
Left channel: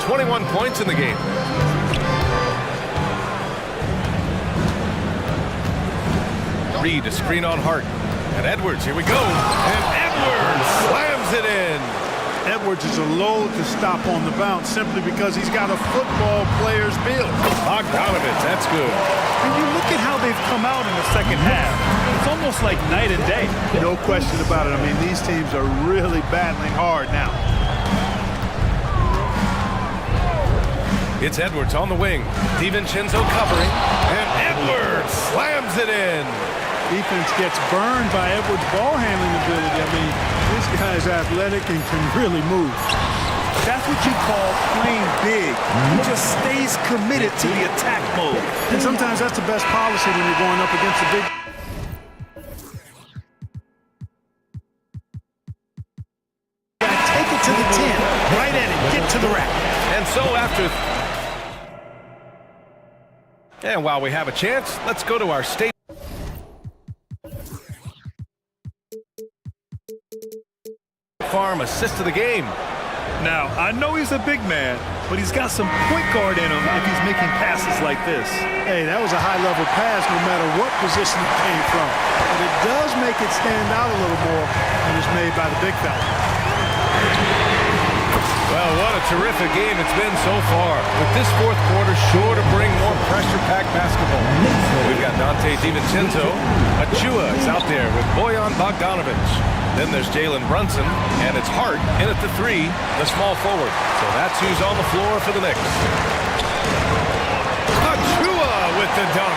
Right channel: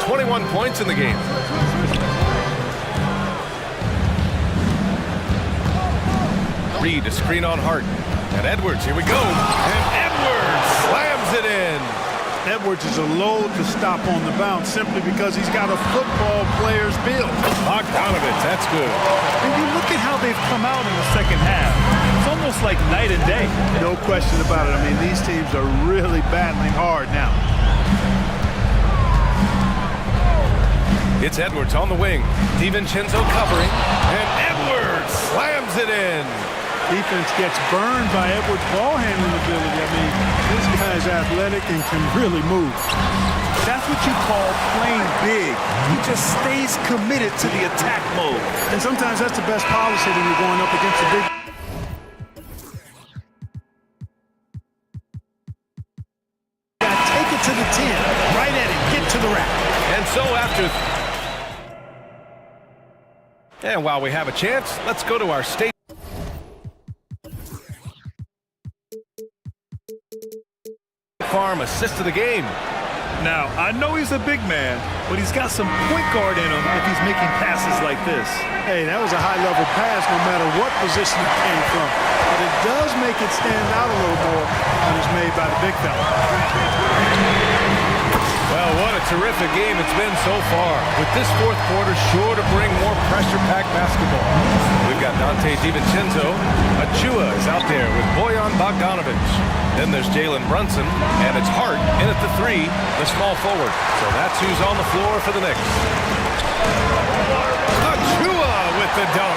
21 points in the game. Reed, a screen on Hart. And Edwards, here we go. And Edwards slams it in. Edwards is a load to stop on the bounce simply because he's got a football player's build. Bogdanovich, that's good. And you look at how they've come out in the second half. It's almost like night and day. No question about it. I mean, these teams are really battling hard now. It's Edwards on the wing. DiVincenzo covering. And Edwards slams it in. Defense gets burned by Edwards' ball handling ability. I mean, this guy's athletic and can really move. That's what you call playing big. He just stays committed to the attack mode. And sometimes that's the best policy when you're going up against a big... Take it to the 10. Right at it. Get to the rack. And so after... And while we have a chance, let's go to our state. Farm assist of the game. Now, I know he's a big man, but he's got some point guard in him if he's making passes like this. Hey, that was a high-level pass no matter what position it came from. But it does make it stand out a little more when it's made by the big fella. Well, what a terrific game it's been so far. With this fourth quarter sure to bring more pressure-packed basketball. We've got Dante DiVincenzo. Achua is out there with Bojan Bogdanovich. Then there's Jalen Brunson, and it's Hart in at the 3, the small forward. So that's who's on the floor for the Knicks. Achua with the dunk.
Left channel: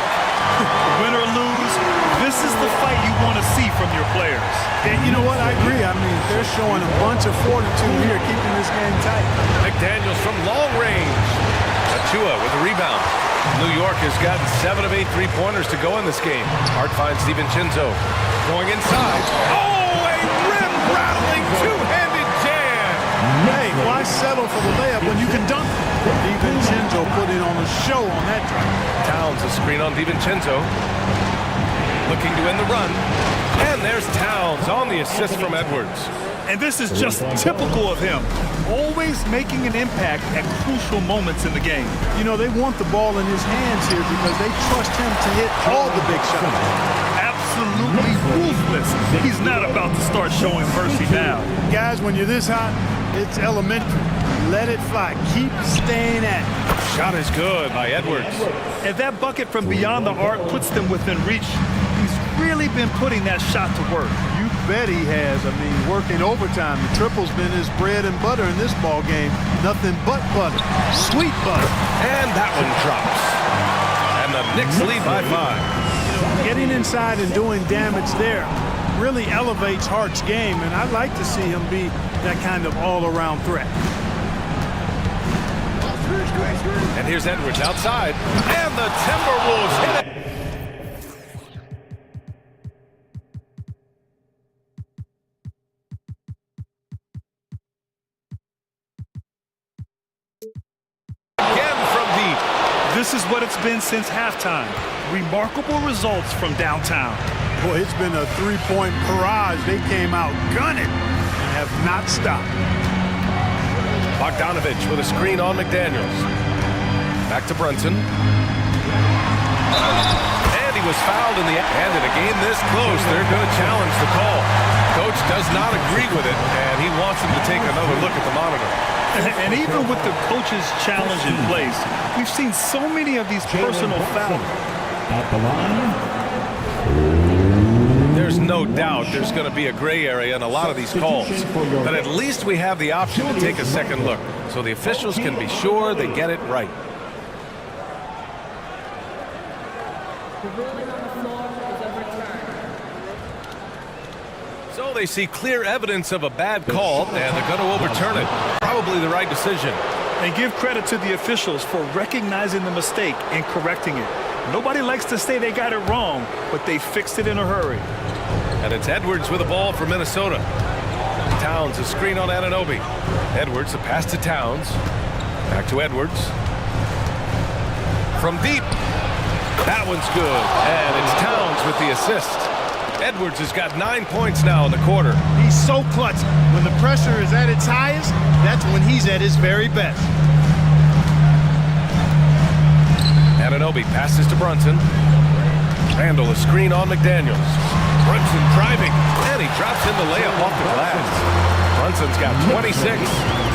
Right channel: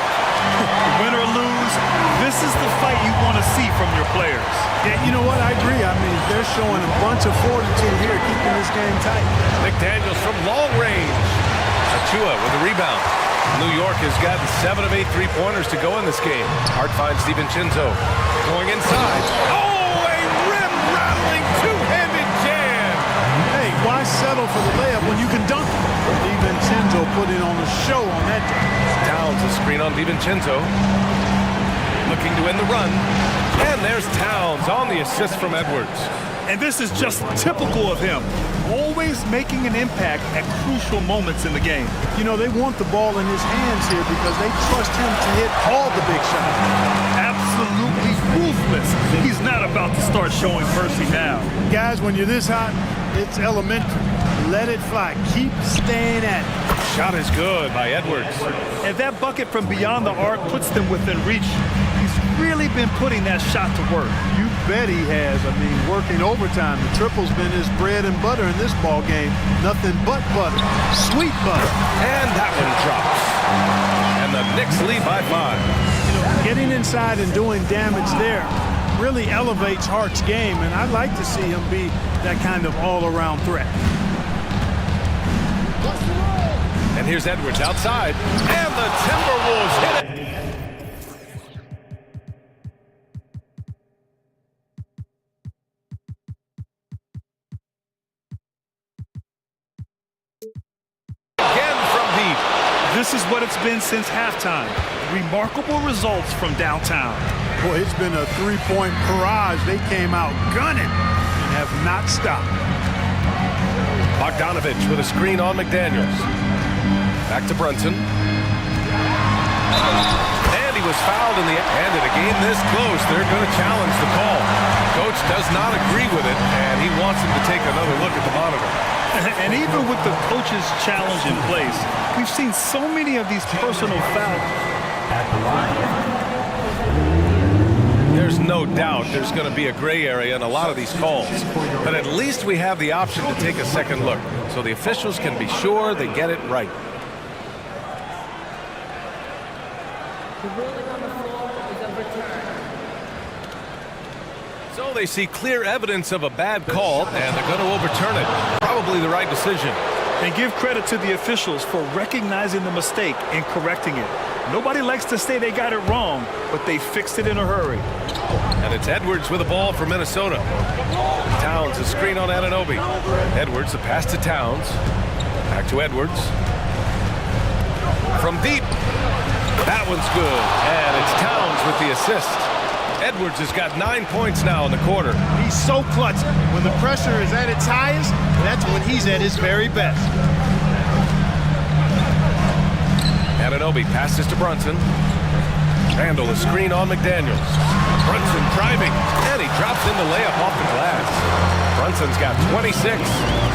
Win or lose, this is the fight you want to see from your players. Yeah, you know what? I agree. I mean, they're showing a bunch of fortitude here, keeping this game tight. McDaniels from long range. Achua with a rebound. New York has gotten 7 of 8 three-pointers to go in this game. Hart finds DiVincenzo going inside. Oh, a rim-rattling two-handed jam. Hey, why settle for the layup when you can dunk it? DiVincenzo put in on a show on that drive. Towns a screen on DiVincenzo. Looking to end the run. And there's Towns on the assist from Edwards. And this is just typical of him. Always making an impact at crucial moments in the game. You know, they want the ball in his hands here because they trust him to hit all the big shots. Absolutely ruthless. He's not about to start showing mercy now. Guys, when you're this hot, it's elementary. Let it fly. Keep staying at it. Shot is good by Edwards. And that bucket from beyond the arc puts them within reach. He's really been putting that shot to work. You bet he has. I mean, working overtime. The triple's been his bread and butter in this ball game. Nothing but butter. Sweet butter. And that one drops. And the Knicks lead by 5. You know, getting inside and doing damage there really elevates Hart's game, and I'd like to see him be that kind of all-around threat. And here's Edwards outside. And the Timberwolves hit it. This is what it's been since halftime. Remarkable results from downtown. Boy, it's been a three-point barrage. They came out gunning and have not stopped. Bogdanovich with a screen on McDaniels. Back to Brunson. And he was fouled in the end. In a game this close, they're going to challenge the call. Coach does not agree with it, and he wants him to take another look at the monitor. And even with the coach's challenge in place, we've seen so many of these personal fouls. At the line. There's no doubt there's going to be a gray area in a lot of these calls. But at least we have the option to take a second look, so the officials can be sure they get it right. The ruling on the floor is overturned. So they see clear evidence of a bad call, and they're going to overturn it. Probably the right decision. And give credit to the officials for recognizing the mistake and correcting it. Nobody likes to say they got it wrong, but they fixed it in a hurry. And it's Edwards with a ball for Minnesota. Towns, a screen on Anunoby. Edwards, a pass to Towns. Back to Edwards. From deep. That one's good. And it's Towns with the assist. Edwards has got 9 points now in the quarter. He's so clutch. When the pressure is at its highest, that's when he's at his very best. Anunoby passes to Brunson. Randall, a screen on McDaniels. Brunson driving, and he drops in the layup off the glass. Brunson's got 26.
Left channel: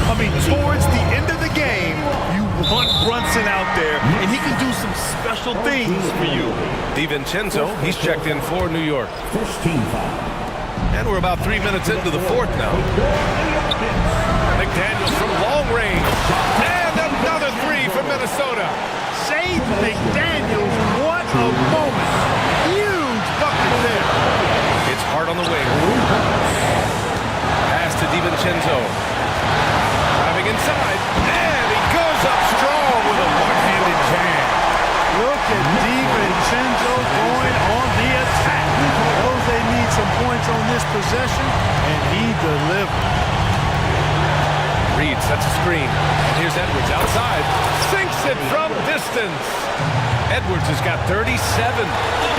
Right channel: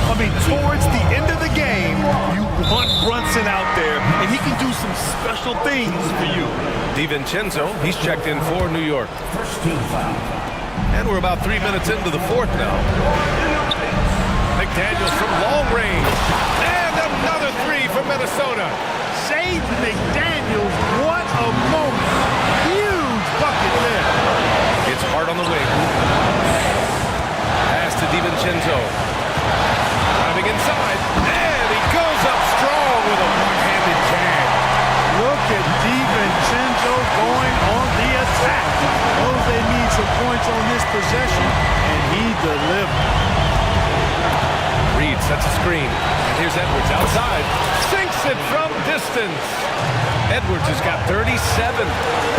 I mean, towards the end of the game, you want Brunson out there, and he can do some special things for you. DiVincenzo, he's checked in for New York. First team foul. And we're about 3 minutes into the fourth now. McDaniels from long range. And another three from Minnesota. Save McDaniels, what a moment. Huge bucket there. It's hard on the wing. Pass to DiVincenzo. Driving inside. And he goes up strong with a one-handed jam. Look at DiVincenzo going on the attack. Knows they need some points on this possession, and he delivered. Reed sets a screen, and here's Edwards outside. Sinks it from distance. Edwards has got 37.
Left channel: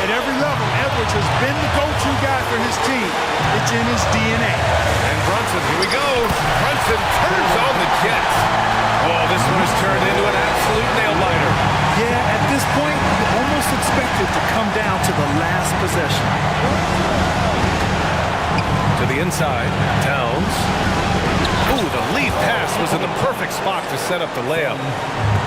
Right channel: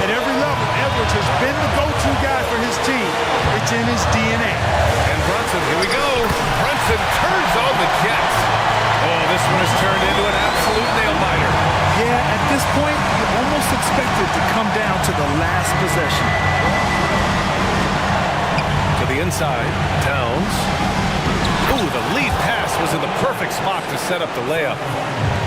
At every level, Edwards has been the go-to guy for his team. It's in his DNA. And Brunson, here we go. Brunson turns on the Jets. Oh, this one has turned into an absolute nail-biter. Yeah, at this point, you almost expect it to come down to the last possession. To the inside, Towns. Ooh, the lead pass was in the perfect spot to set up the layup.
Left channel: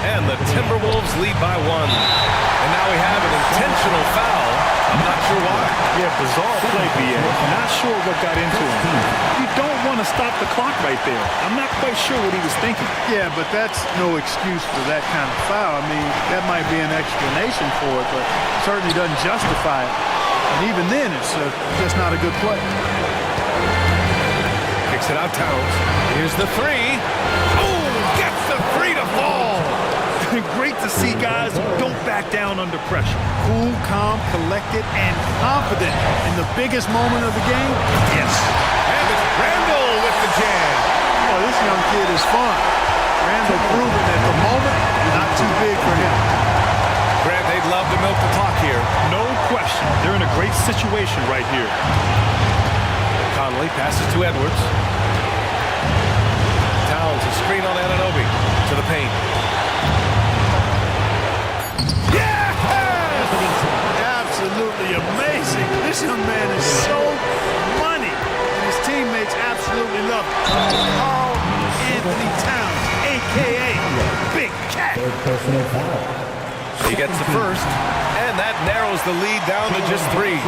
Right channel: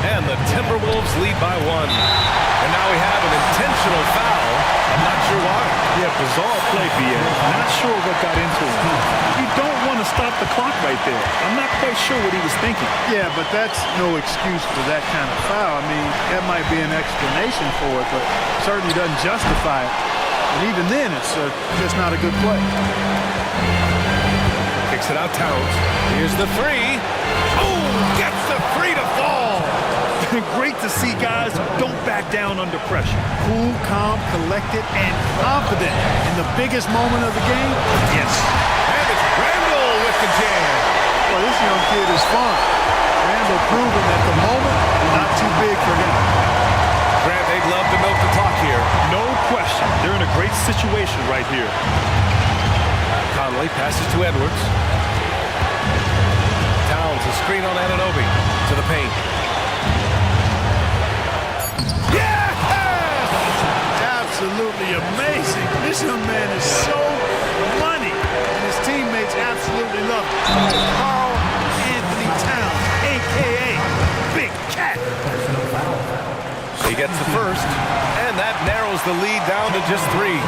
And the Timberwolves lead by 1. And now we have an intentional foul. I'm not sure why. Yeah, bizarre play, B.A. Not sure what got into him. You don't want to stop the clock right there. I'm not quite sure what he was thinking. Yeah, but that's no excuse for that kind of foul. I mean, that might be an explanation for it, but certainly doesn't justify it. And even then, it's just not a good play. Kicks it out, Towns. Here's the three. Oh, gets the three to fall. Great to see guys who don't back down under pressure. Cool, calm, collected, and confident in the biggest moment of the game. Yes. And it's Randall with the jam. Boy, this young kid is fun. Randall proving that the moment not too big for him. Grant, they'd love to milk the clock here. No question. They're in a great situation right here. Conley passes to Edwards. Towns, a screen on Anunoby. To the paint. Absolutely amazing. This young man is so money, and his teammates absolutely love him. Carl Anthony Towns, a.k.a. Big Cat. He gets the first, and that narrows the lead down to just 3.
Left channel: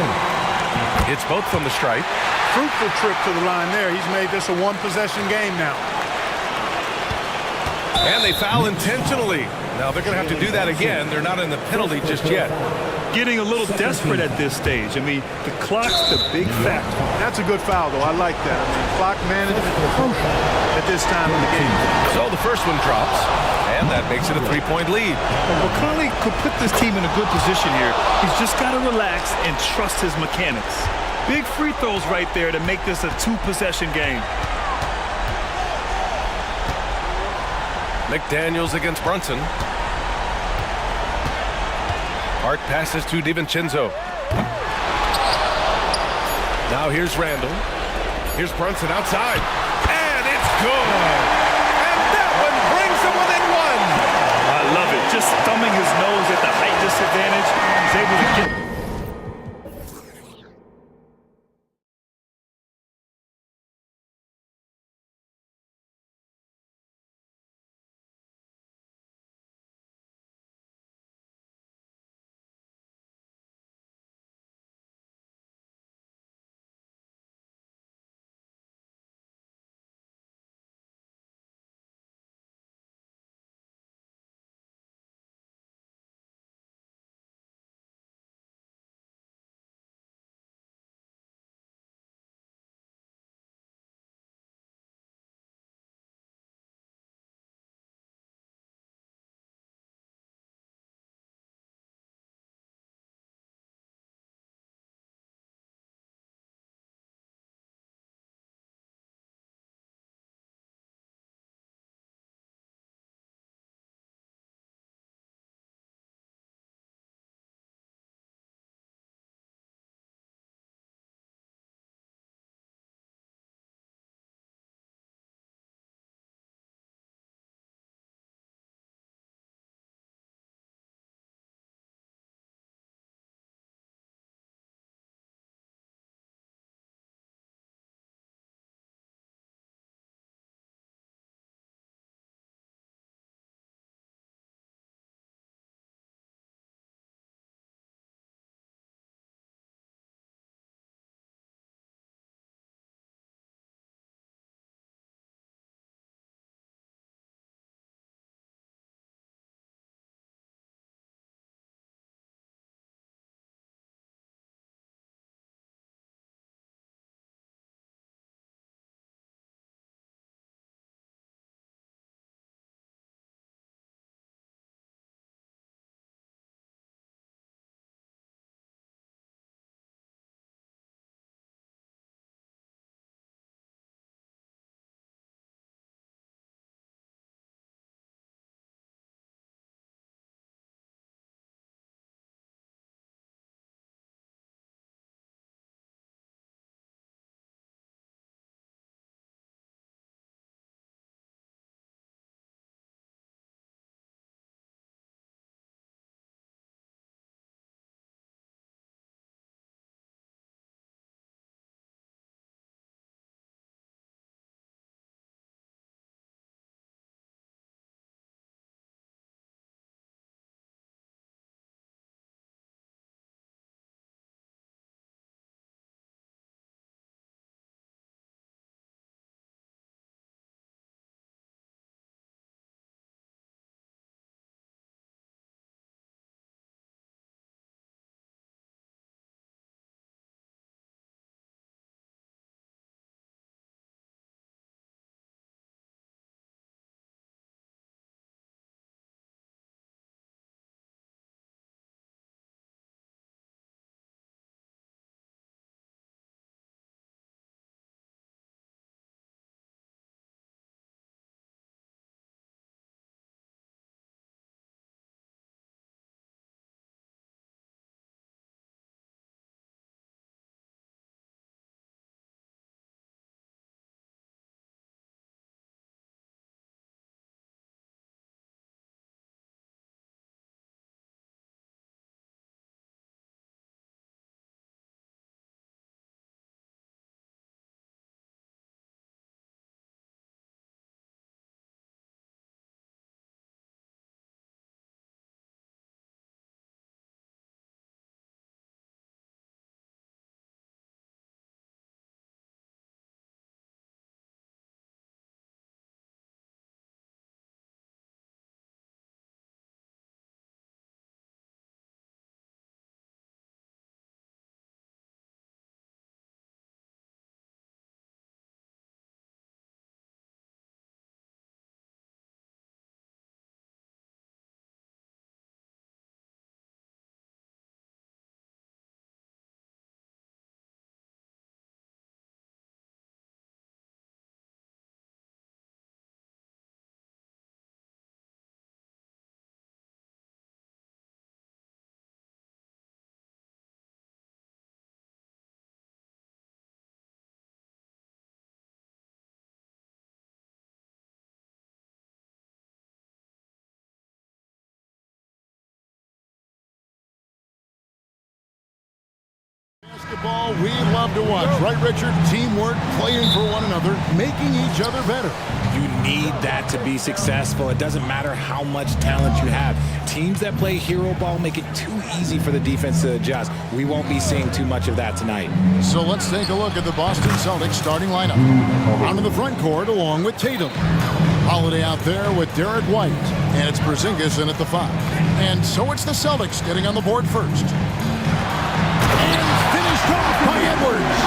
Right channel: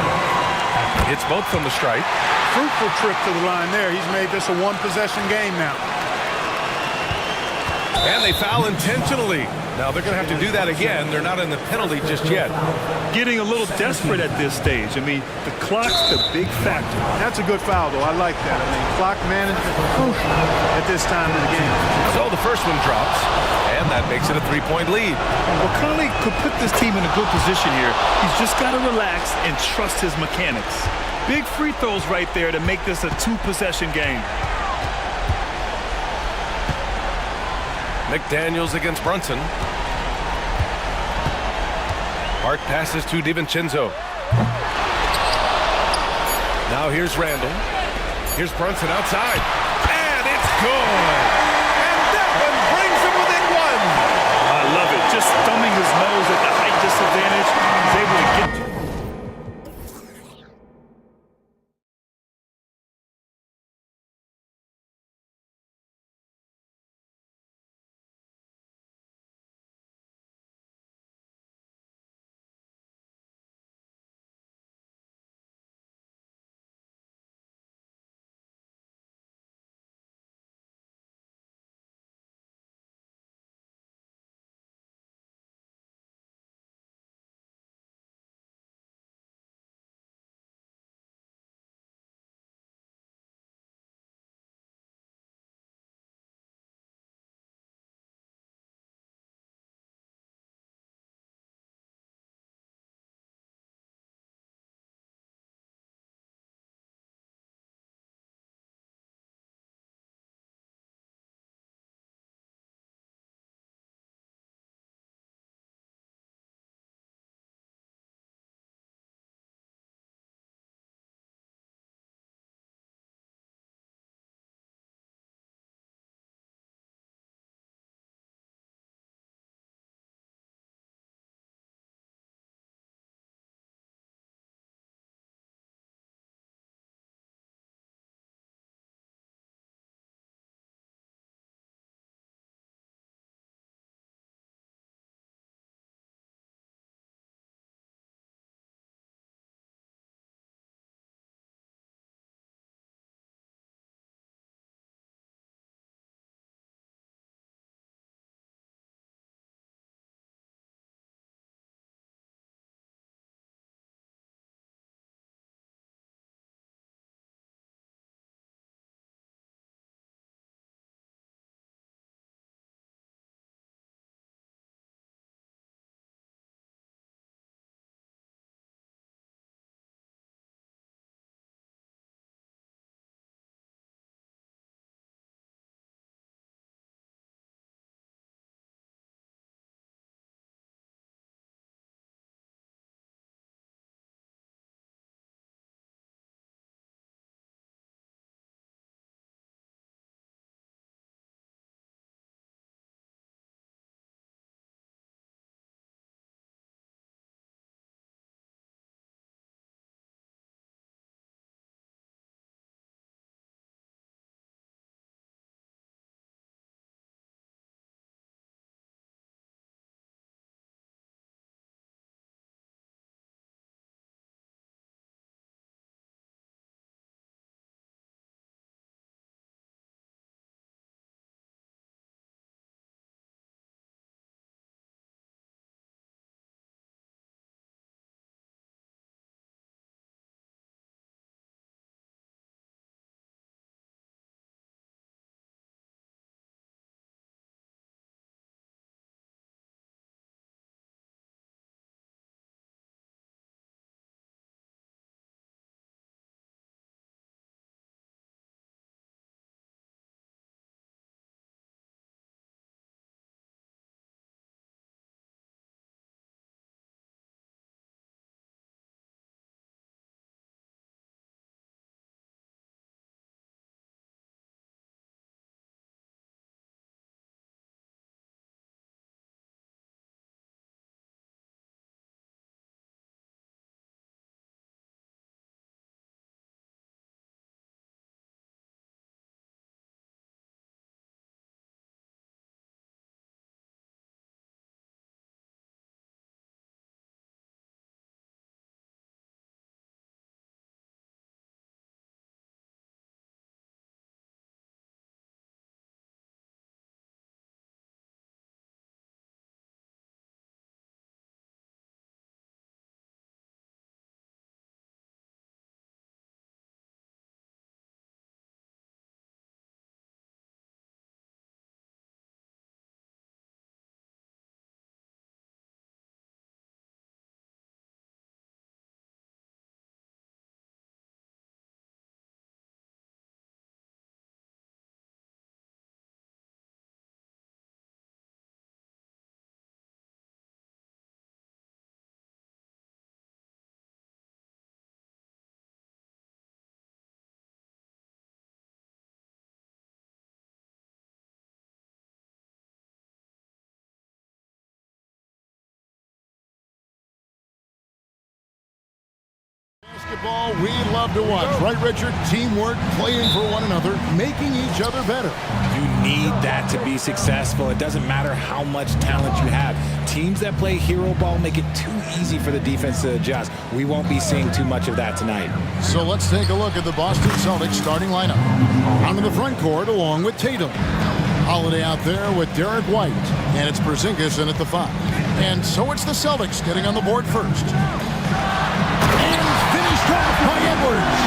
It's both from the stripe. Fruitful trip to the line there. He's made this a one-possession game now. And they foul intentionally. Now they're going to have to do that again. They're not in the penalty just yet. Getting a little desperate at this stage. I mean, the clock's the big factor. That's a good foul, though. I like that. I mean, clock management is crucial at this time in the game. So the first one drops, and that makes it a 3-point lead. Well, Conley could put this team in a good position here. He's just got to relax and trust his mechanics. Big free throws right there to make this a 2-possession game. McDaniels against Brunson. Hart passes to DiVincenzo. Now here's Randall. Here's Brunson outside. And it's good. And that one brings him within one. I love it. Just thumbing his nose at the height disadvantage. He's able to get Basketball we love to watch, right, Richard? Teamwork, playing for one another, making each other better. You need that to be successful. It doesn't matter how much talent you have. Teams that play hero ball make it too easy for the defense to adjust. We won't be seeing too much of that tonight. So let's take a look at the Boston Celtics starting lineup. Onto the front court along with Tatum. Holiday out there with Derek White. And it's Porzingis in at the 5. And so it's the Celtics getting on the board first. And finished off by Edwards.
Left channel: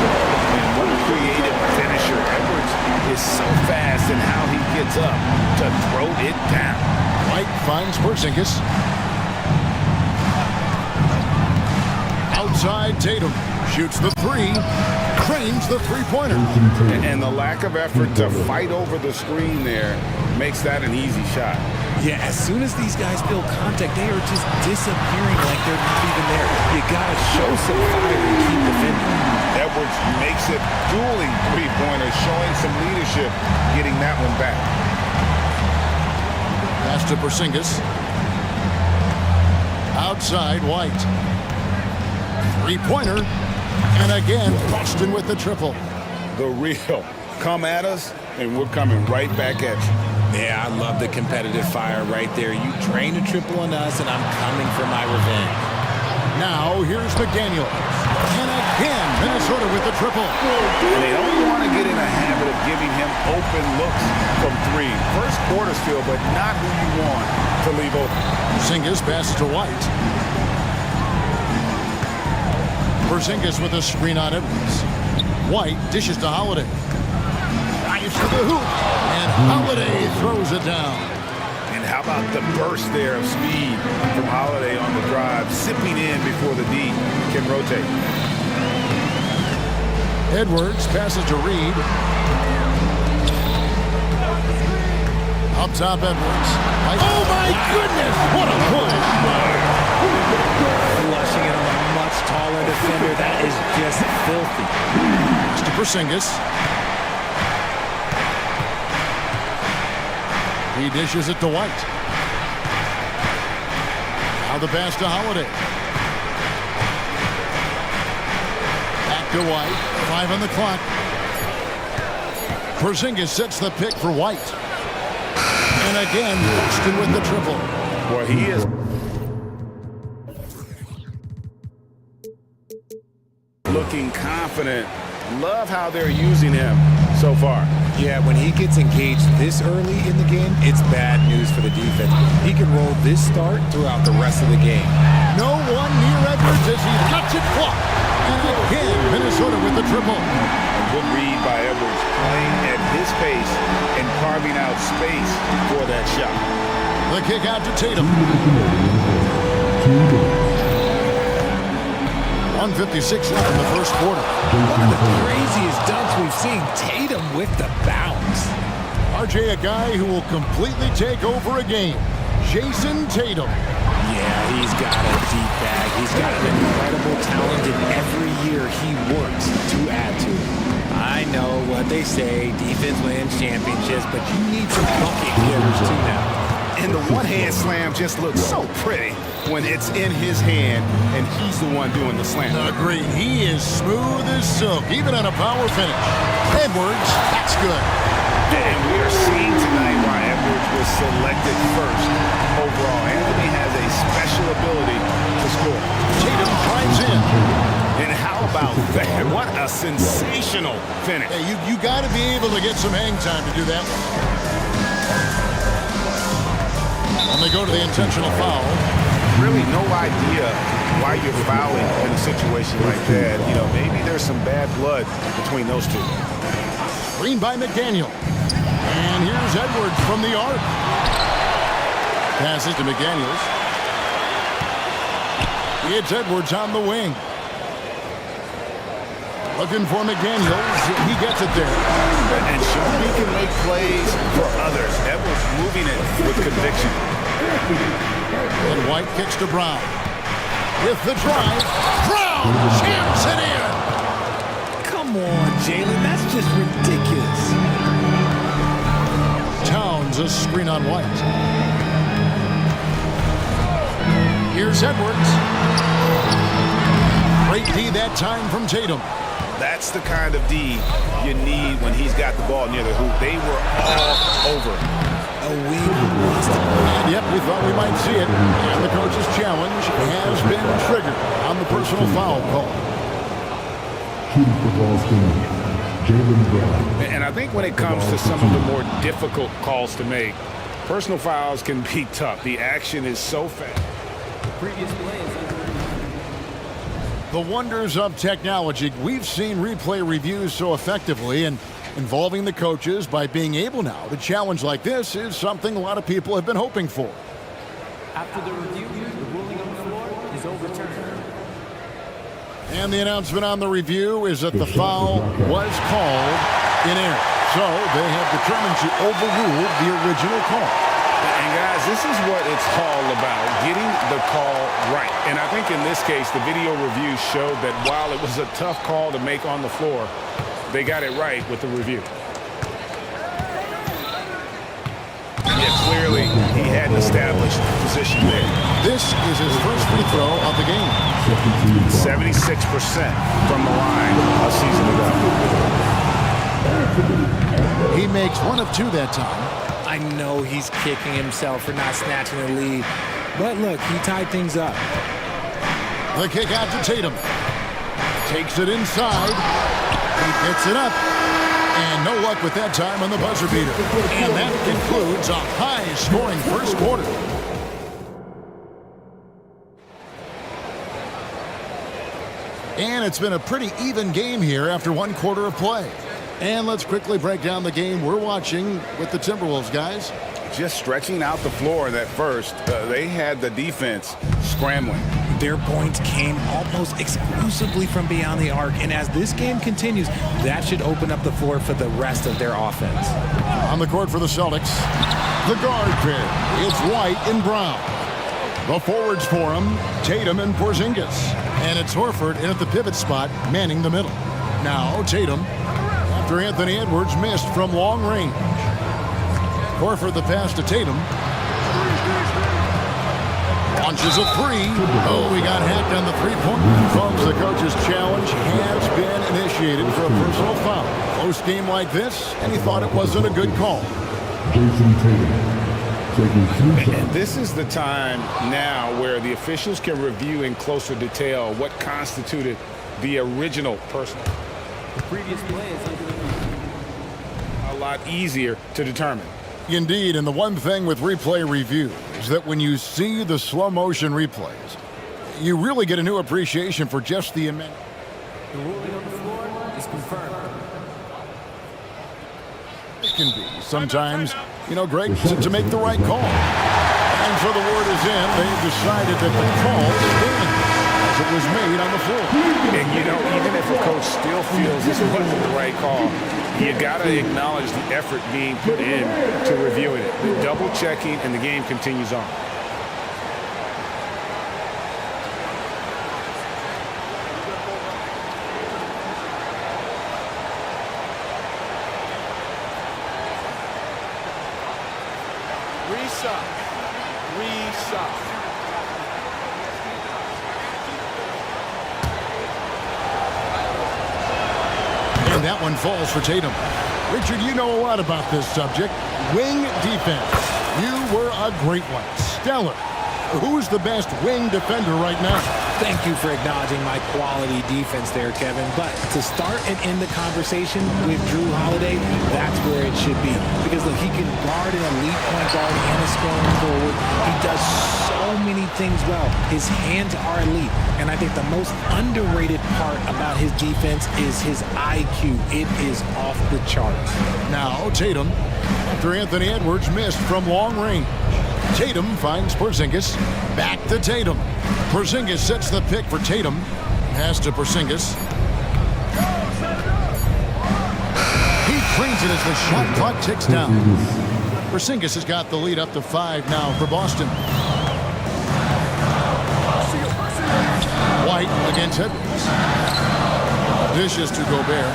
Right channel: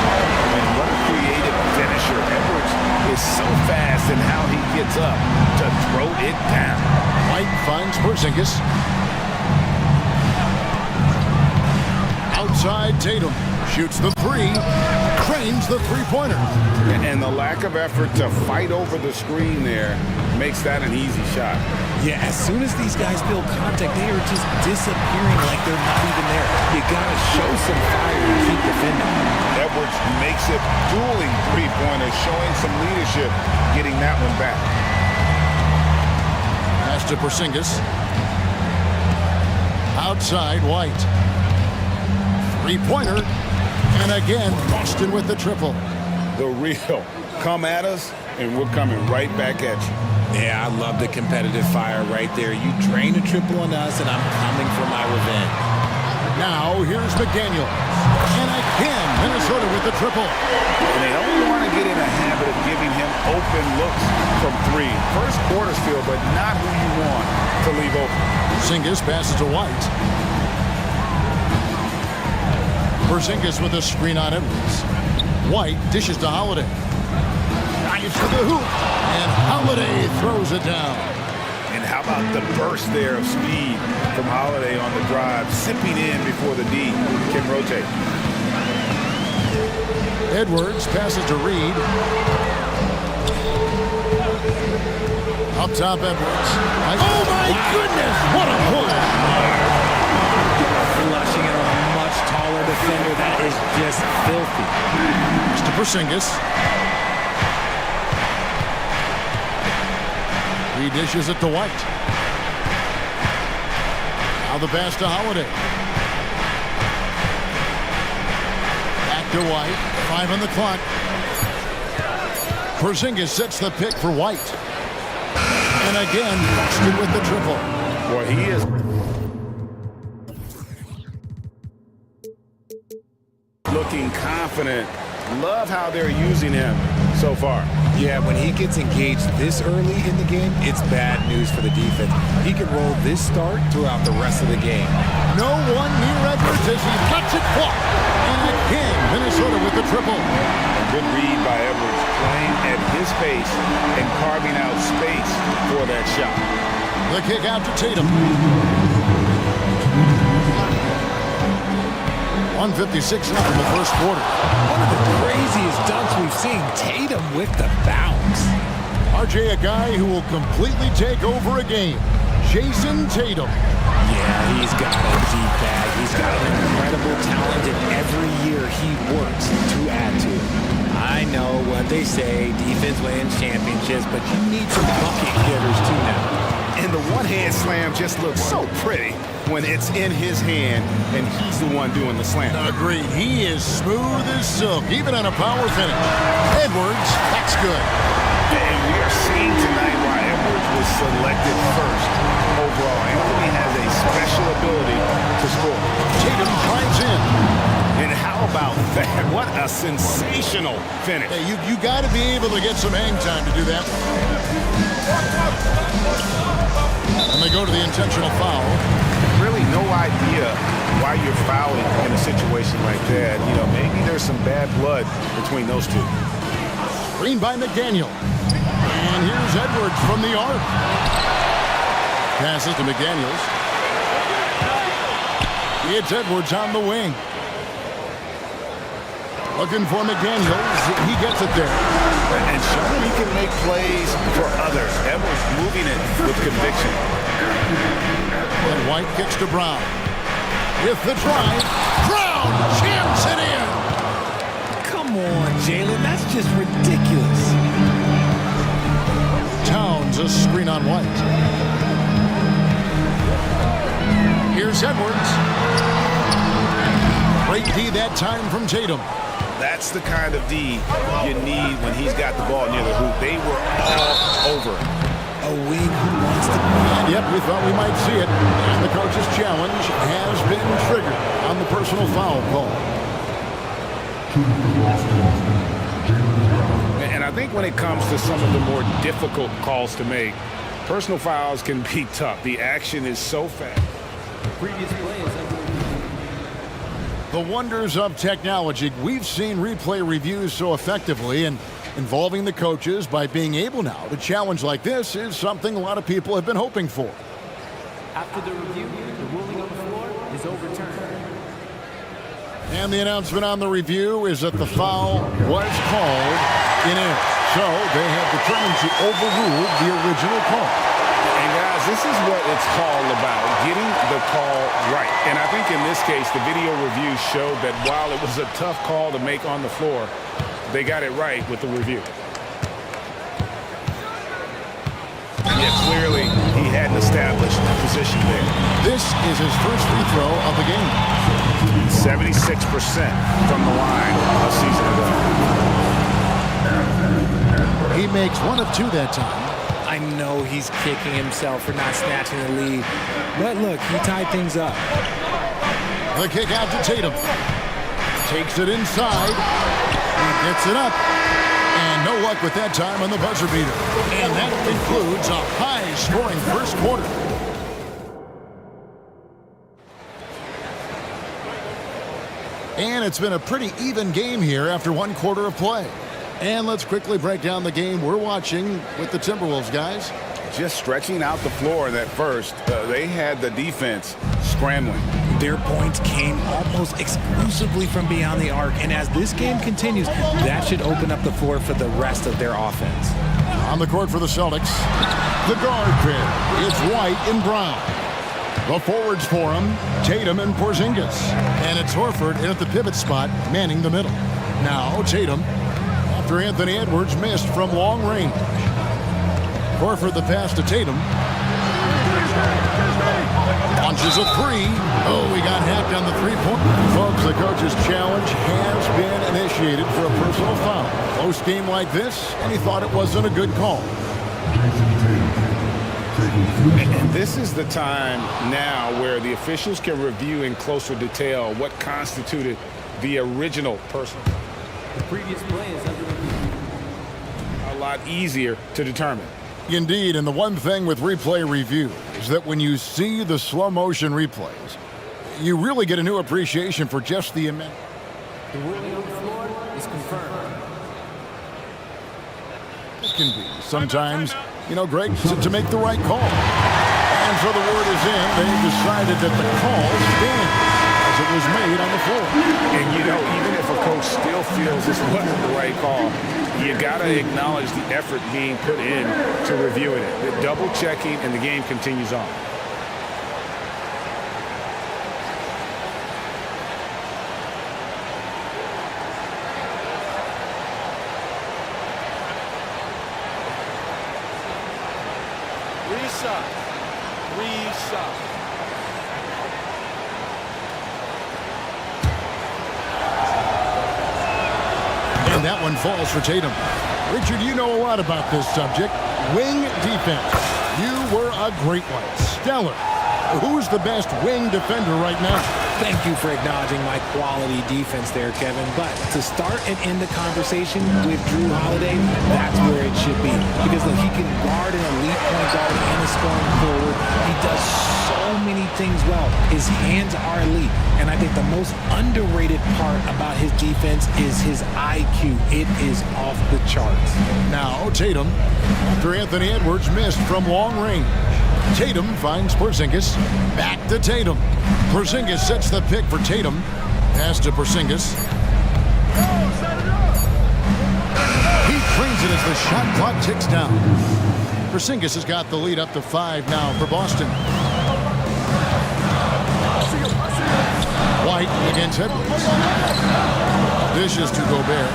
And what a creative finisher. Edwards is so fast in how he gets up to throw it down. White finds Porzingis. Outside Tatum. Shoots the 3. Cranes the three-pointer. And the lack of effort to fight over the screen there makes that an easy shot. Yeah, as soon as these guys feel contact, they are just disappearing like they're not even there. You gotta show some fire and keep defending. Edwards makes it dueling three-pointers, showing some leadership, getting that one back. Pass to Porzingis. Outside White. Three-pointer. And again, Boston with the triple. The real. Come at us, and we're coming right back at you. Yeah, I love the competitive fire right there. You drain a triple on us, and I'm coming for my revenge. Now, here's McDaniel. And again, Minnesota with the triple. And they don't want to get in a habit of giving him open looks from 3. First quarter still, but not who you want to leave open. Porzingis passes to White. Porzingis with a screen on Edwards. White dishes to Holiday. Drives to the hoop. And Holiday throws it down. And how about the burst there of speed from Holiday on the drive, zipping in before the D can rotate. Edwards passes to Reed. Up top, Edwards. Oh, my goodness! What a play! Flushing it on a much taller defender. That is just filthy. Mr. Porzingis. He dishes it to White. Now the pass to Holiday. Back to White. 5 on the clock. Porzingis sets the pick for White. And again, Boston with the triple. Well, he is looking confident. Love how they're using him so far. Yeah, when he gets engaged this early in the game, it's bad news for the defense. He can roll this start throughout the rest of the game. No one near Edwards as he lets it fly. And again, Minnesota with the triple. A good read by Edwards, playing at his pace and carving out space for that shot. The kick out to Tatum. 1:56 left in the first quarter. One of the craziest dunks we've seen. Tatum with the bounce. RJ, a guy who will completely take over a game. Jason Tatum. Yeah, he's got a deep bag. He's got an incredible talent, and every year he works to add to it. I know what they say, defense wins championships, but you need some bucket getters too now. And the one-hand slam just looks so pretty when it's in his hand and he's the one doing the slam. Agreed. He is smooth as silk, even on a power finish. Edwards, that's good. And we are seeing tonight why Edwards was selected first overall. Anthony has a special ability to score. Tatum climbs in. And how about that? What a sensational finish. Hey, you got to be able to get some hang time to do that one. And they go to the intentional foul. Really no idea why you're fouling in a situation like that. You know, maybe there's some bad blood between those two. Screen by McDaniel. And here's Edwards from the arc. Passes to McDaniels. It's Edwards on the wing. Looking for McDaniels. He gets it there. And showing he can make plays for others. Edwards moving it with conviction. And White kicks to Brown. With the drive, Brown jams it in. Come on, Jalen, that's just ridiculous. Towns a screen on White. Here's Edwards. Great D that time from Tatum. That's the kind of D you need when he's got the ball near the hoop. They were all over him. A wing who wants to... And yep, we thought we might see it. And the coach's challenge has been triggered on the personal foul call. And I think when it comes to some of the more difficult calls to make, personal fouls can be tough. The action is so fast. The previous play is under review. The wonders of technology. We've seen replay reviews so effectively, and involving the coaches by being able now to challenge like this is something a lot of people have been hoping for. After the review, the ruling on the floor is overturned. And the announcement on the review is that the foul was called in error. So they have determined to overrule the original call. And guys, this is what it's all about, getting the call right. And I think in this case, the video review showed that while it was a tough call to make on the floor, they got it right with the review. Yeah, clearly he had an established position there. This is his first free throw of the game. 76% from the line a season ago. He makes one of two that time. I know he's kicking himself for not snatching the lead. But look, he tied things up. The kick out to Tatum. Takes it inside. He gets it up. And no luck with that time on the buzzer beater. And that concludes a high-scoring first quarter. And it's been a pretty even game here after one quarter of play. And let's quickly break down the game we're watching with the Timberwolves, guys. Just stretching out the floor in that first. They had the defense scrambling. Their points came almost exclusively from beyond the arc. And as this game continues, that should open up the floor for the rest of their offense. On the court for the Celtics, the guard pair. It's White and Brown. The forwards for him, Tatum and Porzingis. And it's Horford in at the pivot spot, manning the middle. Now Tatum, after Anthony Edwards missed from long range. Horford the pass to Tatum. Launches a three. Oh, we got hacked on the three-point. Folks, the coach's challenge has been initiated for a personal foul. Close game like this, and he thought it wasn't a good call. Jason Tatum. And this is the time now where the officials can review in closer detail what constituted the original personal. The previous play is under review. A lot easier to determine. Indeed, and the one thing with replay review is that when you see the slow motion replays, you really get a new appreciation for just the immense. The ruling on the floor is confirmed. It can be sometimes, you know, Greg, to make the right call. And so the word is in. They've decided that the call stands as it was made on the floor. And, you know, even if a coach still feels this wasn't the right call, you got to acknowledge the effort being put in to reviewing it. The double checking, and the game continues on. Reset. Reset. And that one falls for Tatum. Richard, you know a lot about this subject. Wing defense. You were a great one. Stellar. Who's the best wing defender right now? Thank you for acknowledging my quality defense there, Kevin. But to start and end the conversation with Drew Holiday, that's where it should be. Because look, he can guard an elite point guard and a scoring forward. He does so many things well. His hands are elite. And I think the most underrated part about his defense is his IQ. It is off the charts. Now Tatum, after Anthony Edwards missed from long range. Tatum finds Porzingis. Back to Tatum. Porzingis sets the pick for Tatum. Pass to Porzingis. He cleans it as the shot clock ticks down. Porzingis has got the lead up to 5 now for Boston. White against Edwards. Dishes to Gobert.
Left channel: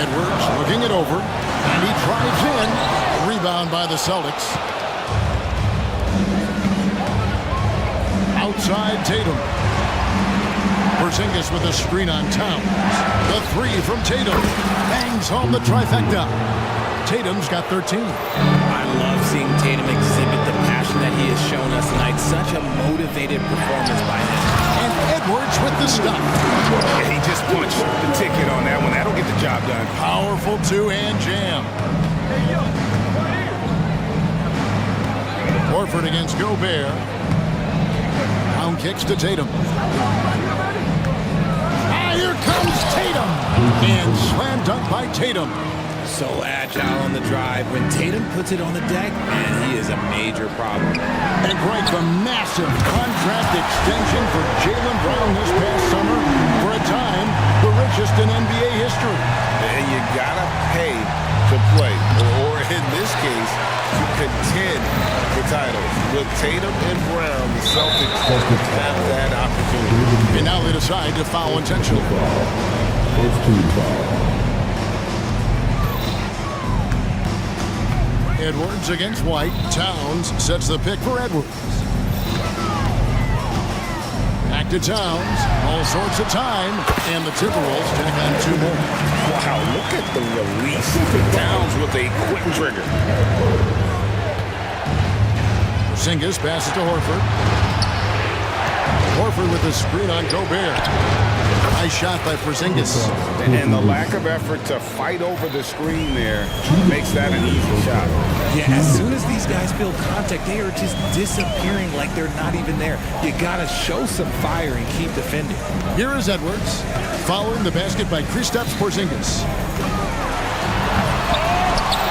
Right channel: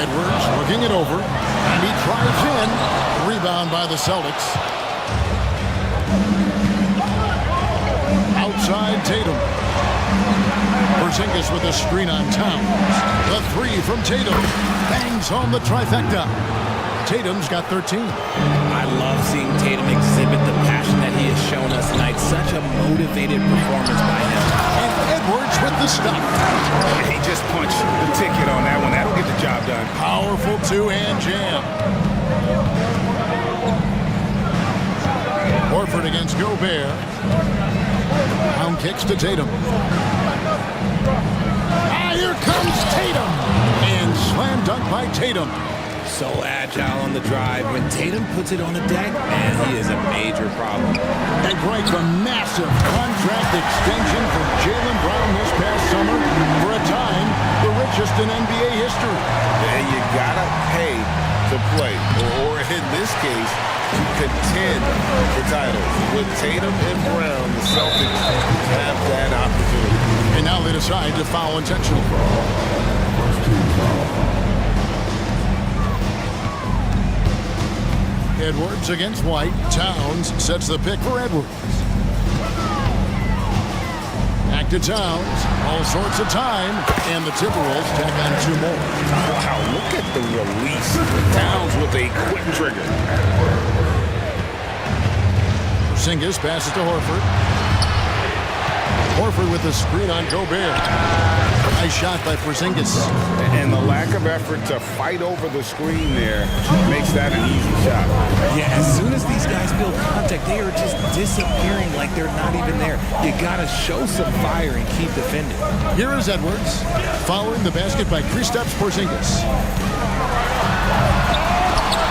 Edwards looking it over. And he drives in. Rebound by the Celtics. Outside Tatum. Porzingis with a screen on Towns. The three from Tatum. Bangs home the trifecta. Tatum's got 13. I love seeing Tatum exhibit the passion that he has shown us tonight. Such a motivated performance by him. And Edwards with the stuff. Yeah, he just punched the ticket on that one. That'll get the job done. Powerful two-hand jam. Horford against Gobert. Round kicks to Tatum. Here comes Tatum. And slam dunk by Tatum. So agile on the drive. When Tatum puts it on the deck, man, he is a major problem. And Greg, the massive contract extension for Jaylen Brown this past summer. For a time, the richest in NBA history. And you gotta pay to play, or in this case, to contend for titles. With Tatum and Brown, the Celtics have that opportunity. And now they decide to foul intentionally. First team foul. Edwards against White. Towns sets the pick for Edwards. Back to Towns. All sorts of time. And the Timberwolves tack on two more. Wow, look at the release. Towns with a quick trigger. Porzingis passes to Horford. Horford with the screen on Gobert. Nice shot by Porzingis. And the lack of effort to fight over the screen there makes that an easy shot. Yeah, as soon as these guys feel contact, they are just disappearing like they're not even there. You gotta show some fire and keep defending. Here is Edwards, following the basket by Kristaps Porzingis.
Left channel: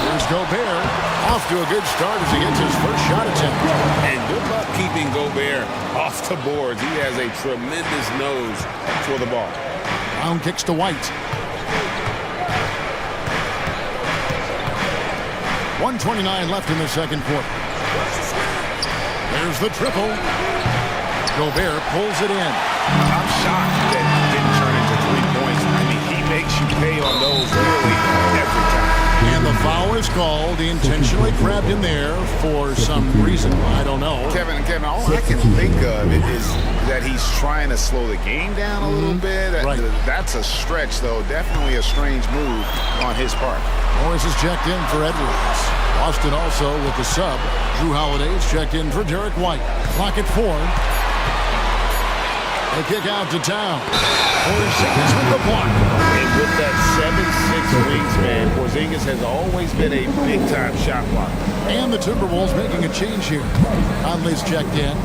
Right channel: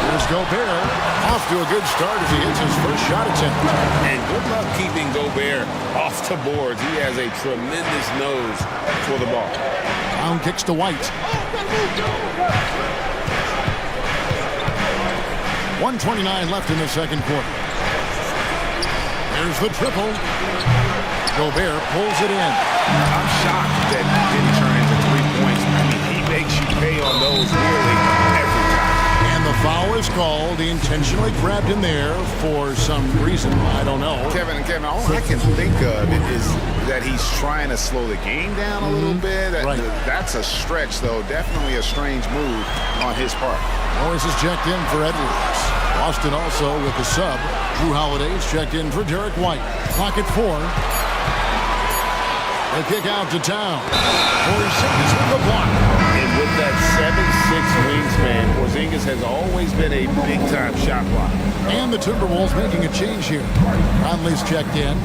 Here's Gobert, off to a good start as he hits his first shot attempt. And good luck keeping Gobert off the boards. He has a tremendous nose for the ball. Brown kicks to White. 1:29 left in the second quarter. There's the triple. Gobert pulls it in. I'm shocked that didn't turn into 3 points. I mean, he makes you pay on those nearly every time. And the foul is called. He intentionally grabbed him there for some reason. I don't know. Kevin, all I can think of is that he's trying to slow the game down a little bit. Right. That's a stretch, though. Definitely a strange move on his part. Morris is checked in for Edwards. Boston also with the sub. Drew Holiday is checked in for Derek White. Clock at 4. They kick out to Town. Porzingis with the block. And with that 7'6" wingspan, Porzingis has always been a big-time shot blocker. And the Timberwolves making a change here. Conley's checked in.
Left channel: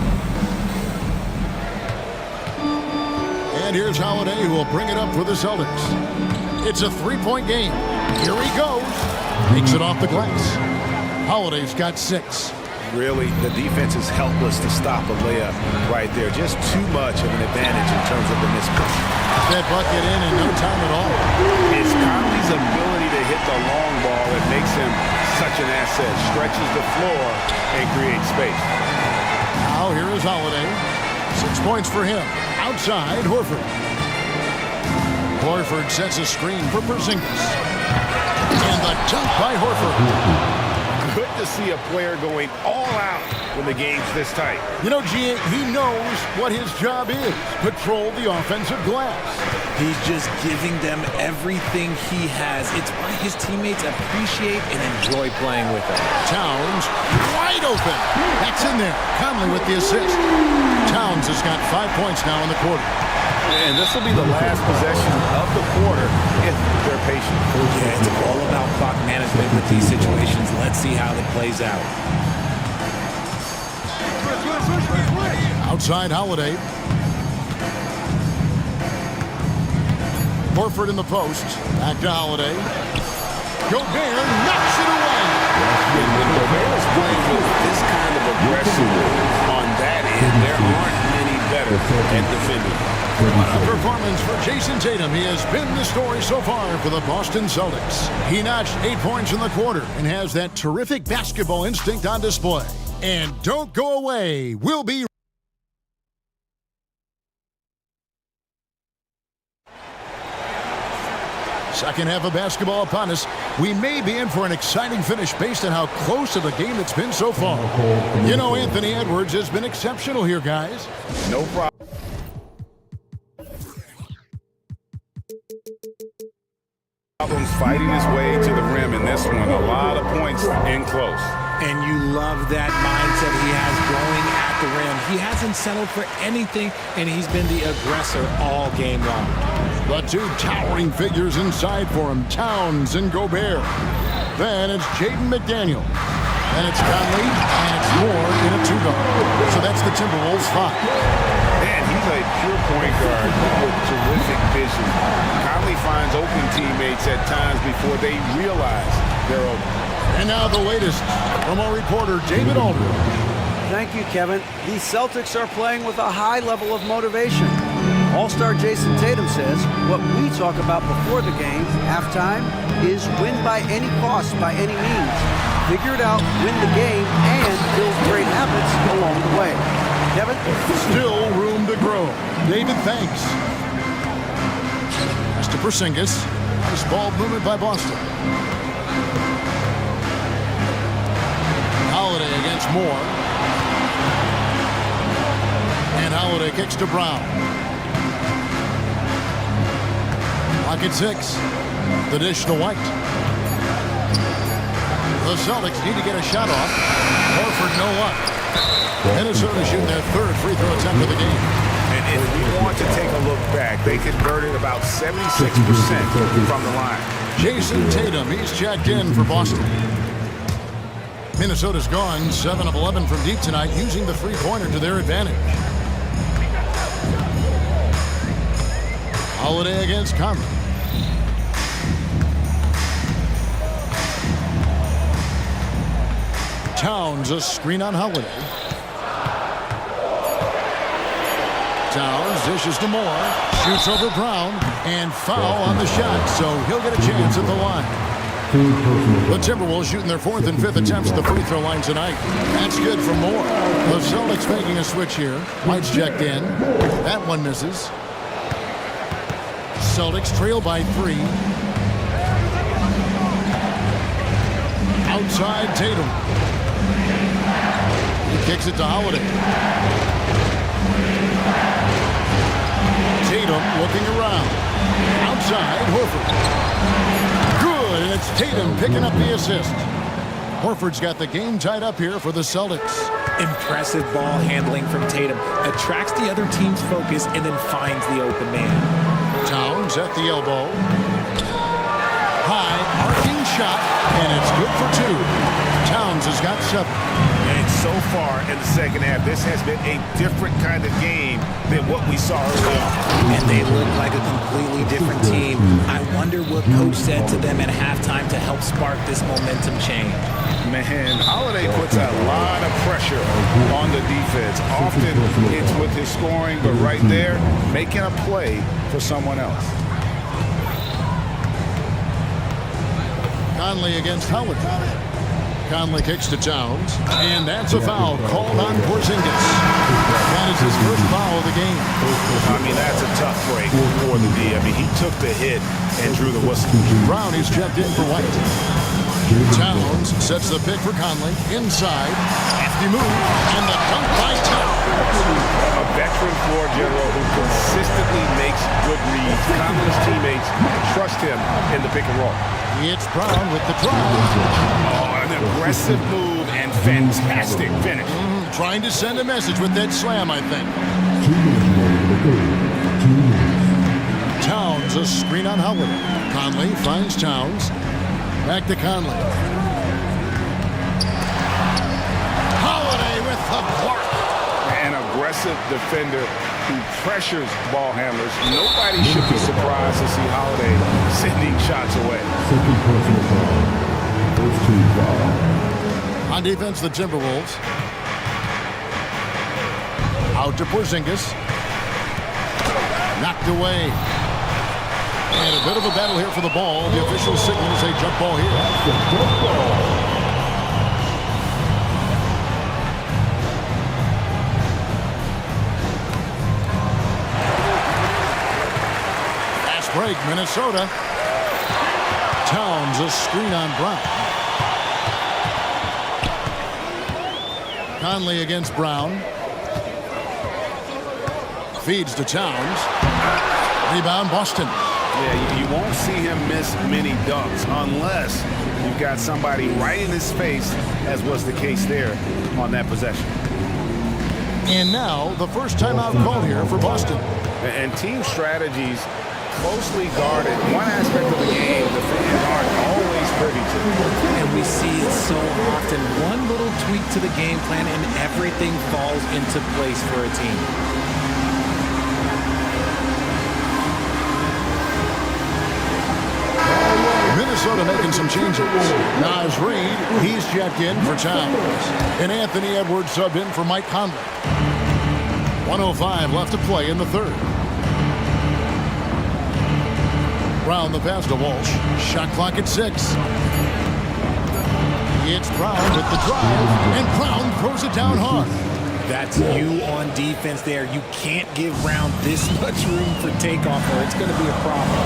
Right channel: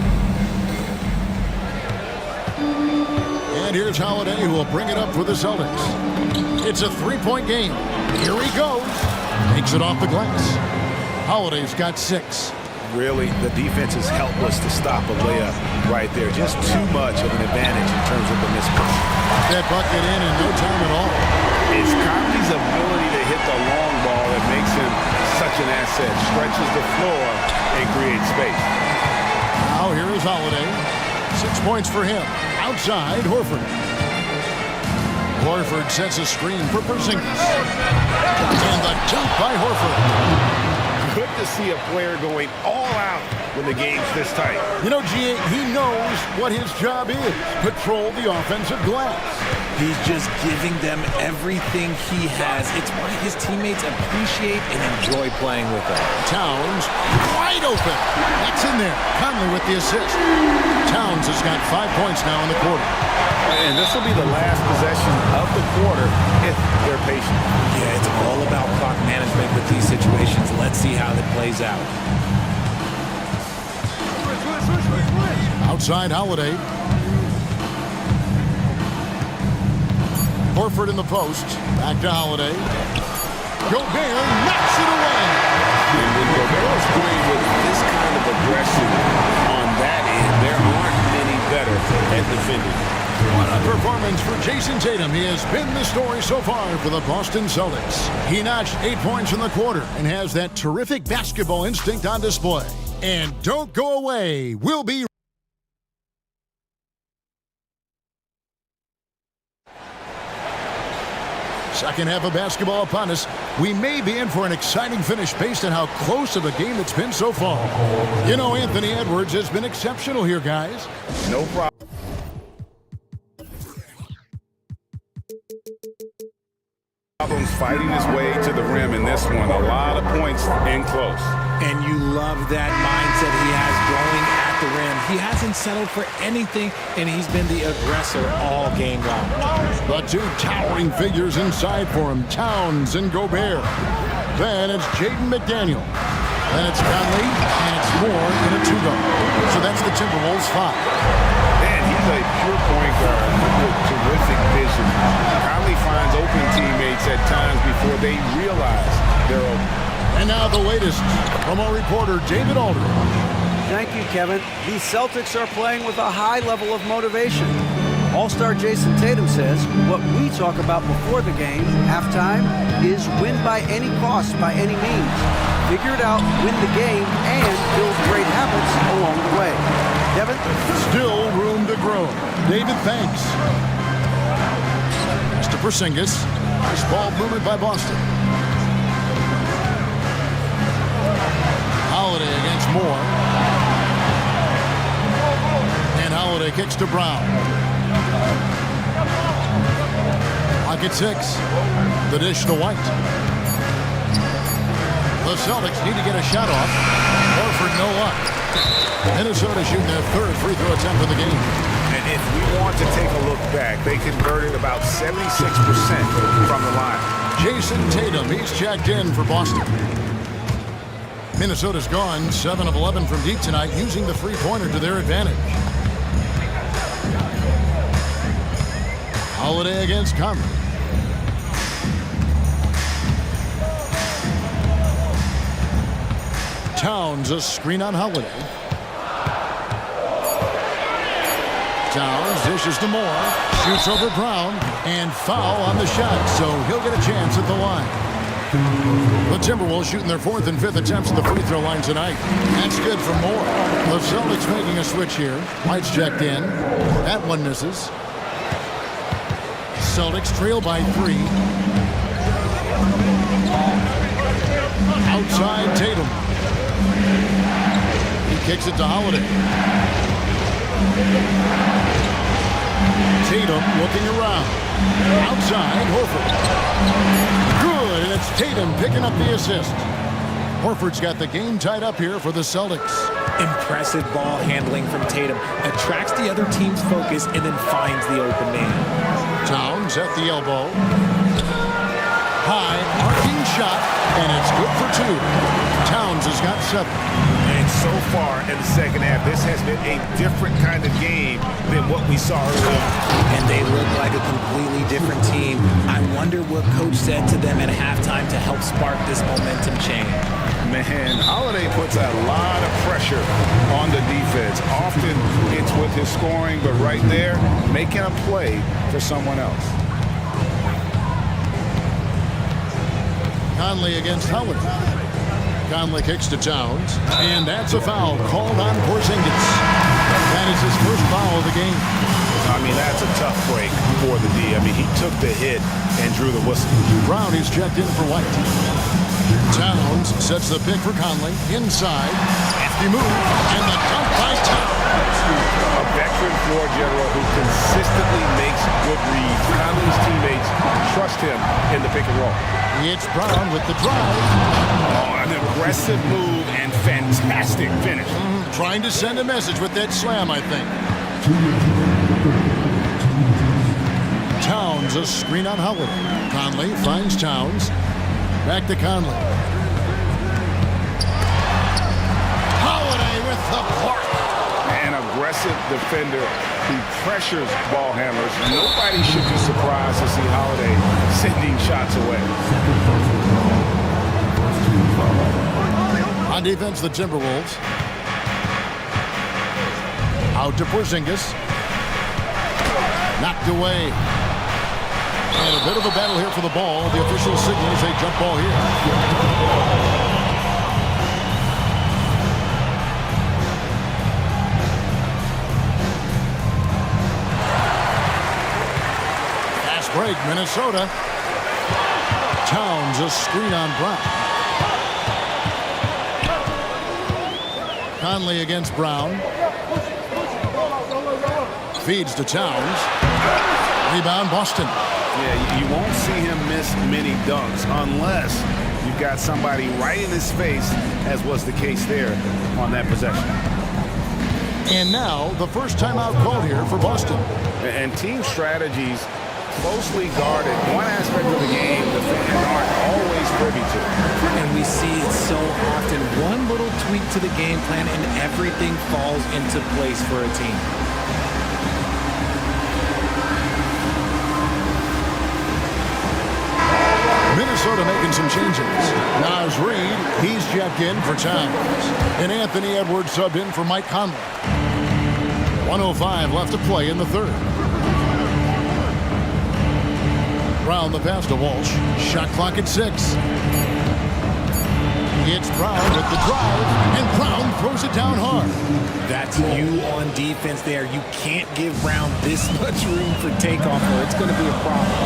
And here's Holiday, who will bring it up for the Celtics. It's a three-point game. Here he goes. Makes it off the glass. Holiday's got 6. Really, the defense is helpless to stop a layup right there. Just too much of an advantage in terms of the mismatch. That bucket in no time at all. It's Conley's ability to hit the long ball that makes him such an asset. Stretches the floor and creates space. Now here is Holiday. 6 points for him. Outside, Horford. Horford sets a screen for Porzingis. And the dunk by Horford. Good to see a player going all out when the game's this tight. You know, G.A., he knows what his job is. Patrol the offensive glass. He's just giving them everything he has. It's why his teammates appreciate and enjoy playing with him. Towns wide open. That's in there. Conley with the assist. Towns has got 5 points now in the quarter. And this will be the last possession of the quarter if they're patient. Yeah, it's all about clock management with these situations. Let's see how that plays out. Outside Holiday. Horford in the post. Back to Holiday. Gobert knocks it away. And when Gobert is playing with this kind of aggression on that end, there aren't many better at defending. What a performance for Jason Tatum. He has been the story so far for the Boston Celtics. He notched 8 points in the quarter and has that terrific basketball instinct on display. And don't go away. We'll be Second half of basketball upon us. We may be in for an exciting finish based on how close of a game it's been so far. You know, Anthony Edwards has been exceptional here, guys. No problem. Problems fighting his way to the rim in this one. A lot of points in close. And you love that mindset he has going at the rim. He hasn't settled for anything, and he's been the aggressor all game long. The two towering figures inside for him, Towns and Gobert. Then it's Jaden McDaniel. Then it's Conley, and it's Moore in a two-guard. So that's the Timberwolves 5. Man, he's a pure point guard with terrific vision. Conley finds open teammates at times before they realize they're open. And now the latest from our reporter, David Aldridge. Thank you, Kevin. The Celtics are playing with a high level of motivation. All-star Jason Tatum says what we talk about before the game, halftime, is win by any cost, by any means. Figure it out, win the game, and build great habits along the way. Kevin? Still room to grow. David, thanks. Pass to Porzingis. Nice ball movement by Boston. Holiday against Moore. And Holiday kicks to Brown. Clock at 6. The dish to White. The Celtics need to get a shot off. Horford no luck. Minnesota shooting their third free throw attempt of the game. And if we want to take a look back, they converted about 76% from the line. Jason Tatum, he's checked in for Boston. Minnesota's gone 7 of 11 from deep tonight, using the three-pointer to their advantage. Holiday against Conley. Towns, a screen on Holiday. Towns dishes to Moore, shoots over Brown, and foul on the shot, so he'll get a chance at the line. The Timberwolves shooting their fourth and fifth attempts at the free throw line tonight. That's good from Moore. The Celtics making a switch here. White's checked in. That one misses. Celtics trail by 3. Outside Tatum. He kicks it to Holiday. Tatum looking around. Outside, Horford. Good, and it's Tatum picking up the assist. Horford's got the game tied up here for the Celtics. Impressive ball handling from Tatum. Attracts the other team's focus and then finds the open man. Towns at the elbow. High, arcing shot, and it's good for 2. Towns has got 7. And so far in the second half, this has been a different kind of game than what we saw earlier. And they look like a completely different team. I wonder what coach said to them at halftime to help spark this momentum change. Man, Holiday puts a lot of pressure on the defense. Often it's with his scoring, but right there, making a play for someone else. Conley against Holiday. Conley kicks to Towns, and that's a foul called on Porzingis. That is his first foul of the game. I mean, that's a tough break for the D. I mean, he took the hit and drew the whistle. Brown is checked in for White. Towns sets the pick for Conley. Inside, hefty move, and the dunk by Towns. A veteran floor general who consistently makes good reads. Conley's teammates trust him in the pick and roll. It's Brown with the drive. Oh, an aggressive move and fantastic finish. Trying to send a message with that slam, I think. Towns, a screen on Holiday. Conley finds Towns. Back to Conley. Holiday with the block. An aggressive defender who pressures ball handlers. Nobody should be surprised to see Holiday sending shots away. On defense, the Timberwolves. Out to Porzingis. Knocked away. And a bit of a battle here for the ball. The official signals a jump ball here. Break, Minnesota. Towns, a screen on Brown. Conley against Brown. Feeds to Towns. Rebound, Boston. Yeah, you won't see him miss many dunks unless you've got somebody right in his face, as was the case there on that possession. And now, the first timeout called here for Boston. And team strategies closely guarded. One aspect of the game the fans aren't always privy to. And we see it so often. One little tweak to the game plan and everything falls into place for a team. Minnesota making some changes. Naz Reid, he's checked in for Towns. And Anthony Edwards subbed in for Mike Conley. 1:05 left to play in the third. Brown the pass to Walsh. Shot clock at 6. It's Brown with the drive, and Brown throws it down hard. That's you on defense there. You can't give Brown this much room for takeoff or it's going to be a problem.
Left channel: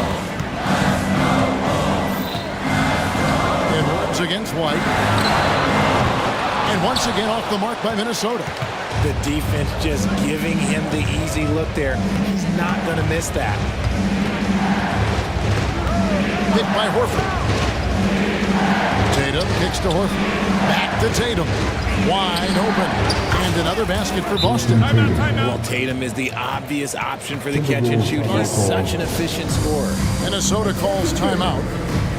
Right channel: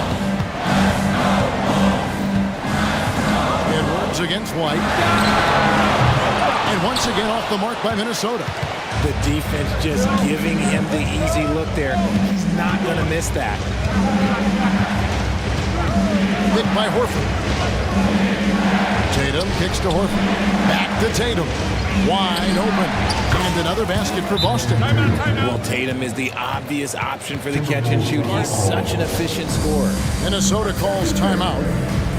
Edwards against White. And once again off the mark by Minnesota. The defense just giving him the easy look there. He's not going to miss that. Picked by Horford. Tatum kicks to Horford. Back to Tatum. Wide open. And another basket for Boston. Well, Tatum is the obvious option for the catch and shoot. He's such an efficient scorer. Minnesota calls timeout.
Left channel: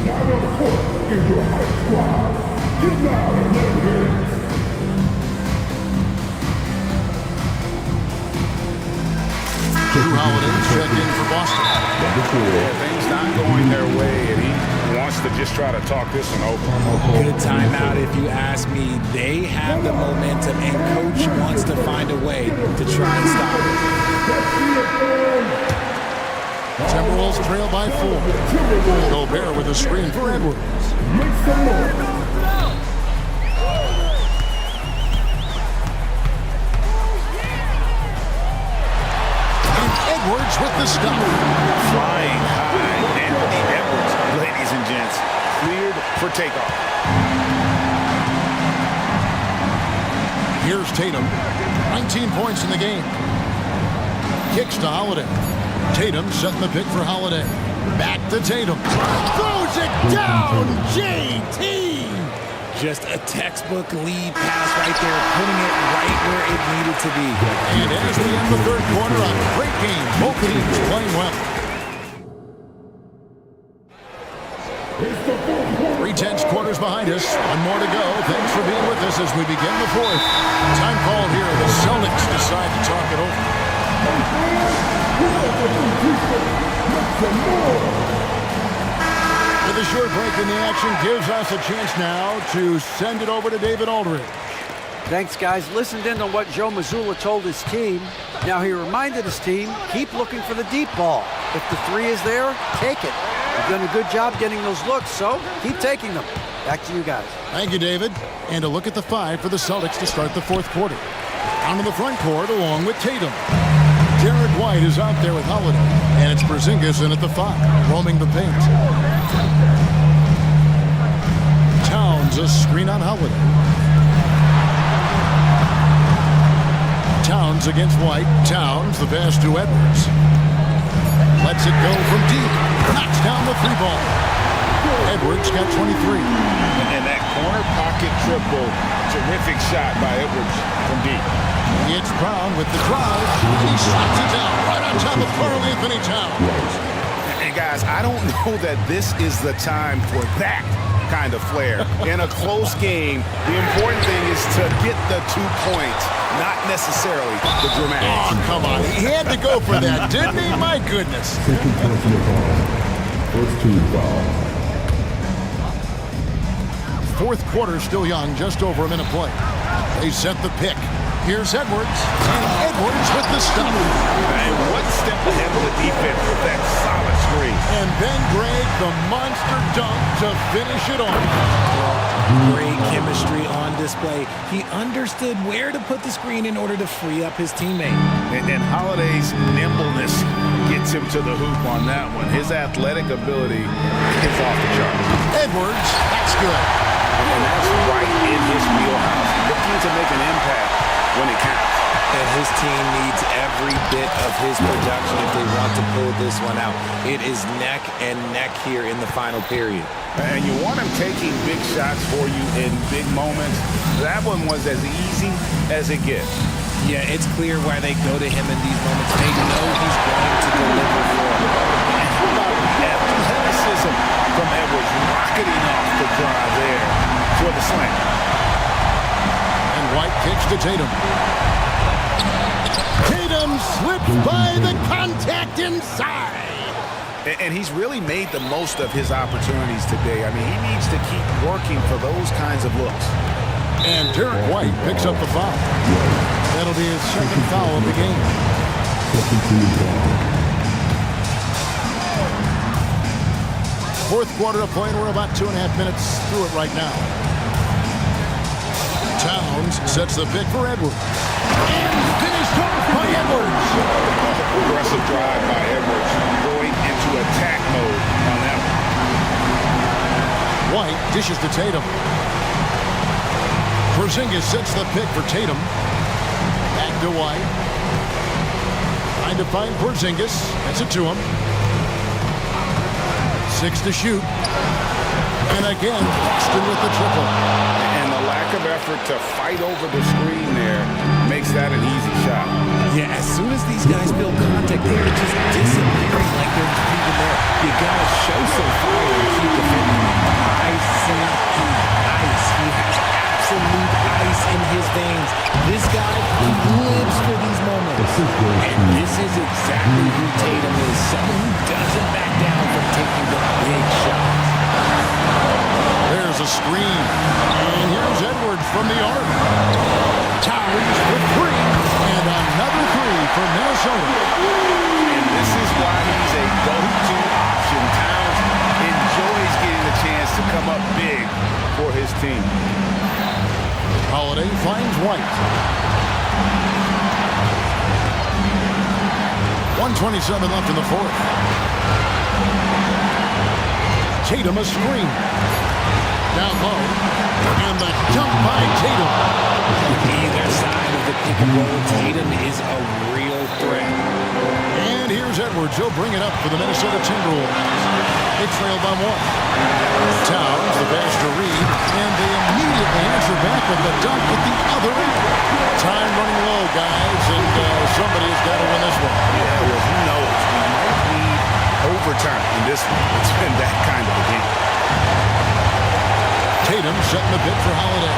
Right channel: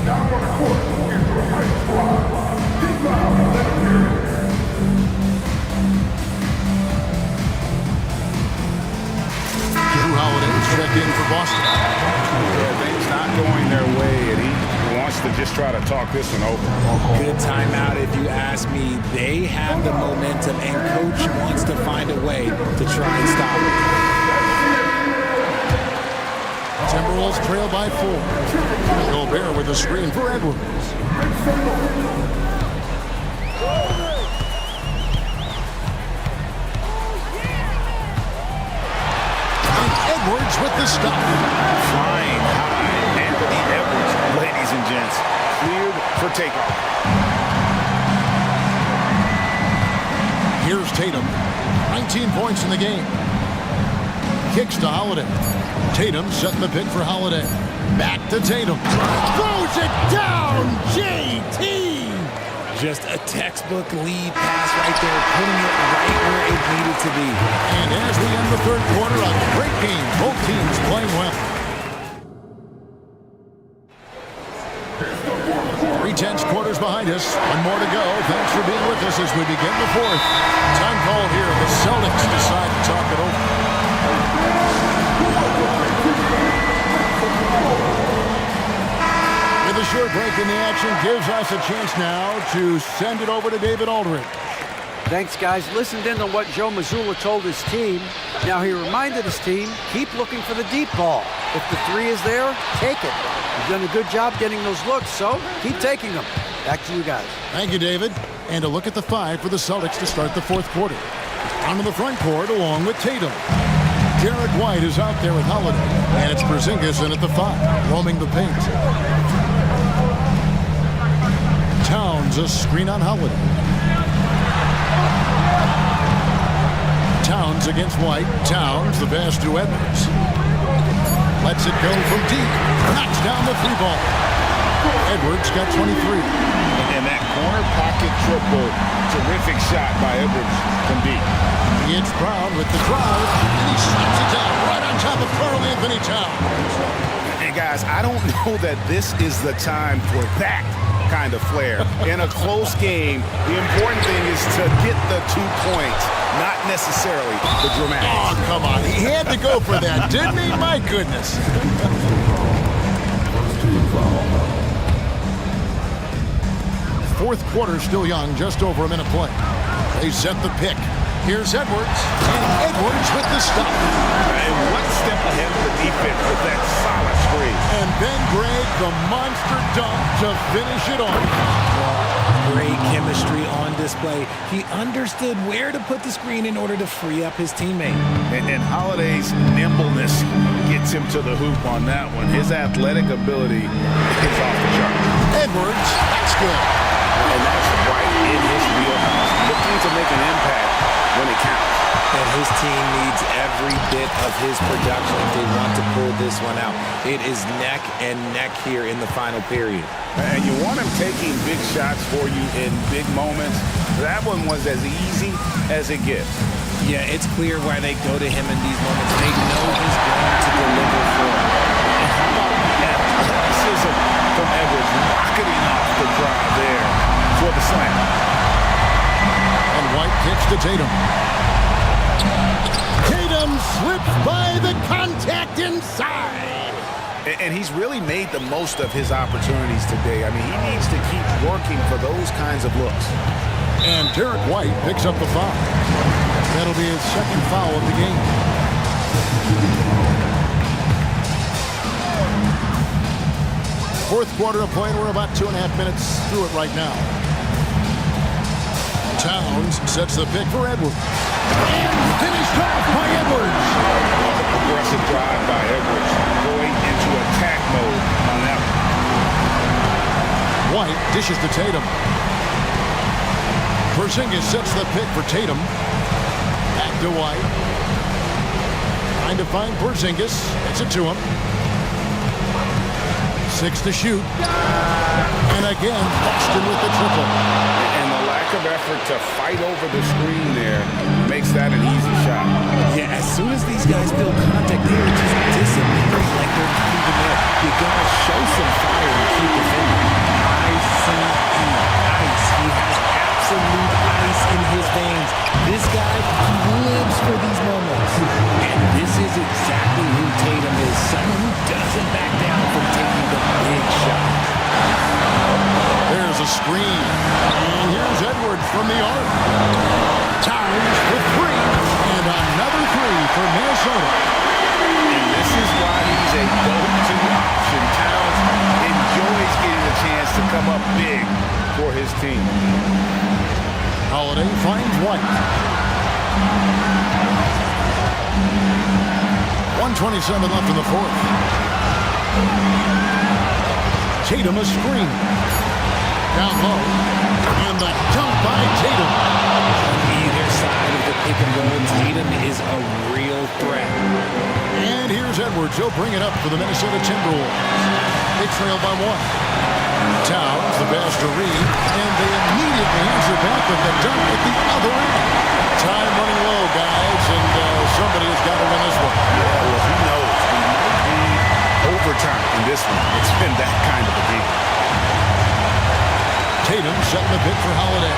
Now on the court is your high squad. Drew Holiday's checked in for Boston. Yeah, things not going their way, and he wants to just try to talk this one over. Good timeout if you ask me. They have the momentum, and coach wants to find a way to try and stop it. Timberwolves trail by 4. Gobert with a screen for Edwards. Edwards with the stop. Flying high. Anthony Edwards, ladies and gents, cleared for takeoff. Here's Tatum. 19 points in the game. Kicks to Holiday. Tatum setting the pick for Holiday. Back to Tatum. Throws it down, JT! Just a textbook lead pass right there, putting it right where it needed to be. And as we end the third quarter, a great game. Both teams playing well. 3/10 quarters behind us. One more to go. Thanks for being with us as we begin the fourth. Time called here. The Celtics decide to talk it over. With a short break in the action gives us a chance now to send it over to David Aldridge. Thanks, guys. Listened in on what Joe Mazzulla told his team. Now he reminded his team, keep looking for the deep ball. If the three is there, take it. You've done a good job getting those looks, so keep taking them. Back to you guys. Thank you, David. And a look at the 5 for the Celtics to start the fourth quarter. Onto the front court along with Tatum. Derek White is out there with Holiday, and it's Porzingis in at the 5, roaming the paint. Towns, a screen on Holiday. Towns against White. Towns, the pass to Edwards. Lets it go from deep. Knocks down the 3 ball. Edwards got 23. And that corner pocket triple, terrific shot by Edwards from deep. It's Brown with the drive, and he slaps it down right on top of Karl Anthony Towns. And guys, I don't know that this is the time for that kind of flair. In a close game, the important thing is to get the 2 points, not necessarily the dramatics. Oh, come on. He had to go for that, didn't he? My goodness. First team foul. Fourth quarter still young, just over a minute play. They set the pick. Here's Edwards, and Edwards with the stop. And one step ahead of the defense with that solid screen. And then Greg, the monster dunk to finish it off. Great chemistry on display. He understood where to put the screen in order to free up his teammate. And Holiday's nimbleness gets him to the hoop on that one. His athletic ability is off the charts. Edwards, that's good. And that's right in his wheelhouse, looking to make an impact when it counts. And his team needs every bit of his production if they want to pull this one out. It is neck and neck here in the final period. And you want him taking big shots for you in big moments. That one was as easy as it gets. Yeah, it's clear why they go to him in these moments. They know he's going to deliver for them. And how about the athleticism from Edwards rocketing off the drive there for the slam. And White kicks to Tatum. Tatum slips by the contact inside. And he's really made the most of his opportunities today. I mean, he needs to keep working for those kinds of looks. And Derek White picks up the foul. That'll be his second foul of the game. Fourth quarter of play, and we're about 2.5 minutes through it right now. Towns sets the pick for Edwards. And finished off by Edwards. Aggressive drive by Edwards, going into attack mode on that one. White dishes to Tatum. Porzingis sets the pick for Tatum. Back to White. Trying to find Porzingis. Gets it to him. 6 to shoot. And again, Boston with the triple. And the lack of effort to fight over the screen there makes that an easy shot. Yeah, as soon as these guys build contact, they're just disappearing like they're not even there. You gotta show some fire and keep defending. ICE, ice. He has absolute ice in his veins. This guy, he lives for these moments. And this is exactly who Tatum is. Someone who doesn't back down from taking the big shots. There's a screen. And here's Edwards from the arc. Towns with 3. And another 3 for Minnesota. And this is why he's a go-to option. Towns enjoys getting a chance to come up big for his team. Holiday finds White. 1:27 left in the fourth. Tatum a screen. Down low. And the dunk by Tatum. On either side of the pick and roll, Tatum is a real threat. And here's Edwards. He'll bring it up for the Minnesota Timberwolves. They trail by 1. Towns, the pass to Reed, and they immediately answer back with the dunk at the other end. Time running low, guys, and somebody has got to win this one. Yeah, well, who knows? We might need overtime in this one. It's been that kind of a game. Tatum setting the pick for Holiday.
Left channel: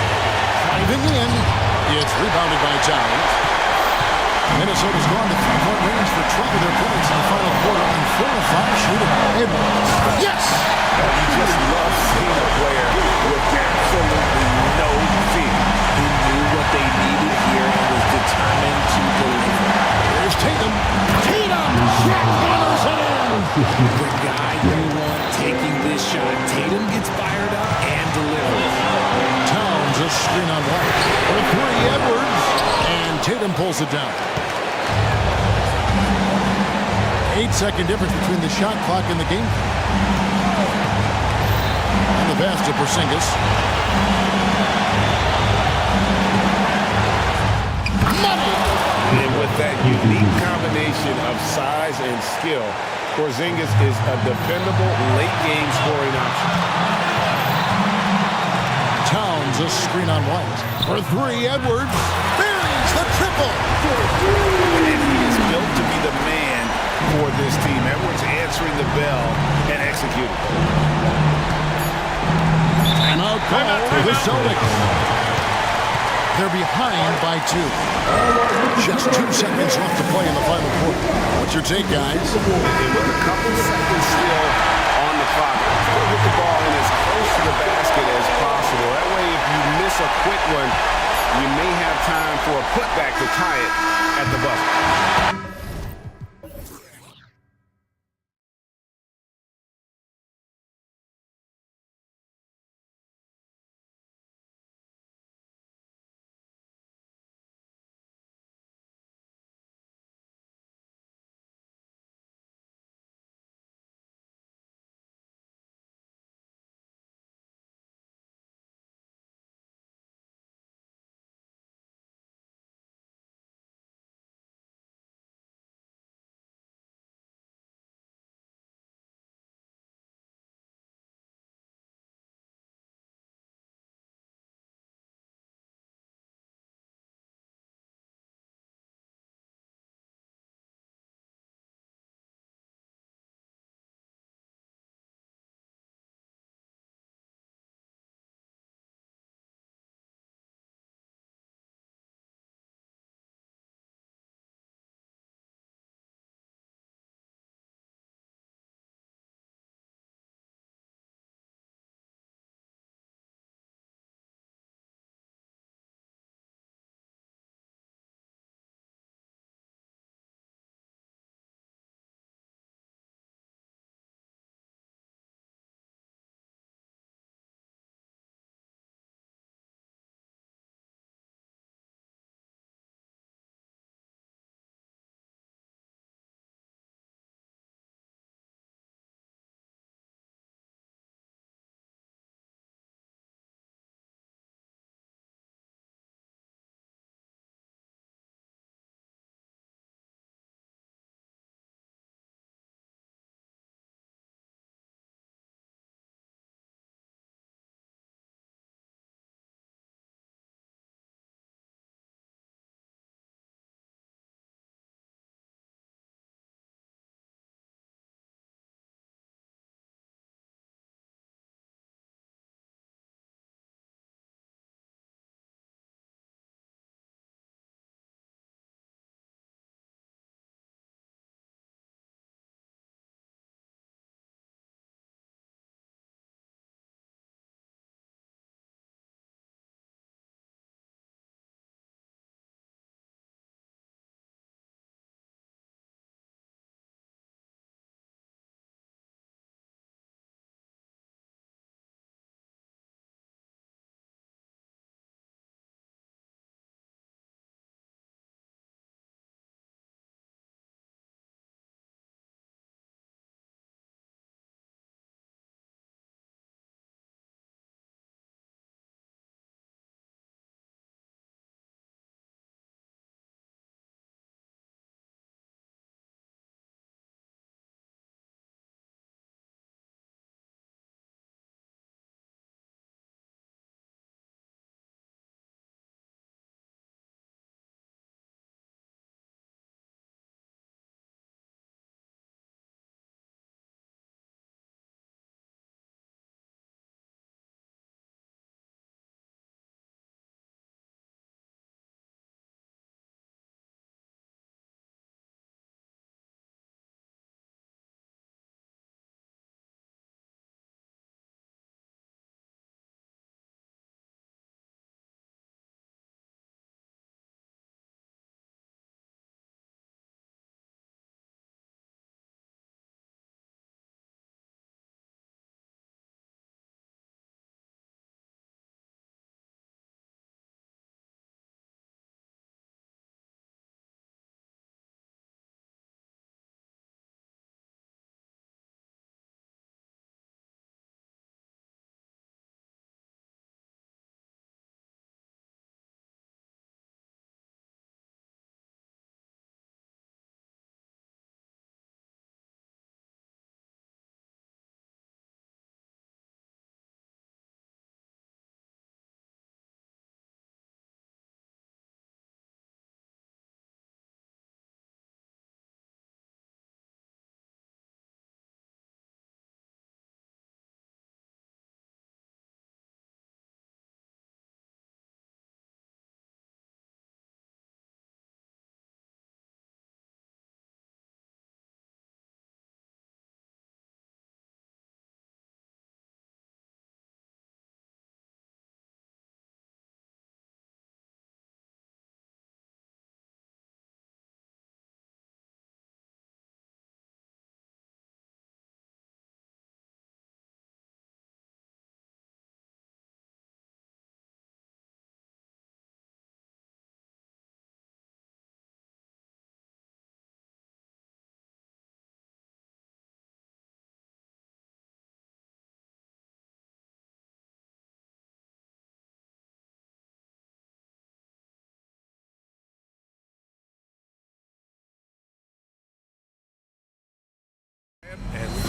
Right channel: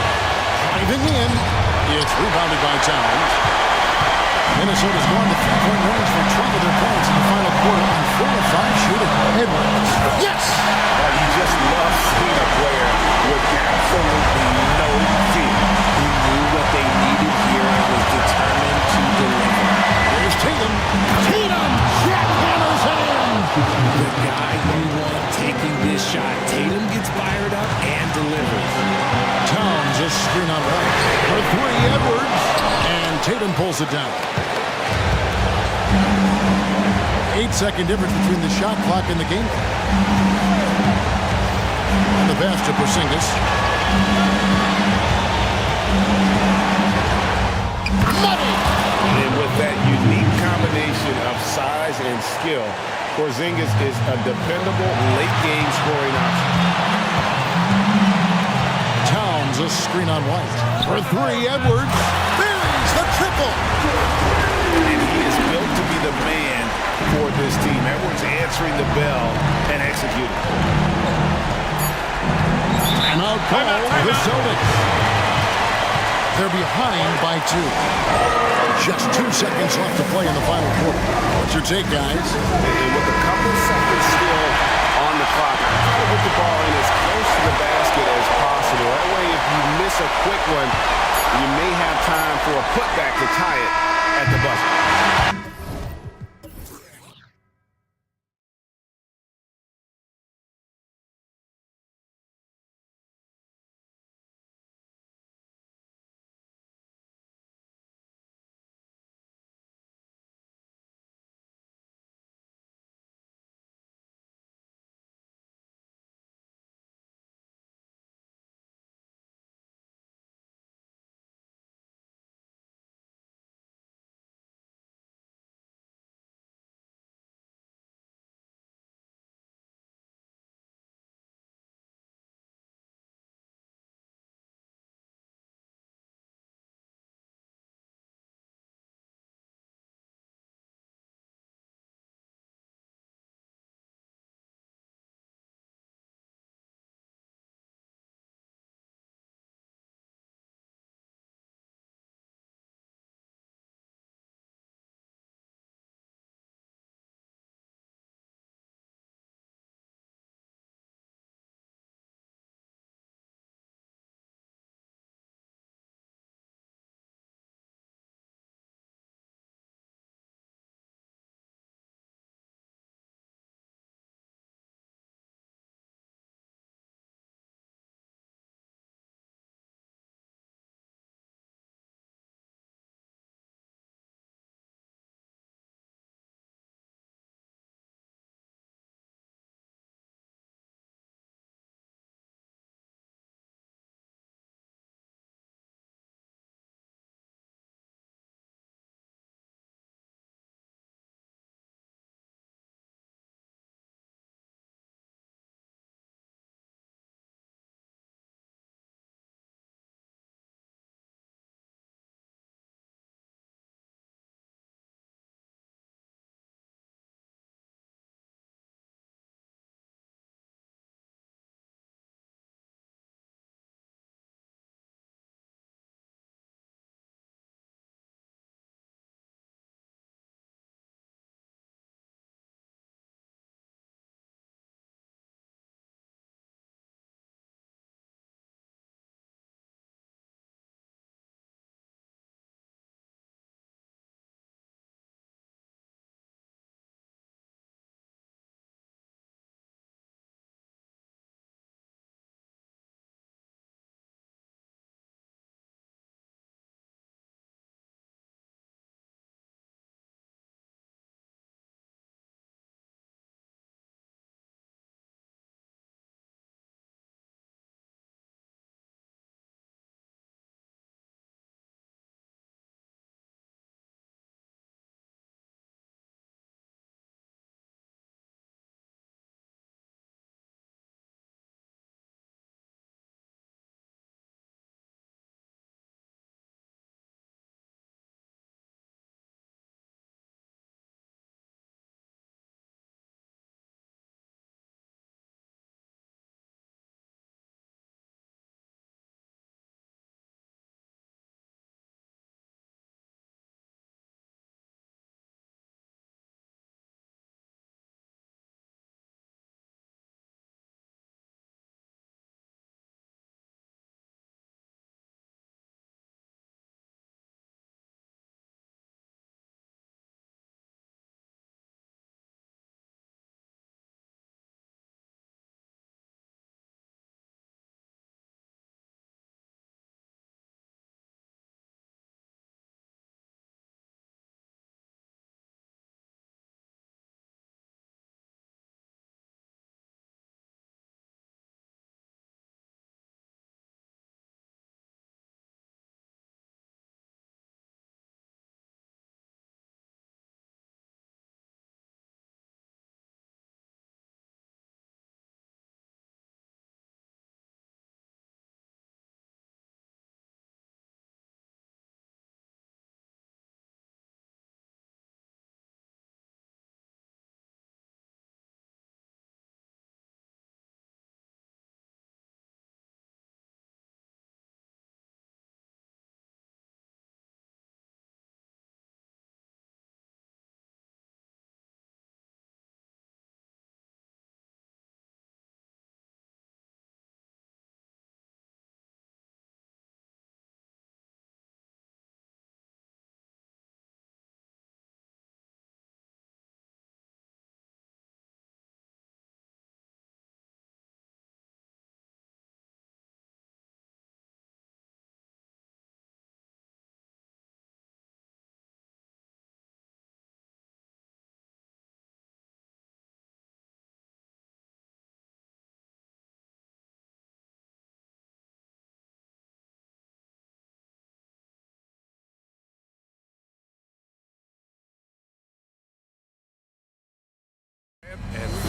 Driving in. It's rebounded by Towns. Minnesota's gone to 3-point range for 12 of their points in the final quarter on 4 of 5 shooting. Edwards. Yes! You just love seeing a player with absolutely no fear. He knew what they needed here and was determined to deliver. Here's Tatum. Tatum jackhammers it in. The guy you want taking this shot. Tatum gets fired up and delivers. Towns a screen on White. For 3, Edwards. And Tatum pulls it down. 8-second difference between the shot clock and the game clock. And the pass to Porzingis. Money! And with that unique combination of size and skill, Porzingis is a dependable late-game scoring option. Towns a screen on White. For 3, Edwards buries the triple. And he is built to be the man for this team. Edwards answering the bell and executing. Timeout call for the Celtics. They're behind by 2. Just 2 seconds left to play in the final quarter. What's your take, guys? And with a couple seconds still on the clock, I try to get the ball in as close to the basket as possible. That way, if you miss a quick one, you may have time for a putback to tie it at the buzzer.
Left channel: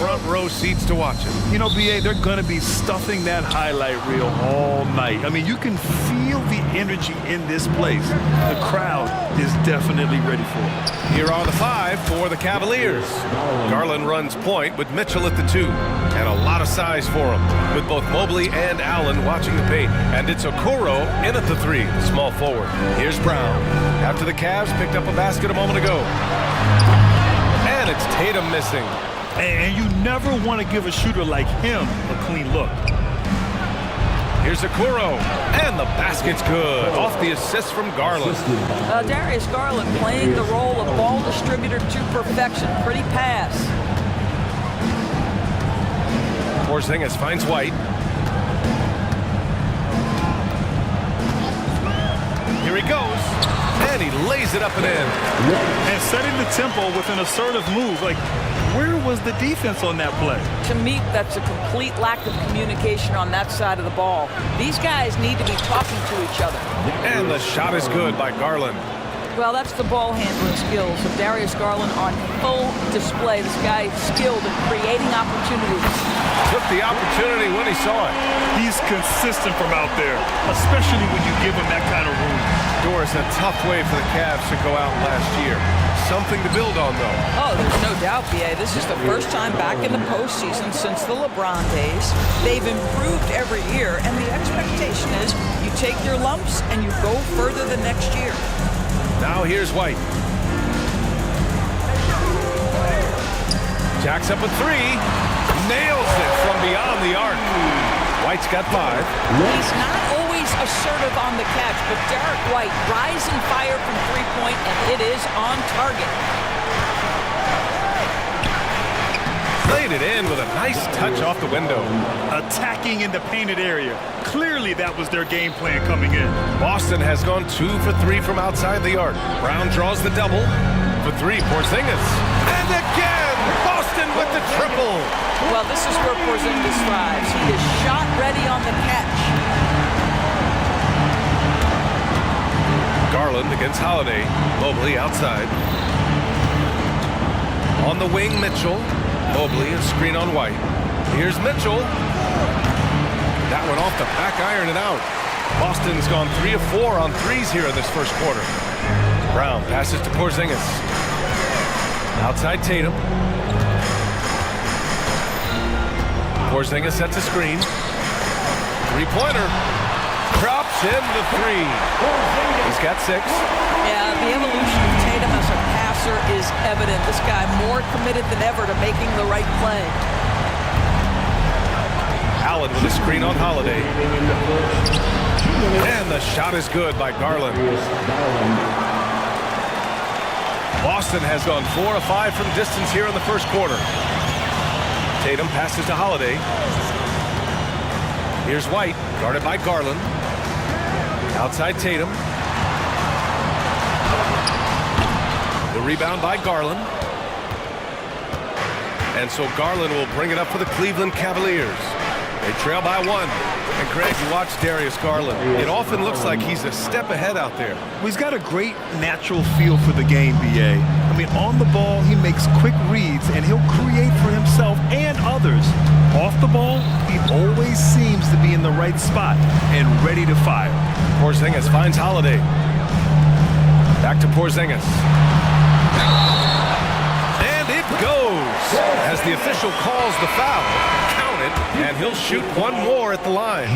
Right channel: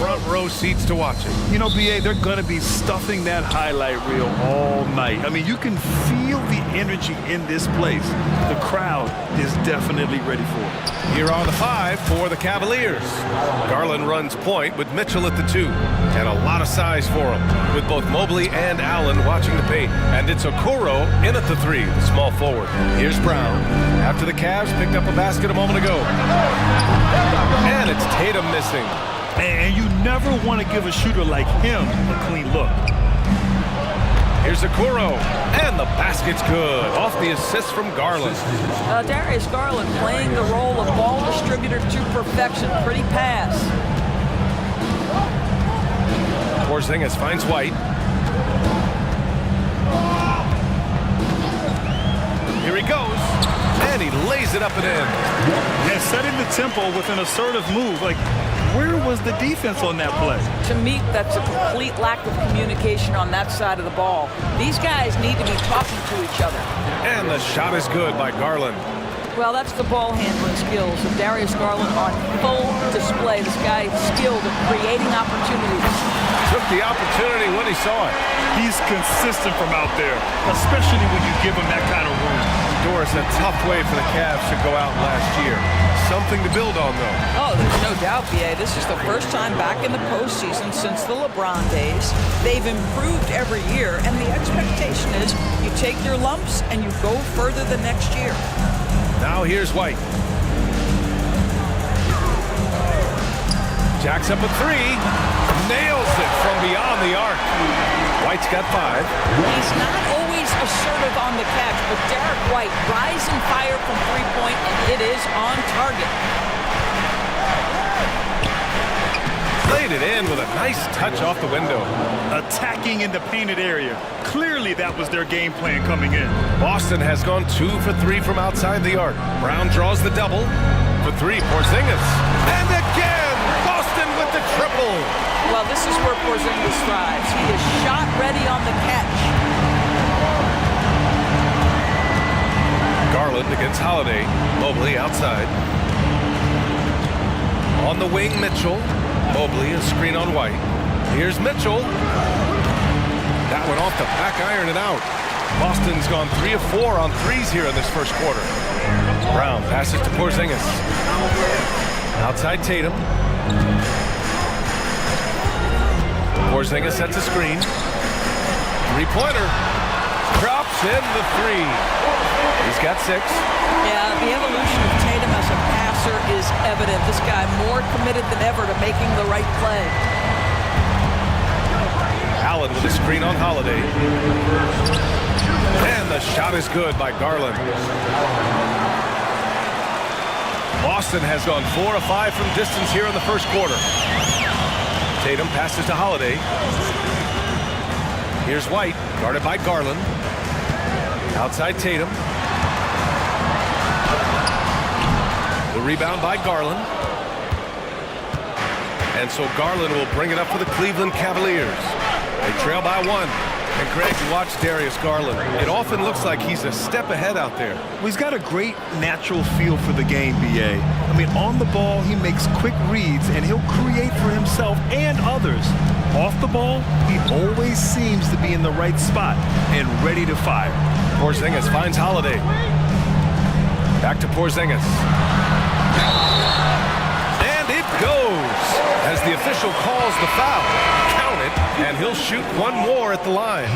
front row seats to watch it. You know, BA, they're going to be stuffing that highlight reel all night. I mean, you can feel the energy in this place. The crowd is definitely ready for it. Here are the 5 for the Cavaliers. Garland runs point with Mitchell at the 2. And a lot of size for him, with both Mobley and Allen watching the paint. And it's Okoro in at the 3, the small forward. Here's Brown. After the Cavs picked up a basket a moment ago. And it's Tatum missing. And you never want to give a shooter like him a clean look. Here's Okoro, and the basket's good, off the assist from Garland. Darius Garland playing the role of ball distributor to perfection. Pretty pass. Porzingis finds White. Here he goes, and he lays it up and in. And setting the tempo with an assertive move. Like, where was the defense on that play? To me, that's a complete lack of communication on that side of the ball. These guys need to be talking to each other. And the shot is good by Garland. Well, that's the ball handling skills of Darius Garland on full display. This guy is skilled at creating opportunities. Took the opportunity when he saw it. He's consistent from out there, especially when you give him that kind of room. Doris, a tough way for the Cavs to go out last year. Something to build on, though. Oh, there's no doubt, BA. This is the first time back in the postseason since the LeBron days. They've improved every year, and the expectation is you take your lumps and you go further the next year. Now here's White. Jacks up a 3. Nails it from beyond the arc. White's got 5. He's not always assertive on the catch, but Derek White rise and fire from three-point, and it is on target. Played it in with a nice touch off the window. Attacking in the painted area. Clearly that was their game plan coming in. Boston has gone 2 for 3 from outside the arc. Brown draws the double. For 3, Porzingis. And again, Boston with the triple. Well, this is where Porzingis thrives. He is shot ready on the catch. Garland against Holiday. Mobley outside. On the wing, Mitchell. Mobley, a screen on White. Here's Mitchell. That one off the back iron and out. Boston's gone 3 of 4 on 3s here in this first quarter. Brown passes to Porzingis. Outside Tatum. Porzingis sets a screen. Three-pointer. Drops in the 3. He's got 6. Yeah, the evolution of Tatum as a passer is evident. This guy more committed than ever to making the right play. Allen with a screen on Holiday. And the shot is good by Garland. Boston has gone 4 of 5 from distance here in the first quarter. Tatum passes to Holiday. Here's White, guarded by Garland. Outside Tatum. The rebound by Garland. And so Garland will bring it up for the Cleveland Cavaliers. They trail by 1. And Craig, you watch Darius Garland. It often looks like he's a step ahead out there. Well, he's got a great natural feel for the game, BA. I mean, on the ball, he makes quick reads, and he'll create for himself and others. Off the ball, he always seems to be in the right spot and ready to fire. Porzingis finds Holiday. Back to Porzingis. And it goes as the official calls the foul. Count it, and he'll shoot one more at the line.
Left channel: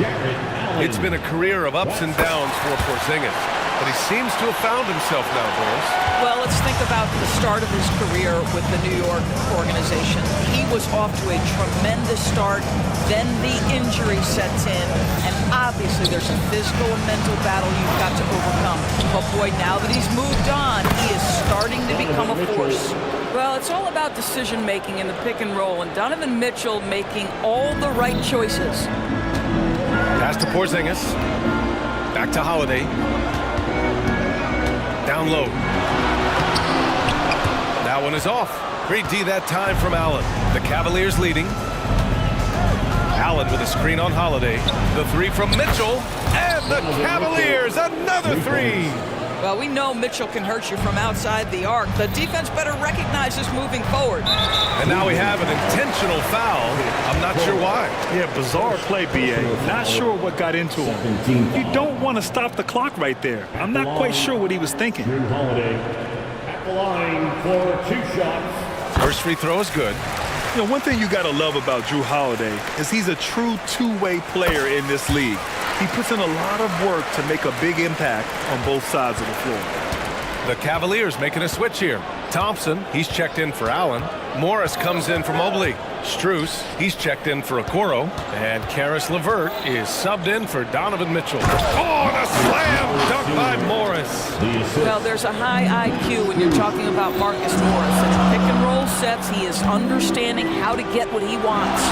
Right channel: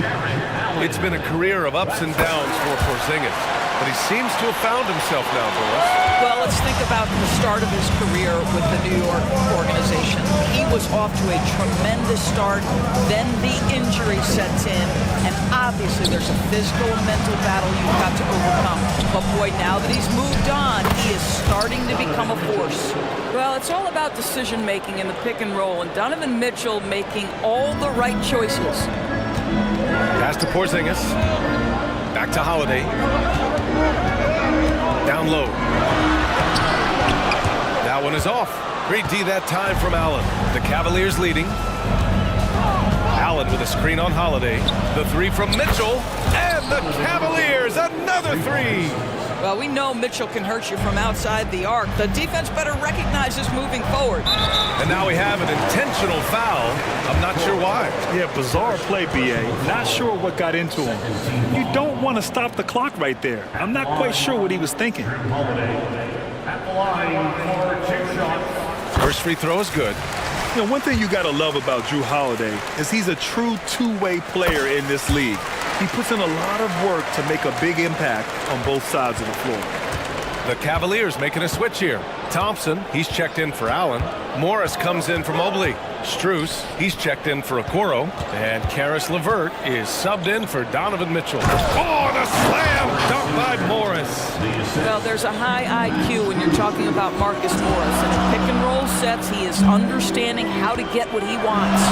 It's been a career of ups and downs for Porzingis, but he seems to have found himself now, Doris. Well, let's think about the start of his career with the New York organization. He was off to a tremendous start, then the injury sets in, and obviously there's a physical and mental battle you've got to overcome. But boy, now that he's moved on, he is starting to become a force. Well, it's all about decision-making in the pick and roll, and Donovan Mitchell making all the right choices. Pass to Porzingis. Back to Holiday. Down low. That one is off. Great D that time from Allen. The Cavaliers leading. Allen with a screen on Holiday. The 3 from Mitchell. And the Cavaliers, another 3. Well, we know Mitchell can hurt you from outside the arc. The defense better recognize this moving forward. And now we have an intentional foul. I'm not sure why. Yeah, bizarre play, B.A. Not sure what got into him. You don't want to stop the clock right there. I'm not quite sure what he was thinking. At the line for 2 shots. First free throw is good. You know, one thing you got to love about Drew Holiday is he's a true two-way player in this league. He puts in a lot of work to make a big impact on both sides of the floor. The Cavaliers making a switch here. Thompson, he's checked in for Allen. Morris comes in for Mobley. Strus, he's checked in for Okoro. And Karis LeVert is subbed in for Donovan Mitchell. Oh, and a slam dunk by Morris. Well, there's a high IQ when you're talking about Marcus Morris. And in pick-and-roll sets, he is understanding how to get what he wants.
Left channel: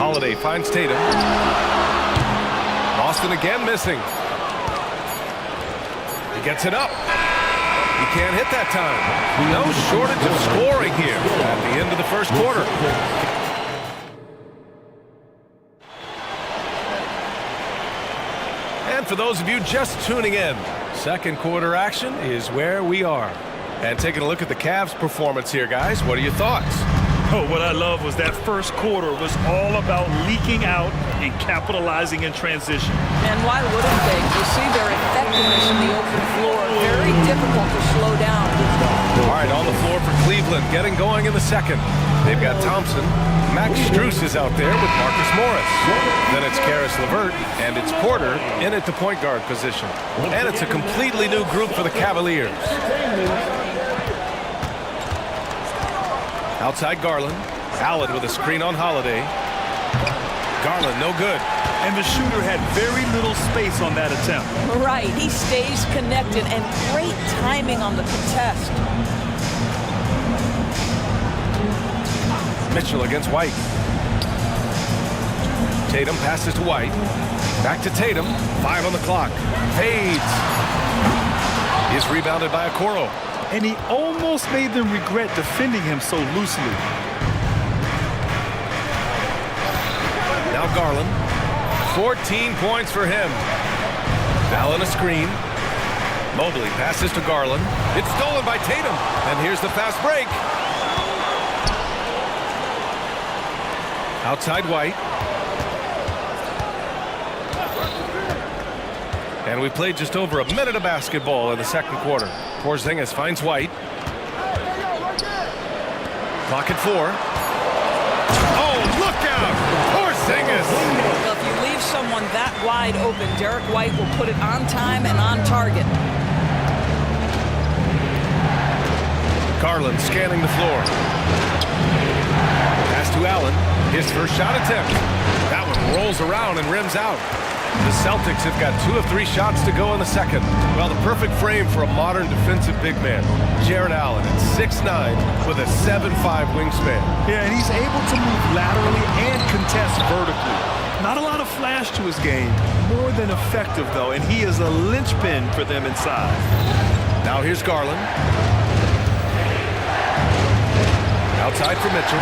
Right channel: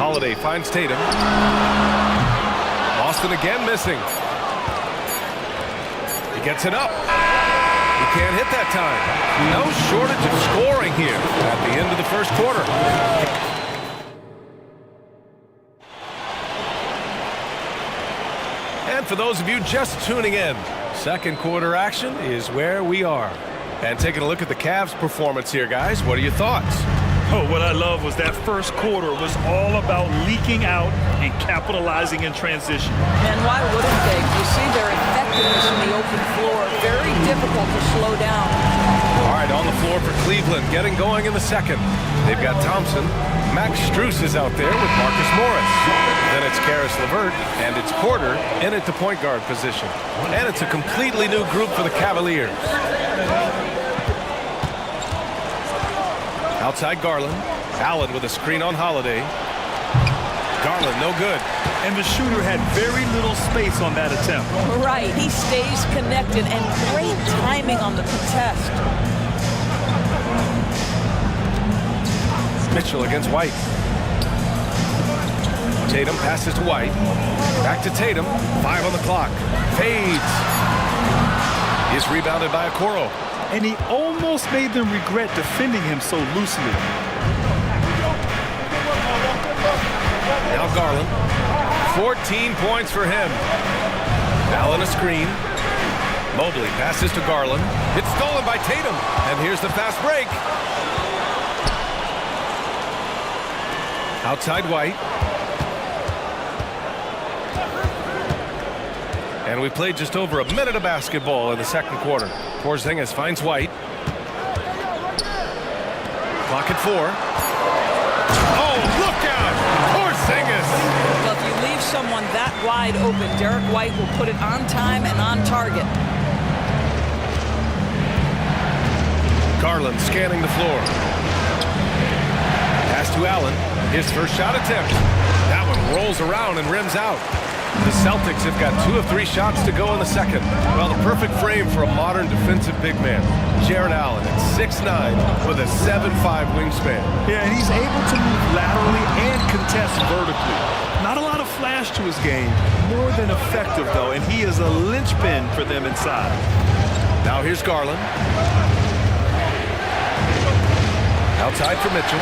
Holiday finds Tatum. Boston again missing. He gets it up. He can't hit that time. No shortage of scoring here at the end of the first quarter. And for those of you just tuning in, second quarter action is where we are. And taking a look at the Cavs' performance here, guys. What are your thoughts? Oh, what I love was that first quarter was all about leaking out and capitalizing in transition. And why wouldn't they? You see their effectiveness in the open floor. Very difficult to slow down. All right, on the floor for Cleveland, getting going in the second. They've got Thompson. Max Strus is out there with Marcus Morris. Then it's Karis LeVert, and it's Porter in at the point guard position. And it's a completely new group for the Cavaliers. Outside Garland. Allen with a screen on Holiday. Garland, no good. And the shooter had very little space on that attempt. Right, he stays connected and great timing on the contest. Mitchell against White. Tatum passes to White. Back to Tatum. 5 on the clock. Fades. Is rebounded by Okoro. And he almost made them regret defending him so loosely. Now Garland. 14 points for him. Allen a screen. Mobley passes to Garland. It's stolen by Tatum. And here's the fast break. Outside White. And we played just over a minute of basketball in the second quarter. Porzingis finds White. Clock at 4. Oh, look out! Porzingis! Well, if you leave someone that wide open, Derek White will put it on time and on target. Garland scanning the floor. Pass to Allen. His first shot attempt. That one rolls around and rims out. The Celtics have got 2 of 3 shots to go in the second. Well, the perfect frame for a modern defensive big man. Jared Allen at 6'9" with a 7'5" wingspan. Yeah, and he's able to move laterally and contest vertically. Not a lot of flash to his game. More than effective, though, and he is a linchpin for them inside. Now here's Garland. Outside for Mitchell.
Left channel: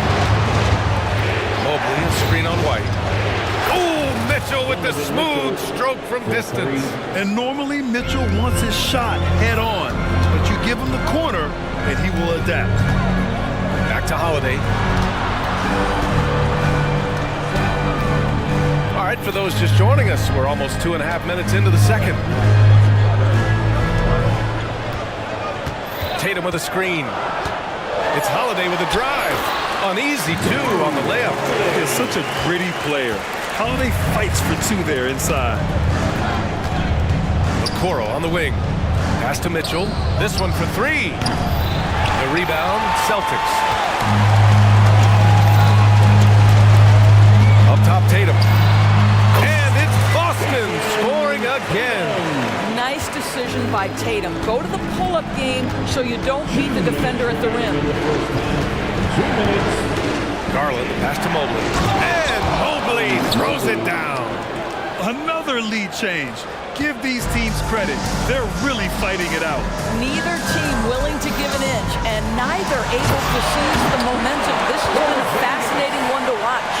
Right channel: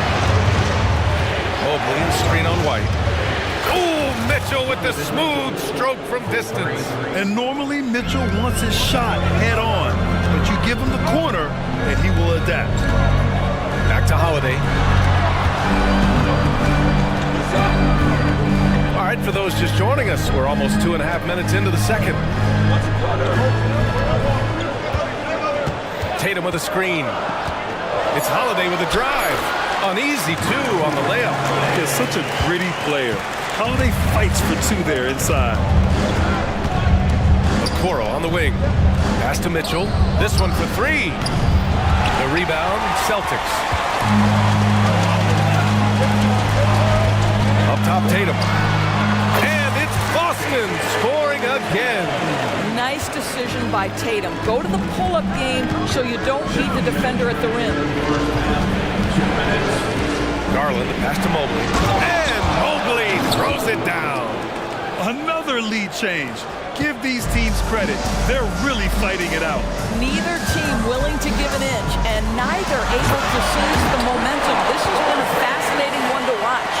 Mobley and screen on White. Oh, Mitchell with the smooth stroke from distance. And normally Mitchell wants his shot head on, but you give him the corner and he will adapt. Back to Holiday. All right, for those just joining us, we're almost 2.5 minutes into the second. Tatum with a screen. It's Holiday with a drive. Uneasy, too, on the layup. He's such a gritty player. Holiday fights for 2 there inside. Okoro on the wing. Pass to Mitchell. This one for 3. The rebound, Celtics. Up top, Tatum. And it's Boston scoring again. Nice decision by Tatum. Go to the pull-up game so you don't beat the defender at the rim. Garland, the pass to Mobley. And Mobley throws it down. Another lead change. Give these teams credit. They're really fighting it out. Neither team willing to give an inch, and neither able to seize the momentum. This has been a fascinating one to watch.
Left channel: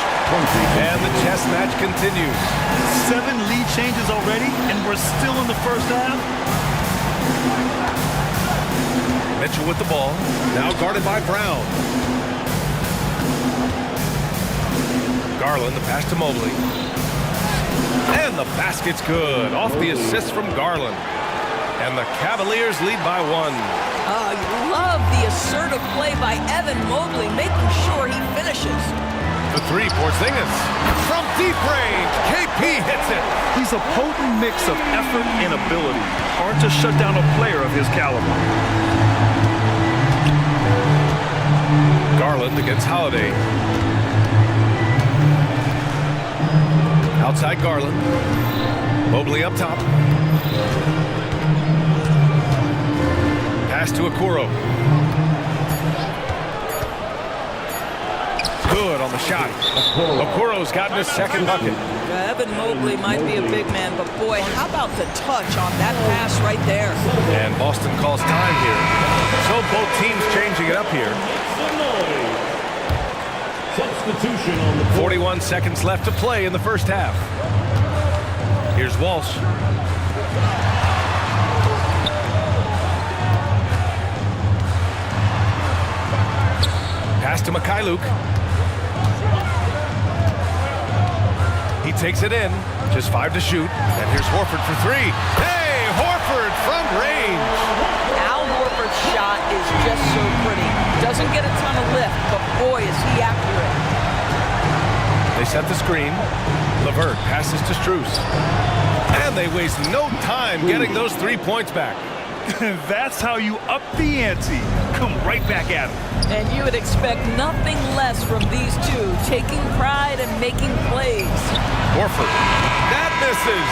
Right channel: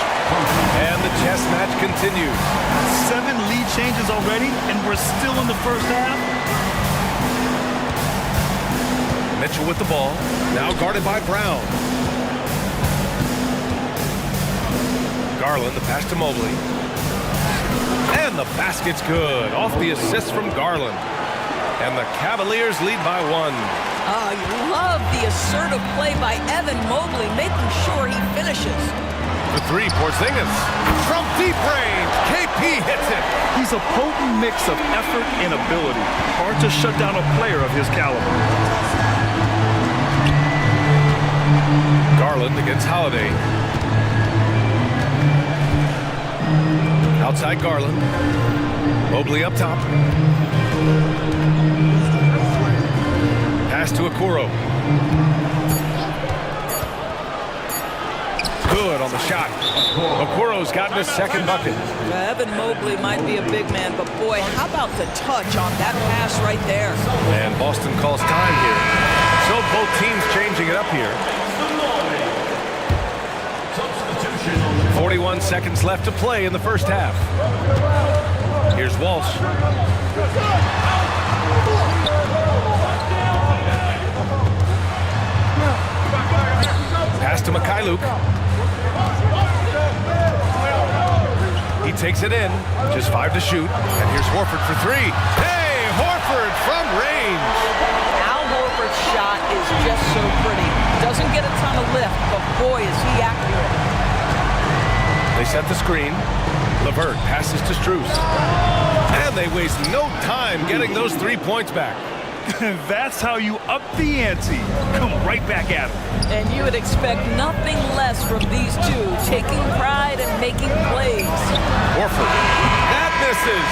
And the chess match continues. 7 lead changes already, and we're still in the first half. Mitchell with the ball, now guarded by Brown. Garland, the pass to Mobley. And the basket's good, off the assist from Garland. And the Cavaliers lead by 1. Oh, you love the assertive play by Evan Mobley, making sure he finishes. The 3, Porzingis. From deep range, KP hits it. He's a potent mix of effort and ability. Hard to shut down a player of his caliber. Garland against Holiday. Outside Garland. Mobley up top. Pass to Okoro. Good on the shot. Okoro's gotten his second bucket. Evan Mobley might be a big man, but boy, how about the touch on that pass right there? And Boston calls time here. So both teams changing it up here. 41 seconds left to play in the first half. Here's Walsh. Pass to Mikhailuk. He takes it in. Just 5 to shoot. And here's Horford for 3. Hey, Horford from range. Al Horford's shot is just so pretty. Doesn't get a ton of lift, but boy, is he accurate. They set the screen. LeVert passes to Strus. And they waste no time getting those 3 points back. That's how you up the ante. Come right back at him. And you would expect nothing less from these two, taking pride and making plays. Horford. That misses.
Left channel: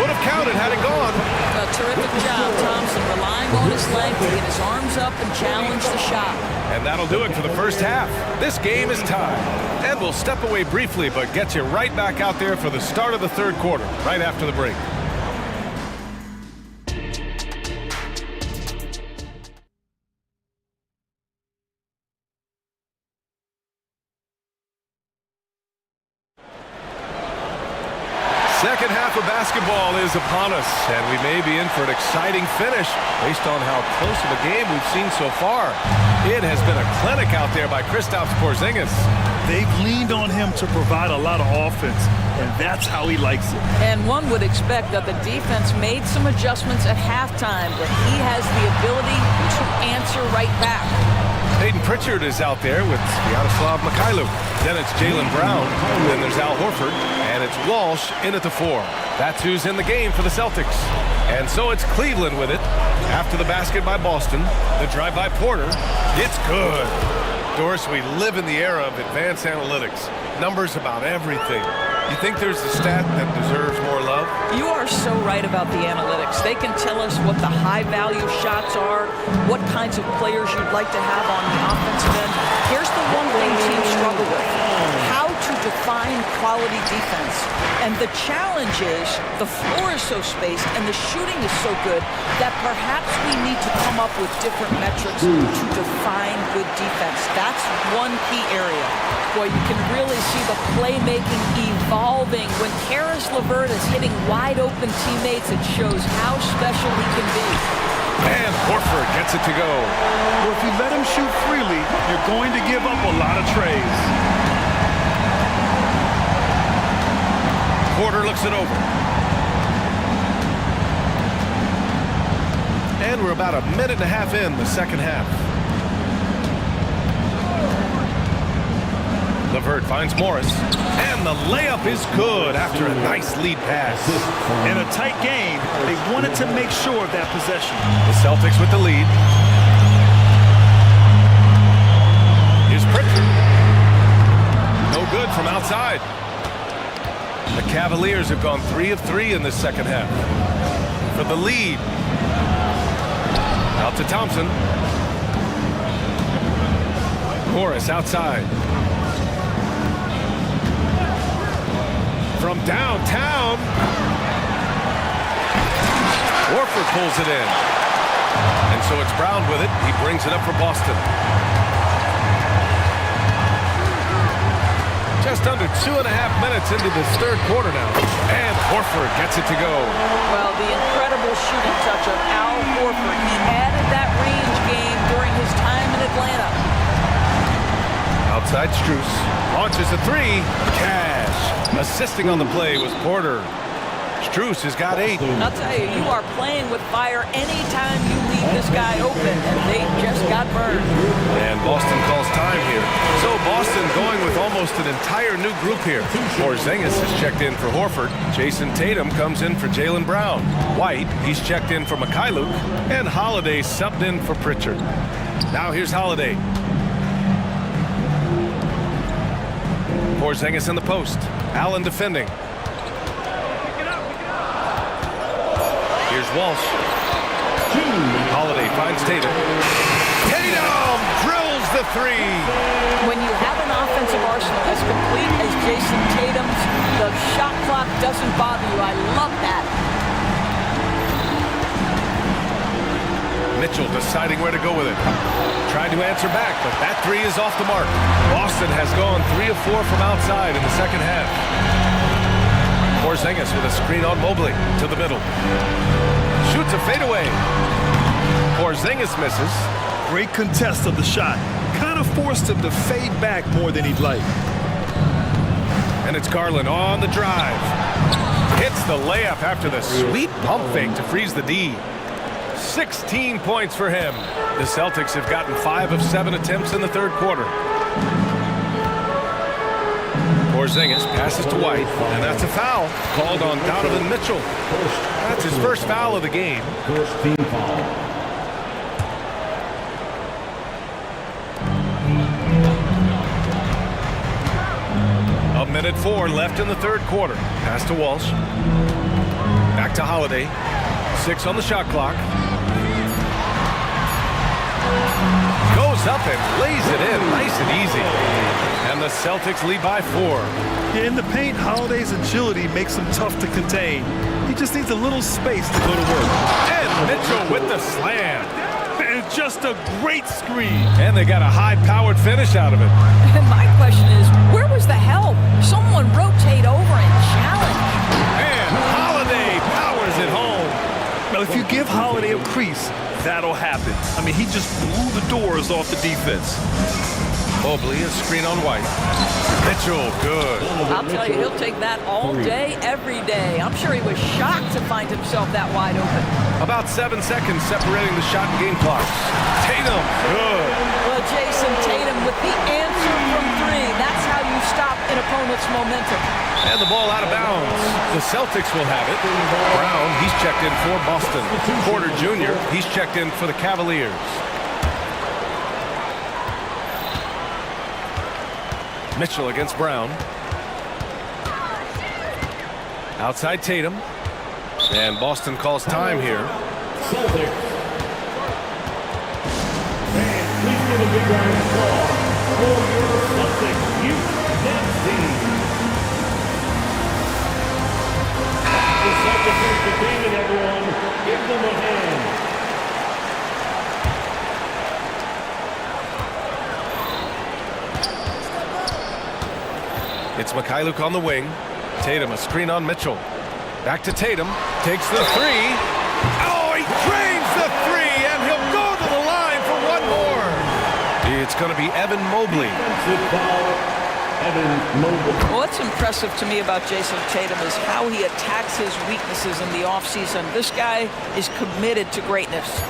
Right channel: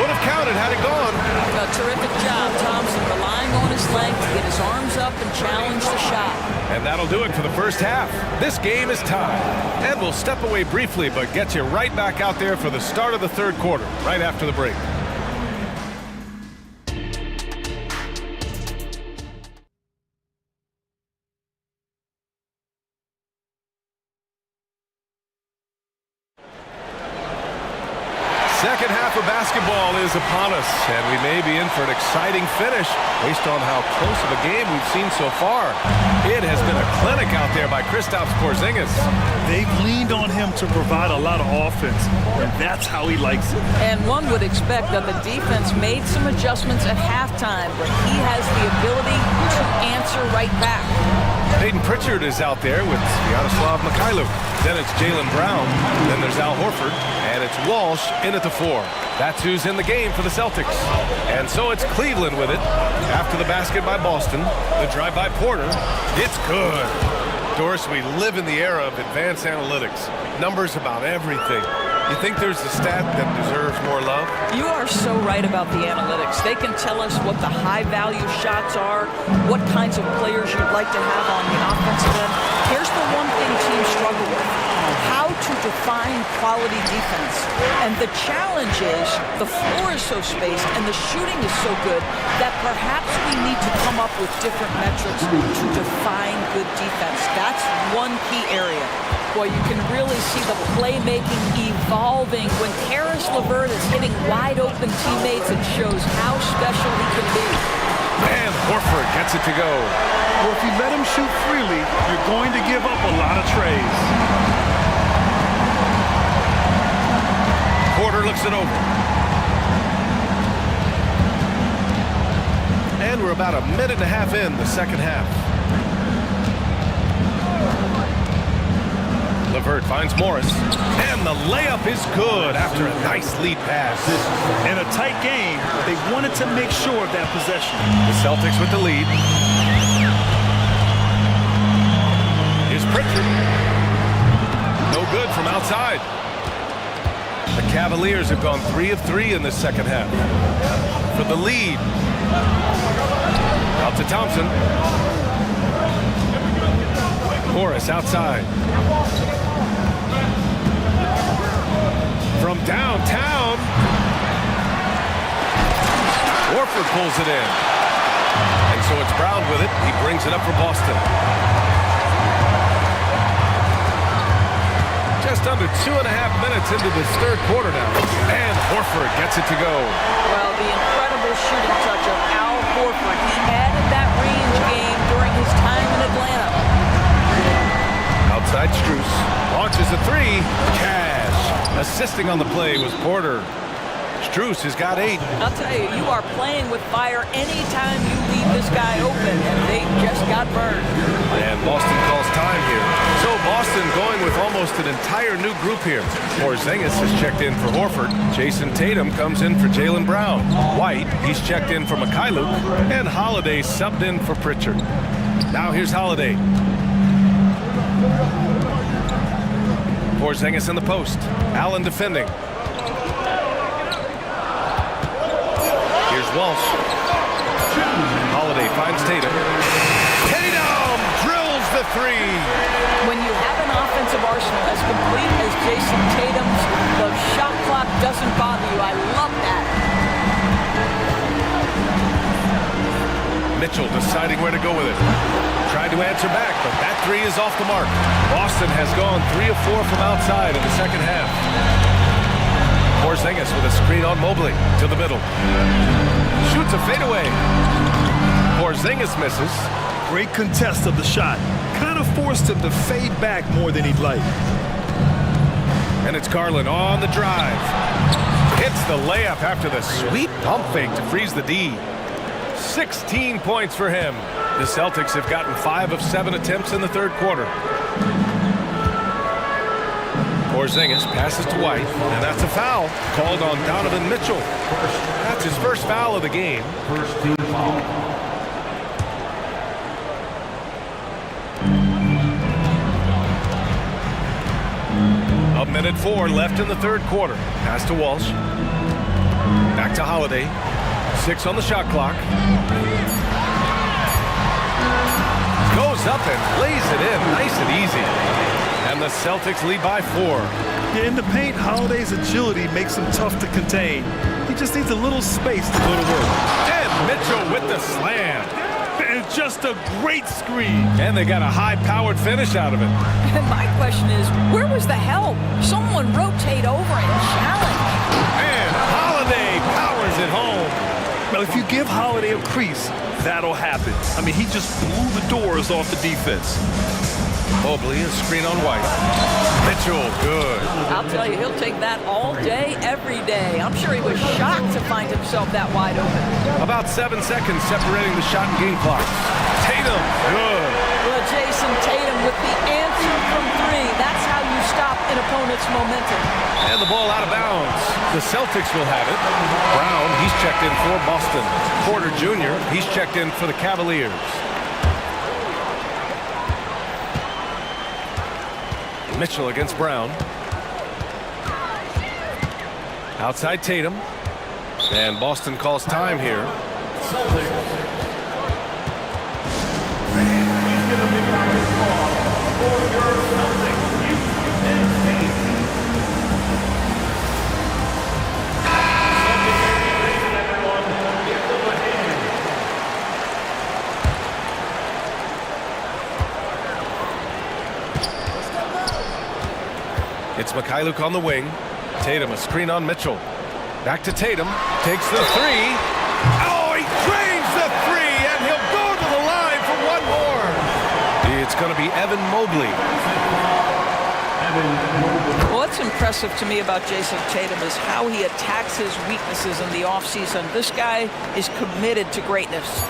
Would have counted had it gone. A terrific job, Thompson, relying on his length to get his arms up and challenge the shot. And that'll do it for the first half. This game is tied. And we'll step away briefly, but get you right back out there for the start of the third quarter, right after the break. Second half of basketball is upon us, and we may be in for an exciting finish based on how close of a game we've seen so far. It has been a clinic out there by Kristaps Porzingis. They've leaned on him to provide a lot of offense, and that's how he likes it. And one would expect that the defense made some adjustments at halftime, but he has the ability to answer right back. Peyton Pritchard is out there with Sviatoslav Mikhailuk. Then it's Jaylen Brown. Then there's Al Horford. And it's Walsh in at the 4. That's who's in the game for the Celtics. And so it's Cleveland with it. After the basket by Boston. The drive by Porter. It's good. Doris, we live in the era of advanced analytics. Numbers about everything. You think there's a stat that deserves more love? You are so right about the analytics. They can tell us what the high-value shots are, what kinds of players you'd like to have on the offensive end. Here's the one thing teams struggle with: how to define quality defense. And the challenge is the floor is so spaced and the shooting is so good that perhaps we need to come up with different metrics to define good defense. That's one key area. Boy, you can really see the playmaking evolving. When Karis LeVert is hitting wide-open teammates, it shows how special he can be. And Horford gets it to go. Well, if you let him shoot freely, you're going to give up a lot of trays. Porter looks it over. And we're about a minute and a half in the second half. LeVert finds Morris. And the layup is good after a nice lead pass. In a tight game, they wanted to make sure of that possession. The Celtics with the lead. Here's Pritchard. No good from outside. The Cavaliers have gone 3 of 3 in this second half. For the lead. Out to Thompson. Morris outside. from downtown. Horford pulls it in. And so it's Brown with it. He brings it up for Boston. Just under 2.5 minutes into this third quarter now. And Horford gets it to go. Well, the incredible shooting touch of Al Horford. He added that range game during his time in Atlanta. Outside Strus. Launches a three. Cash. Assisting on the play was Porter. Strus has got 8. I'll tell you, you are playing with fire anytime you leave this guy open, and they just got burned. And Boston calls time here. So Boston going with almost an entire new group here. Porzingis has checked in for Horford. Jason Tatum comes in for Jaylen Brown. White, he's checked in for Mikhailuk. And Holiday subbed in for Pritchard. Now here's Holiday. Porzingis in the post. Allen defending. Here's Walsh. Holiday finds Tatum. Tatum drills the three. When you have an offensive arsenal as complete as Jason Tatum's, the shot clock doesn't bother you. I love that. Mitchell deciding where to go with it. Tried to answer back, but that three is off the mark. Boston has gone 3 of 4 from outside in the second half. Porzingis with a screen on Mobley to the middle. Shoots a fadeaway. Porzingis misses. Great contest of the shot. Kind of forced him to fade back more than he'd like. And it's Garland on the drive. Hits the layup after the sweet pump fake to freeze the D. 16 points for him. The Celtics have gotten 5 of 7 attempts in the third quarter. Porzingis passes to White, and that's a foul called on Donovan Mitchell. That's his first foul of the game. First team foul. A minute 4 left in the third quarter. Pass to Walsh. Back to Holiday. 6 on the shot clock. Goes up and lays it in nice and easy. And the Celtics lead by 4. Yeah, in the paint, Holiday's agility makes him tough to contain. He just needs a little space to go to work. And Mitchell with the slam. And just a great screen. And they got a high-powered finish out of it. And my question is, where was the help? Someone rotate over and challenge. And Holiday powers it home. Well, if you give Holiday a crease, that'll happen. I mean, he just blew the doors off the defense. Mobley, a screen on White. Mitchell, good. I'll tell you, he'll take that all day, every day. I'm sure he was shocked to find himself that wide open. About 7 seconds separating the shot and game clocks. Tatum, good. Well, Jason Tatum with the answer from 3. That's how you stop an opponent's momentum. And the ball out of bounds. The Celtics will have it. Brown, he's checked in for Boston. Porter Jr., he's checked in for the Cavaliers. Mitchell against Brown. Outside Tatum. And Boston calls time here. It's Mikhailuk on the wing. Tatum, a screen on Mitchell. Back to Tatum. Takes the 3. Oh, he drains the 3, and he'll go to the line for one more. It's going to be Evan Mobley. Well, what's impressive to me about Jason Tatum is how he attacks his weaknesses in the offseason. This guy is committed to greatness.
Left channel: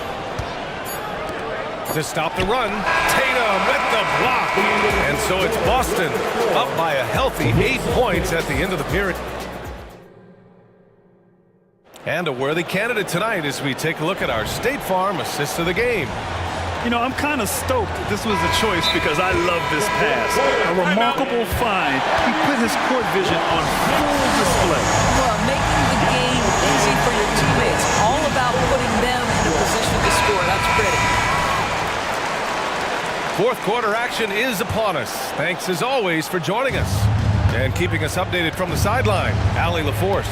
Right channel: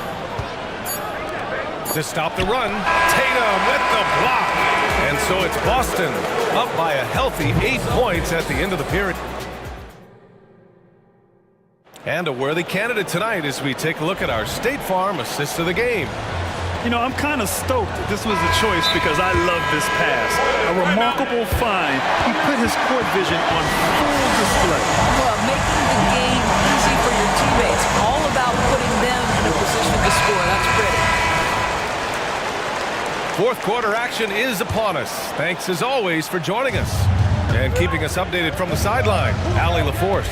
To stop the run, Tatum with the block. And so it's Boston up by a healthy 8 points at the end of the period. And a worthy candidate tonight as we take a look at our State Farm assist of the game. You know, I'm kind of stoked this was a choice because I love this pass. A remarkable find. He put his court vision on full display. Well, making the game easy for your teammates. All about putting them in a position to score. That's pretty. Fourth quarter action is upon us. Thanks as always for joining us. And keeping us updated from the sideline, Allie LaForce.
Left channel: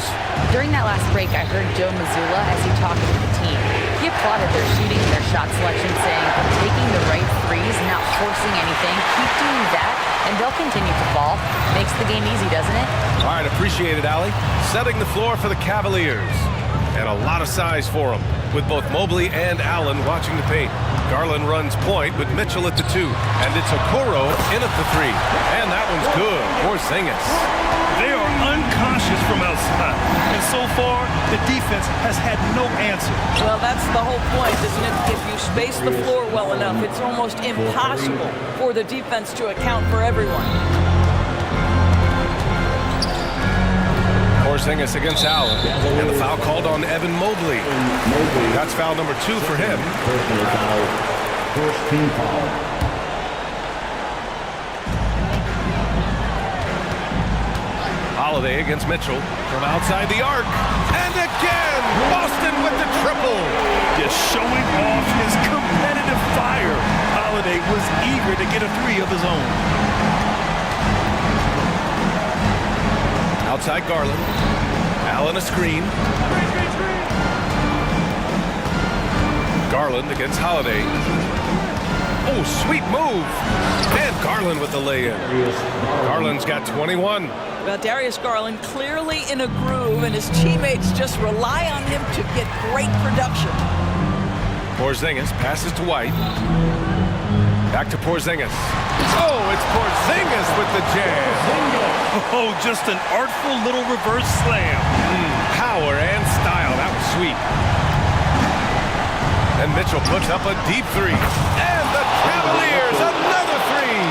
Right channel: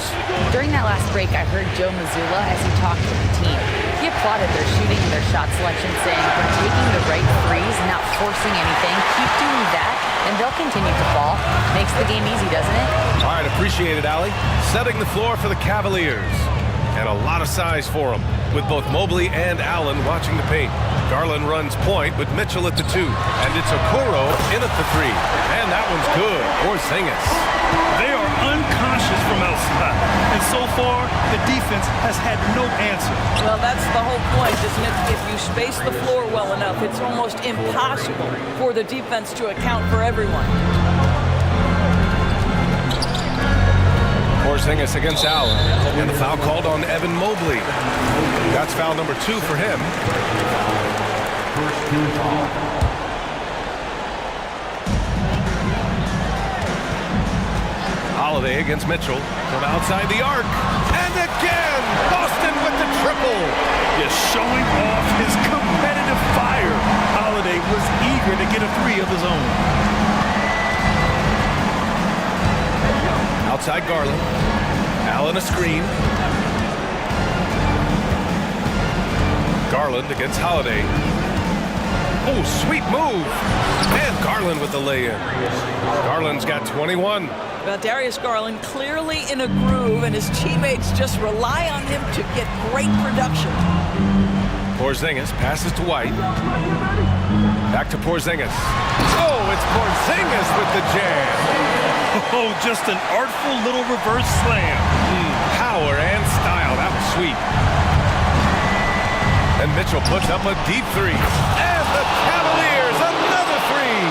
During that last break, I heard Joe Mazzulla as he talked with the team. He applauded their shooting and their shot selection, saying, "We're taking the right threes, not forcing anything. Keep doing that, and they'll continue to fall." Makes the game easy, doesn't it? All right, appreciate it, Allie. Setting the floor for the Cavaliers. And a lot of size for them, with both Mobley and Allen watching the paint. Garland runs point with Mitchell at the 2, and it's Okoro in at the 3. And that one's good. Porzingis. They are unconscious from outside, and so far, the defense has had no answer. Well, that's the whole point, isn't it? If you space the floor well enough, it's almost impossible for the defense to account for everyone. Porzingis against Allen, and the foul called on Evan Mobley. That's foul number 2 for him. First team foul. Holiday against Mitchell from outside the arc. And again, Boston with the triple. Just showing off his competitive fire. Holiday was eager to get a 3 of his own. Outside Garland. Allen a screen. Garland against Holiday. Oh, sweet move. And Garland with the lay-in. Garland's got 21. Well, Darius Garland clearly in a groove, and his teammates just rely on him to get great production. Porzingis passes to White. Back to Porzingis. Oh, it's Porzingis with the jam. Oh, just an artful little reverse slam. Power and style. That was sweet. And Mitchell puts up a deep 3. And the Cavaliers, another 3.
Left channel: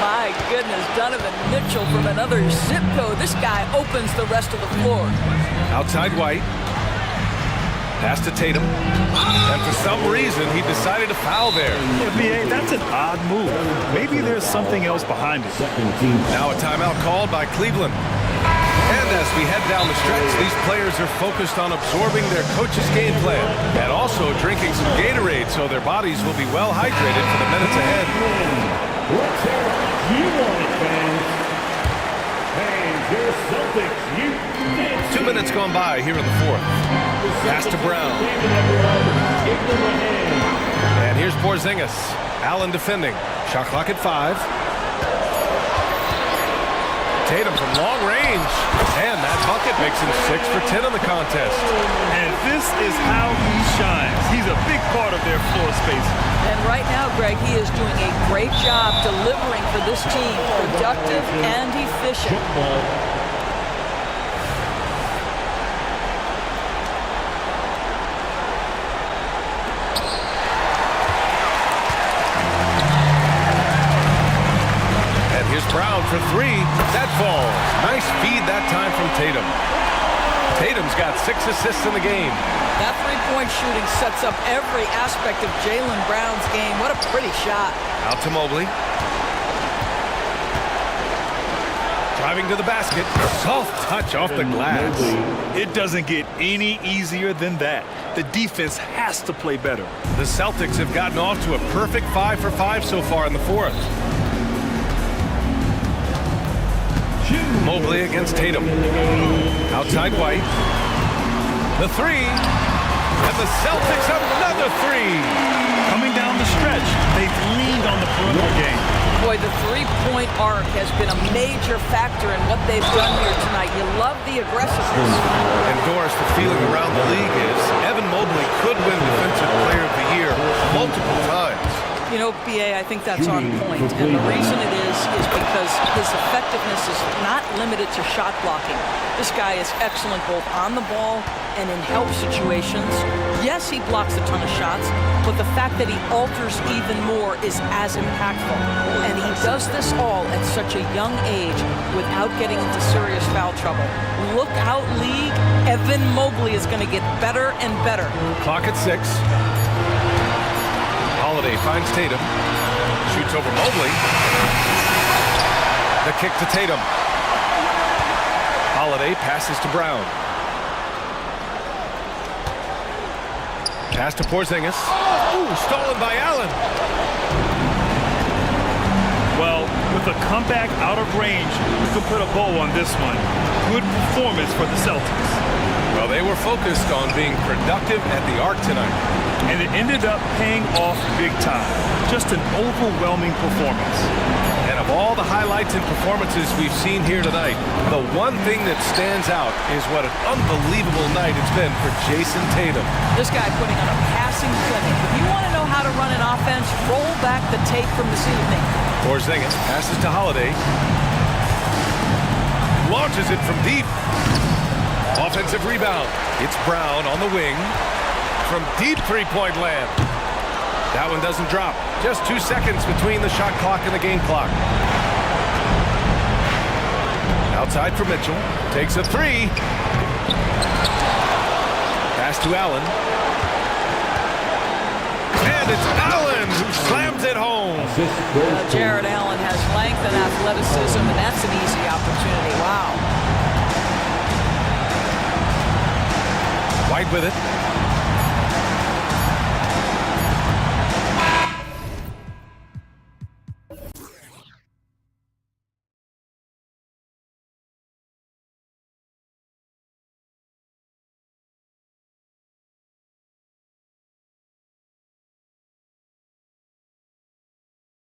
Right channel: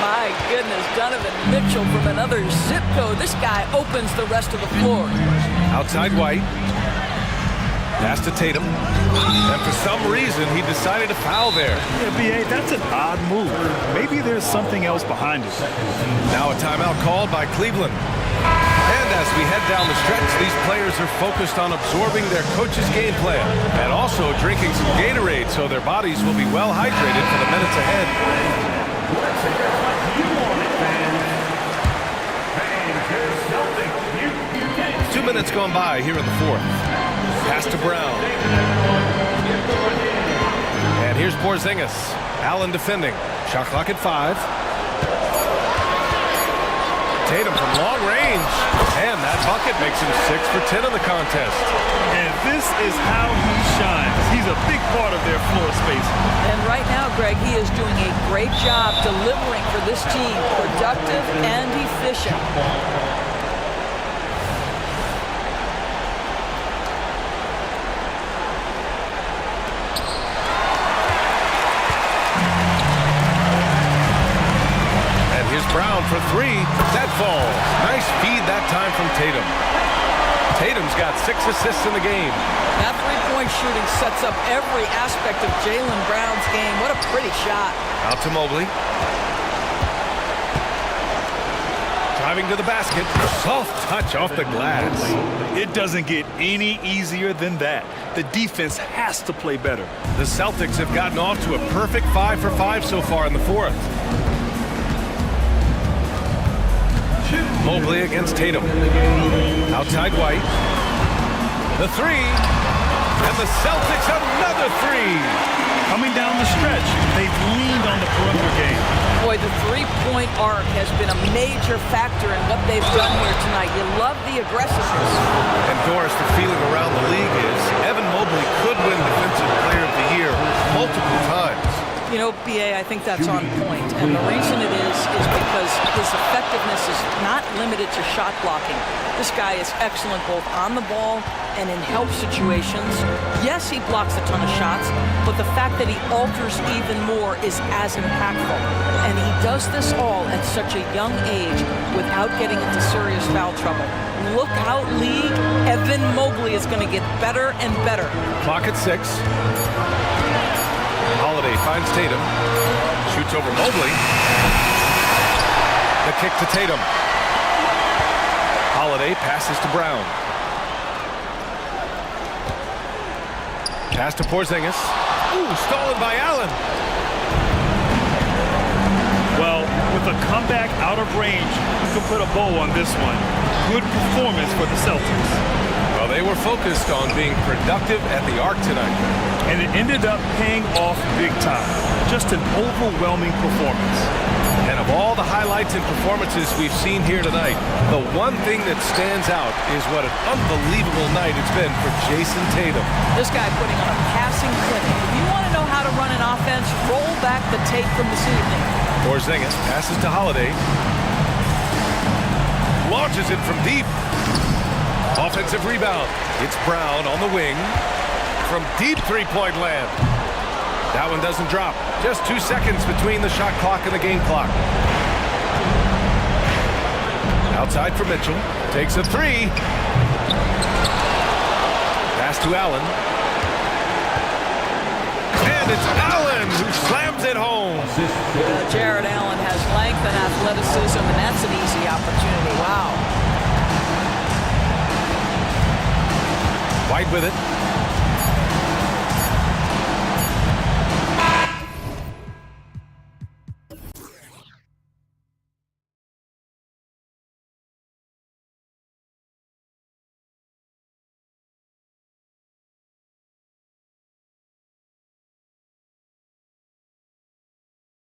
My goodness, Donovan Mitchell from another zip code. This guy opens the rest of the floor. Outside White. Pass to Tatum. And for some reason, he decided to foul there. Yeah, B.A., that's an odd move. Maybe there's something else behind it. Now a timeout called by Cleveland. And as we head down the stretch, these players are focused on absorbing their coach's game plan and also drinking some Gatorade so their bodies will be well hydrated for the minutes ahead. Let's hear it. You want it, fans. Hey, get the Celtics. You 2 minutes gone by here in the 4th. Pass to Brown. And here's Porzingis. Allen defending. Shot clock at 5. Tatum from long range. And that bucket makes him 6 for 10 in the contest. And this is how he shines. He's a big part of their floor space. And right now, Greg, he is doing a great job delivering for this team. Productive and efficient. Here's Brown for 3. That falls. Nice feed that time from Tatum. Tatum's got 6 assists in the game. That three-point shooting sets up every aspect of Jaylen Brown's game. What a pretty shot. Out to Mobley. Driving to the basket. Soft touch off the glass. It doesn't get any easier than that. The defense has to play better. The Celtics have gotten off to a perfect 5 for 5 so far in the 4th. Mobley against Tatum. Outside White. The 3. And the Celtics another 3. Coming down the stretch, they've leaned on the perimeter game. Boy, the three-point arc has been a major factor in what they've done here tonight. You love the aggressiveness. And Doris, the feeling around the league is Evan Mobley could win Defensive Player of the Year multiple times. You know, B.A., I think that's on point. And the reason it is because his effectiveness is not limited to shot blocking. This guy is excellent both on the ball and in help situations. Yes, he blocks a ton of shots, but the fact that he alters even more is as impactful. And he does this all at such a young age without getting into serious foul trouble. Look out, league. Evan Mobley is going to get better and better. Clock at 6. Holiday finds Tatum. Shoots over Mobley. The kick to Tatum. Holiday passes to Brown. Pass to Porzingis. Ooh, stolen by Allen. Well, with a comeback out of range, we can put a bow on this one. Good performance for the Celtics. Well, they were focused on being productive at the arc tonight. And it ended up paying off big time. Just an overwhelming performance. And of all the highlights and performances we've seen here tonight, the one thing that stands out is what an unbelievable night it's been for Jason Tatum. This guy putting on a passing clinic. If you want to know how to run an offense, roll back the tape from this evening. Porzingis passes to Holiday. Launches it from deep. Offensive rebound. It's Brown on the wing. From deep three-point land. That one doesn't drop. Just 2 seconds between the shot clock and the game clock. Outside for Mitchell. Takes a three. Pass to Allen. And it's Allen who slams it home. Jared Allen has length and athleticism, and that's an easy opportunity. Wow. White with it.